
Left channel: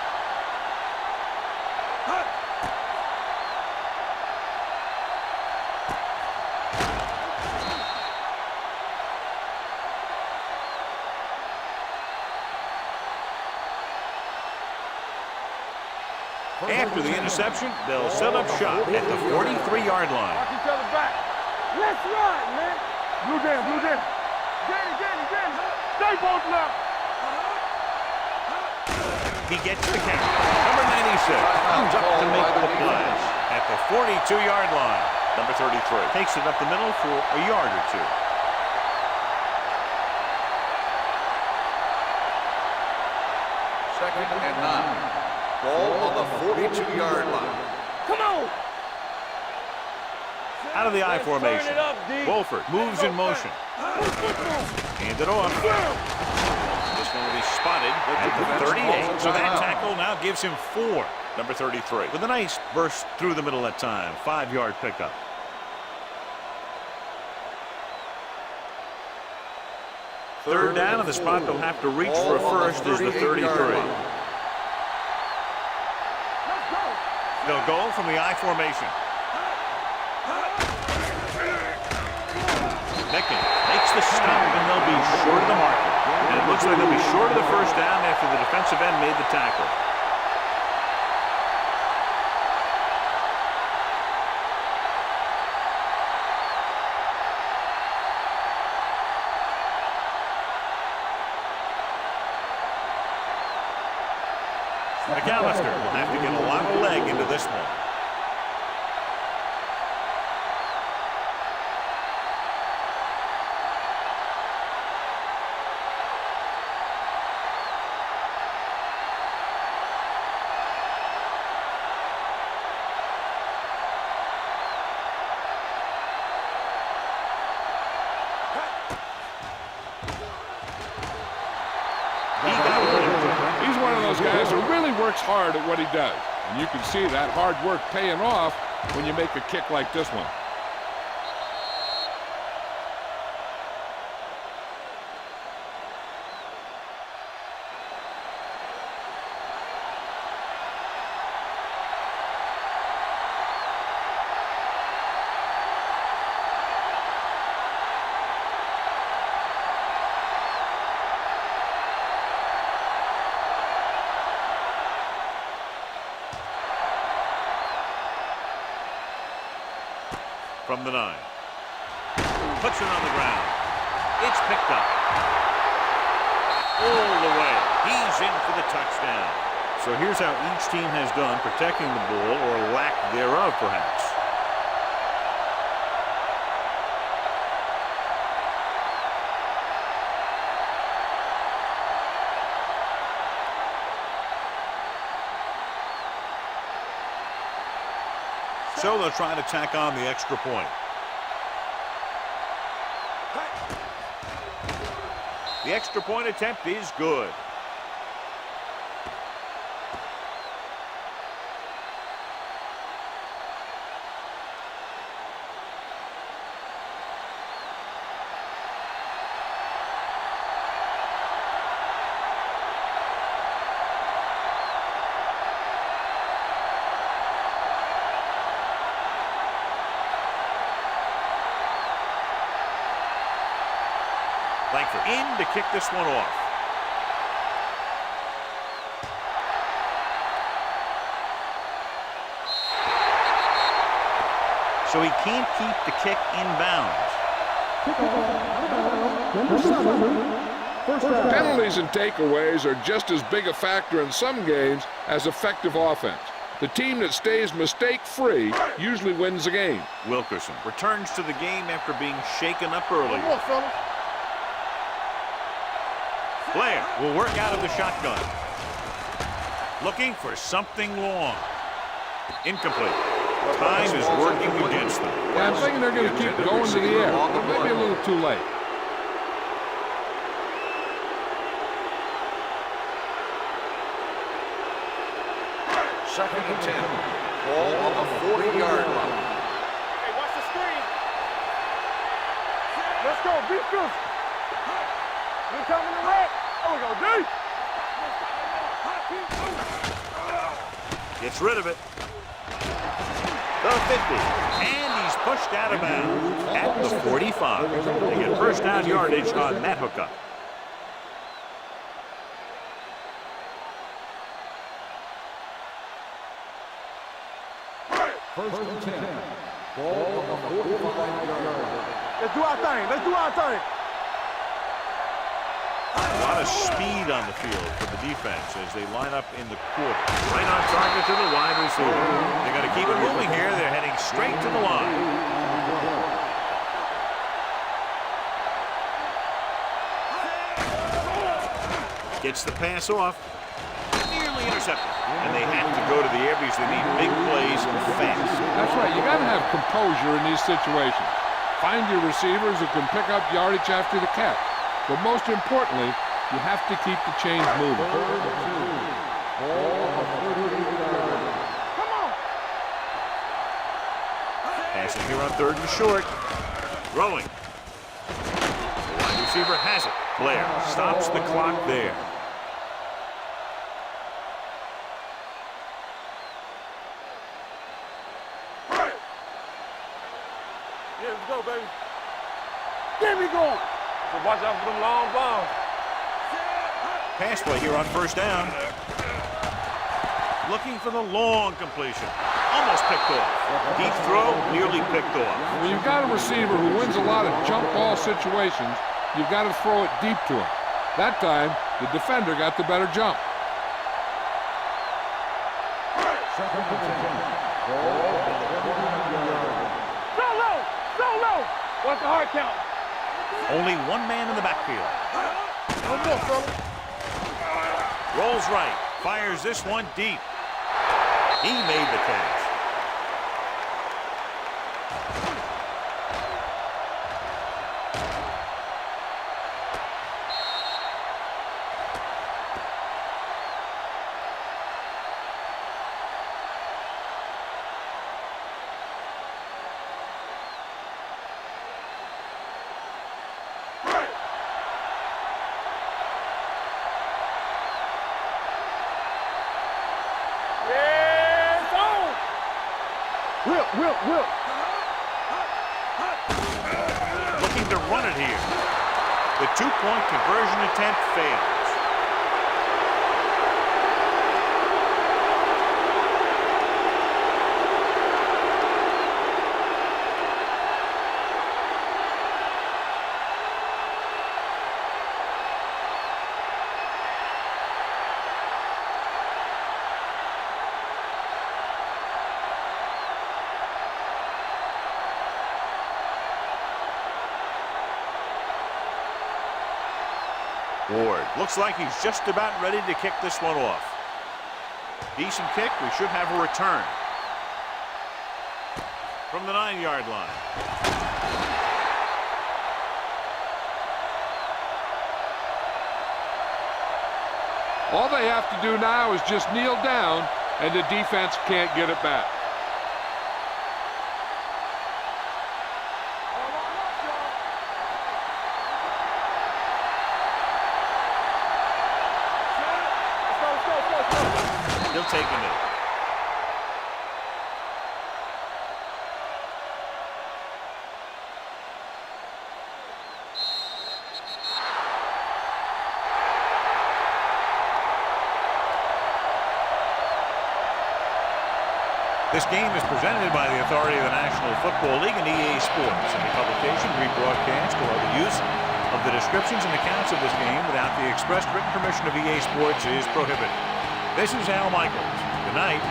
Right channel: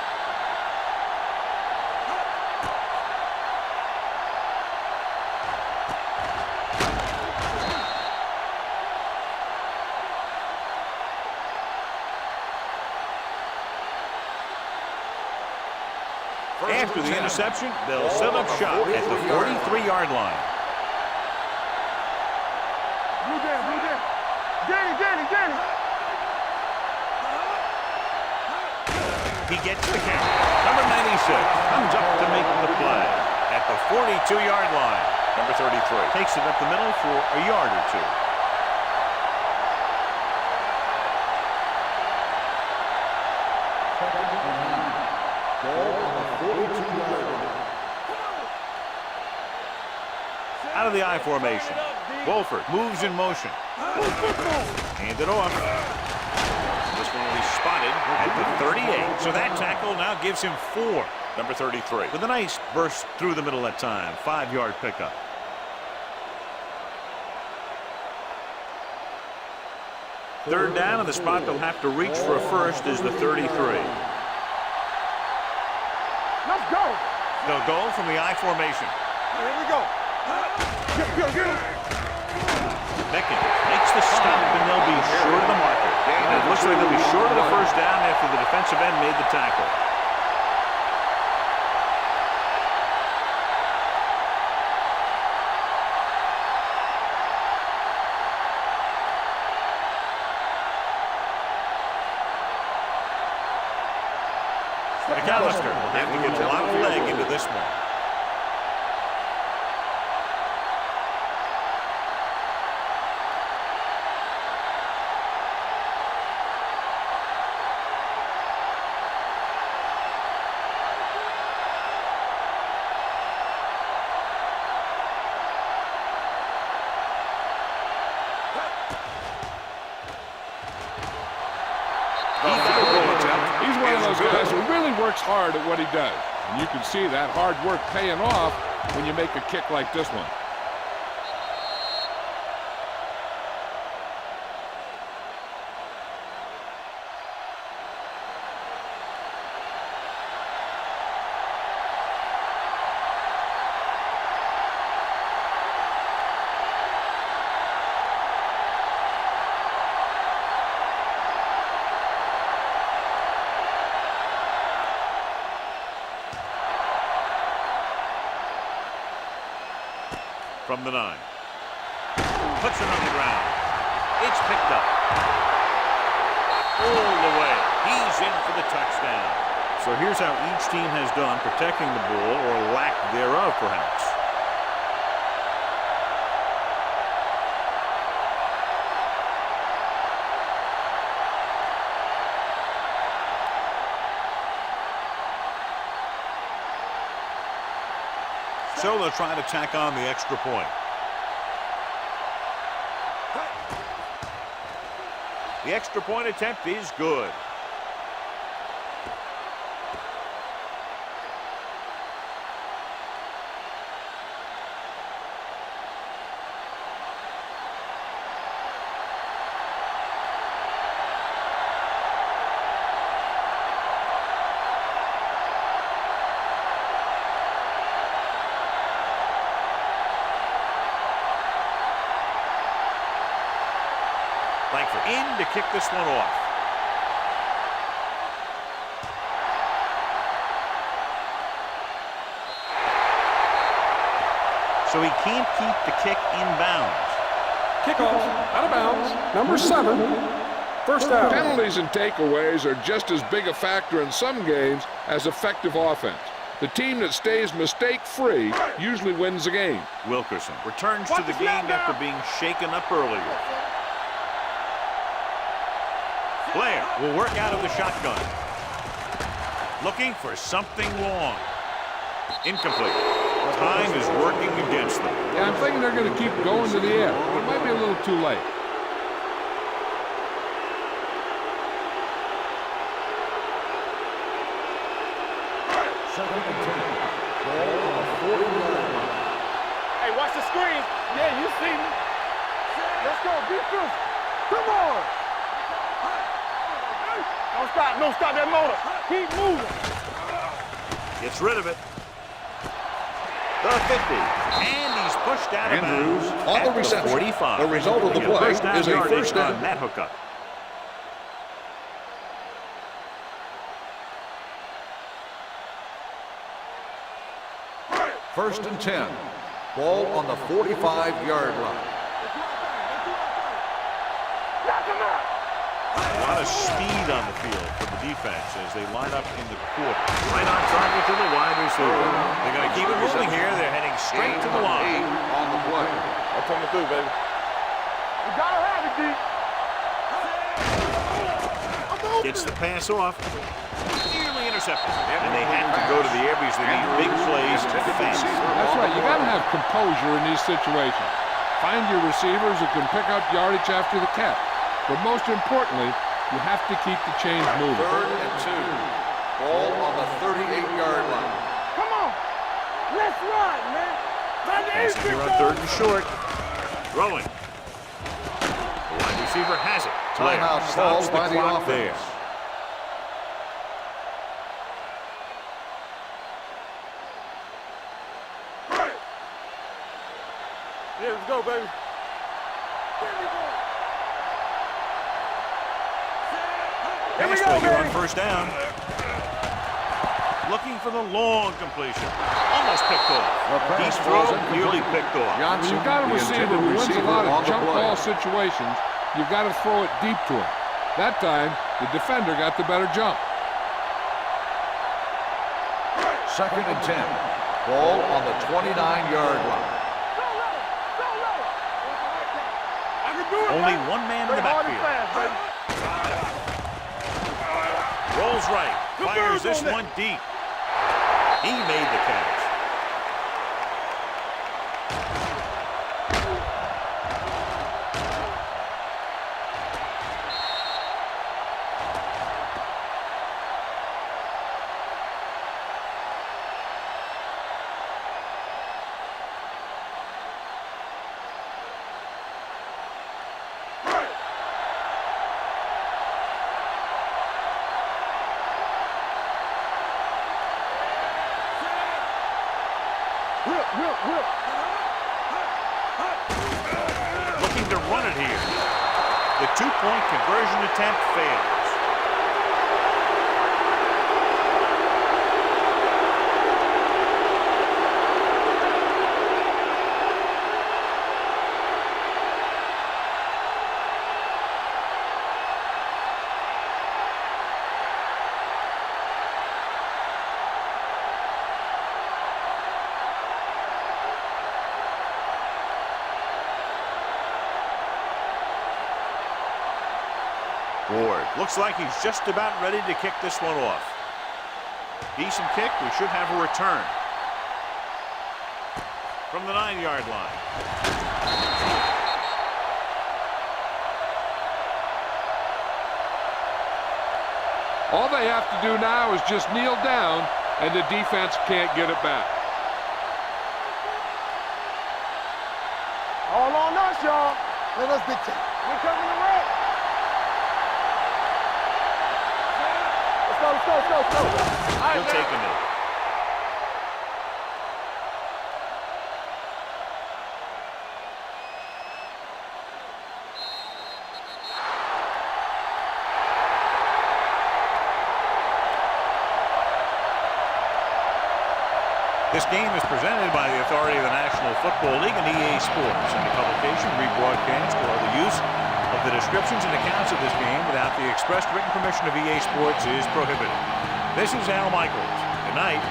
After the interception, they'll set up shop at the 43-yard line. Let's run, man. Blue down. Danny. Stay both now. He gets the carry. Number 96 comes up to make the play at the 42-yard line. Number 33 takes it up the middle for a yard or 2. Second and 9. Ball on the 42-yard line. Come on. Out of the I Let's turn formation. it up, D. Wolford moves in motion. Hand it off. This one will be spotted at the 38. So that tackle now gives him 4. Number 33 with a nice burst through the middle that time. 5-yard pickup. Third down, and the spot they'll have to reach for a first is the 33. Let's go. They'll go from the I formation. Here we go. Mickens makes the stop, and they'll be short of the marker. And it looks like they'll be short of the first down after the defensive end made the tackle. McAllister will have to get a lot of leg into this one. He's one of those guys who really works hard at what he does. And you can see that hard work paying off when you make a kick like this one. from the 9. Puts it on the ground. It's picked up. All the way. He's in for the touchdown. So here's how each team has done protecting the ball, or lack thereof, perhaps. So they'll try to tack on the extra point. The extra point attempt is good. Langford in to kick this one off. So he can't keep the kick in bounds. Kickoff out of bounds. Number 7. First down. Penalties and takeaways are just as big a factor in some games as effective offense. The team that stays mistake-free usually wins the game. Wilkerson returns to the game after being shaken up earlier. Blair will work out of the shotgun. Looking for something long. Incomplete. Time is working against them. Yeah, I'm thinking they're going to keep going to the air, but it might be a little too late. Second and 10. Ball on the 40-yard line. Hey, watch the screen. Yeah, you see me. Let's go. Be physical. Come on. We coming back. Don't stop that motor. Keep moving. Gets rid of it. The 50. And he's pushed out of bounds at the 45. They get first down yardage on that hookup. First and 10. Ball on the 45-yard line. Let's do our thing. Let's do our thing. Knock him out. A lot of speed on the field for the defense as they line up in the quarter. Right on target to the wide receiver. They're going to keep it moving here. They're heading straight to the line. On the play. That's coming through, baby. You gotta have it, D. Gets the pass off. Nearly intercepted. And they have to go to the air because they need big plays fast. That's right. You got to have composure in these situations. Find your receivers who can pick up yardage after the catch. But most importantly, you have to keep the chains moving. Third and 2. Ball on the 38-yard line. Come on. Let's run, man. Passing here on 3rd and short. Throwing. The wide receiver has it. Blair stops the clock there. Yeah, let's go, baby. There we go. Watch out for them long balls. Pass play here on first down. Looking for the long completion. Almost picked off. Deep throw, nearly picked off. When you've got a receiver who wins a lot of jump ball situations, you've got to throw it deep to him. That time, the defender got the better jump. Second and 10. Ball on the 29-yard line. So low. What's the hard count? Only one man in the backfield. Rolls right. Fires this one deep. He made the catch. Will. Looking to run it here. The 2-point conversion attempt fails. Ward looks like he's just about ready to kick this one off. Decent kick. We should have a return from the 9-yard line. All they have to do now is just kneel down, and the defense can't get it back. All on us, y'all. Let us dictate. We're coming to win. Let's go. He'll take a knee. This game is presented by the authority of the National Football League and EA Sports. Any publication, rebroadcast, or other use of the descriptions and accounts of this game without the expressed written permission of EA Sports is prohibited. This is Al Michaels. Good night.